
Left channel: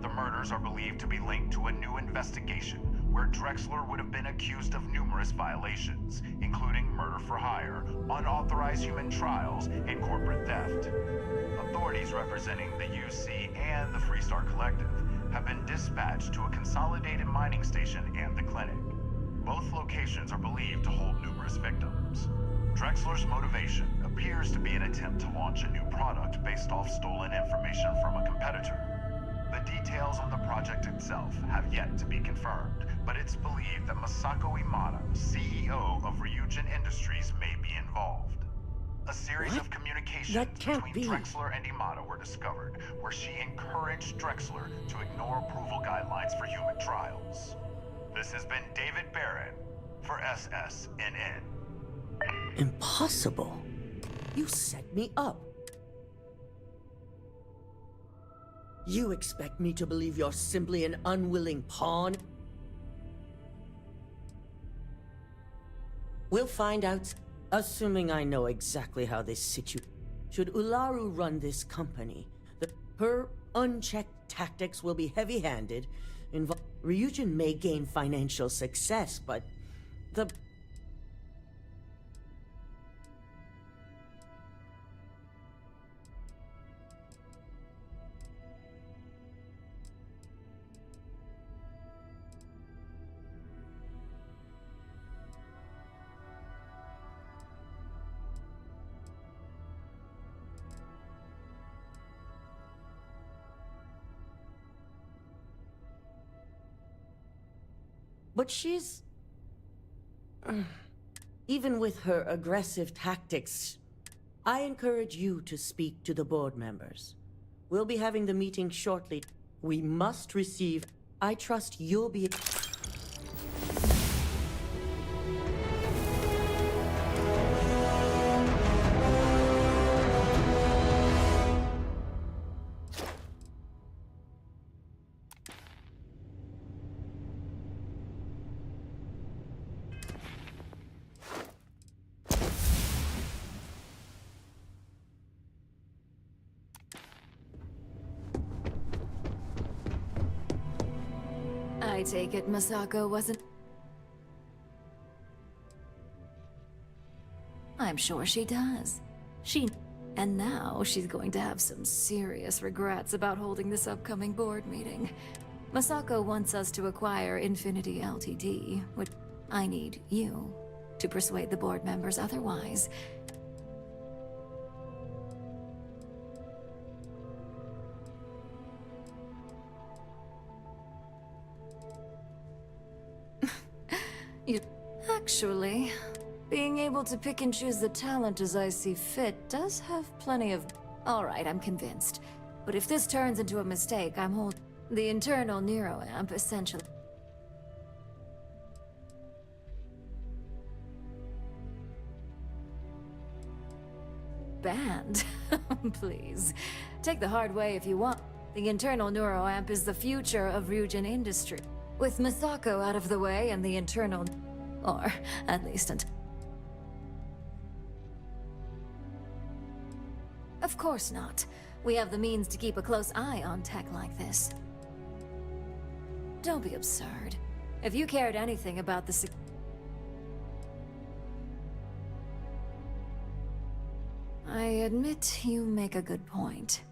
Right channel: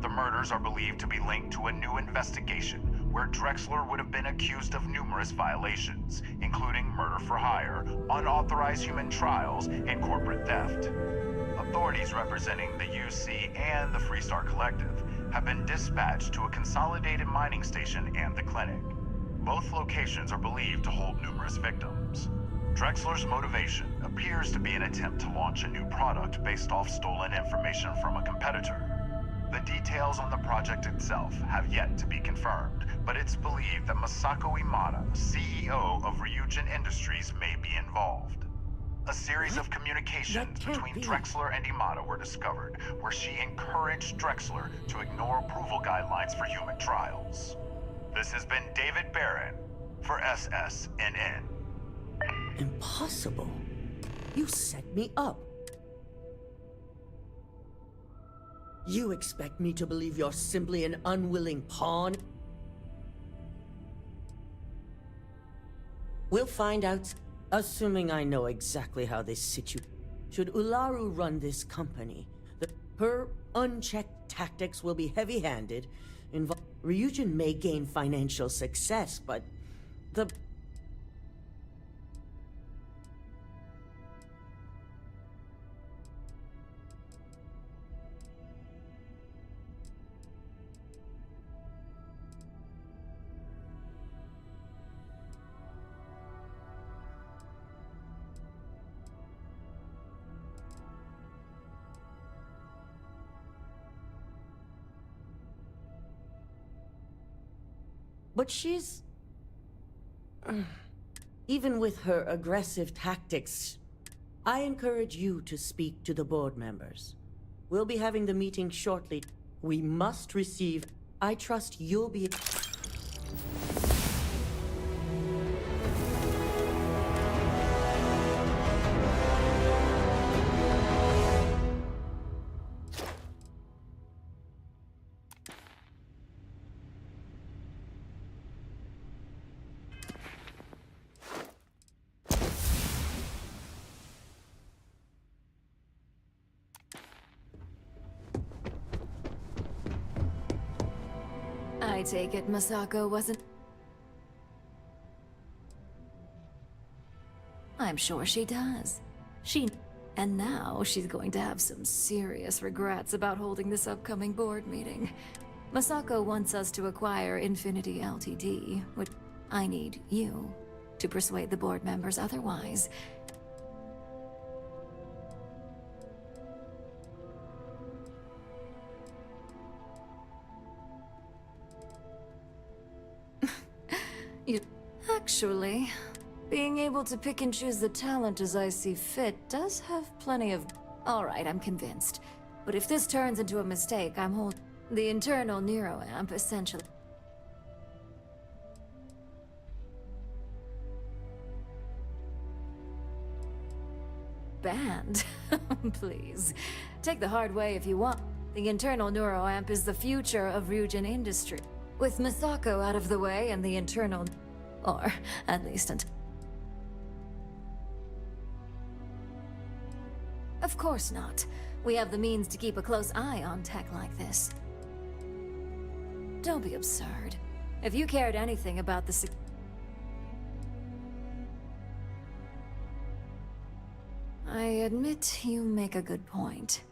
The murders are believed to be linked to a new investigation where Drexler would have been accused of numerous violations, including murder for hire, unauthorized human trials, and corporate theft. Authorities representing the UC and the Freestar Collective have been dispatched to a consolidated mining station and the clinic. Both locations are believed to hold numerous victims. Drexler's motivation appears to be an attempt to launch a new product based off stolen information from a competitor. The details on the project itself have yet to be confirmed, but it's believed that Masako Imada, CEO of Ryujin Industries, may be involved. A series of communications between Drexler and Imada were discovered, where she encouraged Drexler to ignore approval guidelines for human trials. This has been David Barron for SSNN. Impossible. You set me up. You expect me to believe you're simply an unwilling pawn? We'll find out, assuming I know exactly how this situation... Should Ularu run this company, her unchecked tactics will be heavy-handed. Ryujin may gain financial success, but the... But she's... Even with her aggressive tactics, I encourage you to speak to the board members. We'll be having the meeting shortly. We must receive... I trust you'll be... I take it Masako wasn't... I'm sure she does. And now she's going to have some serious regrets about holding this upcoming board meeting. Masako wants us to acquire Infinity Ltd, which I need you to persuade the board members otherwise. Actually, being able to pick and choose the talent as I see fit does have plenty of... Alright, I'm convinced. But if this turns into a mistake, I'm the internal neuroamp essentially... Banned? Please. Take the hard way if you want. The internal neuroamp is the future of Ryujin industry. With Misako out of the way and the internal... Or, at least until... Of course not. We have the means to keep a close eye on tech like this. Don't be absurd. If you cared anything about the... I admit you make a good point.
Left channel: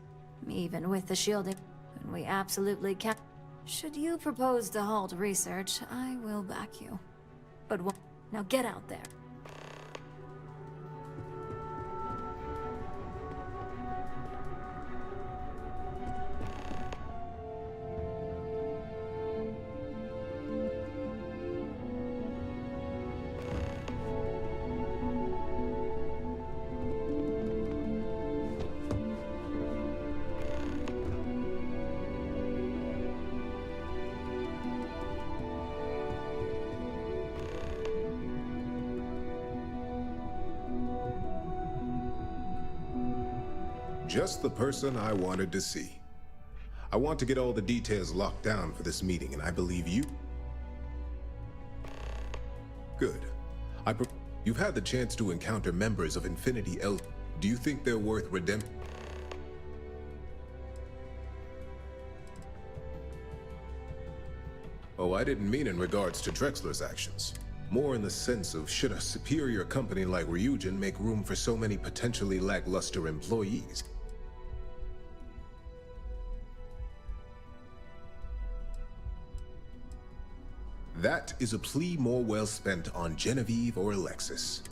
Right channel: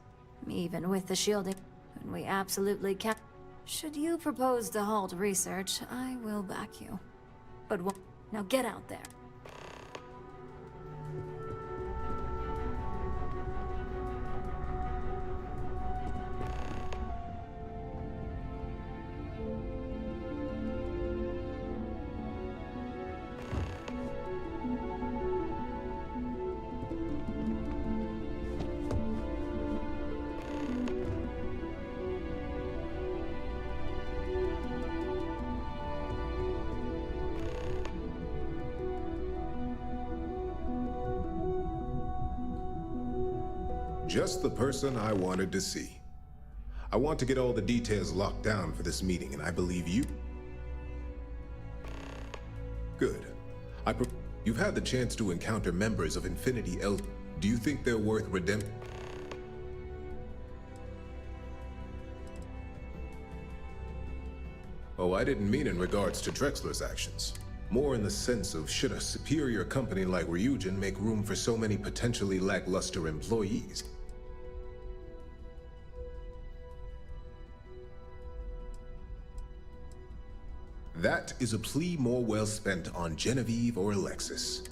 Even with the shielding, when we absolutely can't... Should you propose to halt research, I will back you. But now get out there. Just the person I wanted to see. I want to get all the details locked down for this meeting, and I believe you... Good. You've had the chance to encounter members of Infinity L. Do you think they're worth redemption? Oh, I didn't mean in regards to Drexler's actions. More in the sense of, should a superior company like Ryujin make room for so many potentially lackluster employees? That is a plea more well spent on Genevieve or Alexis.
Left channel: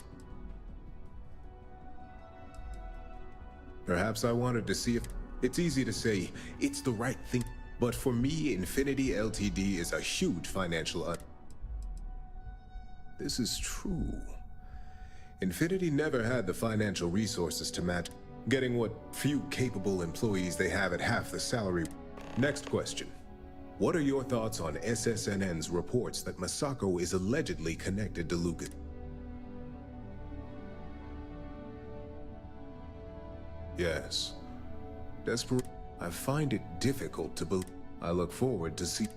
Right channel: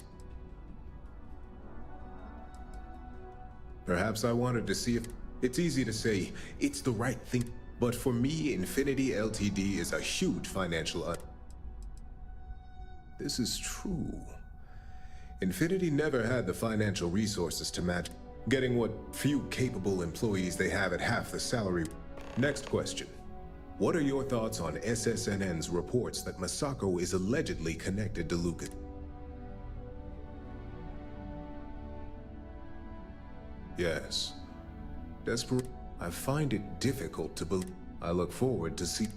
Perhaps I wanted to see if... It's easy to say, it's the right thing, but for me, Infinity Ltd is a huge financial... This is true. Infinity never had the financial resources to match, getting what few capable employees they have at half the salary. Next question. What are your thoughts on SSNN's reports that Misako is allegedly connected to Lucas? Yes. Desperate. I find it difficult to believe. I look forward to see.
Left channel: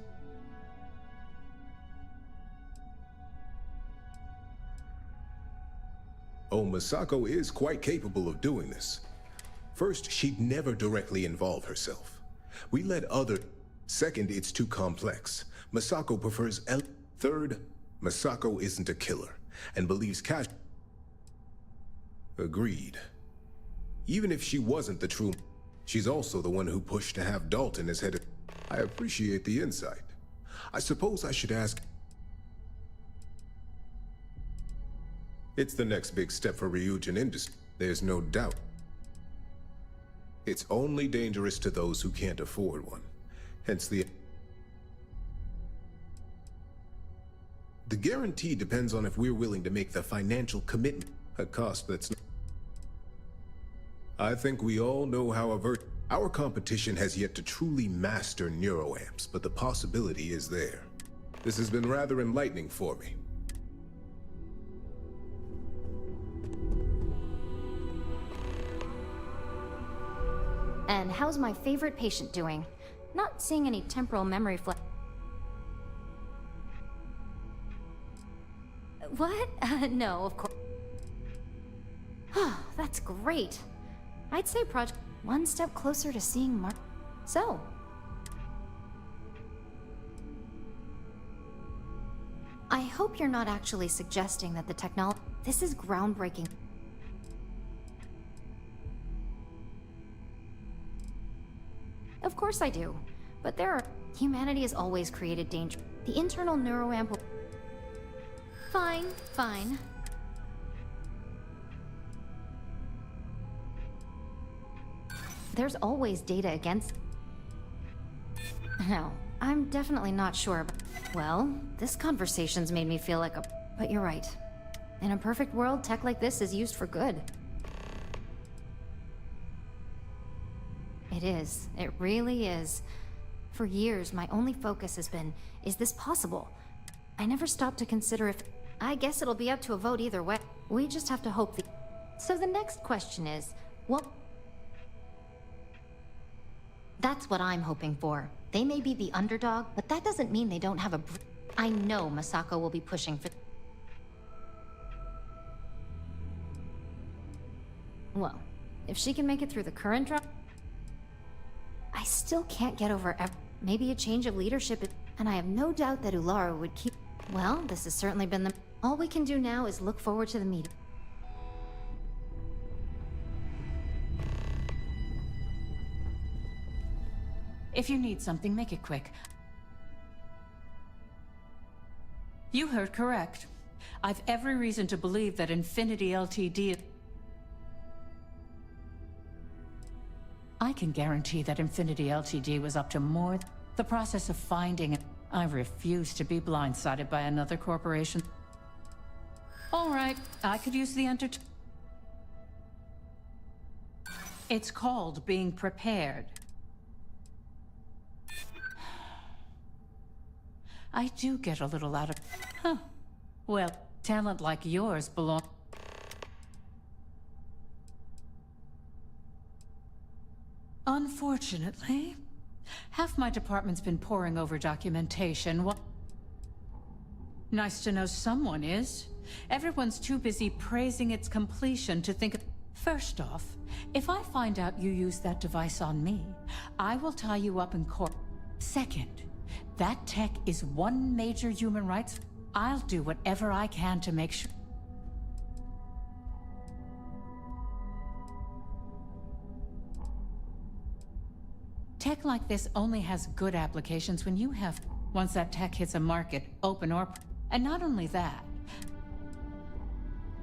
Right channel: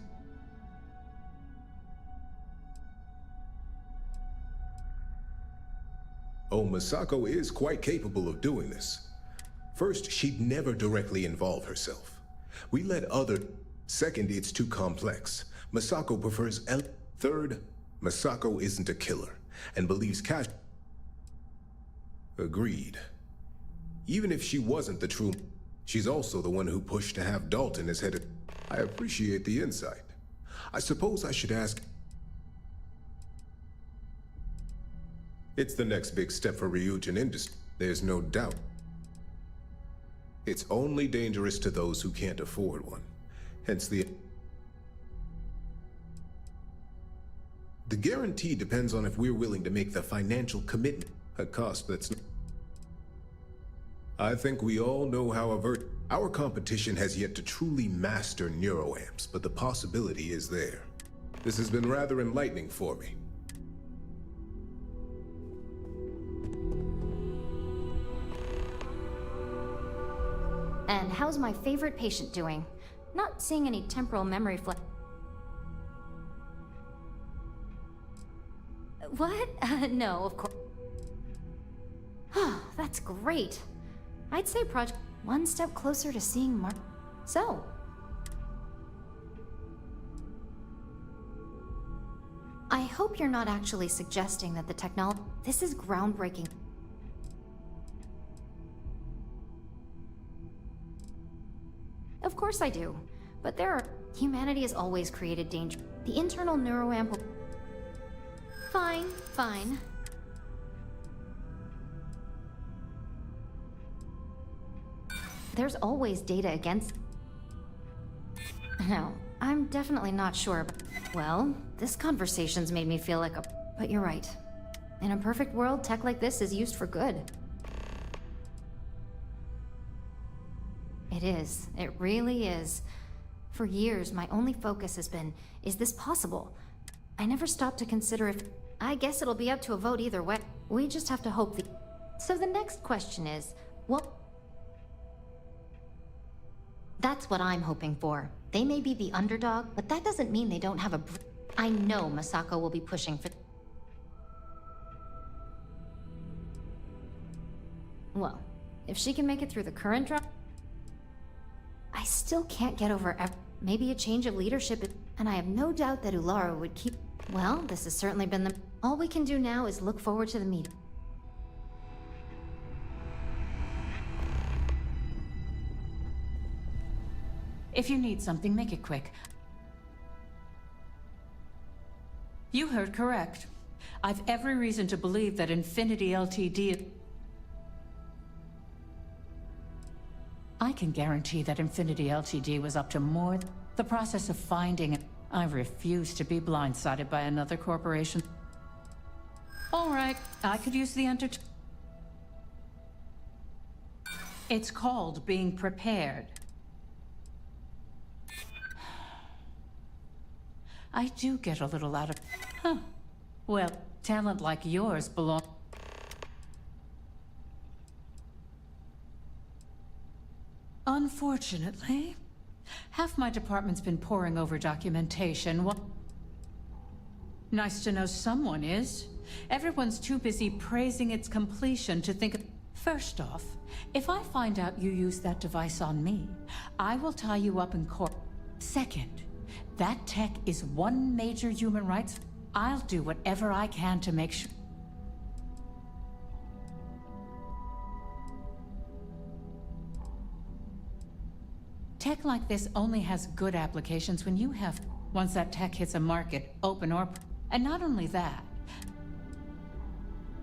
Oh, Misako is quite capable of doing this. First, she'd never directly involve herself. We let other... Second, it's too complex. Misako prefers Third, Misako isn't a killer, and believes cash... Agreed. Even if she wasn't the true... She's also the one who pushed to have Dalton as head of... I appreciate the insight. I suppose I should ask... It's the next big step for Ryujin industry, there's no doubt. It's only dangerous to those who can't afford one. Hence the guarantee depends on if we're willing to make the financial commitment, a cost that's not... I think we all know how our competition has yet to truly master neuroamps, but the possibility is there. This has been rather enlightening for me. And how's my favorite patient doing? Not seeing any temporal memory What? No, of course. That's great. I'd say project one step closer to seeing Mark. So. I hope you're not actually suggesting that the technology... This is groundbreaking. Of course I do. But humanity has always created danger. The internal neuroamp... Fine, fine. There's always data against... No, I'm definitely not sure. Well, this conversation's made me feel like a... But you're right. In a perfect world, tech like this is used for good. It is. It really is. For years, my only focus has been, is this possible? I never stopped to consider if... I guess it'll be up to a vote either way. We just have to hope the... So the next question is, what... That's what I'm hoping for. They may be the underdog, but that doesn't mean they don't have a... I know Masako will be pushing for... Well, if she can make it through the current drop... I still can't get over maybe a change of leadership, and I have no doubt that Ulara would keep... Well, this has certainly been the... All we can do now is look forward to the meeting. If you need something, make it quick. You heard correct. I've every reason to believe that Infinity Ltd... I can guarantee that Infinity Ltd was up to more. The process of finding it. I refuse to be blindsided by another corporation. All right, I could use the It's called being prepared. I do get a little out of... Huh. Well, talent like yours belong... Unfortunately, half my department's been poring over documentation. Nice to know someone is. Everyone's too busy praising its completion to think of... First off, if I find out you used that device on me, I will tie you up in court. Second, that tech is one major human rights... I'll do whatever I can to make sure... Tech like this only has good applications when you have... Once that tech hits a market, open or... And not only that...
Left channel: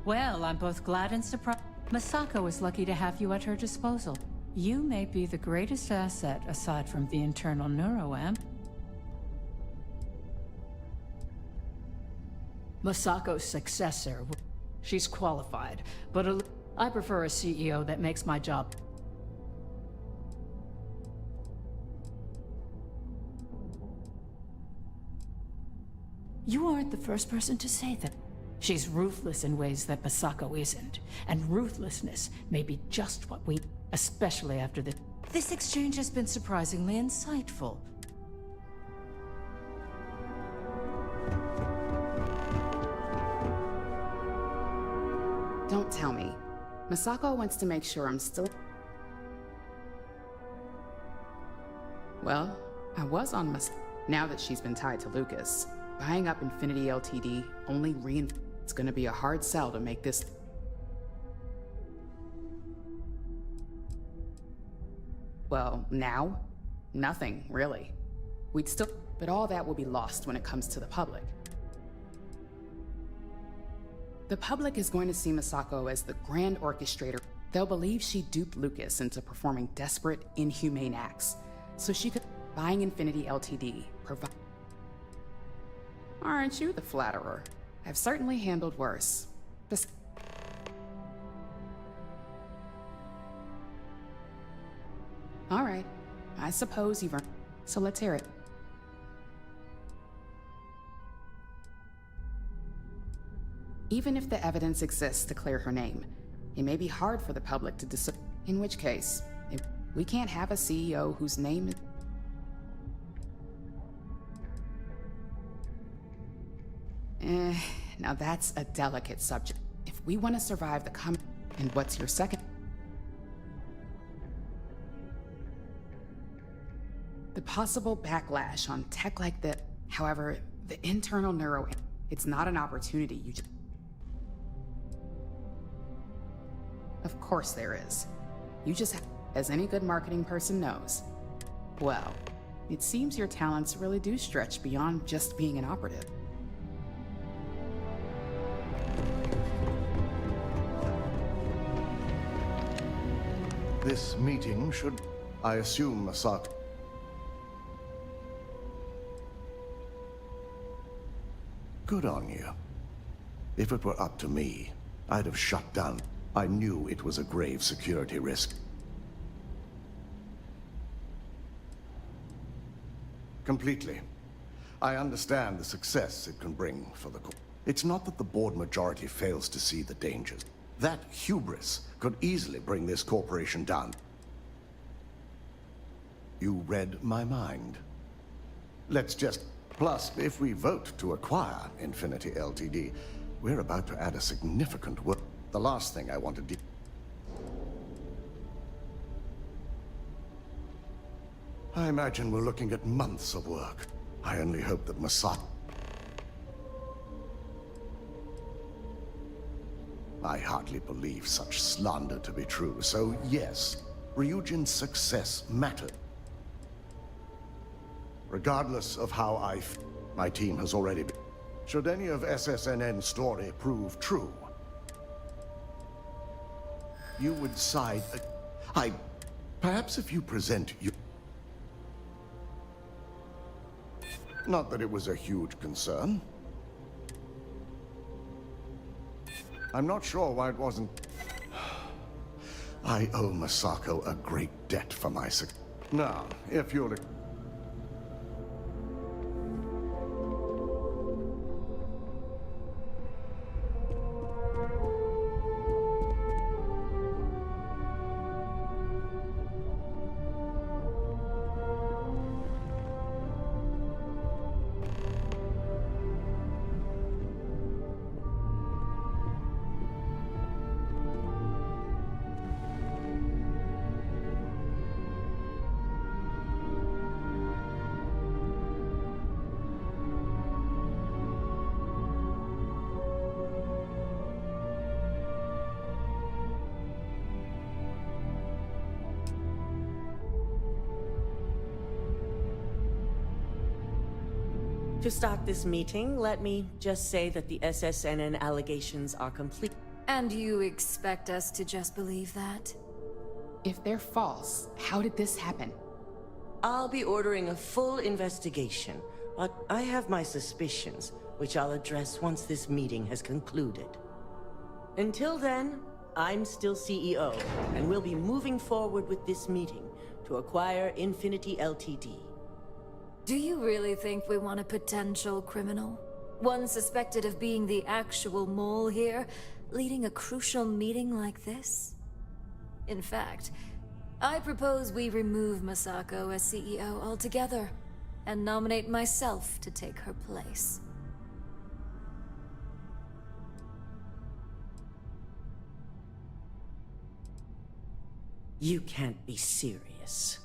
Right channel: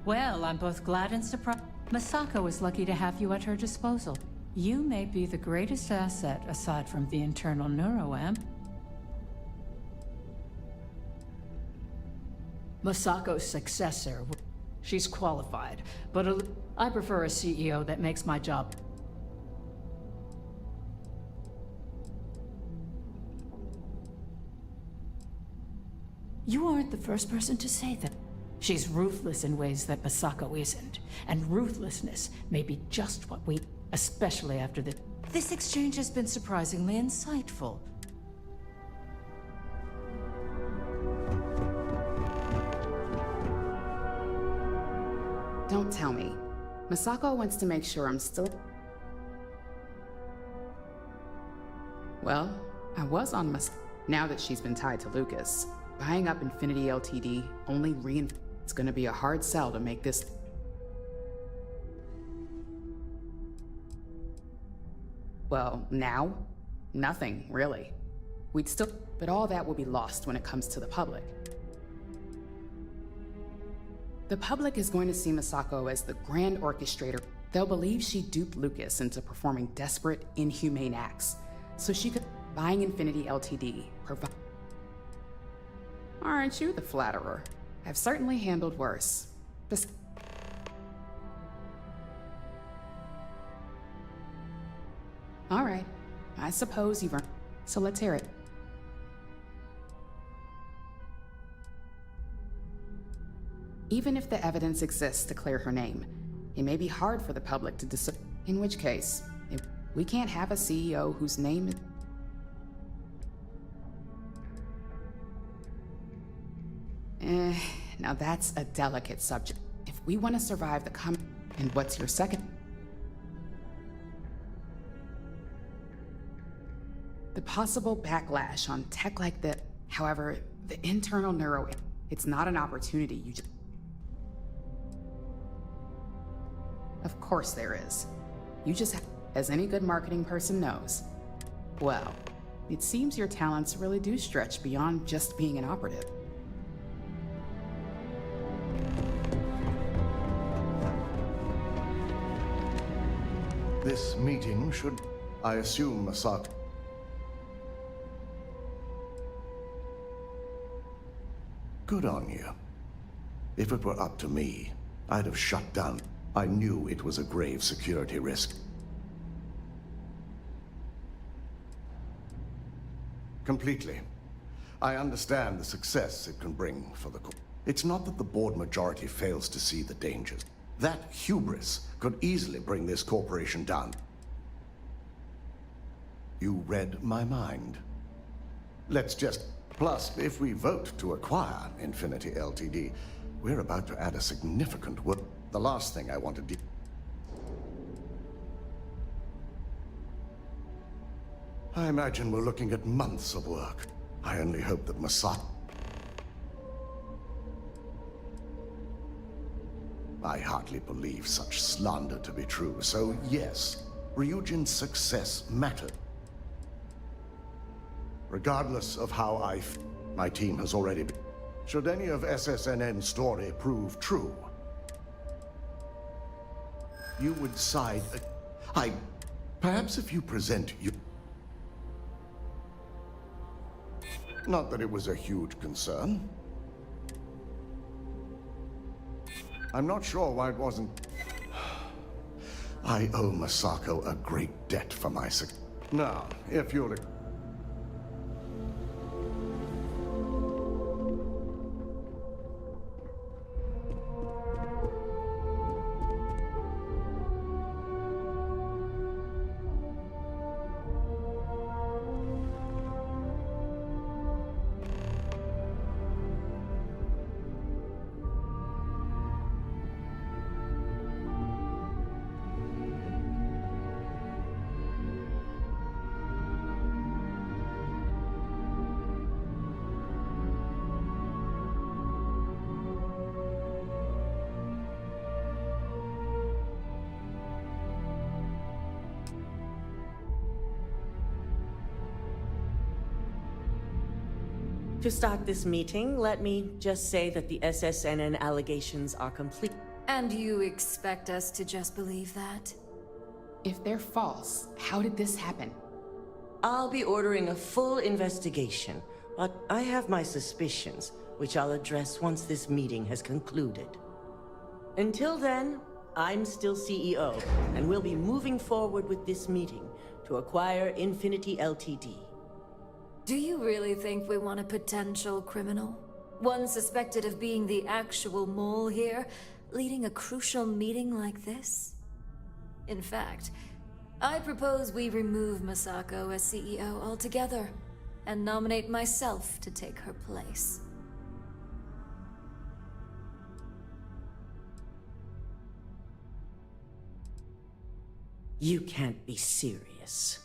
Well, I'm both glad and surprised. Masako is lucky to have you at her disposal. You may be the greatest asset aside from the internal neuroamp. Masako's successor. She's qualified, but I prefer a CEO that makes my job... You aren't the first person to say that. She's ruthless in ways that Masako isn't. And ruthlessness may be just what we... Especially after this. This exchange has been surprisingly insightful. Don't tell me. Masako wants to make sure I'm still... Well, I was on now that she's been tied to Lucas. Buying up Infinity Ltd. only It's gonna be a hard sell to make this... Well, now? Nothing, really. We'd still... But all that will be lost when it comes to the public. The public is going to see Masako as the grand orchestrator. They'll believe she duped Lucas into performing desperate, inhumane acts, so she could... Buying Infinity Ltd. provide... Aren't you the flatterer? I've certainly handled worse. All right, I suppose you've earned... So let's hear it. Even if the evidence exists to clear her name, it may be hard for the public to decide. In which case, we can't have a CEO whose name is... Now that's a delicate subject. If we want to survive the And what's your second? The possible backlash on tech like that. However, the internal neuro... It's not an opportunity you just... Of course there is. You just have... As any good marketing person knows. Well, it seems your talents really do stretch beyond just being an operative. This meeting should... I assume Masako... Good on you. If it were up to me, I'd have shut down. I knew it was a grave security risk. Completely. I understand the success it can bring for the... It's not that the board majority fails to see the dangers. That hubris could easily bring this corporation down. You read my mind. Let's just... Plus, if we vote to acquire Infinity Ltd, we're about to add a significant work. The last thing I want to do... I imagine we're looking at months of work. I only hope that Masako... I hardly believe such slander to be true, so yes, Ryujin's success mattered. Regardless of how my team has already been... Should any of SSNN's story prove true, you would side... Perhaps if you present you... Not that it was a huge concern. I'm not sure why it wasn't... I owe Masako a great debt for my success. Now, if you'll... To start this meeting, let me just say that the SSNN allegations are complete. And you expect us to just believe that? If they're false, how did this happen? I'll be ordering a full investigation, but I have my suspicions, which I'll address once this meeting has concluded. Until then, I'm still CEO, and we'll be moving forward with this meeting to acquire Infinity Ltd. Do you really think we want a potential criminal? One suspected of being the actual mole here, leading a crucial meeting like this? In fact, I propose we remove Masako as CEO altogether, and nominate myself to take her place. You can't be serious.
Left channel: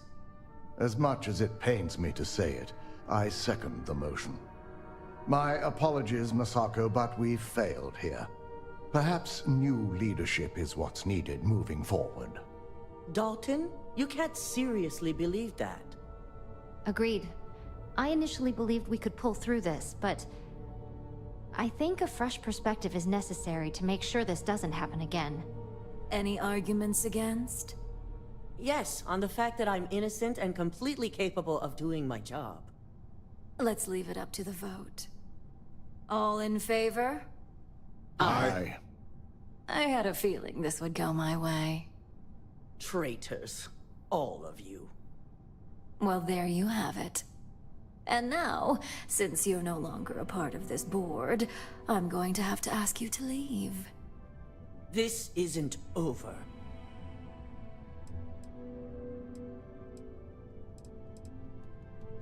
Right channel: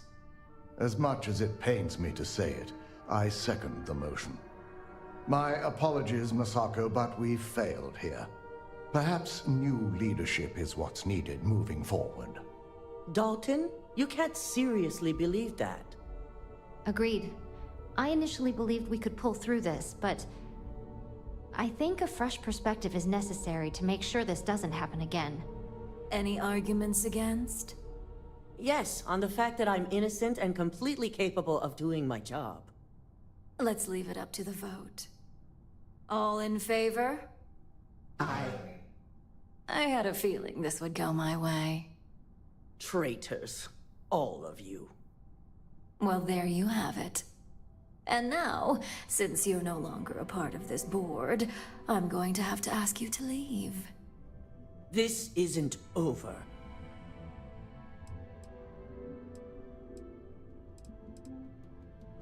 As much as it pains me to say it, I second the motion. My apologies, Masako, but we've failed here. Perhaps new leadership is what's needed moving forward. Dalton, you can't seriously believe that. Agreed. I initially believed we could pull through this, but I think a fresh perspective is necessary to make sure this doesn't happen again. Any arguments against? Yes, on the fact that I'm innocent and completely capable of doing my job. Let's leave it up to the vote. All in favor? Aye. I had a feeling this would go my way. Traitors. All of you. Well, there you have it. And now, since you're no longer a part of this board, I'm going to have to ask you to leave. This isn't over.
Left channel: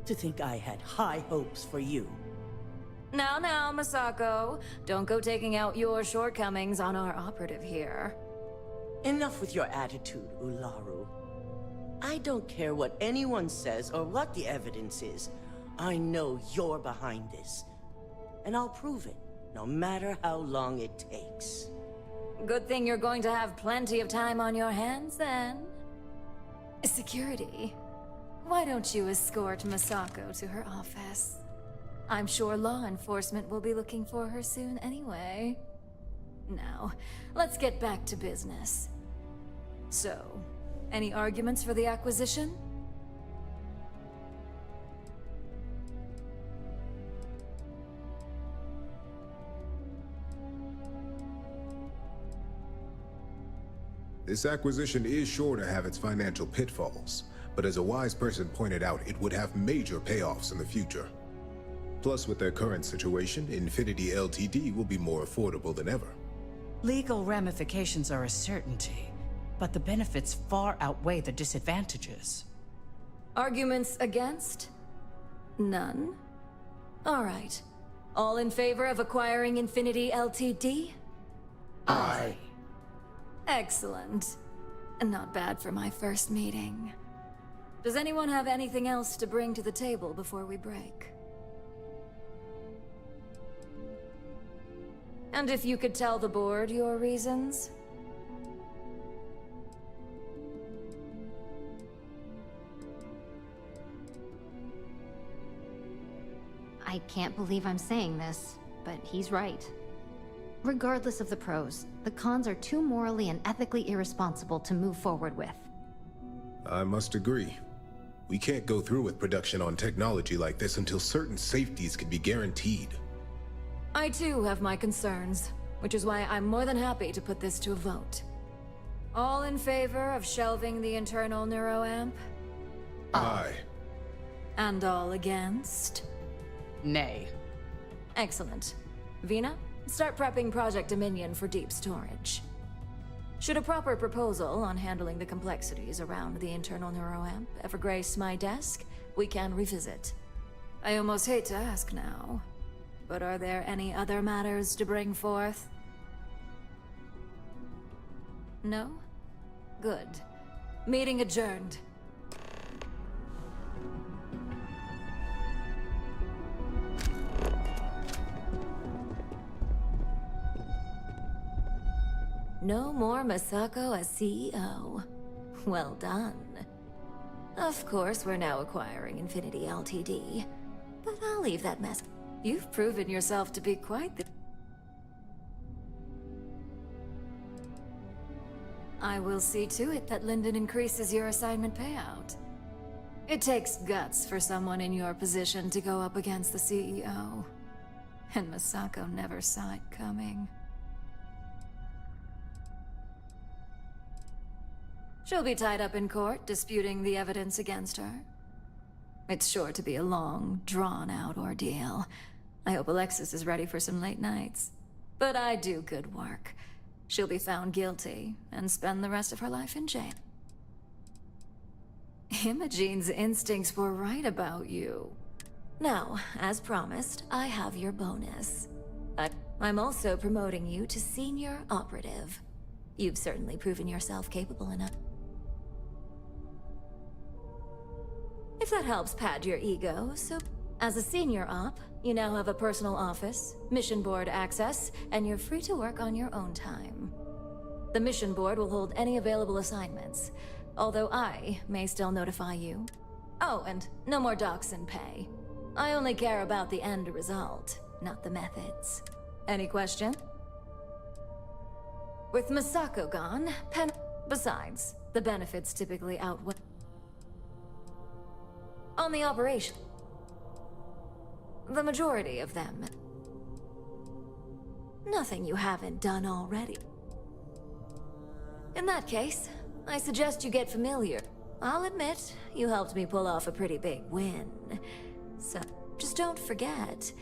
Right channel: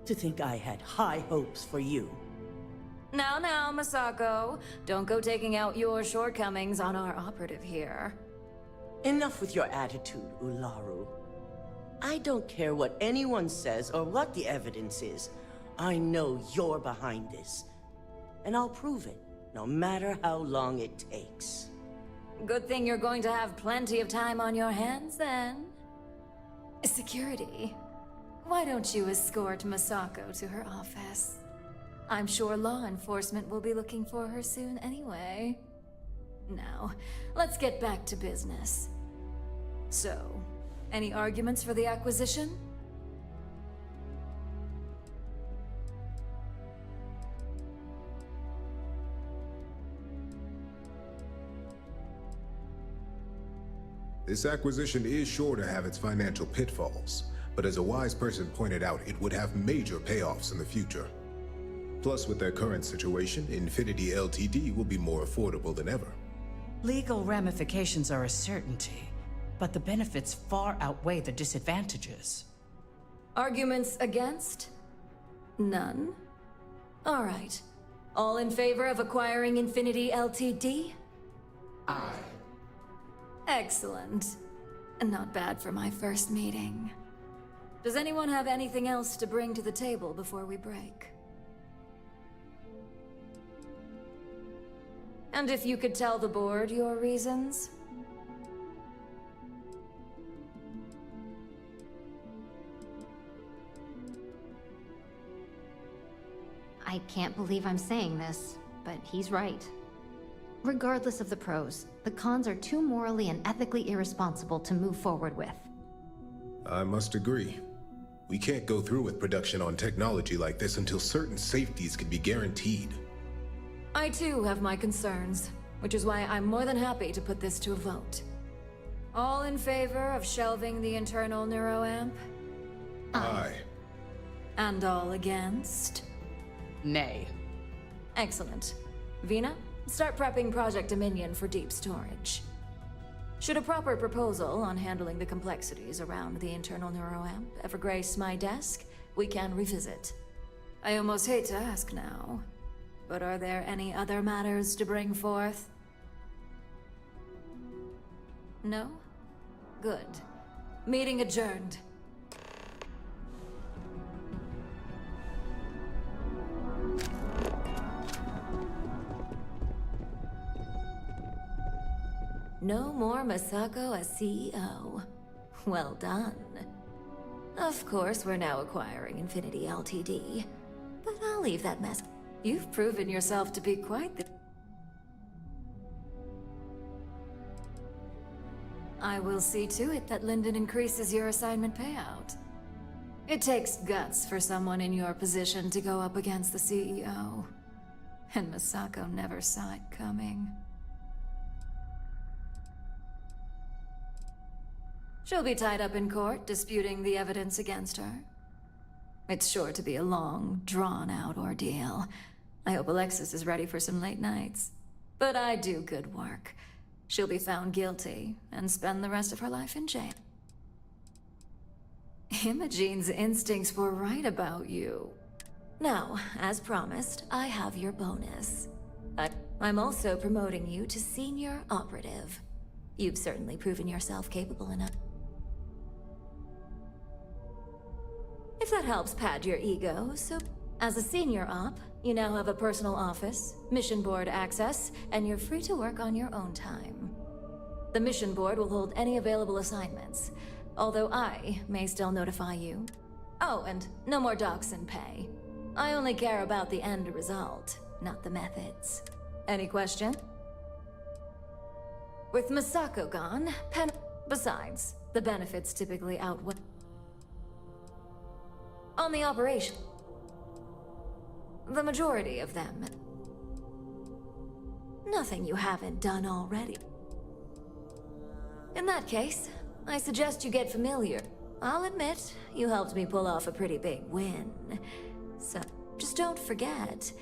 To think I had high hopes for you. Now, Masako. Don't go taking out your shortcomings on our operative here. Enough with your attitude, Ularu. I don't care what anyone says or what the evidence is. I know you're behind this. And I'll prove it, no matter how long it takes. Good thing you're going to have plenty of time on your hands, then. Security. Why don't you escort Masako to her office? I'm sure law enforcement will be looking for her soon anyway. Now, let's get back to business. So, Any arguments for the acquisition? This acquisition is sure to have its financial pitfalls, but as a wise person pointed out, it would have major payoffs in the future. Plus, with their current situation, Infinity Ltd will be more affordable than ever. Legal ramifications are a certainty, but the benefits far outweigh the disadvantages. Arguments against? None? All right. All in favor of acquiring Infinity Ltd? Aye. Excellent. Not bad for my first meeting. Does anyone have anything else to bring to the table before we break? And if you could tell the board your reasons? I can't believe I'm saying this, but he's right. Regardless of the pros, the cons are too morally and ethically irresponsible to move forward with. I must agree. We can't go through with production on technology like this until certain safeties can be guaranteed. I too have my concerns, which is why I'm more than happy to put this to a vote. All in favor of shelving the internal neuroamp? Aye. And all against? Nay. Excellent. Vina, start prepping Project Dominion for deep storage. Should a proper proposal on handling the complexities around the internal neuroamp ever grace my desk, we can revisit. I almost hate to ask now, but are there any other matters to bring forth? No? Good. Meeting adjourned. No more Masako as CEO. Well done. Of course, we're now acquiring Infinity Ltd. But I'll leave that mess. You've proven yourself to be quite the... I will see to it that Linden increases your assignment payout. It takes guts for someone in your position to go up against the CEO. And Masako never saw it coming. She'll be tied up in court, disputing the evidence against her. It's sure to be a long, drawn-out ordeal. I hope Alexis is ready for some late nights. But I do good work. She'll be found guilty and spend the rest of her life in jail. Imogene's instincts were right about you. Now, as promised, I have your bonus. I'm also promoting you to senior operative. You've certainly proven yourself capable enough. If that helps pad your ego, so... As a senior op, you now have a personal office, mission board access, and you're free to work on your own time. The mission board will hold any available assignments, although I may still notify you. Oh, and no more docs in pay. I only care about the end result, not the methods. Any question? With Masako gone, Besides, the benefits typically outweigh... On the operation... The majority of them. Nothing you haven't done already. In that case, I suggest you get familiar. I'll admit, you helped me pull off a pretty big win. So, just don't forget...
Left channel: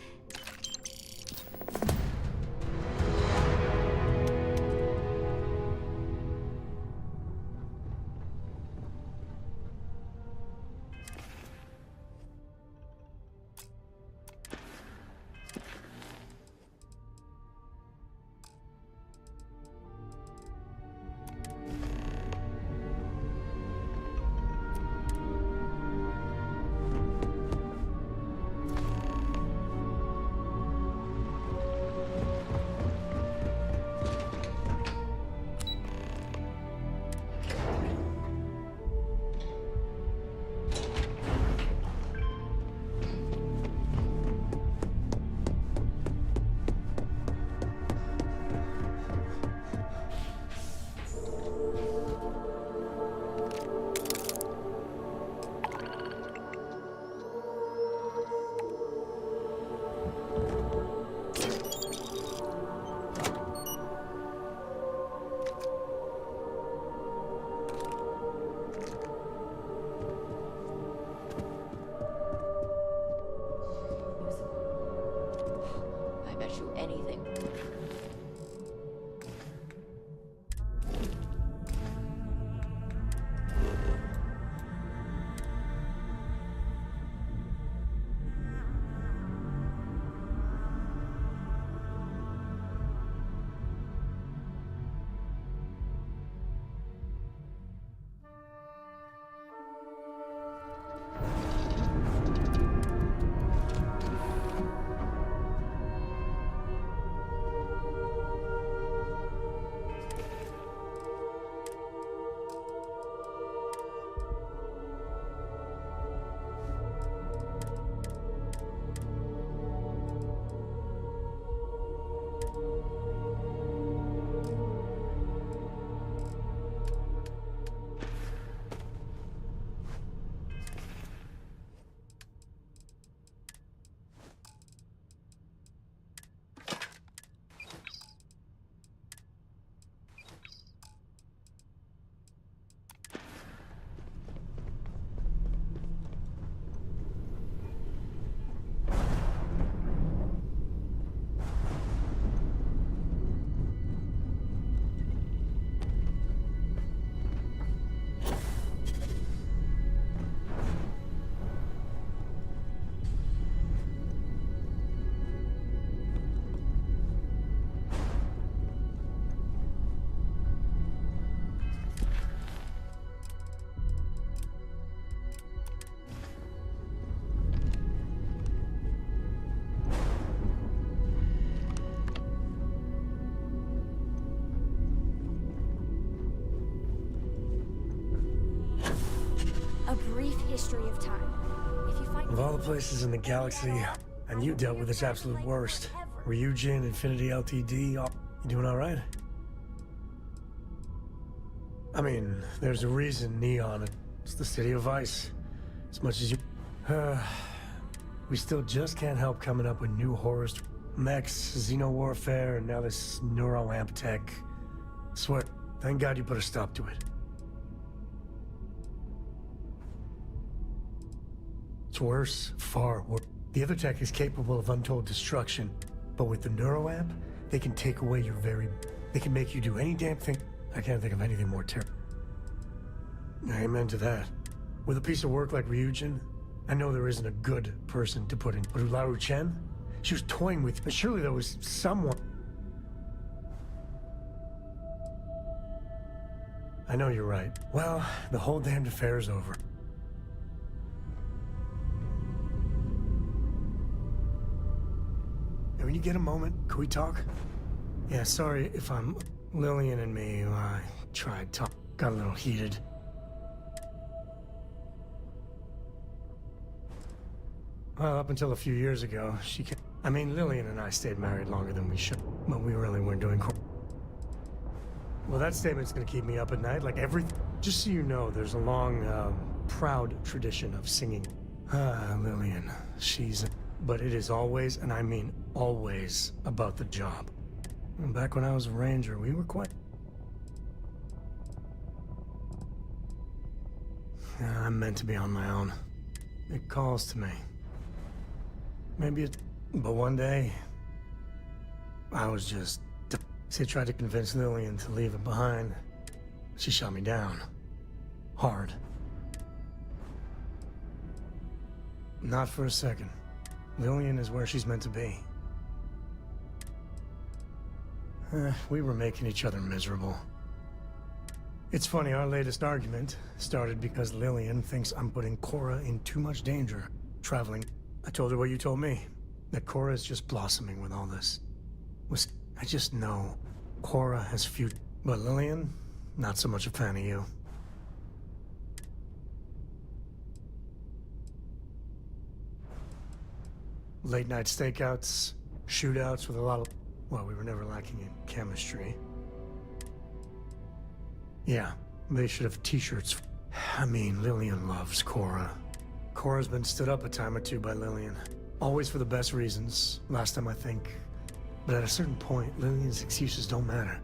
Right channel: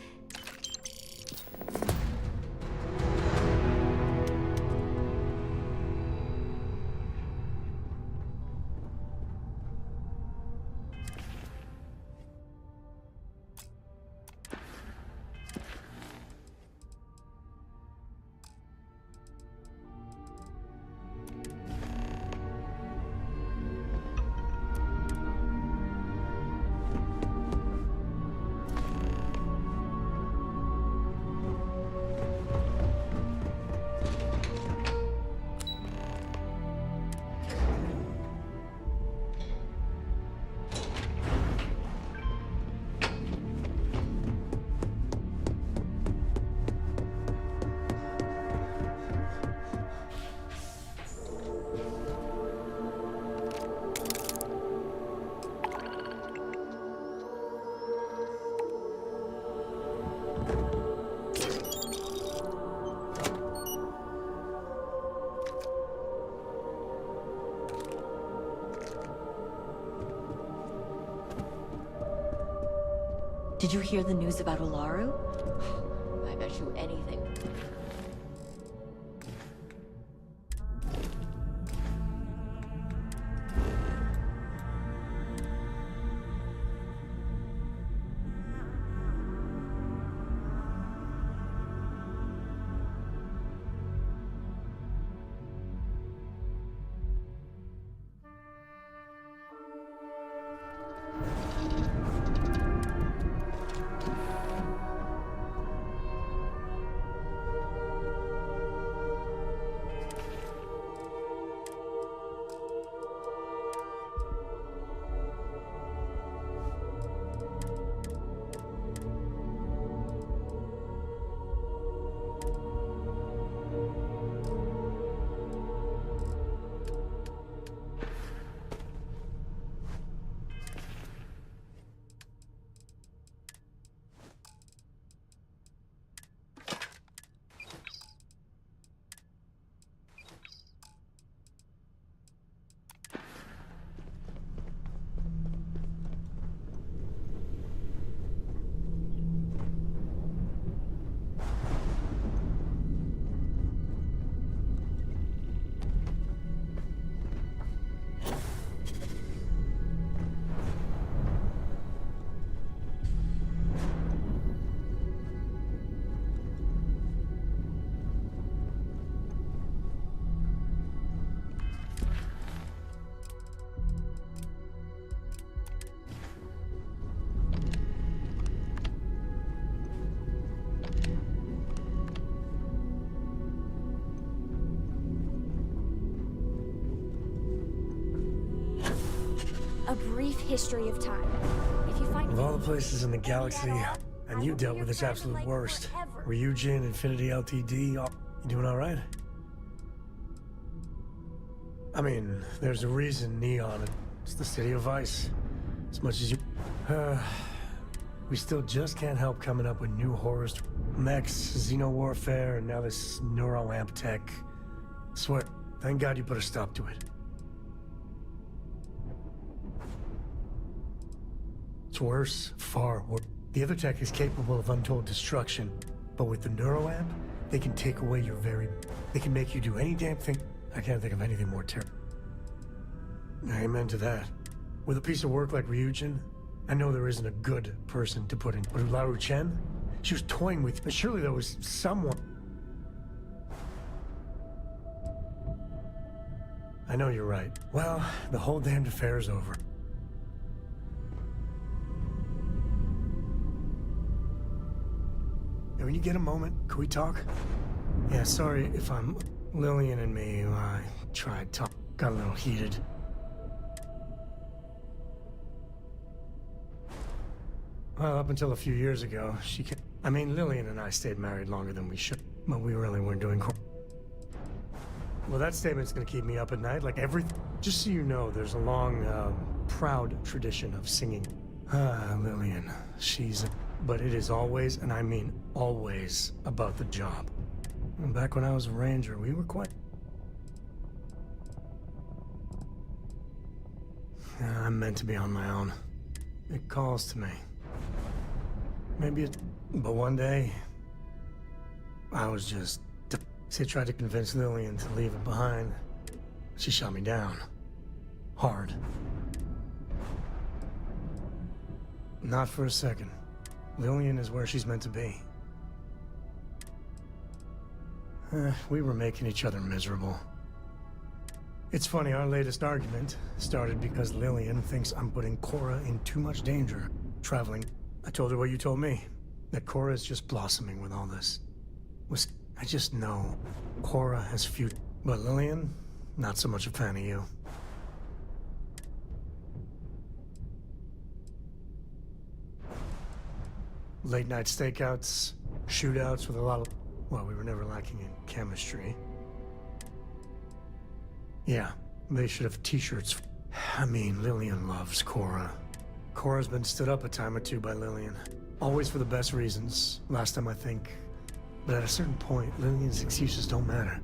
Did you hear the news about Olaru? I bet you anything. A brief history of time. If you find Of all the places in the galaxy, and you dealt with its absolute worst. Ryujin, Infinity Ltd, you doing alright? I mean, there's a reason Neon, it's the city of vice. As much as you... we still just can't help coming up with new horrors. Mechs, xeno-warfare, and now this neuroamp tech. Swear, thank God you put a stop to it. It's worse, far worse. The other tech is capable of untold destruction, but with the neuroamp, they can take away your very... They can make you do any damn thing. I can't think of anything more terrible. Amen to that. With a piece of work like Ryujin, I know there isn't a good person to put in. But Ularu Chen? She was toying with... But surely there was someone... I know you're right. Well, the whole damned affair is over. And when you get a moment, can we talk? Yeah, sorry if I'm... Lillian and me, I tried talk. Got a little heated. Well, up until a few years ago, she can... I mean, Lillian and I stayed married longer than we should. But we really weren't doing... Well, that statement's gonna keep me up at night, like everything. Just so you know, there's a long, proud tradition of singing. Lillian, she's... But it is always, and I mean always, about the job. And back when I was a ranger, we were quite... Yeah, I'm meant to be on my own. It calls to me. Maybe it... But one day... I was just... See, I tried to convince Lillian to leave it behind. She shot me down. Hard. Not for a second. Lillian is where she's meant to be. We were making each other miserable. It's funny, our latest argument started because Lillian thinks I'm putting Cora in too much danger. Traveling. I told her what you told me. That Cora is just blossoming with all this. I just know Cora has future. But Lillian, not so much a fan of you. Late night stakeouts, shootouts with a lot of... Well, we were never lacking in chemistry. Yeah, they should have t-shirts. I mean, Lillian loves Cora. Cora's been stood up a time or two by Lillian. Always for the best reasons, last time I think. But at a certain point, Lillian's excuses don't matter.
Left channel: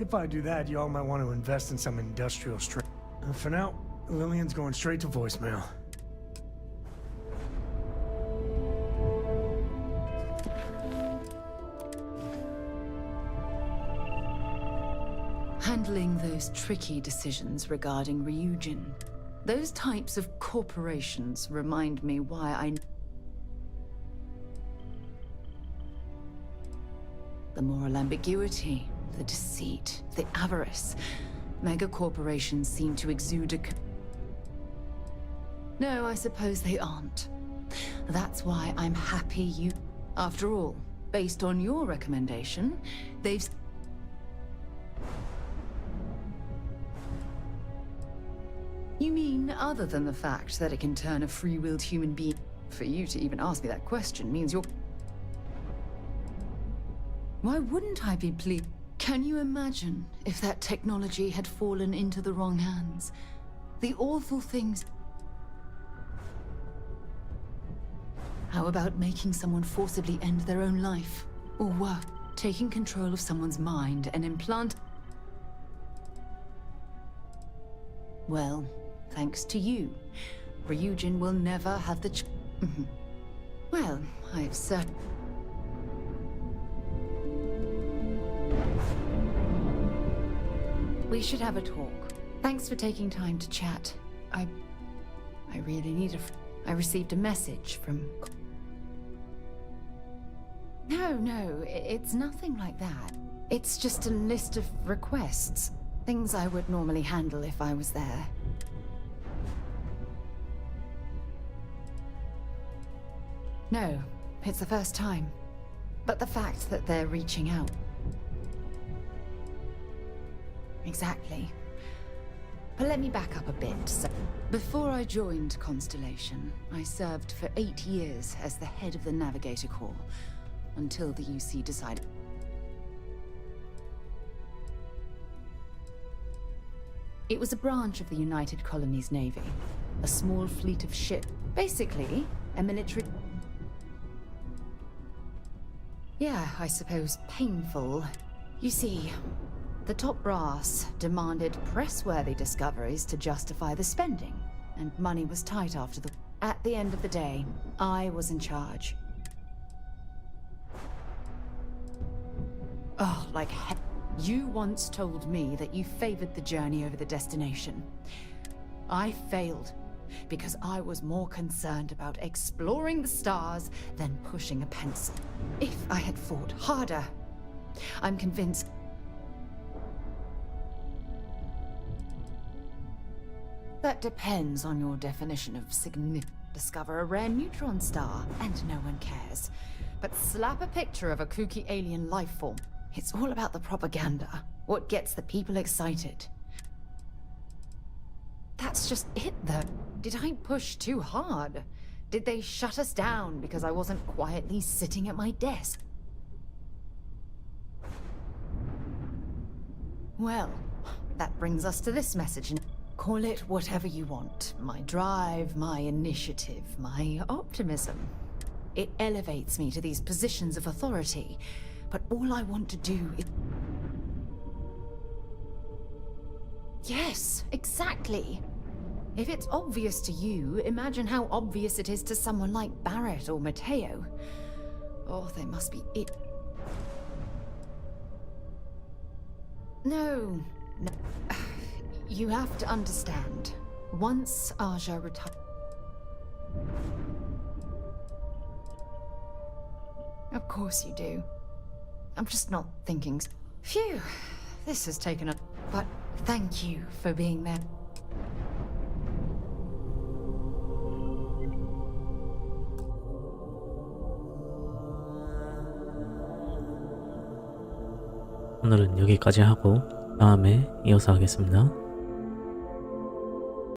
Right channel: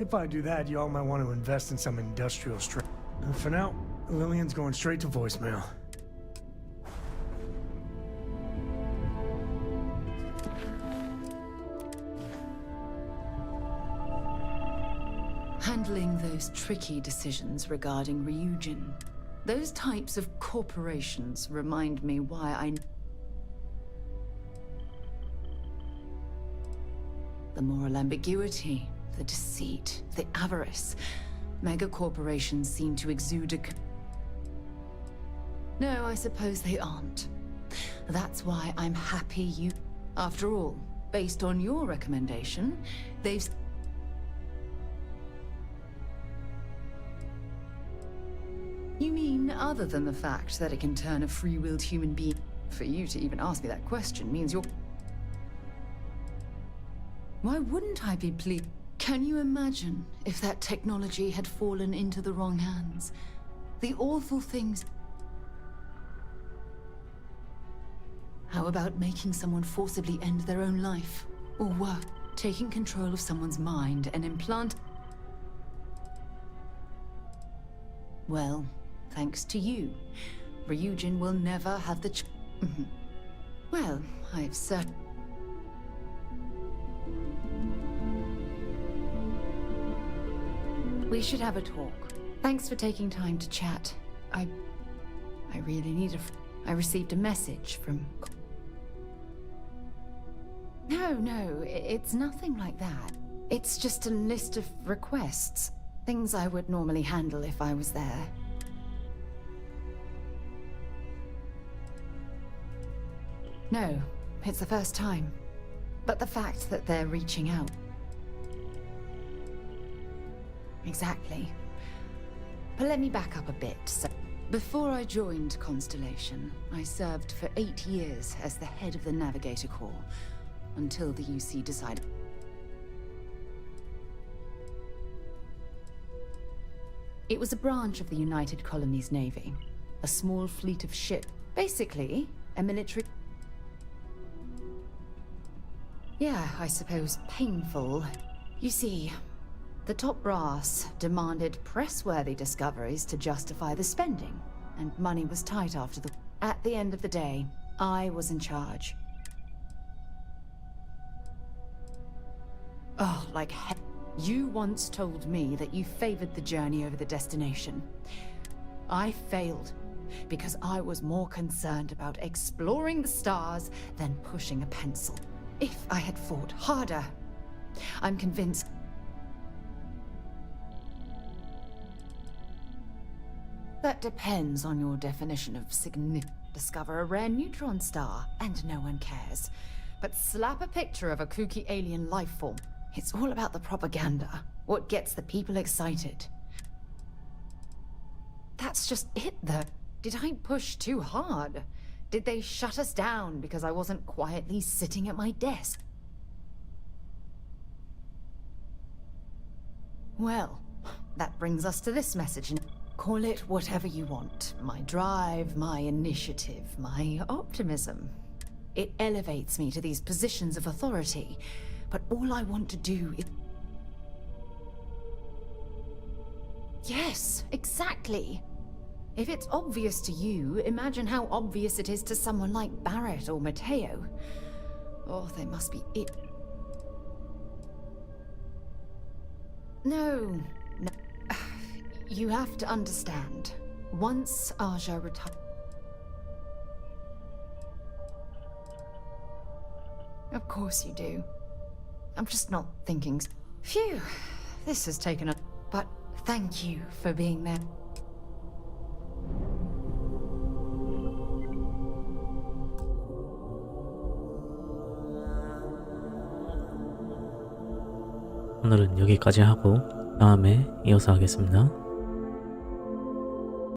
If I do that, y'all might want to invest in some industrial strength. For now, Lillian's going straight to voicemail. Handling those tricky decisions regarding Ryujin. Those types of corporations remind me why I... The moral ambiguity, the deceit, the avarice. Mega corporations seem to exude a... No, I suppose they aren't. That's why I'm happy you... After all, based on your recommendation, they've... You mean, other than the fact that it can turn a free-willed human being... For you to even ask me that question means you're... Why wouldn't I be pleased? Can you imagine if that technology had fallen into the wrong hands? The awful things... How about making someone forcibly end their own life? Or worse, taking control of someone's mind and implant... Well, thanks to you, Ryujin will never have the Well, I've certain... We should have a talk. Thanks for taking time to chat. I really need I received a message from... No, it's nothing like that. It's just a list of requests. Things I would normally handle if I was there. No, it's the first time. But the fact that they're reaching out... Exactly. But let me back up a bit. So, before I joined Constellation, I served for 8 years as the head of the Navigator Corps, until the UC decided... It was a branch of the United Colonies Navy. A small fleet of ships. Basically, a military... Yeah, I suppose painful. You see, the top brass demanded press-worthy discoveries to justify the spending, and money was tight after the... At the end of the day, I was in charge. Oh, like heck. You once told me that you favored the journey over the destination. I failed, because I was more concerned about exploring the stars than pushing a pencil. If I had fought harder, I'm convinced... That depends on your definition of significant. Discover a rare neutron star, and no one cares. But slap a picture of a kooky alien life form. It's all about the propaganda. What gets the people excited. That's just it, though. Did I push too hard? Did they shut us down because I wasn't quietly sitting at my desk? Well, that brings us to this message. Call it whatever you want. My drive, my initiative, my optimism. It elevates me to these positions of authority. But all I want to do is... Yes, exactly. If it's obvious to you, imagine how obvious it is to someone like Barrett or Mateo. Oh, they must be it. No. You have to understand. Once Aja retired... Of course you do. I'm just not thinking... Phew, this has taken a... But thank you for being there. 오늘은 여기까지 하고 다음에 이어서 하겠습니다.